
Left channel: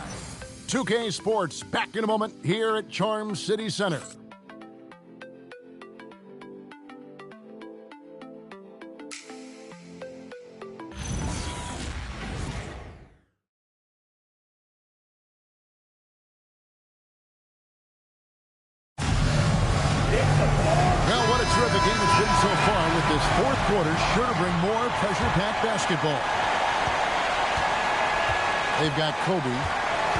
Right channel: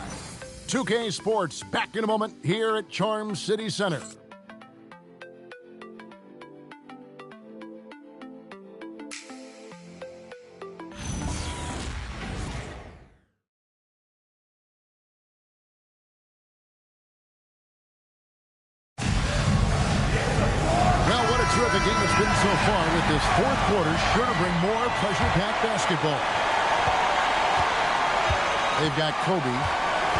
2K Sports back in a moment here at Charm City Center. Well, what a terrific game it's been so far with this fourth quarter. Sure to bring more pressure-packed basketball. They've got Kobe.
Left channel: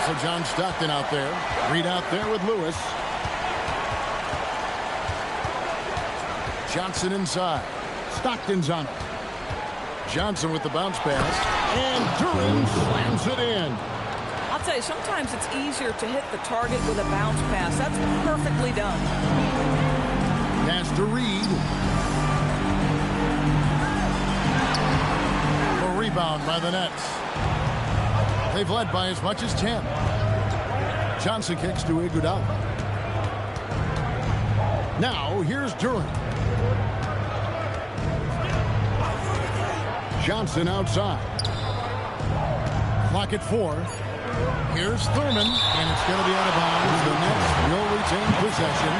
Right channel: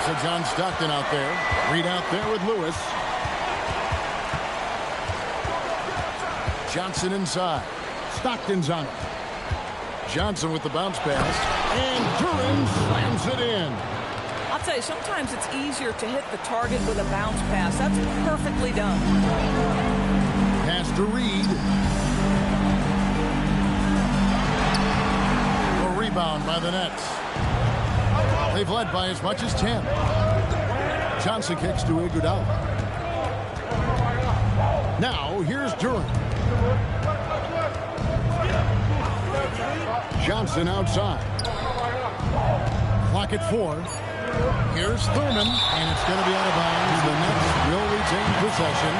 So John Stockton out there. Reed out there with Lewis. Johnson inside. Stockton's on him. Johnson with the bounce pass. And Duran slams it in. I'll tell you, sometimes it's easier to hit the target with a bounce pass. That's perfectly done. Pass to Reed. A rebound by the Nets. They've led by as much as 10. Johnson kicks to Iguodala. Now, here's Duran. Johnson outside. Clock at 4. Here's Thurman, and it's going to be out of bounds. The Nets will retain possession.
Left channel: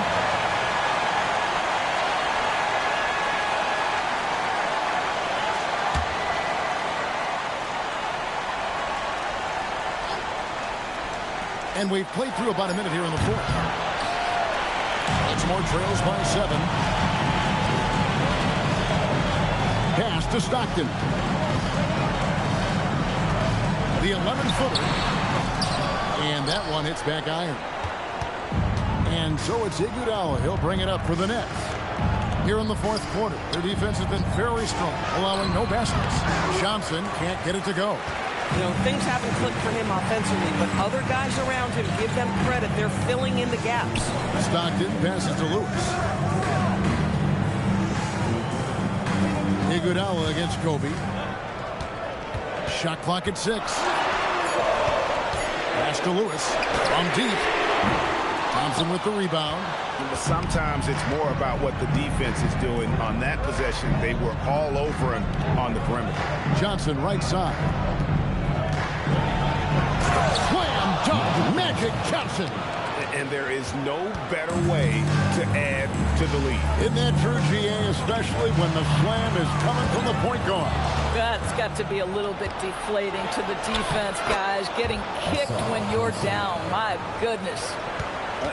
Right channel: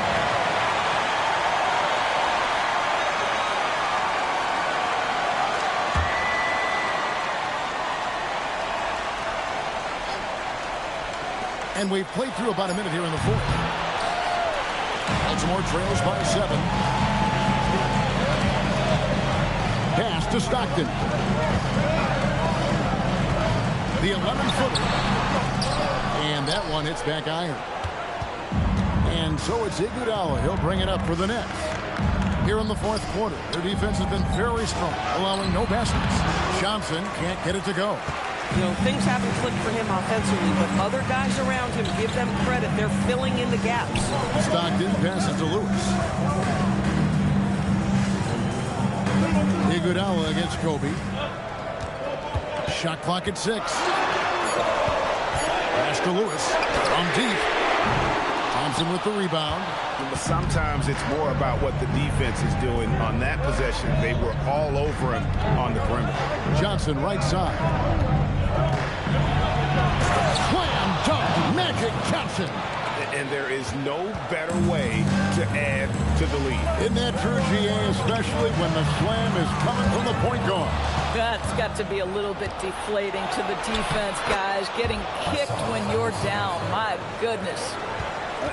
And we've played through about a minute here in the fourth. Baltimore trails by 7. Pass to Stockton. The 11-footer. And that one hits back iron. And so it's Iguodala. He'll bring it up for the Nets. Here in the fourth quarter, their defense has been very strong, allowing no baskets. Johnson can't get it to go. You know, things haven't clicked for him offensively, but other guys around him, give them credit. They're filling in the gaps. Stockton passes to Lewis. Iguodala against Kobe. Shot clock at 6. Pass to Lewis. From deep. Thompson with the rebound. But sometimes it's more about what the defense is doing on that possession. They were all over him on the perimeter. Johnson right side. Slam dunk, Magic Johnson. And there is no better way to add to the lead. Isn't that true, GA, especially when the slam is coming from the point guard? That's got to be a little bit deflating to the defense, guys. Getting kicked when you're down. My goodness.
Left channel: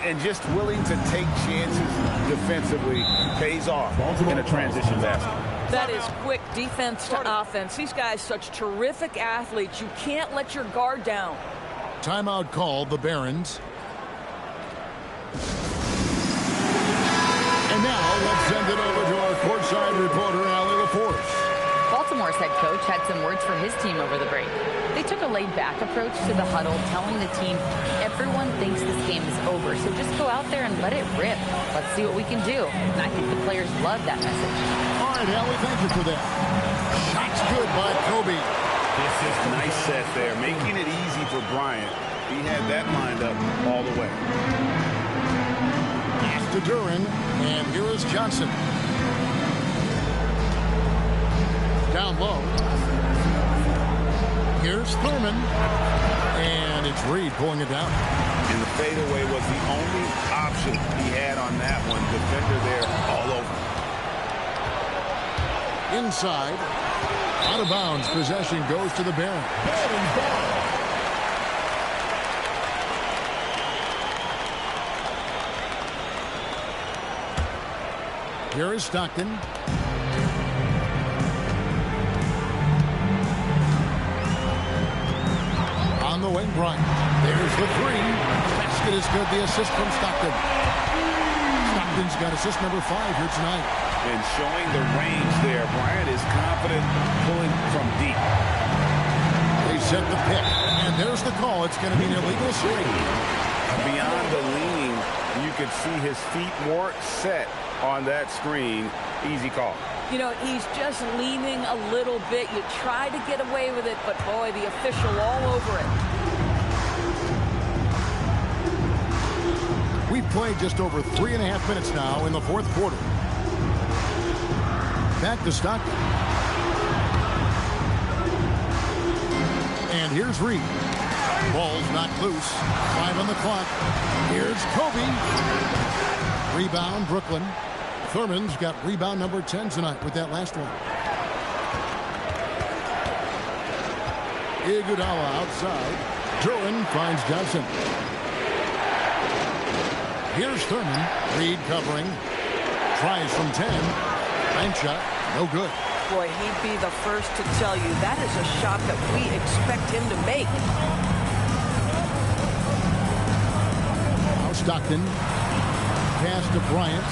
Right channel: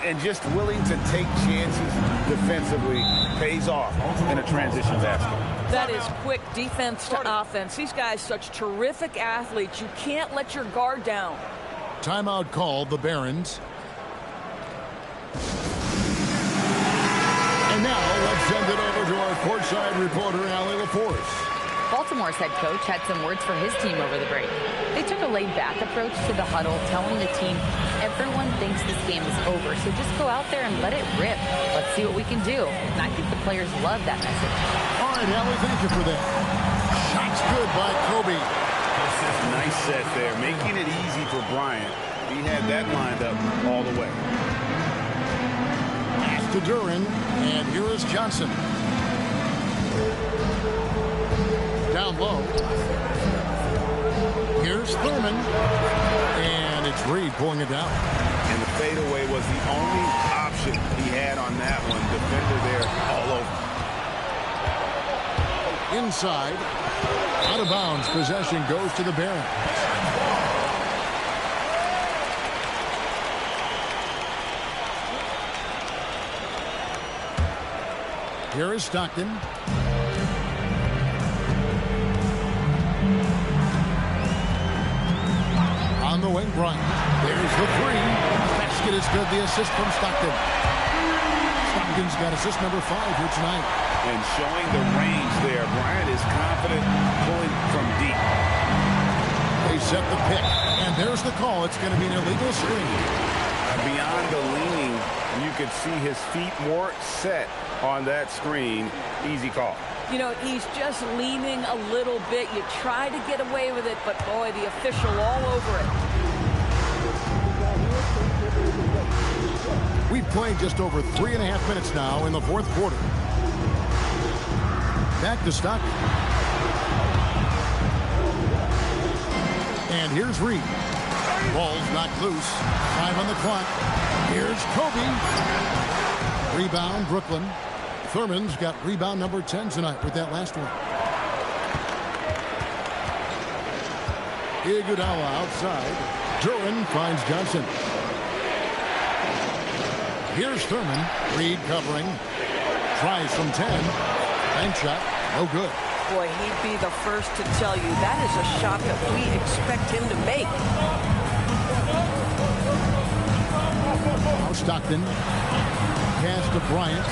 And just willing to take chances defensively pays off in a transition basket. That is quick defense to offense. These guys, such terrific athletes. You can't let your guard down. Timeout called, the Barons. And now let's send it over to our courtside reporter, Allie LaForce. Baltimore's head coach had some words for his team over the break. They took a laid-back approach to the huddle, telling the team, everyone thinks this game is over, so just go out there and let it rip. Let's see what we can do. And I think the players love that message. All right, Allie, thank you for that. Shot's good by Kobe. Nice set there, making it easy for Bryant. He had that lined up all the way. Pass to Duran, and here is Johnson. Down low. Here's Thurman, and it's Reed pulling it down. And the fadeaway was the only option he had on that one. Defender there all over. Inside. Out of bounds. Possession goes to the Barons. Here is Stockton. On the wing, Bryant. There's the three. Basket is good. The assist from Stockton. Stockton's got assist number 5 here tonight. And showing the range there. Bryant is confident pulling from deep. They set the pick. And there's the call. It's going to be an illegal screen. Beyond the leaning, you could see his feet more set on that screen. Easy call. You know, he's just leaning a little bit. You try to get away with it, but boy, the official all over it. We've played just over 3.5 minutes now in the fourth quarter. Back to Stockton. And here's Reed. Ball's knocked loose. 5 on the clock. Here's Kobe. Rebound, Brooklyn. Thurman's got rebound number 10 tonight with that last one. Iguodala outside. Duran finds Johnson. Here's Thurman. Reed covering. Tries from 10. Bank shot. No good. Boy, he'd be the first to tell you that is a shot that we expect him to make. Now Stockton. Pass to Bryant.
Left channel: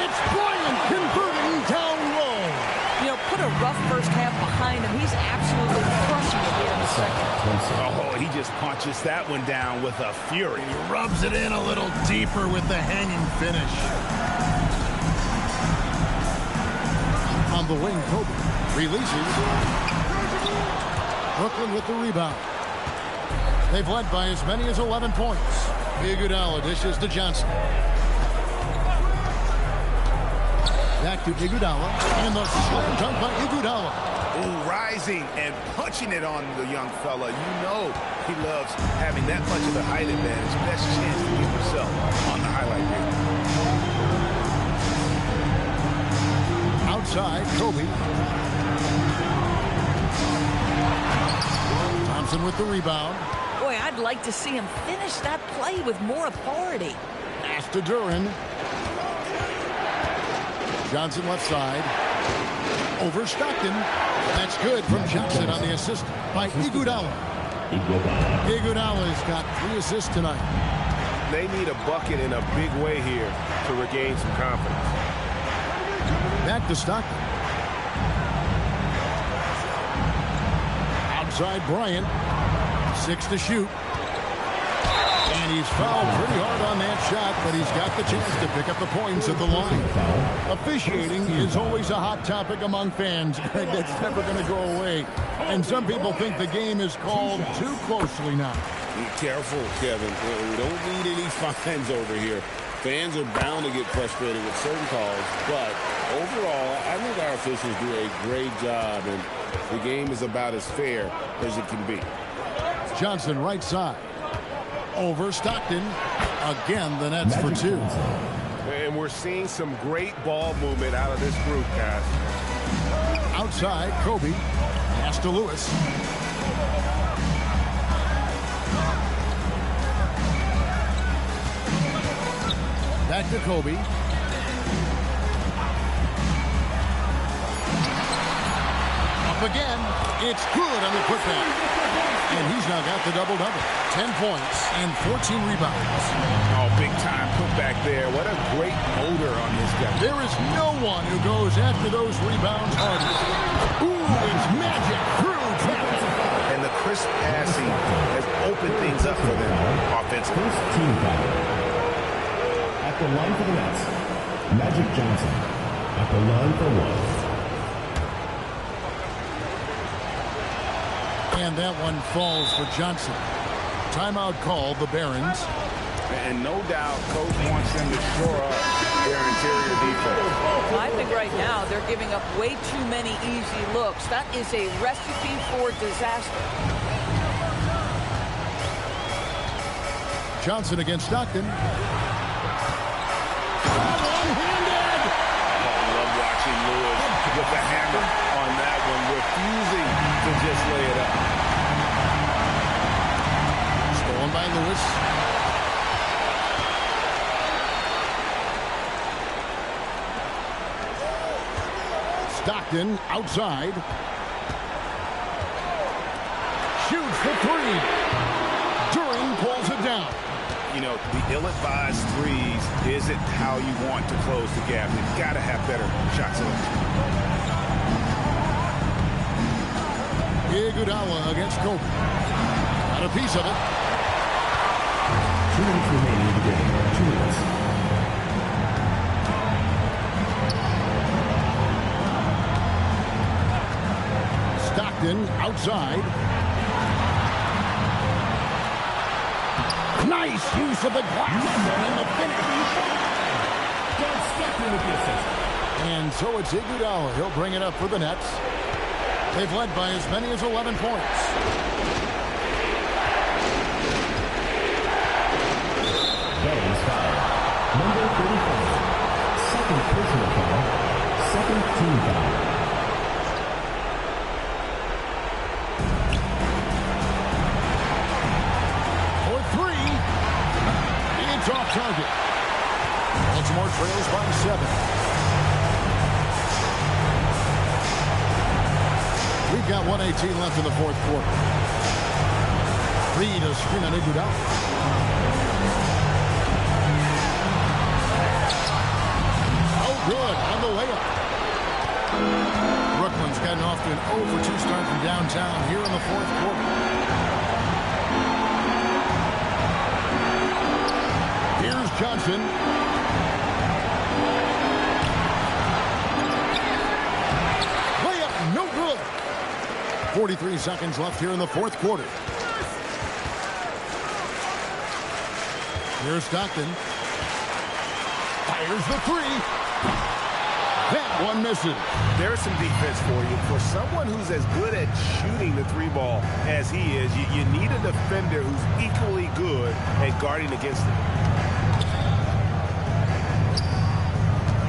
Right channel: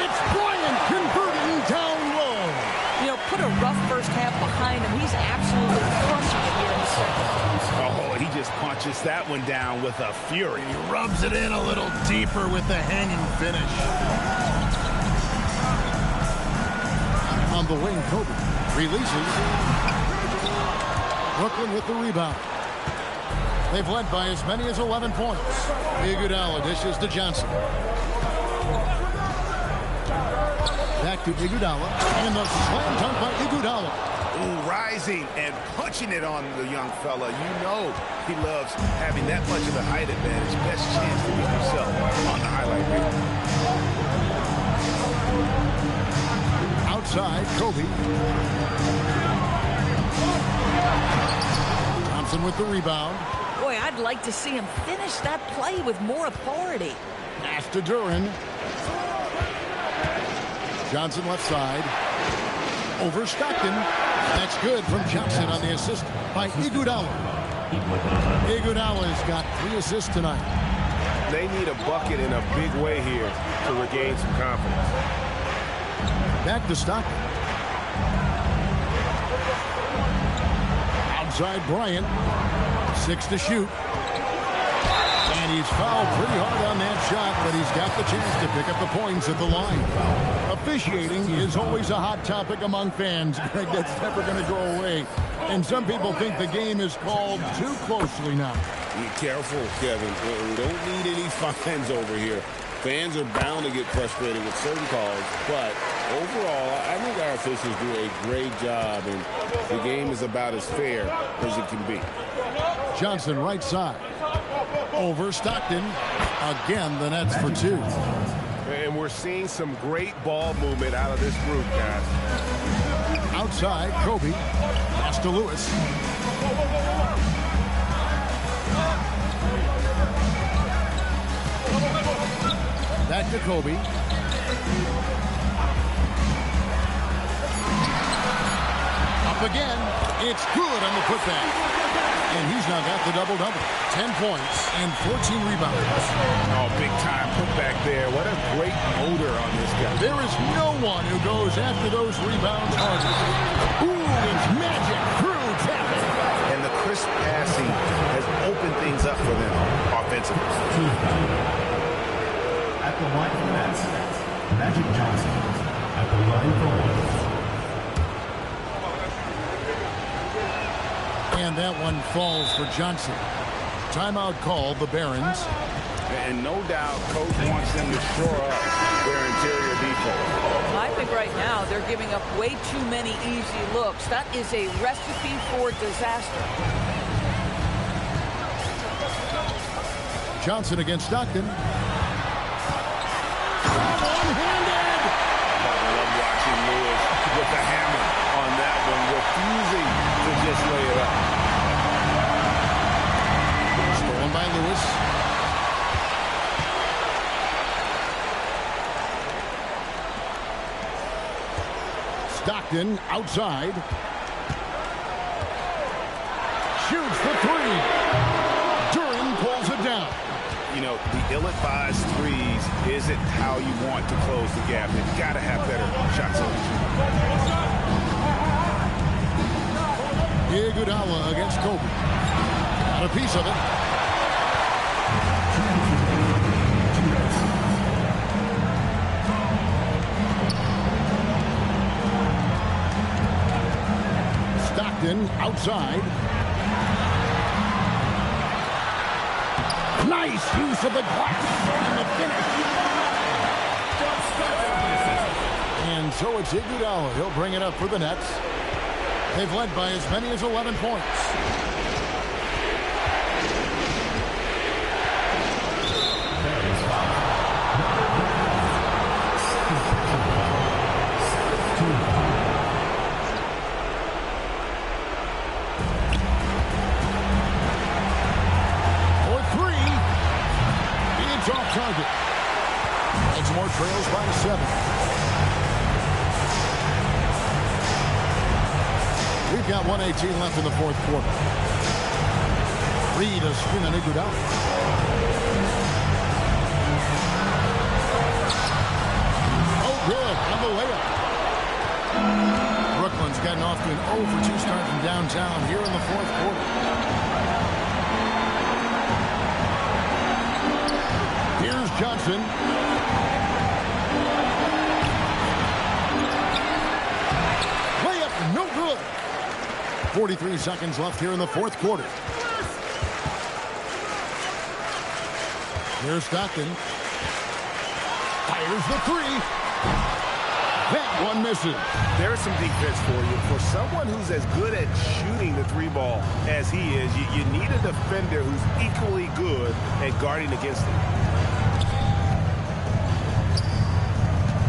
It's Bryant converting down low. You know, put a rough first half behind him. He's absolutely crushing it here in the second. Oh, he just punches that one down with a fury. He rubs it in a little deeper with the hanging finish. On the wing, Kobe releases. Brooklyn with the rebound. They've led by as many as 11 points. Iguodala dishes to Johnson. Back to Iguodala, and the slam dunk by Iguodala. Ooh, rising and punching it on the young fella. You know he loves having that much of the height advantage. Best chance to get yourself on the highlight reel. Outside, Kobe. Thompson with the rebound. Boy, I'd like to see him finish that play with more authority. Pass to Duran. Johnson left side. Over Stockton. That's good from Johnson on the assist by Iguodala. Iguodala's got 3 assists tonight. They need a bucket in a big way here to regain some confidence. Back to Stockton. Outside Bryant. 6 to shoot. And he's fouled pretty hard on that shot, but he's got the chance to pick up the points at the line. Officiating is always a hot topic among fans. Greg, that's never going to go away. And some people think the game is called too closely now. Be careful, Kevin. We don't need any fines over here. Fans are bound to get frustrated with certain calls, but overall, I think our officials do a great job, and the game is about as fair as it can be. Johnson right side. Over Stockton. Again, the Nets for 2. And we're seeing some great ball movement out of this group, guys. Outside, Kobe. Pass to Lewis. Back to Kobe. Up again. It's good on the putback. And he's now got the double-double. 10 points and 14 rebounds. Oh, big-time putback there. What a great motor on this guy. There is no one who goes after those rebounds harder. Ooh, it's magic through traffic. And the crisp passing has opened things up for them offensively. At the line for the Nets, Magic Johnson. At the line for one. And that one falls for Johnson. Timeout called, the Barons. And no doubt, Coach wants them to shore up their interior defense. I think right now they're giving up way too many easy looks. That is a recipe for disaster. Johnson against Stockton. One-handed! I love watching Lewis with the hammer on that one, refusing to just lay it up. Stolen by Lewis. Stockton outside. Shoots the three. Duran pulls it down. You know, the ill-advised threes isn't how you want to close the gap. They've got to have better shot selection. Iguodala against Kobe. Got a piece of it. Stockton outside. Nice use of the glass and the finish. And so it's Iguodala. He'll bring it up for the Nets. They've led by as many as 11 points. That is foul. Number 35. Second personal foul. Second team foul. For three. It's off target. Baltimore trails by 7. We've got 1:18 left in the fourth quarter. Reed a screen on Iguodala. Oh, good on the layup. Brooklyn's gotten off to an 0 for 2 start from downtown here in the fourth quarter. Here's Johnson. Layup, no good. 43 seconds left here in the fourth quarter. Here's Stockton. Fires the three. That one misses. There's some defense for you. For someone who's as good at shooting the three ball as he is, you need a defender who's equally good at guarding against it.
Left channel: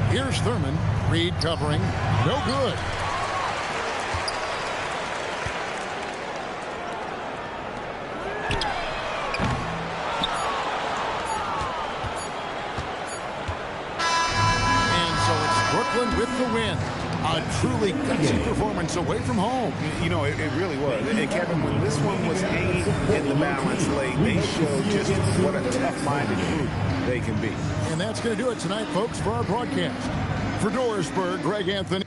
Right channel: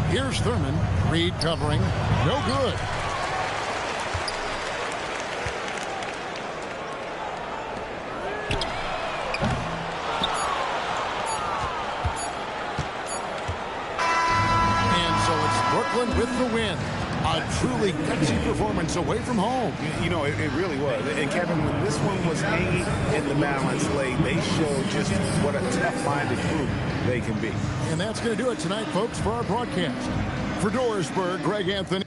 Here's Thurman. Reed covering. No good. Brooklyn with the win. A truly gutsy performance away from home. You know, it really was. And Kevin, when this one was hanging in the balance late, they showed just what a tough-minded group they can be. And that's going to do it tonight, folks, for our broadcast. For Dorisburg, Greg Anthony.